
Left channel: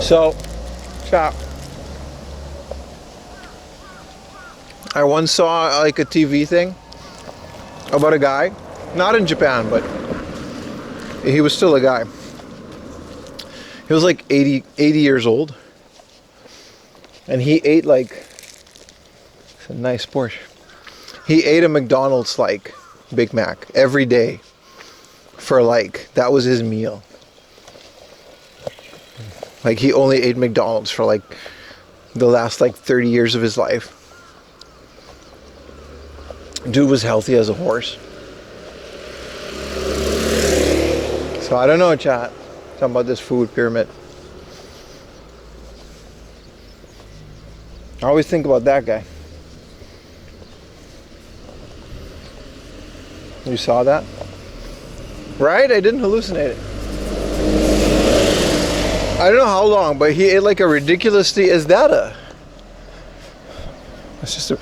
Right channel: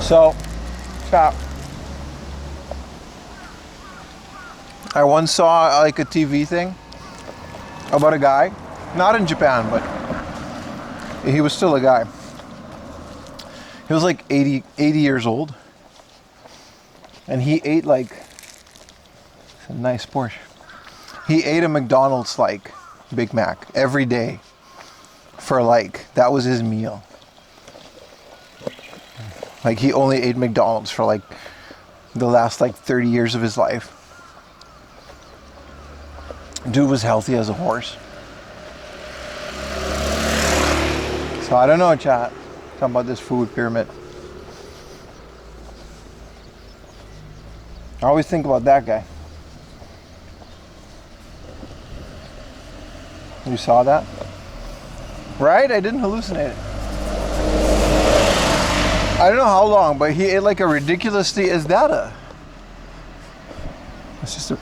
So, chat. I once saw like a TV thing about a guy, not in Japan, but he was still a guy. He was like 80 years old. And he ate like, it's a nice Porsche. He ate a McDonald's like Big Mac every day for like, that was his meal. Like he only ate McDonald's for like the last like 30 years of his life. Dude was healthy as a horse. So I don't know, chat. Talking about this food pyramid. I always think about that guy. You saw that? Right? I didn't hallucinate it. I don't know how long, but he ate like a ridiculously... Is that a... It's just a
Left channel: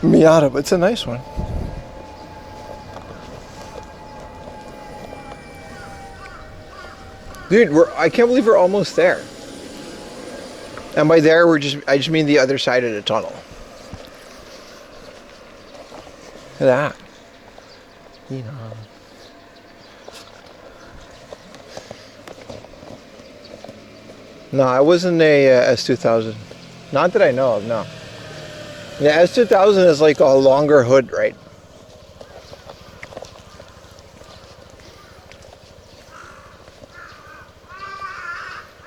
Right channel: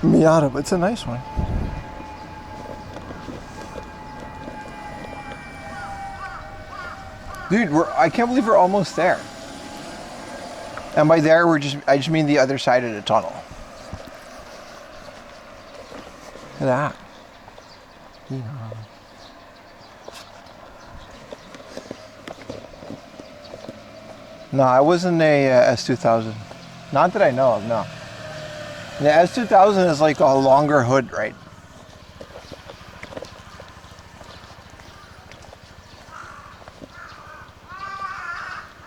Miata, but it's a nice one. Dude, I can't believe we're almost there. And by there, I just mean the other side of the tunnel. Look at that. You know. No, I wasn't a S2000. Not that I know of, no. The S2000 is like a longer hood, right?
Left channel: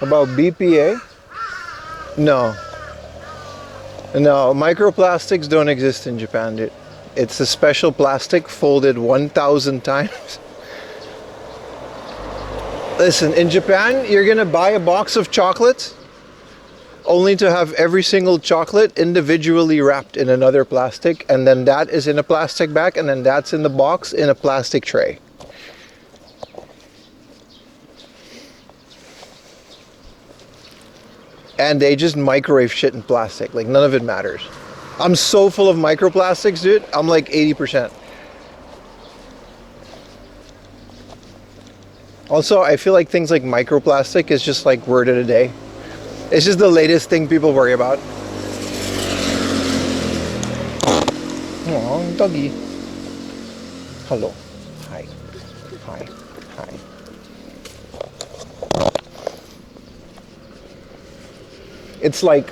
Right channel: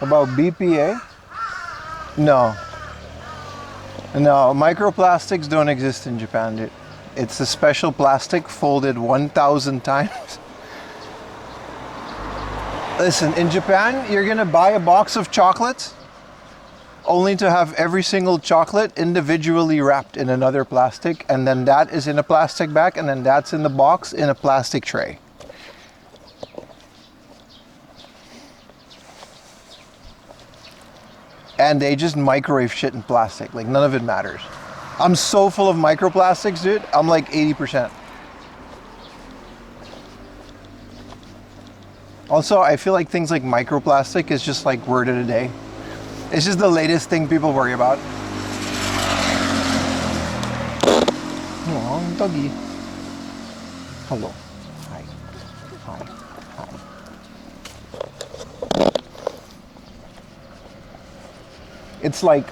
About BPA? No. No, microplastics don't exist in Japan, dude. It's a special plastic folded 1,000 times. Listen, in Japan, you're gonna buy a box of chocolates only to have every single chocolate individually wrapped in another plastic, and then that is in a plastic bag, and then that's in the box in a plastic tray. And they just microwave shit in plastic. Like, none of it matters. I'm so full of microplastics, dude. I'm like 80%. Also, I feel like things like microplastic is just like word of the day. It's just the latest thing people worry about. Oh, doggy. Hello. Hi. Hi. Hi. It's like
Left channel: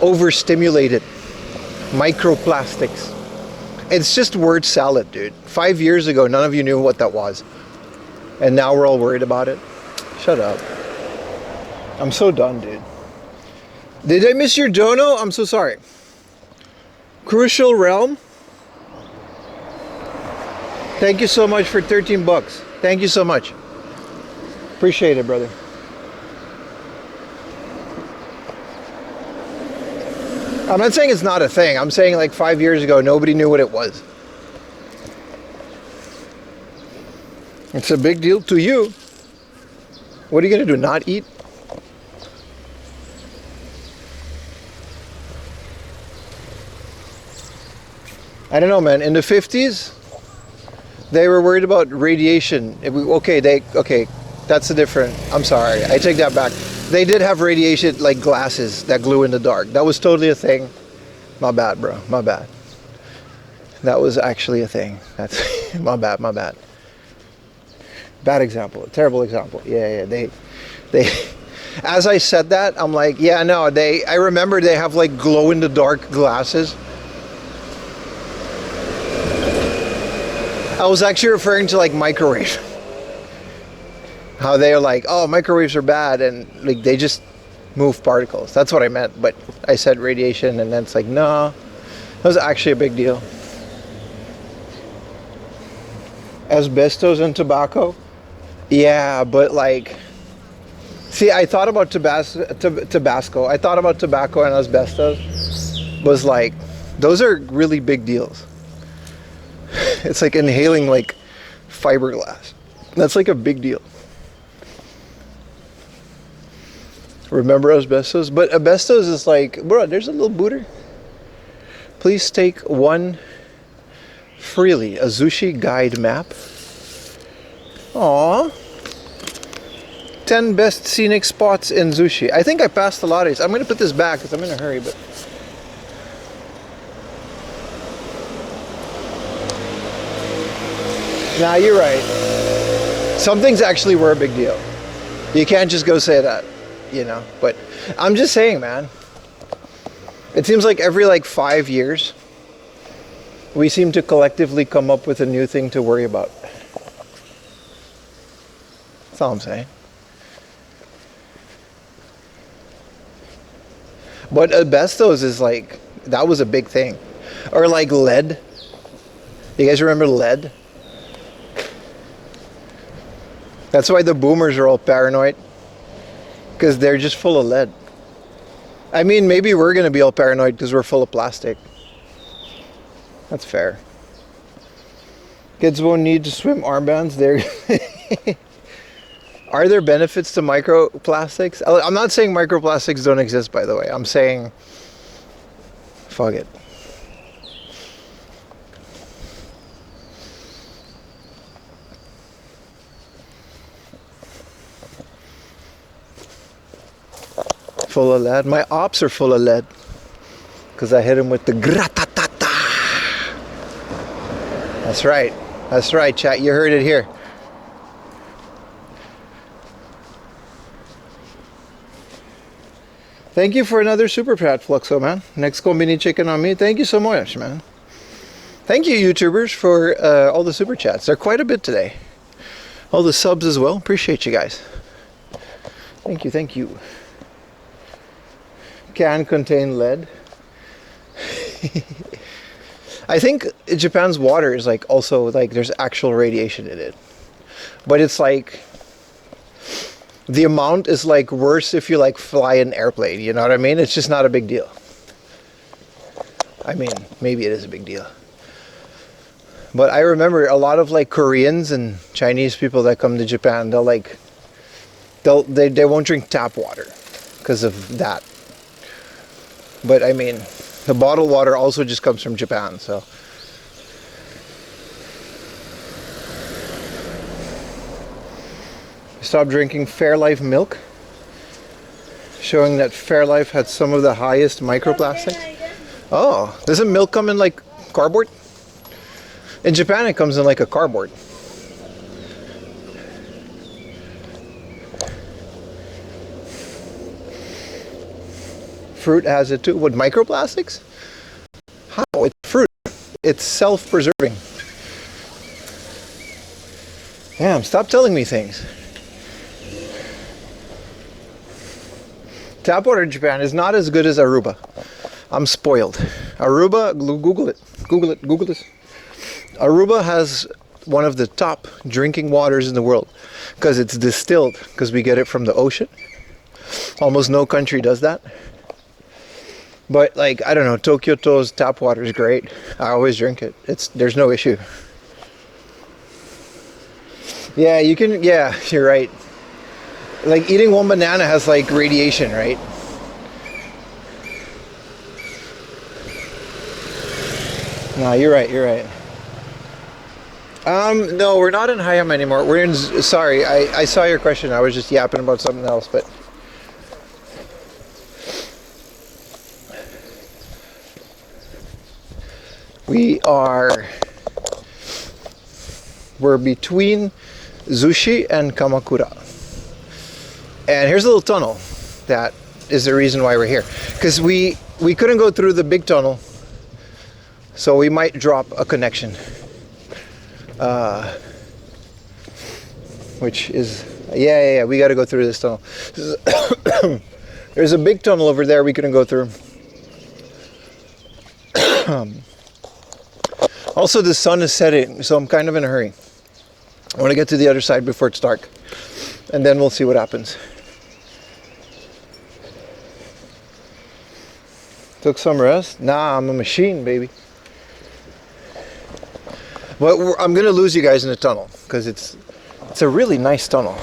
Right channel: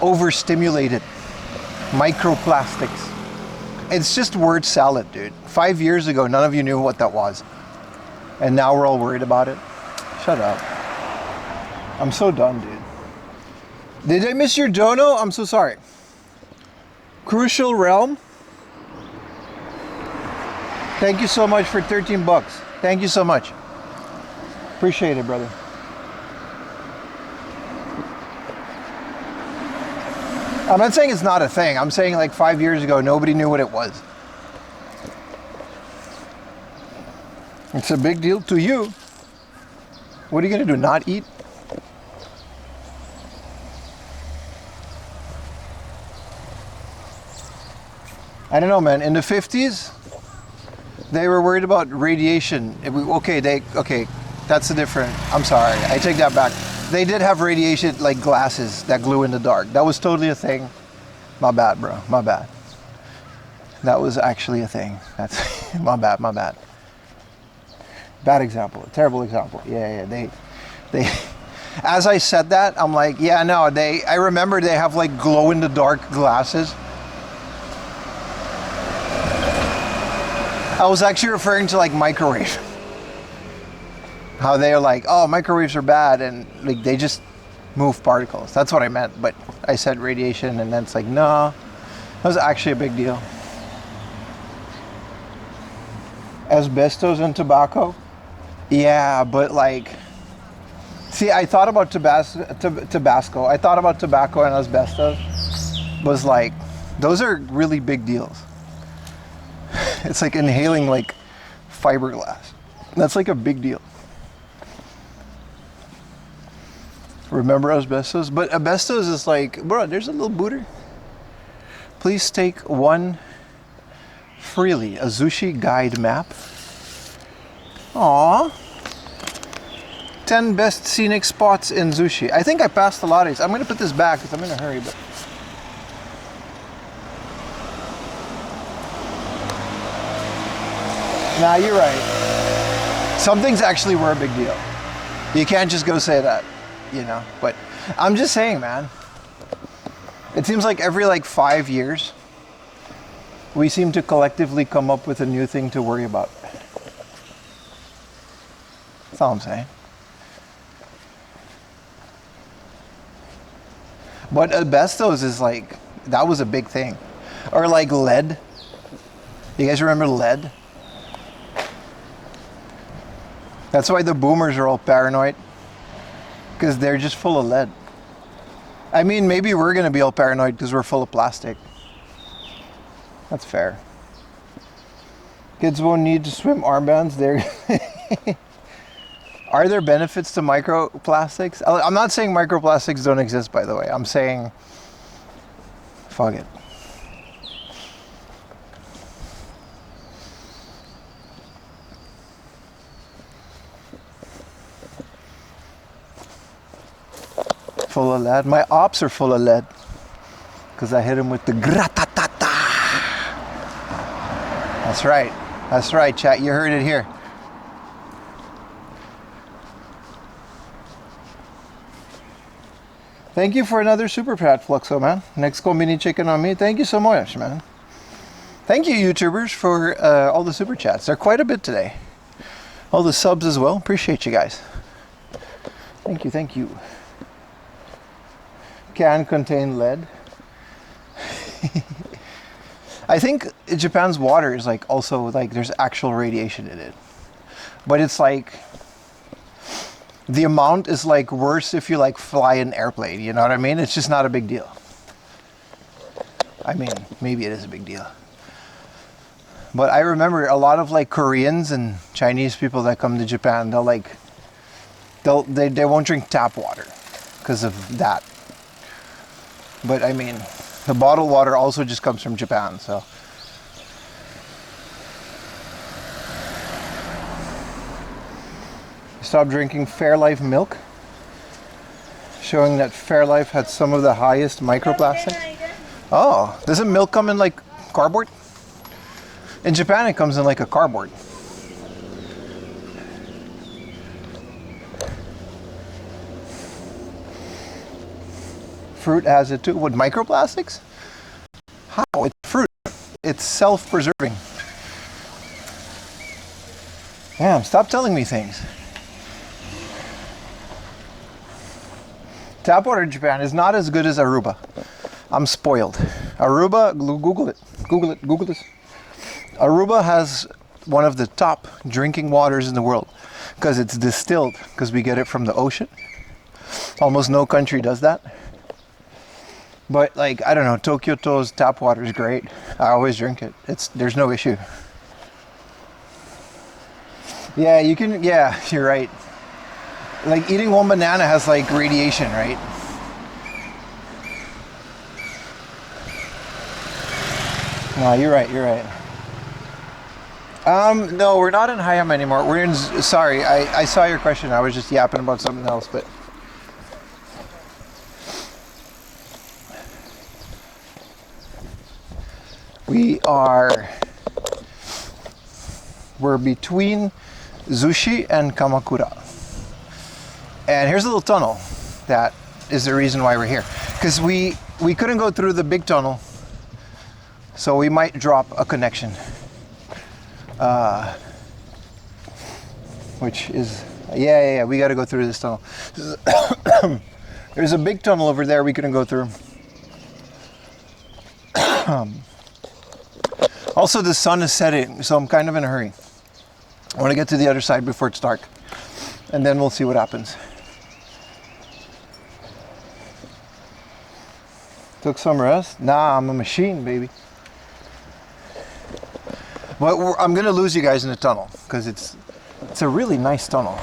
overstimulated microplastics. It's just word salad, dude. 5 years ago, none of you knew what that was. And now we're all worried about it. Shut up. I'm so done, dude. Did I miss your dono? I'm so sorry. Crucial Realm. Thank you so much for 13 bucks. Thank you so much. Appreciate it, brother. I'm not saying it's not a thing. I'm saying like 5 years ago, nobody knew what it was. It's a big deal to you. What are you going to do, not eat? I don't know, man. In the 50s, they were worried about radiation. Okay, that's a different... I'm sorry. I take that back. They did have radiation, like glasses that glue in the dark. That was totally a thing. My bad, bro. My bad. That was actually a thing. That's my bad. My bad. Bad example. Terrible example. Yeah. They. As I said that, I'm like, yeah, no. I remember they have like glow in the dark glasses. I was actually referring to like microwave. How they're like, oh, microwaves are bad, and like they just move particles. That's what I meant, but I said radiation, and then it's like, no, that was actually a big deal. Asbestos and tobacco? Yeah, but like, see, I thought about Tabasco. I thought about tobacco and asbestos. Was like, those are really big deals. It's like inhaling like fiberglass. That's like a big deal. Remember asbestos? But asbestos is like, bro, there's a little booter. Please take one freely. A Zushi guide map. Aww. 10 best scenic spots in Zushi. I think I passed a lot of these. I'm going to put this back because I'm in a hurry, but... Nah, you're right. Some things actually were a big deal. You can't just go say that, you know. But I'm just saying, man. It seems like every like 5 years, we seem to collectively come up with a new thing to worry about. That's all I'm saying. But asbestos is like, that was a big thing. Or like lead. You guys remember lead? That's why the boomers are all paranoid. Because they're just full of lead. I mean, maybe we're going to be all paranoid because we're full of plastic. That's fair. Kids won't need to swim armbands. Are there benefits to microplastics? I'm not saying microplastics don't exist, by the way. I'm saying, fuck it. Full of lead. My ops are full of lead. Because I hit him with the gratatata. That's right. That's right, chat. You heard it here. Thank you for another super chat, Fluxo, man. Next combini chicken on me. Thank you so much, man. Thank you, YouTubers, for all the super chats. They're quite a bit today. All the subs as well. Appreciate you guys. Thank you, thank you. Can contain lead. I think Japan's water is like also like there's actual radiation in it. But it's like the amount is like worse if you like fly an airplane, you know what I mean? It's just not a big deal. I mean, maybe it is a big deal. But I remember a lot of like Koreans and Chinese people that come to Japan, they won't drink tap water because of that. But I mean, the bottled water also just comes from Japan, so. Stop drinking Fairlife milk, showing that Fairlife had some of the highest microplastics. Oh, doesn't milk come in like cardboard? In Japan, it comes in like a cardboard. Fruit has it too. What, microplastics? How? It's fruit. It's self-preserving. Damn, stop telling me things. Tap water in Japan is not as good as Aruba. I'm spoiled. Aruba, Google it. Google this. Aruba has one of the top drinking waters in the world because it's distilled, because we get it from the ocean. Almost no country does that. But like, I don't know, Tokyo's tap water is great. I always drink it. There's no issue. Yeah, you can, yeah, you're right. Like eating one banana has like radiation, right? No, you're right, you're right. No, we're not in Hayama anymore. We're in, sorry, I saw your question. I was just yapping about something else, but. We're between Zushi and Kamakura. And here's a little tunnel that is the reason why we're here. Because we couldn't go through the big tunnel, so we might drop a connection. Which is, yeah, we got to go through this tunnel. There's a big tunnel over there we couldn't go through. Also, the sun is setting, so I'm kind of in a hurry. I want to get to the other side before it's dark, and then we'll see what happens. Took some rest? Nah, I'm a machine, baby. But I'm gonna lose you guys in the tunnel because it's a really nice tunnel.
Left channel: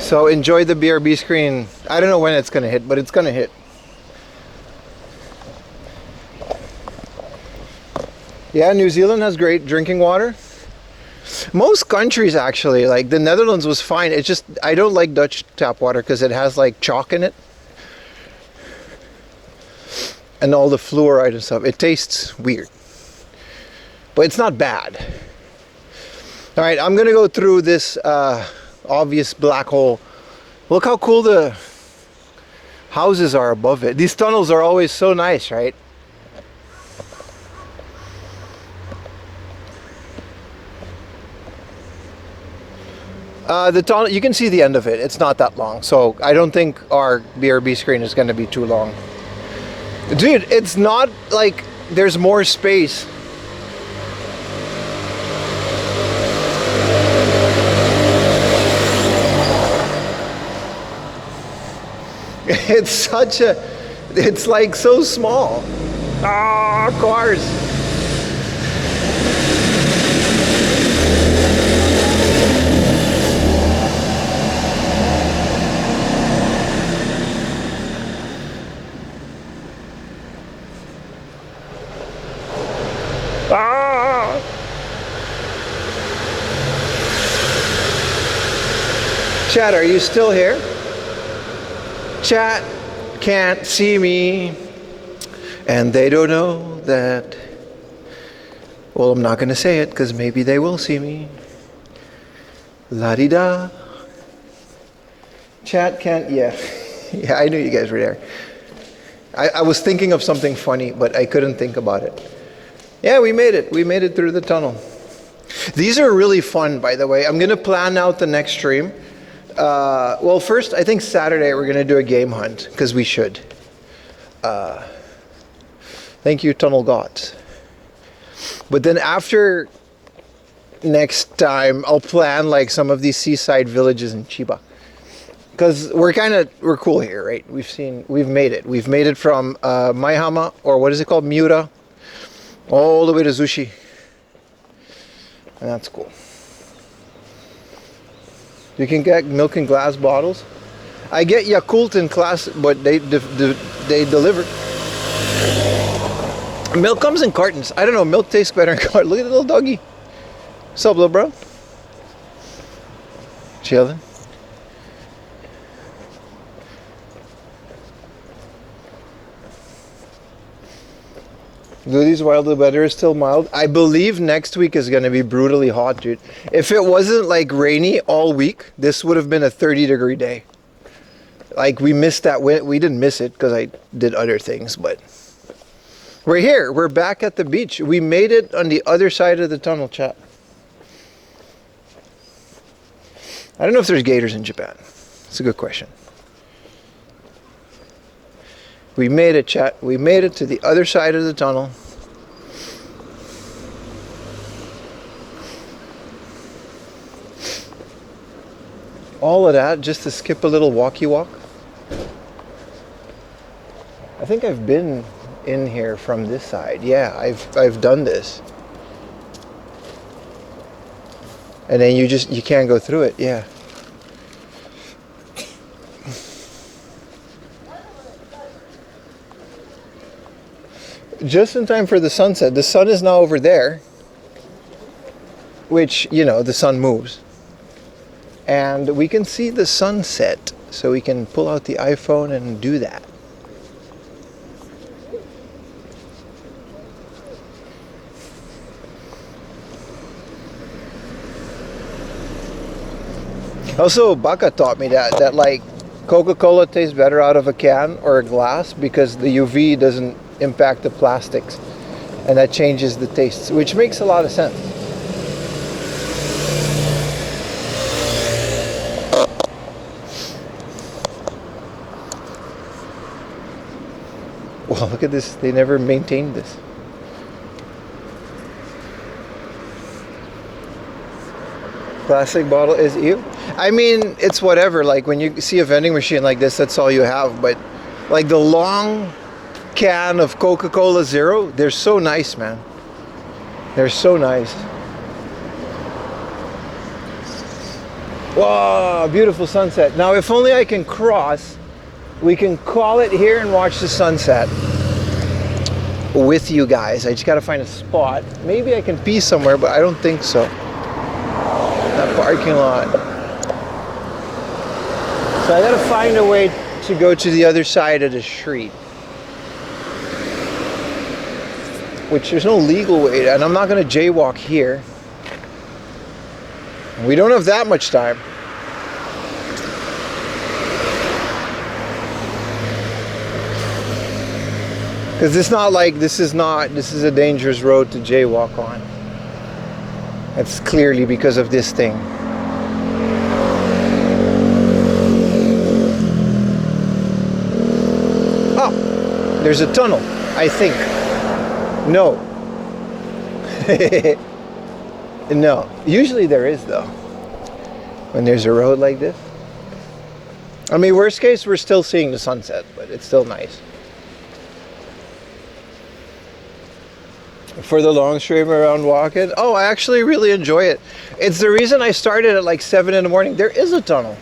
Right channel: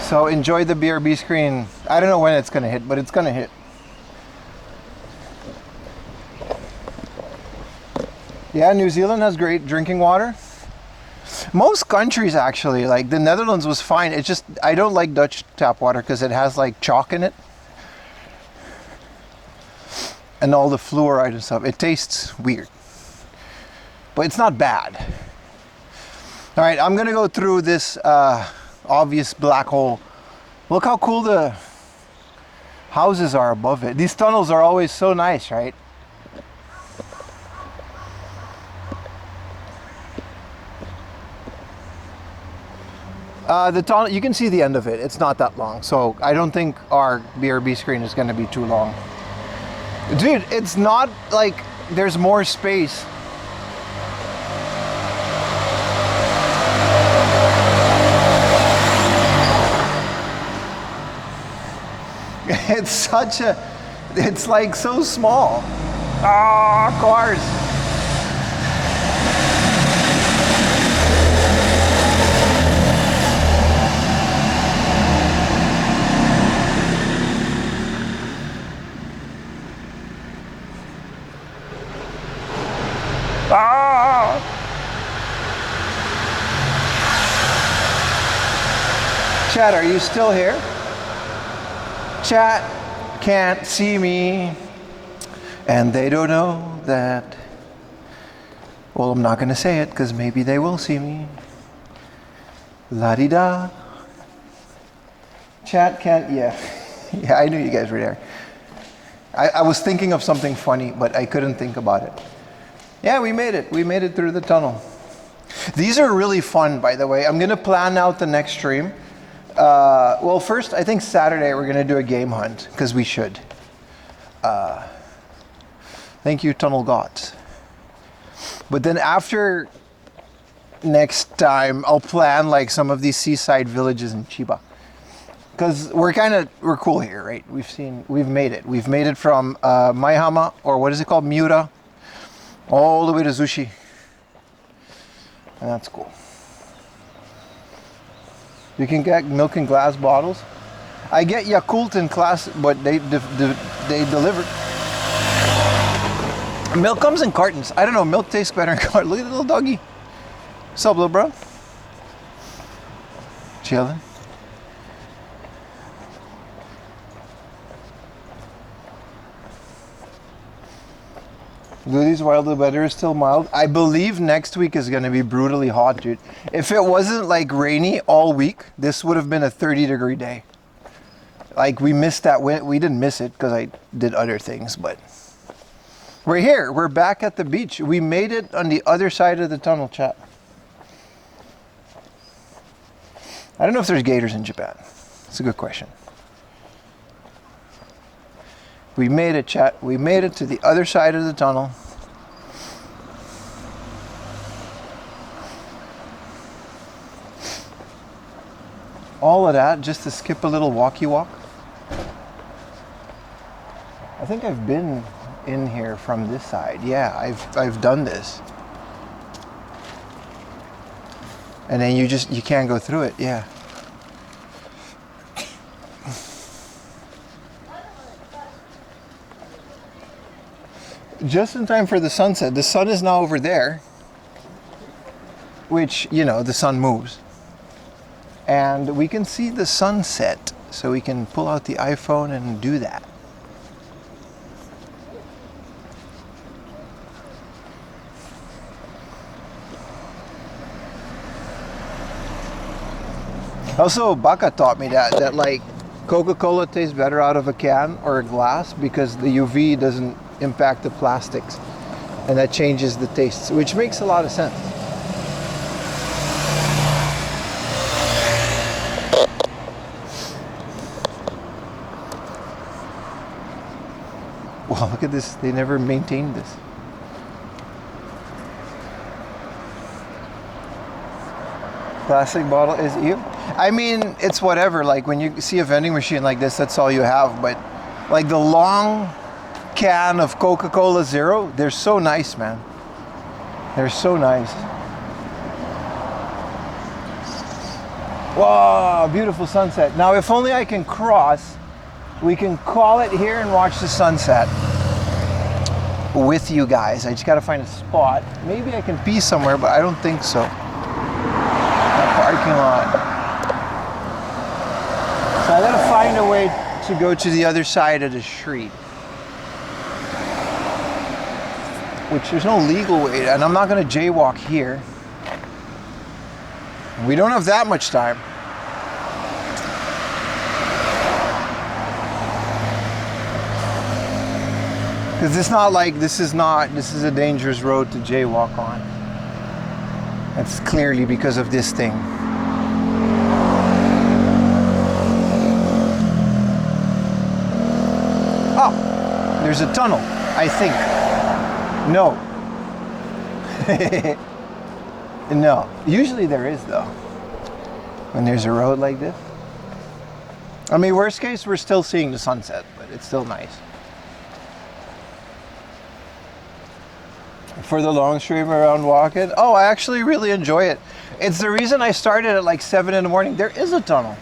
So enjoy the BRB screen. I don't know when it's gonna hit, but it's gonna hit. Yeah, New Zealand has great drinking water. Most countries actually, like the Netherlands was fine. It's just, I don't like Dutch tap water because it has like chalk in it. And all the fluoride and stuff. It tastes weird. But it's not bad. All right, I'm gonna go through this obvious black hole. Look how cool the houses are above it. These tunnels are always so nice, right? The tunnel, you can see the end of it. It's not that long, so I don't think our BRB screen is going to be too long. Dude, it's not like there's more space. It's like so small. Ah, cars. Ah! Chat, are you still here? Chat can't see me, and they don't know that. Well, I'm not going to say it because maybe they will see me. La-di-da. Chat can't, yeah. Yeah, I knew you guys were there. I was thinking of something funny, but I couldn't think about it. Yeah, we made it. We made it through the tunnel. These are really fun, by the way. I'm going to plan out the next stream. Well, first, I think Saturday we're going to do a game hunt, because we should. Thank you, Tunnel Gods. But then after next time, I'll plan like some of these seaside villages in Chiba. Because we're cool here, right? We've made it. We've made it from Maihama, or what is it called? Miura, all the way to Zushi. And that's cool. You can get milk in glass bottles. I get Yakult in glass, but they deliver. Milk comes in cartons. I don't know, milk tastes better in cartons. Look at the little doggy. What's up, little bro? Chilling. These wild, the weather is still mild. I believe next week is going to be brutally hot, dude. If it wasn't like rainy all week, this would have been a 30-degree day. Like, we missed that. We didn't miss it because I did other things, but we're here. We're back at the beach. We made it on the other side of the tunnel, chat. I don't know if there's gators in Japan. It's a good question. We made it, chat. We made it to the other side of the tunnel. All of that just to skip a little walkie walk. I think I've been in here from this side. Yeah, I've done this. And then you can't go through it. Yeah. Just in time for the sunset. The sun is now over there, which, you know, the sun moves. And we can see the sunset, so we can pull out the iPhone and do that. Also, Baka taught me that like Coca-Cola tastes better out of a can or a glass because the UV doesn't impact the plastics, and that changes the tastes, which makes a lot of sense. Well, look at this. They never maintained this. Plastic bottle is ew. I mean, it's whatever. Like when you see a vending machine like this, that's all you have. But like the long can of Coca-Cola Zero, they're so nice, man. They're so nice. Wow, beautiful sunset. Now, if only I can cross, we can call it here and watch the sunset with you guys. I just gotta find a spot. Maybe I can pee somewhere, but I don't think so. That parking lot. So I gotta find a way to go to the other side of the street. Which there's no legal way, and I'm not gonna jaywalk here. We don't have that much time. Because it's not like this is a dangerous road to jaywalk on. That's clearly because of this thing. Oh, there's a tunnel, I think. No. No. Usually there is, though. When there's a road like this. I mean, worst case, we're still seeing the sunset, but it's still nice. For the long stream around walking, oh, I actually really enjoy it. It's the reason I started at like 7 in the morning. There is a tunnel.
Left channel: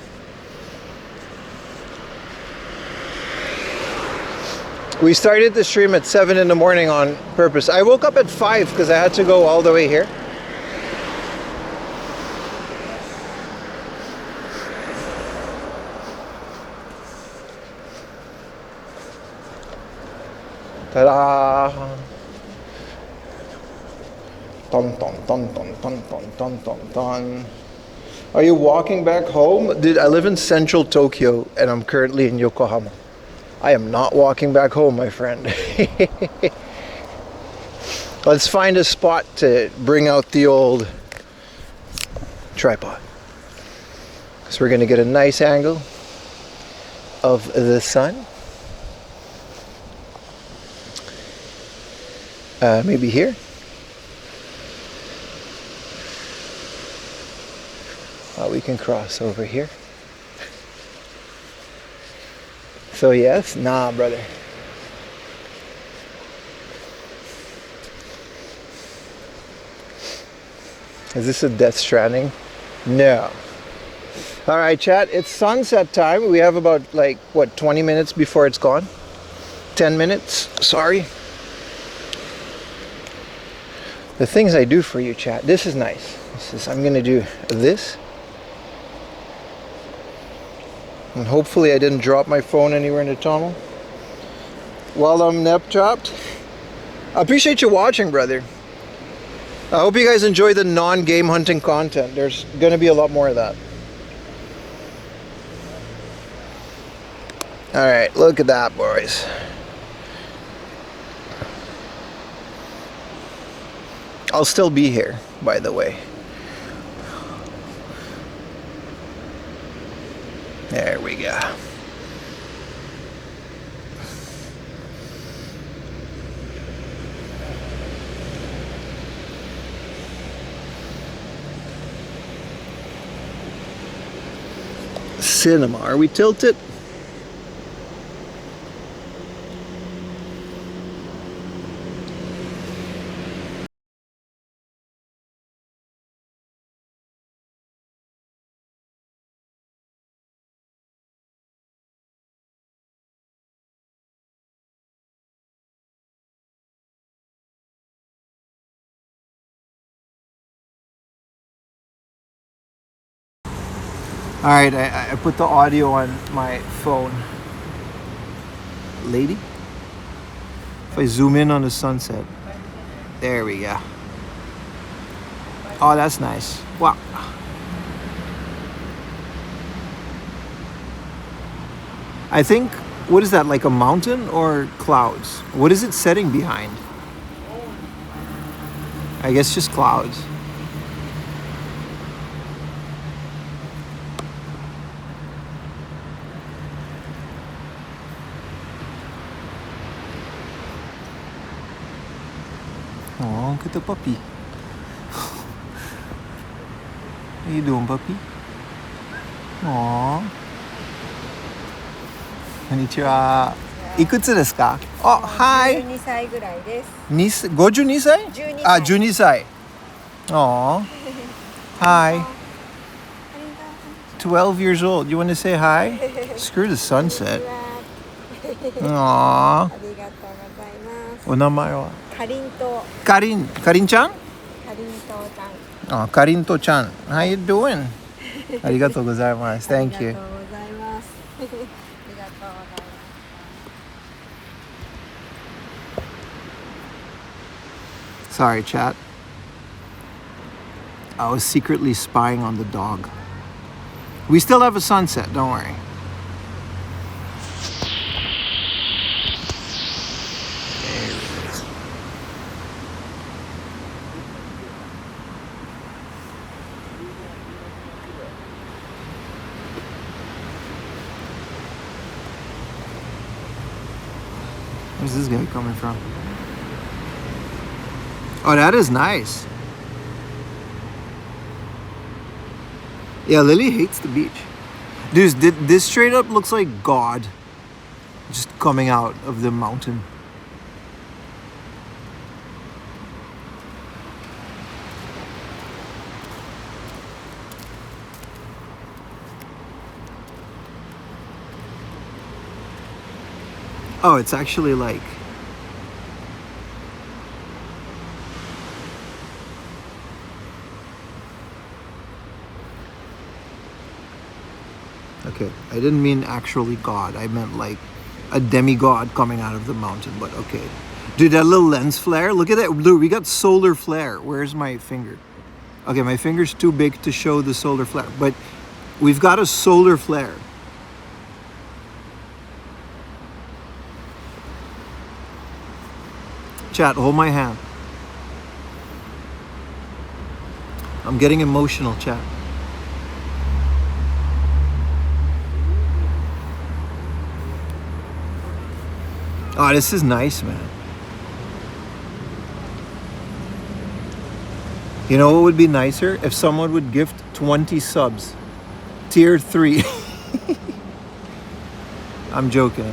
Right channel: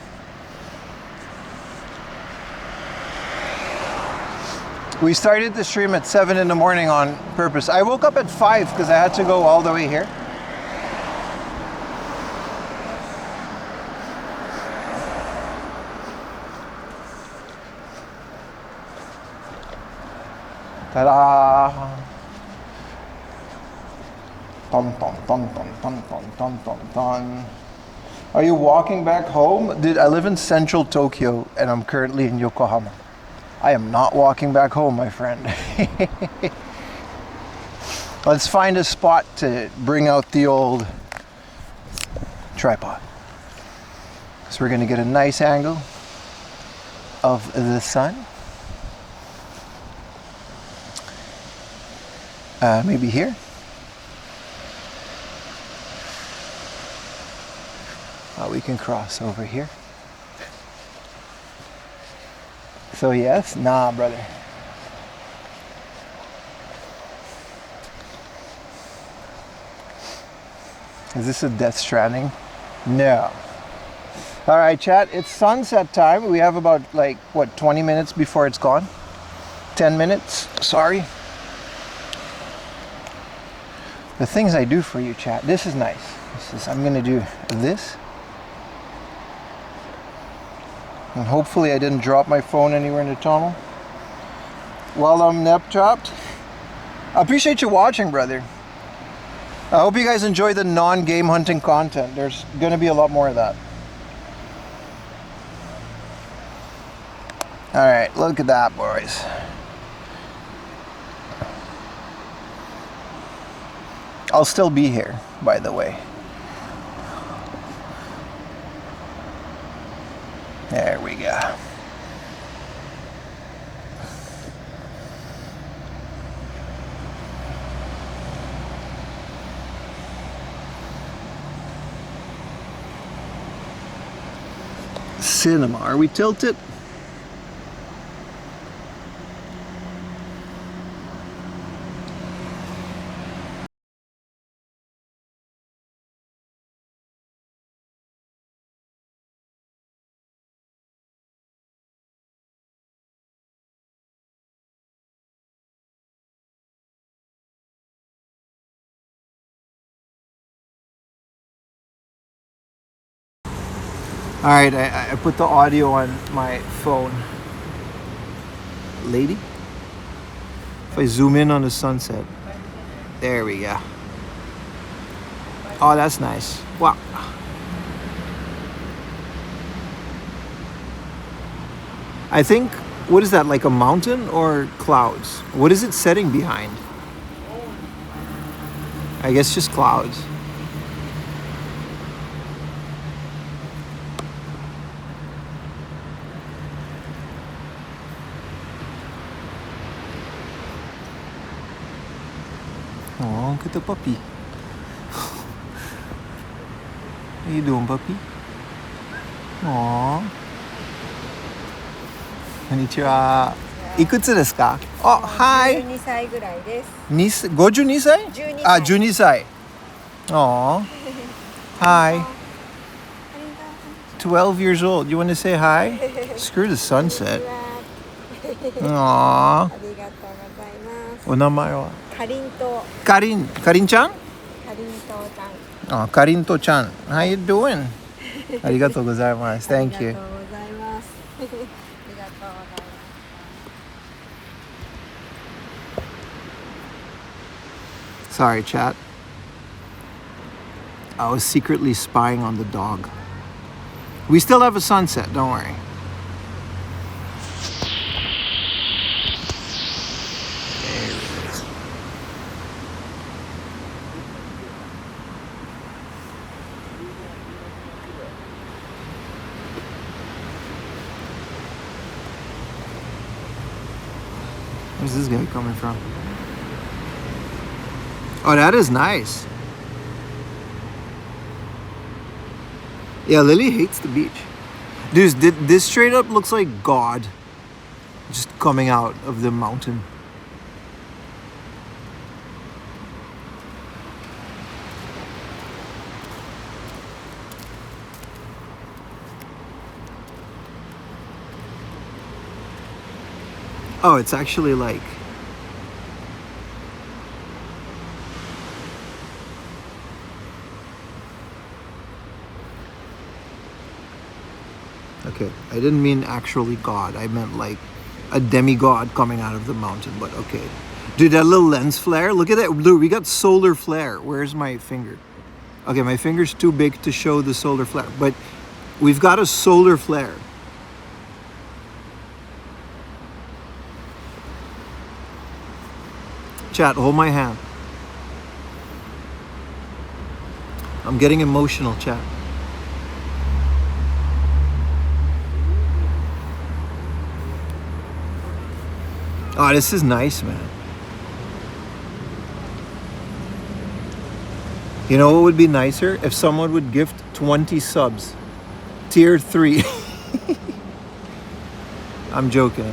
We started the stream at 7 in the morning on purpose. I woke up at 5 because I had to go all the way here. Ta-da! Dun, dun, dun, dun, dun, dun, dun, dun, dun. Are you walking back home? Dude, I live in central Tokyo and I'm currently in Yokohama. I am not walking back home, my friend. Let's find a spot to bring out the old tripod. So we're gonna get a nice angle of the sun. Maybe here. We can cross over here. So yes, nah, brother. Is this a Death Stranding? No. All right, chat, it's sunset time. We have about like, what, 20 minutes before it's gone? 10 minutes, sorry. The things I do for you, chat, this is nice. I'm gonna do this. And hopefully I didn't drop my phone anywhere in the tunnel while I'm nap trapped. I appreciate you watching, brother. I hope you guys enjoy the non-game hunting content. There's gonna be a lot more of that. All right, look at that, boys. I'll still be here, by the way. There we go. Cinema, are we tilted? All right, I put the audio on my phone. Lady? If I zoom in on the sunset. There we go. Oh, that's nice. Wow. I think, what is that, like a mountain or clouds? What is it setting behind? I guess just clouds. Oh, look at the puppy. How you doing, puppy? Aww. Konnichiwa. Ikutsu desu ka? Oh, hi. 12歳ぐらいです。52歳? 12歳。 Ah, 12歳. Aww. Hi. 12 years old. You want to say hi? Screw the sunset. Aww. ありがとうございます。お名前は? かりんとう。かりんちゃん? かりんとうちゃん。Oh, かりんとちゃん. How you doing? ありがとうございます. Thank you. ありがとうございます。ありがとうございます。Sorry, chat. I was secretly spying on the dog. We still have a sunset, don't worry. There it is. Where's this guy coming from? Oh, that is nice. Yeah, Lily hates the beach. Dude, this straight up looks like God just coming out of the mountain. Oh, it's actually like... Okay, I didn't mean actually God. I meant like a demigod coming out of the mountain, but okay. Dude, that little lens flare, look at that. Dude, we got solar flare. Where's my finger? Okay, my finger's too big to show the solar flare, but we've got a solar flare. Chat, hold my hand. I'm getting emotional, chat. Oh, this is nice, man. You know what would be nicer? If someone would gift 20 subs. Tier 3. I'm joking.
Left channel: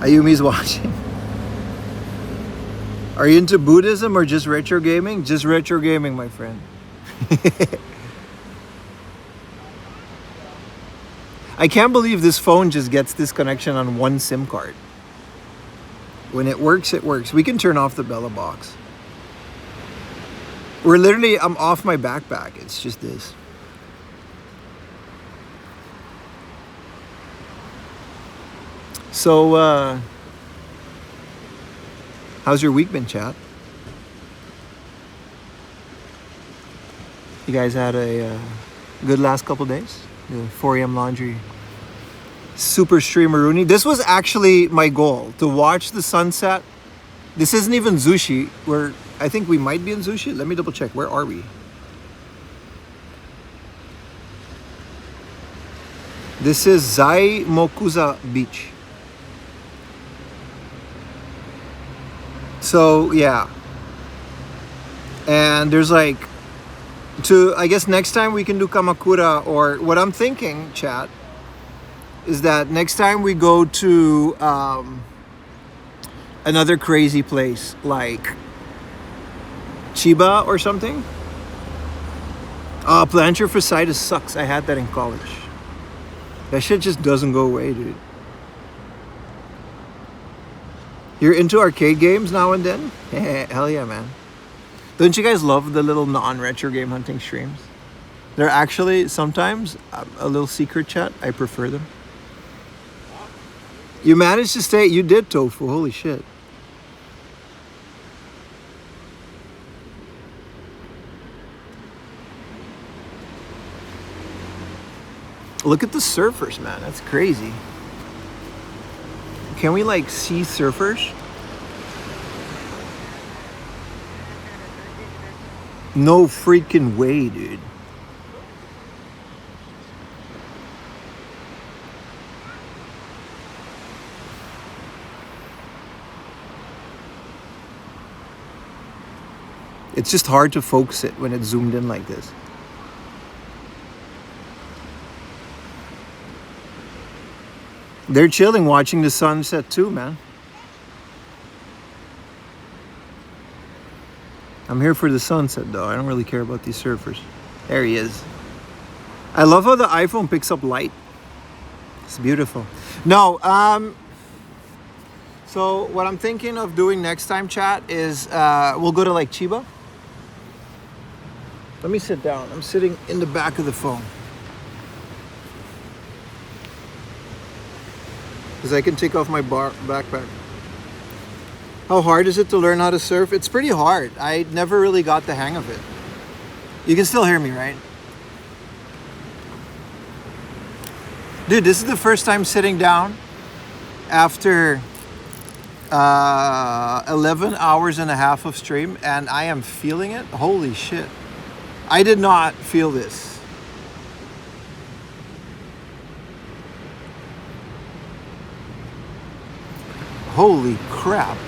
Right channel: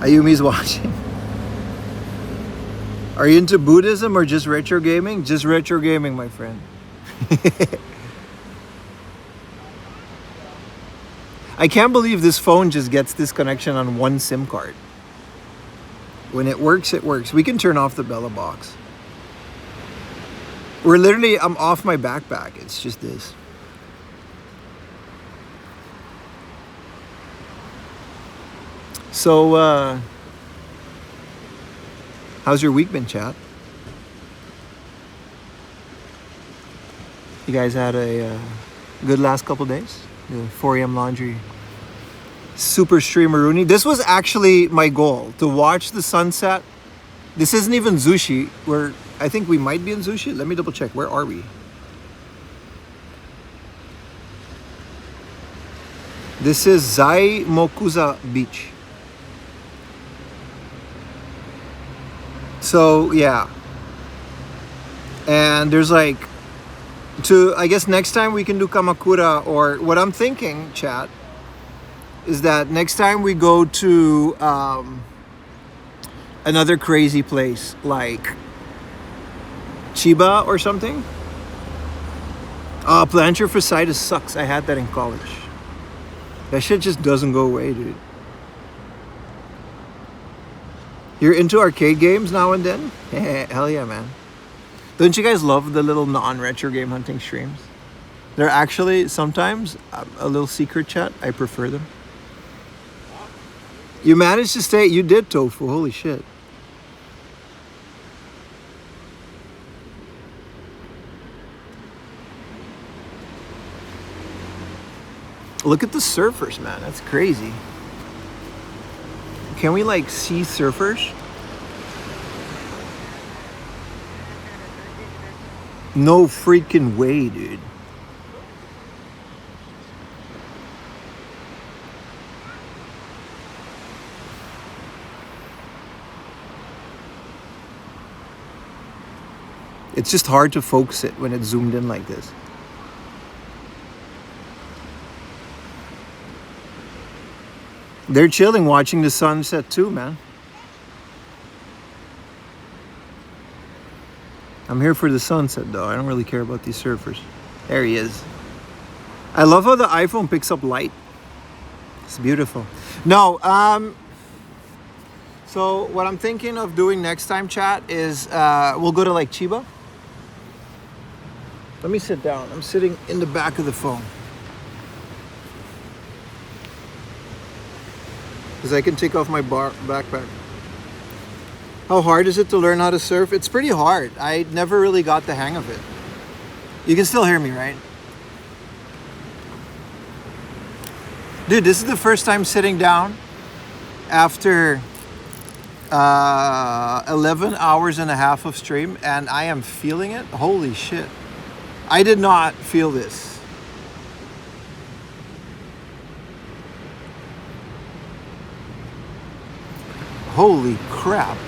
Ayumi's watching. Are you into Buddhism or just retro gaming? Just retro gaming, my friend. I can't believe this phone just gets this connection on one SIM card. When it works, it works. We can turn off the Bella box. I'm off my backpack. It's just this. So, how's your week been, chat? You guys had a good last couple days? The 4 a.m. laundry. Super streameroonie. This was actually my goal, to watch the sunset. This isn't even Zushi. I think we might be in Zushi. Let me double check. Where are we? This is Zai Mokuza Beach. So yeah. And there's like, I guess next time we can do Kamakura, or what I'm thinking, chat, is that next time we go to another crazy place like Chiba or something. Plantar fasciitis sucks. I had that in college. That shit just doesn't go away, dude. You're into arcade games now and then? Hell yeah, man. Don't you guys love the little non-retro game hunting streams? They're actually sometimes a little secret, chat. I prefer them. You managed to stay. You did, Tofu. Holy shit. Look at the surfers, man. That's crazy. Can we like see surfers? No freaking way, dude. It's just hard to focus it when it's zoomed in like this. They're chilling, watching the sunset too, man. I'm here for the sunset though. I don't really care about these surfers. There he is. I love how the iPhone picks up light. It's beautiful. No, so what I'm thinking of doing next time, chat, is we'll go to like Chiba. Let me sit down. I'm sitting in the back of the phone. Because I can take off my backpack. How hard is it to learn how to surf? It's pretty hard. I never really got the hang of it. You can still hear me, right? Dude, this is the first time sitting down after 11 hours and a half of stream, and I am feeling it. Holy shit. I did not feel this. Holy crap.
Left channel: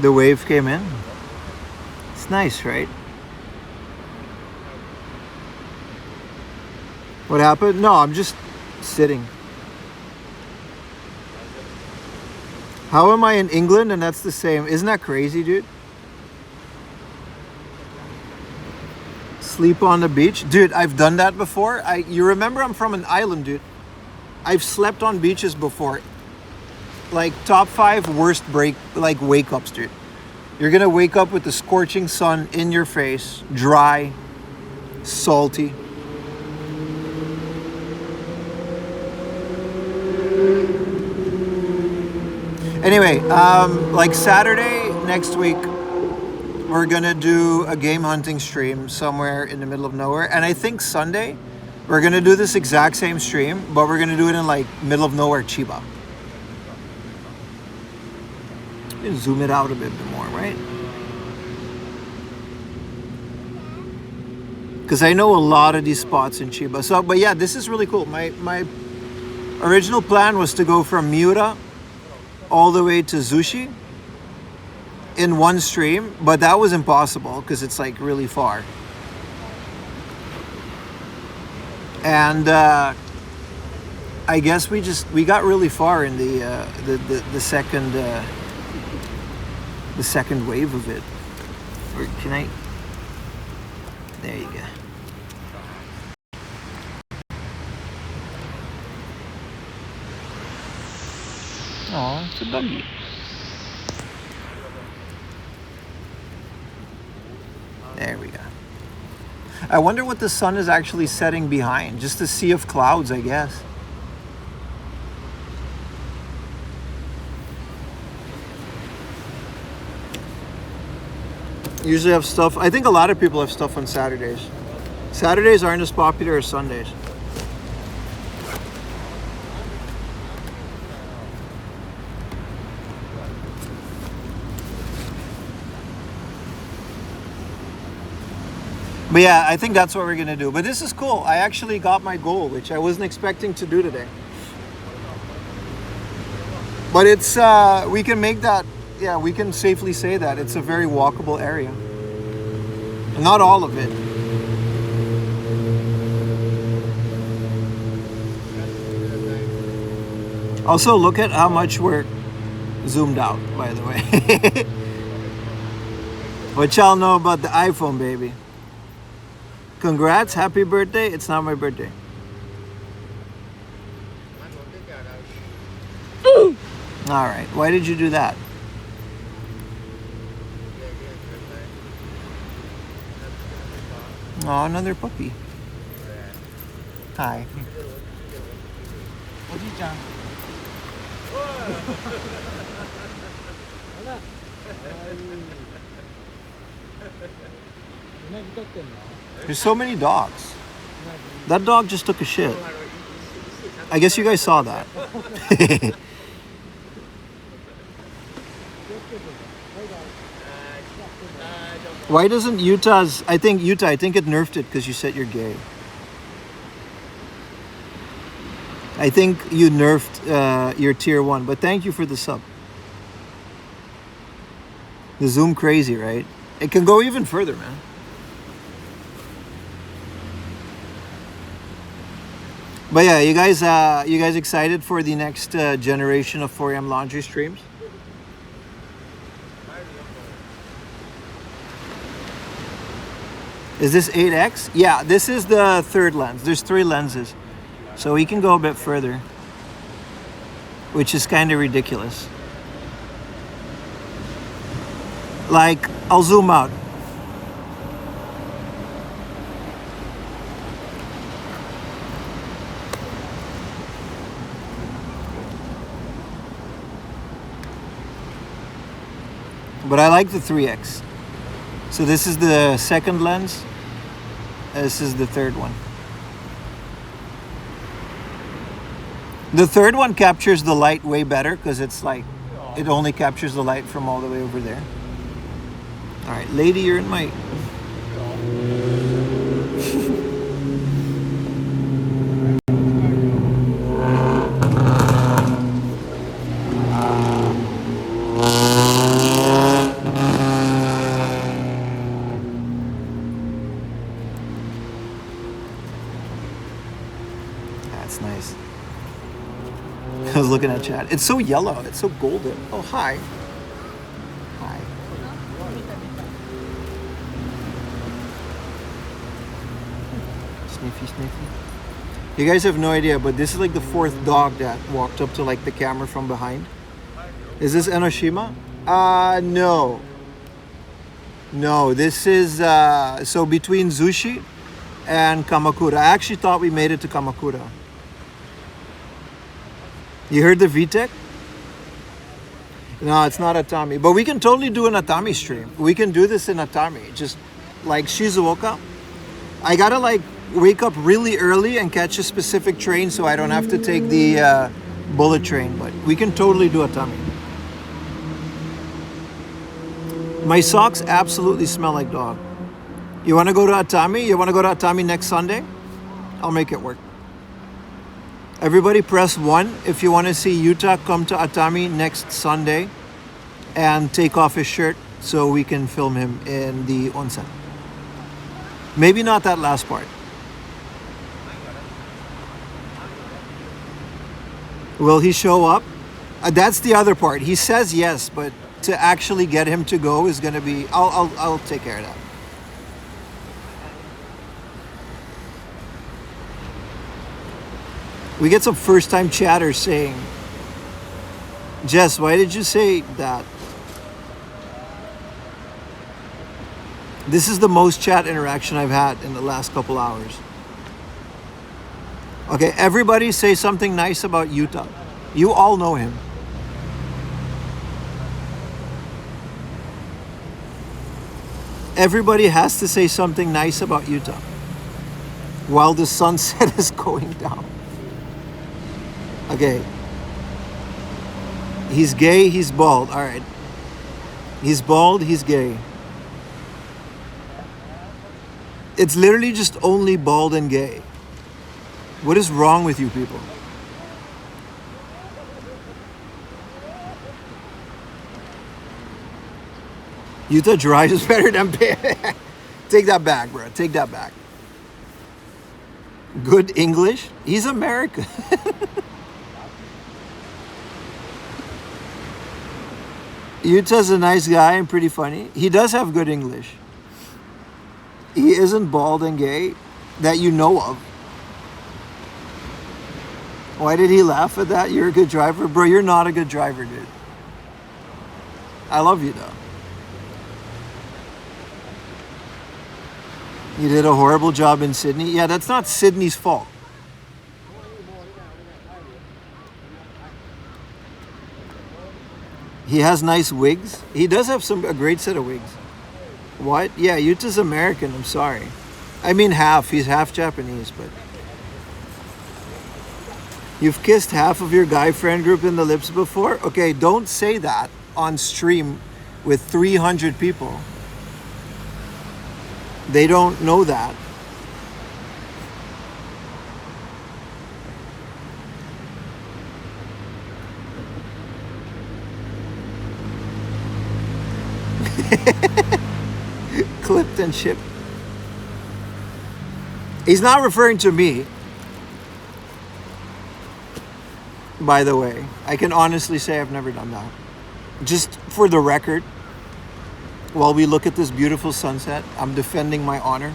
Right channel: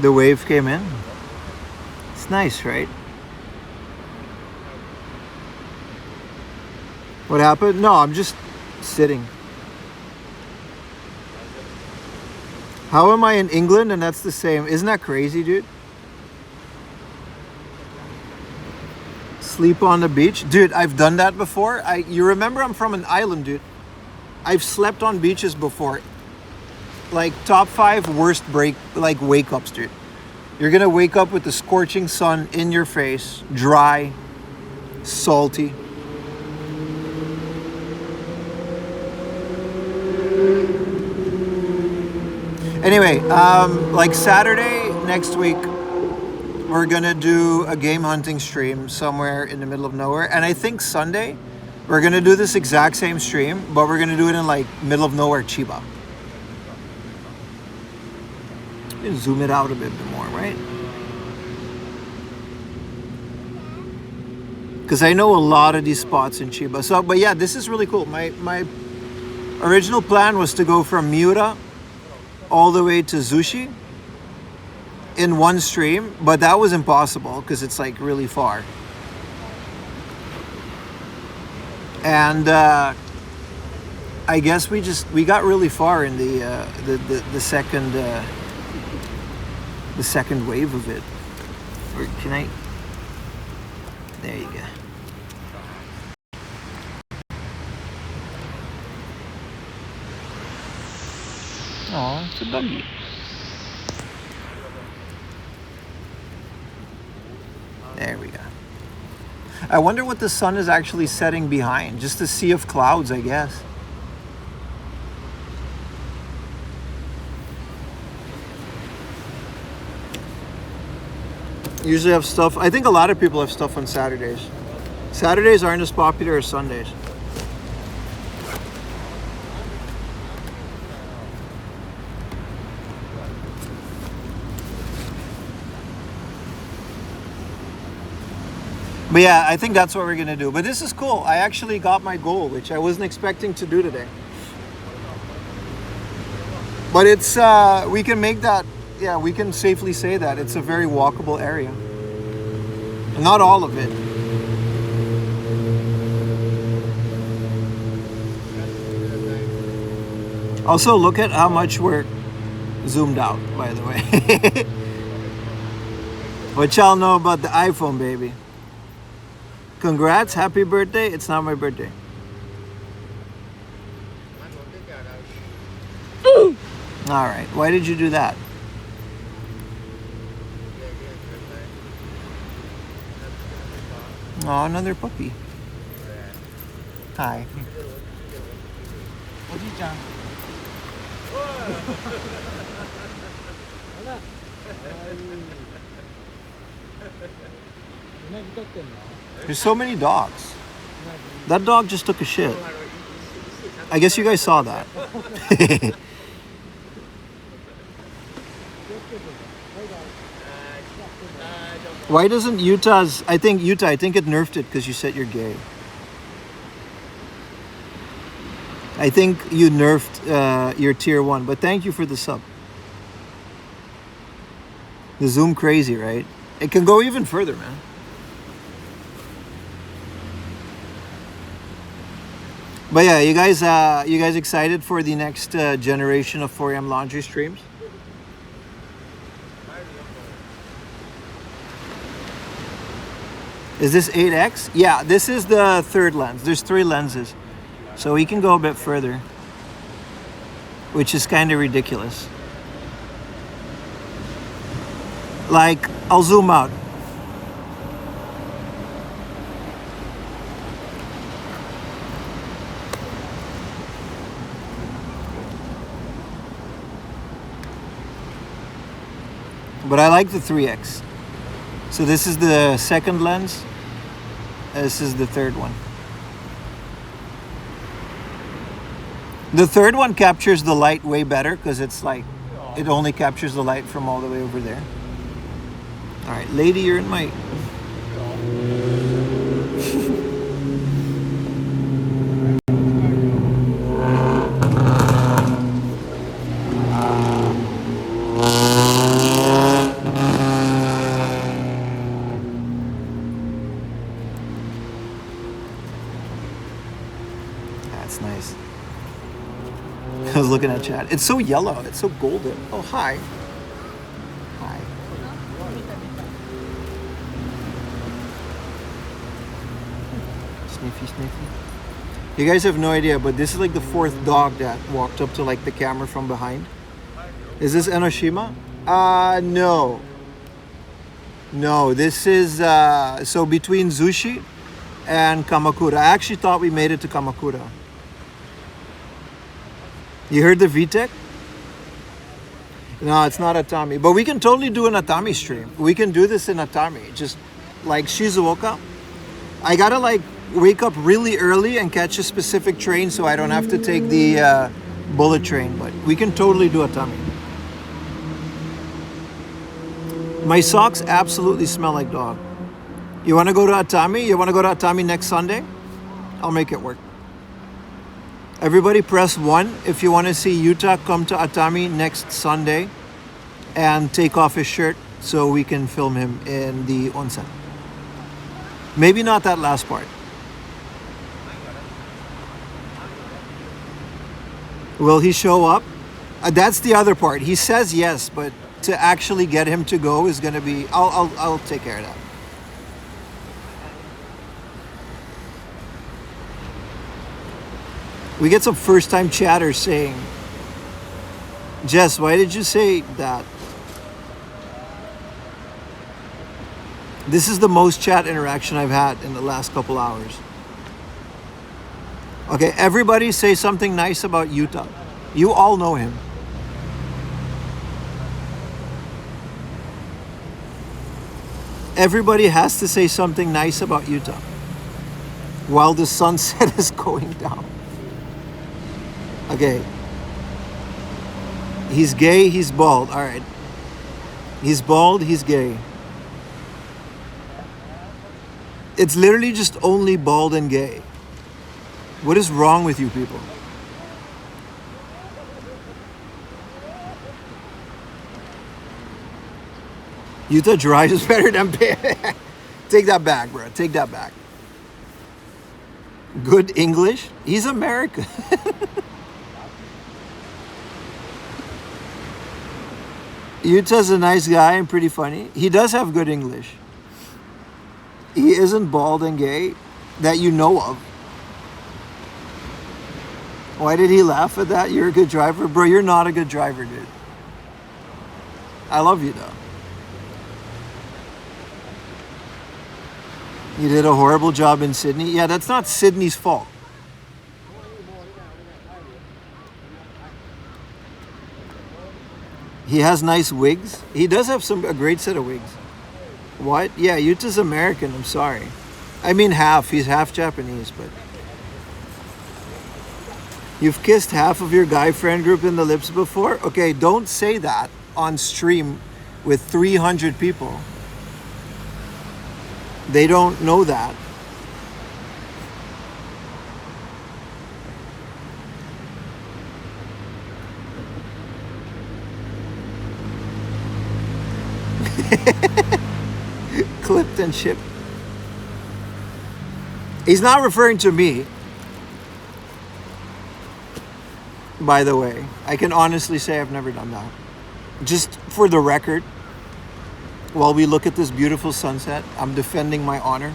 The wave came in. It's nice, right? What happened? No, I'm just sitting. How am I in England and that's the same? Isn't that crazy, dude? Sleep on the beach? Dude, I've done that before. You remember I'm from an island, dude. I've slept on beaches before. Like top 5 worst wake ups, dude. You're gonna wake up with the scorching sun in your face, dry, salty. Anyway, like Saturday next week, we're gonna do a game hunting stream somewhere in the middle of nowhere. And I think Sunday, we're gonna do this exact same stream, but we're gonna do it in like middle of nowhere Chiba. Zoom it out a bit more, right? Because I know a lot of these spots in Chiba. So, but yeah, this is really cool. My original plan was to go from Miura all the way to Zushi in one stream, but that was impossible because it's like really far. And I guess we got really far in the second wave of it. Or can I? There you go. Oh, it's a doggy. There we go. I wonder what the sun is actually setting behind. Just a sea of clouds, I guess. Usually have stuff. I think a lot of people have stuff on Saturdays. Saturdays aren't as popular as Sundays. But yeah, I think that's what we're gonna do. But this is cool. I actually got my goal, which I wasn't expecting to do today. But it's, we can make that, yeah, we can safely say that it's a very walkable area. Not all of it. Also, look at how much we're zoomed out, by the way. What y'all know about the iPhone, baby? Congrats, happy birthday. It's not my birthday. All right, why did you do that? Oh, another puppy. Hi. There's so many dogs. That dog just took a shit. I guess you guys saw that. Why doesn't Utah's... I think it nerfed it because you said you're gay. I think you nerfed your tier 1, but thank you for the sub. The zoom crazy, right? It can go even further, man. But yeah, you guys excited for the next generation of 4am laundry streams? Is this 8x? Yeah, this is the third lens. There's 3 lenses. So we can go a bit further, which is kind of ridiculous. Like, I'll zoom out. But I like the 3x. So this is the second lens. This is the third one. The third one captures the light way better because it's like, it only captures the light from all the way over there. All right, lady, you're in my... Looking at chat. It's so yellow. It's so golden. Oh, hi. Hi. Sniffy, sniffy. You guys have no idea, but this is like the 4th dog that walked up to like the camera from behind. Is this Enoshima? No. No, this is, so between Zushi and Kamakura. I actually thought we made it to Kamakura. You heard the VTEC? No, it's not Atami. But we can totally do an Atami stream. We can do this in Atami. Just like Shizuoka. I gotta like wake up really early and catch a specific train so I don't have to take the bullet train. But we can totally do Atami. My socks absolutely smell like dog. You want to go to Atami? You want to go to Atami next Sunday? I'll make it work. Everybody press 1 if you want to see Yuta come to Atami next Sunday and take off his shirt so we can film him in the onsen. Maybe not that last part. Will he show up? That's the other part. He says yes, but to actually get him to go is going to be... I'll take care of that. We get some first-time chatters saying, Jess, why did you say that? This is the most chat interaction I've had in the last couple hours. Okay, everybody say something nice about Yuta. You all know him. Everybody has to say something nice about Yuta while the sunset is going down. Okay. He's gay, he's bald. All right. He's bald, he's gay. It's literally just only bald and gay. What is wrong with you people? Yuta drives better than Take that back, bro. Take that back. Good English? He's American. Yuta's a nice guy and pretty funny. He does have good English. He isn't bald and gay that you know of. Why did he laugh at that? You're a good driver? Bro, you're not a good driver, dude. I love you, though. You did a horrible job in Sydney. Yeah, that's not Sydney's fault. He has nice wigs. He does have a great set of wigs. What? Yeah, Yuta's American. I'm sorry. I mean half. He's half Japanese, but... You've kissed half of your guy friend group in the lips before? Okay, don't say that on stream with 300 people. They don't know that. Clipped and shipped. He's not referring to me. By the way, I can honestly say I've never done that. Just for the record, while we look at this beautiful sunset, I'm defending my honor.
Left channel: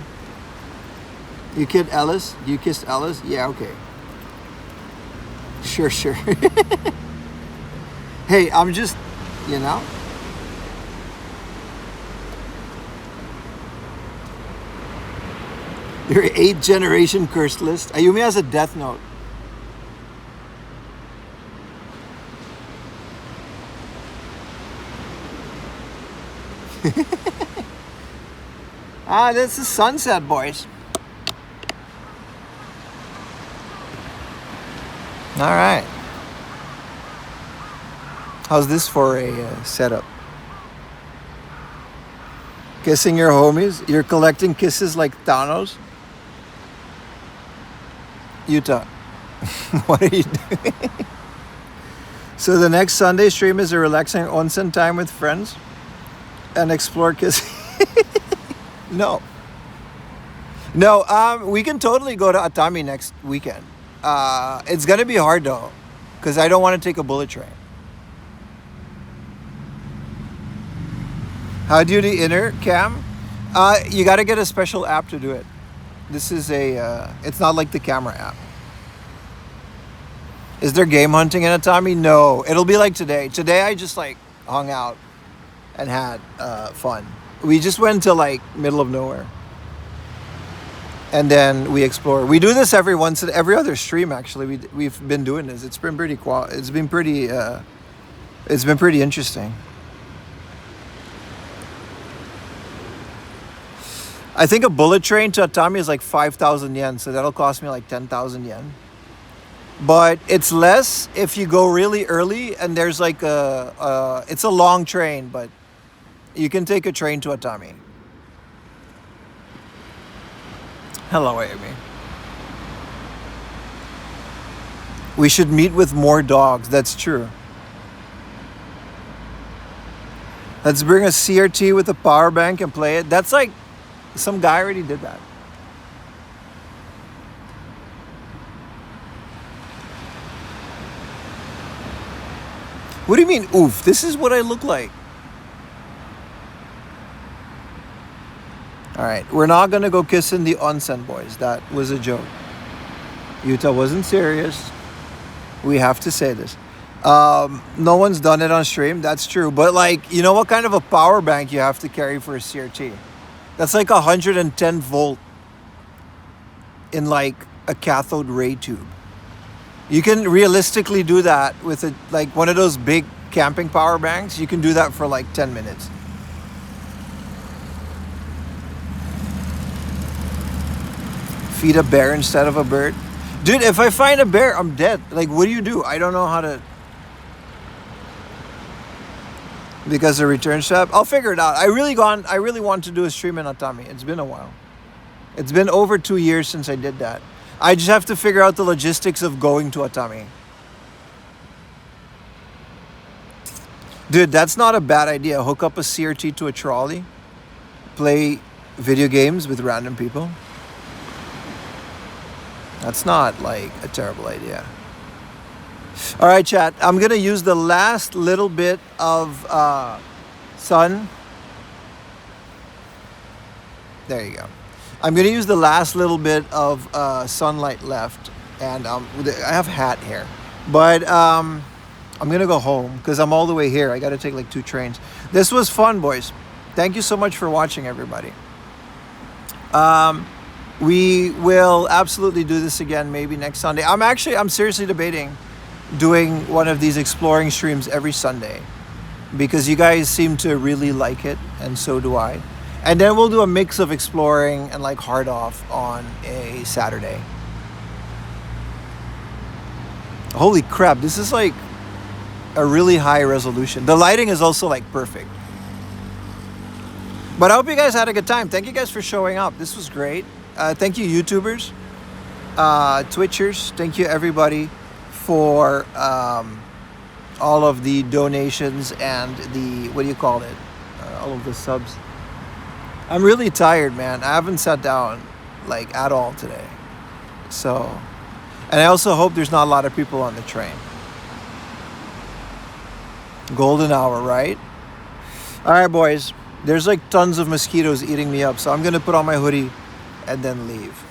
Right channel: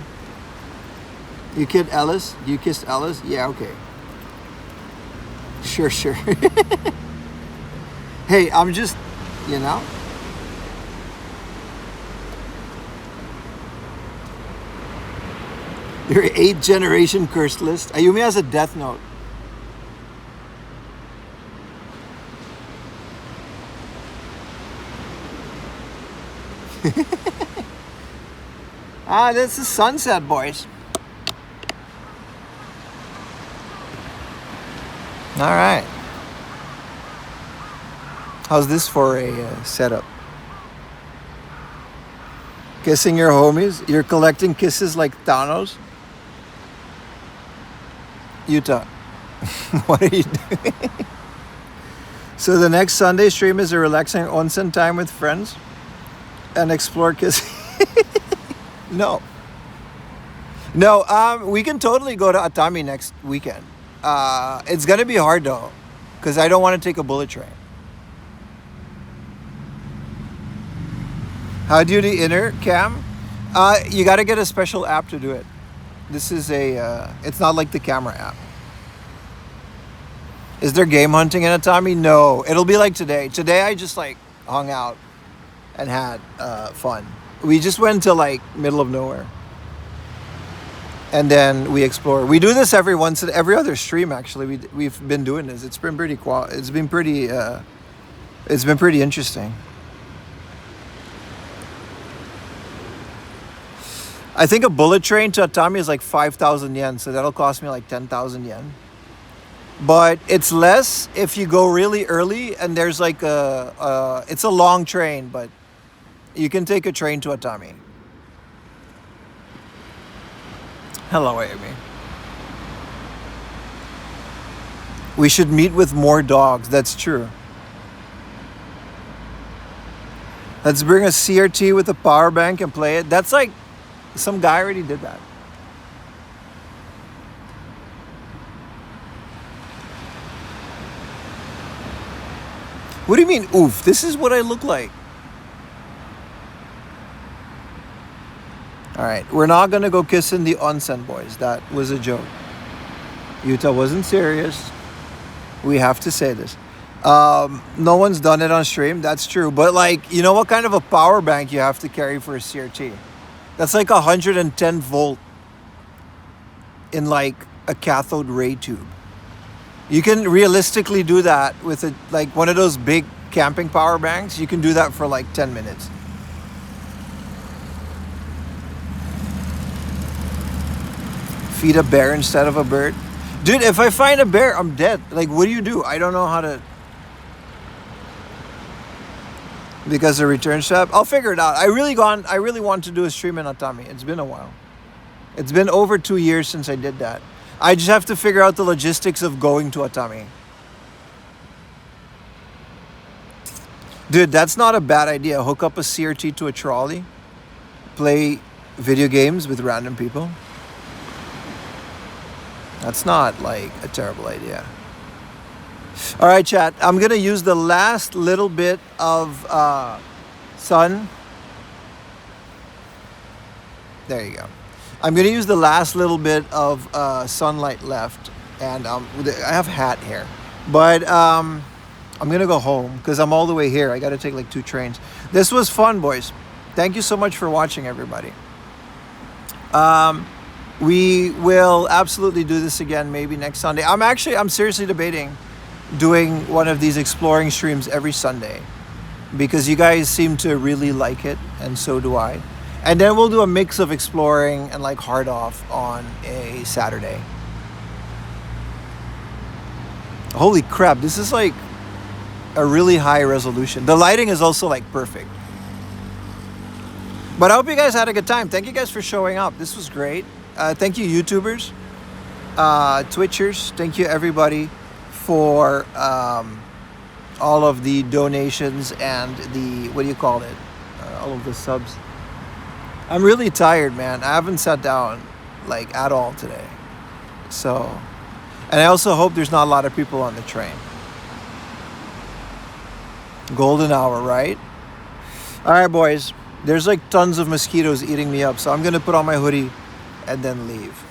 You kissed Ellis? You kissed Ellis? Yeah, okay. Sure. Hey, I'm just, you know. Your 8th generation cursed list. Ayumi has a death note. This is sunset, boys. All right. How's this for a setup? Kissing your homies? You're collecting kisses like Thanos? Yuta, what are you doing? So the next Sunday stream is a relaxing onsen time with friends and explore kissing. No, we can totally go to Atami next weekend. It's gonna be hard though, because I don't want to take a bullet train. How do you do the inner cam? You got to get a special app to do it. This is it's not like the camera app. Is there game hunting in Atami? No, it'll be like today. Today I just like hung out and had fun. We just went to like middle of nowhere. And then we explore. We do this every other stream actually. We've been doing this. It's been pretty It's been pretty interesting. I think a bullet train to Atami is like 5,000 yen, so that'll cost me like 10,000 yen. But it's less if you go really early and there's like it's a long train, but you can take a train to Atami. Hello, Amy. We should meet with more dogs. That's true. Let's bring a CRT with a power bank and play it. That's like, some guy already did that. What do you mean, oof? This is what I look like. All right, we're not gonna go kissing the onsen, boys. That was a joke. Utah wasn't serious. We have to say this. No one's done it on stream. That's true. But like, you know what kind of a power bank you have to carry for a CRT? That's like 110 volt in like a cathode ray tube. You can realistically do that with a, like one of those big camping power banks. You can do that for like 10 minutes. Feed a bear instead of a bird. Dude, if I find a bear, I'm dead. Like, what do you do? I don't know how to... Because the return shop, I'll figure it out. I really want to do a stream in Atami. It's been a while. It's been over 2 years since I did that. I just have to figure out the logistics of going to Atami. Dude, that's not a bad idea. Hook up a CRT to a trolley. Play video games with random people. That's not like a terrible idea. All right, chat. I'm going to use the last little bit of sun. There you go. I'm going to use the last little bit of sunlight left. And I have hat here. But I'm going to go home because I'm all the way here. I got to take like 2 trains. This was fun, boys. Thank you so much for watching, everybody. We will absolutely do this again maybe next Sunday. I'm seriously debating doing one of these exploring streams every Sunday because you guys seem to really like it and so do I. And then we'll do a mix of exploring and like hard off on a Saturday. Holy crap, this is like a really high resolution. The lighting is also like perfect. But I hope you guys had a good time. Thank you guys for showing up. This was great. Thank you, YouTubers, Twitchers. Thank you, everybody, for all of the donations and the, what do you call it? All of the subs. I'm really tired, man. I haven't sat down, like, at all today. So, and I also hope there's not a lot of people on the train. Golden hour, right? All right, boys. There's like tons of mosquitoes eating me up, so I'm going to put on my hoodie and then leave.